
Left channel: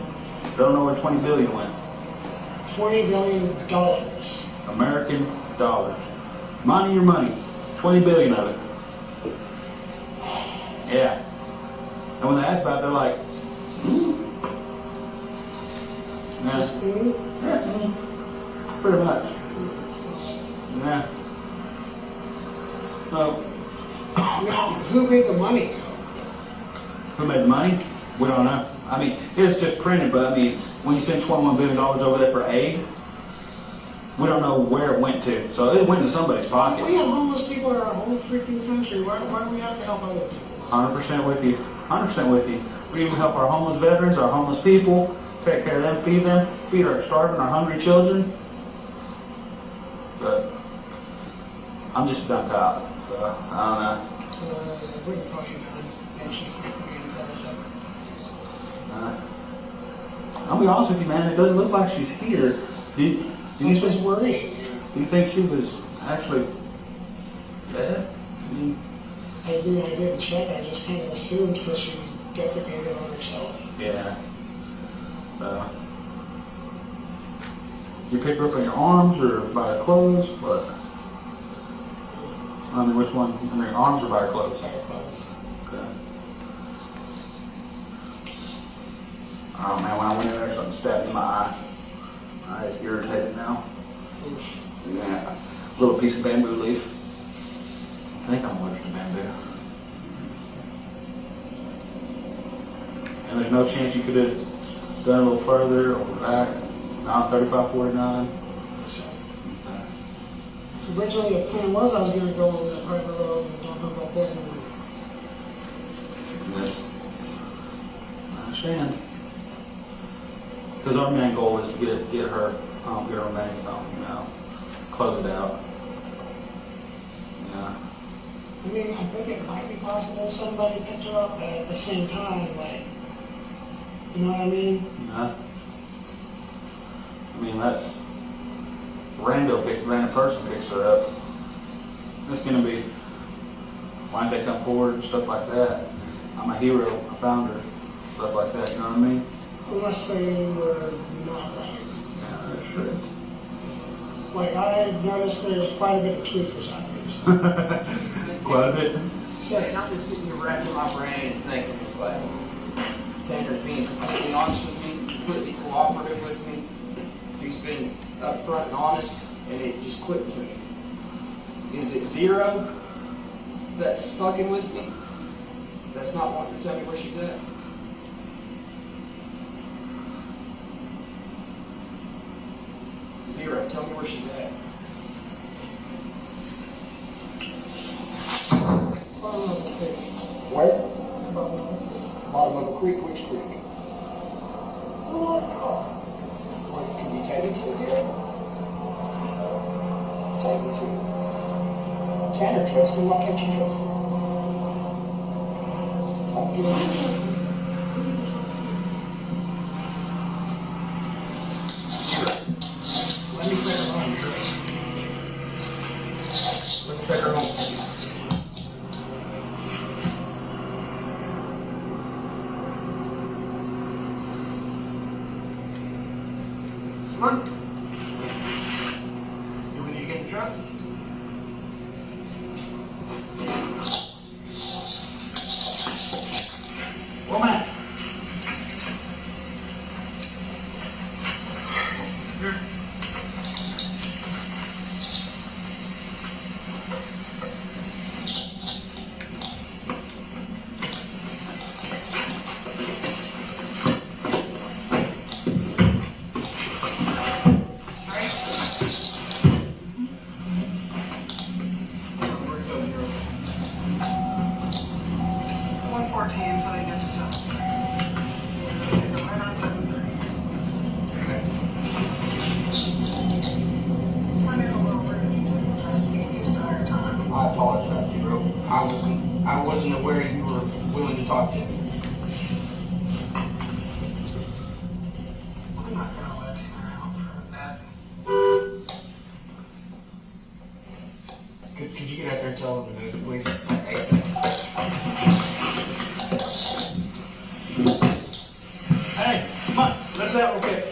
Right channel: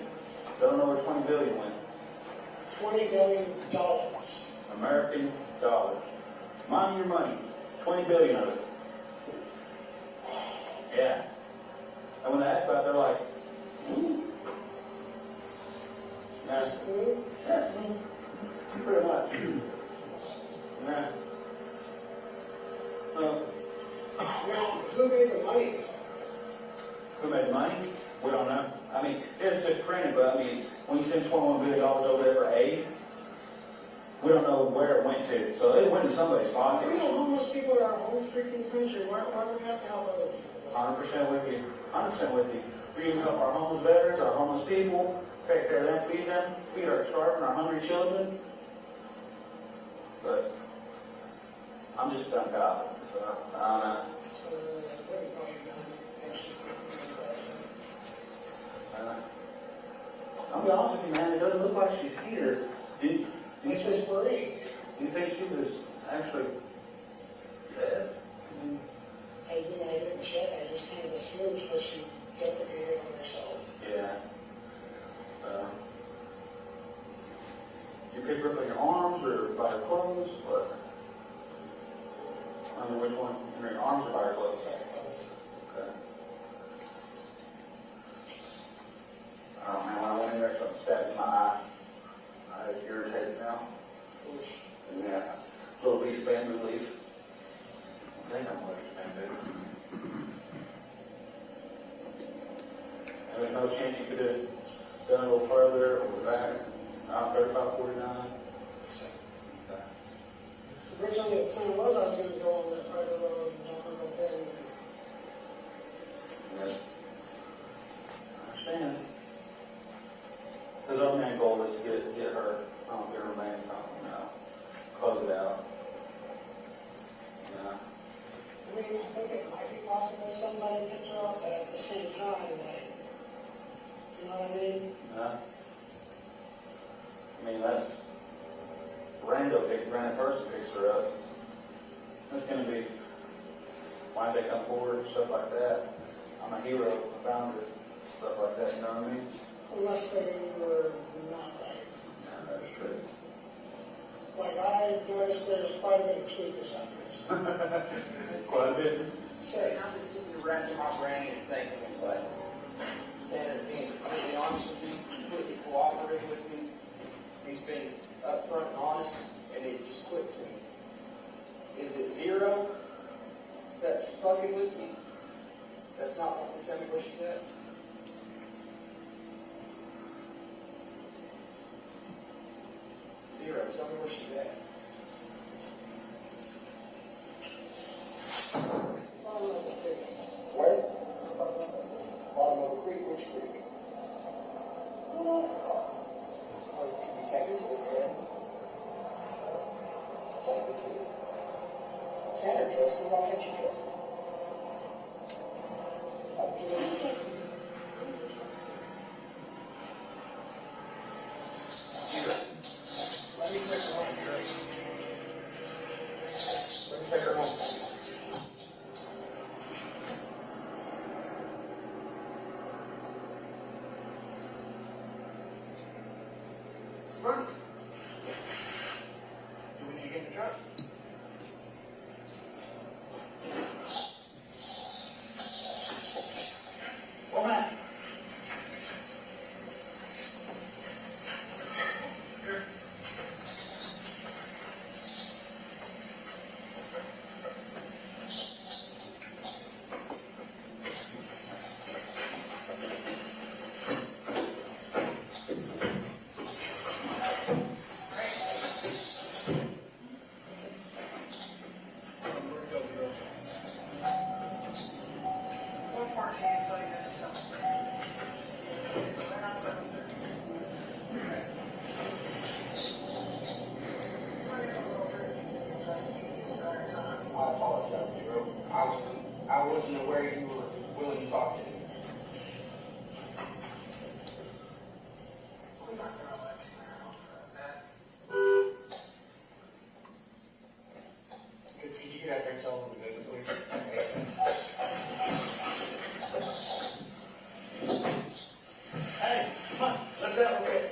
Don't know where 20 billion went. $20 billion. American dollars. Mind your money. 20 billion of it. Yeah. And when they ask about it, they're like, yeah. Yeah. Pretty much. Yeah. So, Now, who made the money? who made the money? We don't know. I mean, it's just printed, but I mean, when you send $21 billion over there for aid, we don't know where it went to. So it went to somebody's pocket. We have homeless people in our whole freaking country. Why do we have to help other people? 100% with you. 100% with you. We even help our homeless veterans, our homeless people, take care of them, feed our starving, our hungry children. But I'm just a dumb cop, so I don't know. Wouldn't call you done. And she's being intelligent. I'll be honest with you, man. It doesn't look like she's here. That's what's worrying. Do you think she was actually dead? I didn't check. I just kind of assumed because she defecated on herself. Yeah. You pick her up in your arms or by her clothes? What? I mean, which one? I mean, arms or by her clothes? By her clothes. Okay. Oh man, when I went in there, something stabbed in my eye. My eye's irritated now. Yeah. A little piece of bamboo leaf. I think I'm allergic to bamboo. And there's no chance you could have done a little further or back. Now 3549. So originally the plan was I was going to go on that private road and don't know about that anymore. Yes. I understand. Because our main goal is to get her remains home, close it out. Yeah. I mean, I think it might be possible somebody picked her up at the same time, like, you know what I mean? Yeah. I mean, that's random person picks her up. It's gonna be why did they come forward and stuff like that. I'm a hero, I found her, stuff like that. You know what I mean? Unless they were not right. Yeah, that's true. Like, I've noticed there's quite a bit of tweakers out here. So. Quite a bit. Sorry, I'm just sitting here racking my brain and thinking, it's like, Tanner's being completely honest with me, completely cooperative with me. He's been upfront and honest, and it just clicked to me. Is it Zero that's fucking with me? That's not wanting to tell me where she's at? Zero, tell me where she's at. Where? Bottom of a creek, which creek? Oh, it's called. Can you take me to it here? Take me to it. Tanner trusts me, why can't you trust me? I'm giving you. Look. You want me to get in the truck? Woman. Here. Until they get to 7:30. Take them right around 7:30. Okay. Running a little bit of trust me the entire time. I apologize, bro. I wasn't aware you were willing to talk to me. I'm not gonna let you around for that. Could you get out there and tell them to move, please? Hey, come on, let's out real quick.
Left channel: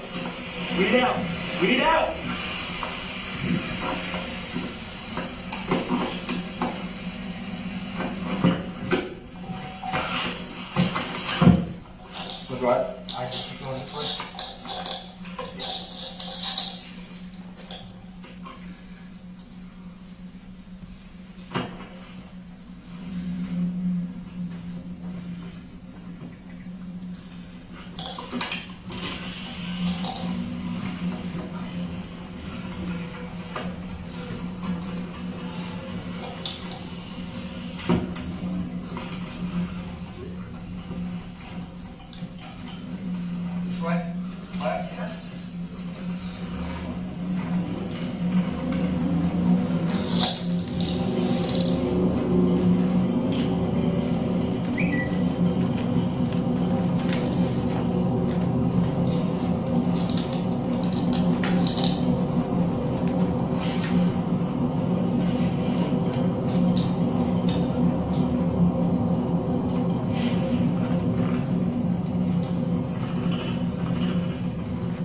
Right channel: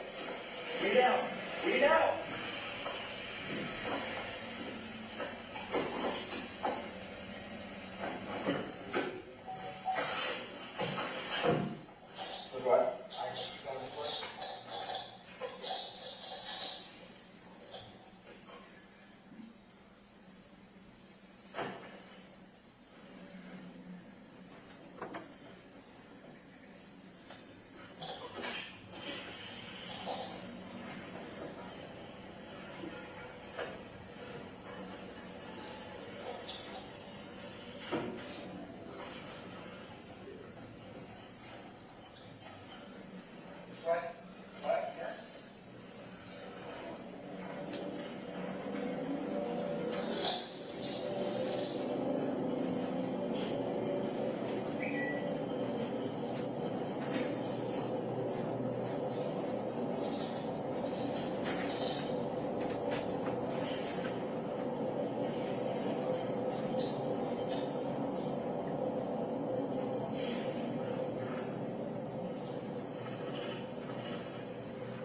Weed it out. Weed it out. So do I just keep going this way? This way? Yes.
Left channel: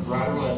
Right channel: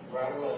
Right away.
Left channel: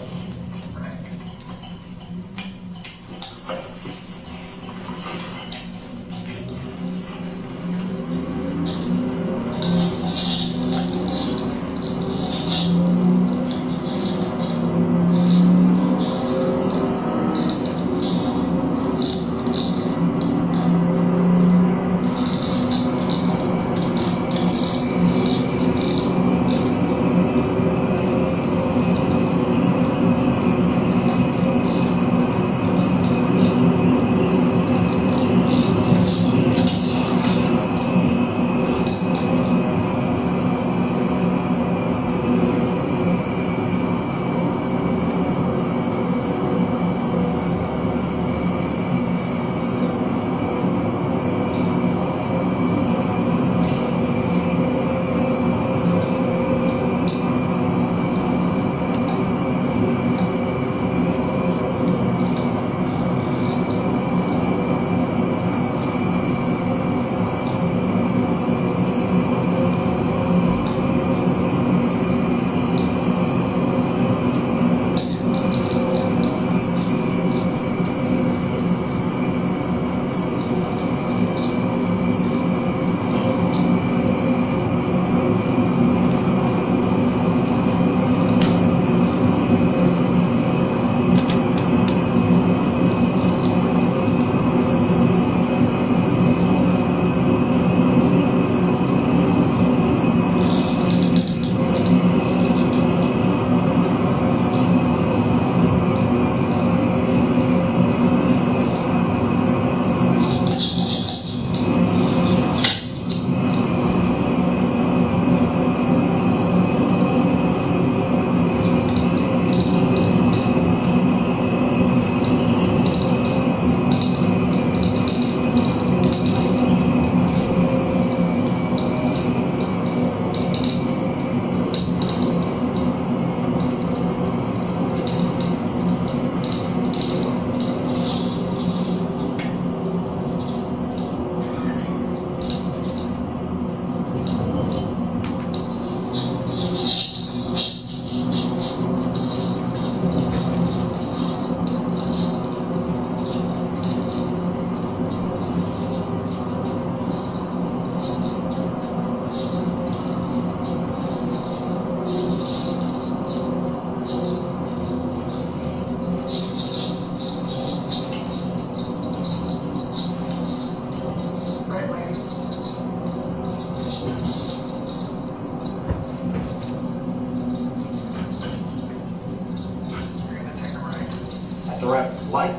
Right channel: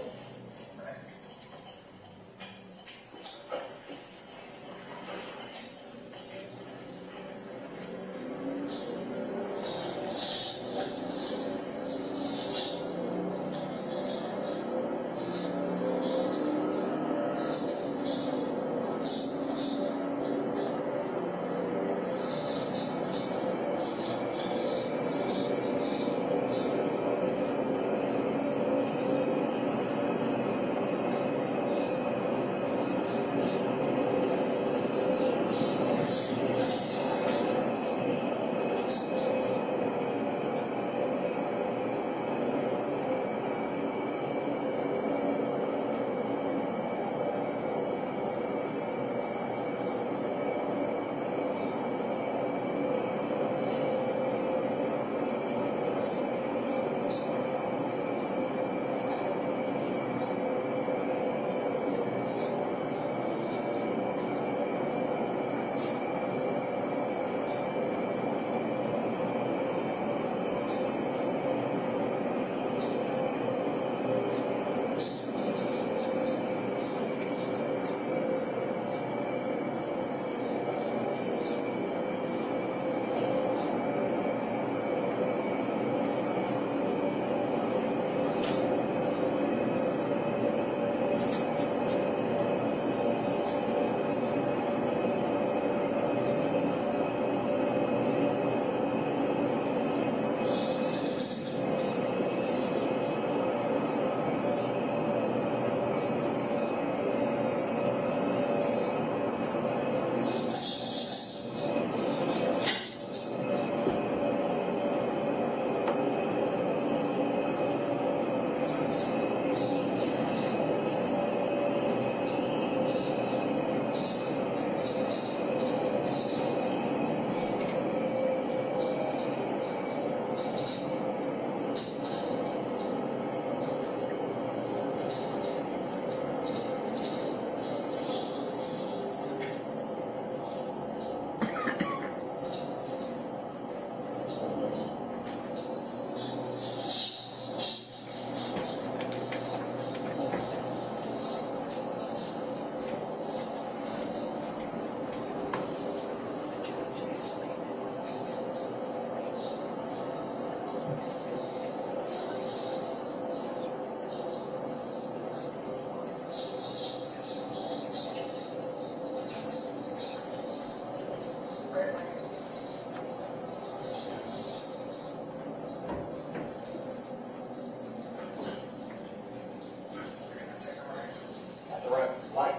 right light.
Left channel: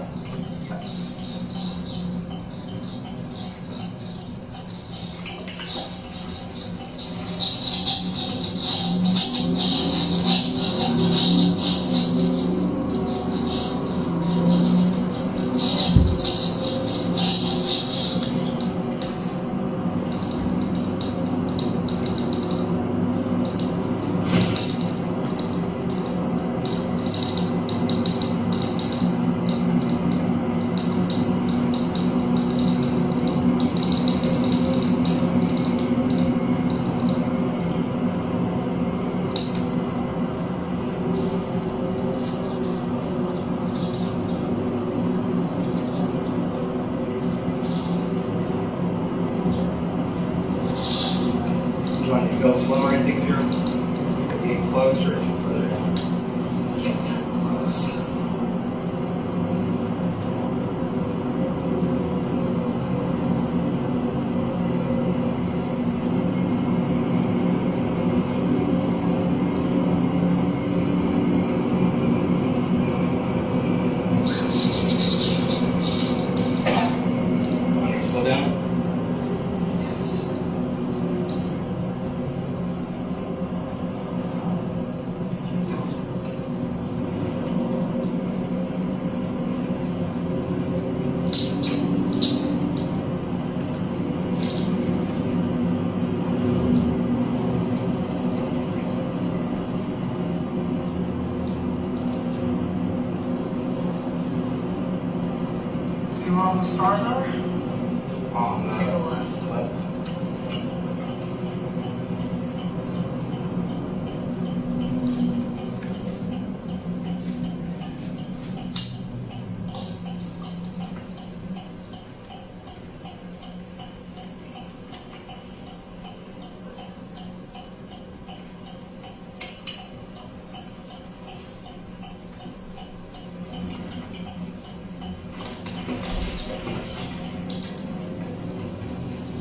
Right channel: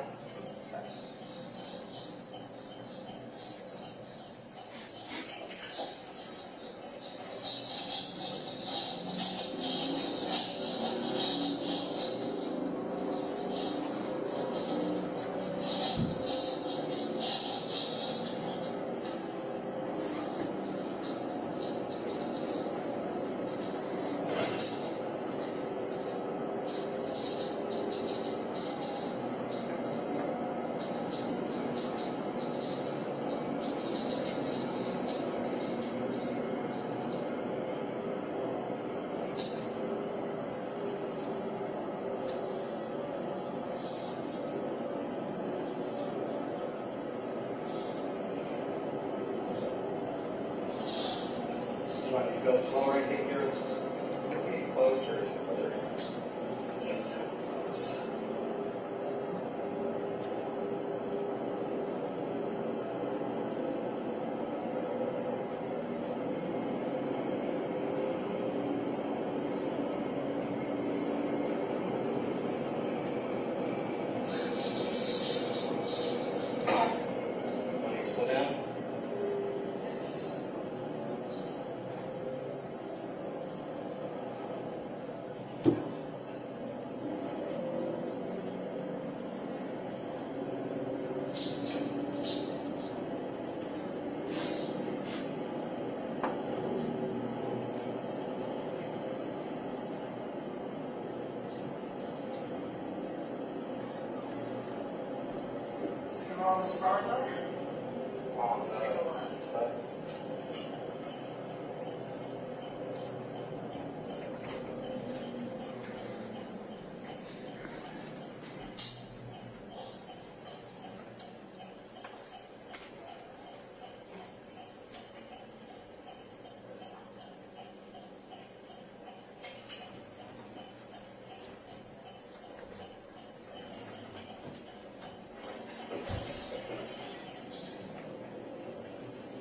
Do you want to go slower and things are getting closer or further down? Getting kind of close. Want me to slow down? Yes. See where all those cars are? Take a left.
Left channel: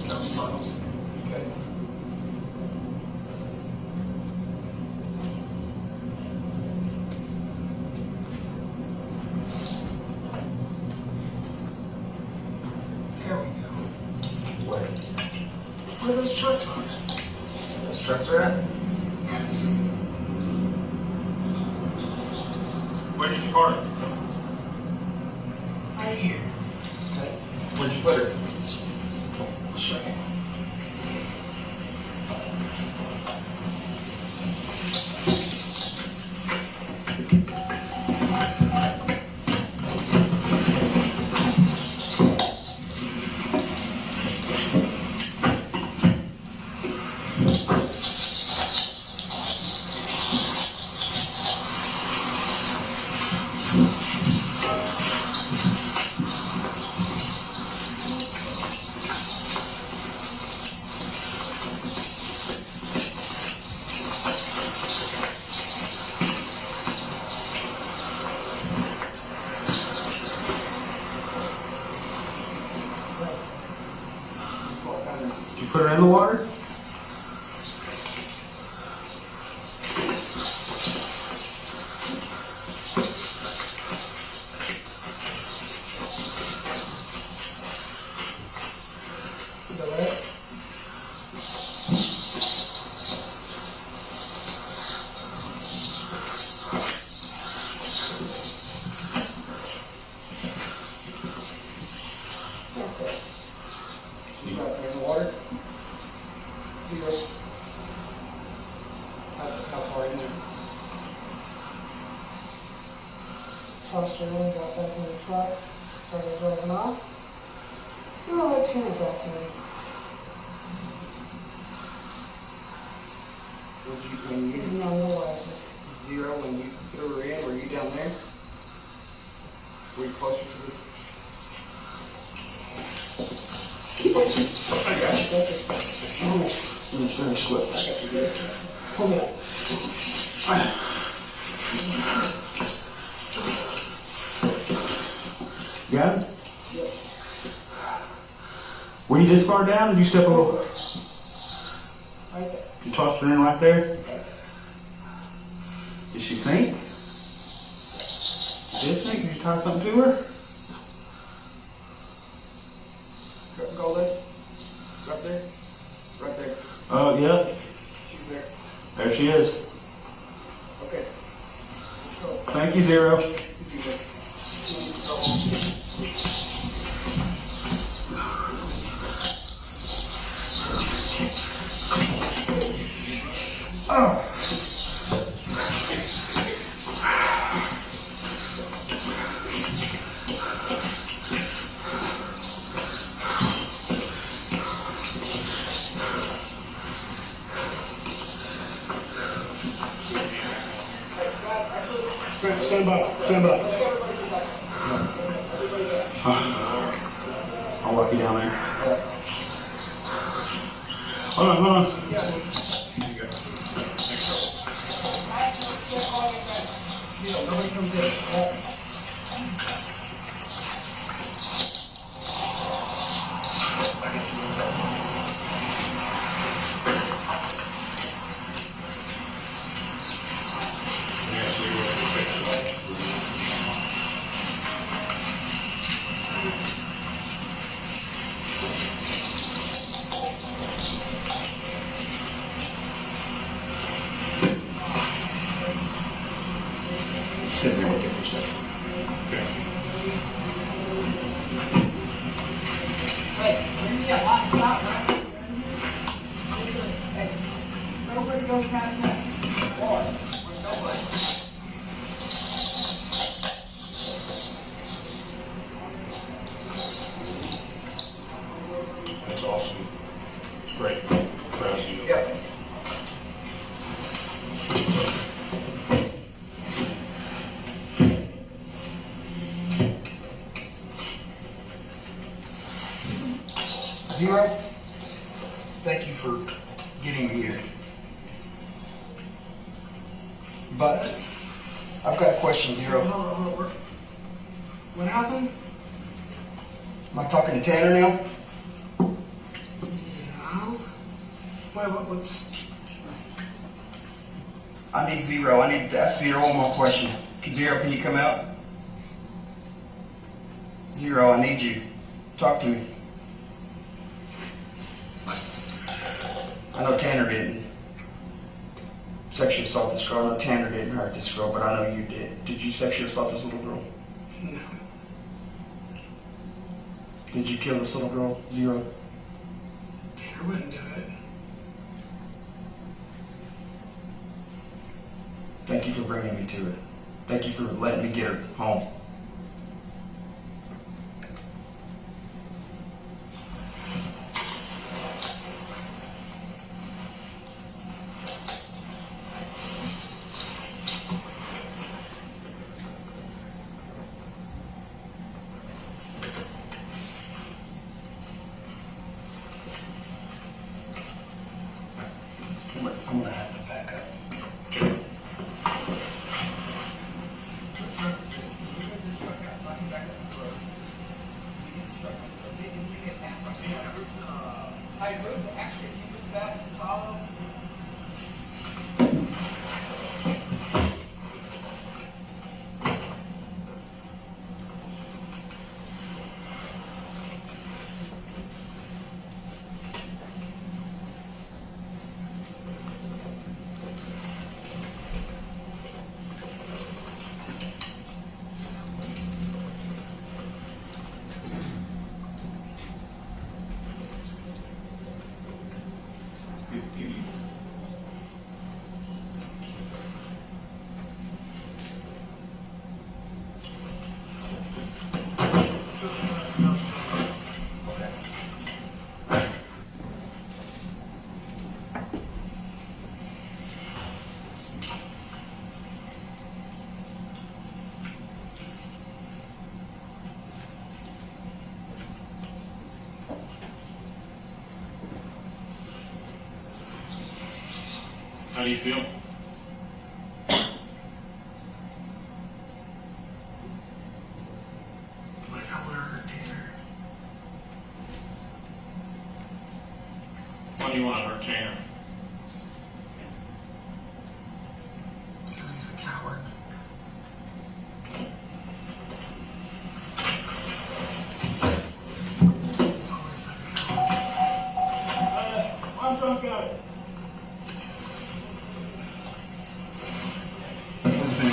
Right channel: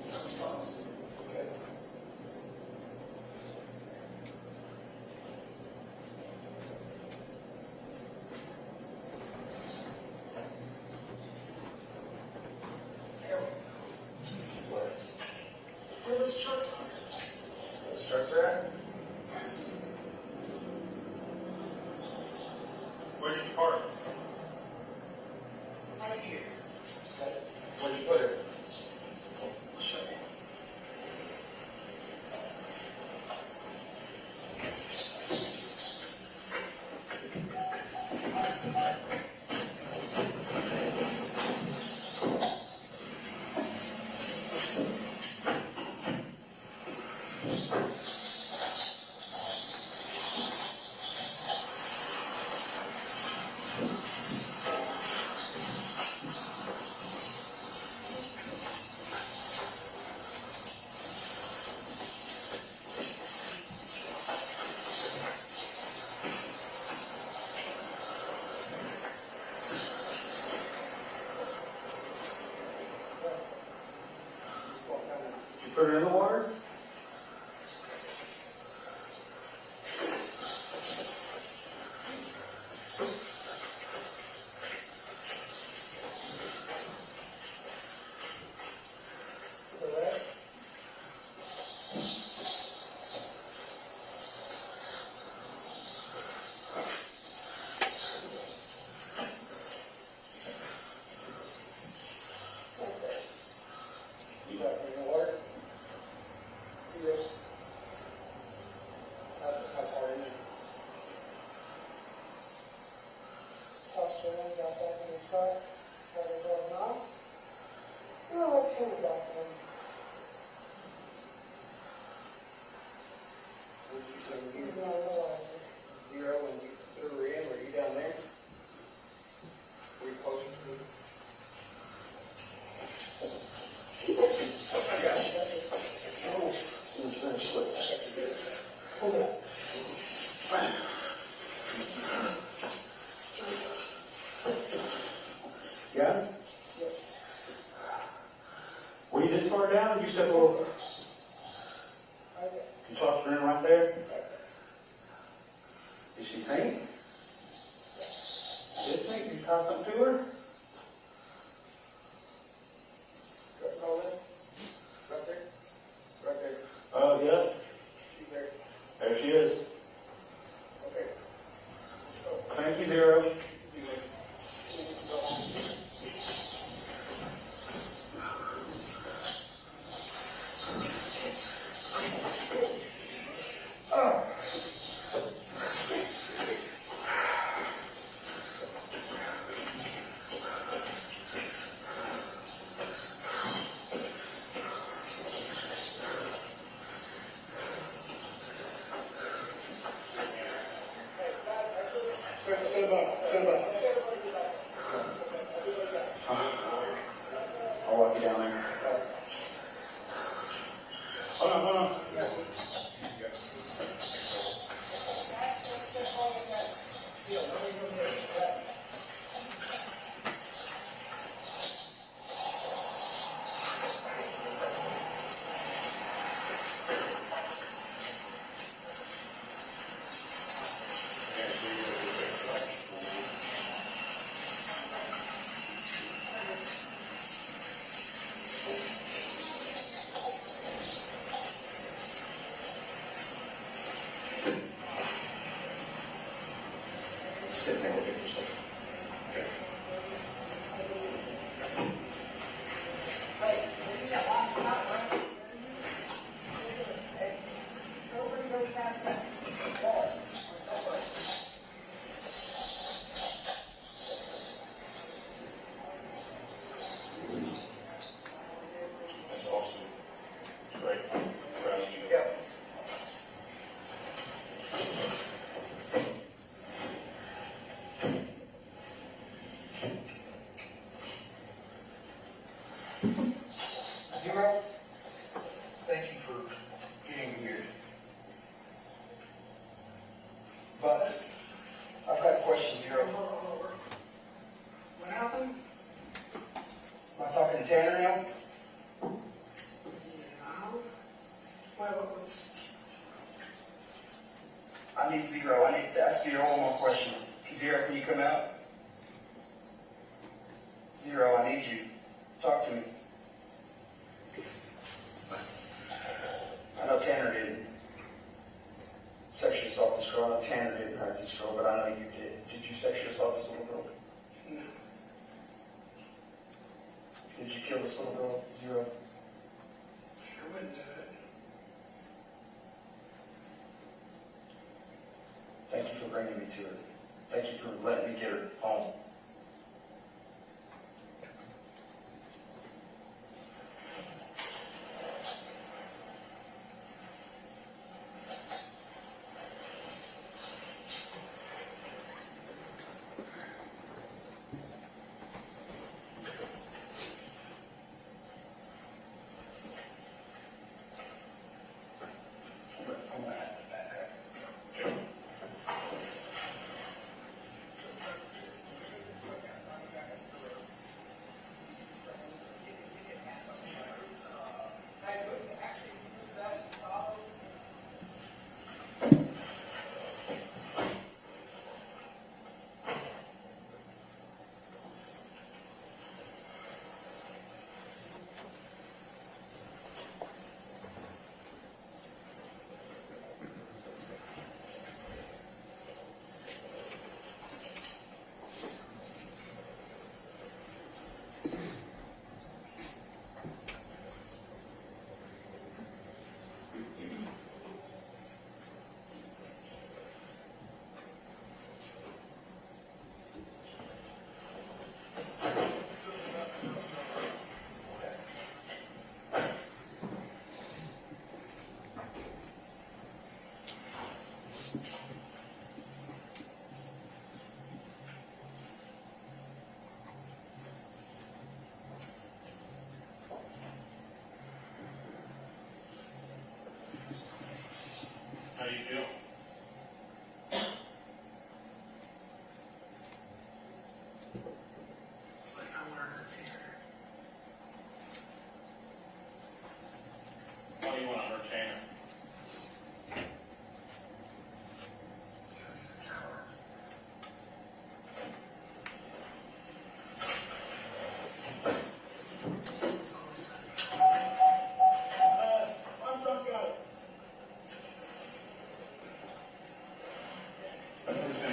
Go slow. Good. There we go. Where those trucks are? Those trucks are at? Yes. Where did you park? Right here. Okay. Where'd you put her? I'll show you. Did you put her in the water? You got her in the water? Zero. How far in there? Tossed her in, got back in the truck, started driving off. Well, let Tanner back in. When you No, no wiser. zero, when you threw her in, were you down there? Were you closer to the... I got you. I'm trying to slip. I got you good. Hold me up. Got it? Yes. Were you this far down, or did you step a little? Right there. You tossed her in right there? Did she sink? Did something? Did you tie something to her? Go left. Right there. Right there. Oh, yeah. She's there. There she is. Okay. Let's go. Thank you, Zero. Oh. Stand by, stand by. I'll walk you down there. Hold on, hold on. Sit there with it for a second. Okay. Wait, yeah, stop, right? Hey, nobody goes past that. Nobody. That's awesome. It's great. Proud of you. Yep. Zero, thank you for getting me here. But I've got a question, Zero. Hold on. What happened? Am I talking to Tanner now? No. What's... I need Zero. I need to ask Zero one more question. Zero, can you come out? Zero, I need you. Talk to me. I know Tanner didn't sexually assault this girl. I know Tanner didn't hurt this girl, but I know you did. Did you sexually assault this little girl? No. Did you kill this little girl, Zero? Tanner wouldn't do it. Thank you for bringing me to her. Thank you for letting me get her home. I'm gonna have to back up. How do you feel? Like I want to hurt Tanner. Why do you want to hurt Tanner? Because he's a coward.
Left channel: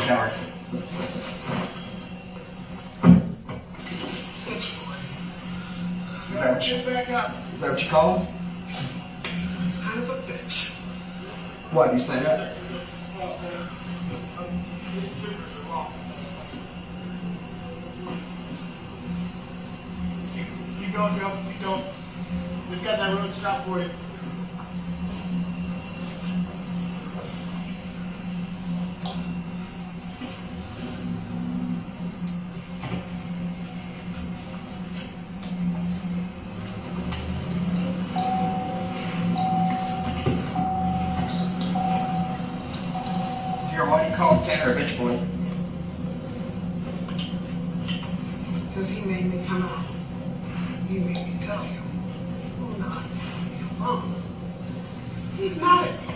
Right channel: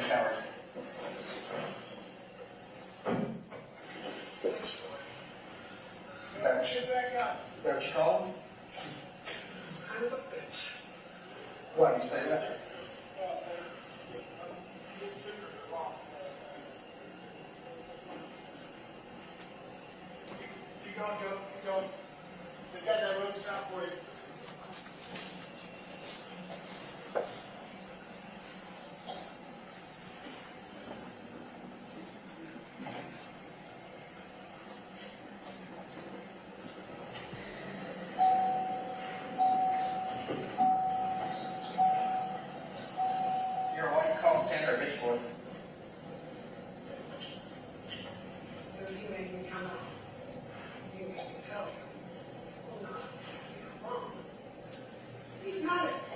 tower. Is that what you, back up. is that what you call him? He's kind of a bitch. What, you say that? You go, Joe. You go. We've got that road stopped for you. Zero, why do you call him Tanner a bitch boy? Because he made me come out. He made me tell you. Will not leave me alone. He's mad at me.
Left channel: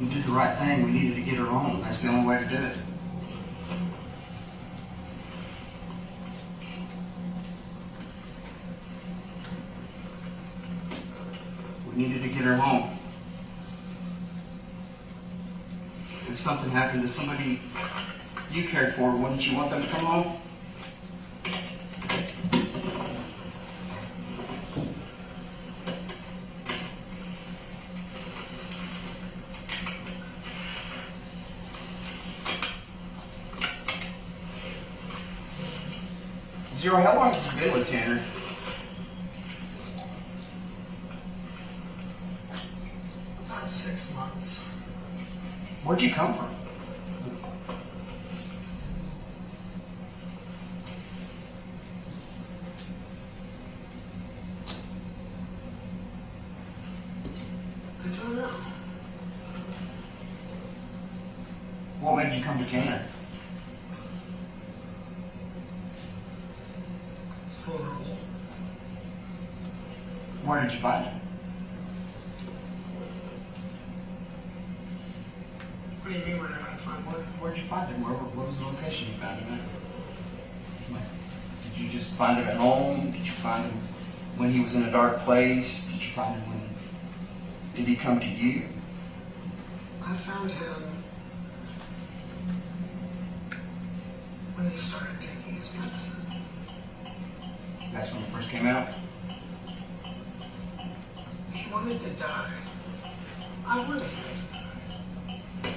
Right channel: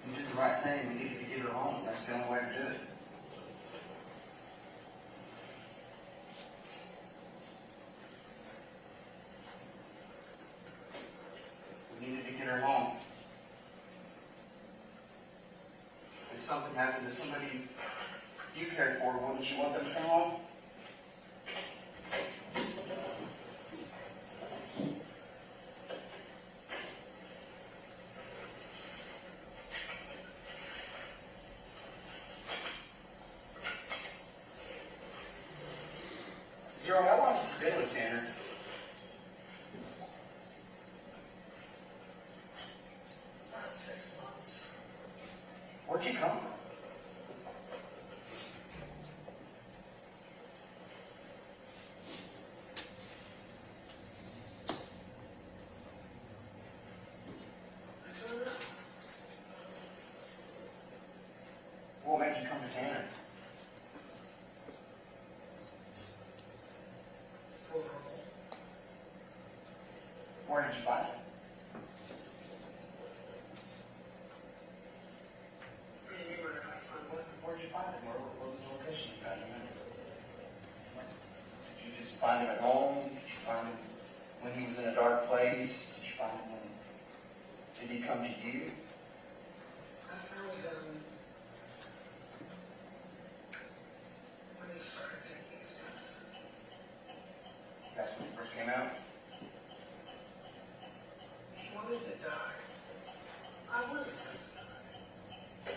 You did the right thing. We needed to get her home. That's the only way to do it. We needed to get her home. If something happened to somebody you cared for, wouldn't you want them to come home? Zero, how long have you been with Tanner? About 6 months. Where'd you come from? I don't know. What made you come to Tanner? It's vulnerable. Where did you find him? What do you mean, where did I find one? Where'd you find him? What was the location you found him at? Did you just find him at home? Did you find him when he was in a dark place? Did you find him when... Did he come to you? I found him when he started taking his medicine. That's when he first came out? He wanted to die. I wanted him to die.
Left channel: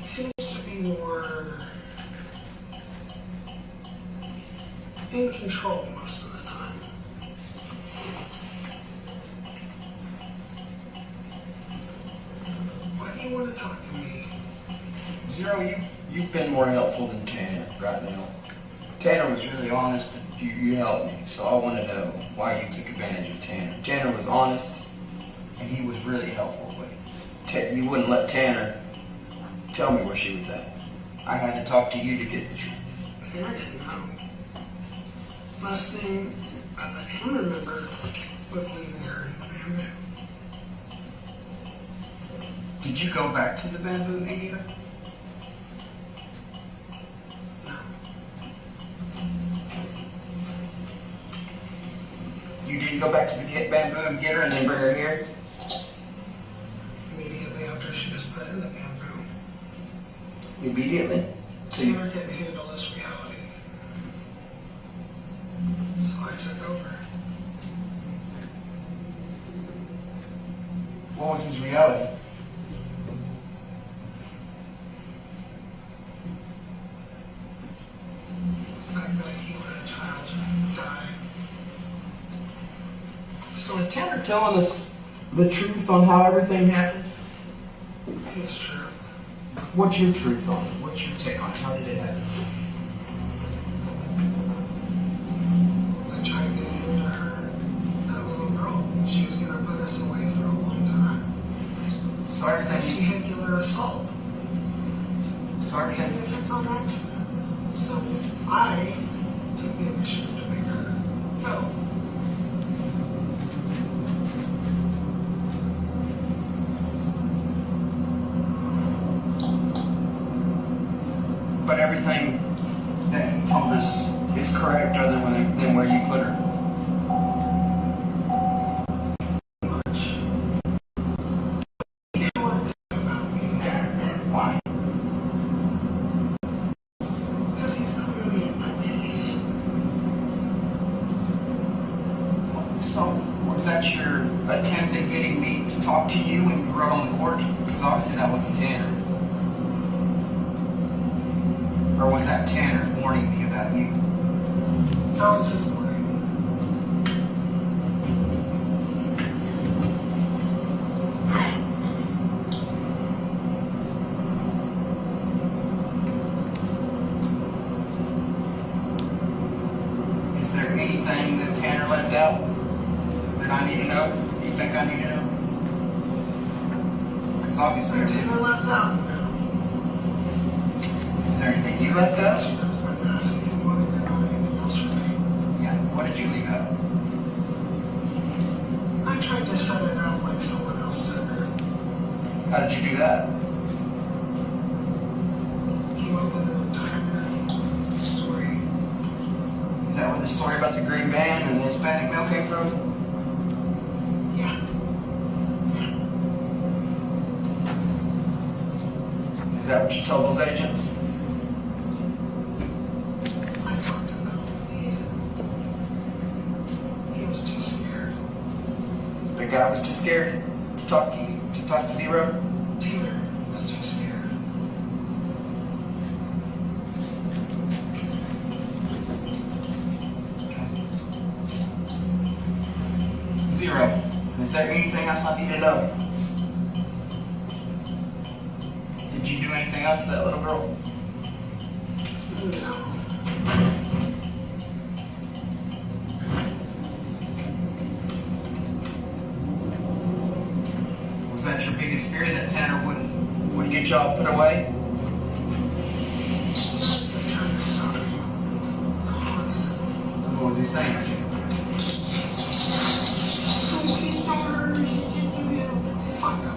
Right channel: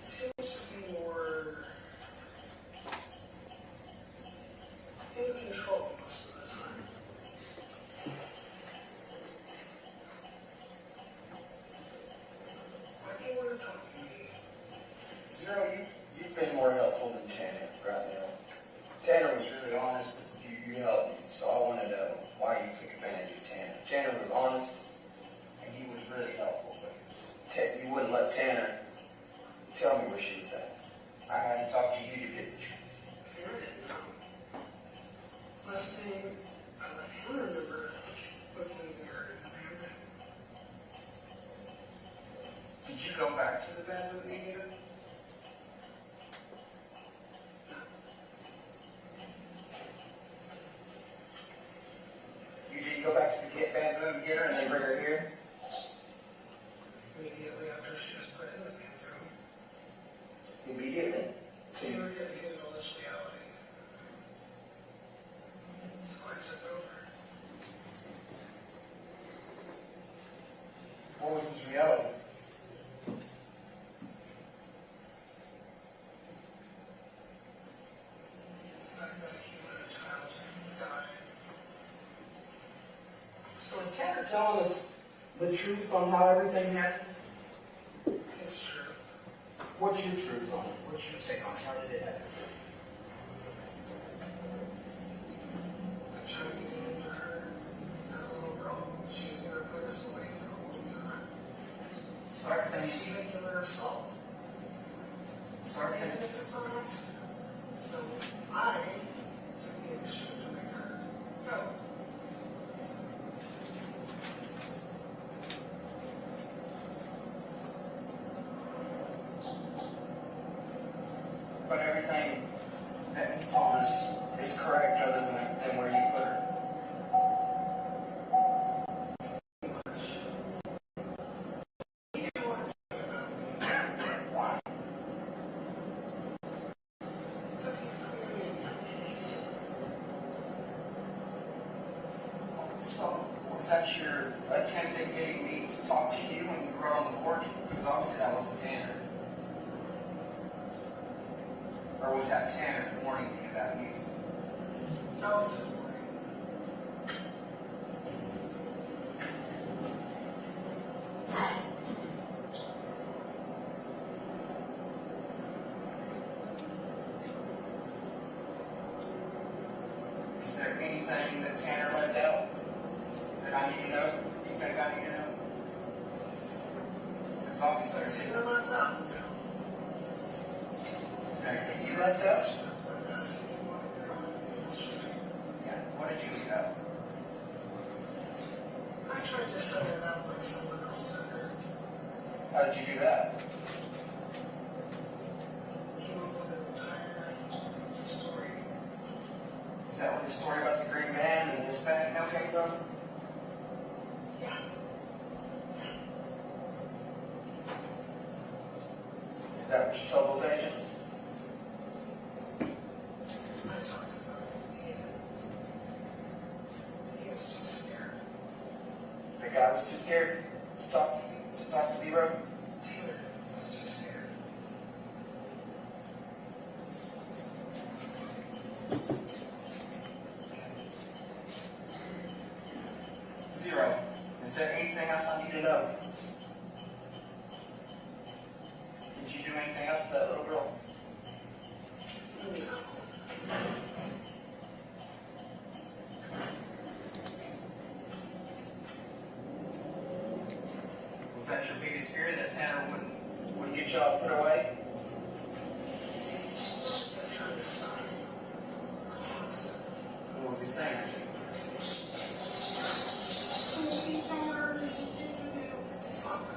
He seems to be more in control most of the time. Why do you want to talk to me? Zero, you've been more helpful than Tanner right now. Tanner was really honest, but you helped me, so I want to know why you took advantage of Tanner. Tanner was honest, and he was really helpful, but you wouldn't let Tanner tell me where she was at. I had to talk to you to get the truth. Tanner didn't know. Last thing I let him remember was leaving her in the bamboo. Did you go back to the bamboo, India? No. You didn't go back to the bamboo and get her and then bring her here? Immediately after she was put in the bamboo, Immediately? So you, Tanner couldn't handle this reality. So I took over. what was his reality? The fact that he let a child die. So is Tanner telling us the truth on how everything happened? His truth. What's your truth on it? What's your take on it? How did it happen? I tried to get into her, that little girl. She was going to put us away for a long time. Sorry, That's vehicular assault. Sorry, Even if it's on accident. So I took the initiative to make her go. but everything that he told us is correct other than where you put her. attempt at getting me to talk to you when you rode on the porch? Because obviously that wasn't Tanner. Or was that Tanner warning me about you? That was his warning. Is there anything that Tanner left out that I need to know? You think I need to know? Because obviously Tanner left out. Is there anything you left out? I was about to ask if you wanted to know anything else from me. Yeah. What did you leave out? I tried to set it up like someone else did it. How did you do that? Came up with an entire story. Is that where the story about the green van and the Hispanic male came from? Yeah. Is that what you told those agents? I talked to them. He was too scared. The guy was too scared to talk to you, to talk to Zero? Tanner was too scared. Zero. Is there anything else I need to know? Did you do anything else to that little girl? No. Was that your biggest fear, that Tanner would get y'all put away? They're trying to stop me. Constantly. What was he saying to you? Please don't hurt me. Fuck him.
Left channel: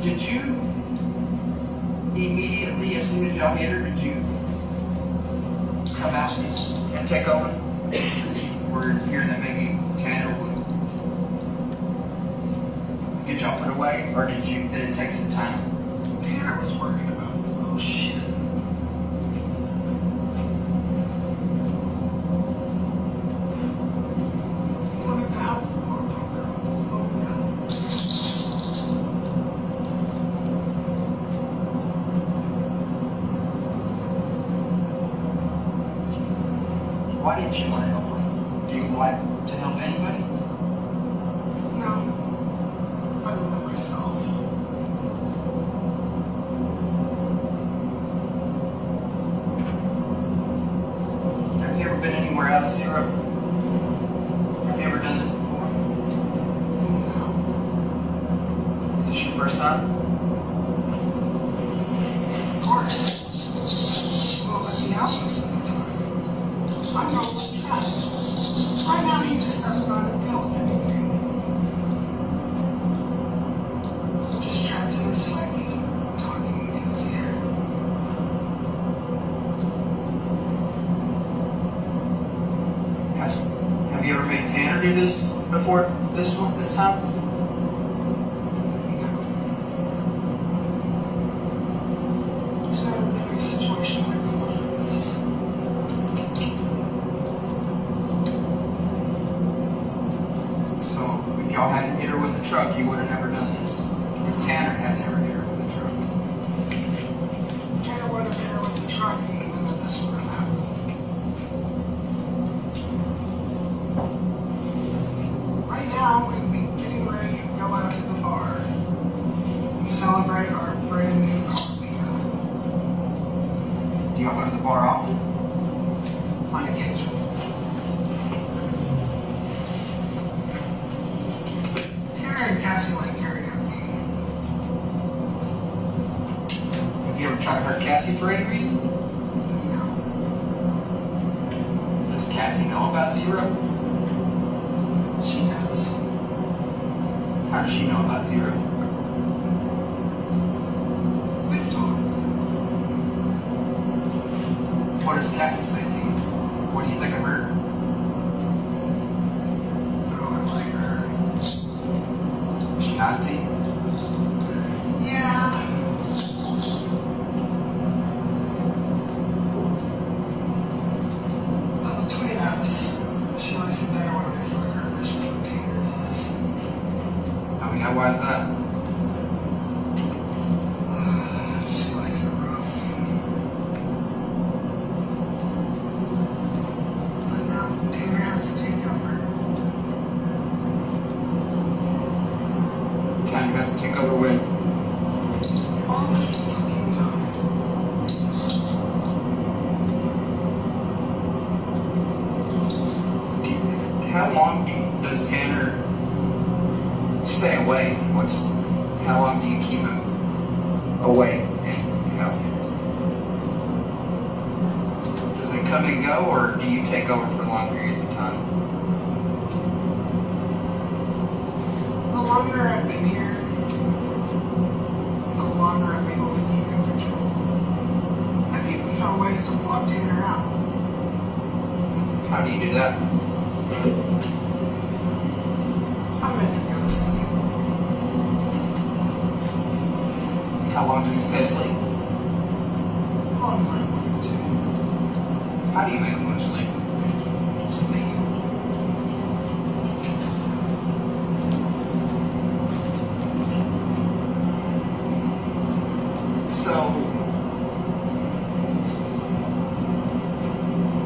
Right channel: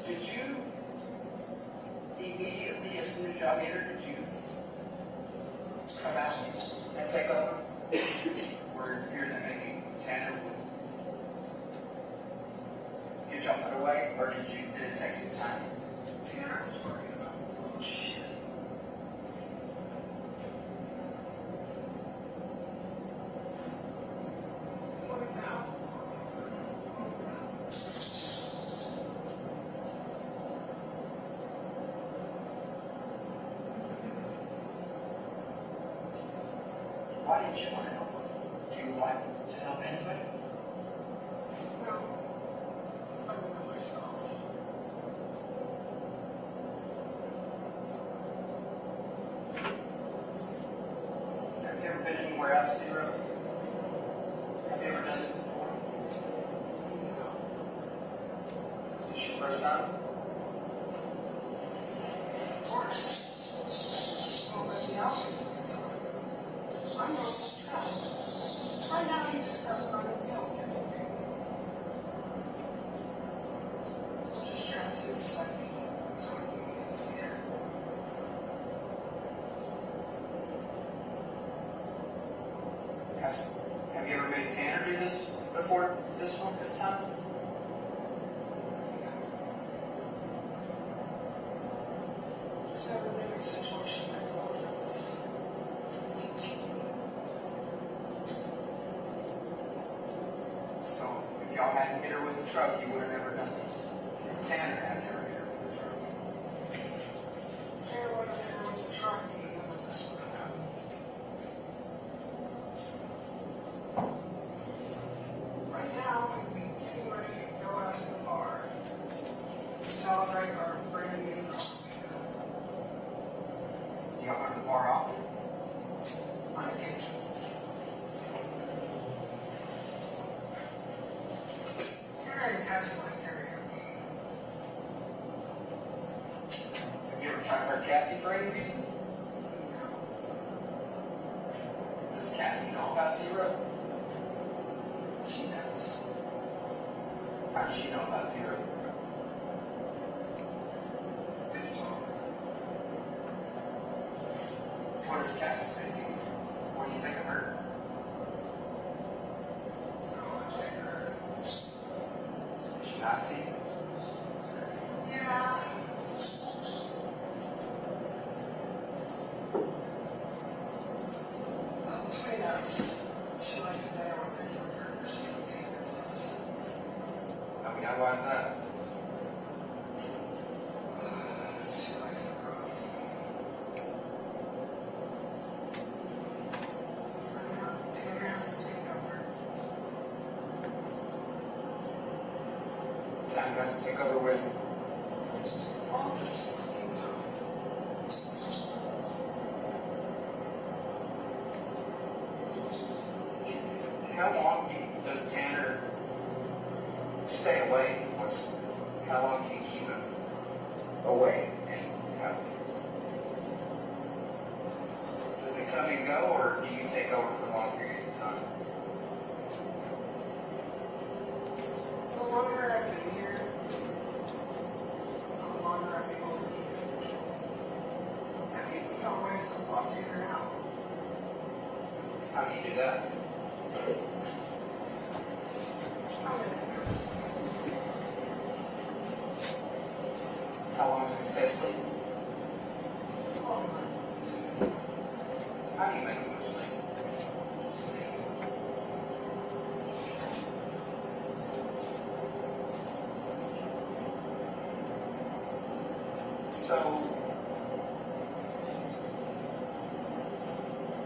Did you immediately, as soon as y'all hit her, did you come out and take over? Were in fear that maybe Tanner would get y'all put away, or did it take some time? Tanner was worried about little shit. Look at that poor little girl. Oh no. Why didn't you want to help her? Do you like to help anybody? No. Other than myself. Have you ever been anywhere else, Zero? Have you ever done this before? No. Is this your first time? Of course. Well, let me out most of the time. I'm not what you got. Right now, he just doesn't want to deal with anything. Just trapped in his psyche, talking in his ear. Have you ever made Tanner do this before? This time? There's never been a situation like this. So, if y'all hadn't hit her with the truck, you would have never done this. If Tanner hadn't ever hit her with the truck. Tanner would have hit her with the truck, and none of this would have happened. Right now, we'd be getting ready to go out to the bar and celebrate our brand new car we got. Do y'all go to the bar often? On occasion. Tanner and Cassie like karaoke. Have you ever tried to hurt Cassie for any reason? No. Does Cassie know about Zero? She does. How does she know about Zero? We've talked. What does Cassie say to you? What do you think of her? Oh, I like her. Is she nice to you? Yeah. Why is that? She likes it rough. But now Tanner has to take over. Tanner has to take over when? All the fucking time. How long does Tanner stay away? How long do you keep him away? And does it come and go, or do you take over for long periods of time? The longer I've been here, the longer I'm able to keep in control. I've even found ways to block Tanner out. How do you do that? I make him go to sleep. How long does he stay asleep? As long as I want him to. How do you make him go to sleep? Just make him. So,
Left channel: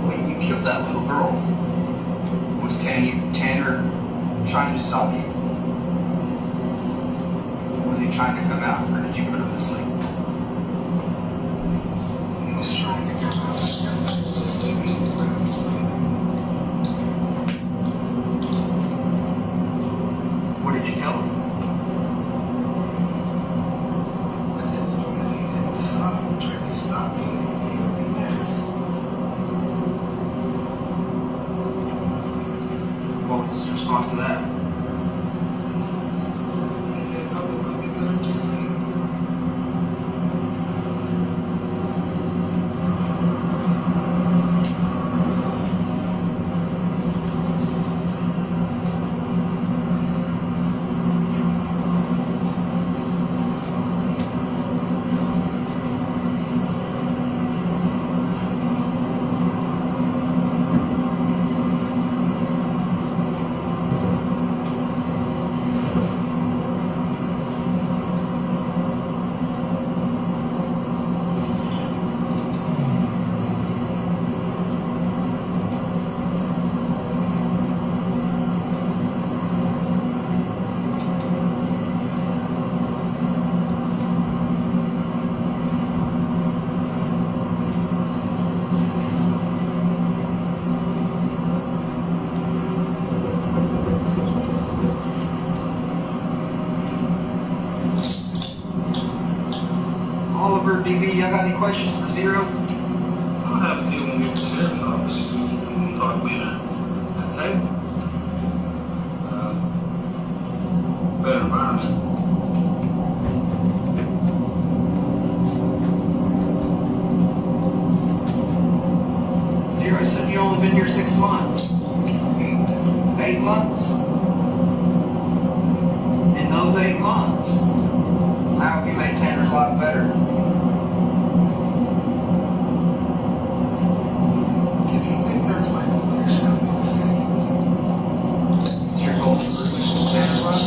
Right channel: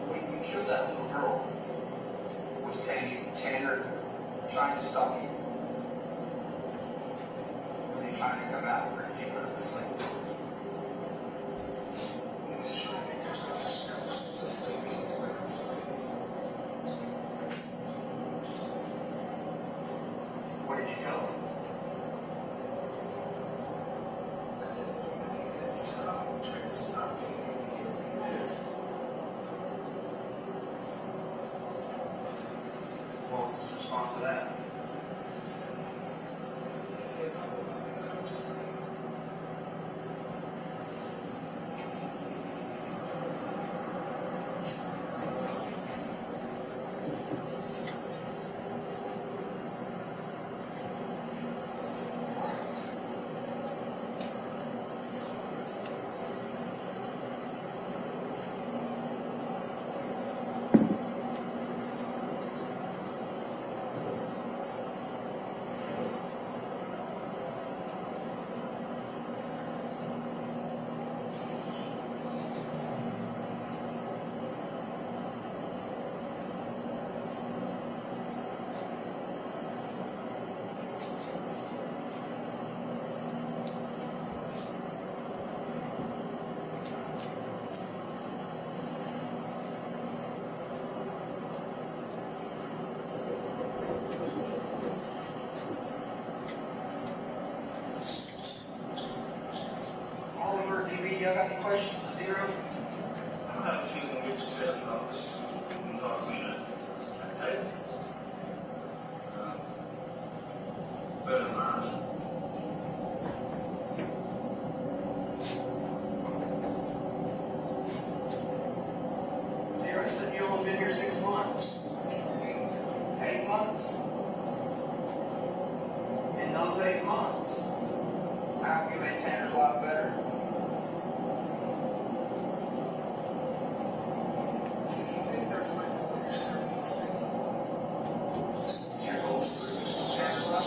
when you killed that little girl, was Tanner trying to stop you? Was he trying to come out, or did you put him to sleep? He was trying to come out. Just leave me to explain it. What did you tell him? I told him if he didn't stop trying to stop me, he would be next. What was his response to that? He gave up and let me put him to sleep. Oliver, DB, y'all got any questions for Zero? I have a feeling we get to the sheriff's office, we can talk later at the table. Better environment. Zero said you only been here 6 months. 8 months. In those 8 months, how have you made Tanner's life better? If you think that's my goal, you're sadly mistaken. Is your goal to improve Tanner's life?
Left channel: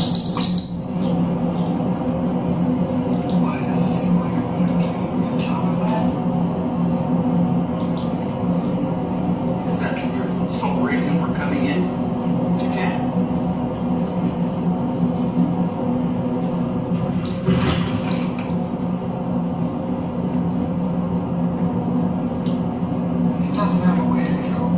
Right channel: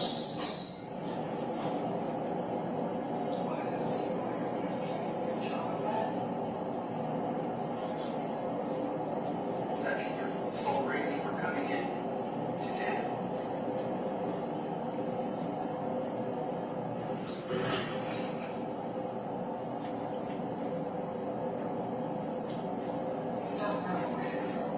Why does it seem like I want to be on top of that? Is that your sole reason for coming in to Tanner? He doesn't have a way to kill.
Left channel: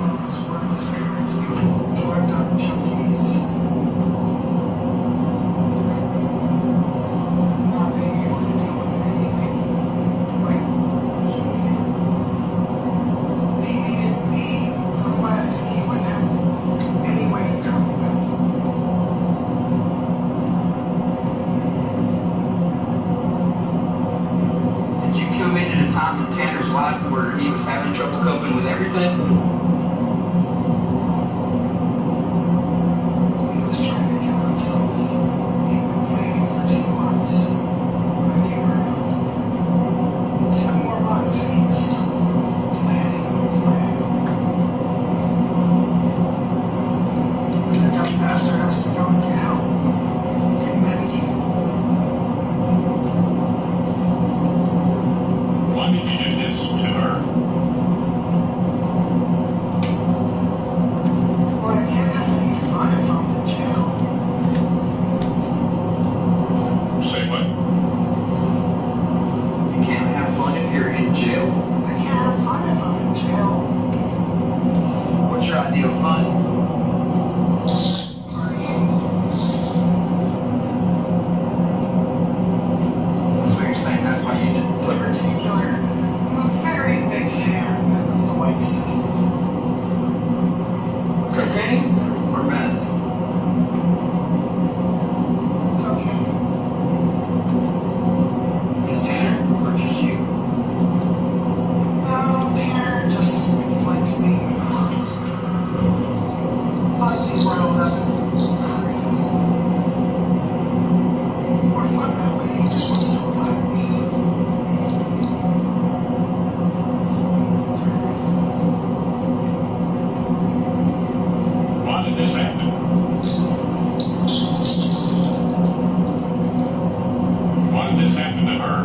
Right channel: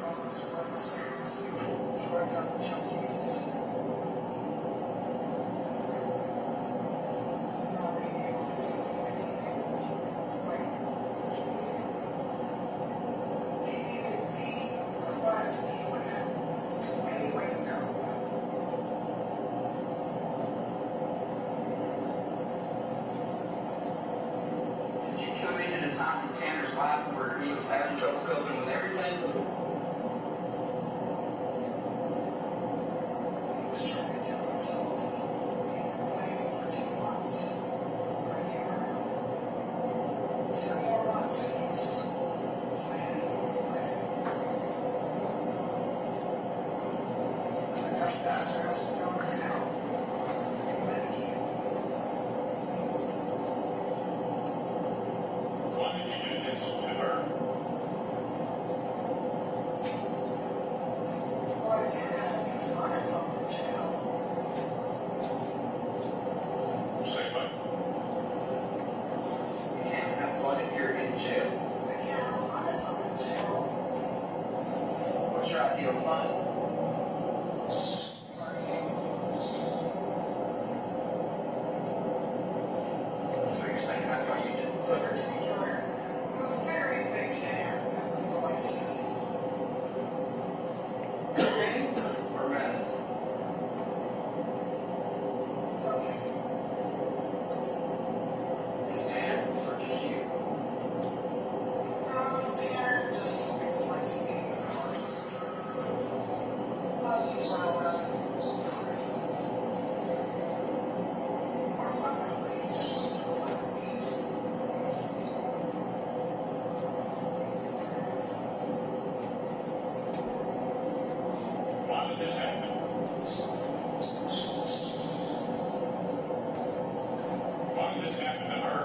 All of us worthless parents, we were drugged up junkies. Not being able to deal with anything. Like, he needed me, otherwise he wouldn't have any way to cope. Did you come in at a time in Tanner's life where he was having trouble coping with everything? He was trying to kill himself. He'd been planning for 2 months. When I came around, 2 more months, and he was still jail? I can't have fun if I'm in jail. What's your ideal fun? So you're saying that's why you didn't In flip it? particular, I'm a very big fan of the white stuff. Cocaine or meth? Cocaine. Just Tanner or just you? No, Tanner just likes being lightly riled up. More fun that way, he just wants to relax. Why did this happen? Why did this happen to her?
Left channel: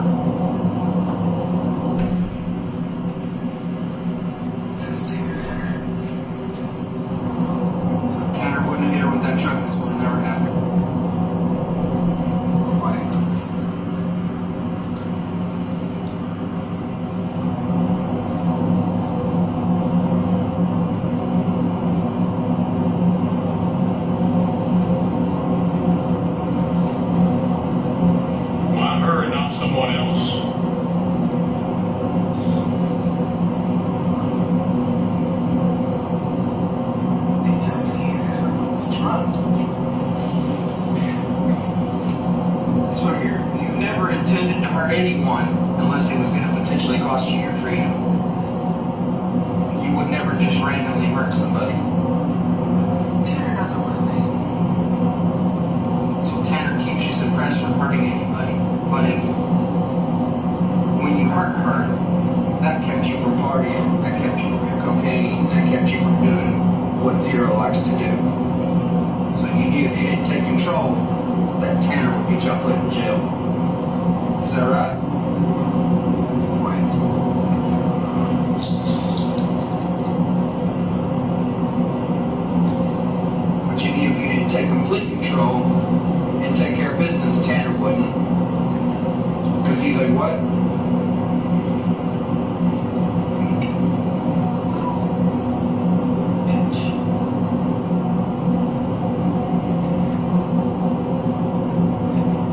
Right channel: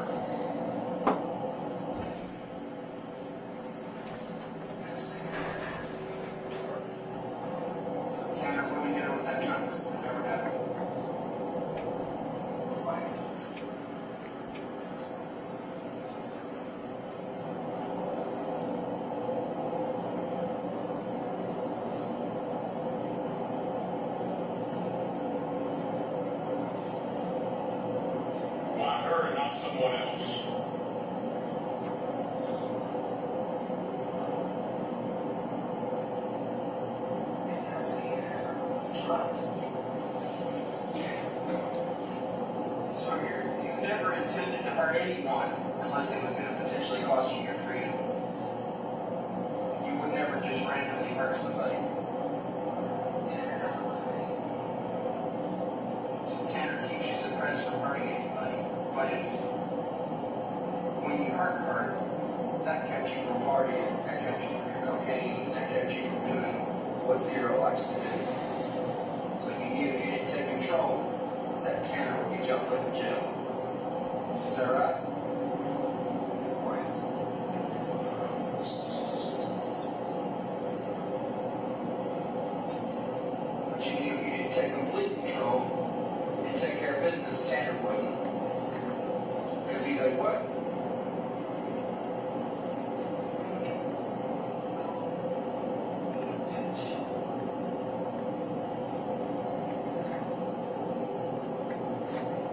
Because Tanner hit her. So if Tanner wouldn't have hit her with that truck, this would have never happened. Quite. Why her and not someone else? Because he hit her with the truck. So you never intended to hurt anyone unless it was going to potentially cost you your freedom. You would never just randomly hurt somebody. Tanner doesn't let me. So Tanner keeps you suppressed from hurting anybody. But if, when you hurt her, that kept you from partying, that kept you from your cocaine, that kept you from doing what Zero likes to do. So you knew if you didn't take control, that Tanner would get you put in jail. Is that right? Quite. But you knew if you didn't take complete control and take care of business, Tanner wouldn't. Because he's like, what?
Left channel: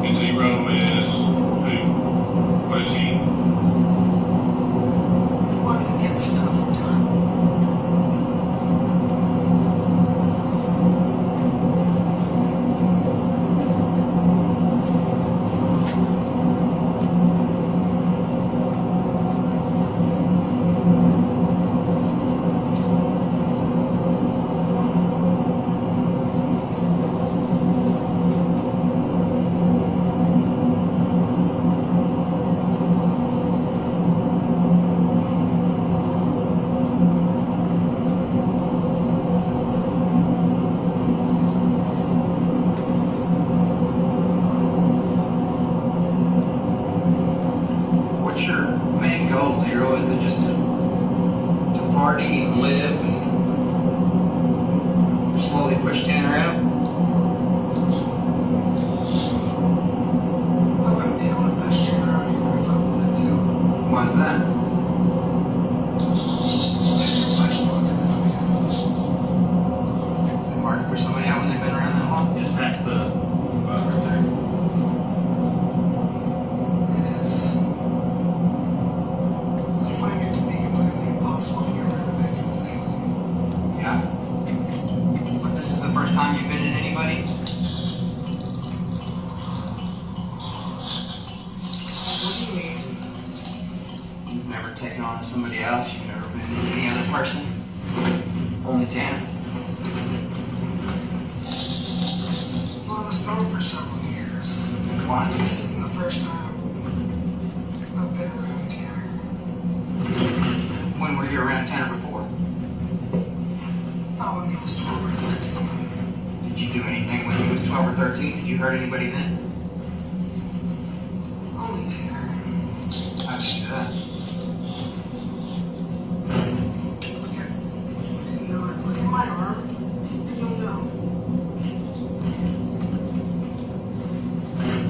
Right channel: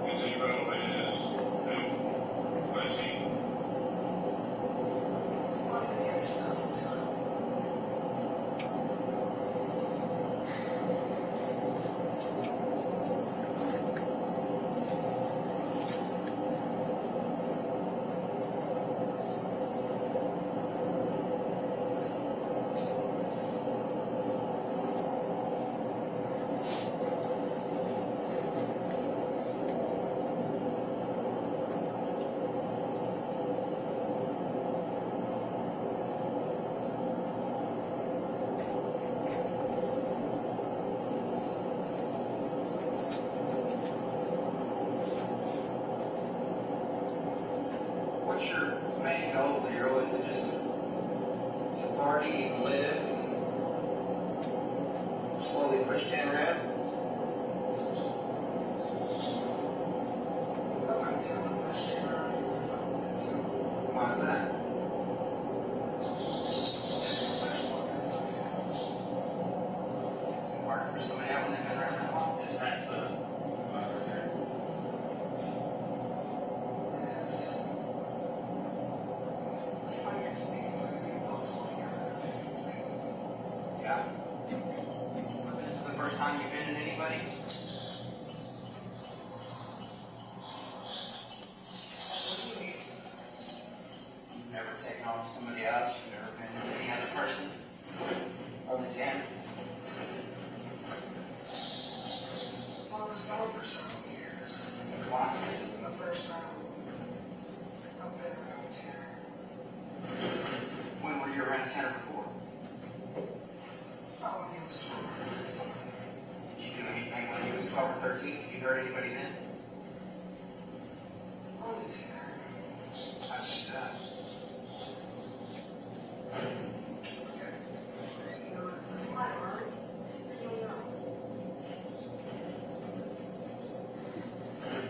And Zero is who? What is he? Wanted to get stuff done. What's your main goal, Zero? Is it just to party and live and slowly push Tanner out? I wouldn't be able to push Tanner out even if I wanted to. Why is that? Tanner much longer than I am. Is it hard to push somebody out when they've been around that long? Just past the right there. It is. I find it to be completely impossible to get rid of it completely. Yeah. But this is the first time you've been in anybody? What do you mean? You've never taken on somebody else. You've never been in any other person. Only Tanner. Well, I was gone for several years. Why? This isn't the first time I've been around Tanner. When were you around Tanner before? Not when he was 12 or 13. Did you do anything when he was 12 or 13? Did you hurt anybody then? Only Tanner. How'd you do that? Look at my arm. You don't know.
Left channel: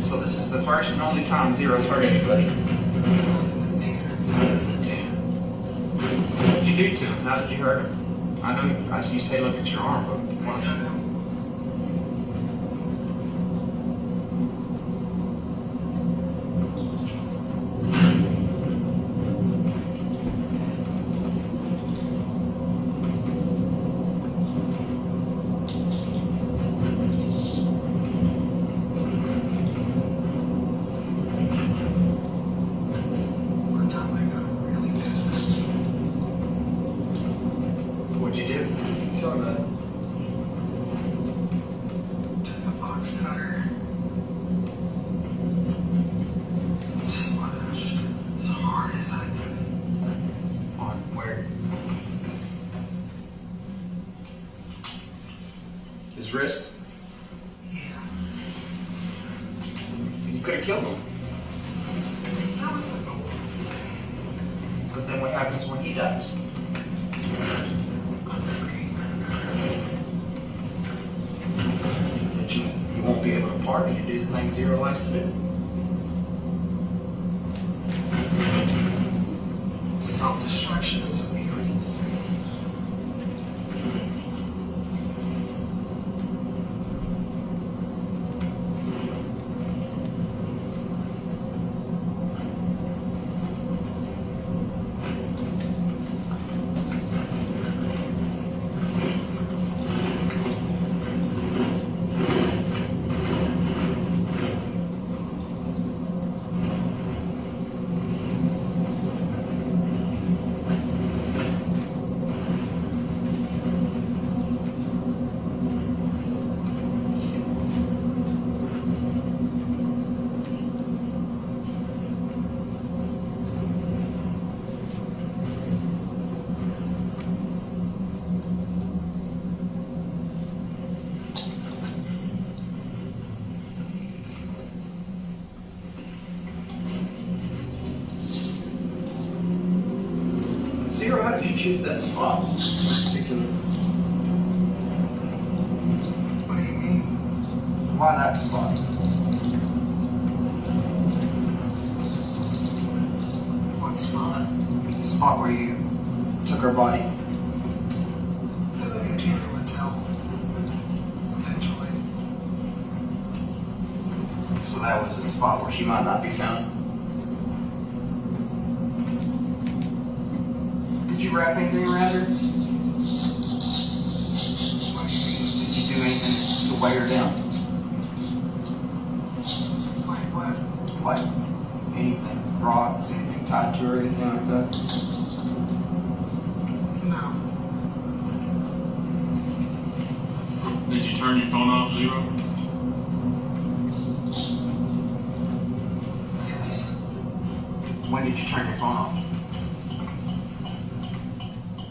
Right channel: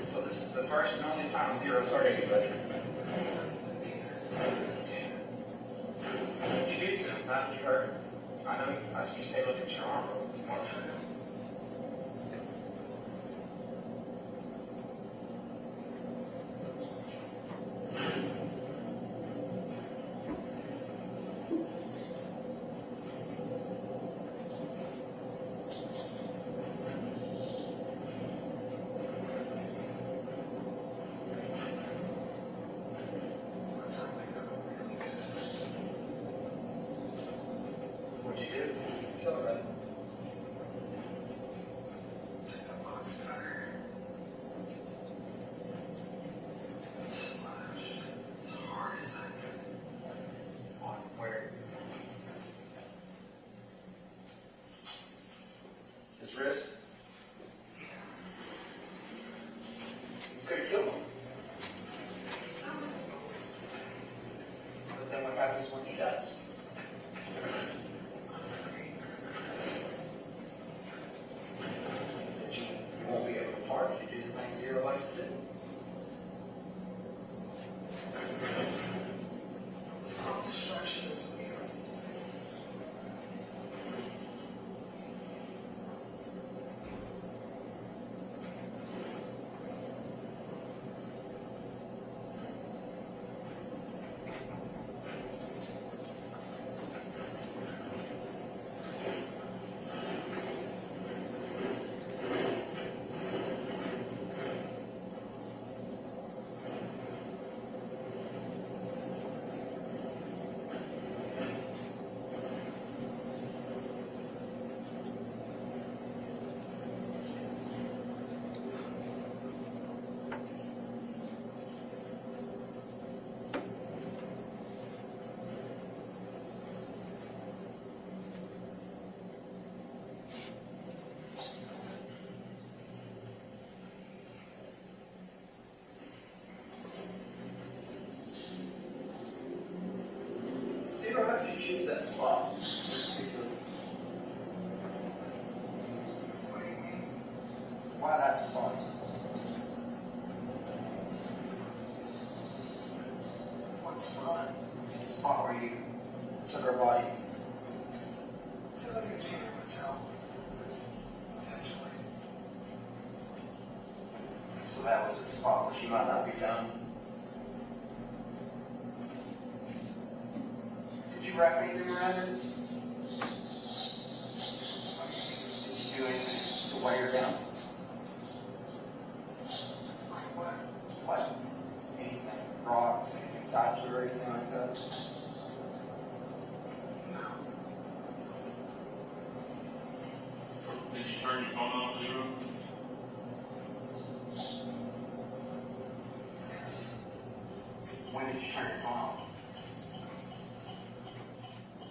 So this is the first and only time Zero's hurt anybody. Other than Tanner. Other than Tanner. do to him? How did you hurt him? I know you say look at your arm, but what did you do? What'd you do? Tell me about it. Took a box cutter. Slashed as hard as I could. On where? His wrist? Yeah. You could have killed him. That was the goal. But then what happens when he dies? That you won't be able to party and do the things Zero likes to do. Self-destruction is a beauty. Zero, how did you choose that spot? What do you mean? Why that spot? What spot? The spot where you took her body. Because I knew Tanner would tell. Eventually. So that was a spot where she might not be found. Did you wrap anything around her? Did you do anything to weigh her down? Like what? Like anything? Rocks, anything tied to her, anything like that? No. Did you turn your phone off, Zero? Yes. When did you turn your phone off?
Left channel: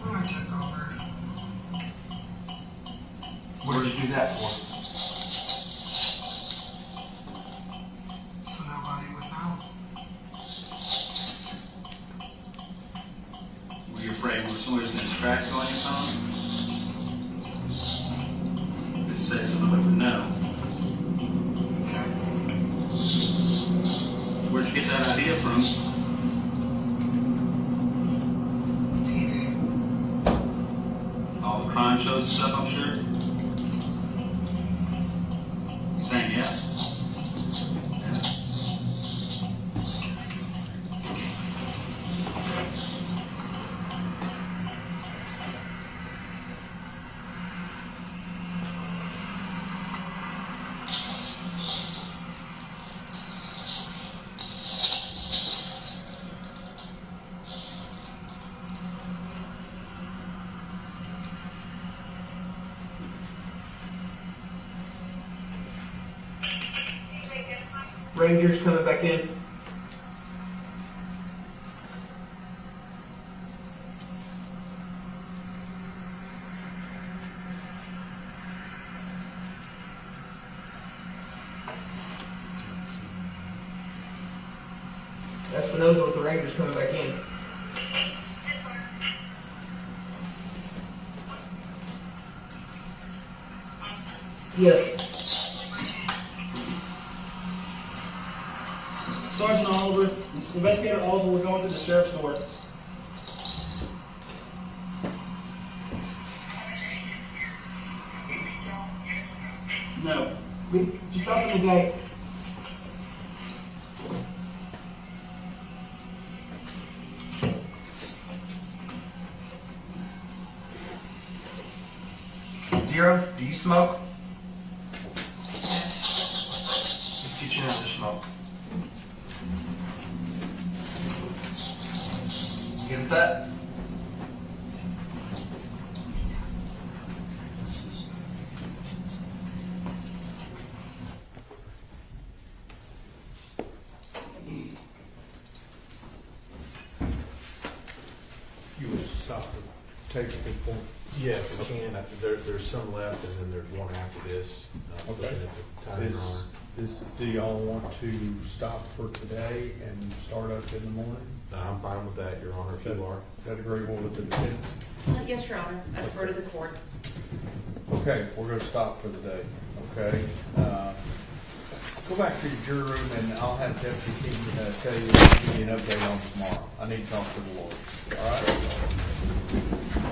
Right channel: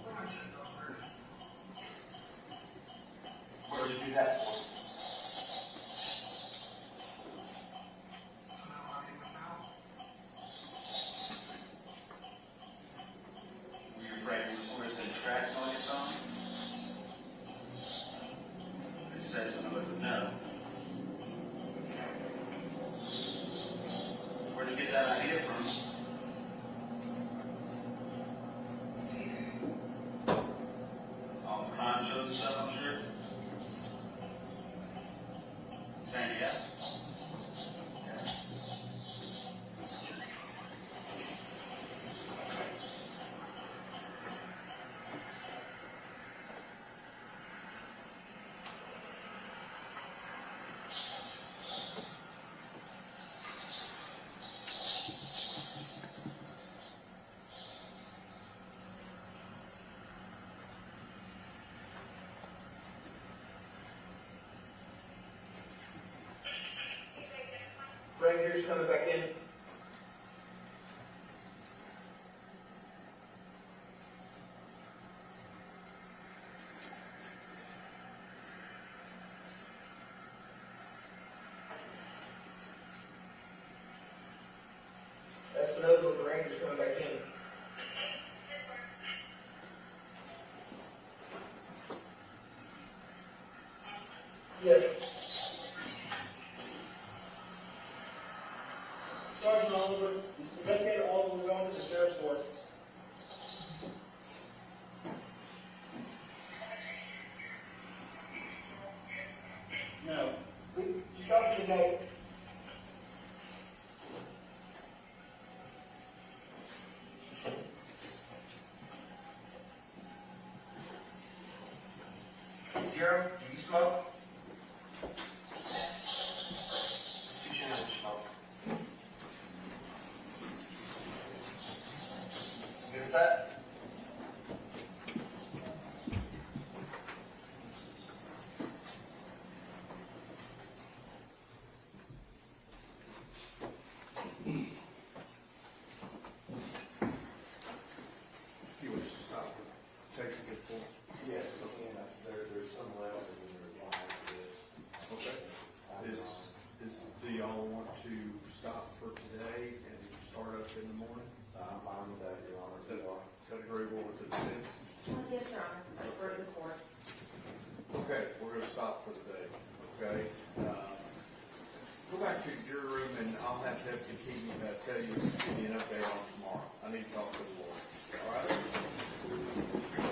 When I took over, What did you do that for? so nobody would know. Were you afraid somebody was going to distract you on your phone? Did you say somebody would know? Where'd you get that idea from? TV. All the crime shows and stuff, I'm sure? You saying yes? Rangers coming back in. Espinosa with the Rangers coming back in. Yes. Sergeant Oliver, Investigator Oliver, we're going to the sheriff's court. 38. Zero, do you smoke? Let's get you another smoke. Give it that. You wish to stop and take a good point? Yeah, if we can. There's some left, and then there's one after this. Okay. Time Is, drawn. do y'all want to stop for today and start up in the morning? I'm fine with that, Your Honor, if you are. Is that agreeable with the defense? Yes, Your Honor, I defer to the court. Okay, we're gonna stop for the day, okay? Go back to your jury room and I'll have Deputy Keaton, tell you, give you an update on tomorrow. I need to talk to the lawyer, all right?